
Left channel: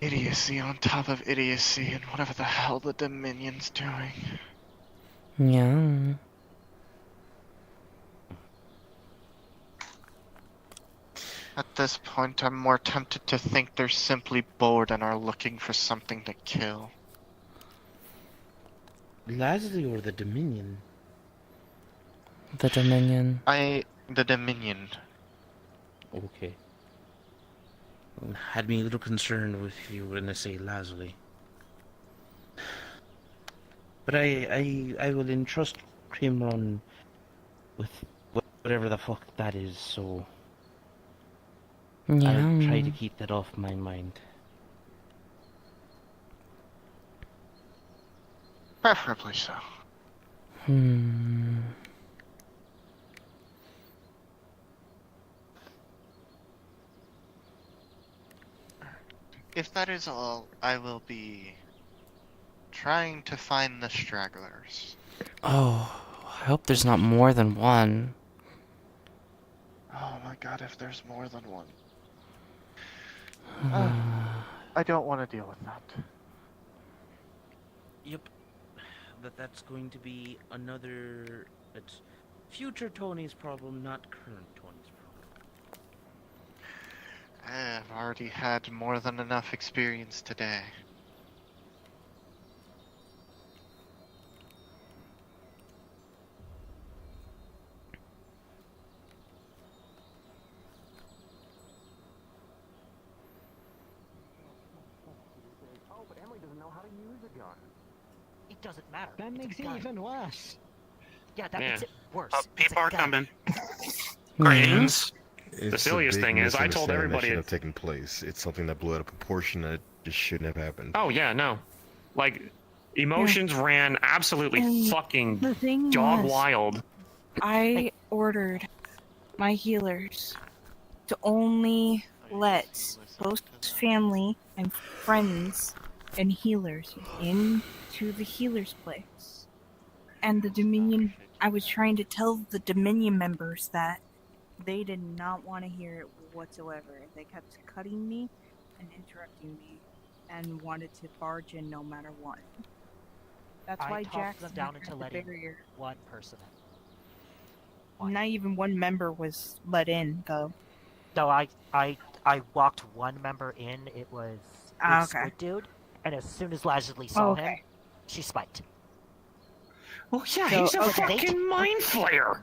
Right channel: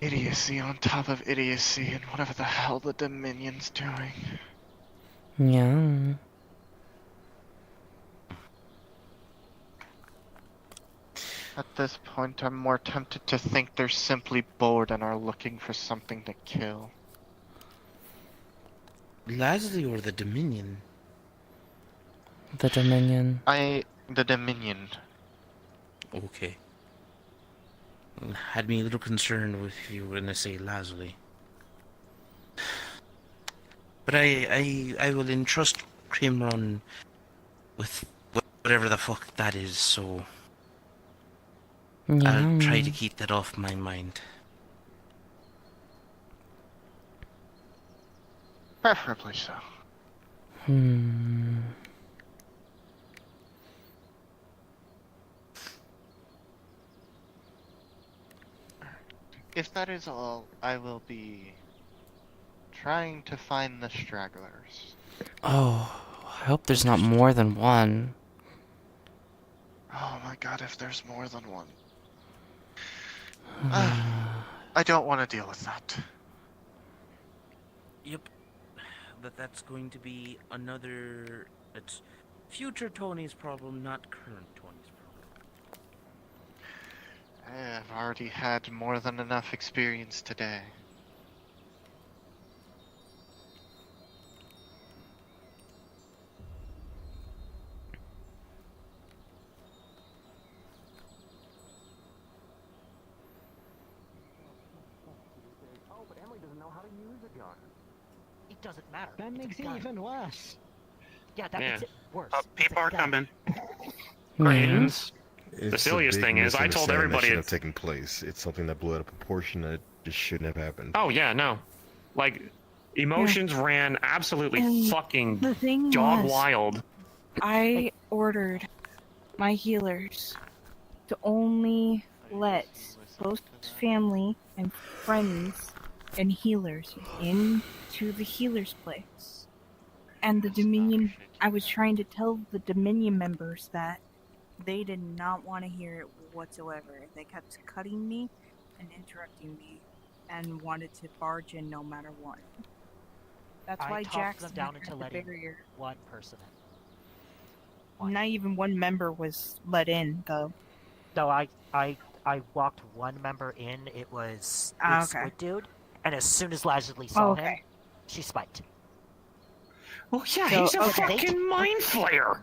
Idiocy on top of idiocy and whatever the hell the Dominion's doing. Yeah. At this point, I'm more tempted to think they're simply bored and are looking for something to kill. Lasley or the Dominion? The Dominion. The Dominion. Okay. had me a little concerned with you when I say Lazuli. But I will entrust Crimron with whatever the fuck that is, so I'll try to keep that off my mind. Preferably so. If that is all, I will be trying to find the stragglers. Oh, I hope there's not more than one. Oh my god, if there's more than one. I don't want to deal with that. Yep. But that's going to be another... It's future Tony's problem, not current Tony's problem. I've already had more than enough experience today. Oh, but Emily doesn't know how to use it yet. It doesn't matter. That makes it even worse. Yeah, that makes it worse. People are coming. Greetings. It's The silliest a big thing is, I told misunderstanding everybody that shouldn't have taken place. It's something that blew out of proportion that just shouldn't have happened. Oh yeah, no. Like, emotions ran absolutely And fucking the thing dog was, wild. I ordered my healers to only let close family and friends and healers into the healer's place. And the Dominion, I was trying to tell the Dominion members that they did not want to hear it whatsoever. They kept cutting me and interrupting me and wanted to barge in no matter what. That's I why talked Jackson them down had into the letting barrier. one person in. Not even one member was let in, though. No, I walked one member in. It was Ah, this okay. Squid dude, and as soon as Lazuli saw Okay. him, she spiked. Oh yeah, So, he's a okay, fucking mind flayer.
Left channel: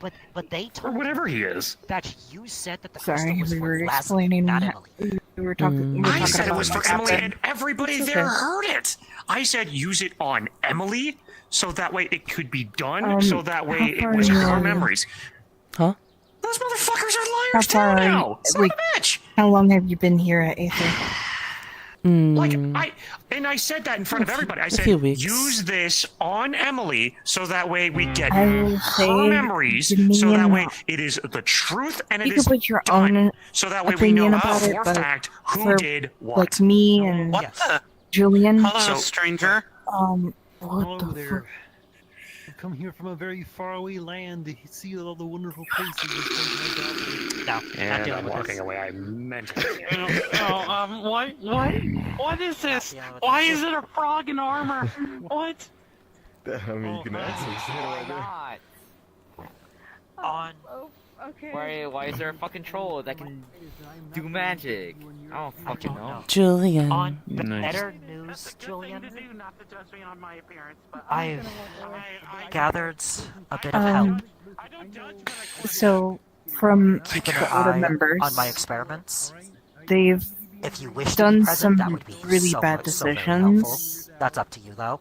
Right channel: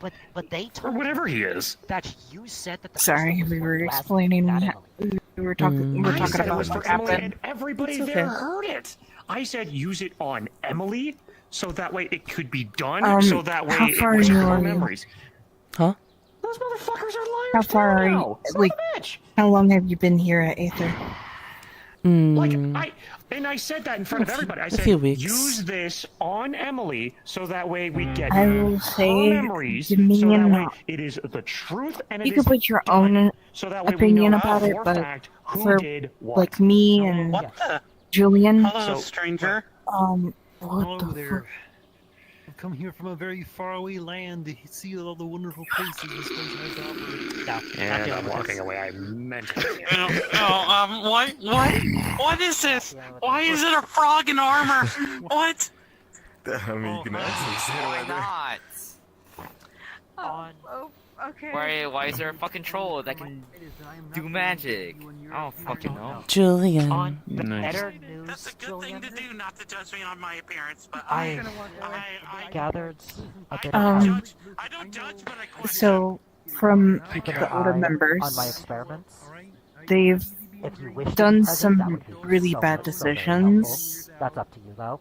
But they told Or whatever he is. that you said that the Sorry, crystal was we for were Lazuli, explaining. not Emily. We were talking. I said it about was what for Emily, happened. and everybody It's there okay. heard it. I said use it on Emily, so that way it could be done, so that way how it far was are you her on? memories. Huh? Those motherfuckers are liars How far too are now. you? Son Like, of a bitch. how long have you been here at Aether? Like, I said that in front of everybody. I a said, few weeks. use this on Emily, so that way we get I will her say memories, so that Dominion way not. it is the truth and You it can is put your done. own So that way we opinion know about it, for but fact who for did what. like me and Julian, Hello, stranger. what Hello the there. fuck? I've come here from a very faraway land to see all the wonderful places this place has to offer. And I'm walking away. I meant What is this? Why is it a frog in armor? What? I mean, you can ask Why not? Okay. Why is there a fucking troll that can do magic? I don't fucking know. Julian. On the Nice. better news, Julian, Not to judge me on my appearance, but I gathered a bit of Um, so from keeping the an older eye members, on my experiments. they've If you wish to done be present, that some would be really so bad much, so very helpful. decisions That's up to you, though.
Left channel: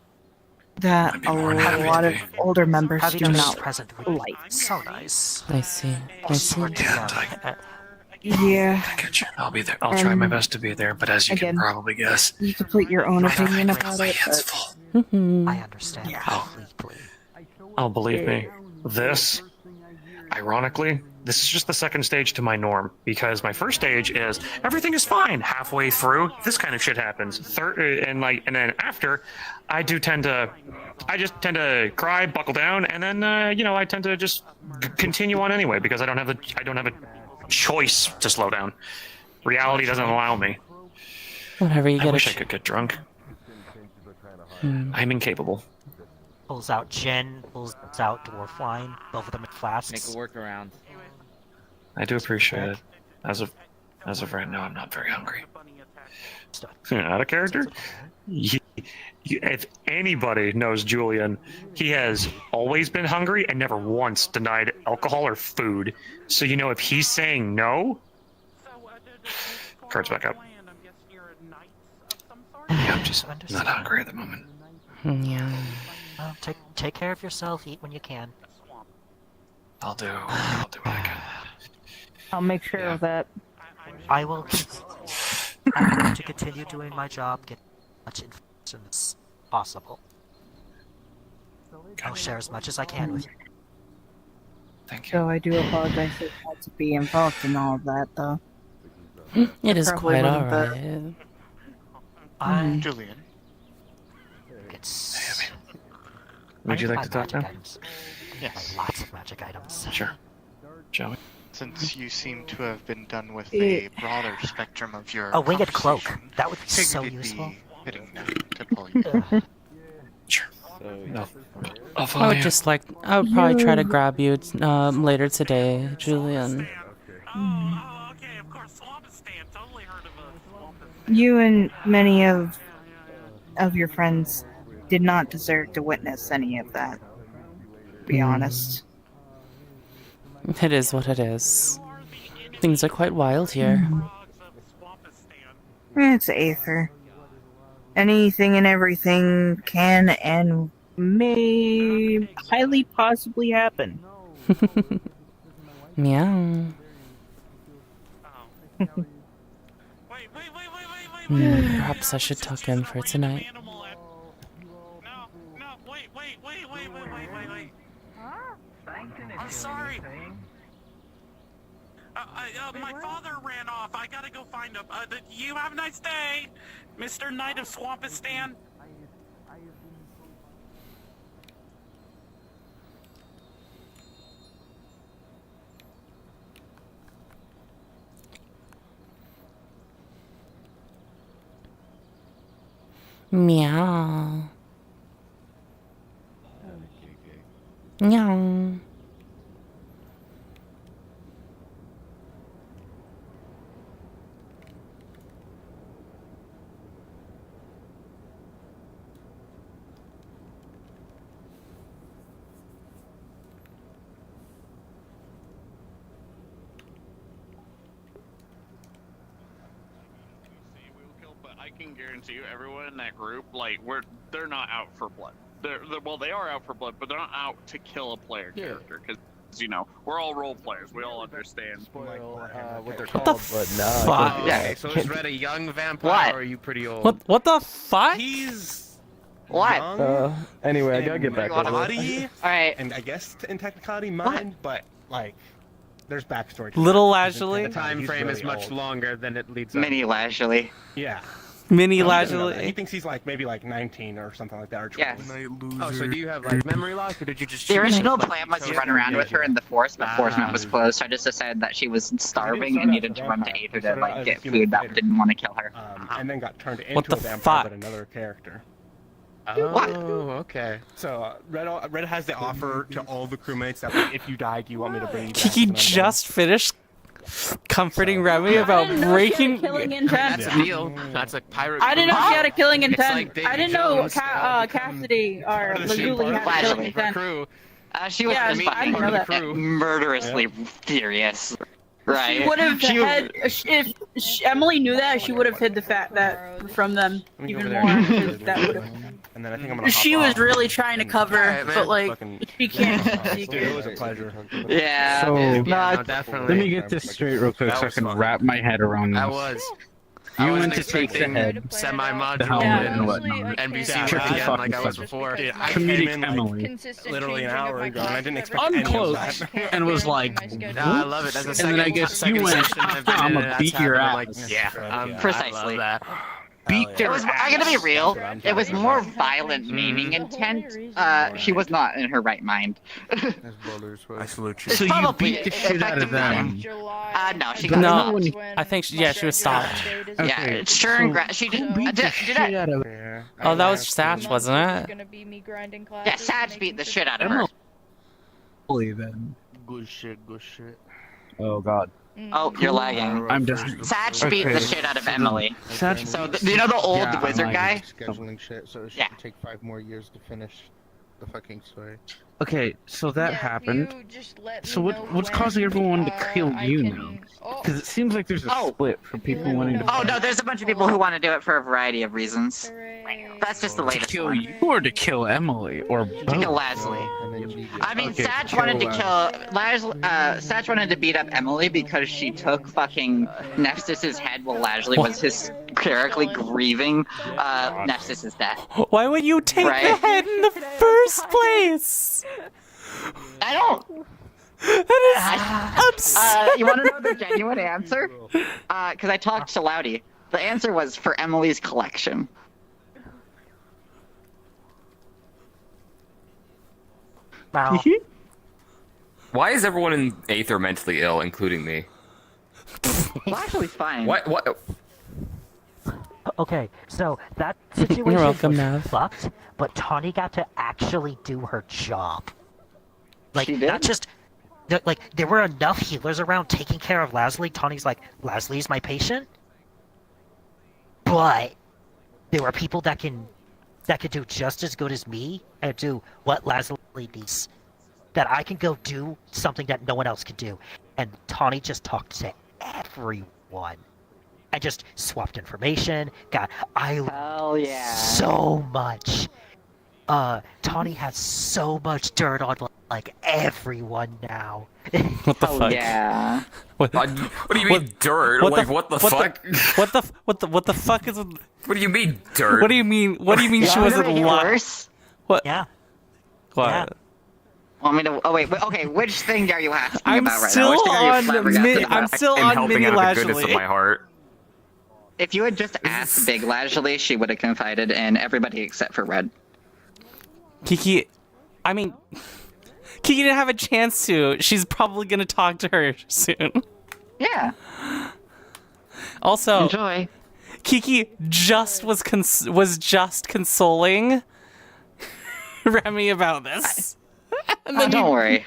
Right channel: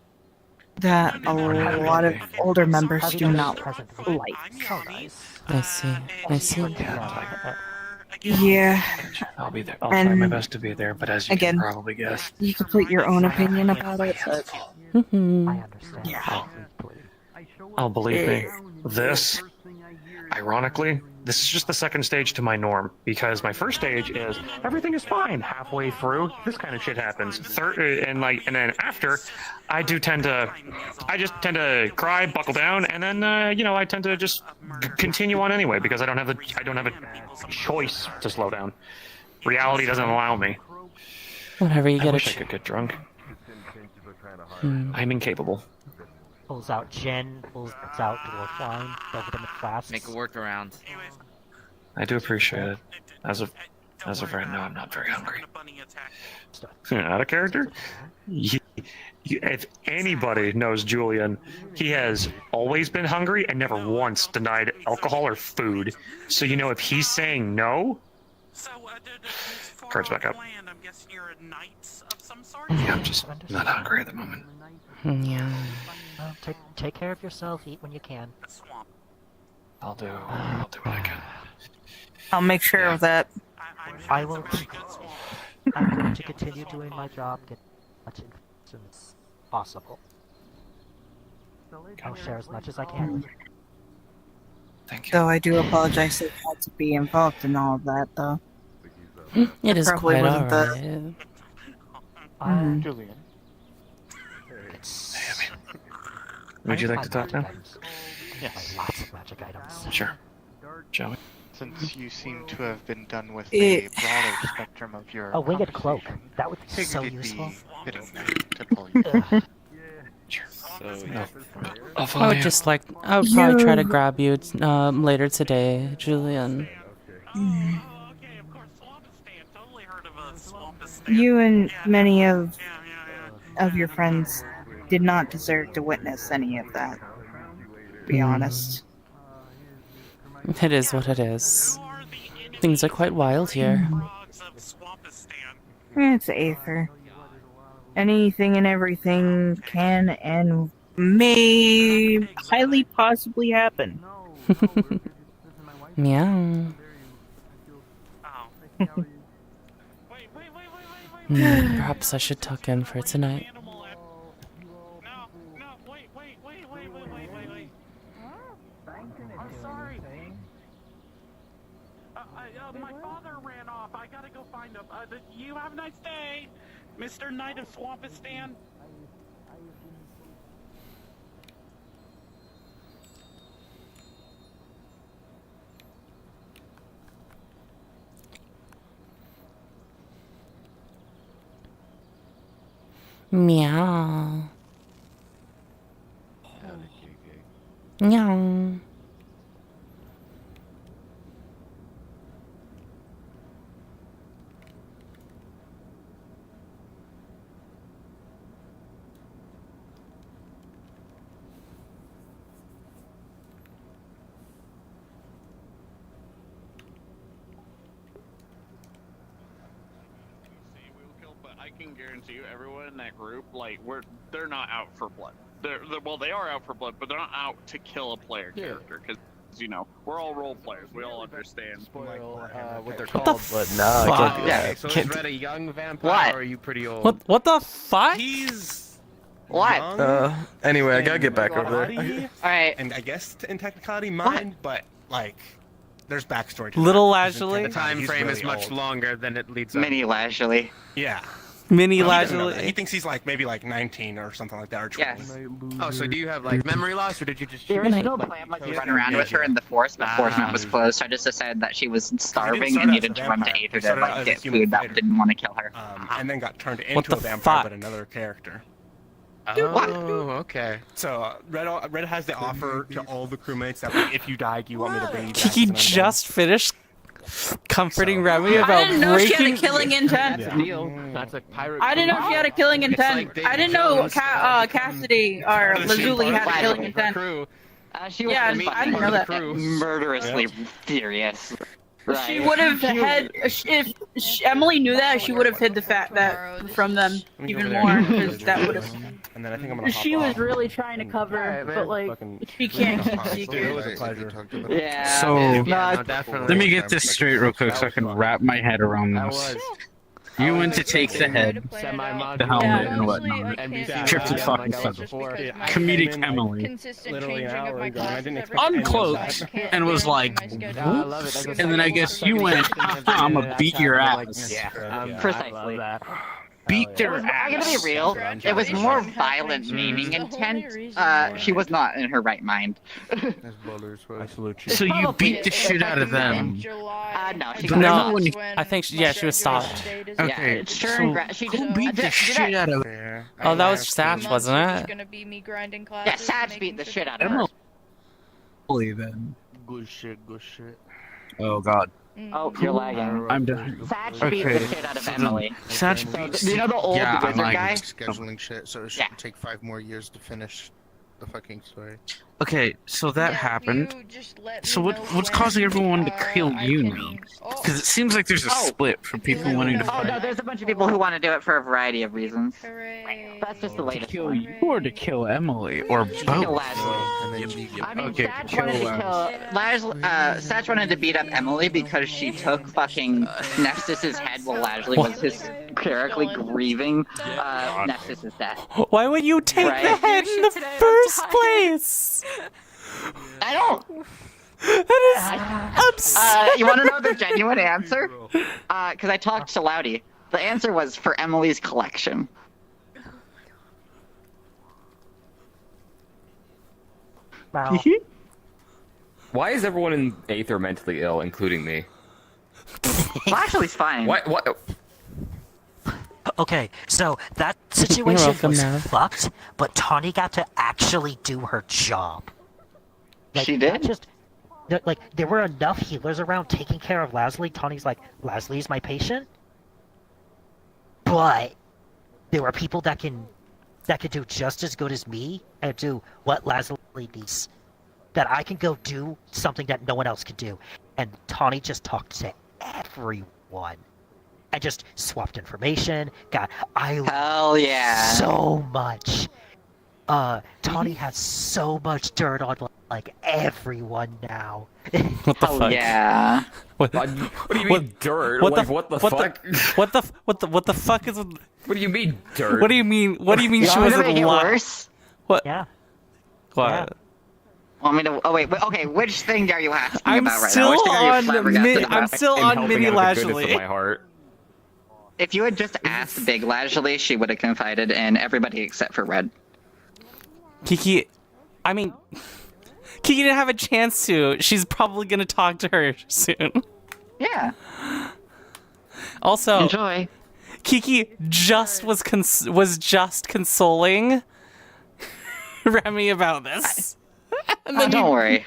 that a lot of older members Have you do just not present would be like. so nice. I see. I see. Yeah. I'll be there. I'll And try my best to be there, but as you again, can probably guess, you can put your own opinion about it, but I understand. yeah. oh, believe me, this, ironically, this is just the second stage to my norm, because my first stage is everything is fine. Halfway through, this kind of shit happens. And then after, I just tend to cry, buckle down, and then I tend to just continue on anyway because I don't have a choice to slow down. Reality doesn't allow me. Whatever, you I get wish a I could get drunk. Hmm. I'm incapable. Pulls out gin, pulls out dwarf wine, over them at flasks. Make a workaround. I do appreciate it. As of right now, I'm not very hungry. Out of character? If anybody knows Julian, he has always been hungry and never once denied alcohol or food. So if he's saying no, Cards back up. Yeah, I'm just not hungry at the moment. Yeah. Take care of yourself. Eat when you can. I'll do what I can. I'll make sure of that. I will. I'm going to continue doing my job. Get as much information as possible. I'll share as much as I can with you. Thank you. Though I do apologize that I had to be involved in all of that, though. It is Probably quite wasn't alright. Julian. Would you like to talk now? Yes. Lots of magic items. Sure. Shall we? Since you seem to have been done with Eh. a broader spectrum of your A winged cloak. conversation, That would be figured so it'd useful. be fitting to pull you. No. I'll I follow would you. just like, I would probably try to grab you later today, Julian. You and many of your friends did not deserve to witness any of that. To be honest. It is what it is. Things are quite wild here. It's Aether. Anything and everything can and may highly possibly happen. Meow. Perhaps I should tuck in for tonight. I'm sorry. My father ran off. I gotta go find him. You have a nice day, Mr. Knight of Swampistan. Meow. Meow. But I can guarantee you, everyone in that group, like, they're not out for blood. Well, they are out for blood, but they're not out to kill a player character, because, you know, we're all role players. We all understand. What they're What called, the but no. fuck? Okay, so is Red a young vampire What? or are you pretty old? What the fuck? He's What? young Anyway, I gotta in get back over there. reality, Alright. And I guess in technicality mine, but like there's backstory. to Little it. Lashley? The time frame is much longer than it leads up. Mini Lashley. Yeah. Mini He doesn't know Lashley. that. He thinks he's like maybe like 19 or something like that, or 20. Yes. Oh, so do you have like memory loss, or did you just? The original plan was to run around with her in the forest, but Forest was closed, so I just decided that she was starving and needed to run to Aether to like get food that didn't want to kill her. And then got turned into What the a vampire, fuck? but another character. Oh, okay. So Red has the offer to all the crewmates that like, if you died, you want me to bring you back. He just finished comforting Remy about breaking. Killing intent. That's a deal. That's a pirate. I didn't know she had a killing intent. like I didn't know Cassidy or Lazuli had a killing intent. She was Yeah, I didn't know that. murderously furious. Right. She would have had if Emily knew that, she would have hid the fact that from them even more. 'Cause that would have. And then I think I'm gonna. She was really trying to cover, but like she can't keep It was a secrets. pleasure. Yeah. So, no, definitely. let me get this straight real quick so I can wrap my head around I this. was. You went to take the head, Semi-modular. the helmet, and whatnot. NBC Tricky was fucking like I was feather. before. Comedic Emily. Consistent Literally an changing of hour my ago, and I classes didn't every expect day, Unclothed, so I just can't and was guarantee like, my schedule. No, I love it. That's the and then I second- guess you went, second edition of I'm it, gonna and beat that's your how, like, ass. yeah, Precisely. I love that. Beat your I gotta be ass. real. It was more violent maiming intent. She was not in her right mind. So you beat the shit out of them. No, she No, got I think she was stopped. Okay, Sure, so she who didn't. beat the shit out of Oh, that was Satch, wasn't it? Yeah, Satch beat the shit out of her. Emily then? Good shit, good shit. Oh god. Oh, you're lagging. I'm just. Satch beat the shit out of Emily. Satch. So, you know the old wizard guy? Scheduling shit, so it should Yeah. take 5 more years to finish the fucking story. Okay, so that happened. You just let So me what's know causing when, everyone to kill I you can- now? Oh. Because it seems like there's a split for people wanting to Oh no, there's a bunch of people who want to do it for a variety of reasons. That's just the to latest kill one. you or to kill Emily or both. Kill Leslie. I mean, Okay, Satch kill wanted to kill Satch wanted to beat up Emily because she took fucking Nephsis' head while Lashley was hysterically grieving Nephsis' death. Why would you take the Right? head in the first place? I don't. You want to know the genuine answer? Because I talked to Loudy. The answer was for Emily's collection. Wow. Why is everyone in Aether mentally ill, including me? Lashley's fine. What? Okay, so that situation You're welcome, was Nav. fucked, but Tawny got to actually do her job. Like, She did? Not just, there were enough healers around taking care of Leslie. Tawny's like, Leslie's my patient. But there were people that could do just as good as me and do what Leslie needs. That I can go do something that no one else could do. And Tawny just talked to everyone. I just swapped information. Hell yeah. So much. Tawny has so much dirt on like everyone now. What the Oh fuck? yeah. What do you mean dirt? What Like, the what the what fuck? What the fuck is? What do you mean dirt? What do you mean? What do you mean she wasn't worse? What? Yeah. What? Want me to? Oh wait. Okay. Which thing are you asking I'm about right still now? Which thing are you on flabbergasted I'm about? still on Mini Lashley. If you had just asked Big Lashley, she would have confided in everybody except for Red. Kiki, I mean, Kiki didn't have a chance to. She's probably gonna talk to her soon. Yeah. Also, enjoy. Kiki just was just consoling Remy about this. Don't worry.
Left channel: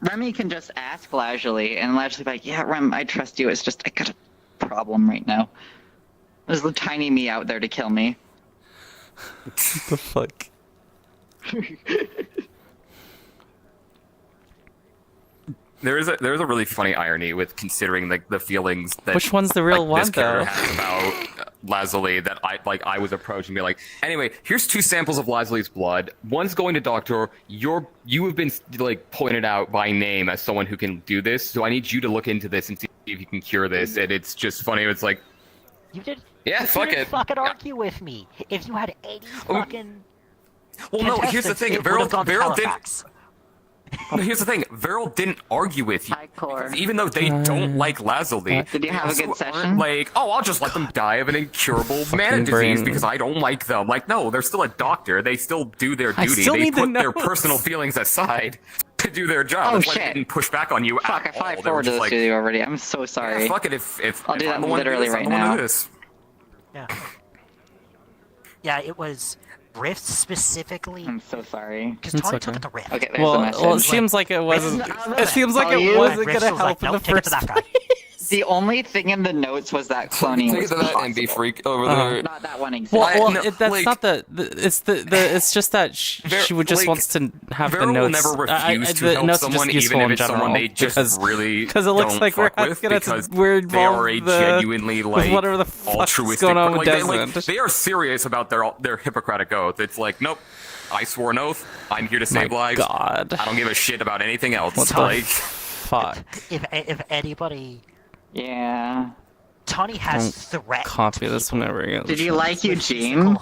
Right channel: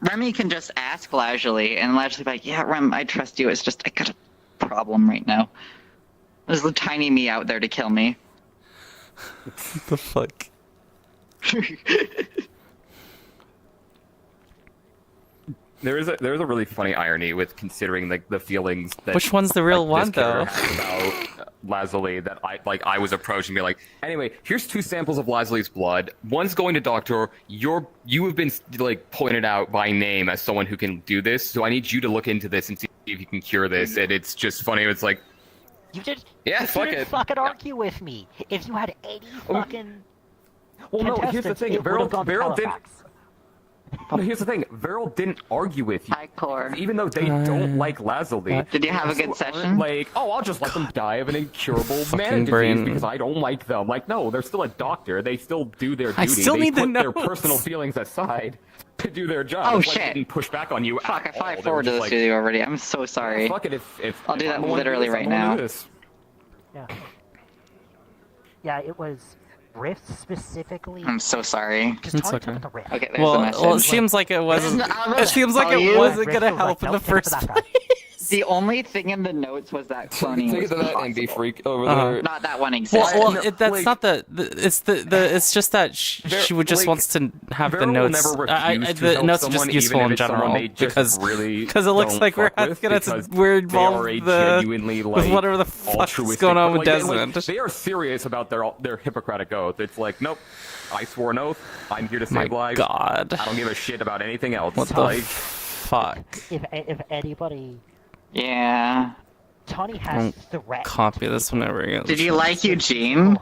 Remy can just ask Lashley, and Lashley be like, "Yeah, Rem, I trust you. It's just I got a problem right now. There's a tiny me out there to kill me." The fuck. There is a really funny irony with considering like the feelings that Which one's the real like, one, this though? character had about Leslie that I was approached and be like, anyway, here's 2 samples of Leslie's blood. One's going to doctor. You have been like pointed out by name as someone who can do this, so I need you to look into this and see if you can cure this. And it's just funny. It's like, You did. yeah, you fuck didn't it. fucking argue with me. If you had any fucking. Well, no, here's the thing. Beryl didn't. No, here's the thing. Beryl didn't argue with you. Even though they don't like Leslie. Did you have a good session? Like, oh, I'll just let them die of an incurable mana disease brain. because I don't like them. Like, no, they're still a doctor. They still do their duty. I still they need the put their notes. personal feelings aside to do their job. Oh, It's like shit. They didn't push back on you. Fuck, I at probably all. They were forwarded just this like, to you already. I'm so sorry. Fuck it. If I'll do if that I'm the one to literally do this, right I'm the one to now. do this. Yeah, it was Rift specifically. I'm so sorry. Because It's Tawny okay. took the Rift. Okay, there's Well, the message. well, it seems like it wasn't. It seems like it wasn't gonna help in the first place. The only thing in the notes was that cloning was Look at that possible. MB freak over Uh-huh. there. Not that one Well, exactly. that's not the. It's it's just that she would just wants to have the Beryl notes. never refused to The help notes are just someone, useful even in if it's someone general they just really because it looks don't like we're fuck with, because we're they involved are a with the genuinely, with like, whatever the fuck's altruistic- going on with like, Desmond. They are serious about their Hippocratic oath. It's like, nope, I swore an oath. I'm here to My save lives. God. I don't give a shit about anything else. What the Like, fuck? If anybody. Yeah. Tawny has Don't threat. copy this whenever you get the Did you chance. like Eugene?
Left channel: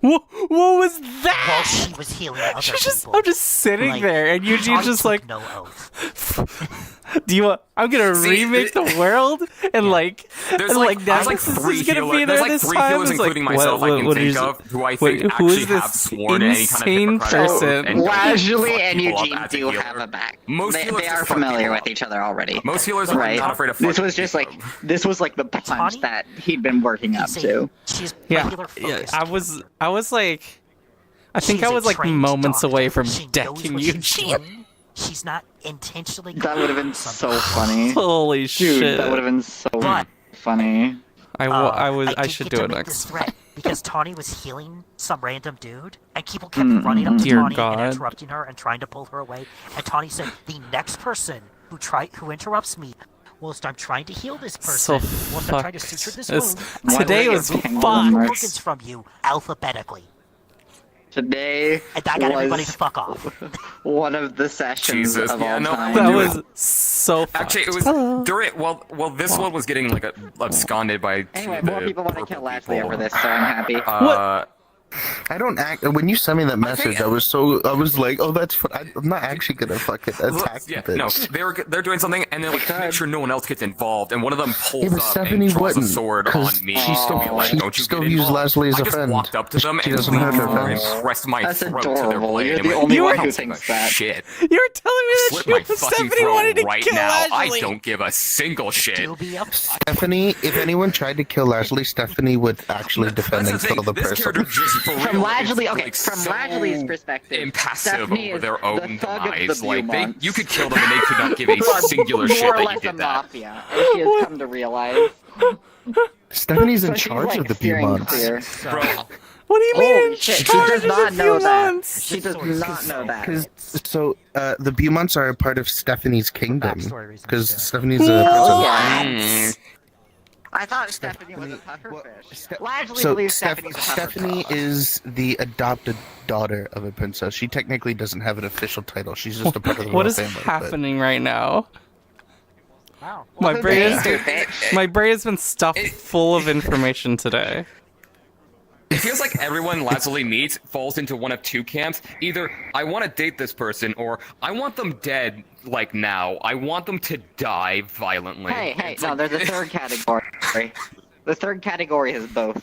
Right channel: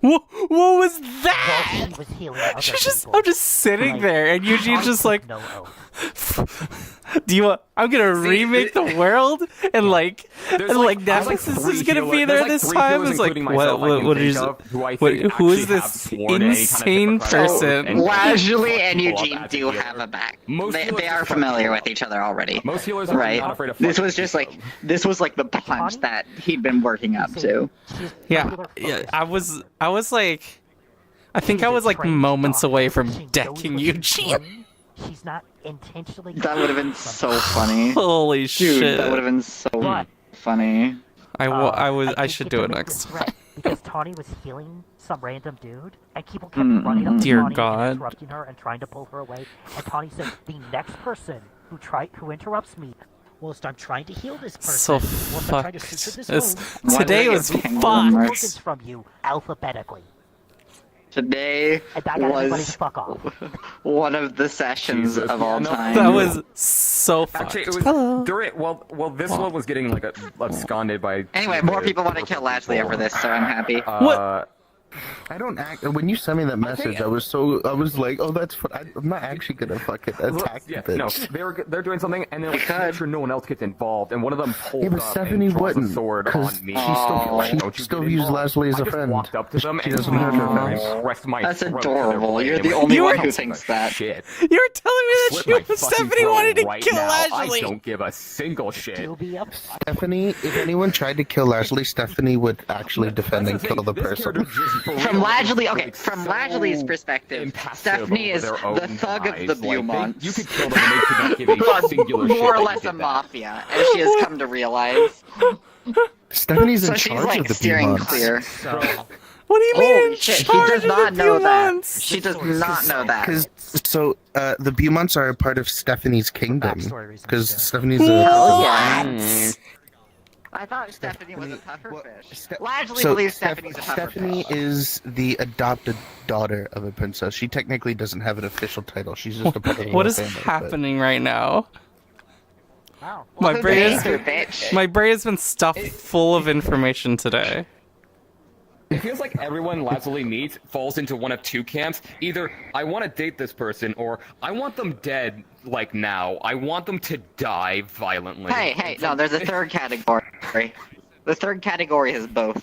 What was that? She was healing other I'm just sitting there, and Eugene's just like, "Do you want? I'm gonna remake the world, and like Netflix is gonna be there this time." It's like, what is who is this insane person? Lashley and Eugene do have a back. They are familiar with each other already. Most healers are right? not afraid of This was just like the punch that he'd been working up to. Yeah, I was like, I think I was like moments away from decking Eugene. She's not intentionally. That would have been so funny. Holy Dude, shit! that would have been so funny. I should do it next time. because Tawny was healing some random dude, and people kept running up to Dear Tawny God. and interrupting her and trying to pull her away. And Tawny said, "The next person who interrupts me, whilst I'm trying to heal this person, So whilst I'm trying to suture fucked. this wound, Today was fucked. tokens from you alphabetically." Today And that got everybody to was fuck off. one of the sessions Jesus, of yeah, all no, time. That was so fucked. Actually, it was Hello. during. Well, this one was getting like absconded by. Anyway, two more of the people want to kill purple Lashley people. over this, so I'm happy. What? I don't act. When you sent me that message, I was like, oh, that's fun. I'm not actually gonna fucking attack the bitch. No, they're doing something, and they're like, make sure no one else gets involved. And one of them pulls Yeah, but up Stephanie and draws a wouldn't, sword because on me. she still, and be like, she "Don't you still get views involved?" Leslie as I a just friend. walked up to them She and doesn't hurt her I friends. pressed my That's throat to their adorable. blade You're and the went, only You one were- who thinks that. Shit. You were telling me that Slit she my was fucking Stephanie throat wanted to right kill now. Ashley. I don't give a single shit. Stephanie, if anyone tried to kill Leslie, Stephanie would actually defend and kill the person. From Lashley's perspective, Impassive Stephanie over is their the own thug of lives. the Like, Beaumont. you could kill them and they could not give a singular shit More or that less you a did that. mafia, as she has come to realize. Stephanie's in So she's, charge like, of the steering Beaumonts. clear. What do you mean? Holy in shit, she charge does of not the know that. Beaumonts? She does not know that. The Beaumonts are a part of Stephanie's kingdom. Because Stephanie's Yes. I thought Stephanie was a pufferfish. Lashley believes Stephanie's a pufferfish. Stephanie is the adopted daughter of a princess. She technically doesn't have an official title. She's just a part of the What royal is family, but- happening right now? Wow. My Well, brain who is dates her, bitch? my brain has been stuffed full of information today. It feels like everyone Leslie meets falls into one of two camps. Either I want to date this person, or I want them dead, like now. I want them to die violently. Hey, no, there's a third category. The third category is both.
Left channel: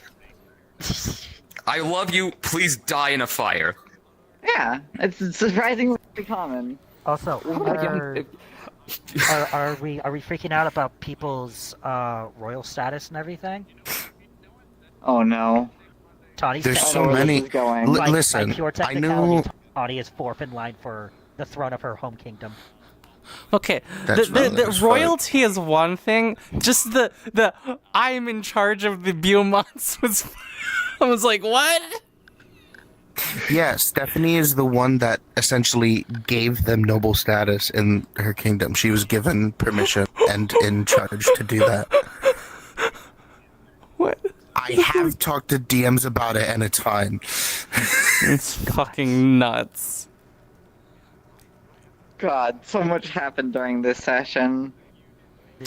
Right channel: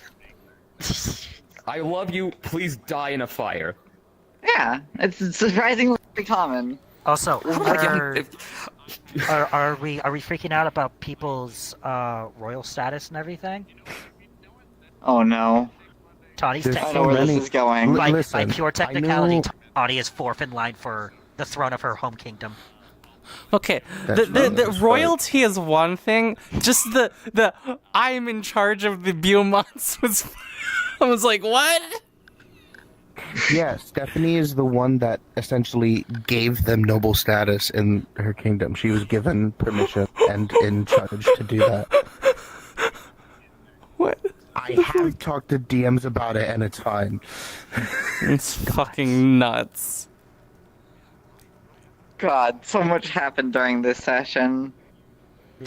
I love you. Please die in a fire. Yeah, it's surprisingly common. Also, are we freaking out about people's royal status and everything? Oh no. Tawny's There's technically- so many. By pure I technicality, knew. Tawny is fourth in line for the throne of her home kingdom. Okay, That's the royalty is one thing. Just the I'm in charge of the Beaumonts was. I was like, what? Yeah, Stephanie is the one that essentially gave them noble status in her kingdom. She was given permission and in charge to do that. What? I have talked to DMs about it, and it's fine. It's fucking nuts. God, so much happened during this session.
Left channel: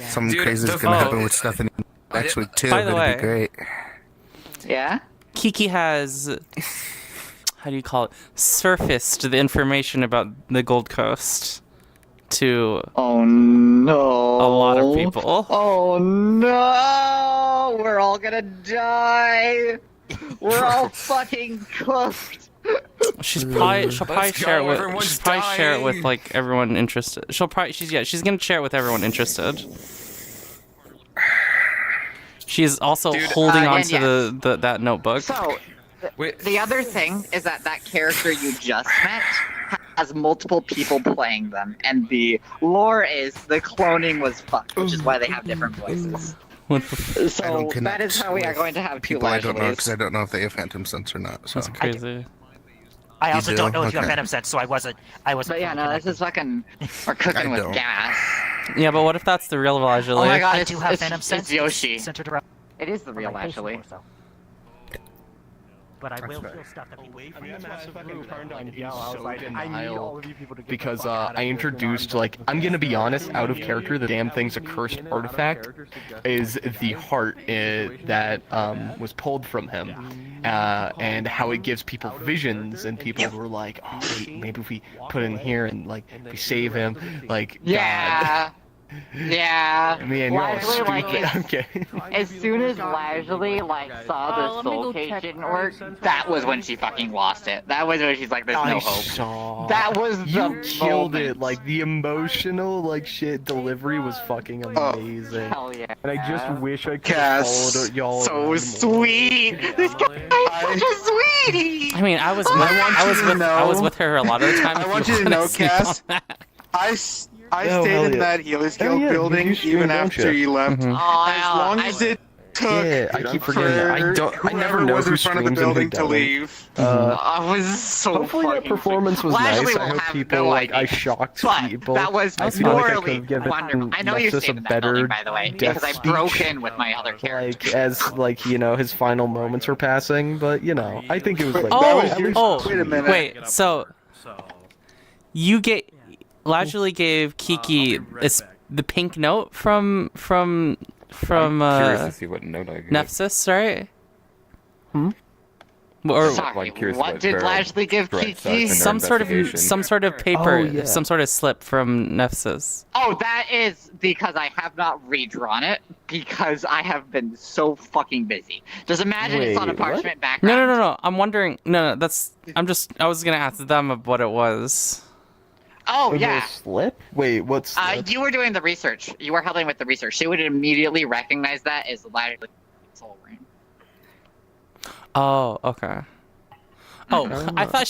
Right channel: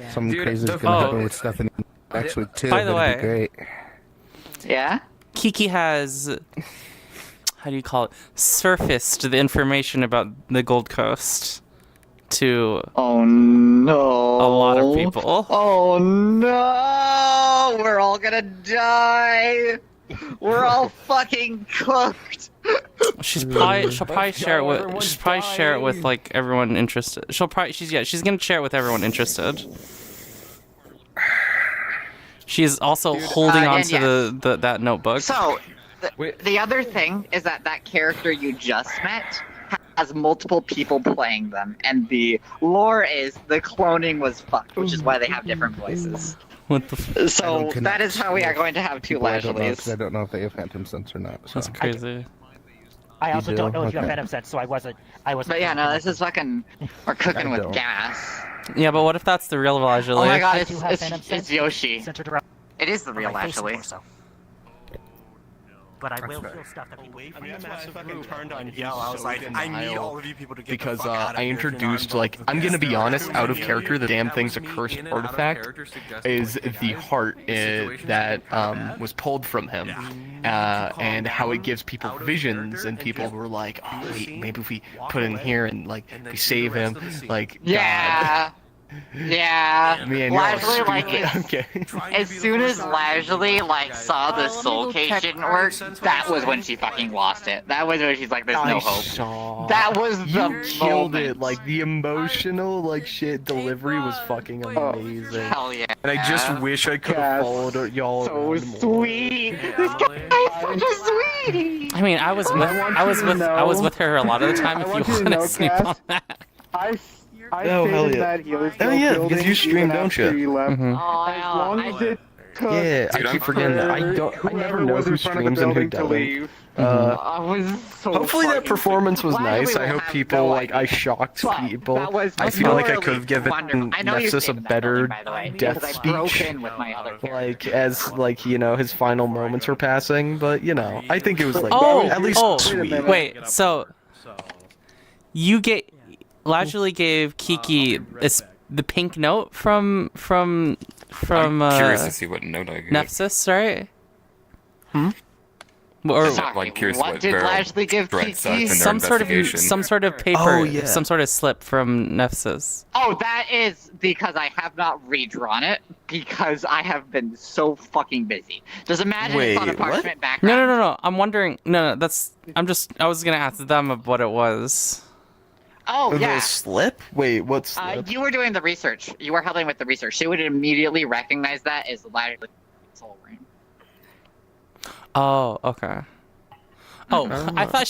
Something Dude, crazy is the- gonna Oh. happen with Stephanie next week too. By the It'll way- be great. Yeah? Kiki has, how do you call it, surfaced the information about the Gold Coast to Oh no. a lot of people. Oh no! We're all gonna die! We're all fucking cooked! She'll probably share it with like everyone interested. She's gonna share it with everyone interested. She's also holding on and to that notebook. So, the other thing is that character you just met has multiple people playing them, and the lore is the cloning was fucked, which is why they have different voices. What the So that is how we are going to have two People I don't know Lashleys. because I don't know if they have phantom sense or not. So. That's crazy. I You also do? don't know if you have Okay. Phantom Sense, so I wasn't. But yeah, no, this is fucking. We're cooking with gas. Yeah, but what if that's the real Elijah? Oh my god, I do have Phantom it's Sense Yoshi. centered around It is the real my face Ashley. more so. But I will feel stuff that Because I introduced, like, I'm gonna be honest, out of character, the damn thing's a cursed artifact is the heart that was pulled from him, and how it gives people visions, and people were like, oh wait, maybe if we put it in here and like we save him, like Yeah. God. Yeah. Man, you're all Lashley, like, stupid. Okay. as soon as Lashley saw the soul cage didn't work, that was when she fucking lost it. That was when she's like, "There's no hope." That was You the killed moment. it. Like the emotional shit delivery was fucking amazing. Hell yeah. And I just wish I could have followed y'all. So around more. sweet. This guy is such a sweetie. I mean, I was with her a lot of the time. If you want you to want know, to sneak on Cass, that. I Oh, stayed hell in yeah. that Healer's Oh, Guild yeah, because building you stream, even don't after you? you left. Mhm. As long as it Yeah, I keep forgetting that. I never know who screams and who doesn't. I was so Hopefully that performance was nice. I hope people I shocked people. That was I feel like I morally could have given wonderful. I know you Nephsis a stayed in that better building, by the way, death because I broke speech. in with my other character. Like as his final moments were passing, but I think it was like at least sweet. Wait, so you Lajuli gave Kiki the pink note from Curious to see what note I gave. Nephsis, right? Sorry, what did Lashley give Kiki? Some sort of paper, some sort of slip from Nephsis. Oh, that is because I have not redrawn it because I have been so fucking busy. Just imagine it's on a parchment background. No. I'm wondering. No, I was gonna ask them what it was. Oh, yeah. Slip? Wait, what's you were doing the research. You were helping with the research. She would immediately recognize that as Lashley's soul ring. Oh, okay. Oh, I thought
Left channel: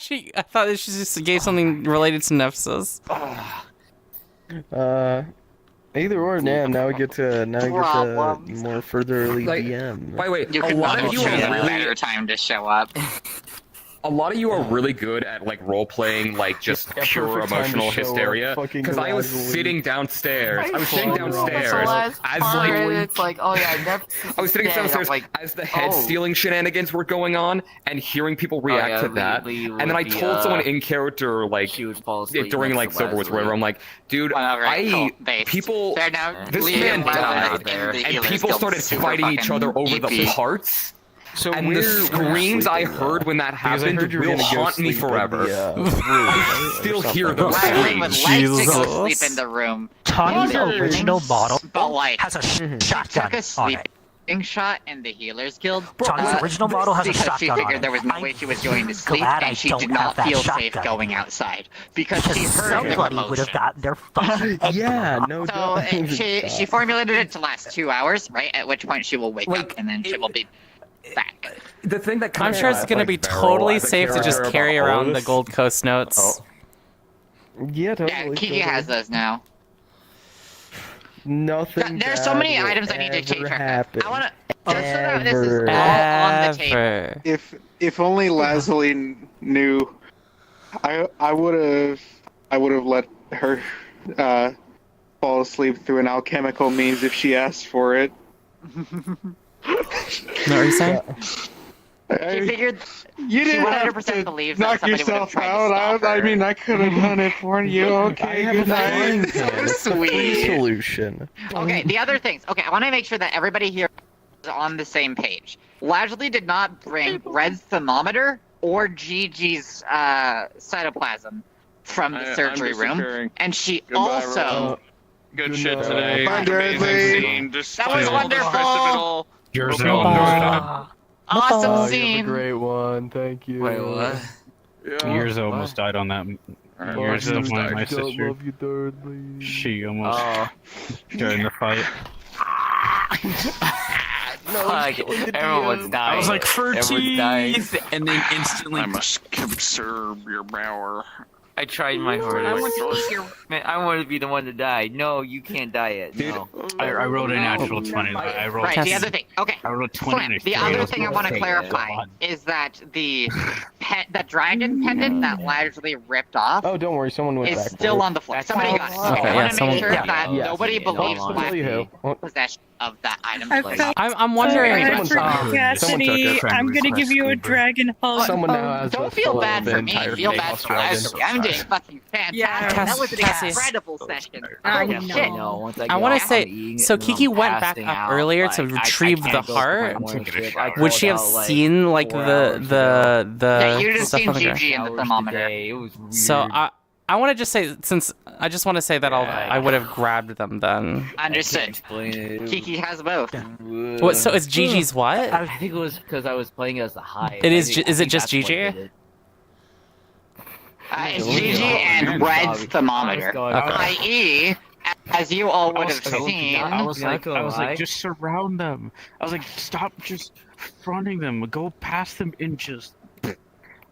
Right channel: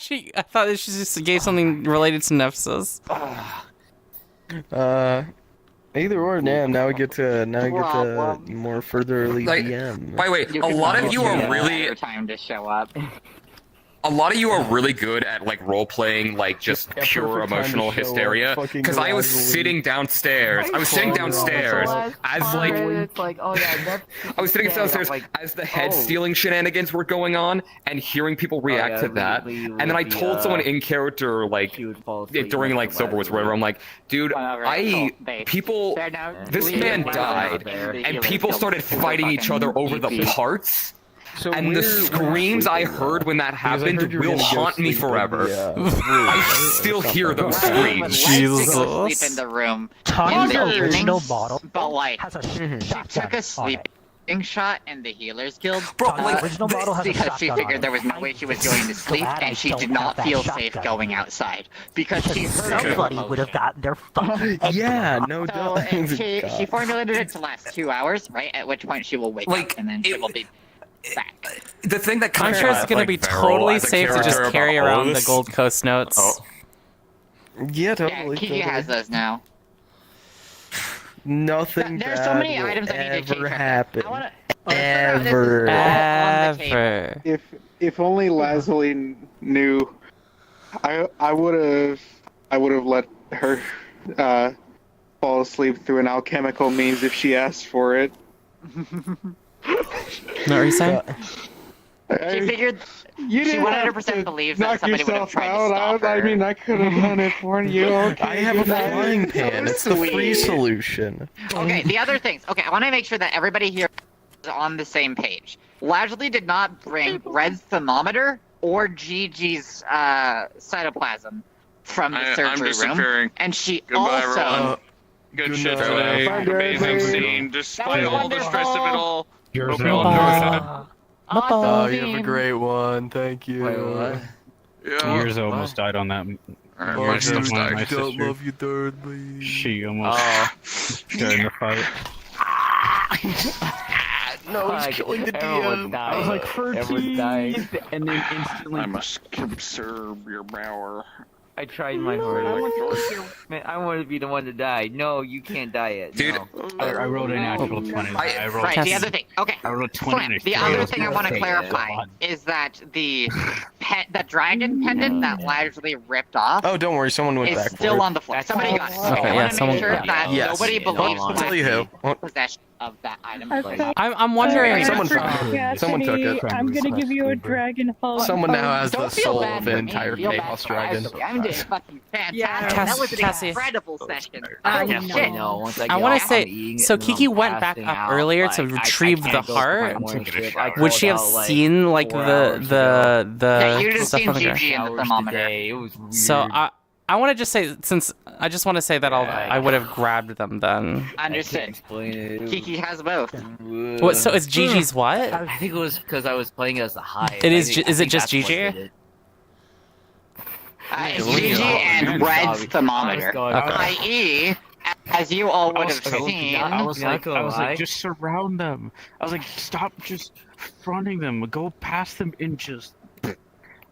she just gave something related to Nephsis. Either or, now we get to more furtherly DM. By the way, a lot of you are really your time to show up. A lot of you are really good at role playing, just pure emotional hysteria. Because I was sitting downstairs. I was sitting downstairs as I was sitting downstairs as the head stealing shenanigans were going on and hearing people react to that. And then I told someone in character during Silver Wars, whatever. I'm like, dude, this man died, and people started fighting each other over the parts. And the screams I heard when that happened will haunt me forever. I still hear those screams. Jesus. Sleep in the room. Tony's original model has a shotgun. She took a sleeping shot in the Healers Guild. Tony's original model has a because shotgun. She figured there was no way she was going to sleep, and she did not feel safe going outside because somebody would have gotten their fucking no doubt. She formulated it to last 2 hours, right? At which point she will wake up, and then she will be back. The thing that I'm sure it's gonna be totally safe to just carry around the Gold Coast notes. Yeah, totally. Yeah, Kiki has those now. Nothing. There's so many items I need to change. Happen. Ever. If only Lazuli knew, I would have let her fall asleep through an alchemical means if she asked for it. What are you saying? She figured she 100% believes that somebody would have tried to stop her. I mean, I could have done it for you. Okay, I have a flying pen. It's the free solution. Okay, the other things. Okay, I want to make sure that everybody here is on the same page. Lashley did not bring Red's thermometer or Gigi's cytoplasm from the surgery room, and she also. Good shit today. Amazing scene. Despite all the stress of it all. Yours hope you all enjoyed it. Awesome You have a great one. Thank you. Wait, what? Yours almost died on that. Yours is my sister. Love you, thirdly. She almost died in the fight. No, everyone's dying. I was like, for teeth! And then instantly. I must conserve your power. I tried my hardest. I want to be the one to die. No, you can't die yet. Dude, no. I rolled a natural 20. I rolled Right, the other thing. Okay. I rolled a 20. Flip, the other thing I want to clarify is that the dragon pendant that Lashley ripped off Oh, don't worry. Someone went is back. still on the floor. Somebody got it. Okay, I yeah, want to someone- make sure that Yes. nobody believes Tell you who. Lashley's possession of that item. I'm wondering. Someone took it. I'm gonna give you a dragon hug. Someone now has Don't the feel soul bad of the for me. entire Feel bad Chaos for Dragon. Lashley. I'm doing fucking fantastic. Yeah. That was an Cassie. incredible session. I Holy shit. know. Once I I get want off, to say, I'm eating so and then Kiki I'm went back passing up out. earlier to Like, I retrieve can't the go for my heart. morning shift. I Would she have called out, seen like 4 hours the Yeah, you'd have stuff seen on the ground? GG in the hours thermometer. today. It was weird. So I want to just say, since I just want to say that I would have grabbed them then. Understood. Explain it. Kiki has both. What? So it's Gigi's what? I think it was because I was playing as the high. It is. Is it just Gigi? It's GG and Red's thermometer. I.e., as you all would have seen. I was like, just surround them. I was like, stop just fronting them. Go past them inches.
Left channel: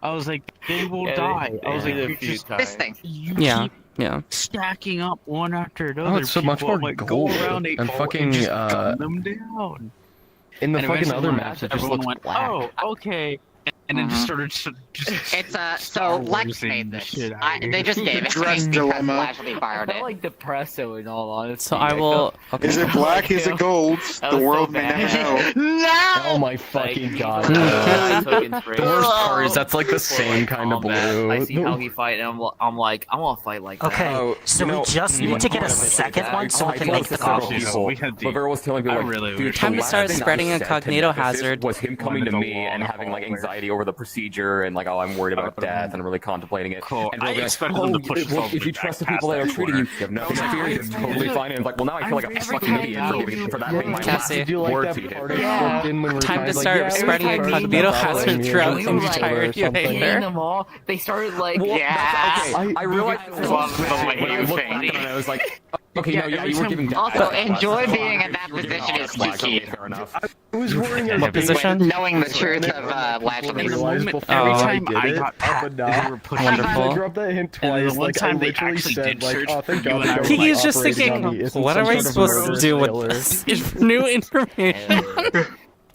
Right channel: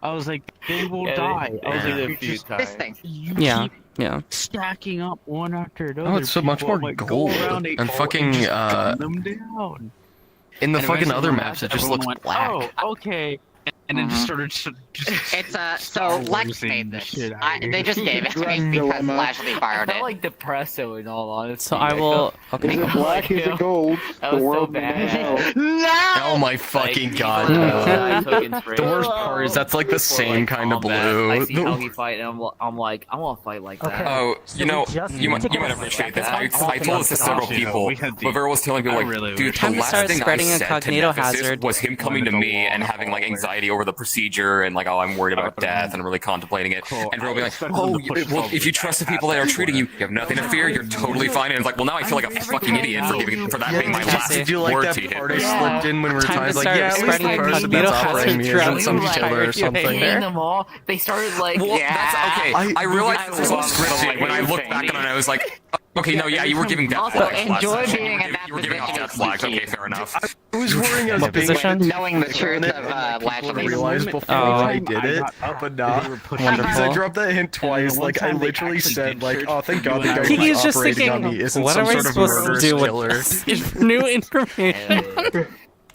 I was like, they will die. I was like, this thing. Yeah. Yeah. stacking up one after another. Oh, it's so much people, more like, gold. Go around And fucking, just gun them down. in the And fucking eventually other when maps, it happened, just everyone looks went, black. oh, okay. And then just started just. It's so Star Lex Warsing made the this. shit out of They just gave it to me because Dilemma. Lashley I fired felt it. like Depresso in all honesty. So I will. Okay. Is it black? Is it gold? That The was so world may never bad. know. No! Oh my fucking god. The worst part is that's like the same kind of blue. I see how he fight, and I'm like, I want to fight like that. Okay, so we just need to get a second one so we I can told make this the to several options. people. Whoever was telling me, I like, really dude, wish Time the to last start thing I spreading said to incognito Nephsis hazard. was him coming to When it's a me and long having like hallway. anxiety over the procedure and like, oh, I'm worried about death and I'm really contemplating it. Cool. And really I like, expected oh, them to push well, us if you over trust the past people that that are treating you, corner. you have nothing to fear. You're totally fine. And it's like, well, now I feel like a fucking idiot for that being my Cassie. last Did you like word that to you. part I slipped in when we were Time to like, start yeah, spreading this person incognito that's hazard following me is throughout like the each other entire or something. Aether. them all. They started like, Well, that's okay. I realized I this was love the bullshit when I lighting looked back thing. on it. I was like, okay, no, yeah, you were giving death Also, flags. enjoy being in that You were giving position death is flags. key. Okay, fair enough. I was worrying I was What being position? Knowing the truth of Lashley's. before Oh. I did it up enough. Because I Wonderful. dropped that hint twice. one Like I time they literally actually said, did like, search "Oh, thank you God." and I the were guy Kiki's who's just operating on thinking, me isn't what some am I sort of supposed to murderous do with killer." this new information?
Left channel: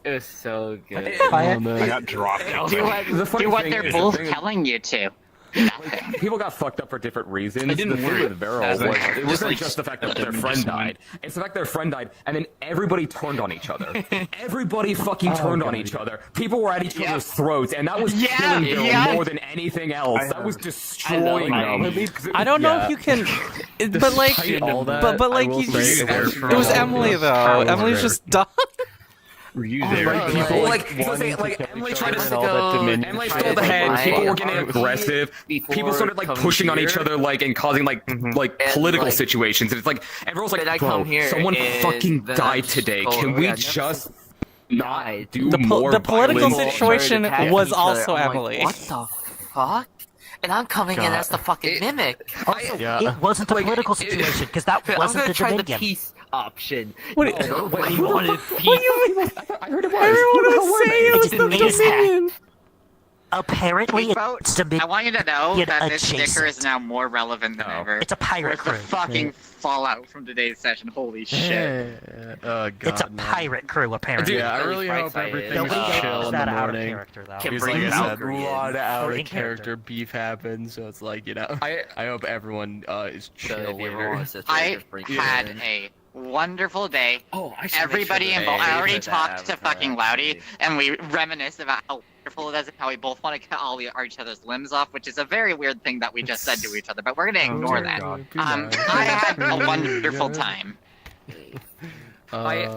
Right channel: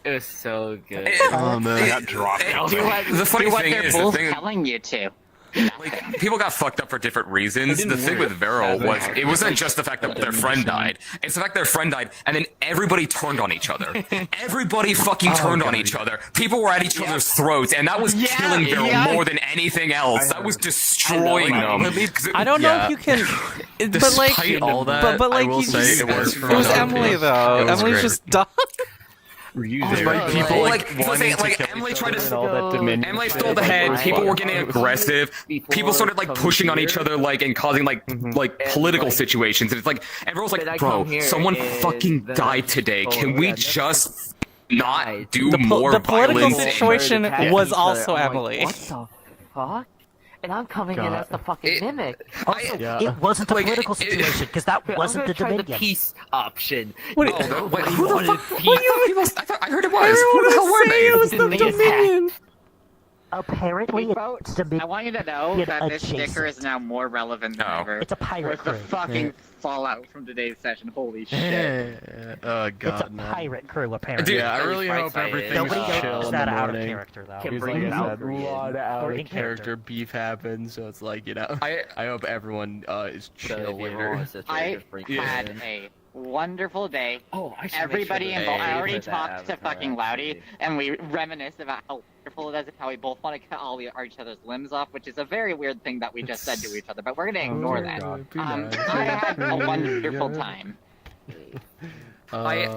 it was so good. Oh, man. I got dropped. Do what, The funny do what thing they're is, both the thing- telling you to. Like, people got fucked up for different reasons. The thing with Beryl was it wasn't just the fact that their friend died. It's the fact their friend died, and then everybody turned on each other. Everybody fucking turned on each other. People were at each other's throats, and that was killing Beryl more than anything else. That was destroying them. I don't know if you can, but like, Despite all that, but like, I will you say just, it worked for it was all of Emily them. though. It was Emily's great. just dumb. Were you Oh, there? right, People right. Like, wanting to kill Emily each tried other to and all that dominion Emily shit. stole ahead. Right. People were getting aggressive. People started like pushing on each other, like and causing like political situations. And it's like everyone's Did I like, come bro, here someone and fucking then died I today. stole Can we it? just not do The more? the political violence? situation was also I'm like, Emily. what the fuck? And I'm coming in as the fucking mimic. Also, Yeah. it wasn't a political situation because that I'm wasn't gonna the try the Dominion. peace option. What? He wanted peace. I heard it was. Everyone Who the hell was were saying they? it was the Didn't leave Dominion. Apparently, Vote. it's Dominion. I want you to know that this sticker is now more relevant than ever. It's a pirate Where's the crew. fucking fallout from today's session? Holy shit. Oh god. It's a no. pirate crew, apparently. Yeah, I really Really hope bright everything side Nobody is knows chill in that the out of morning. character, though. Can Because bring like I said, a Valkyrie in. lot of out Or of in character beef happens, so it's like, you know, I hope everyone is chill later. I had a wonderful day. Oh, I should Everybody make sure involved. that I already they put that talked to avatar, fucking Loudy, actually. and we reminisced about how wonderful it is and how we both want to cut all each other's limbs off, which is a very weird thing that we just said to each other, but we're gonna ignore that. I had a wonderful time. Alright,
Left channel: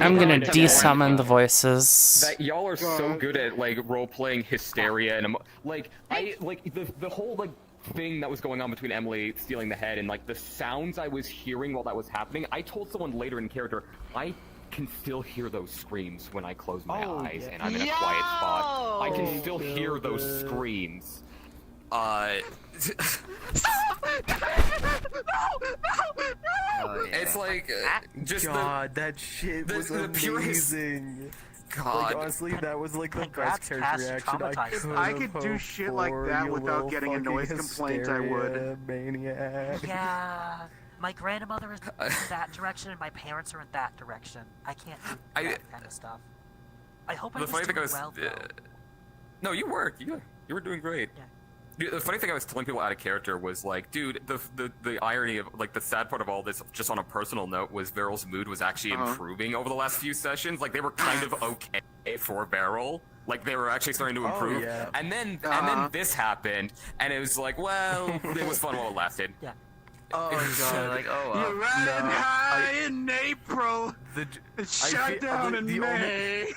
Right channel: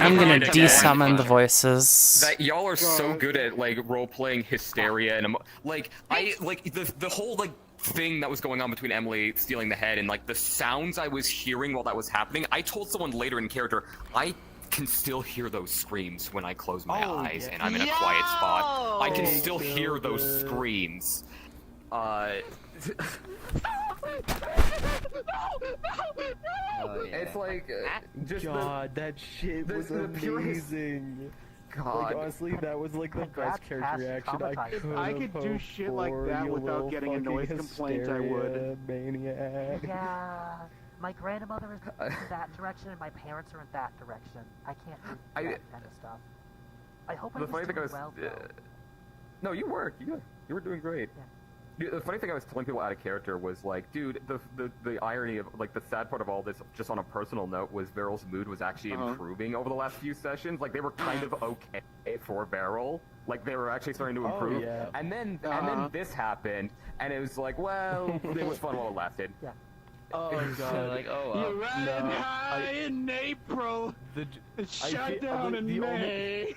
I'm gonna desummon the voices. That y'all are so good at like role playing hysteria and like the whole like thing that was going on between Emily stealing the head and like the sounds I was hearing while that was happening. I told someone later in character I can still hear those screams when I close my eyes and I'm in a quiet spot. I can still hear those screams. It's like just God, that shit was amazing. God. Like, honestly, that was like the best character reaction I could. If I could do shit like that without getting a noise complaint, I would. Maniac. Yeah, my grandmother is in that direction, and my parents are in that direction. I can't do that kind of stuff. I hope I The was funny thing doing was, well. no, you were doing great. Dude, the funny thing I was telling people out of character was like, dude, the irony of like the sad part of all this, just on a personal note, was Beryl's mood was actually improving over the last few sessions. Like they were kind of okay for Beryl. Like they were actually starting to improve. yeah. And then this happened, and it was like, well, it was fun while it lasted. Yeah. Oh god, like You ran no, high in April. It shut down in May.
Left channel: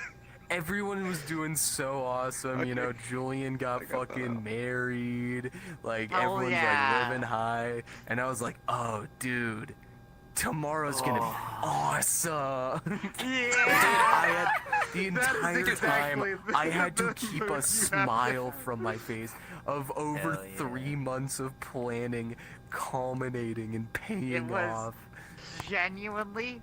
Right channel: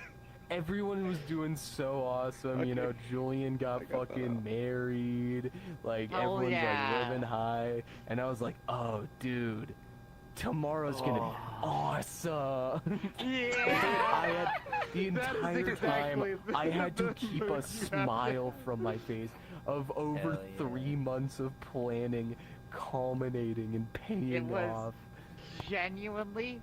Everyone was doing so awesome, you know. Julian got fucking married, like everyone's like living high, and I was like, oh dude, tomorrow's gonna be awesome. Yeah. I had the entire time I had to keep a smile from my face of over 3 months of planning culminating and paying It was off. genuinely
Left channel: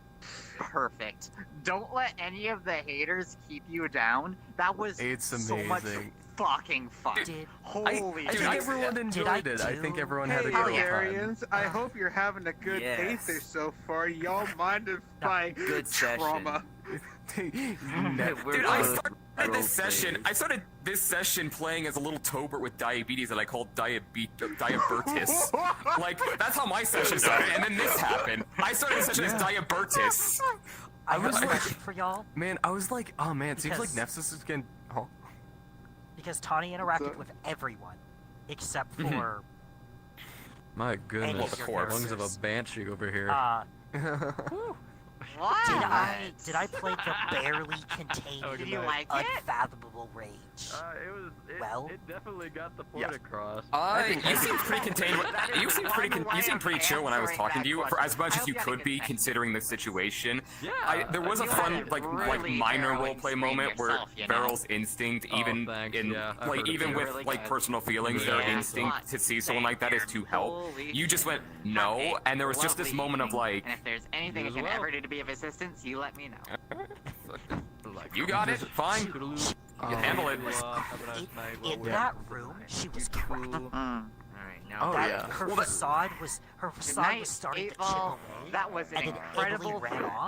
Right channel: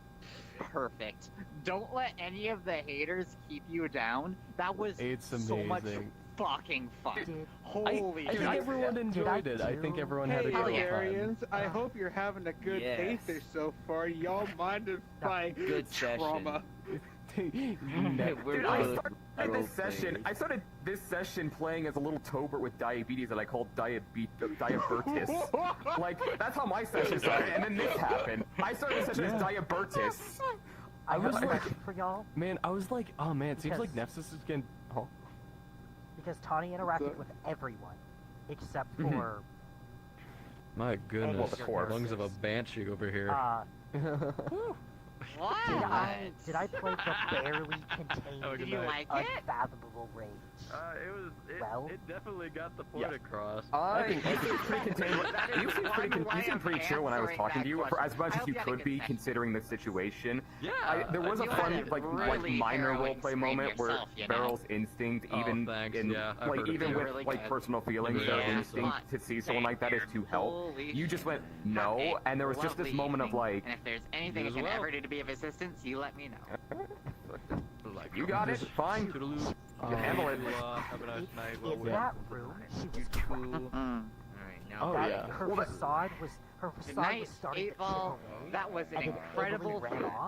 perfect. Don't let any of the haters keep you down. That was so much fucking fun. Holy I think everyone enjoyed it. I think everyone had a good time. Arians, I hope you're having a good Aether so far. Y'all minded by trauma. Dude, I started this session playing as a little Tobert with diabetes that I called Diabertus. Like, that's how my session started, and then this happened. I started the session as Diabertus. I was looking for y'all. Man, I was like, oh man, it seems like Nephsis is getting... Oh. Because Tawny interacted with everyone, except for... My goodness, the lungs of a banshee over here. What? Did I play the barely contained Do you like it? unfathomable rage? It definitely got the point across. You seemed pretty contained. You seemed pretty chill when I was talking to you, for as much as you could be considering the situation. There was a fun, like minor roleplay moment where Beryl's instinct, even with like personal feelings, their instinct to see someone like that is to help. You just went no, and there was just this moment of like. And if there's anything I can ever do to be of assistance, you let me know. You got it. Fine. You handle it. In that room, she was crying. Her facade was starting to chip away. That was an incredible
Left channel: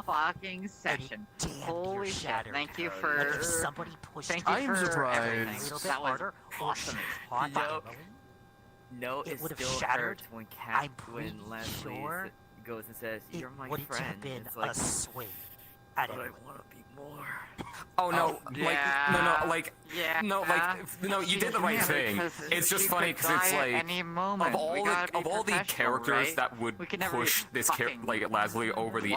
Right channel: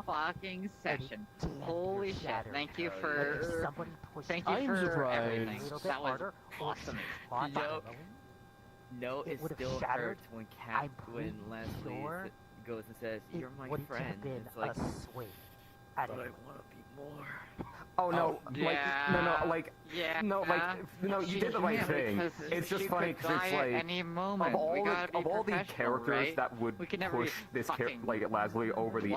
fucking session. Holy shit! Thank you for. Somebody pushed. Thank you for everything. That was awesome. No, it would have still shattered. hurts when I'm pretty Leslie sure goes and says, "You're my wouldn't friend." have been It's like, a swing. but I want to be more. Oh no, you did the right thing. It's just funny because it's like of all the characters that would push this like Leslie over the